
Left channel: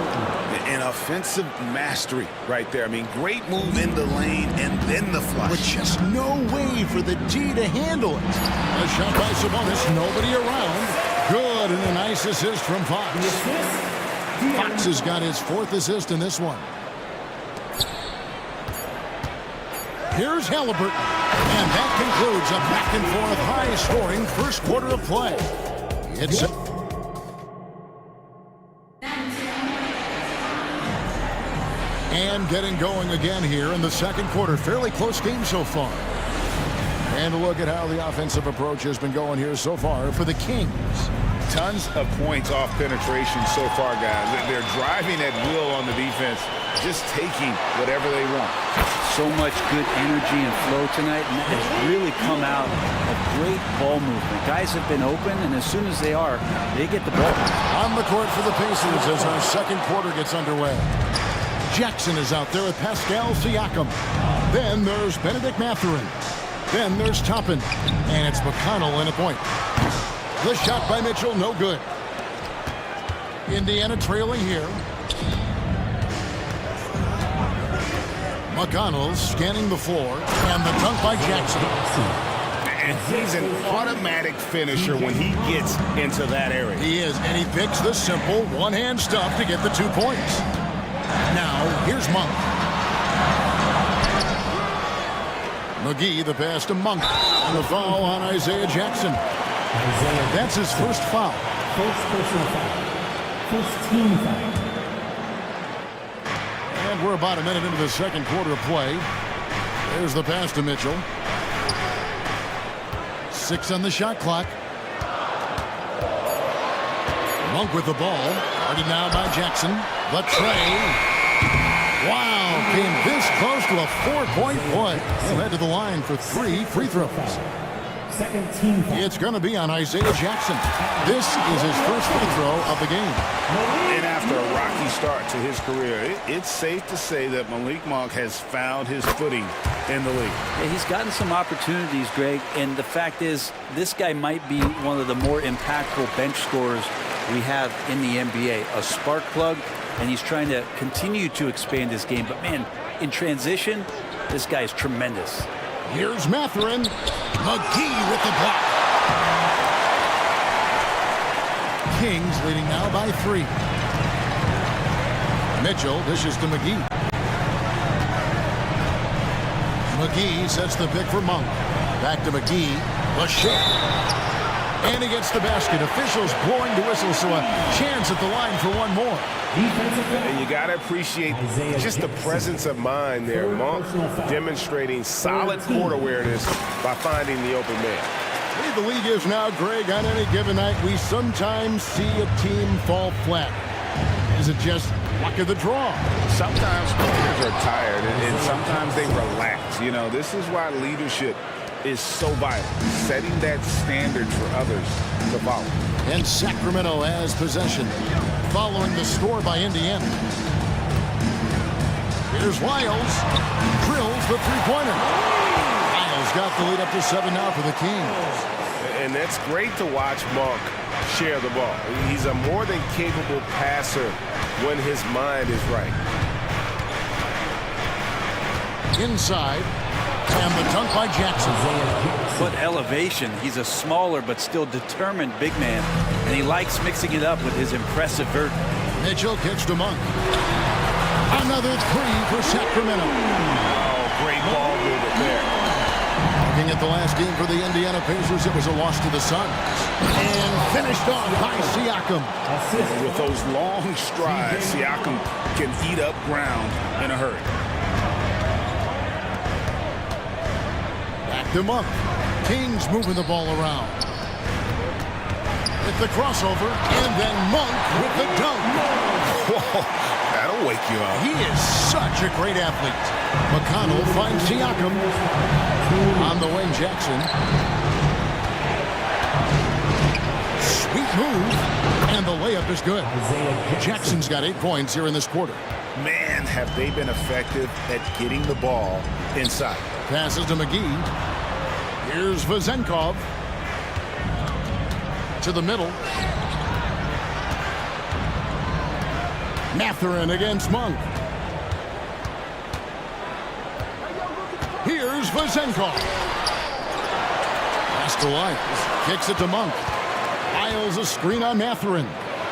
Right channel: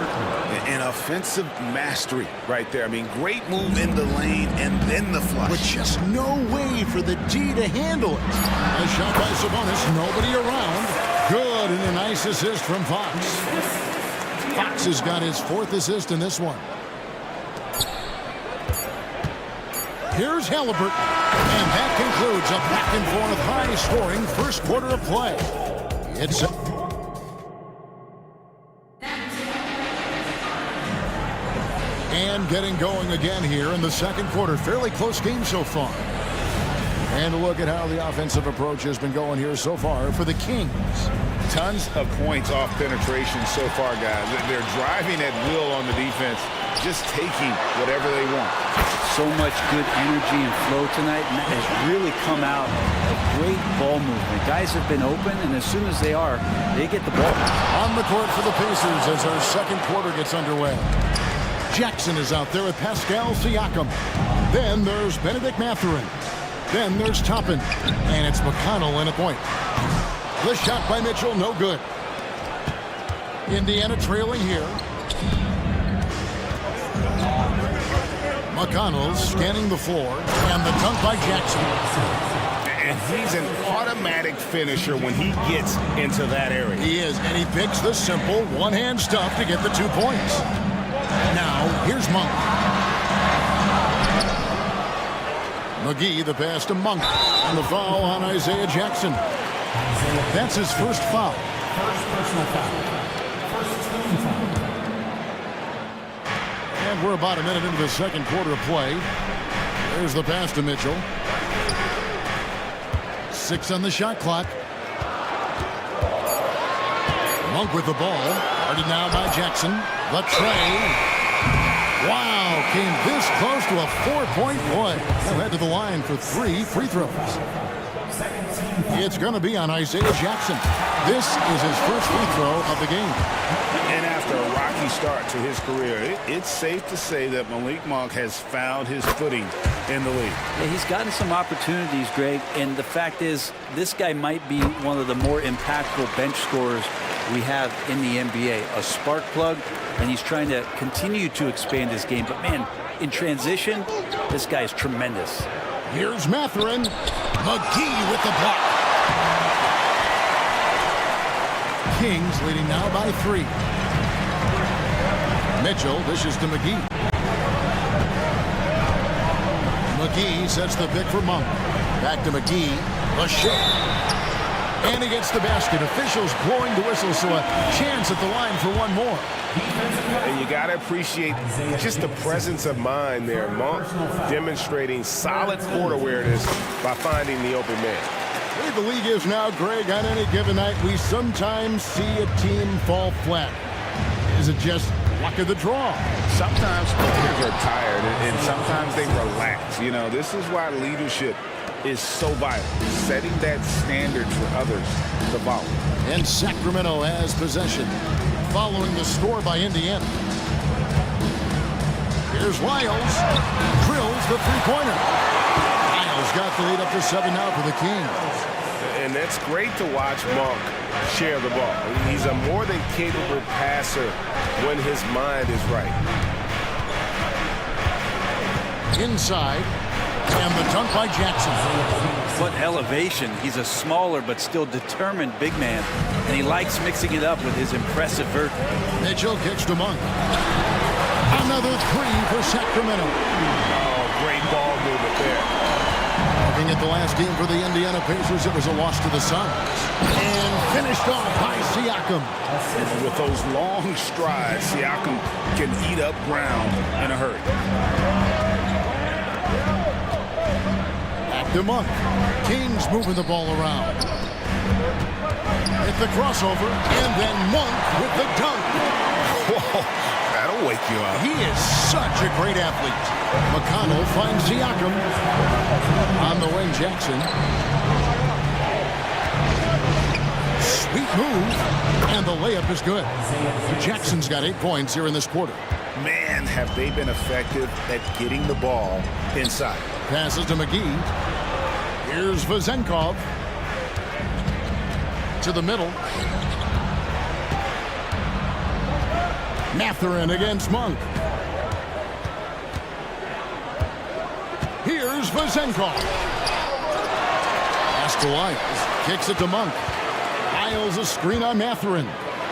An offensive mastery right there. I mean, great move in the lane and then the flush. With just no way for the D to handle it. A shot by Sabonis. Nobody around. Good, and a nice assist from Fox. Fox has got his 4th assist in this one. Here's Halliburton. And that concludes a back-and-forth high-scoring first quarter of play. It's and getting going again here in the second quarter. Fairly close game so far. And look at how the offensive approach has been going here so far for the Kings. Tons of points off penetration so far, guys. They're driving at will on the defense, just taking whatever they want. So much good energy and flow tonight, and that has really come out of great ball movement. Guys have been open, and as soon as they are, they get the ball. On the court for the Pacers as our second quarter gets underway. Jackson is out there with Pascal Siakam. Then there's Benedict Mathurin. Then there's Toppin. And it's McConnell in a point. The shot by Mitchell, no good. Indiana trailing here. McConnell scanning the floor. And the dunk by Jackson. And he's an automatic finisher when he gets into that area. He is, and he picks the simple one-hand stuff to get the 2 points. Now, here's Monk. McGee, the pass to Monk. And the foul on Isaiah Jackson. That's his first foul. First personal foul. First team foul. And we're about a minute into the second quarter of play. There's the pass to Mitchell. 6 on the shot clock. Monk with the ball. Guarded now by Jackson. The tray. Wow, came this close to a 4-point play. He'll head to the line for 3 free throws. It's going to be on Isaiah Jackson. This is his first free throw of the game. And after a rocky start to his career, it's safe to say that Malik Monk has found his footing in the league. Yeah, he's gotten some opportunities, Greg, and the fact is this guy might be one of the more impactful bench scorers we have in the NBA. A spark plug, and he's trying to continue to expand his game. But, man, in transition, this guy is tremendous. Here's Mathurin. McGee with the block. Kings leading now by 3. Mitchell dishes to McGee. McGee sets the pick for Monk. Back to McGee. The shot. And he gets the basket. Officials blowing the whistle, so a chance at the line for one more. And you got to appreciate just the presence of mind there. Monk demonstrating solid court awareness by finding the open man. The way the league is now, Greg, on any given night, we sometimes see a team fall flat. Is it just luck of the draw? Sometimes players are tired, and sometimes they relax. You know, this is why leadership is so vital, setting that standard for others to follow. And Sacramento has possession, following the score by Indiana. Here's Lyles, drills the three-pointer. Lyles got the lead up to 7 now for the Kings. And that's great to watch Monk share the ball. He's a more than capable passer when his mind is right. Inside. And the dunk by Jackson. 6-foot elevation. He's a smaller but still determined big man, and he likes mixing it up with his impressive vert. Mitchell kicks to Monk. Another three for Sacramento. Oh, great ball movement there. Looking at the last game for the Indiana Pacers, it was a loss to the Suns. And finished off by Siakam. With those long strides, Siakam can eat up ground in a hurry. Back to Monk. Kings moving the ball around. With the crossover, and then Monk with the dunk. Whoa, that'll wake you up. He is such a great athlete. McConnell finds Siakam. On the wing, Jackson. Sweet move. And the layup is good. Jackson's got 8 points here in this quarter. Man, have they been effective at getting the ball inside. Passes to McGee. Here's Vezenkov. To the middle. Mathurin against Monk. Here's Vezenkov. Pass to Lyles. Kicks it to Monk. Lyles a screen on Mathurin.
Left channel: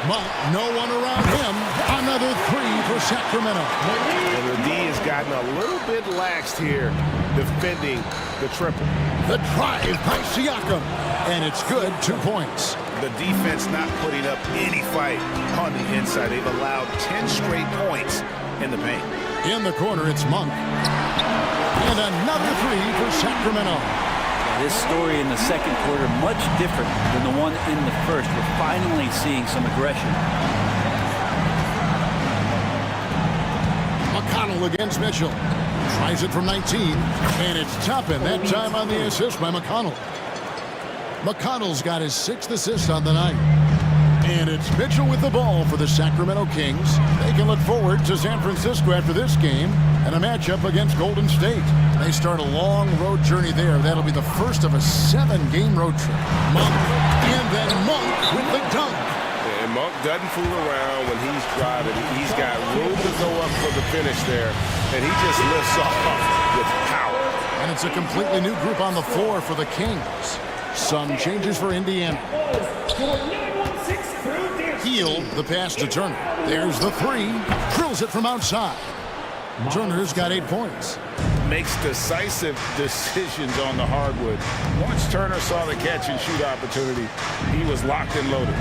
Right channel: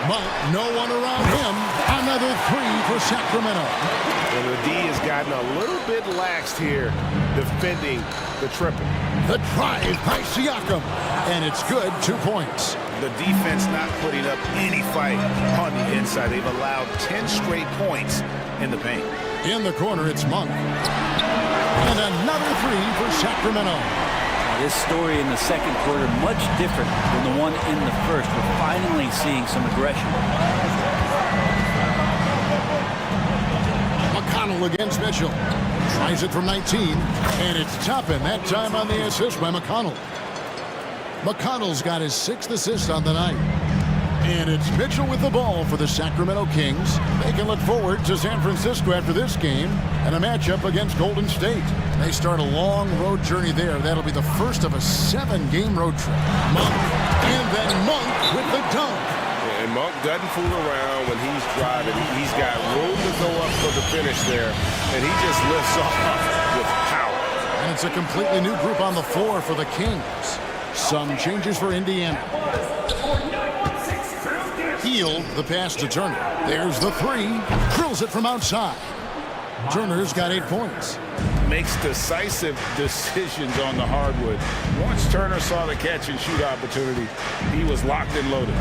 Monk, no one around him. Another three for Sacramento. And the D has gotten a little bit laxed here defending the triple. The drive by Siakam. And it's good, 2 points. The defense not putting up any fight on the inside. They've allowed 10 straight points in the paint. In the corner, it's Monk. And another three for Sacramento. Yeah, this story in the second quarter, much different than the one in the first. We're finally seeing some aggression. McConnell against Mitchell. Tries it from 19. And it's Toppin, that time on the assist by McConnell. McConnell's got his 6th assist on the night. And it's Mitchell with the ball for the Sacramento Kings. They can look forward to San Francisco after this game and a matchup against Golden State. They start a long road journey there. That'll be the first of a 7-game road trip. Monk, and then Monk with the dunk. And Monk doesn't fool around when he's driving. He's got room to go up for the finish there, and he just lifts off with power. And it's a completely new group on the floor for the Kings. Some changes for Indiana. Healed the pass to Turner. There's the three. Drills it from outside. Turner's got 8 points. Makes decisive decisions on the hardwood. Once Turner saw the catch and shoot opportunity, he was locked and loaded.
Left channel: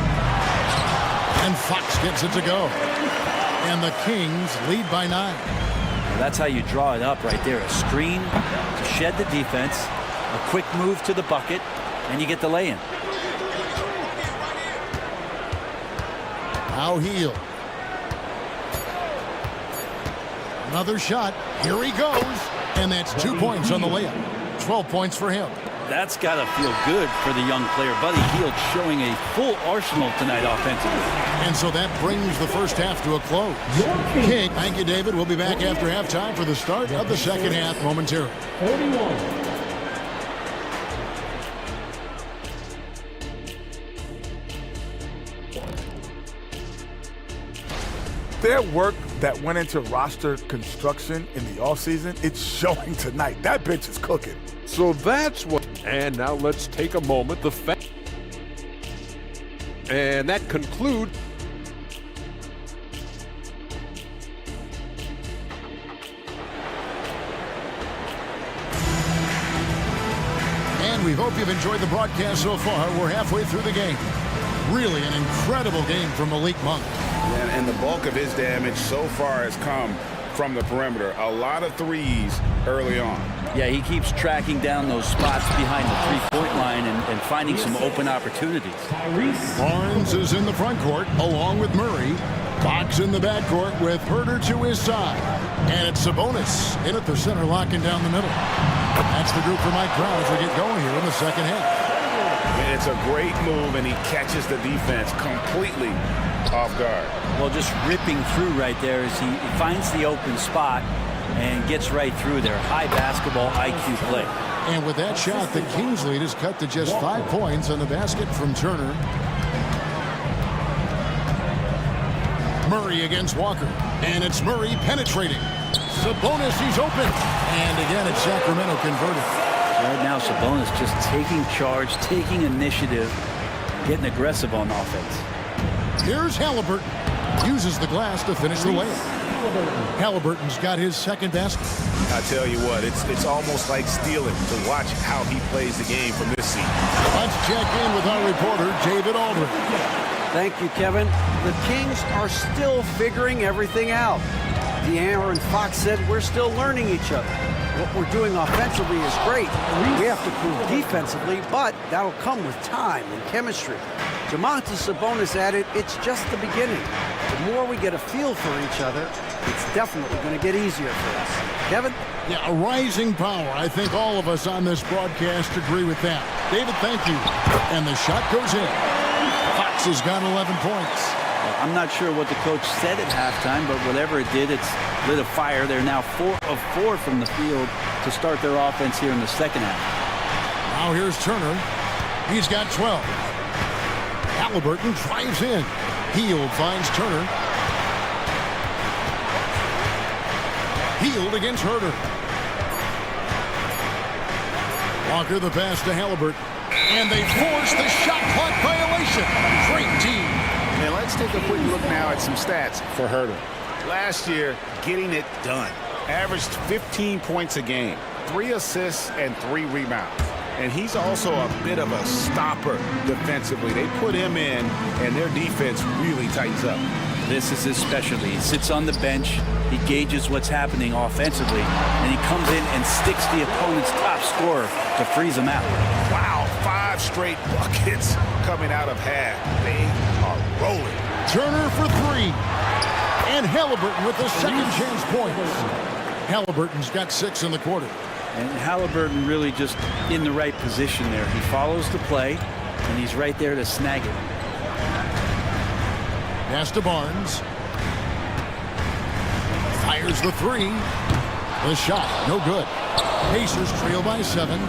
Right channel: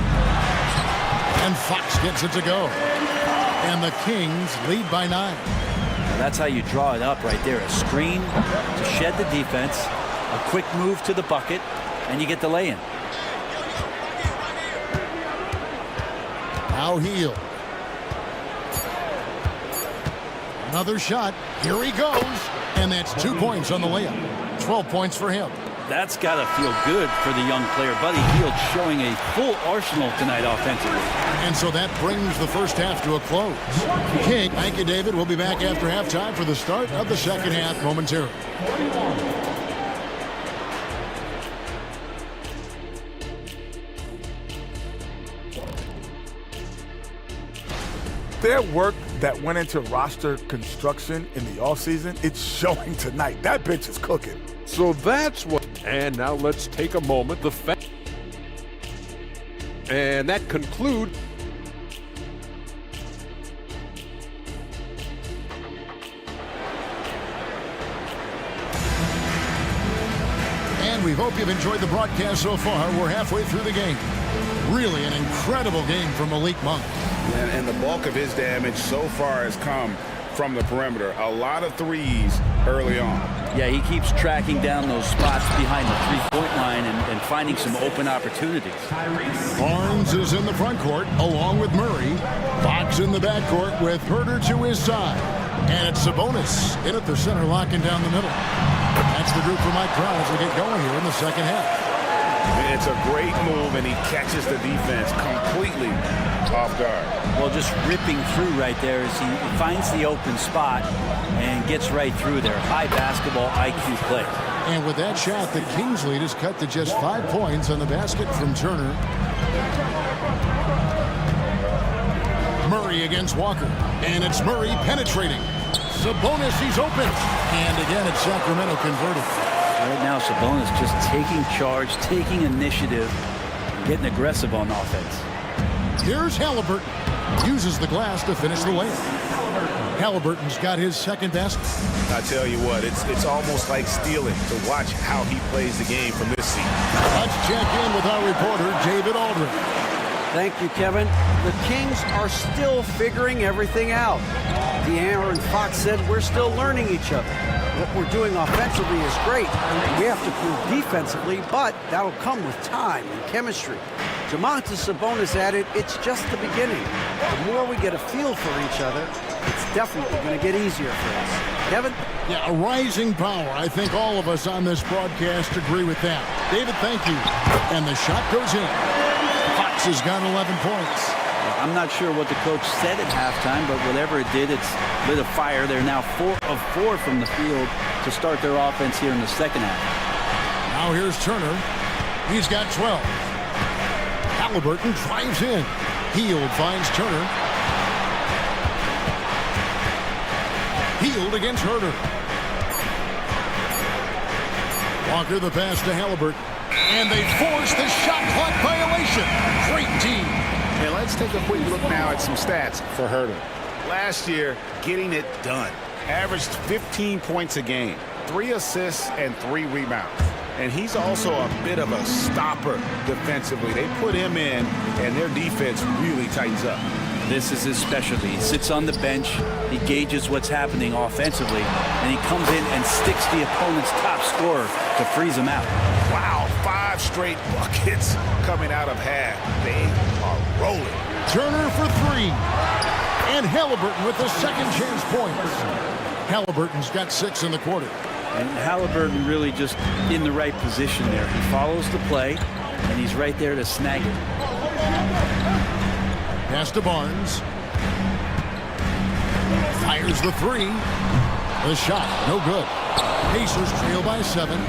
And Fox gets it to go. And the Kings lead by 9. Well, that's how you draw it up right there. A screen to shed the defense, a quick move to the bucket, and you get the lay-in. Now Heal. Another shot. Here he goes. And that's 2 points on the layup. 12 points for him. That's got to feel good for the young player. Buddy Hield showing a full arsenal tonight offensively. And so that brings the first half to a close. King, thank you, David. We'll be back after halftime for the start of the second half momentarily. 41. Their work that went into roster construction in the offseason, it's showing tonight. That bench is cooking. So that's what. And now let's take a moment. And that concludes. And we hope you've enjoyed the broadcast so far. We're halfway through the game. Really an incredible game from Malik Monk. And the bulk of his damage so far has come from the perimeter. A lot of threes early on. Yeah, he keeps tracking down those spots behind the three-point line and finding some open opportunities. Barnes is in the front court along with Murray. Fox in the backcourt with Herter to his side. And it's Sabonis in at the center, locking down the middle. That's the group for Mike Brown as we get going here in the second half. It's a great move, and he catches the defense completely off guard. Well, just ripping through right there as he finds the open spot and gets right through there. High basketball IQ play. And with that shot, the Kings lead is cut to just 5 points on the basket from Turner. Murray against Walker. And it's Murray penetrating. Sabonis, he's open. And again, it's Sacramento converted. Right now, Sabonis just taking charge, taking initiative, getting aggressive on offense. Here's Halliburton. Uses the glass to finish the layup. Halliburton's got his second basket. I tell you what, it's almost like stealing to watch how he plays the game from this seat. Let's check in with our reporter, David Aldridge. Thank you, Kevin. The Kings are still figuring everything out. De'Aaron Fox said we're still learning each other. What we're doing offensively is great. We have to prove defensively, but that'll come with time and chemistry. Domantas Sabonis added, it's just the beginning. The more we get a feel for each other, it's definitely going to get easier for us. Kevin? Yeah, a rising power. I think all of us on this broadcast agree with that. David, thank you. And the shot goes in. Fox has got 11 points. Well, I'm not sure what the coach said at halftime, but whatever it did, it's lit a fire. They're now 4 of 4 from the field to start their offense here in the second half. Now here's Turner. He's got 12. Halliburton drives in. Hield finds Turner. Hield against Herter. Walker the pass to Halliburton. And they force the shot clock violation. Great team. And let's take a quick look now at some stats for Herter. Last year, getting it done. Averaged 15 points a game, 3 assists and 3 rebounds. And he's also a bit of a stopper defensively. They put him in, and their defense really tightens up. This is his specialty. He sits on the bench, he gauges what's happening offensively, and he comes in and sticks the opponent's top scorer to freeze him out. Wow, 5 straight buckets coming out of half. They are rolling. Turner for 3. And Halliburton with the second chance points. Halliburton's got 6 in the quarter. And Halliburton really just in the right position there. He follows the play, and he's right there to snag it. Pass to Barnes. Fires the 3. The shot, no good. Pacers trail by 7.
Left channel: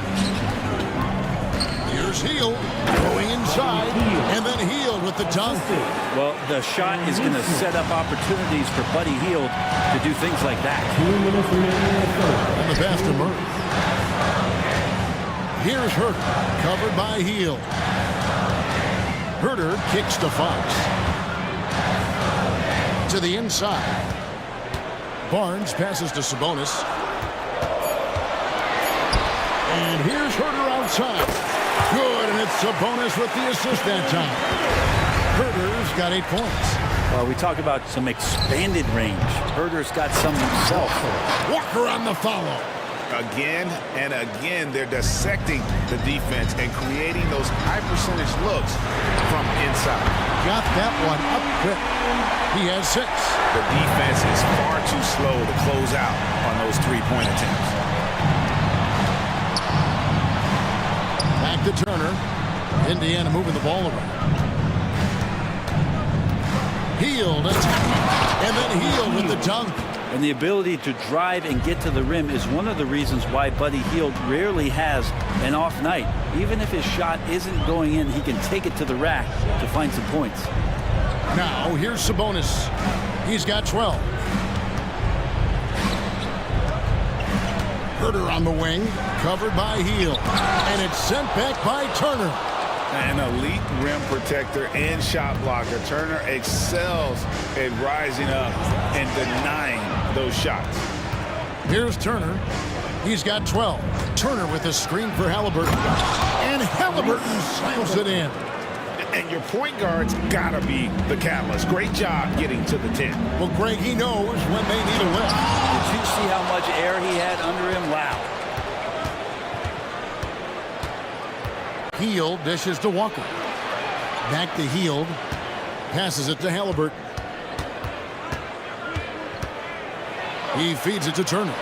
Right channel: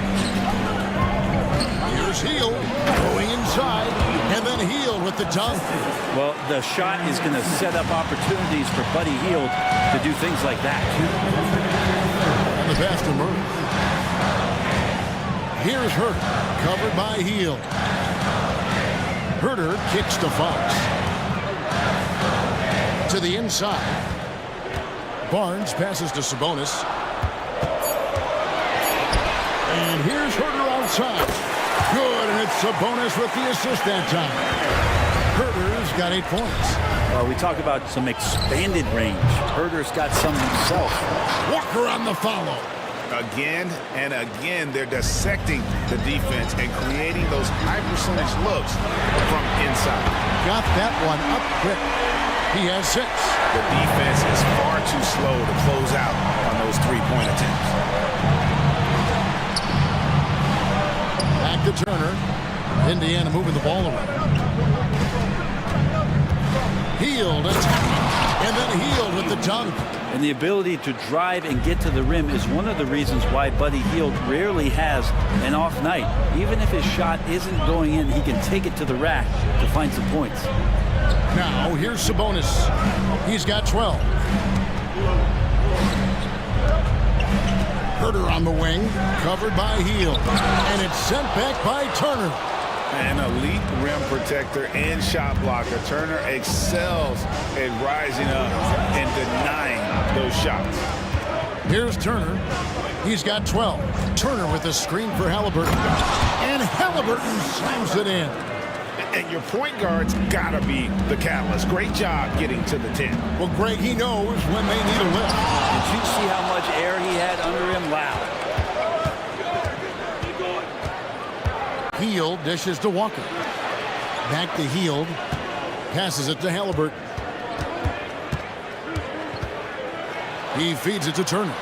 Here's Hield going inside, and then Hield with the dunk. Well, the shot is going to set up opportunities for Buddy Hield to do things like that. And the pass to Murray. Here's Herter, covered by Hield. Herter kicks to Fox. To the inside. Barnes passes to Sabonis. And here's Herter outside. Good, and it's Sabonis with the assist that time. Herter's got 8 points. Well, we talk about some expanded range. Herter's got some himself. Walker on the follow. Again and again, they're dissecting the defense and creating those high percentage looks from inside. Got that one up quick. He has 6. The defense is far too slow to close out on those 3-point attempts. Back to Turner. Indiana moving the ball around. Hield attacking, and then Hield with the dunk. And the ability to drive and get to the rim is one of the reasons why Buddy Hield rarely has an off night. Even if his shot isn't going in, he can take it to the rack to find some points. Now, here's Sabonis. He's got 12. Herter on the wing, covered by Hield. And it's sent back by Turner. An elite rim protector and shot blocker. Turner excels at rising up and denying those shots. Here's Turner. He's got 12. Turner with a screen for Halliburton. And Halliburton slams it in. And your point guard's got to be the catalyst. Great job getting to the 10. Well, Greg, he knows when they need a lift. Did you see how much air he had under him? Wow. Hield dishes to Walker. Back to Hield. Passes it to Halliburton. He feeds it to Turner.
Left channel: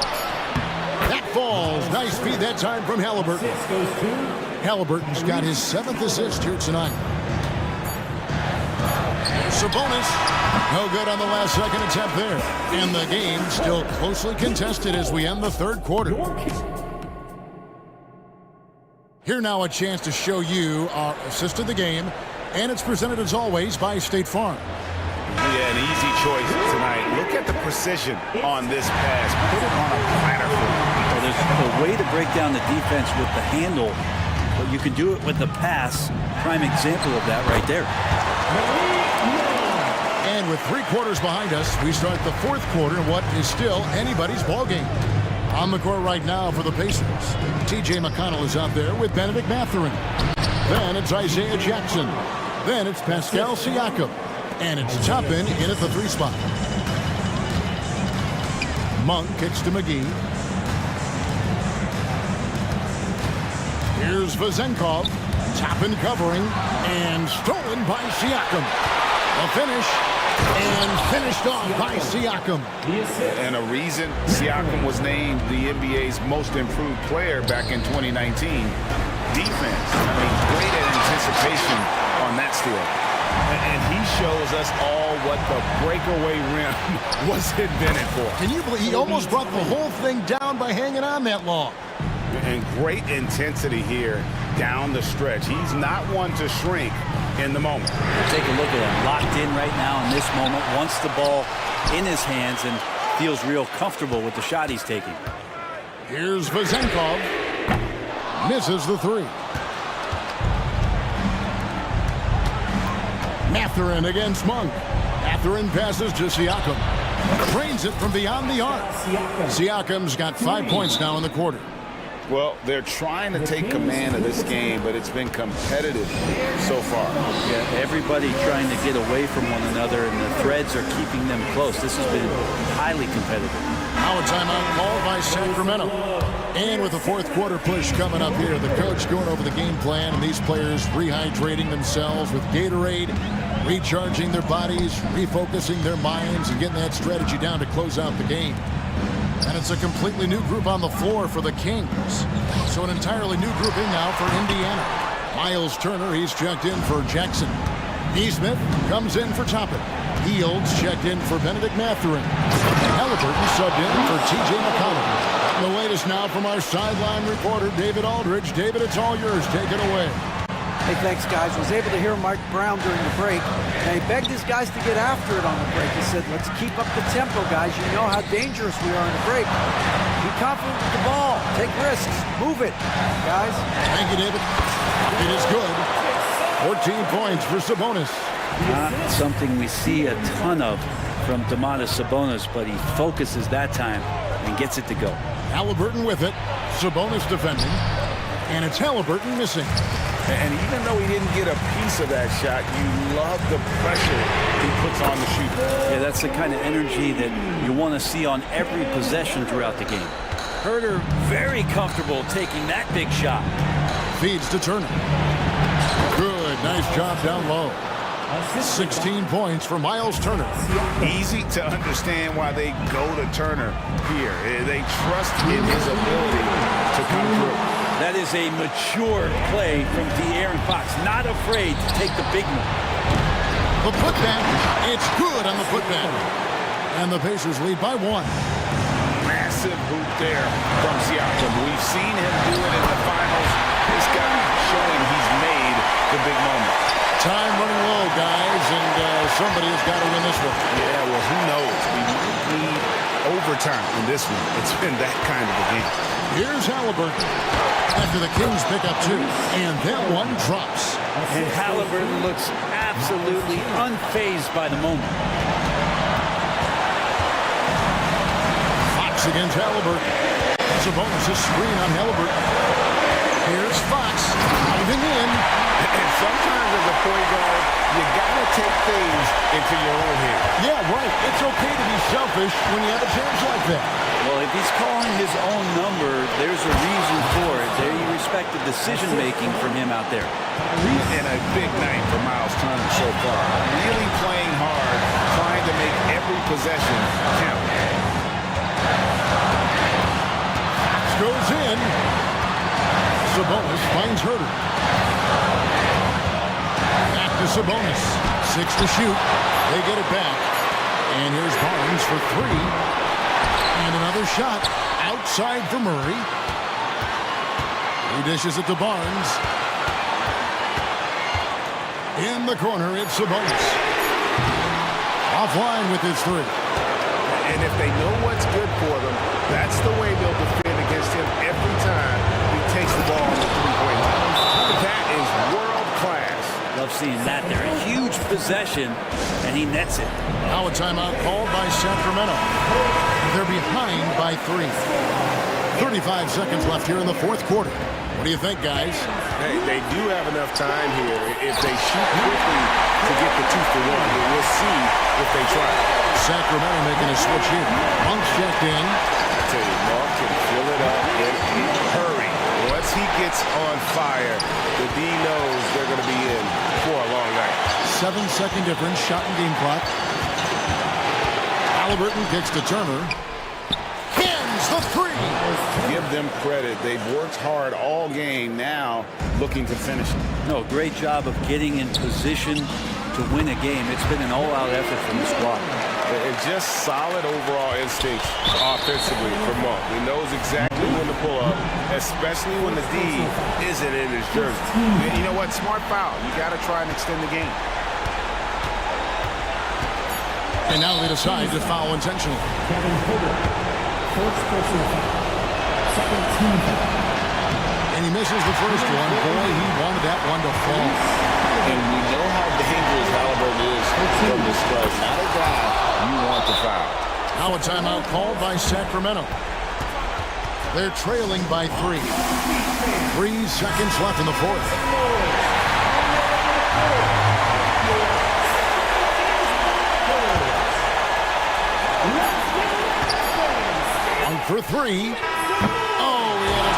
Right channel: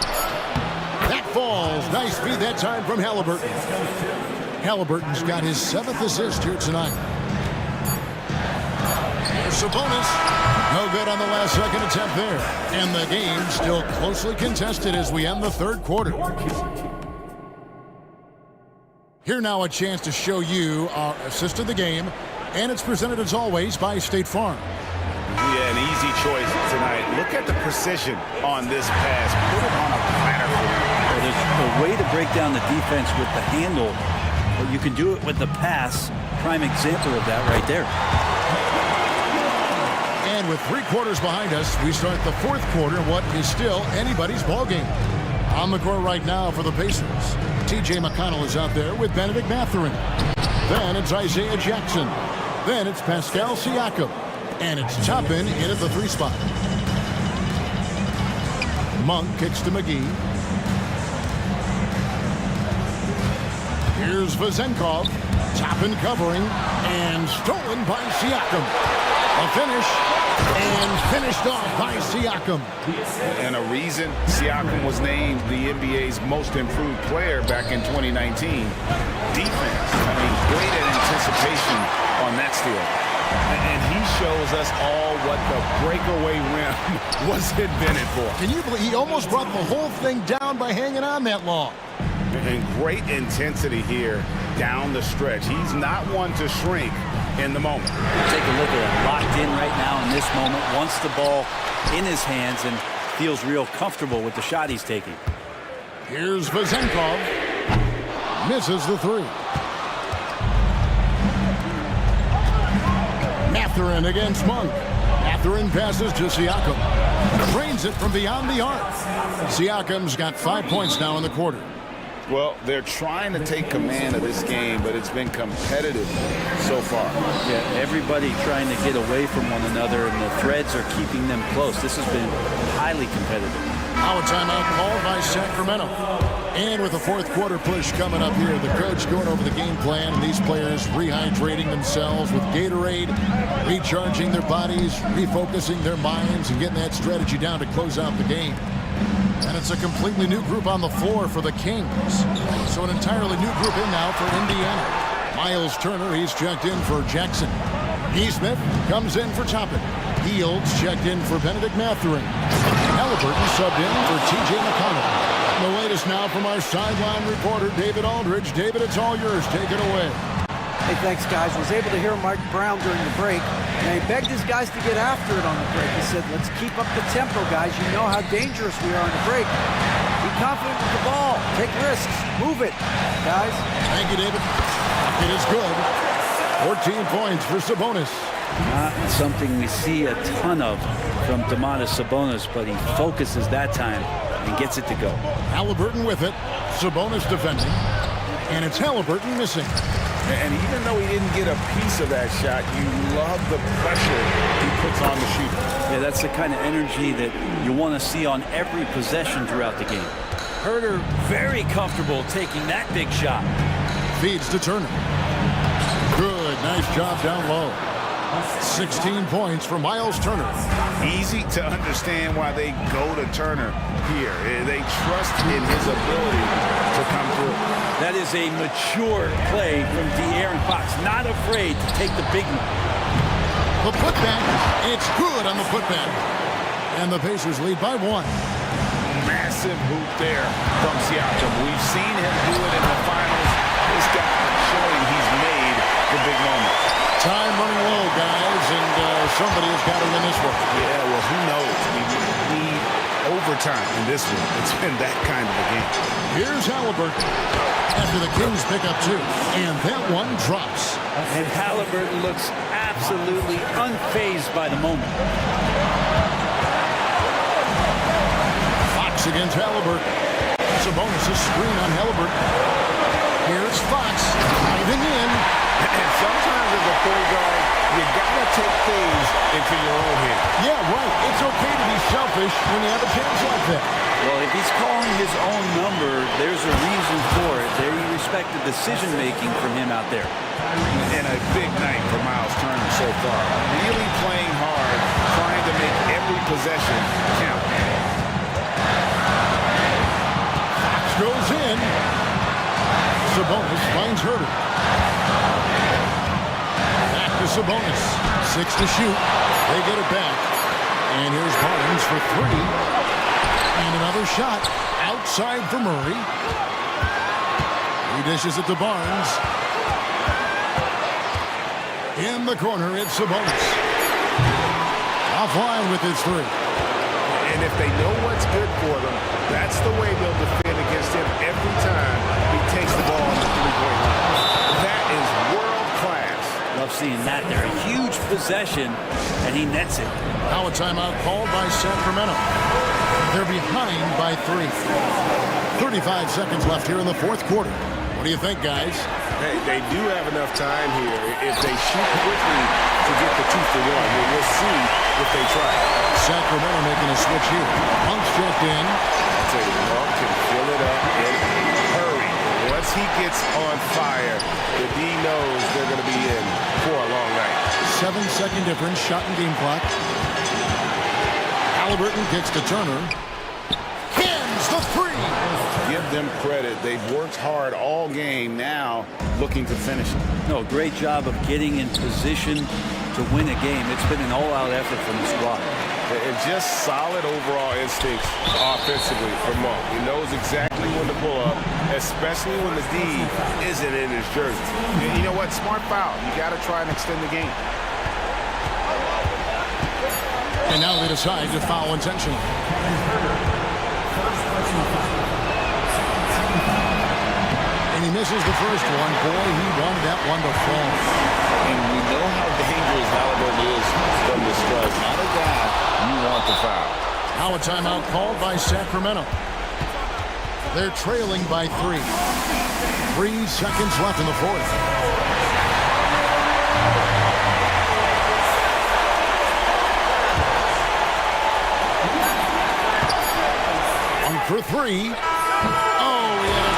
That falls. Nice feed that time from Halliburton. Halliburton's got his 7th assist here tonight. There's Sabonis. No good on the last second attempt there. And the game still closely contested as we end the 3rd quarter. Here now a chance to show you our assist of the game. And it's presented as always by State Farm. Yeah, an easy choice tonight. Look at the precision on this pass. Put it on a platter for him. Well, there's a way to break down the defense with the handle, but you can do it with the pass. Prime example of that right there. And with 3 quarters behind us, we start the 4th quarter in what is still anybody's ball game. On the court right now for the Pacers, T.J. McConnell is out there with Benedict Mathurin. Then it's Isaiah Jackson. Then it's Pascal Siakam. And it's Toppin in at the 3 spot. Monk kicks to McGee. Here's Vezenkov. Toppin covering. And stolen by Siakam. A finish. And finished off by Siakam. And a reason Siakam was named the NBA's most improved player back in 2019. Defense. I mean, great at anticipation on that steal. And he shows us all what the breakaway rim was invented for. Can you believe he almost brought the whole thing down by hanging on that long? And great intensity here down the stretch. He's not one to shrink in the moment. Take a look at him, locked in right now in this moment, wants the ball in his hands and feels real comfortable with the shot he's taking. Here's Vezenkov. Misses the 3. Mathurin against Monk. Mathurin passes to Siakam. Drains it from beyond the arc. Siakam's got 5 points now in the quarter. Well, they're trying to take command of this game, but it's been competitive so far. Yeah, everybody trying to get away from one another, and the threads are keeping them close. This has been highly competitive. Now a timeout called by Sacramento. And with the 4th quarter push coming up here, the coach going over the game plan, and these players rehydrating themselves with Gatorade, recharging their bodies, refocusing their minds, and getting that strategy down to close out the game. And it's a completely new group on the floor for the Kings. So an entirely new group in now for Indiana. Miles Turner, he's checked in for Jackson. Neesmith comes in for Toppin. Fields checked in for Benedict Mathurin. Halliburton subbed in for T.J. McConnell. The latest now from our sideline reporter, David Aldridge. David, it's all yours. Take it away. Hey, thanks, guys. Was able to hear Mike Brown during the break, and he begged his guys to get after it on the break. He said, let's keep up the tempo, guys. You know how dangerous we are on the break. Be confident with the ball. Take risks. Move it, guys. Thank you, David. It is good. 14 points for Sabonis. Not something we see a ton of from Domantas Sabonis, but he focuses that time and gets it to go. Halliburton with it. Sabonis defending. And it's Halliburton missing. And even though he didn't get a piece of that shot, you love the pressure he puts on the shooter. Yeah, that's the kind of energy that you want to see on every possession throughout the game. Herter very comfortable taking that big shot. Feeds to Turner. Good, nice job down low. 16 points for Miles Turner. Easy to understand why they go to Turner here. They trust in his ability to come through. That is a mature play from De'Aaron Fox. Not afraid to take the big one. The putback, it's good on the putback. And the Pacers lead by 1. Massive hoop there from Siakam. We've seen him do it in the finals. This guy showing he's made the big moment. Time running low, guys, and somebody has got to win this one. Yeah, well, who knows? We need overtime in this one. It's been that kind of a game. Here's Halliburton. After the Kings pick up 2, and that one drops. And Halliburton looks absolutely unfazed by the moment. Fox against Halliburton. Sabonis' screen on Halliburton. Here's Fox diving in. And sometimes as a point guard, you gotta take things into your own hands. Yeah, right. It's okay to be selfish when you have a chance like that. Well, if he's calling his own number, there's a reason for it. There you respect the decision-making from him out there. And a big night for Miles Turner so far. Really playing hard, trying to make every possession count. Fox goes in. Sabonis finds Herter. Back to Sabonis. 6 to shoot. They get it back. And here's Barnes for 3. And another shot outside for Murray. He dishes it to Barnes. In the corner, it's Sabonis. Offline with his three. And if they know what's good for them, that's the way they'll defend against him every time he takes the ball on the three-point line. That is world class. Love seeing that there. A huge possession, and he nets it. Now a timeout called by Sacramento. They're behind by 3. 35 seconds left here in the fourth quarter. What do you think, guys? Hey, they do have enough time here if they shoot quickly to get the 2-for-1. We'll see if they try. Sacramento making a switch here. Monk's checked in. I tell you, Monk can fill it up in a hurry. Once he gets on fire, the D knows they're going to be in for a long night. 7-second difference, shot and game clock. Halliburton kicks to Turner. Hins the three. Give them credit. They've worked hard all game, now looking to finish it. No, great job of getting in position to win a game. It's been an all-out effort from the squad. And just solid overall instincts offensively for Monk. He knows exactly when to pull up, especially when the D isn't in his jersey. You know what? Smart foul. You got to try and extend the game. And now they decide to foul intentionally. And he misses the first one. Boy, he wanted that one to fall. And we know how dangerous Halliburton is from the stripe. Not a guy you want to foul. Now a timeout called by Sacramento. They're trailing by 3. 3 seconds left in the fourth. One for 3. Oh, he had a